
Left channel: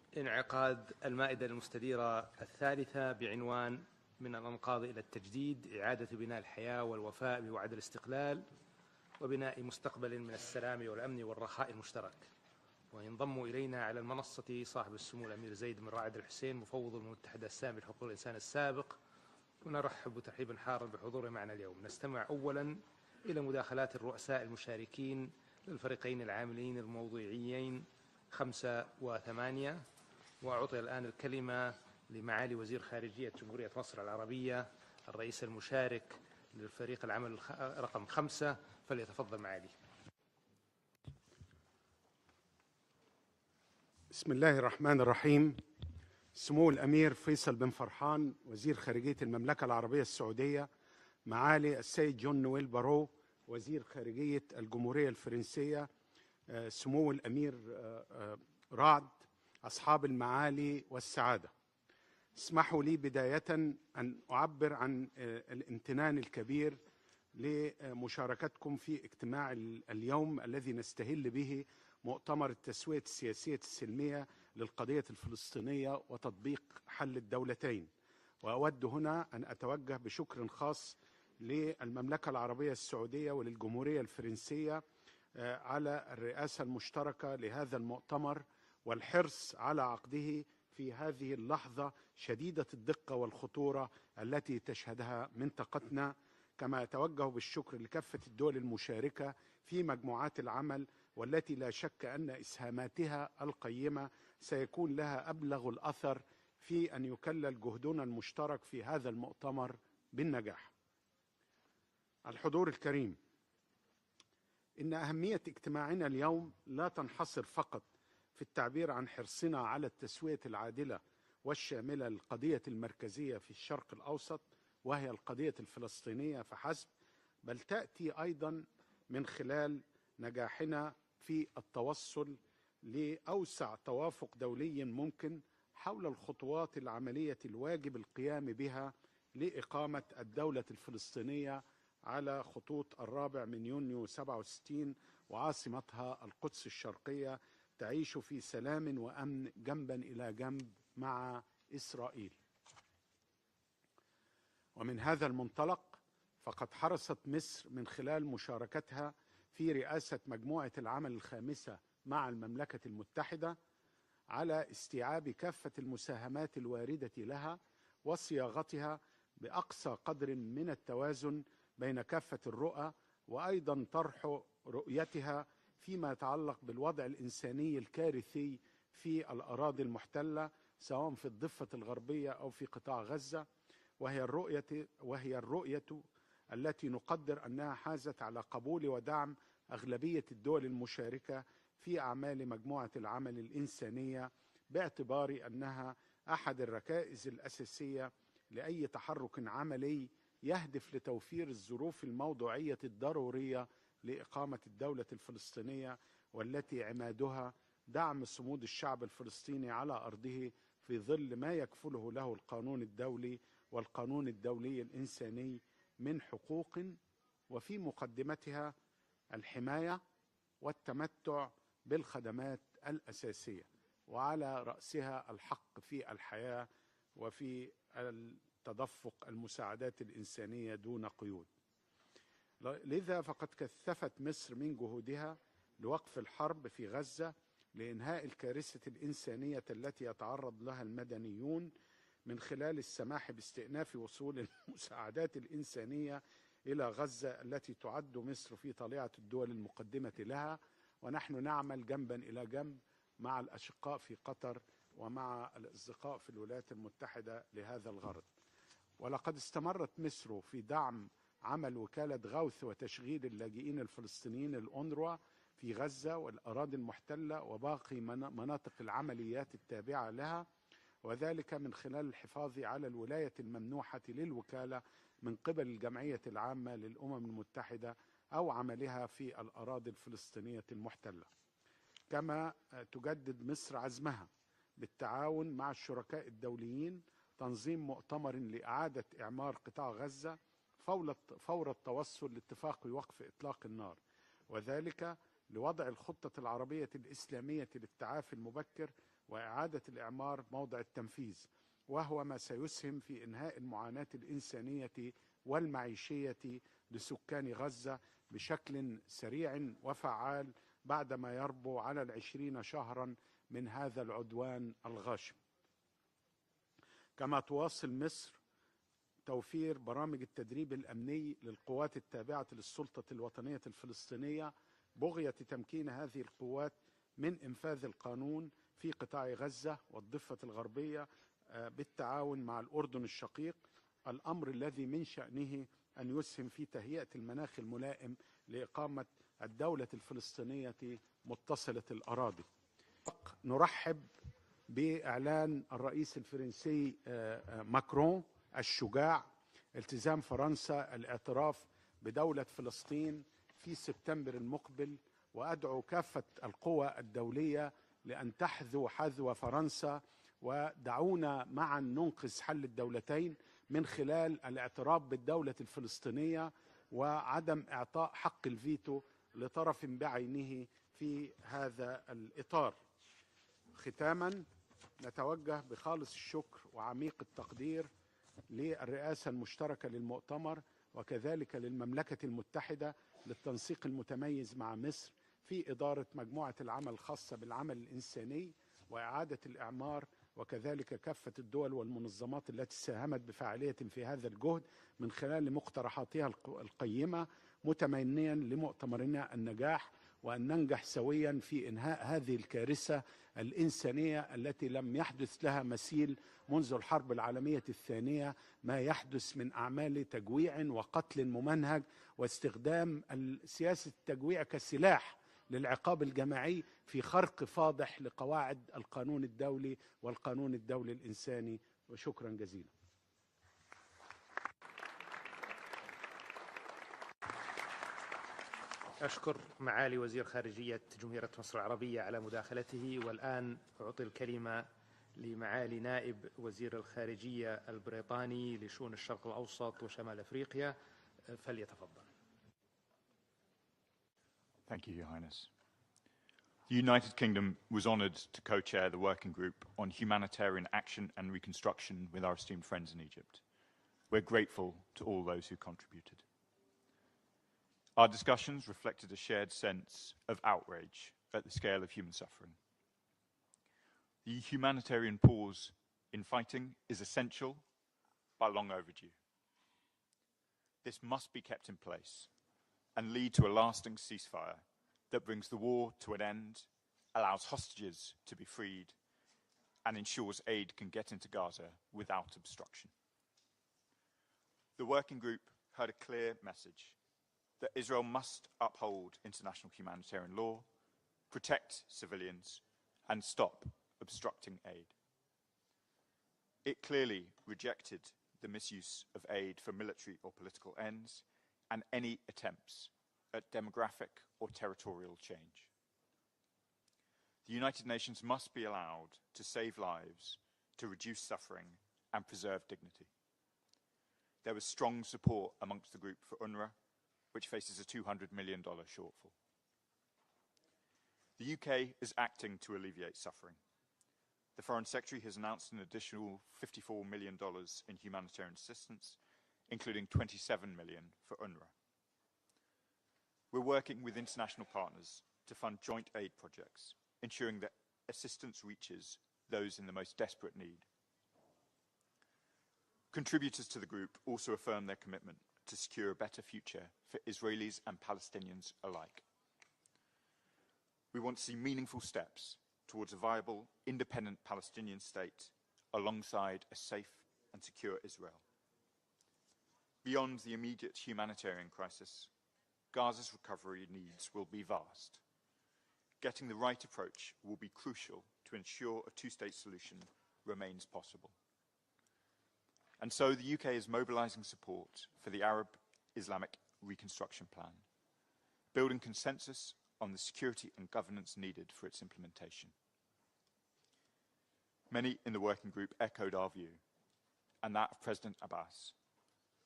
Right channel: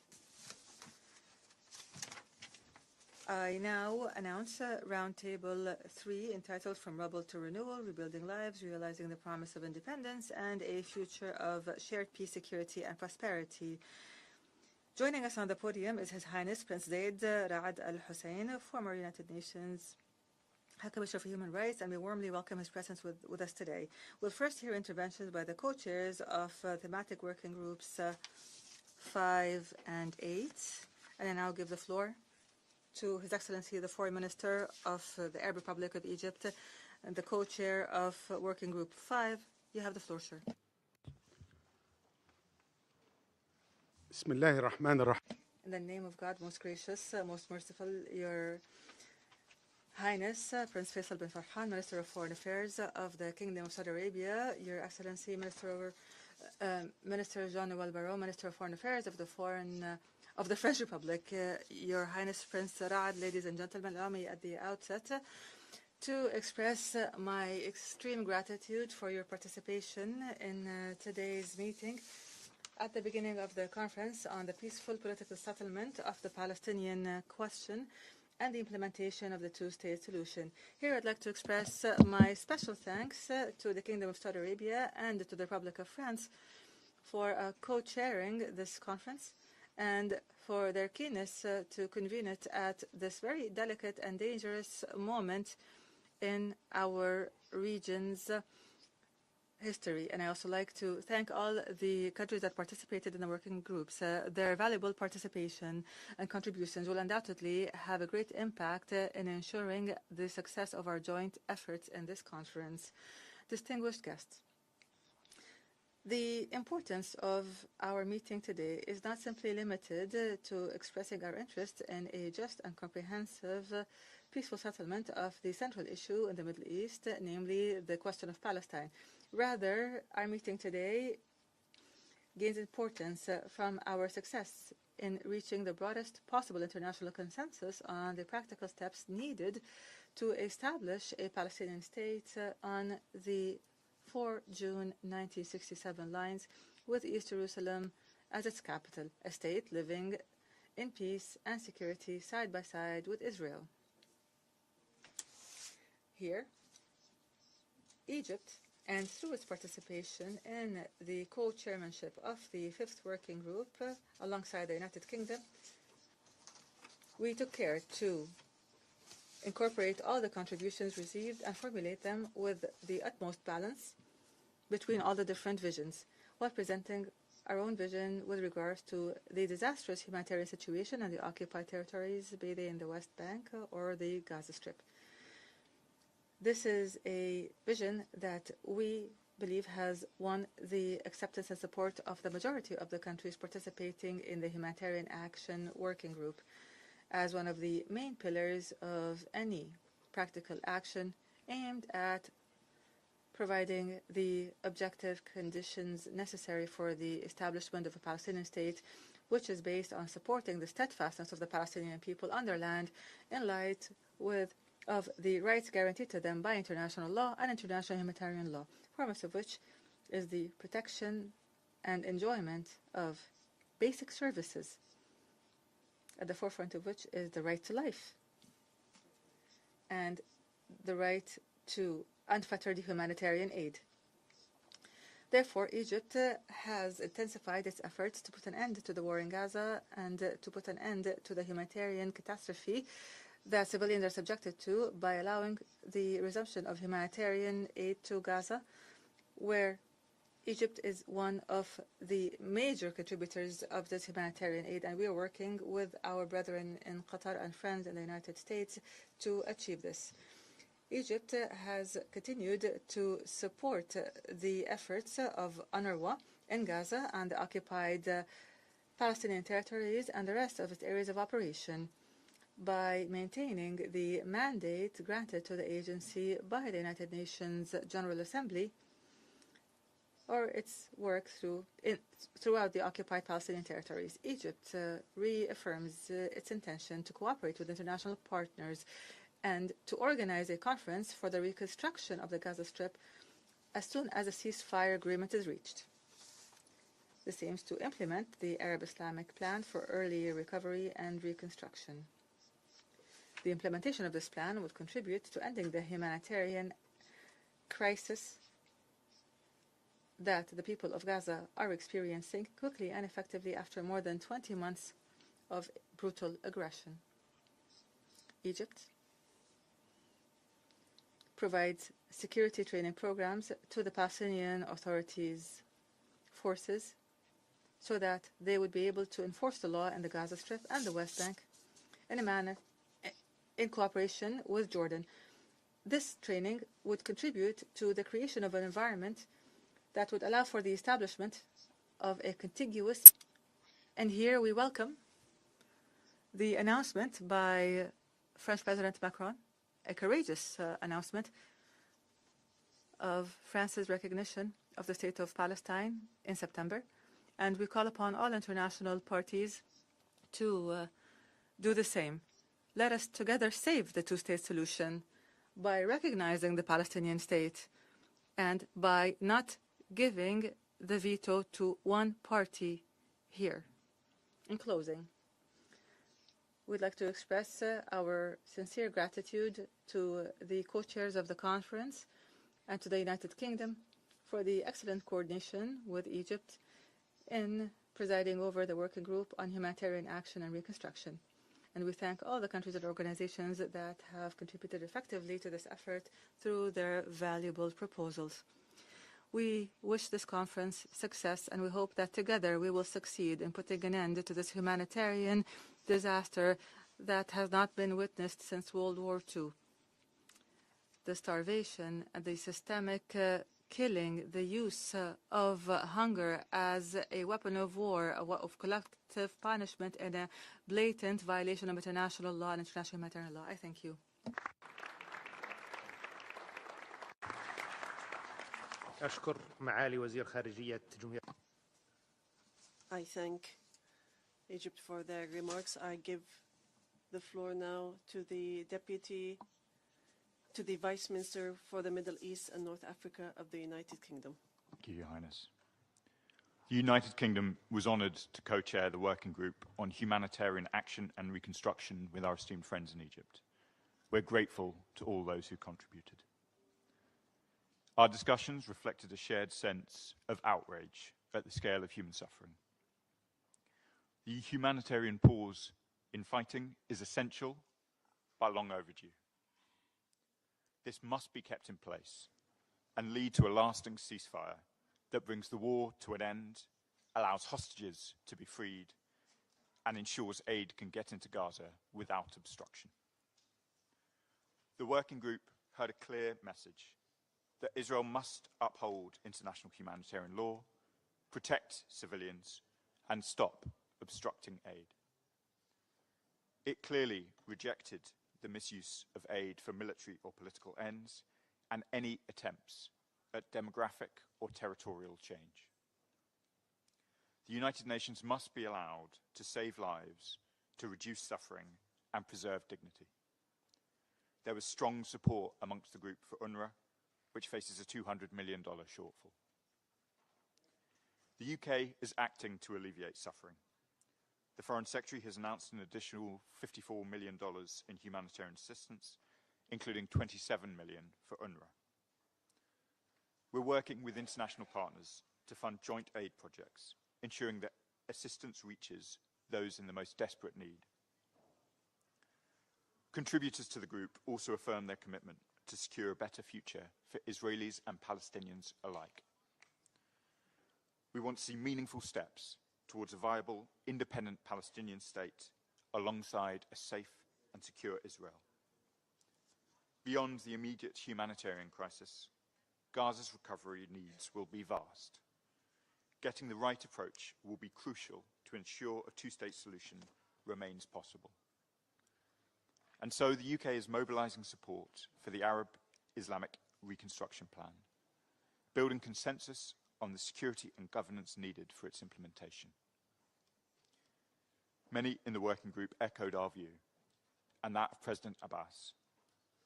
انعقاد المائدة المستديرة الثالثة بعنوان من الأنقاض إلى التجديد إعادة بناء الحياة والوفاء بوعد الاستقلال وبناء مستقبل من السلام والأمن والرخاء المشترك. وينضم إلينا على المنصة صاحب Joining us on the podium is His Highness Prince Zaid Ra'ad Al Hussein, former United Nations ونرحب ترحيبا حارا Commissioner for بحضوره Human معنا Rights, and we warmly welcome his presence with us today. We'll first hear interventions by the co-chairs of thematic working groups 5 and 8, and now give the floor to His Excellency the Foreign Minister of the Arab Republic of Egypt and the co-chair of Working Group 5. You have the floor, sir. بسم الله الرحمن الرحيم. سمو الأمير فيصل بن فرحان وزير خارجية المملكة العربية السعودية، معالي السيد جون نويل بارو وزير خارجية الجمهورية الفرنسية، سمو الأمير رعد، أصحاب المعالي والسعادة، اسمحوا لي بداية أن أعبر عن الامتنان الكبير لمشاركتكم في اجتماع اليوم الذي نستهل به مؤتمر التسوية السياسية السلمية للقضية الفلسطينية وتطبيق حل الدولتين. وأود هنا أن أتوجه بشكر خاص للمملكة العربية السعودية والجمهورية الفرنسية على الرئاسة المشتركة لهذا المؤتمر والحرص على عقده في هذه اللحظة شديدة الدقة والخطورة التي تشهدها منطقتنا، كما أتوجه بالشكر لكافة الدول المشاركة في مجموعات العمل والتي لا شك أن إسهاماتها القيمة سيكون لها أبلغ الأثر في أن يكلل جهدنا المشترك في هذا المؤتمر بالنجاح. الحضور الكريم، إن أهمية اجتماعنا اليوم لا تنحصر فقط في التعبير عن حرصنا على التسوية العادلة والشاملة للقضية المركزية في الشرق الأوسط وهي القضية الفلسطينية فحسب، بل تأتي أيضا من خلال نجاحنا في التوصل لأوسع توافق دولي ممكن حول الخطوات العملية الواجب القيام بها لإقامة الدولة الفلسطينية على خطوط 4 من يونيو 67 وعاصمتها القدس الشرقية تعيش في سلام وأمن جنبا إلى جنب مع إسرائيل. ومن هذا المنطلق فقد حرصت مصر من خلال مشاركتها في رئاسة مجموعة العمل الخامسة مع المملكة المتحدة على استيعاب كافة المساهمات الواردة لها وصياغتها بأقصى قدر من التوازن بين كافة الرؤى، وأيضا طرح رؤيتها فيما يتعلق بالوضع الإنساني الكارثي في الأراضي المحتلة سواء في الضفة الغربية أو في قطاع غزة، وهي الرؤية التي نقدر أنها حازت على قبول ودعم أغلبية الدول المشاركة في أعمال مجموعة العمل الإنسانية، باعتبار أنها أحد الركائز الأساسية لأي تحرك عملي يهدف لتوفير الظروف الموضوعية الضرورية لإقامة الدولة الفلسطينية، والتي عنادها دعم صمود الشعب الفلسطيني على أرضه بظل ما يكفله له القانون الدولي والقانون الدولي الإنساني by international law and international humanitarian law, foremost of which is the protection and enjoyment of basic services, at the forefront of which is the right to life and the right to unfettered humanitarian aid. Therefore, Egypt has intensified its efforts to put an end to the war in Gaza and to put an end to the humanitarian catastrophe that civilians are subjected to by allowing the resumption of humanitarian aid to Gaza, where Egypt is one of the major contributors of this humanitarian aid, and we are working with our brethren in Qatar and friends in the United States to achieve this. Egypt has continued to support the efforts of UNRWA in Gaza and the occupied Palestinian territories and the rest of its areas of operation by maintaining the mandate granted to the agency by the United Nations General Assembly or its work throughout the occupied Palestinian territories. Egypt reaffirms its intention to cooperate with international partners and to organize a conference for the the reconstruction of the Gaza Strip as soon as a ceasefire agreement is reached. This aims to implement the Arab-Islamic plan for early recovery and reconstruction. The implementation of this plan would contribute to ending the humanitarian crisis that the people of Gaza are experiencing quickly and effectively after more than 20 months of brutal aggression. Egypt provides security training programs to the Palestinian Authority's forces so that they would be able to enforce the law in the Gaza Strip and the West Bank in a manner in cooperation with Jordan. This training would contribute to the creation of an environment that would allow for the establishment of a contiguous, and here we welcome the announcement by French President Macron, a courageous announcement of France's recognition of the state of Palestine in September, and we call upon all international parties to do the same. Let us together save the two-state solution by recognizing the Palestinian state and by not giving the veto to one party here. In closing, we'd like to express our sincere gratitude to the co-chairs of the conference and to the United Kingdom for the excellent coordination with Egypt in presiding over the working group on humanitarian action and reconstruction. And we thank all the countries and organizations that have contributed effectively to this effort through their valuable proposals. We wish this conference success, and we hope that together we will succeed in putting an end to this humanitarian disaster that has not been witnessed since World War II. The starvation, the systemic killing, the use of hunger as a weapon of war, of collective punishment, and a blatant violation of international law and international humanitarian law. I thank you. أشكر معالي وزير خارجية جمهورية مصر العربية على مداخلته والآن أعطي الكلمة لمعالي نائب وزير الخارجية البريطاني لشؤون الشرق الأوسط وشمال أفريقيا Thank you, Your Highness. The United Kingdom was honoured to co-chair the working group on humanitarian action and reconstruction with our esteemed friends in Egypt. We're grateful to all those who contributed. Our discussions reflected a shared sense of outrage at the scale of human suffering. The humanitarian pause in fighting is essential but long overdue. This must be kept in place and lead to a lasting ceasefire that brings the war to an end, allows hostages to be freed, and ensures aid can get into Gaza without obstruction. The working group heard a clear message that Israel must uphold international humanitarian law, protect civilians, and stop obstructing aid. It clearly rejected the misuse of aid for military or political ends and any attempts at demographic or territorial change. The United Nations must be allowed to save lives, to reduce suffering, and preserve dignity. There was strong support amongst the group for UNRWA, which faces a $200 million shortfall. The UK is acting to alleviate suffering. The Foreign Secretary has announced an additional $54 million in humanitarian assistance, including $27 million for UNRWA. We're working with international partners to fund joint aid projects, ensuring that assistance reaches those in the most desperate need. Contributors to the group also affirm their commitment to secure a better future for Israelis and Palestinians alike. We want to see meaningful steps towards a viable, independent Palestinian state alongside a safe and secure Israel. Beyond the immediate humanitarian crisis, Gaza's recovery needs will be vast. Getting the right approach will be crucial to ensure a two-state solution remains possible. And so the UK is mobilising support for the Arab Islamic Reconstruction Plan, building consensus on the security and governance needed for its implementation. Many in the working group echoed our view, and that of President Abbas,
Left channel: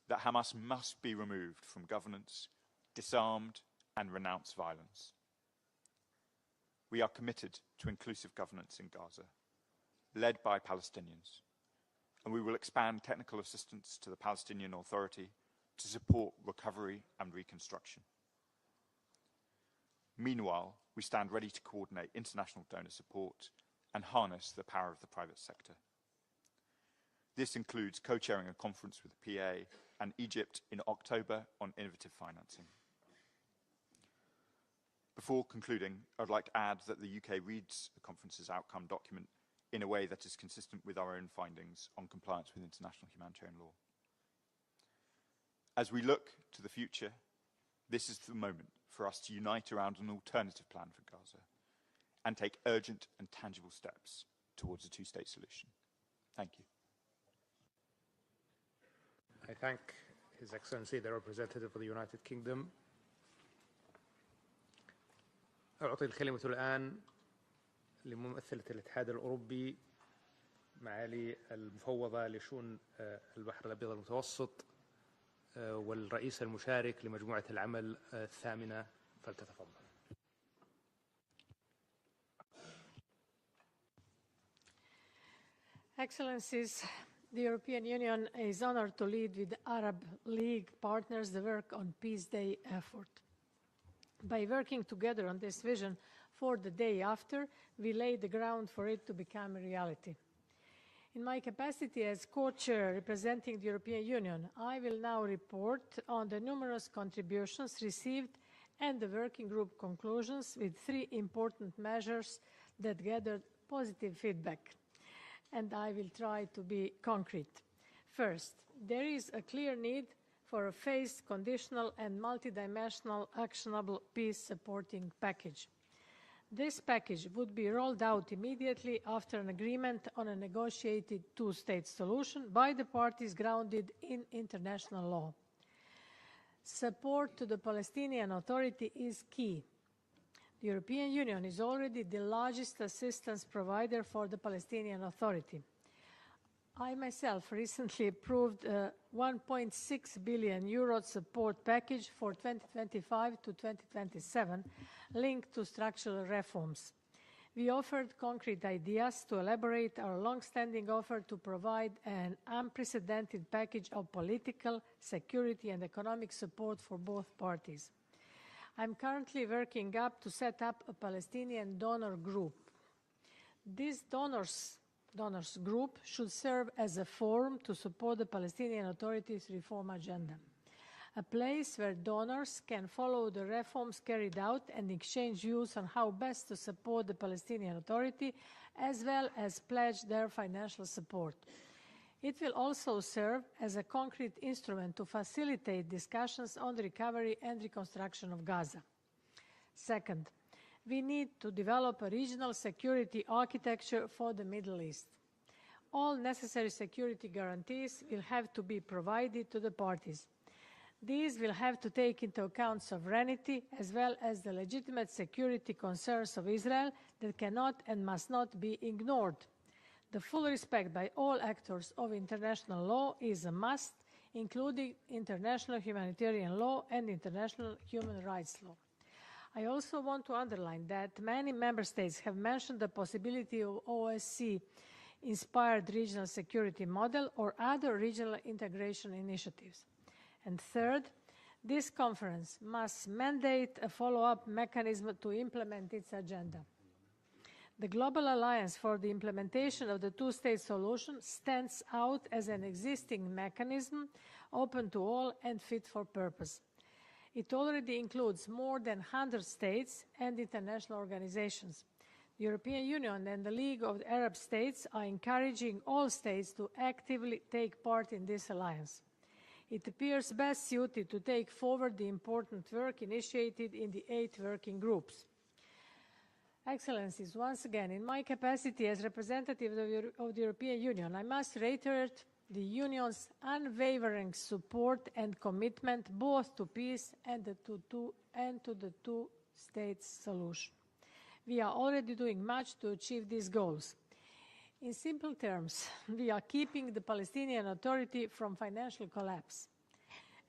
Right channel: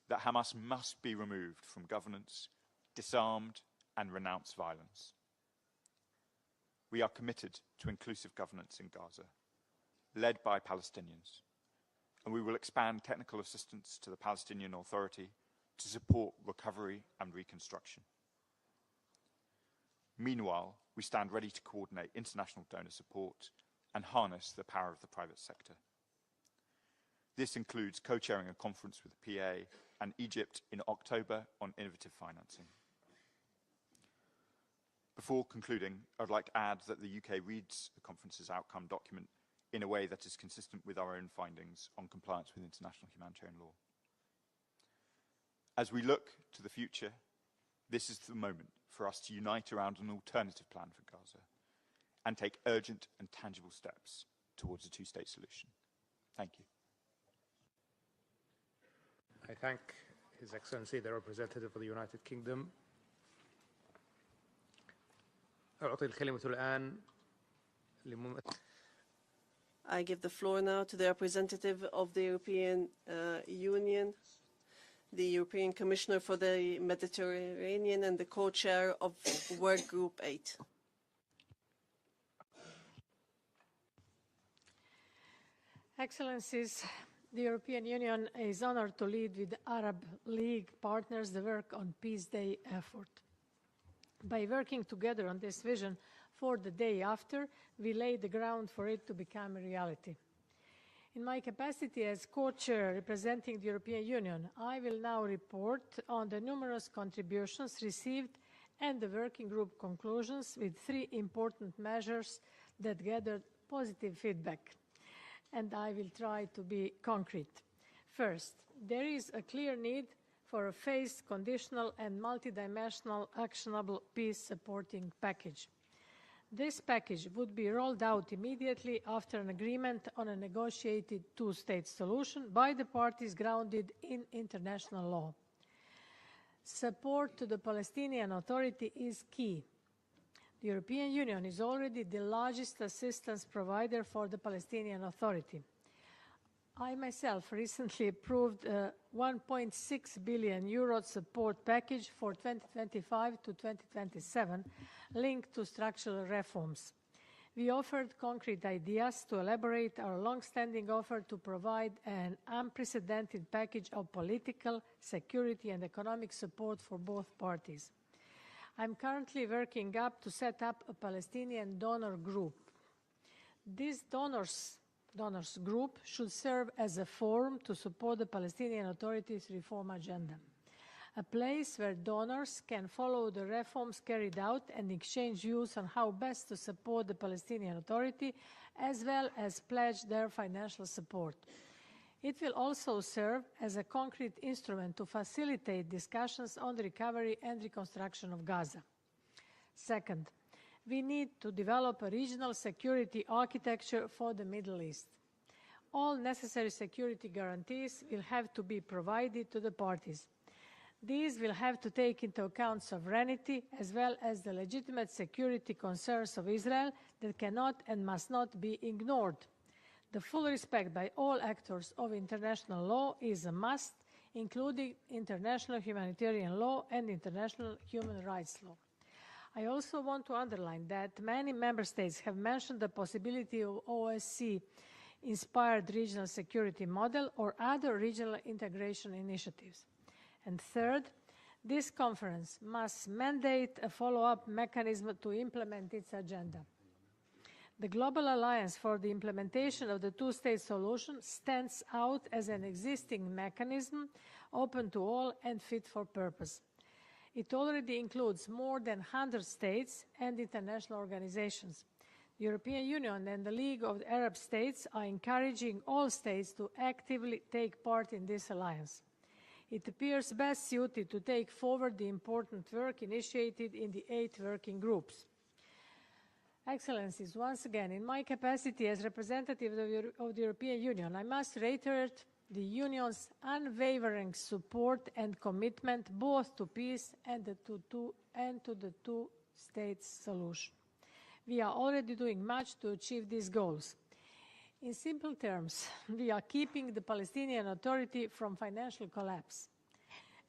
that Hamas must be removed from governance, disarmed, and renounce violence. We are committed to inclusive governance in Gaza, led by Palestinians, and we will expand technical assistance to the Palestinian Authority to support recovery and reconstruction. Meanwhile, we stand ready to coordinate international donor support and harness the power of the private sector. This includes co-chairing a conference with the PA and Egypt in October on innovative financing. Before concluding, I'd like to add that the UK reads the conference's outcome document in a way that is consistent with our own findings on compliance with international humanitarian law. As we look to the future, this is the moment for us to unite around an alternative plan for Gaza and take urgent and tangible steps towards a two-state solution. Thank you. I thank His Excellency, the representative of the United Kingdom. أعطي الكلمة الآن لممثلة الاتحاد الأوروبي. I give the floor now to the representative of the European Union, the European Commissioner for the Mediterranean and the co-chair of Work Group 8. Excellencies, the European Union is honored to lead with Arab League partners the work on Peace Day effort. By working together on this vision for the day after, we lay the ground for it to become a reality. In my capacity as co-chair representing the European Union, I will now report on the numerous contributions received and the working group conclusions with 3 important measures that gathered positive feedback. And I will try to be concrete. First, there is a clear need for a phased, conditional and multidimensional actionable peace-supporting package. This package would be rolled out immediately after an agreement on a negotiated two-state solution by the parties grounded in international law. Support to the Palestinian Authority is key. The European Union is already the largest assistance provider for the Palestinian Authority. I myself recently approved a 1.6 billion euro support package for 2025 to 2027 linked to structural reforms. We offered concrete ideas to elaborate our long-standing offer to provide an unprecedented package of political, security and economic support for both parties. I'm currently working up to set up a Palestinian donor group. This donors group should serve as a forum to support the Palestinian Authority's reform agenda, a place where donors can follow the reforms carried out and exchange views on how best to support the Palestinian Authority, as well as pledge their financial support. It will also serve as a concrete instrument to facilitate discussions on the recovery and reconstruction of Gaza. Second, we need to develop a regional security architecture for the Middle East. All necessary security guarantees will have to be provided to the parties. These will have to take into account sovereignty as well as the legitimate security concerns of Israel that cannot and must not be ignored. The full respect by all actors of international law is a must, including international humanitarian law and international human rights law. I also want to underline that many member states have mentioned the possibility of OSCE-inspired regional security model or other regional integration initiatives. And third, this conference must mandate a follow-up mechanism to implement its agenda. The Global Alliance for the Implementation of the Two-State Solution stands out as an existing mechanism open to all and fit for purpose. It already includes more than 100 states and international organizations. The European Union and the League of the Arab States are encouraging all states to actively take part in this alliance. It appears best suited to take forward the important work initiated in the 8 working groups. Excellencies, once again, in my capacity as representative of the European Union, I must reiterate the Union's unwavering support and commitment both to peace and to the two-state solution. We are already doing much to achieve these goals. In simple terms, we are keeping the Palestinian Authority from financial collapse.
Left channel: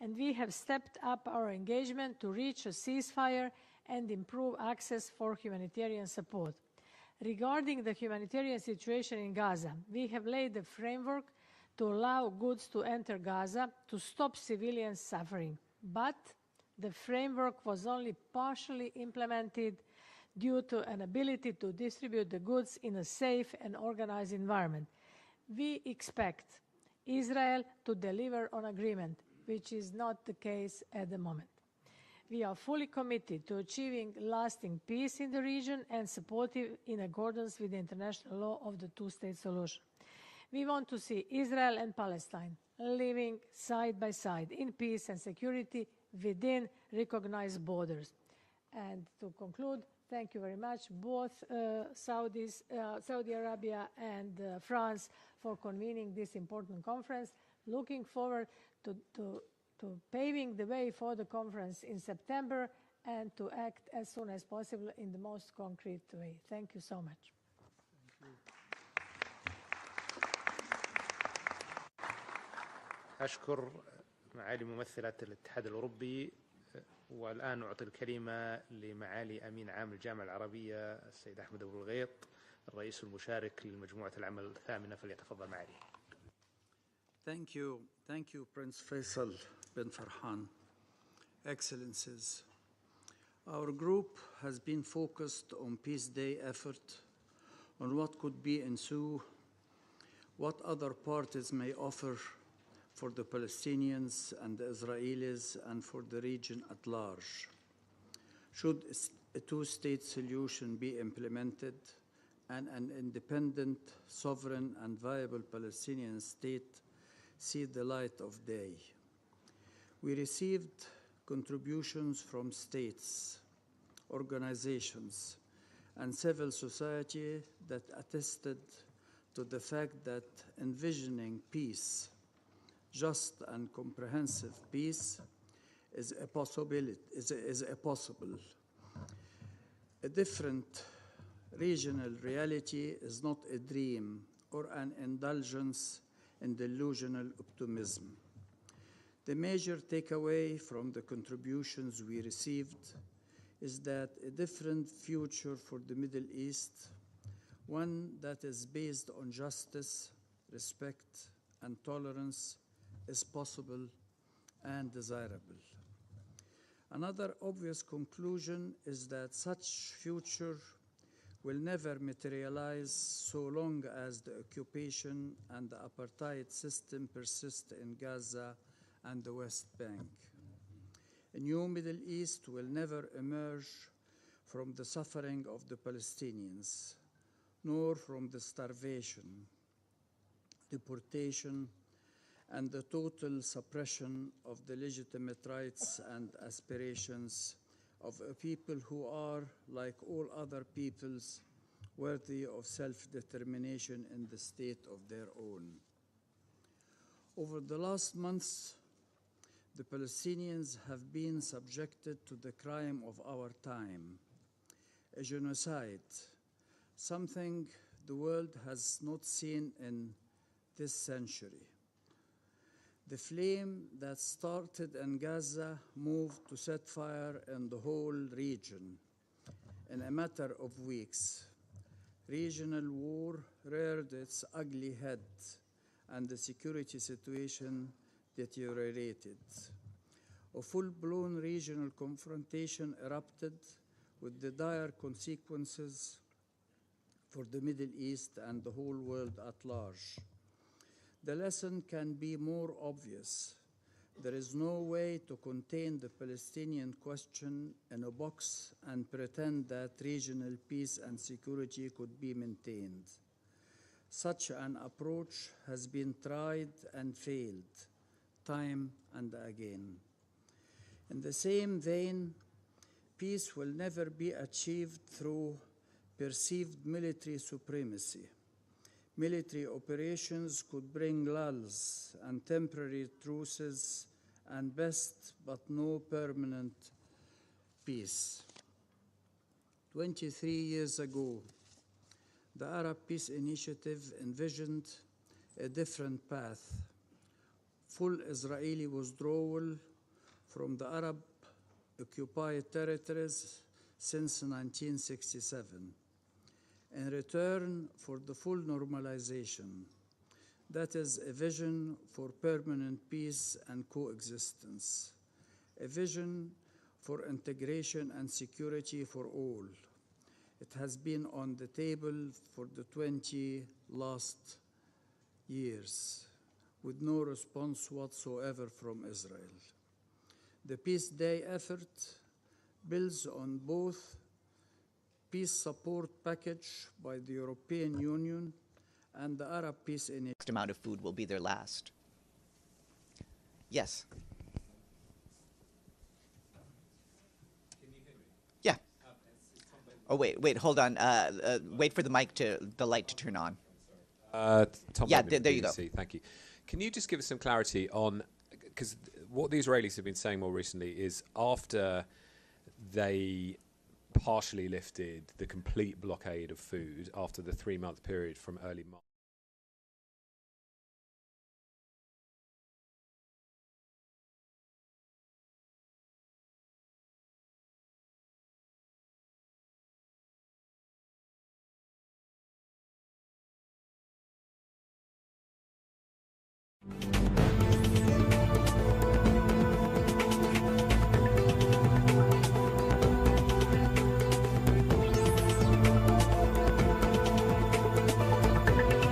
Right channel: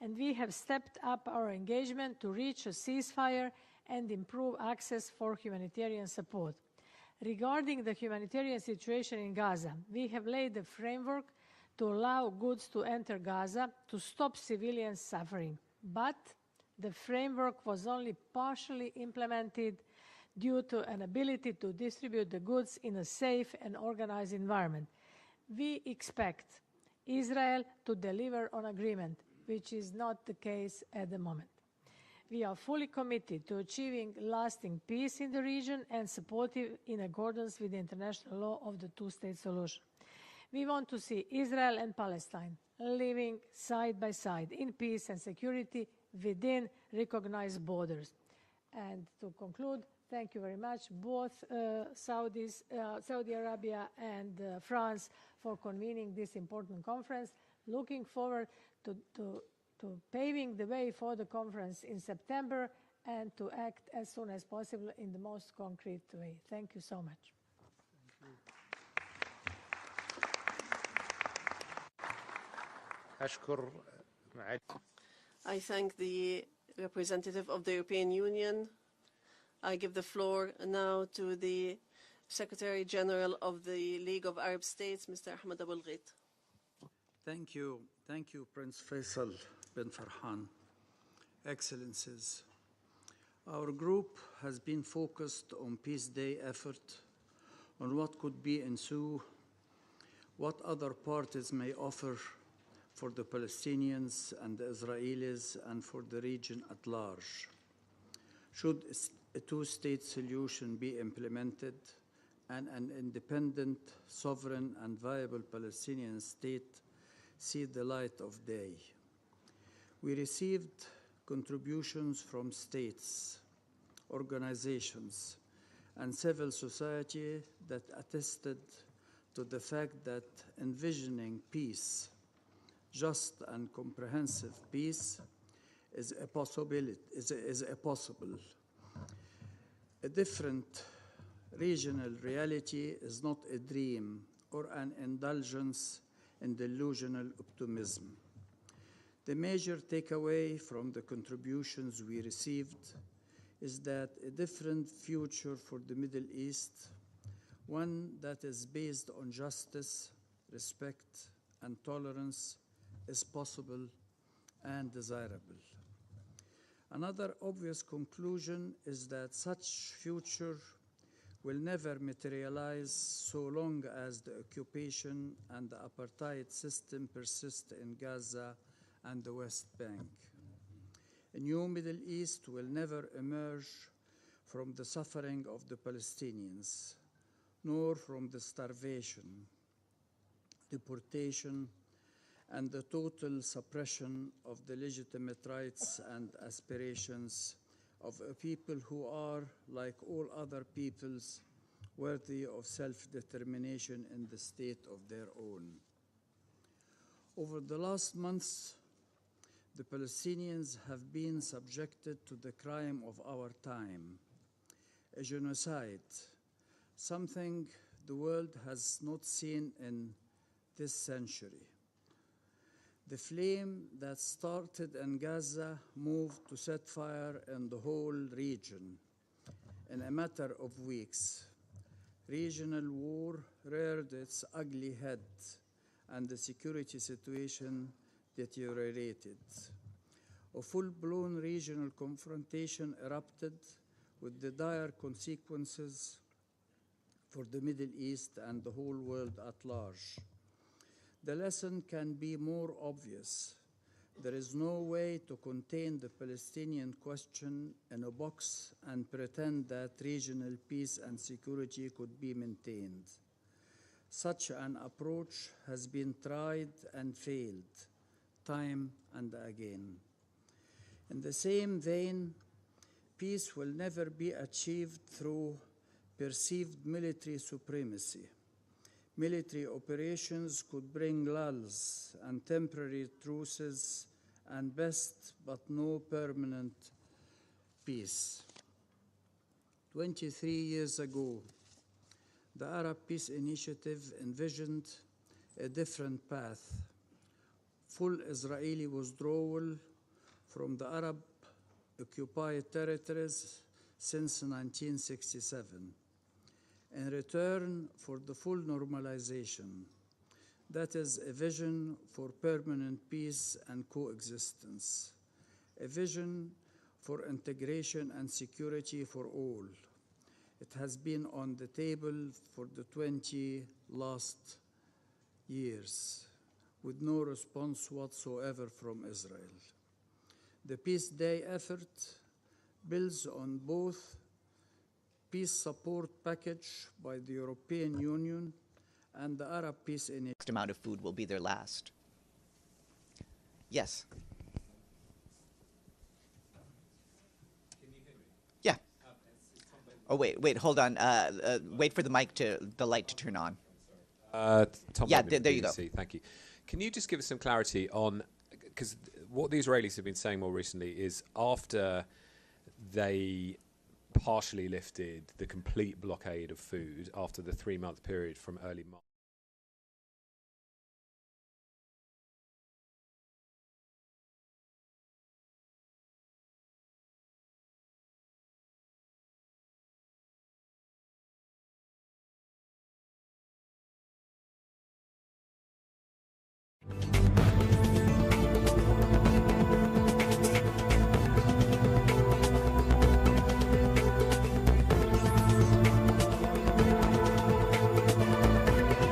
and we have stepped up our engagement to reach a ceasefire and improve access for humanitarian support. Regarding the humanitarian situation in Gaza, we have laid a framework to allow goods to enter Gaza to stop civilian suffering. But the framework was only partially implemented due to an ability to distribute the goods in a safe and organized environment. We expect Israel to deliver on agreement, which is not the case at the moment. We are fully committed to achieving lasting peace in the region and supportive in accordance with the international law of the two-state solution. We want to see Israel and Palestine living side by side in peace and security within recognized borders. And to conclude, thank you very much, both Saudi Arabia and France, for convening this important conference. Looking forward to paving the way for the conference in September and to act as soon as possible in the most concrete way. Thank you so much. I thank the representative of the European Union. I give the floor now to the Secretary General of the League of Arab States, Mr. Mahmoud Abbas. Thank you. Thank you, Prince Faisal bin Farhan. Excellencies, our group has been focused on Peace Day effort, on what could be ensue, what other parties may offer for the Palestinians and the Israelis and for the region at large. Should a two-state solution be implemented and an independent, sovereign, and viable Palestinian state see the light of day? We received contributions from states, organizations, and civil society that attested to the fact that envisioning peace, just and comprehensive peace, is a possibility. A different regional reality is not a dream or an indulgence in delusional optimism. The major takeaway from the contributions we received is that a different future for the Middle East, one that is based on justice, respect, and tolerance, is possible and desirable. Another obvious conclusion is that such future will never materialize so long as the occupation and the apartheid system persist in Gaza and the West Bank. A new Middle East will never emerge from the suffering of the Palestinians, nor from the starvation, deportation, and the total suppression of the legitimate rights and aspirations of a people who are, like all other peoples, worthy of self-determination in the state of their own. Over the last months, the Palestinians have been subjected to the crime of our time, a genocide, something the world has not seen in this century. The flame that started in Gaza moved to set fire in the whole region in a matter of weeks. Regional war reared its ugly head, and the security situation deteriorated. A full-blown regional confrontation erupted with the dire consequences for the Middle East and the whole world at large. The lesson can be more obvious. There is no way to contain the Palestinian question in a box and pretend that regional peace and security could be maintained. Such an approach has been tried and failed, time and again. In the same vein, peace will never be achieved through perceived military supremacy. Military operations could bring lulls and temporary truces and best but no permanent peace. 23 years ago, the Arab Peace Initiative envisioned a different path: full Israeli withdrawal from the Arab-occupied territories since 1967, in return for the full normalization. That is a vision for permanent peace and coexistence, a vision for integration and security for all. It has been on the table for the 20 last years, with no response whatsoever from Israel. The Peace Day effort builds on both peace support package by the European Union and the Arab Peace Initiative. Next amount of food will be their last. Yes. Can you hear me? Yeah. Oh wait, hold on. Wait for the light to turn on. Tom, yeah, there you go. Thank you. Can you just give us some clarity on, because what the Israelis have been saying more recently is after they partially lifted the complete blockade of food after the 3-month period from early March.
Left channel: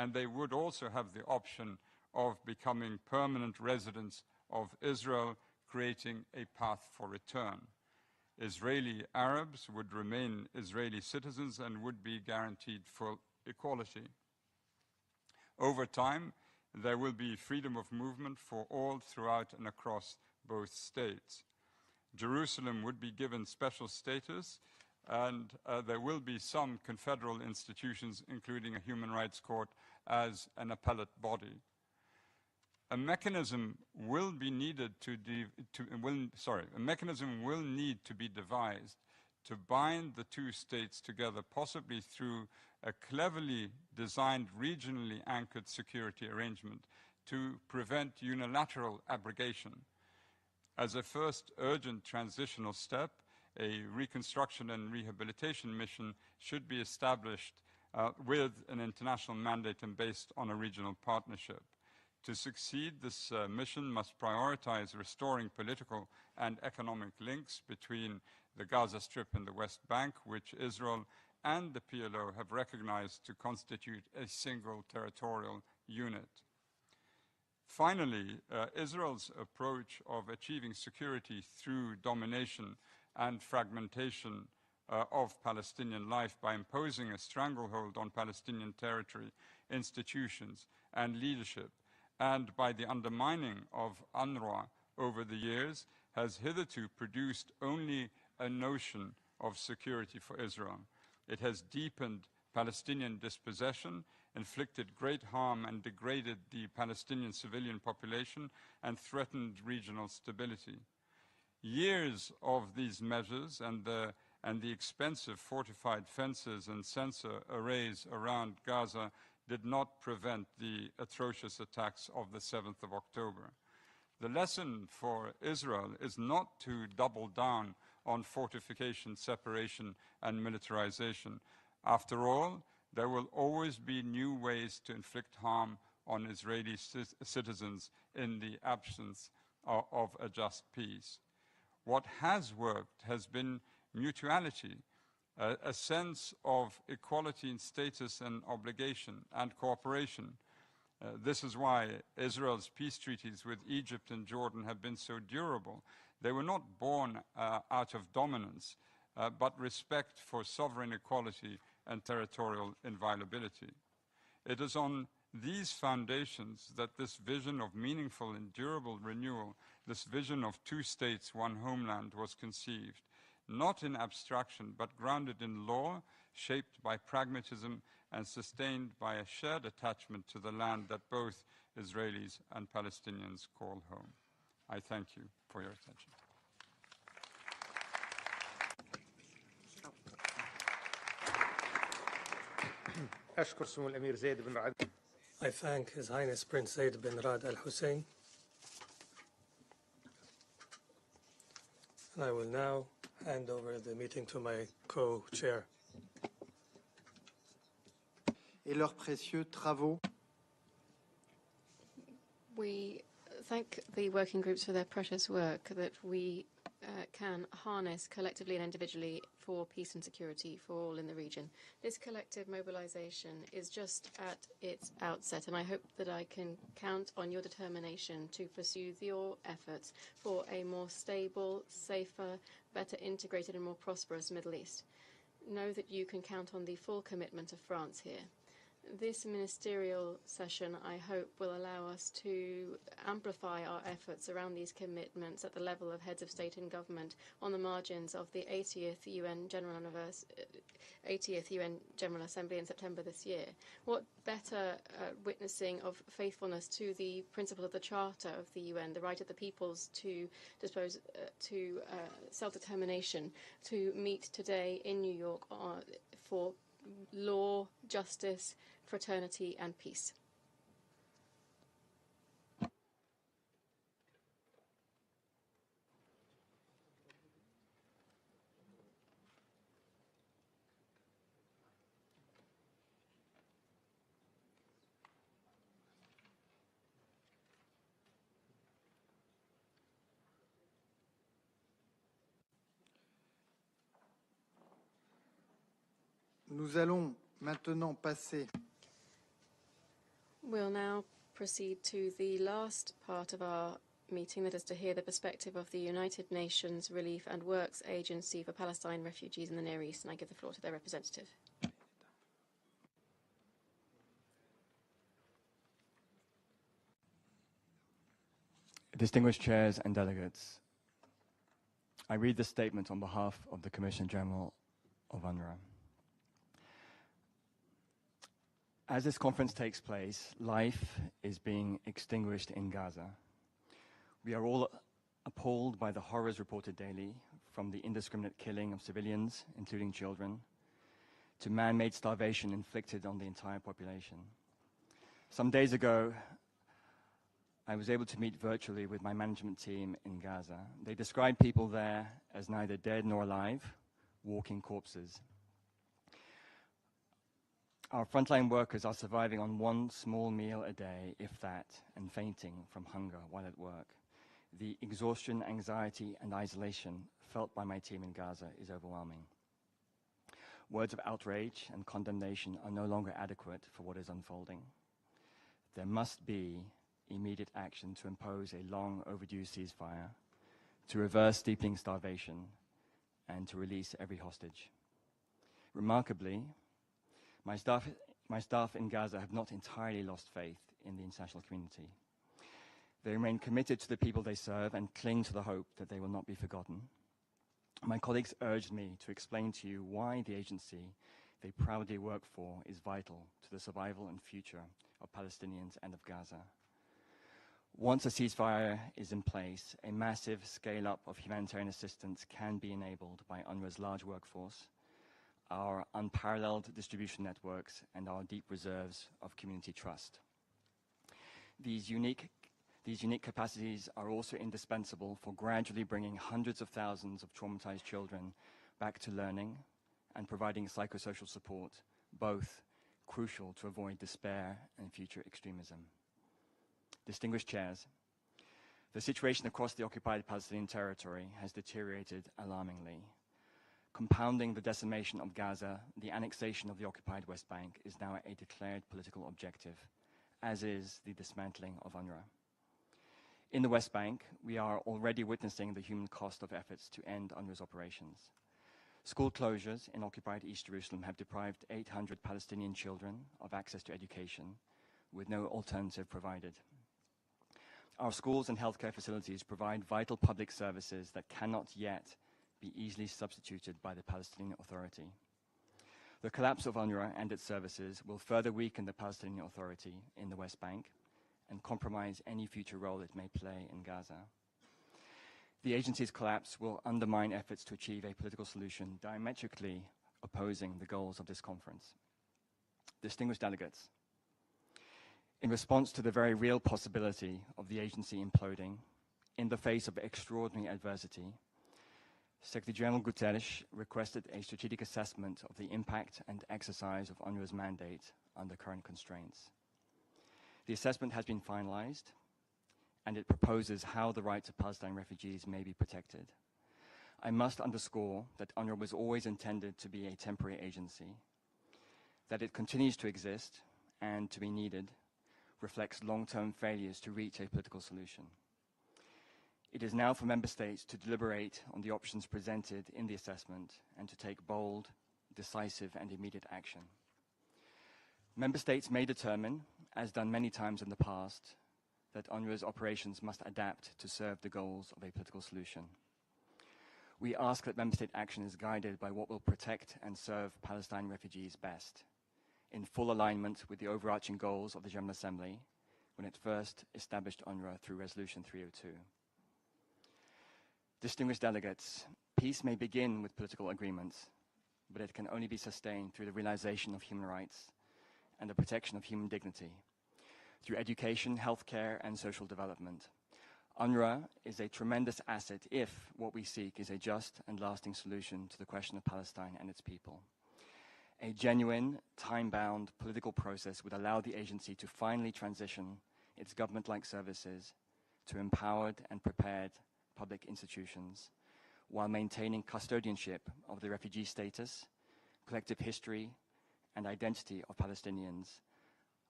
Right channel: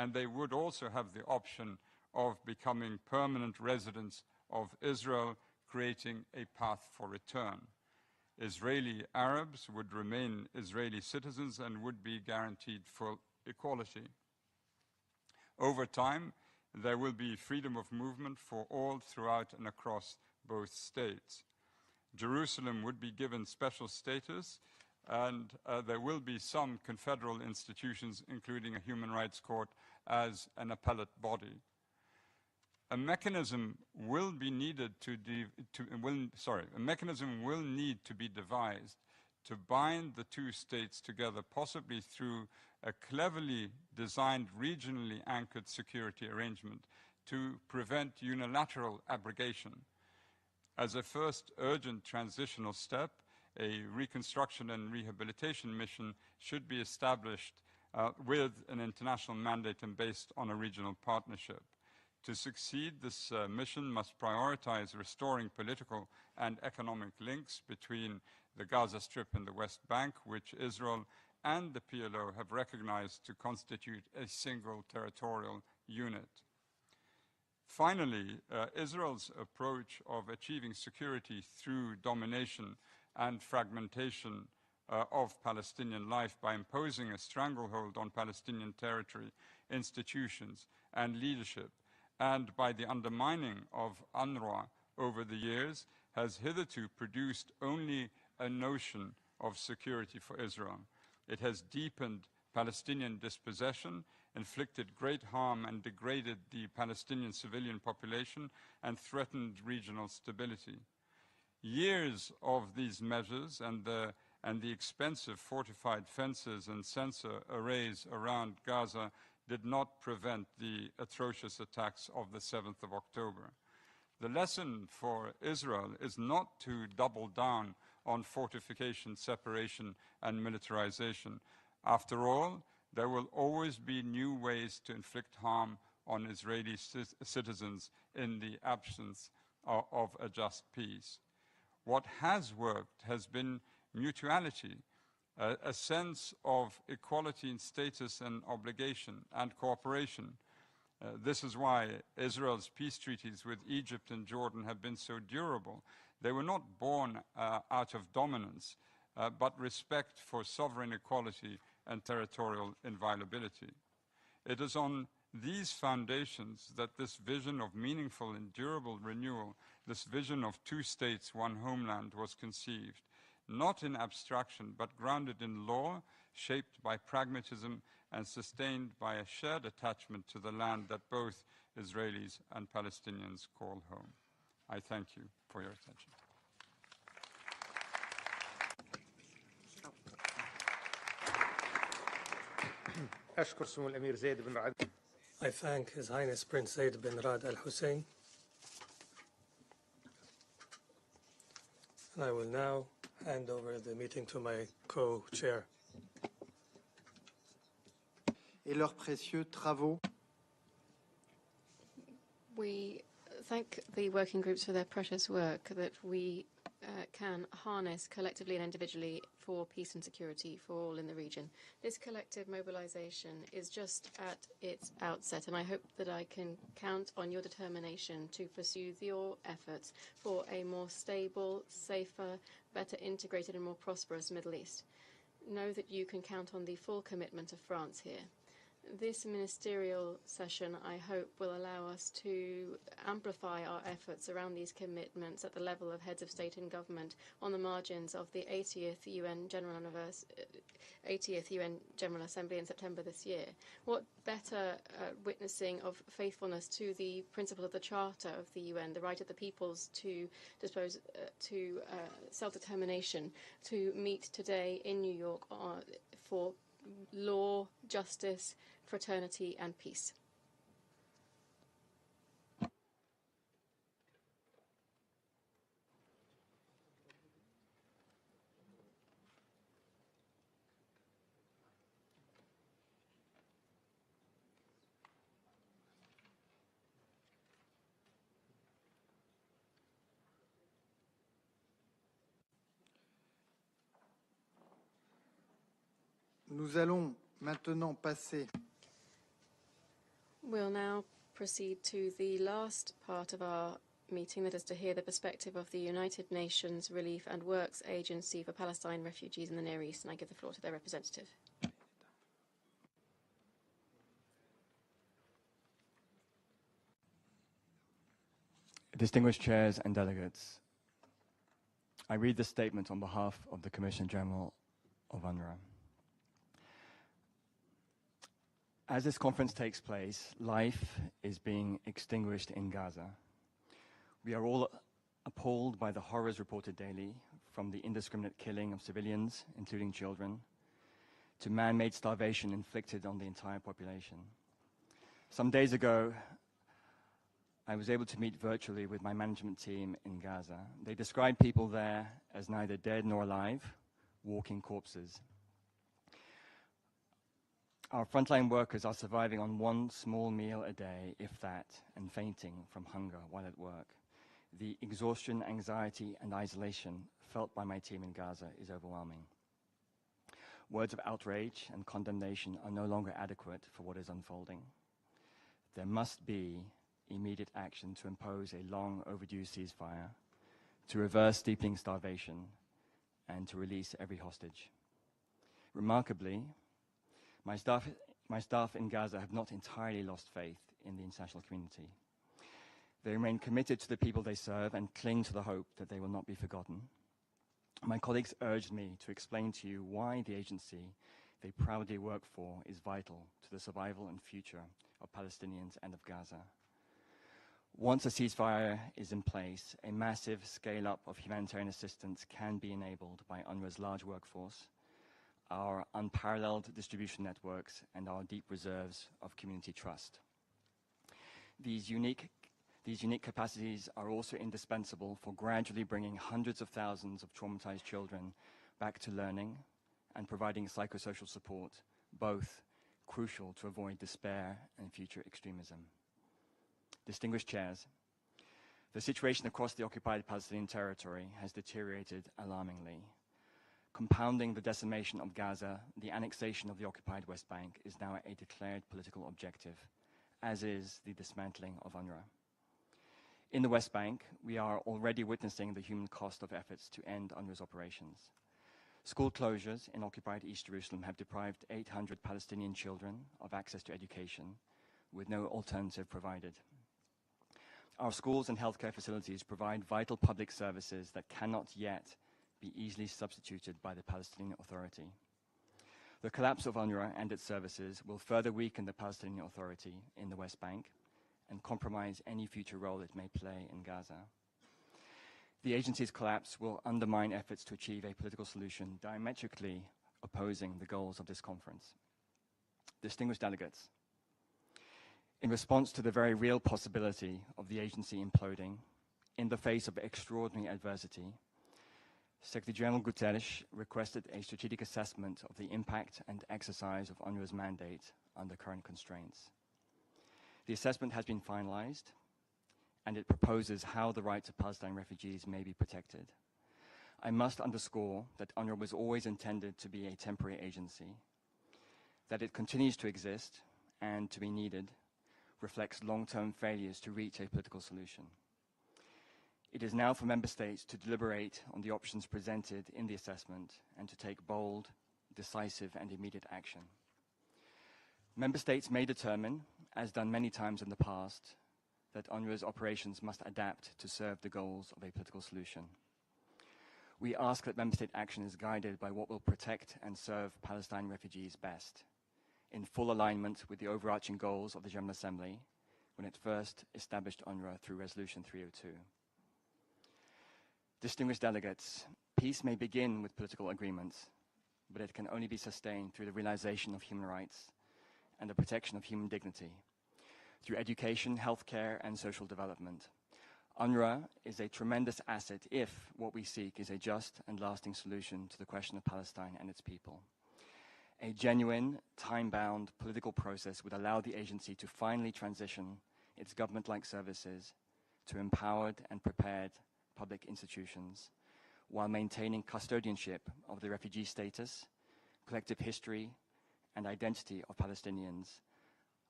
and they would also have the option of becoming permanent residents of Israel, creating a path for return. Israeli Arabs would remain Israeli citizens and would be guaranteed full equality. Over time, there will be freedom of movement for all throughout and across both states. Jerusalem would be given special status, and there will be some confederal institutions, including a human rights court, as an appellate body. A mechanism will be needed a mechanism will need to be devised to bind the two states together, possibly through a cleverly designed, regionally anchored security arrangement to prevent unilateral abrogation. As a first urgent transitional step, a reconstruction and rehabilitation mission should be established with an international mandate and based on a regional partnership. To succeed, this mission must prioritize restoring political and economic links between the Gaza Strip and the West Bank, which Israel and the PLO have recognized to constitute a single territorial unit. Finally, Israel's approach of achieving security through domination and fragmentation of Palestinian life by imposing a stranglehold on Palestinian territory, institutions, and leadership, and by the undermining of UNRWA over the years, has hitherto produced only a notion of security for Israel. It has deepened Palestinian dispossession, inflicted great harm and degraded the Palestinian civilian population, and threatened regional stability. Years of these measures and the expensive fortified fences and sensor arrays around Gaza did not prevent the atrocious attacks of the 7th of October. The lesson for Israel is not to double down on fortification, separation, and militarization. After all, there will always be new ways to inflict harm on Israeli citizens in the absence of a just peace. What has worked has been mutuality, a sense of equality in status and obligation and cooperation. This is why Israel's peace treaties with Egypt and Jordan have been so durable. They were not born out of dominance, but respect for sovereign equality and territorial inviolability. It is on these foundations that this vision of meaningful and durable renewal, this vision of two states, one homeland, was conceived, not in abstraction, but grounded in law, shaped by pragmatism, and sustained by a shared attachment to the land that both Israelis and Palestinians call home. I thank you for your attention. I thank His Highness Prince Zaid bin Rad Al Hussein. And I will now hand over the meeting to my co-chair. Et leurs précieux travaux. We thank the working groups for their precious work that we can harness collectively and individually for peace and security for all in the region. This collective mobilization is just at its outset, and I hope that I can count on your determination to pursue your efforts for a more stable, safer, better integrated and more prosperous Middle East. Know that you can count on the full commitment of France here. This ministerial session, I hope, will allow us to amplify our efforts around these commitments at the level of heads of state and government on the margins of the 80th UN General Assembly in September this year. What better witnessing of faithfulness to the principle of the Charter of the UN, the right of the peoples to self-determination, to meet today in New York for law, justice, fraternity, and peace. Nous allons maintenant passer. We'll now proceed to the last part of our meeting, that is to hear the perspective of the United Nations Relief and Works Agency for Palestine Refugees in the Near East, and I give the floor to their representative. Distinguished chairs and delegates, I read this statement on behalf of the Commissioner General of UNRWA. As this conference takes place, life is being extinguished in Gaza. We are all appalled by the horrors reported daily, from the indiscriminate killing of civilians, including children, to man-made starvation inflicted on the entire population. Some days ago, I was able to meet virtually with my management team in Gaza. They described people there as neither dead nor alive, walking corpses. Our frontline workers are surviving on one small meal a day, if that, and fainting from hunger while at work. The exhaustion, anxiety, and isolation felt by my team in Gaza is overwhelming. Words of outrage and condemnation are no longer adequate for what is unfolding. There must be immediate action to impose a long overdue ceasefire, to reverse deepening starvation, and to release every hostage. Remarkably, my staff in Gaza have not entirely lost faith in the international community. They remain committed to the people they serve and cling to the hope that they will not be forgotten. My colleagues urged me to explain to you why the agency they proudly work for is vital to the survival and future of Palestinians and of Gaza. Once a ceasefire is in place, a massive scale-up of humanitarian assistance can be enabled by UNRWA's large workforce, our unparalleled distribution networks, and our deep reserves of community trust. These unique capacities are also indispensable for gradually bringing hundreds of thousands of traumatized children back to learning and providing psychosocial support, both crucial to avoid despair and future extremism. Distinguished chairs, the situation across the occupied Palestinian territory has deteriorated alarmingly. Compounding the decimation of Gaza, the annexation of the occupied West Bank is now a declared political objective, as is the dismantling of UNRWA. In the West Bank, we are already witnessing the human cost of efforts to end UNRWA's operations. School closures in occupied East Jerusalem have deprived 800 Palestinian children of access to education, with no alternative provided. Our schools and healthcare facilities provide vital public services that cannot yet be easily substituted by the Palestinian Authority. The collapse of UNRWA and its services will further weaken the Palestinian Authority in the West Bank and compromise any future role it may play in Gaza. The agency's collapse will undermine efforts to achieve a political solution diametrically opposing the goals of this conference. Distinguished delegates, in response to the very real possibility of the agency imploding in the face of extraordinary adversity, Secretary General Guterres requested a strategic assessment of the impact and exercise of UNRWA's mandate under current constraints. The assessment has been finalized, and it proposes how the rights of Palestine refugees may be protected. I must underscore that UNRWA was always intended to be a temporary agency. That it continues to exist and to be needed reflects long-term failures to reach a political solution. It is now for member states to deliberate on the options presented in the assessment and to take bold, decisive, and immediate action. Member states may determine, as done many times in the past, that UNRWA's operations must adapt to serve the goals of a political solution. We ask that member state action is guided by what will protect and serve Palestine refugees best, in full alignment with the overarching goals of the General Assembly when it first established UNRWA through Resolution 302. Distinguished delegates, peace may begin with political agreements, but it can only be sustained through the realization of human rights and the protection of human dignity, through education, healthcare, and social development. UNRWA is a tremendous asset if what we seek is a just and lasting solution to the question of Palestine and its people. A genuine, time-bound political process would allow the agency to finally transition its government-like services to empowered and prepared public institutions while maintaining custodianship of the refugee status, collective history, and identity of Palestinians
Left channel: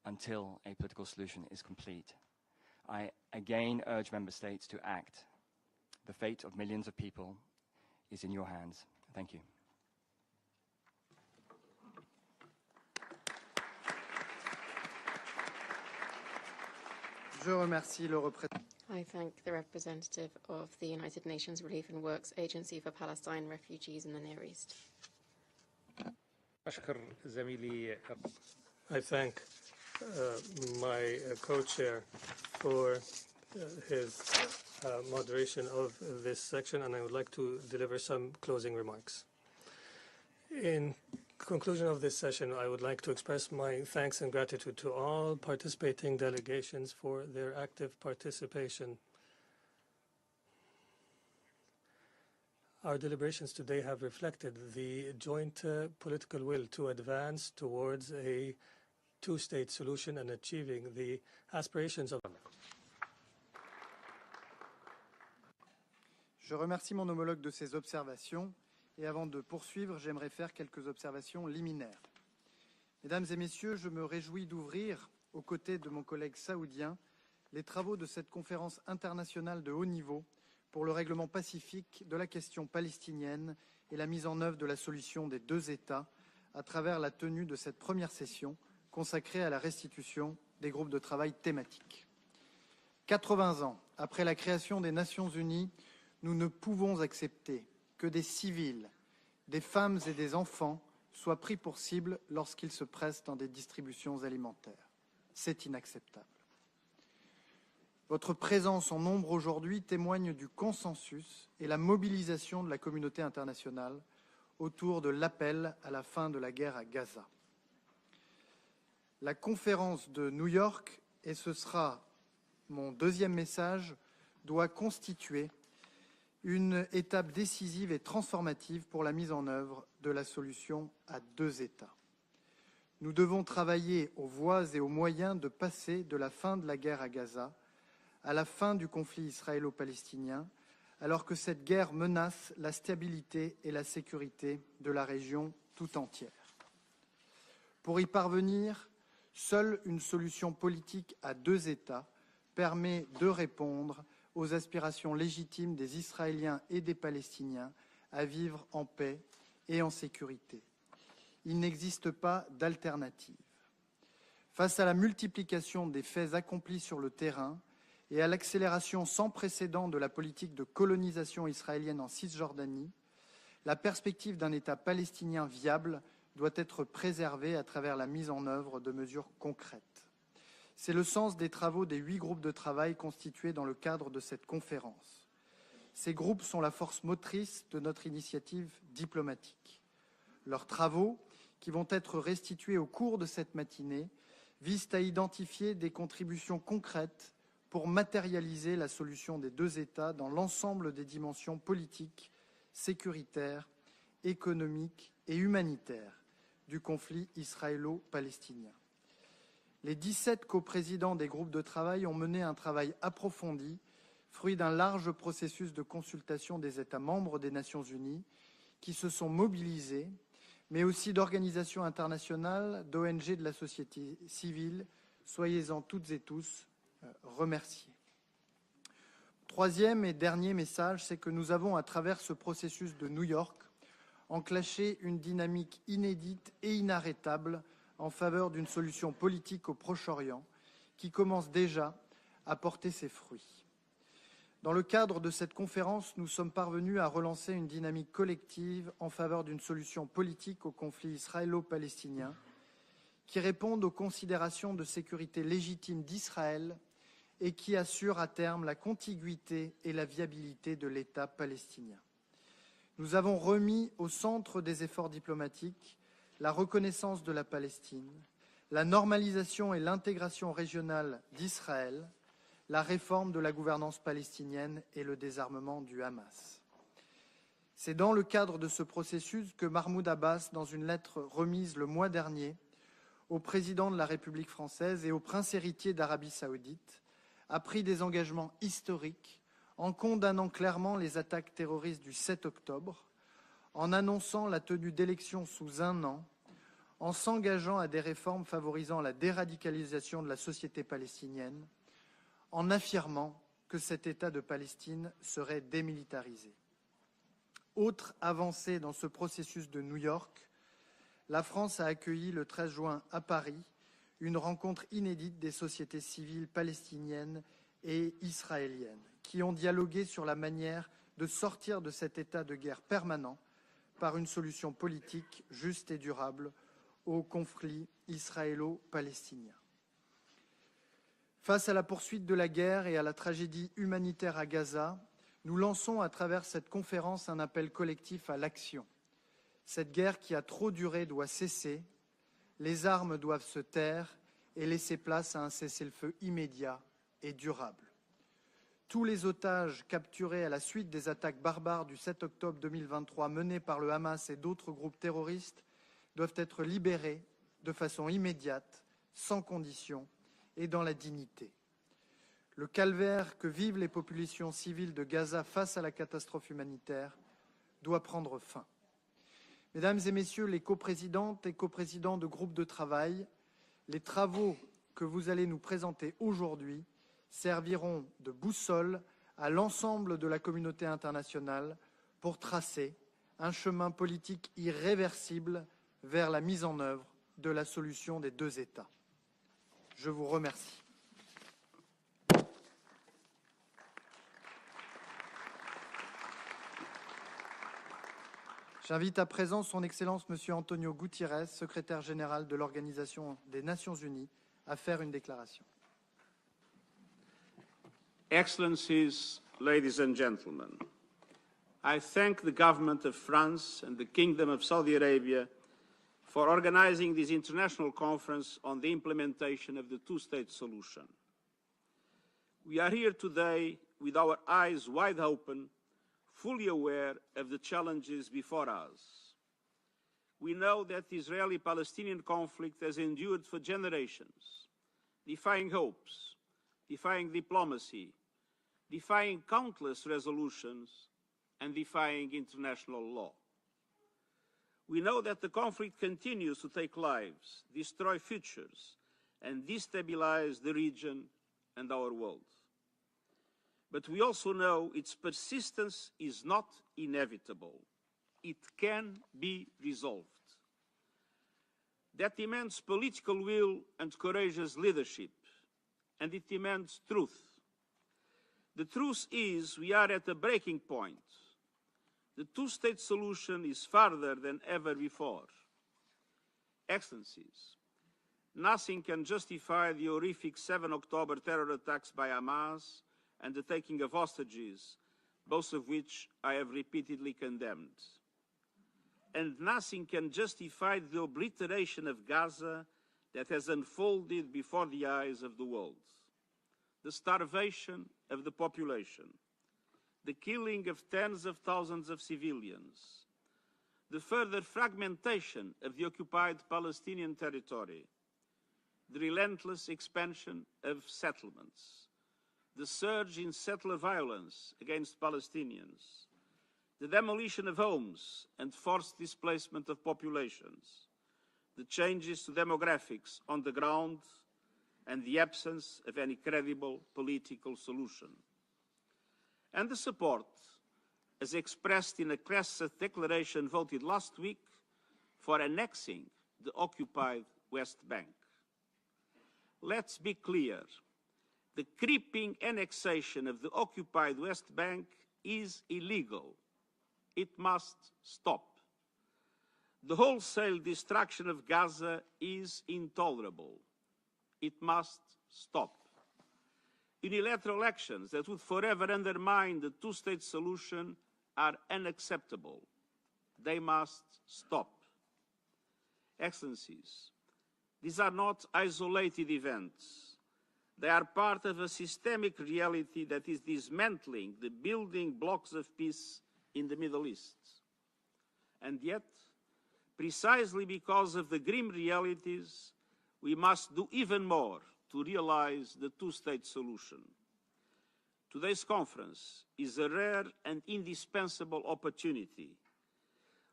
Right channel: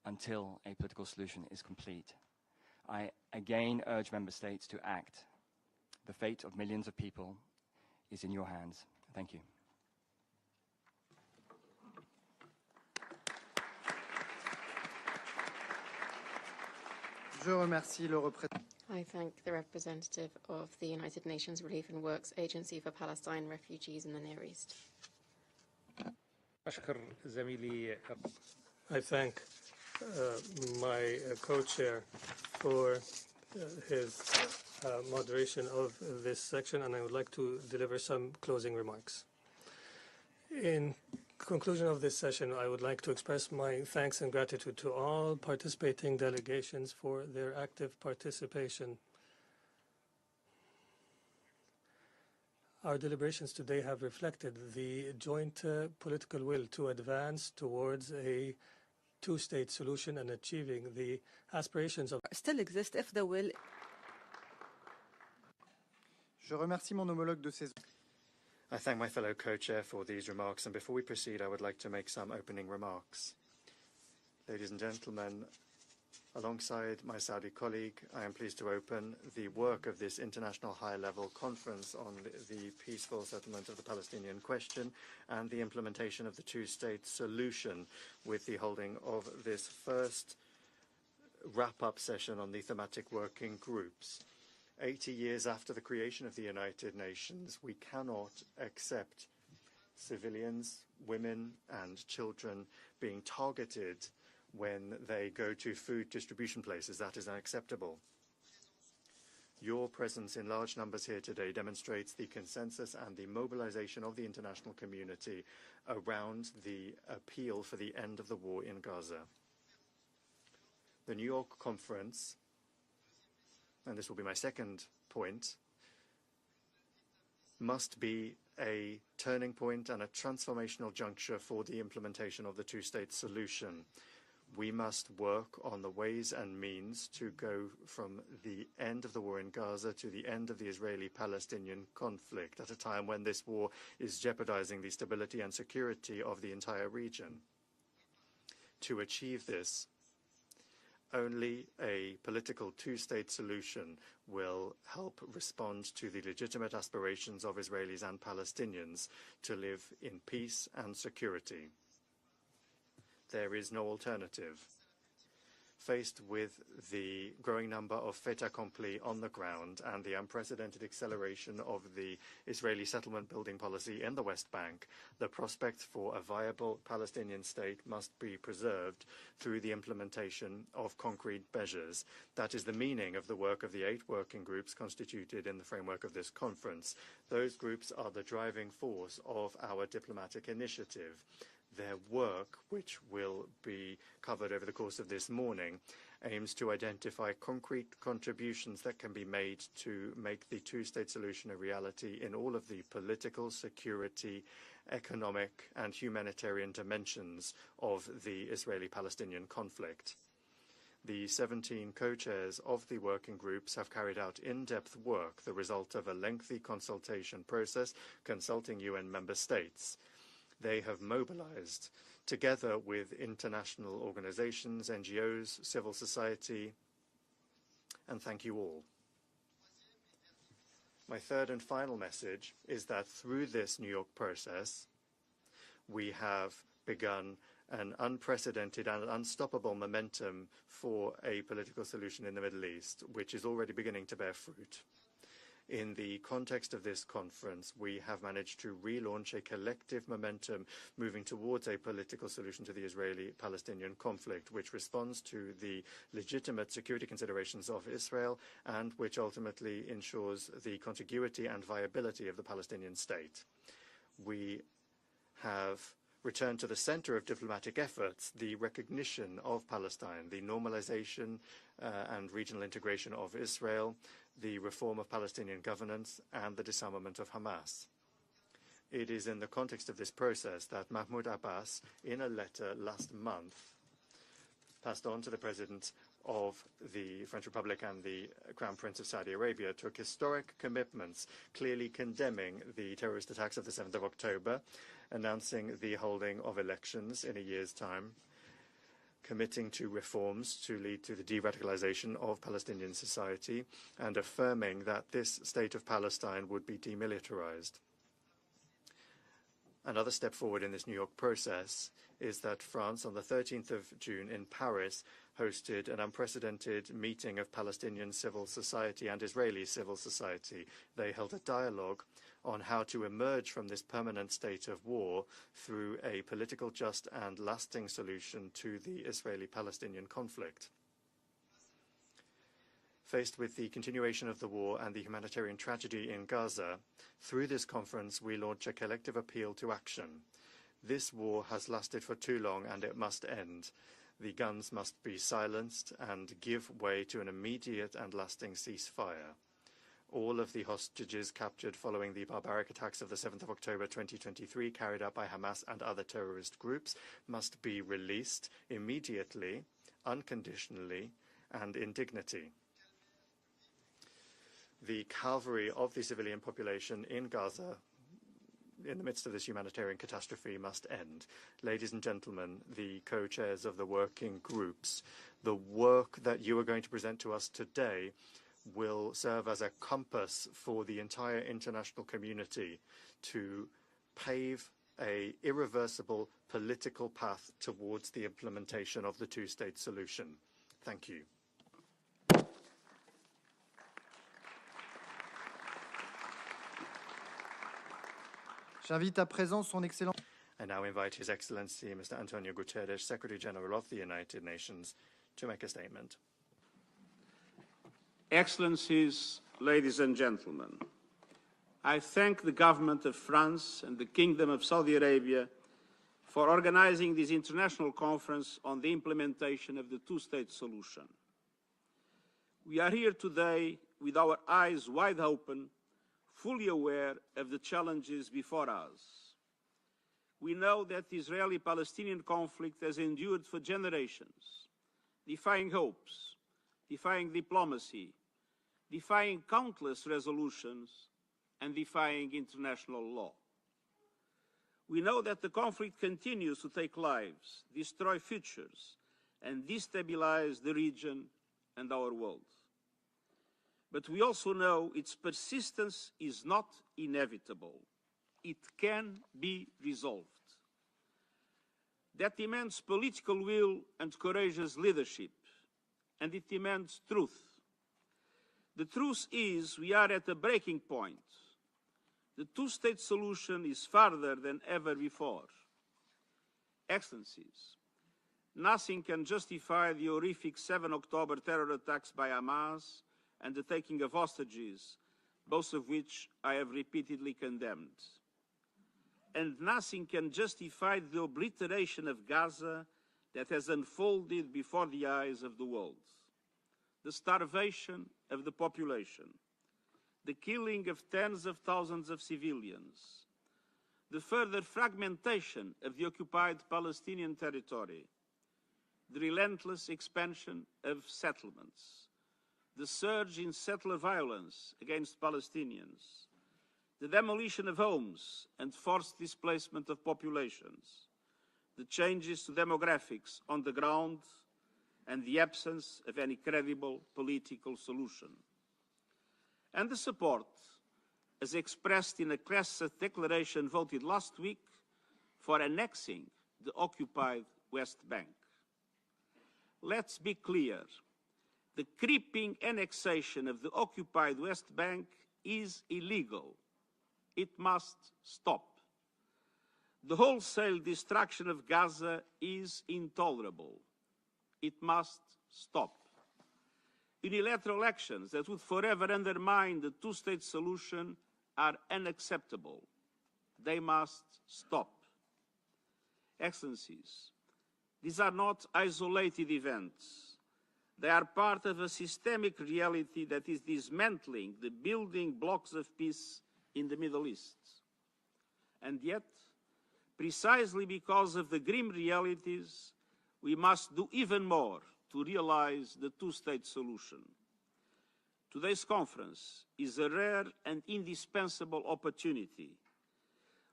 until a political solution is complete. I again urge member states to act. The fate of millions of people is in your hands. Thank you. Je remercie le représentant. I thank the representative of the United Nations Relief and Works Agency for Palestine Refugees in the Near East. I thank my co-chair for his moderation of this section, and I would like to deliver some closing remarks. In conclusion of this session, I would like to express my thanks and gratitude to all participating delegations for their active participation. Our deliberations today have reflected the joint political will to advance towards a two-state solution and achieving the aspirations of... Still exist if the will... Je remercie mon homologue de ses observations. I thank my fellow co-chair for these remarks, and before we proceed, I would like to make some opening remarks. Mesdames et messieurs, je me réjouis d'ouvrir, aux côtés de mon collègue saoudien, les travaux de cette conférence internationale de haut niveau pour le règlement pacifique de la question palestinienne et la mise en œuvre de la solution des deux États à travers la tenue de cette première session consacrée à la restitution des groupes de travail thématiques. 80 ans après la création des Nations Unies, nous ne pouvons accepter que des civils, des femmes et des enfants soient pris pour cible lorsqu'ils se pressent dans des distributions alimentaires. C'est inacceptable. Votre présence en nombre aujourd'hui témoigne du consensus et la mobilisation de la communauté internationale autour de l'appel à la fin de la guerre à Gaza. La conférence de New York, et ce sera mon deuxième message, doit constituer une étape décisive et transformative pour la mise en œuvre de la solution à deux États. Nous devons travailler aux voies et aux moyens de passer de la fin de la guerre à Gaza à la fin du conflit israélo-palestinien, alors que cette guerre menace la stabilité et la sécurité de la région tout entière. Pour y parvenir, seule une solution politique à deux États permet de répondre aux aspirations légitimes des Israéliens et des Palestiniens à vivre en paix et en sécurité. Il n'existe pas d'alternative. Face à la multiplication des faits accomplis sur le terrain et à l'accélération sans précédent de la politique de colonisation israélienne en Cisjordanie, la perspective d'un État palestinien viable doit être préservée à travers la mise en œuvre de mesures concrètes. C'est le sens des travaux des 8 groupes de travail constitués dans le cadre de cette conférence. Ces groupes sont la force motrice de notre initiative diplomatique. Leurs travaux, qui vont être restitués au cours de cette matinée, visent à identifier des contributions concrètes pour matérialiser la solution des deux États dans l'ensemble des dimensions politiques, sécuritaires, économiques et humanitaires du conflit israélo-palestinien. Les 17 coprésidents des groupes de travail ont mené un travail approfondi, fruit d'un large processus de consultation des États membres des Nations Unies qui se sont mobilisés, mais aussi d'organisations internationales, d'ONG de la société civile. Soyez-en toutes et tous remerciés. Troisième et dernier message, c'est que nous avons, à travers ce processus de New York, enclenché une dynamique inédite et inarrêtable en faveur d'une solution politique au Proche-Orient, qui commence déjà à porter ses fruits. Dans le cadre de cette conférence, nous sommes parvenus à relancer une dynamique collective en faveur d'une solution politique au conflit israélo-palestinien qui réponde aux considérations de sécurité légitimes d'Israël et qui assure à terme la contiguïté et la viabilité de l'État palestinien. Nous avons remis au centre des efforts diplomatiques la reconnaissance de la Palestine, la normalisation et l'intégration régionale d'Israël, la réforme de la gouvernance palestinienne et le désarmement du Hamas. C'est dans le cadre de ce processus que Mahmoud Abbas, dans une lettre remise le mois dernier au président de la République française et au prince héritier d'Arabie saoudite, a pris des engagements historiques en condamnant clairement les attaques terroristes du 7 octobre, en annonçant la tenue d'élections sous un an en s'engageant à des réformes favorisant la déradicalisation de la société palestinienne, en affirmant que cet État de Palestine serait démilitarisé. Autre avancée dans ce processus de New York, la France a accueilli le 13 juin à Paris une rencontre inédite des sociétés civiles palestiniennes et israéliennes qui ont dialogué sur la manière de sortir de cet état de guerre permanent par une solution politique juste et durable au conflit israélo-palestinien. Face à la poursuite de la guerre et à la tragédie humanitaire à Gaza, nous lançons à travers cette conférence un appel collectif à l'action. Cette guerre qui a trop duré doit cesser, les armes doivent se taire et laisser place à un cessez-le-feu immédiat et durable. Tous les otages capturés à la suite des attaques barbares du 7 octobre 2023 menées par le Hamas et d'autres groupes terroristes doivent être libérés de façon immédiate, sans condition et dans la dignité. Le calvaire que vivent les populations civiles de Gaza face à la catastrophe humanitaire doit prendre fin. Mesdames et messieurs les coprésidentes et coprésidents de groupes de travail, les travaux que vous allez nous présenter aujourd'hui serviront de boussole à l'ensemble de la communauté internationale pour tracer un chemin politique irréversible vers la mise en œuvre de la solution des deux États. Je vous remercie. J'invite à présent son Excellence Monsieur Antonio Guterres, secrétaire général de l'Organisation des Nations Unies, à faire une déclaration. Excellencies, ladies and gentlemen, I thank the government of France and the Kingdom of Saudi Arabia for organizing this international conference on the implementation of the two-state solution. We are here today with our eyes wide open, fully aware of the challenges before us. We know that the Israeli-Palestinian conflict has endured for generations, defying hopes, defying diplomacy, defying countless resolutions, and defying international law. We know that the conflict continues to take lives, destroy futures, and destabilize the region and our world. But we also know its persistence is not inevitable. It can be resolved. That demands political will and courageous leadership, and it demands truth. The truth is we are at a breaking point. The two-state solution is farther than ever before. Excellencies, nothing can justify the horrific 7 October terror attacks by Hamas and the taking of hostages, both of which I have repeatedly condemned. And nothing can justify the obliteration of Gaza that has unfolded before the eyes of the world. The starvation of the population, the killing of tens of thousands of civilians, the further fragmentation of the occupied Palestinian territory, the relentless expansion of settlements, the surge in settler violence against Palestinians, the demolition of homes and forced displacement of populations, the changes to demographics on the ground, and the absence of any credible political solution. And the support, as expressed in a Knesset declaration voted last week, for annexing the occupied West Bank. Let's be clear. The creeping annexation of the occupied West Bank is illegal. It must stop. The wholesale destruction of Gaza is intolerable. It must stop. Unilateral actions that would forever undermine the two-state solution are unacceptable. They must stop. Excellencies, these are not isolated events. They are part of a systemic reality that is dismantling the building blocks of peace in the Middle East. And yet, precisely because of the grim realities, we must do even more to realize the two-state solution. Today's conference is a rare and indispensable opportunity.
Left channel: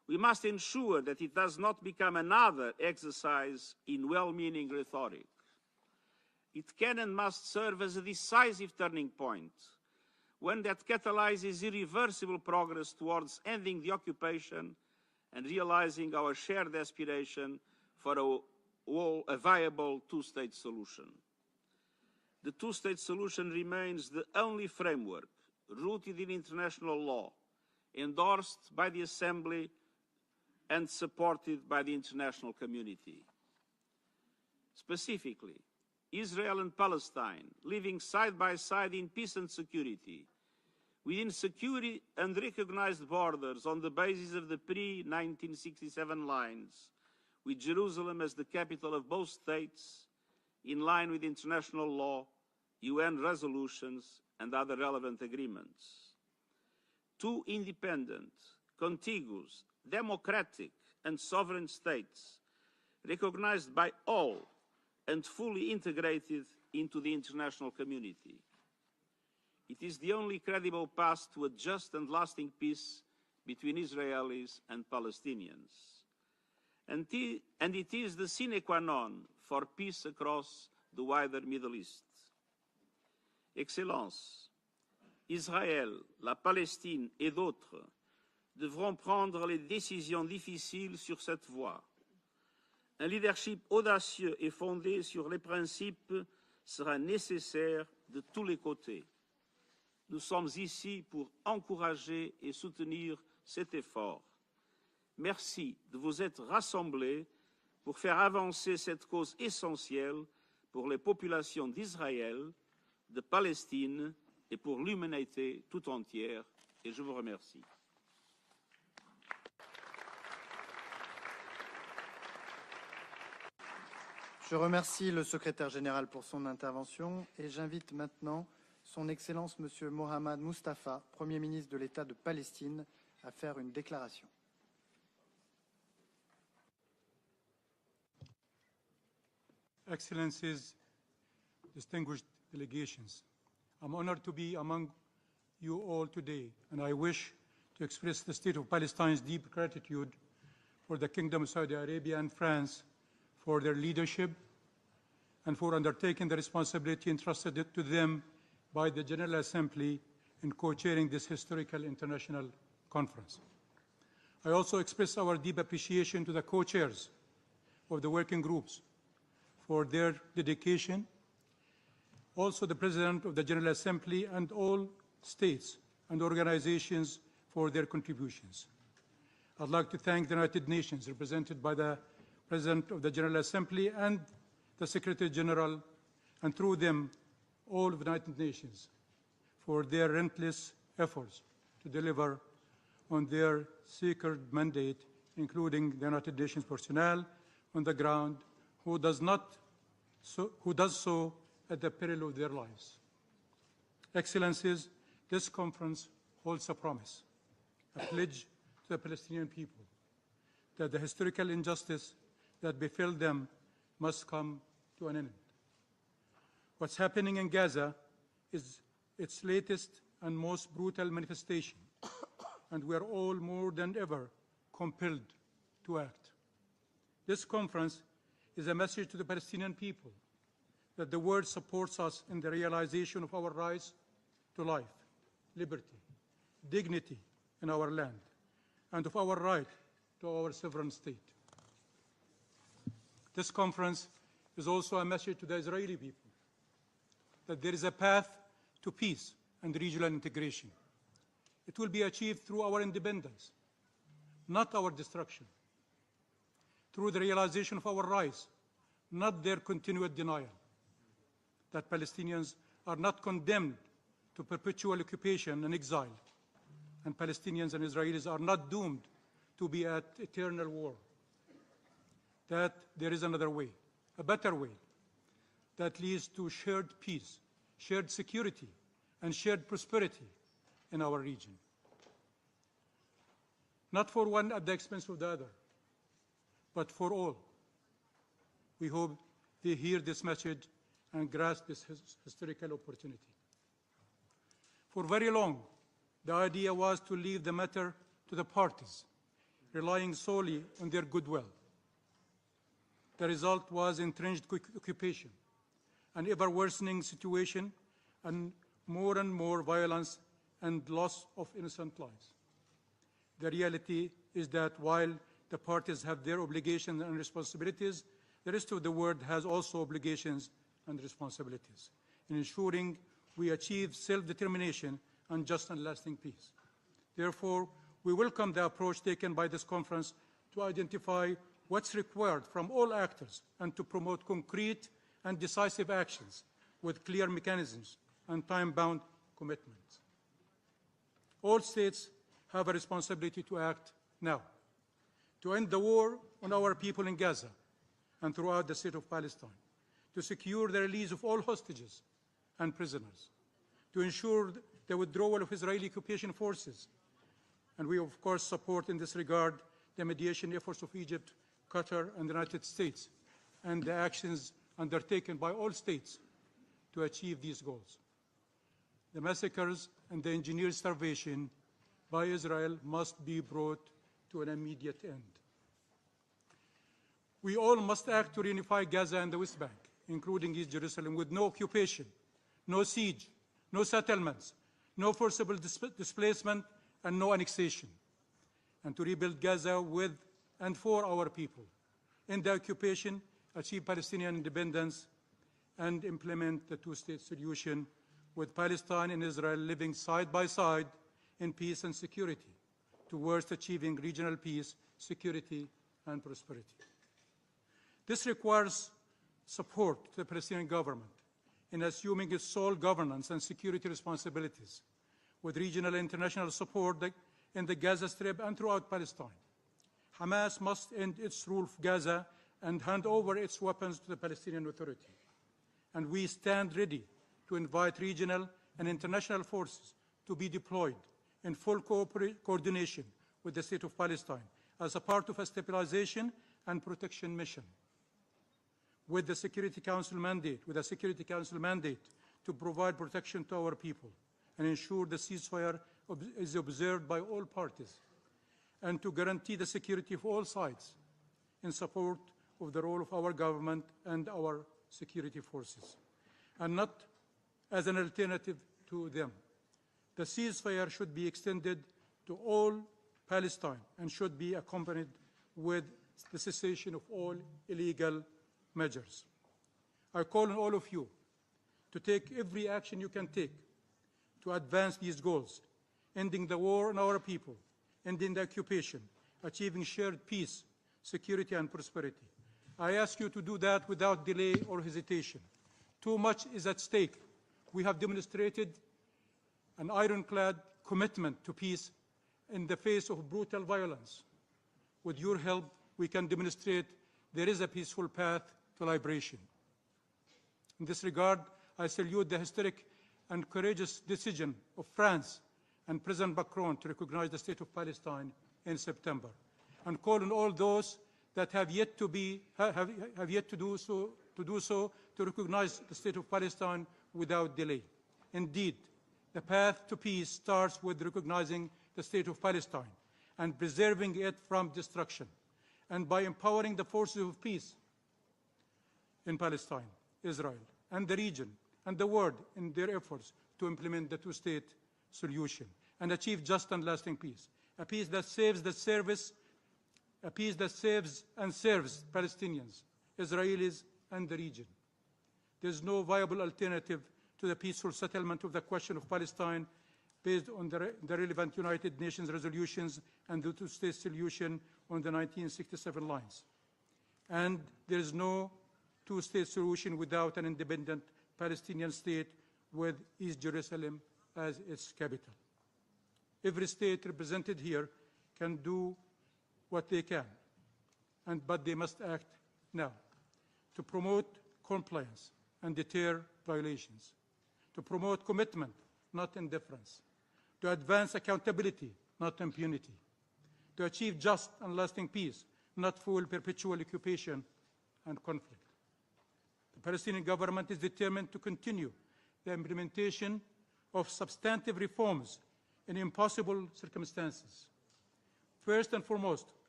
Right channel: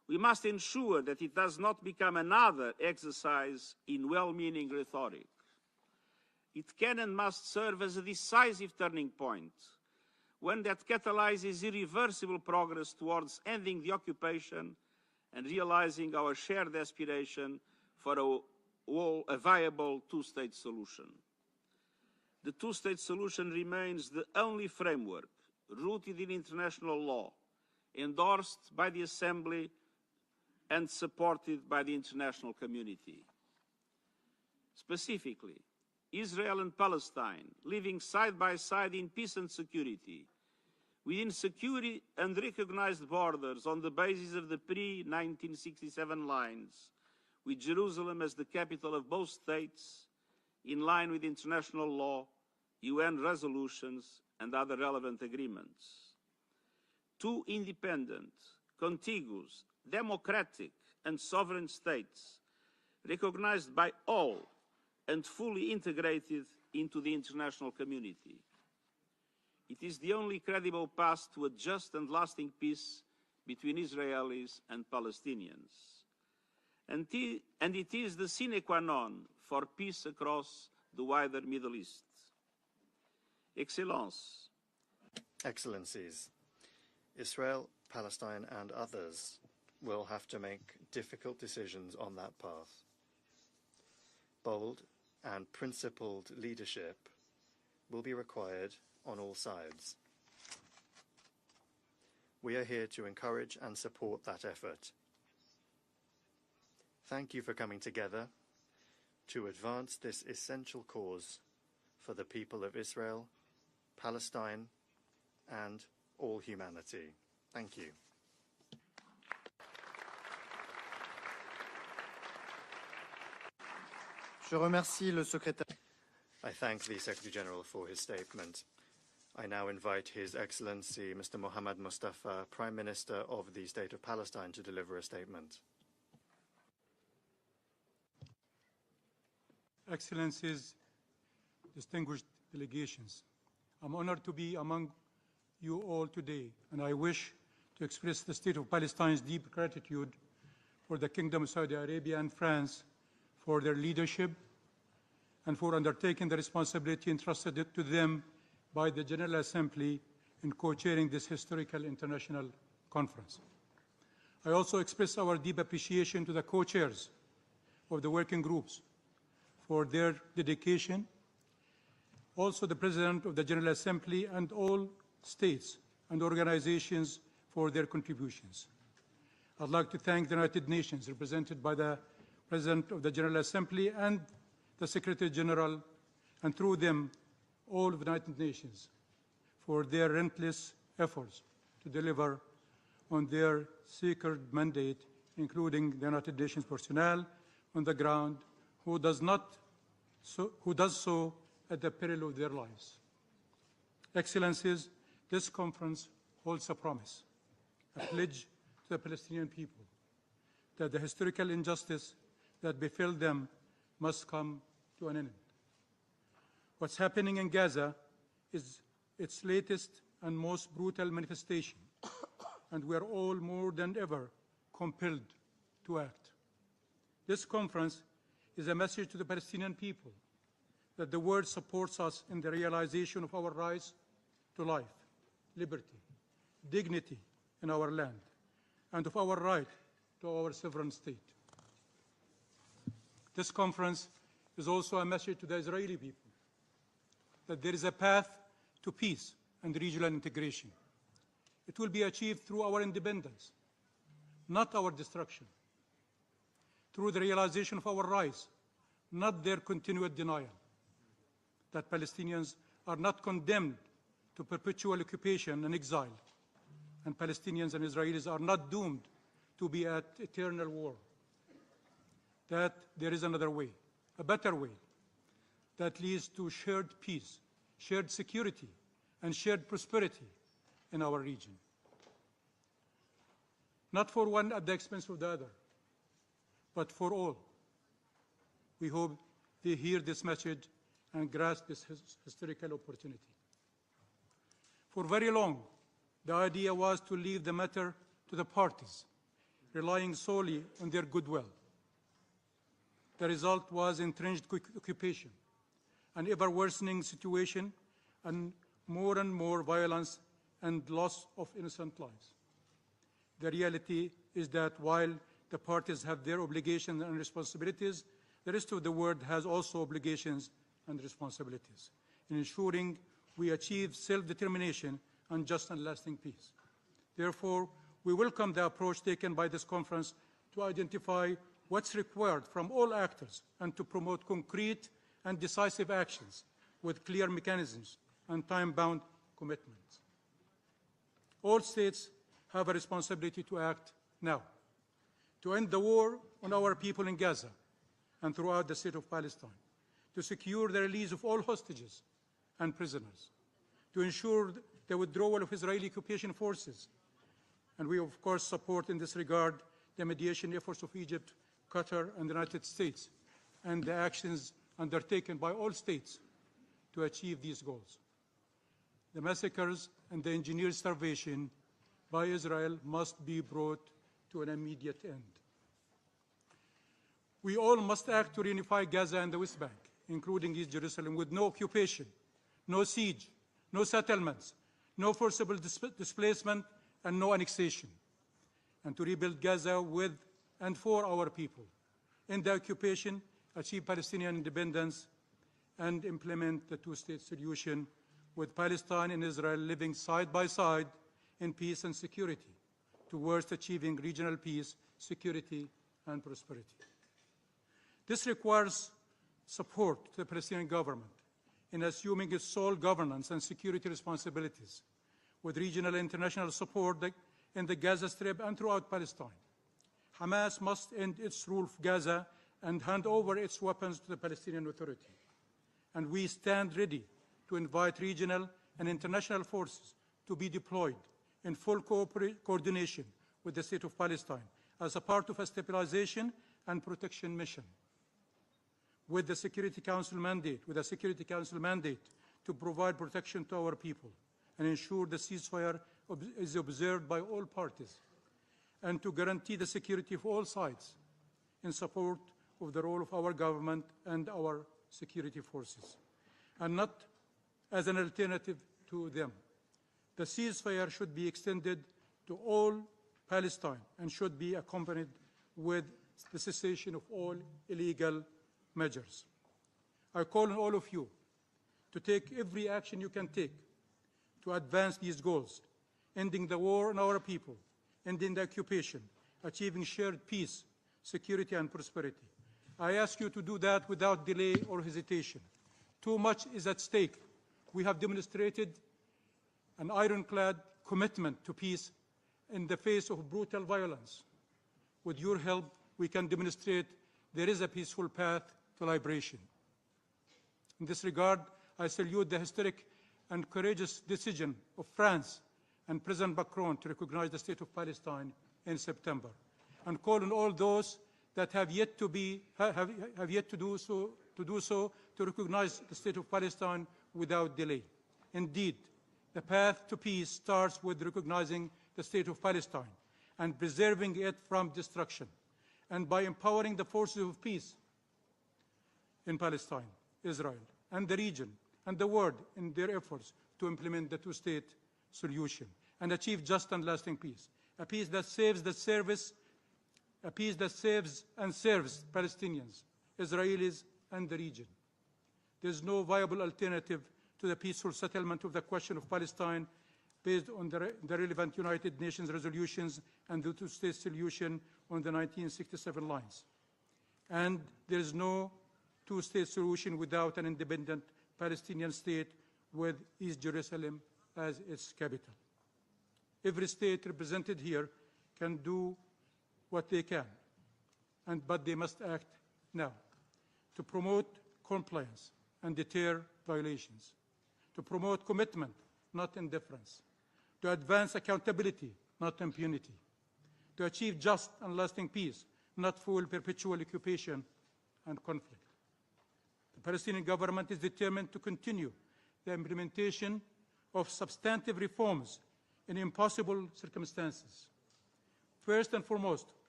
We must ensure that it does not become another exercise in well-meaning rhetoric. It can and must serve as a decisive turning point, one that catalyzes irreversible progress towards ending the occupation and realizing our shared aspiration for a viable two-state solution. The two-state solution remains the only framework rooted in international law, endorsed by the Assembly and supported by the international community. Specifically, Israel and Palestine living side by side in peace and security, within secure and recognized borders on the basis of the pre-1967 lines, with Jerusalem as the capital of both states, in line with international law, UN resolutions, and other relevant agreements. Two independent, contiguous, democratic, and sovereign states, recognized by all and fully integrated into the international community. It is the only credible path to a just and lasting peace between Israelis and Palestinians. And it is the sine qua non for peace across the wider Middle East. Excellences, Israël, la Palestine et d'autres devront prendre les décisions difficiles sur cette voie. Un leadership audacieux et fondé sur les principes sera nécessaire de tous les côtés. Nous sommes ici pour encourager et soutenir cet effort. Merci de vous être rassemblés pour faire avancer cette cause essentielle pour les populations d'Israël, de Palestine et pour l'humanité tout entière. Et je vous remercie. Je remercie le secrétaire général pour son intervention et j'invite maintenant Son Excellence Monsieur Mohammad Mustafa, Premier ministre de l'État de Palestine, to deliver a statement. Excellencies, distinguished delegations, I'm honored to be among you all today, and I wish to express the State of Palestine's deep gratitude for the Kingdom of Saudi Arabia and France for their leadership and for undertaking the responsibility entrusted to them by the General Assembly in co-chairing this historical international conference. I also express our deep appreciation to the co-chairs of the working groups for their dedication, also the President of the General Assembly and all states and organizations for their contributions. I'd like to thank the United Nations, represented by the President of the General Assembly and the Secretary General, and through them, all of the United Nations, for their relentless efforts to deliver on their sacred mandate, including the United Nations personnel on the ground who does so at the peril of their lives. Excellencies, this conference holds a promise, a pledge to the Palestinian people that the historical injustice that befell them must come to an end. What's happening in Gaza is its latest and most brutal manifestation, and we are all more than ever compelled to act. This conference is a message to the Palestinian people that the world supports us in the realization of our rights to life, liberty, dignity in our land, and of our right to our sovereign state. This conference is also a message to the Israeli people that there is a path to peace and regional integration. It will be achieved through our independence, not our destruction, through the realization of our rights, not their continued denial, that Palestinians are not condemned to perpetual occupation and exile, and Palestinians and Israelis are not doomed to be at eternal war, that there is another way, a better way, that leads to shared peace, shared security, and shared prosperity in our region. Not for one at the expense of the other, but for all. We hope they hear this message and grasp this historical opportunity. For very long, the idea was to leave the matter to the parties relying solely on their goodwill. The result was entrenched occupation, an ever-worsening situation, and more violence and loss of innocent lives. The reality is that while the parties have their obligations and responsibilities, the rest of the world has also obligations and responsibilities in ensuring we achieve self-determination and just and lasting peace. Therefore, we welcome the approach taken by this conference to identify what's required from all actors and to promote concrete and decisive actions with clear mechanisms and time-bound commitments. All states have a responsibility to act now, to end the war on our people in Gaza and throughout the state of Palestine, to secure the release of all hostages and prisoners, to ensure the withdrawal of Israeli occupation forces. And we, of course, support in this regard the mediation efforts of Egypt, Qatar, and the United States, and the actions undertaken by all states to achieve these goals. The massacres and the engineered starvation by Israel must be brought to an immediate end. We all must act to reunify Gaza and the West Bank, including East Jerusalem, with no occupation, no siege, no settlements, no forcible displacement, and no annexation, and to rebuild Gaza with and for our people, end the occupation, achieve Palestinian independence, and implement the two-state solution with Palestine and Israel living side by side in peace and security towards achieving regional peace, security, and prosperity. This requires support to the Palestinian government in assuming its sole governance and security responsibilities, with regional and international support in the Gaza Strip and throughout Palestine. Hamas must end its rule of Gaza and hand over its weapons to the Palestinian Authority. And we stand ready to invite regional and international forces to be deployed in full coordination with the State of Palestine as a part of a stabilization and protection mission. With a Security Council mandate to provide protection to our people and ensure the ceasefire is observed by all parties, and to guarantee the security of all sides in support of the role of our government and our security forces, and not as an alternative to them. The ceasefire should be extended to all Palestine and should be accompanied with the cessation of all illegal measures. I call on all of you to take every action you can take to advance these goals, ending the war on our people, ending the occupation, achieving shared peace, security, and prosperity. I ask you to do that without delay or hesitation. Too much is at stake. We have demonstrated an ironclad commitment to peace in the face of brutal violence. With your help, we can demonstrate there is a peaceful path to liberation. In this regard, I salute the historic and courageous decision of France and President Macron to recognize the State of Palestine in September, and call on all those that have yet to do so to recognize the State of Palestine without delay. Indeed, the path to peace starts with recognizing the State of Palestine and preserving it from destruction, and by empowering the forces of peace in Palestine, Israel, and the region, and the world in their efforts to implement the two-state solution and achieve just and lasting peace, a peace that saves and serves Palestinians, Israelis, and the region. There is no viable alternative to the peaceful settlement of the question of Palestine based on the relevant United Nations resolutions and the two-state solution on the 1967 lines. And there is no two-state solution without an independent Palestinian state with East Jerusalem as its capital. Every state represented here can do what they can, but they must act now to promote compliance and deter violations, to promote commitment, not indifference, to advance accountability, not impunity, to achieve just and lasting peace, not full perpetual occupation and conflict. The Palestinian government is determined to continue the implementation of substantive reforms in impossible circumstances. First and foremost,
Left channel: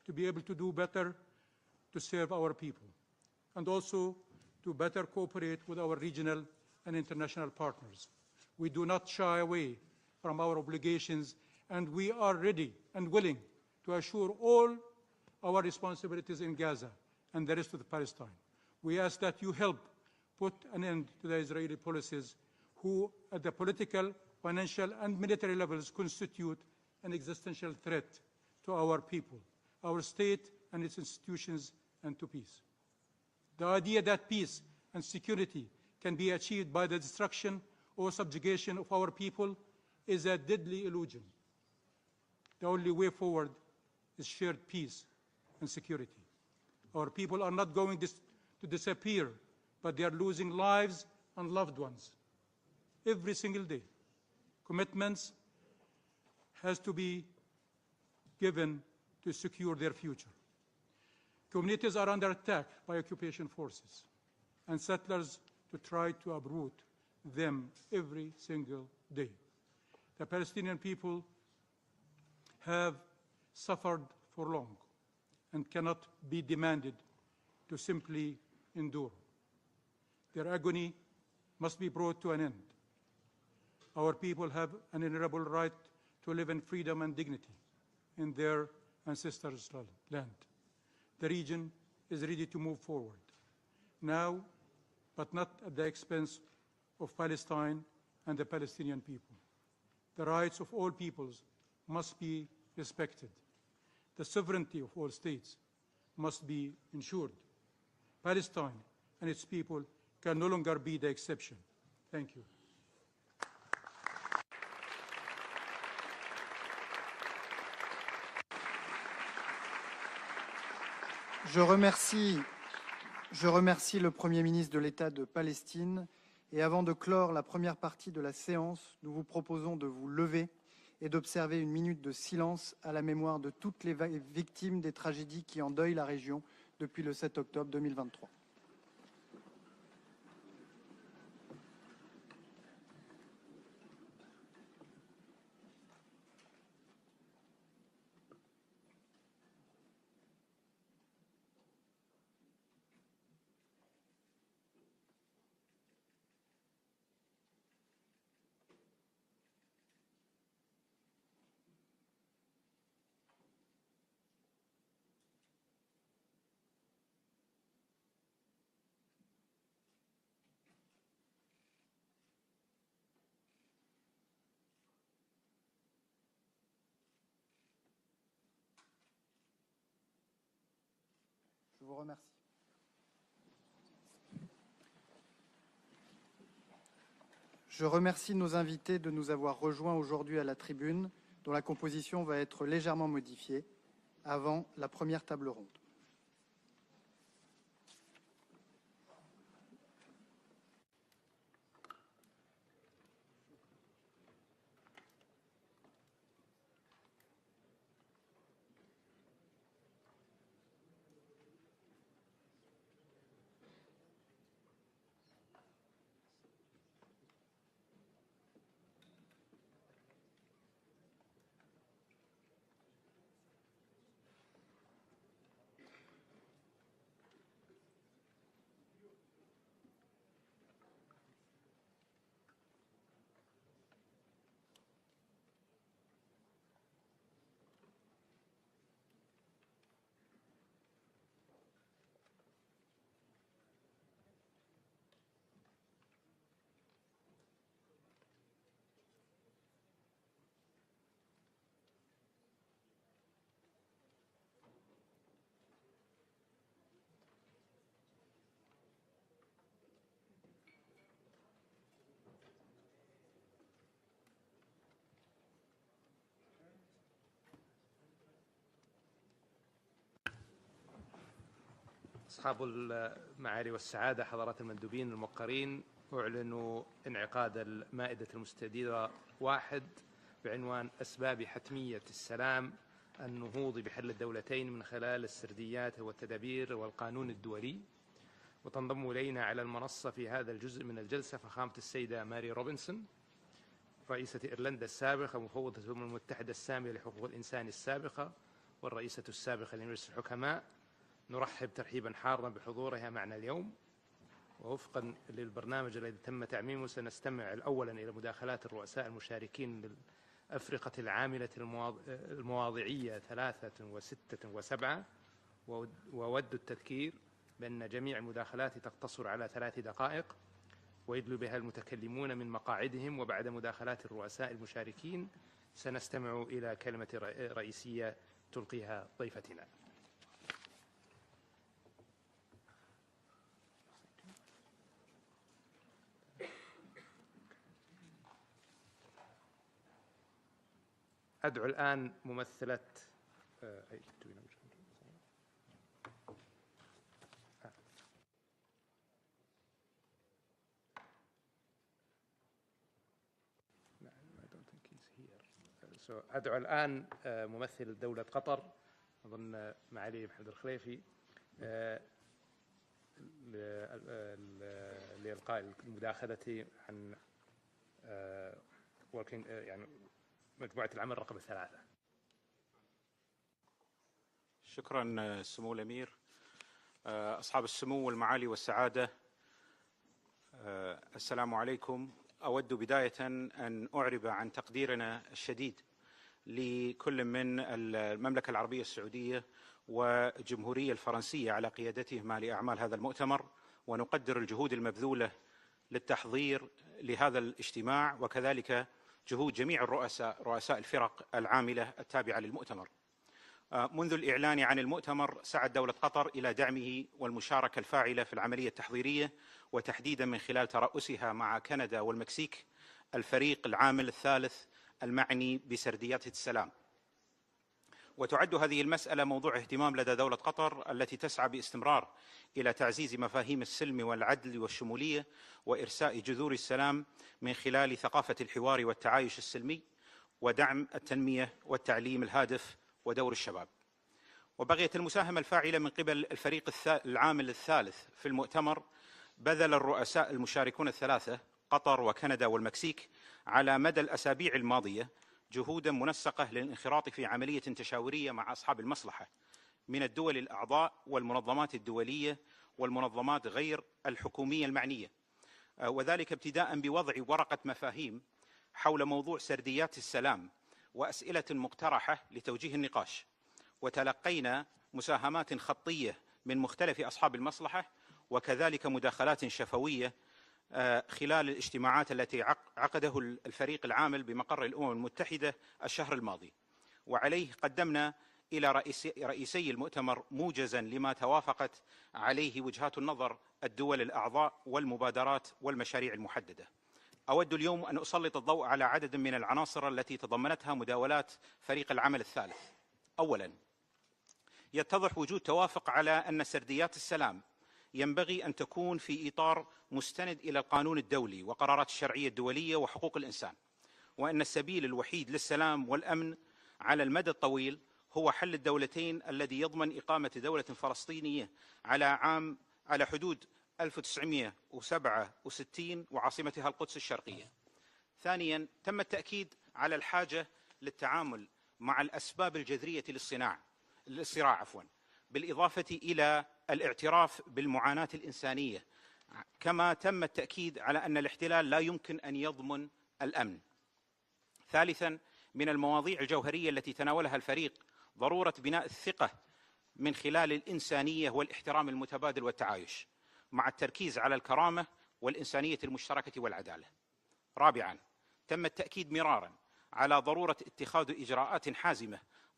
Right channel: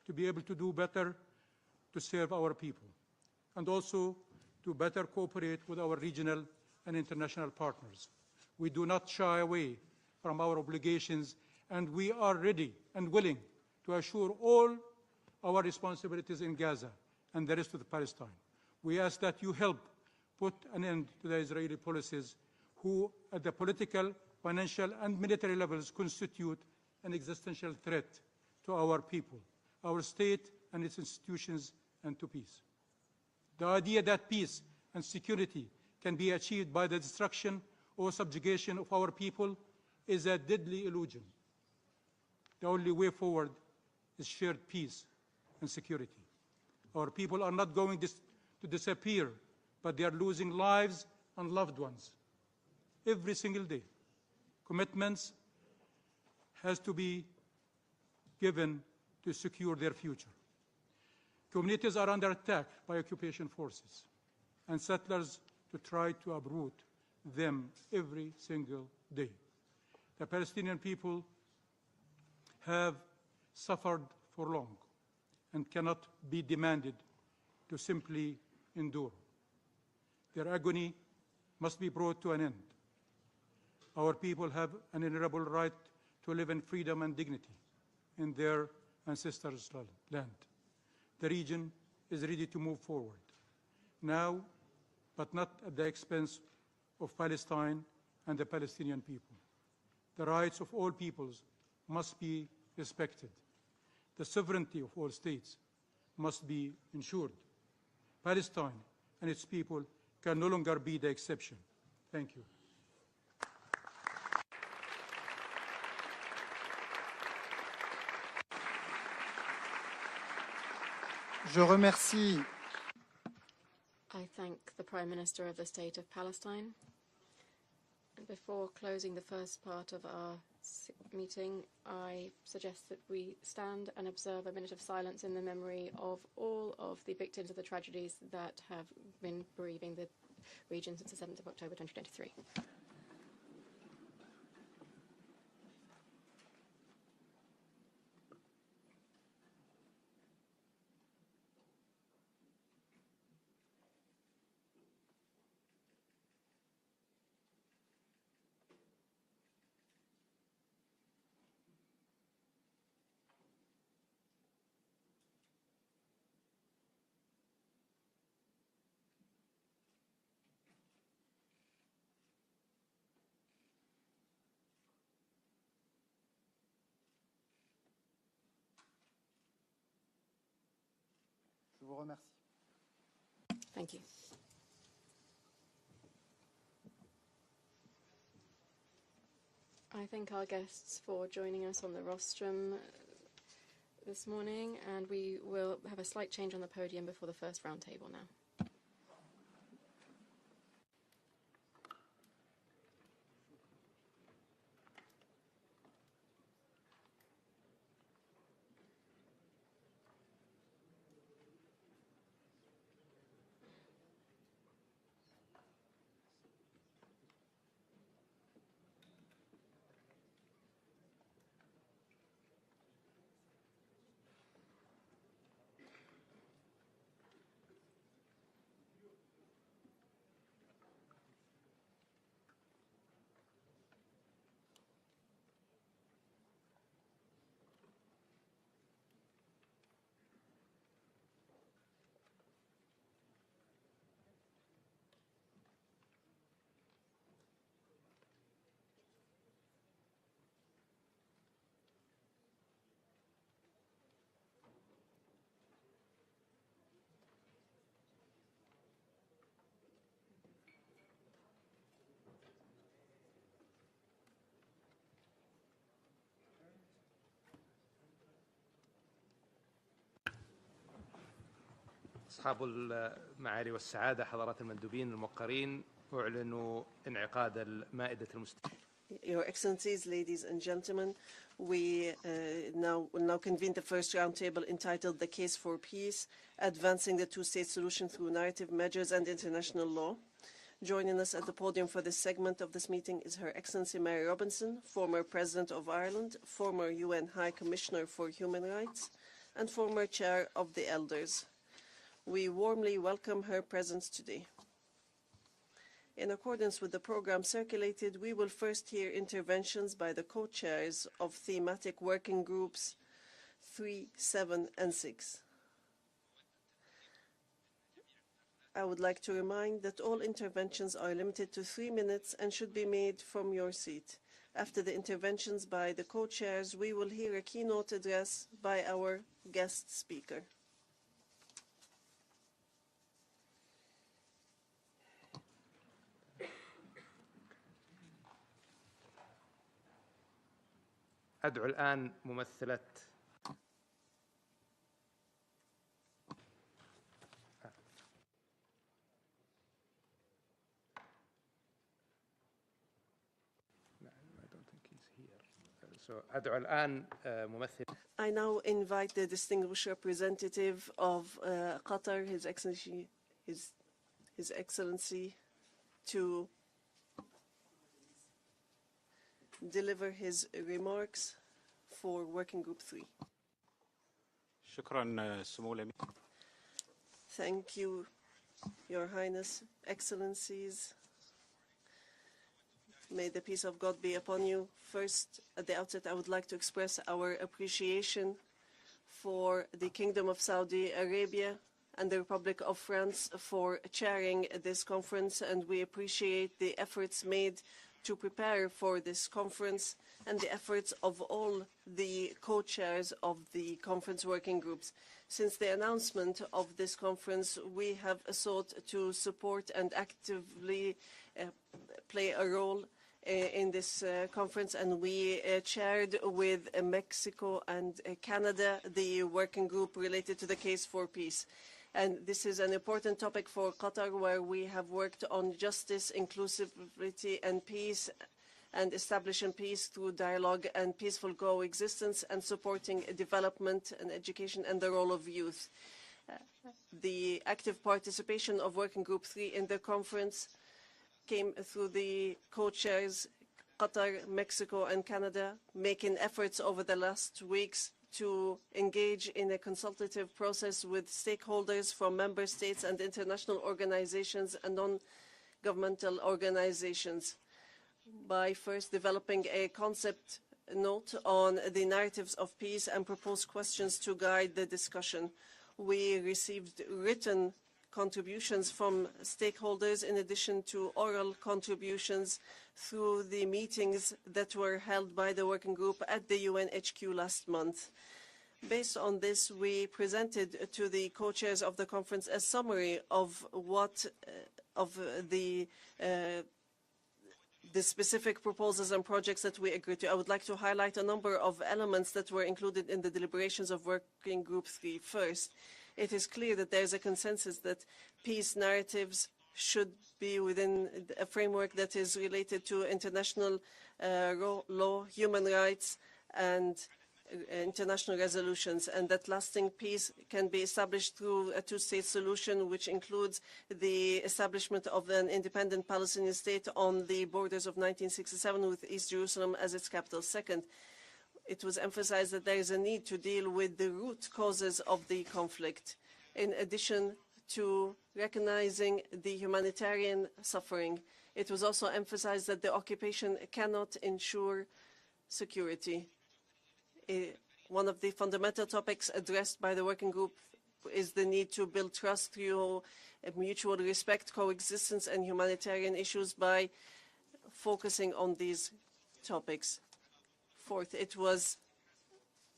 to be able to do better to serve our people, and also to better cooperate with our regional and international partners. We do not shy away from our obligations, and we are ready and willing to assure all our responsibilities in Gaza and the rest of Palestine. We ask that you help put an end to the Israeli policies who, at the political, financial, and military levels, constitute an existential threat to our people, our state and its institutions, and to peace. The idea that peace and security can be achieved by the destruction or subjugation of our people is a deadly illusion. The only way forward is shared peace and security. Our people are not going to disappear, but they are losing lives and loved ones every single day. Commitments has to be given to secure their future. Communities are under attack by occupation forces and settlers to try to uproot them every single day. The Palestinian people have suffered for long and cannot be demanded to simply endure. Their agony must be brought to an end. Our people have an inalienable right to live in freedom and dignity in their ancestors' land. The region is ready to move forward now, but not at the expense of Palestine and the Palestinian people. The rights of all peoples must be respected. The sovereignty of all states must be ensured. Palestine and its people can no longer be the exception. Thank you. Je remercie le Premier ministre de l'État de Palestine. Et avant de clore la première partie de la séance, nous vous proposons de vous lever et d'observer une minute de silence à la mémoire de toutes les victimes des tragédies qui endeuillent la région depuis le 7 octobre 2023. Je vous remercie. Thank you. Je remercie nos invités de nous avoir rejoints aujourd'hui à la tribune, dont la composition va être légèrement modifiée avant la première table ronde. أصحاب المعالي والسعادة، حضرات المندوبين الموقرين، أعلن انعقاد المائدة المستديرة واحد بعنوان أسباب حتمية السلام now convene the first roundtable entitled The Case for Peace, Advancing the Two-State Solution Through Narrative Measures and International Law. Joining us at the podium for this segment of this meeting is Her Excellency Mary Robinson, former President of Ireland, former UN High Commissioner for Human Rights, and former Chair of the Elders. We warmly welcome her presence today. In accordance with the program circulated, we will first hear interventions by the co-chairs of thematic working groups 3, 7, and 6. I would like to remind that all interventions are limited to 3 minutes and should be made from your seat. After the interventions by the co-chairs, we will hear a keynote address by our guest speaker. أدعو الآن ممثلة أدعو الآن ممثل الدولة I now invite the distinguished representative of Qatar, His Excellency, to deliver his remarks for Working Group 3. شكرا سمو الأمير أصحاب السمو والمعالي والسعادة. Your Highness, Excellencies. السلام عليكم. أود بداية أن أعرب عن تقديرنا الشديد لكل من المملكة العربية السعودية والجمهورية الفرنسية على قيادتهما لأعمال هذا المؤتمر، ونقدر الجهود المبذولة للتحضير لهذا الاجتماع، وكذلك جهود جميع الرؤساء الفرق العاملة التابعة للمؤتمر. منذ الإعلان عن المؤتمر سعت دولة قطر إلى دعمه والمشاركة الفاعلة في العملية التحضيرية، وتحديدا من خلال ترأسها مع كندا والمكسيك الفريق العامل الثالث المعني بسرديات السلام. وتعد هذه المسألة موضوع اهتمام لدى دولة قطر التي تسعى باستمرار إلى تعزيز مفاهيم السلم والعدل والشمولية وإرساء جذور السلام من خلال ثقافة الحوار والتعايش السلمي ودعم التنمية والتعليم الهادف ودور الشباب. وبغية المساهمة الفاعلة من قبل الفريق العامل الثالث في المؤتمر بذل الرؤساء المشاركون الثلاثة قطر وكندا والمكسيك على مدى الأسابيع الماضية جهودا منسقة للانخراط في عملية تشاورية مع أصحاب المصلحة من الدول الأعضاء والمنظمات الدولية والمنظمات غير الحكومية المعنية، وذلك ابتداء بوضع ورقة مفاهيم حول موضوع سرديات السلام وأسئلة مقترحة لتوجيه النقاش، وتلقينا مساهمات خطية من مختلف أصحاب المصلحة وكذلك مداخلات شفوية خلال الاجتماعات التي عقده الفريق العامل بمقر الأمم المتحدة الشهر الماضي. وعليه قدمنا إلى رئيسي المؤتمر موجزا لما توافقت عليه وجهات النظر الدول الأعضاء والمبادرات والمشاريع المحددة. أود اليوم أن أسلط الضوء على عدد من العناصر التي تضمنتها مداولات فريق العمل الثالث. أولا، يتضح وجود توافق على أن سرديات السلام ينبغي أن تكون في إطار مستند إلى القانون الدولي وقرارات الشرعية الدولية وحقوق الإنسان، وأن السبيل الوحيد للسلام والأمن على المدى الطويل هو حل الدولتين الذي يضمن إقامة دولة فلسطينية على حدود 1967 وعاصمتها القدس الشرقية. ثانيا، تم التأكيد على الحاجة للتعامل مع الأسباب الجذرية للصراع بالإضافة إلى الاعتراف بالمعاناة الإنسانية، كما تم التأكيد على أن الاحتلال لا يمكن أن يضمن الأمن. ثالثا، من المواضيع الجوهرية التي تناولها الفريق ضرورة بناء الثقة من خلال الإنسانية والاحترام المتبادل والتعايش مع التركيز على الكرامة والإنسانية المشتركة والعدالة. رابعا، تم التأكيد مرارا على ضرورة اتخاذ إجراءات حازمة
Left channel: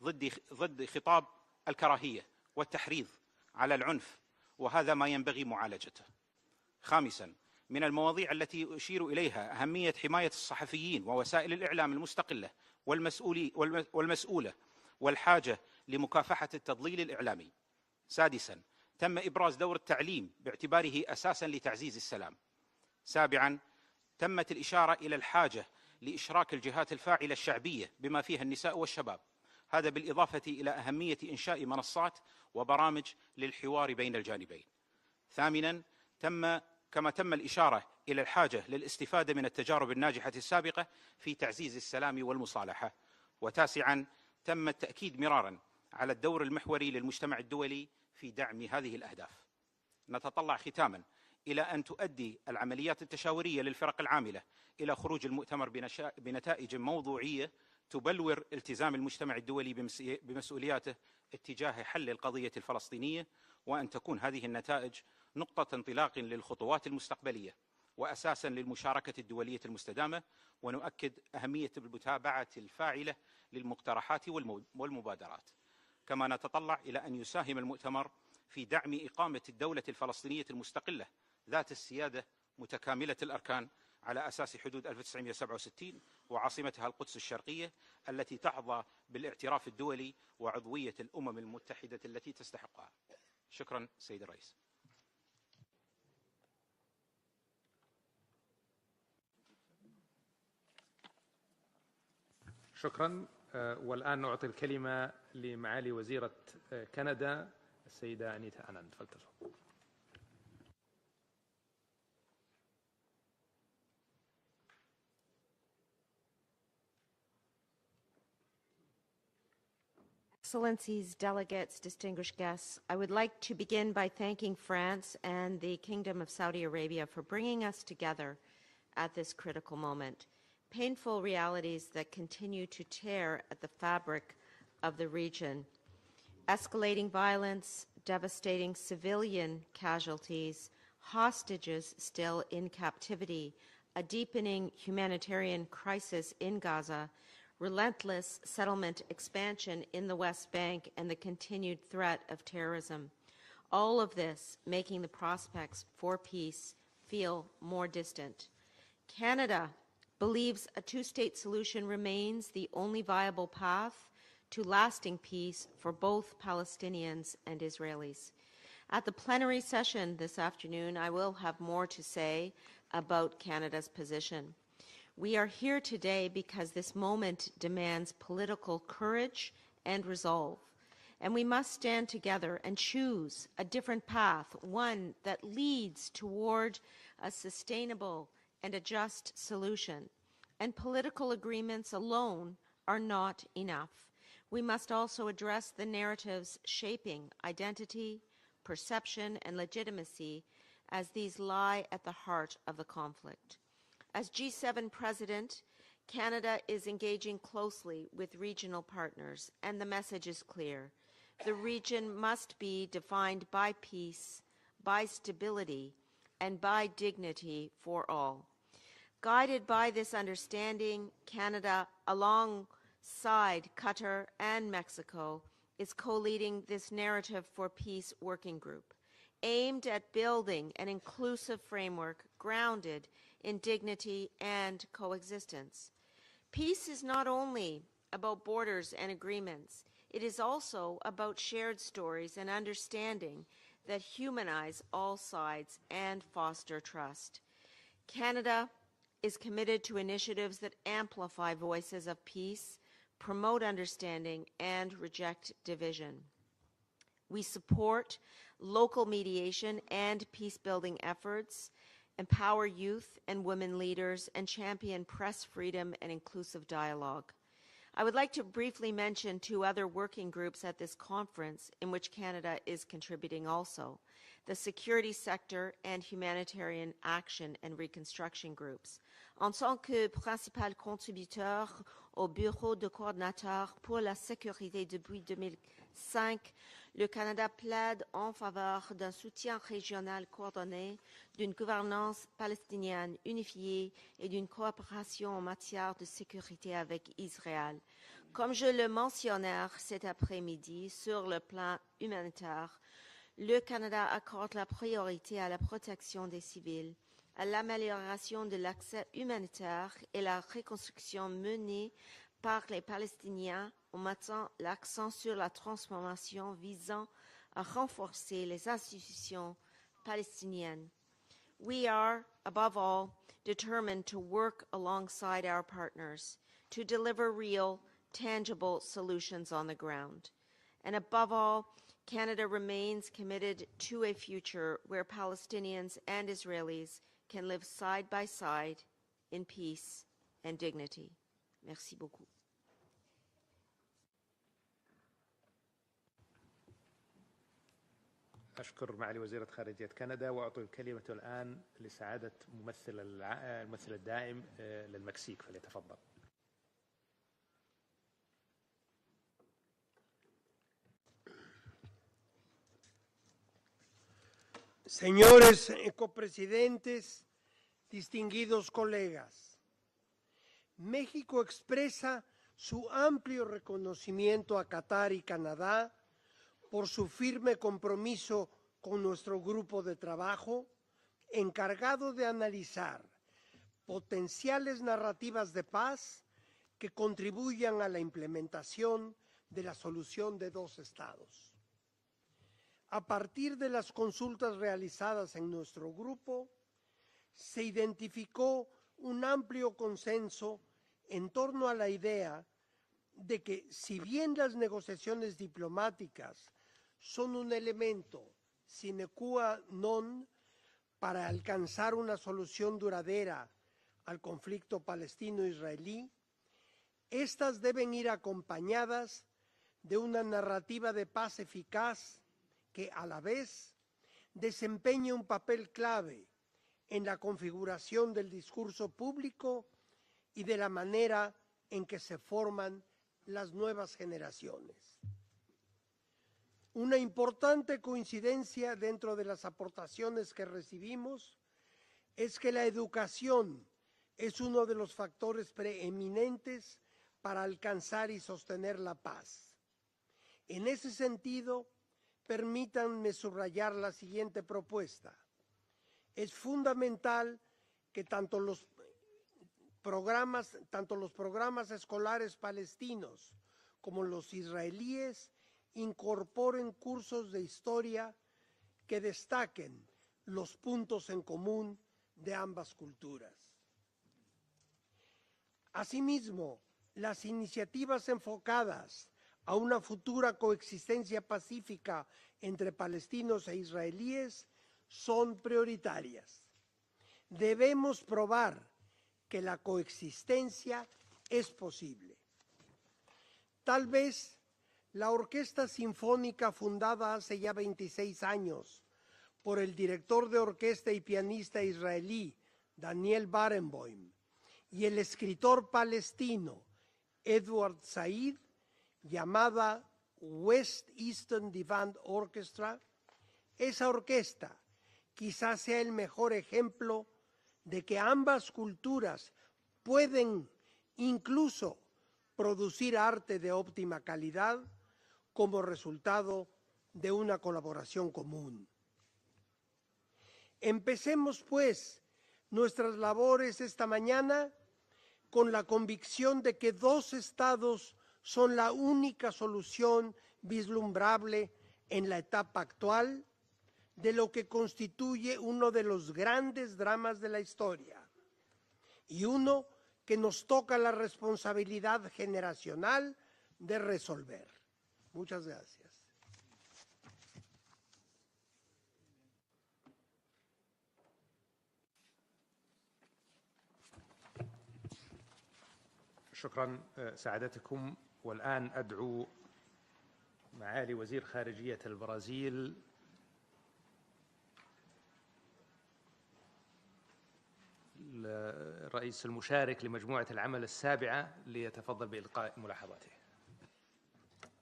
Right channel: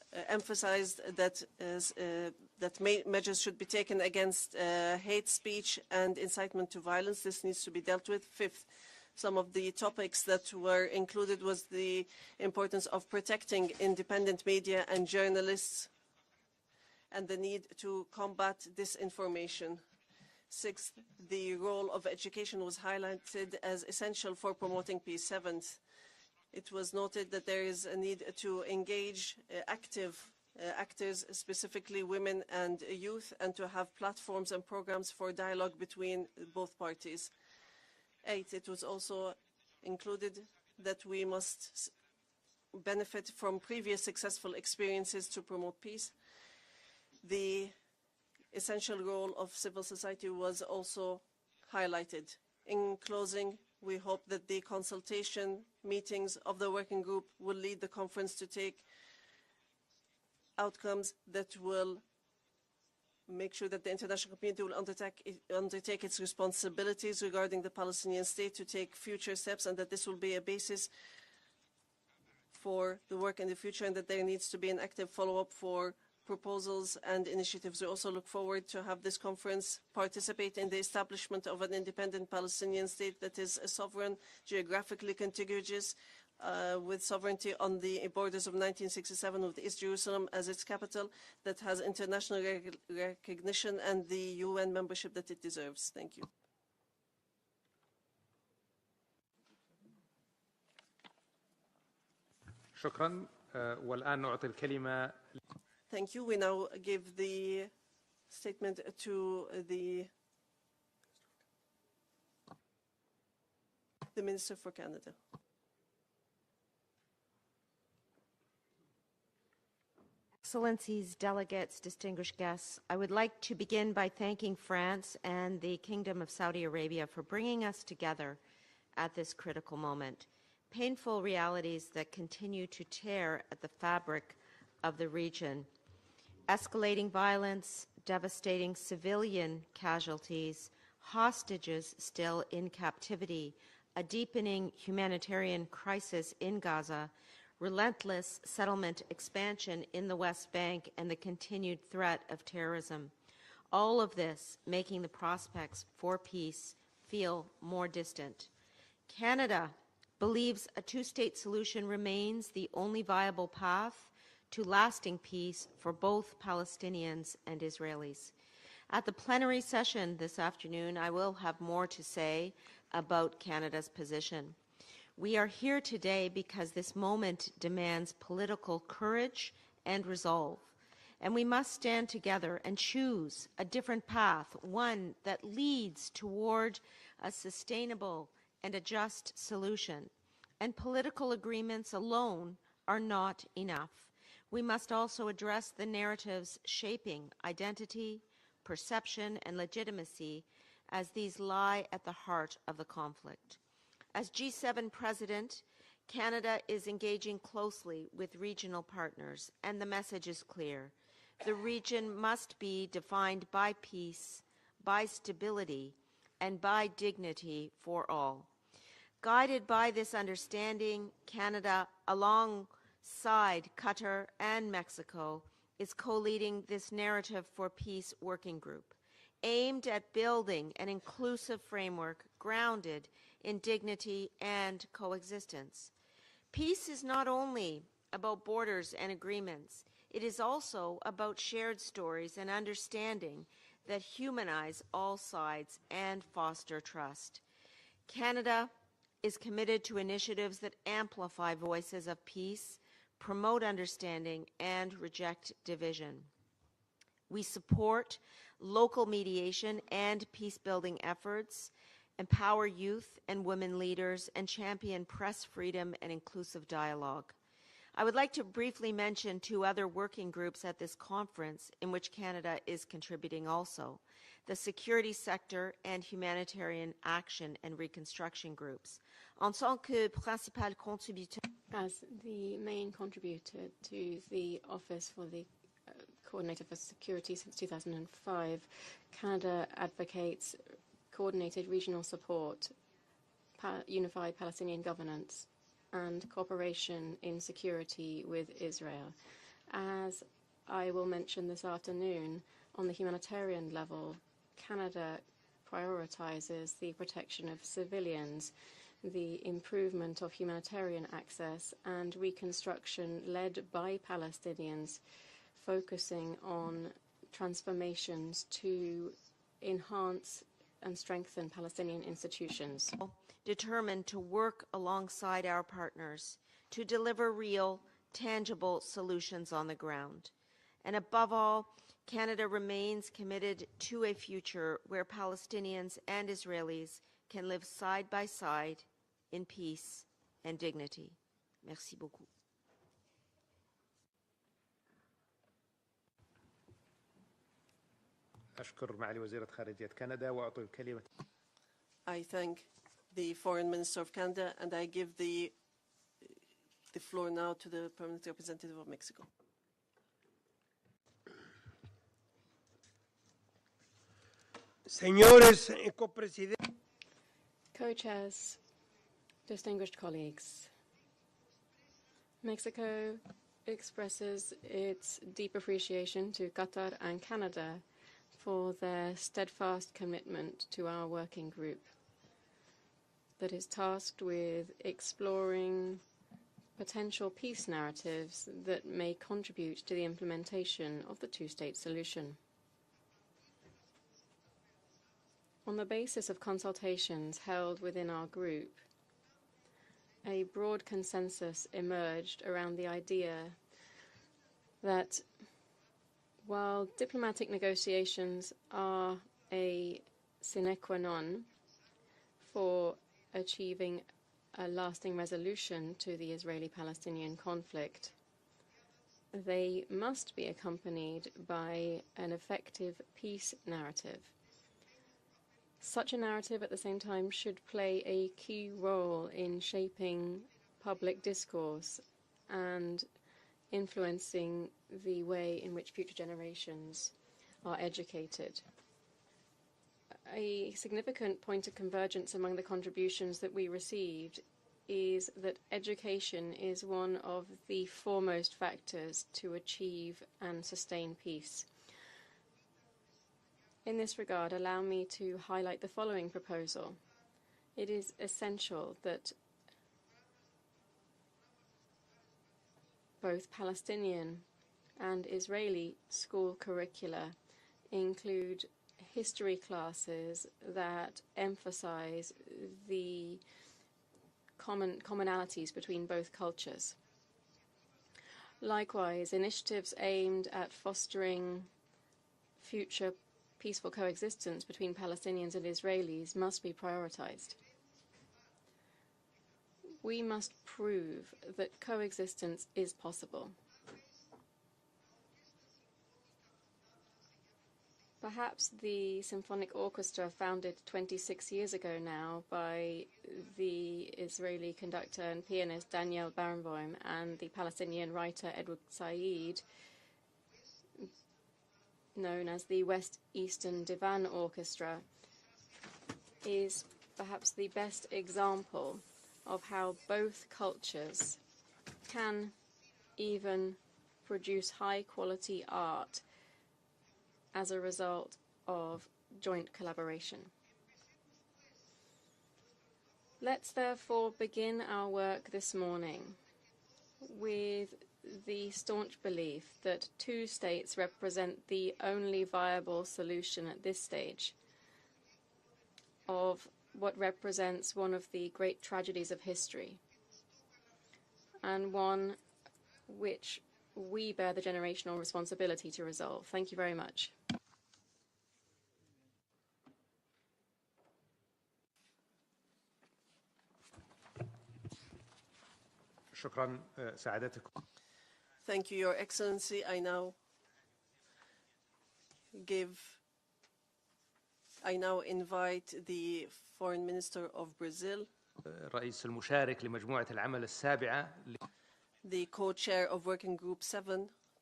emphasized that measures should be taken against hate speech and incitement to violence. This needs to be dealt with. Some of the topics that were included was the importance of protecting independent media and journalists and the need to combat disinformation. The role of education was highlighted as essential for promoting peace. لإشراك الجهات الفاعلة الشعبية بما فيها النساء والشباب هذا بالإضافة إلى أهمية إنشاء منصات وبرامج للحوار بين الجانبين. ثامناً كما تم الإشارة إلى الحاجة للاستفادة من التجارب الناجحة السابقة في تعزيز السلام والمصالحة. وتاسعاً تم التأكيد مرارا على الدور المحوري للمجتمع الدولي في دعم هذه الأهداف. نتطلع ختاما إلى أن تؤدي العمليات التشاورية للفرق العاملة إلى خروج المؤتمر بنتائج موضوعية تبلور التزام المجتمع الدولي بمسؤولياته اتجاه حل القضية الفلسطينية، وأن تكون هذه النتائج نقطة انطلاق للخطوات المستقبلية وأساسا للمشاركة الدولية المستدامة. ونؤكد أهمية المتابعة الفاعلة للمقترحات والمبادرات. كما نتطلع إلى أن يساهم المؤتمر في دعم إقامة الدولة الفلسطينية المستقلة of an independent Palestinian state that is sovereign, geographically contiguous, with sovereignty on the borders of 1967 with East Jerusalem as its capital, that has international recognition and the UN membership that it deserves. Thank you. شكرا. والآن نعطي الكلمة لمعالي وزيرة كندا السيدة the Minister for Canada. Excellencies, delegates, distinguished guests, I would like to begin by thanking France and the Kingdom of Saudi Arabia for bringing us together at this critical moment. Painful realities that continue to tear at the fabric of the region. Escalating violence, devastating civilian casualties, hostages still in captivity, a deepening humanitarian crisis in Gaza, relentless settlement expansion in the West Bank, and the continued threat of terrorism. All of this making the prospects for peace feel more distant. Canada believes a two-state solution remains the only viable path to lasting peace for both Palestinians and Israelis. At the plenary session this afternoon, I will have more to say about Canada's position. We are here today because this moment demands political courage and resolve, and we must stand together and choose a different path, one that leads toward a sustainable and a just solution. And political agreements alone are not enough. We must also address the narratives shaping identity, perception, and legitimacy, as these lie at the heart of the conflict. As G7 President, Canada is engaging closely with regional partners, and the message is clear. The region must be defined by peace, by stability, and by dignity for all. Guided by this understanding, Canada, alongside Qatar and Mexico, is co-leading this Narrative for Peace working group, aimed at building an inclusive framework grounded in dignity and coexistence. Peace is not only about borders and agreements, it is also about shared stories and understanding that humanize all sides and foster trust. Canada is committed to initiatives that amplify voices of peace, promote understanding, and reject division. We support local mediation and peace-building efforts, empower youth and women leaders, and champion press freedom and inclusive dialogue. I would like to briefly mention two other working groups at this conference in which Canada is contributing also: the security sector and humanitarian action and reconstruction groups. En tant que principal contributeur au bureau de coordinateur pour la sécurité depuis 5, le Canada plaide en faveur d'un soutien régional coordonné, d'une gouvernance palestinienne unifiée et d'une coopération en matière de sécurité avec Israël. Comme je le mentionnais cet après-midi sur le plan humanitaire, le Canada accorde la priorité à la protection des civils, à l'amélioration de l'accès humanitaire et la reconstruction menée par les Palestiniens en mettant l'accent sur la transformation visant à renforcer les institutions palestiniennes. We are, above all, determined to work alongside our partners to deliver real, tangible solutions on the ground. And above all, Canada remains committed to a future where Palestinians and Israelis can live side by side in peace and dignity. Merci beaucoup. أشكر معالي وزيرة خارجية كندا وأعطي الكلمة الآن لسعادة ممثل the Foreign Minister of Canada and I give the floor now to the Permanent Representative of Mexico. Señores copresidentes, distinguidos colegas, distinguished colleagues, México expresa su amplio reconocimiento a Qatar y Canadá por su firme compromiso con nuestro grupo de trabajo encargado de analizar potenciales narrativas de paz que contribuyan a la implementación de la solución de dos estados. A partir de las consultas realizadas en nuestro grupo, se identificó un amplio consenso en torno a la idea de que si bien las negociaciones diplomáticas son un elemento sine qua non para alcanzar una solución duradera al conflicto palestino-israelí, estas deben ir acompañadas de una narrativa de paz eficaz que a la vez desempeñe un papel clave en la configuración del discurso público y de la manera en que se forman las nuevas generaciones. Una importante coincidencia dentro de las aportaciones que recibimos es que la educación es uno de los factores preeminentes para alcanzar y sostener la paz. En ese sentido, permítanme subrayar la siguiente propuesta. Es fundamental que tanto los programas escolares palestinos como los israelíes incorporen cursos de historia que destaquen los puntos en común de ambas culturas. Asimismo, las iniciativas enfocadas a una futura coexistencia pacífica entre palestinos e israelíes son prioritarias. Debemos probar que la coexistencia es posible. Tal vez la Orquesta Sinfónica fundada hace ya 26 años por el director de orquesta y pianista israelí Daniel Barenboim y el escritor palestino Edward Said, llamada West Eastern Divan Orchestra, esa orquesta quizás sea el mejor ejemplo de que ambas culturas pueden incluso producir arte de óptima calidad como resultado de una colaboración común. Empecemos, pues, nuestras labores esta mañana con la convicción de que dos estados son la única solución vislumbrable en la etapa actual de lo que constituye uno de los grandes dramas de la historia y uno que nos toca la responsabilidad generacional de resolver. Muchas gracias. شكرا سعادتكم والآن Thank you, Your Excellency. I now معالي وزير خارجية البرازيل I now invite the Foreign Minister of Brazil, الرئيس المشارك لمجموعة العمل السابعة ليتفضل بإلقاء the co-chair of Working Group 7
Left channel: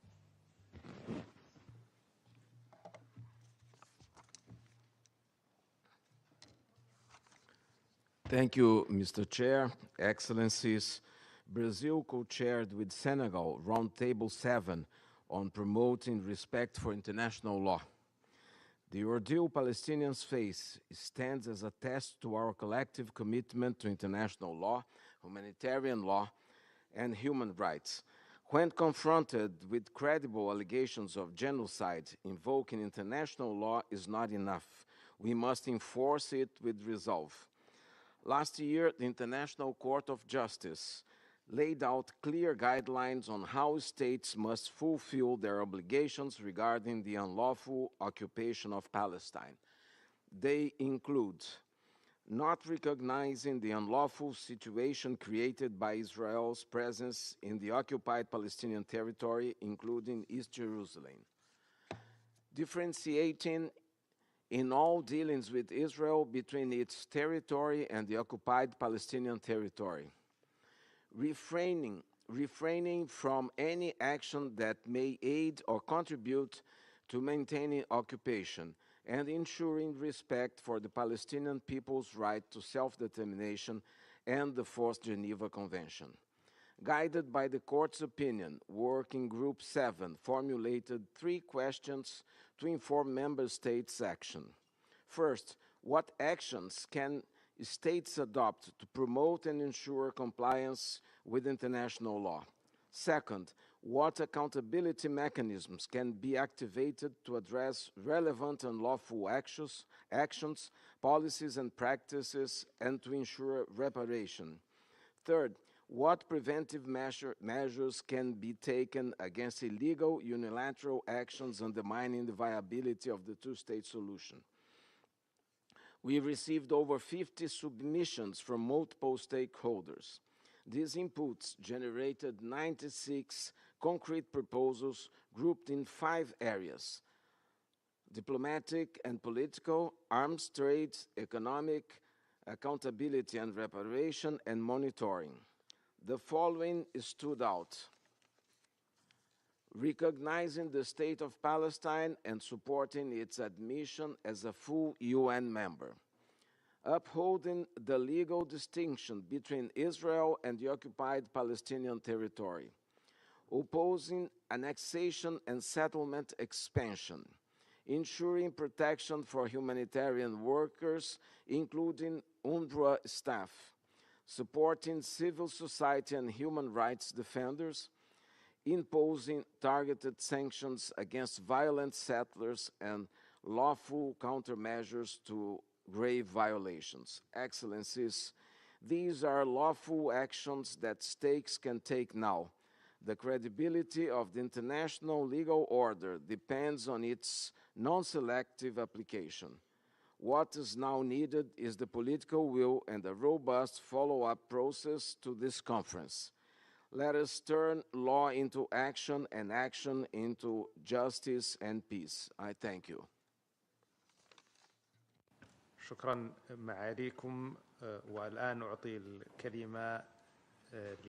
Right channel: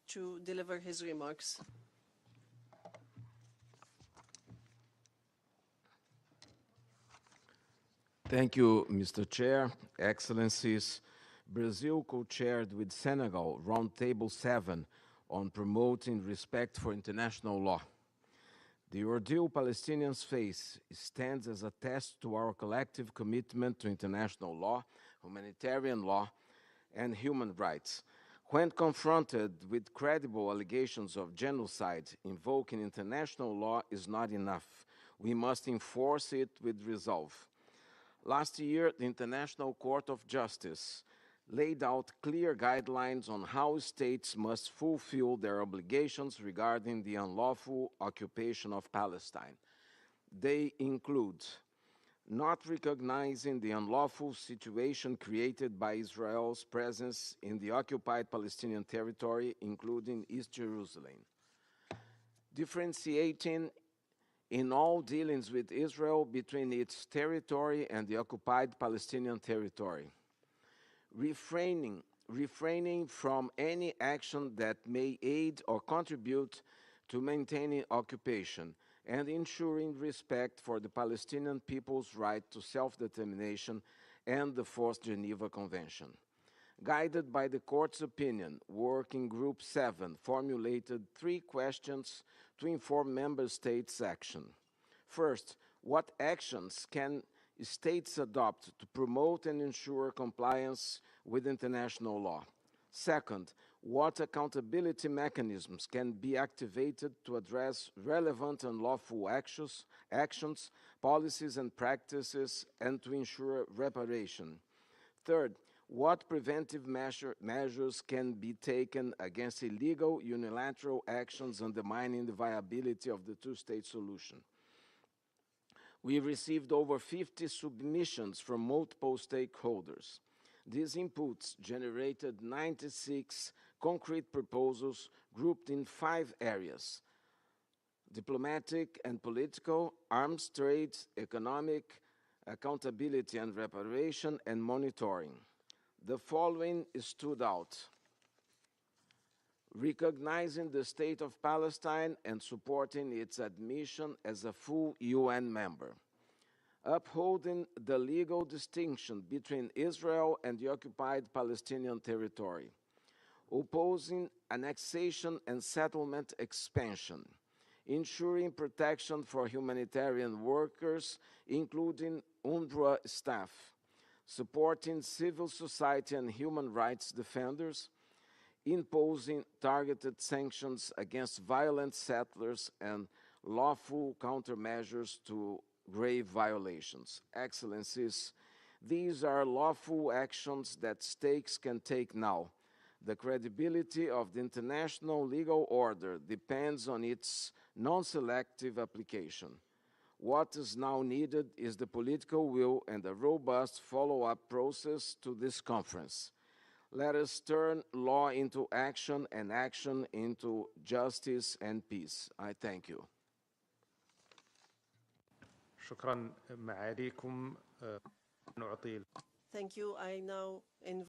to deliver his remarks. Thank you, Mr. Chair, Excellencies. Brazil co-chaired with Senegal Roundtable 7 on promoting respect for international law. The ordeal Palestinians face stands as a test to our collective commitment to international law, humanitarian law, and human rights. When confronted with credible allegations of genocide, invoking international law is not enough. We must enforce it with resolve. Last year, the International Court of Justice laid out clear guidelines on how states must fulfill their obligations regarding the unlawful occupation of Palestine. They include not recognizing the unlawful situation created by Israel's presence in the occupied Palestinian territory, including East Jerusalem, differentiating in all dealings with Israel between its territory and the occupied Palestinian territory, refraining from any action that may aid or contribute to maintaining occupation, and ensuring respect for the Palestinian people's right to self-determination and the Fourth Geneva Convention. Guided by the Court's opinion, Working Group 7 formulated 3 questions to inform Member States' action. First, what actions can states adopt to promote and ensure compliance with international law? Second, what accountability mechanisms can be activated to address relevant and lawful actions, policies and practices, and to ensure reparation? Third, what preventive measures can be taken against illegal unilateral actions undermining the viability of the two-state solution? We received over 50 submissions from multiple stakeholders. These inputs generated 96 concrete proposals grouped in 5 areas: diplomatic and political, arms trade, economic, accountability and reparation, and monitoring. The following stood out: recognizing the State of Palestine and supporting its admission as a full UN member, upholding the legal distinction between Israel and the occupied Palestinian territory, opposing annexation and settlement expansion, ensuring protection for humanitarian workers, including UNRWA staff, supporting civil society and human rights defenders, imposing targeted sanctions against violent settlers and lawful countermeasures to grave violations. Excellencies, these are lawful actions that states can take now. The credibility of the international legal order depends on its non-selective application. What is now needed is the political will and a robust follow-up process to this conference. Let us turn law into action and action into justice and peace. I thank you. شكرا معاليكم والآن أعطي الكلمة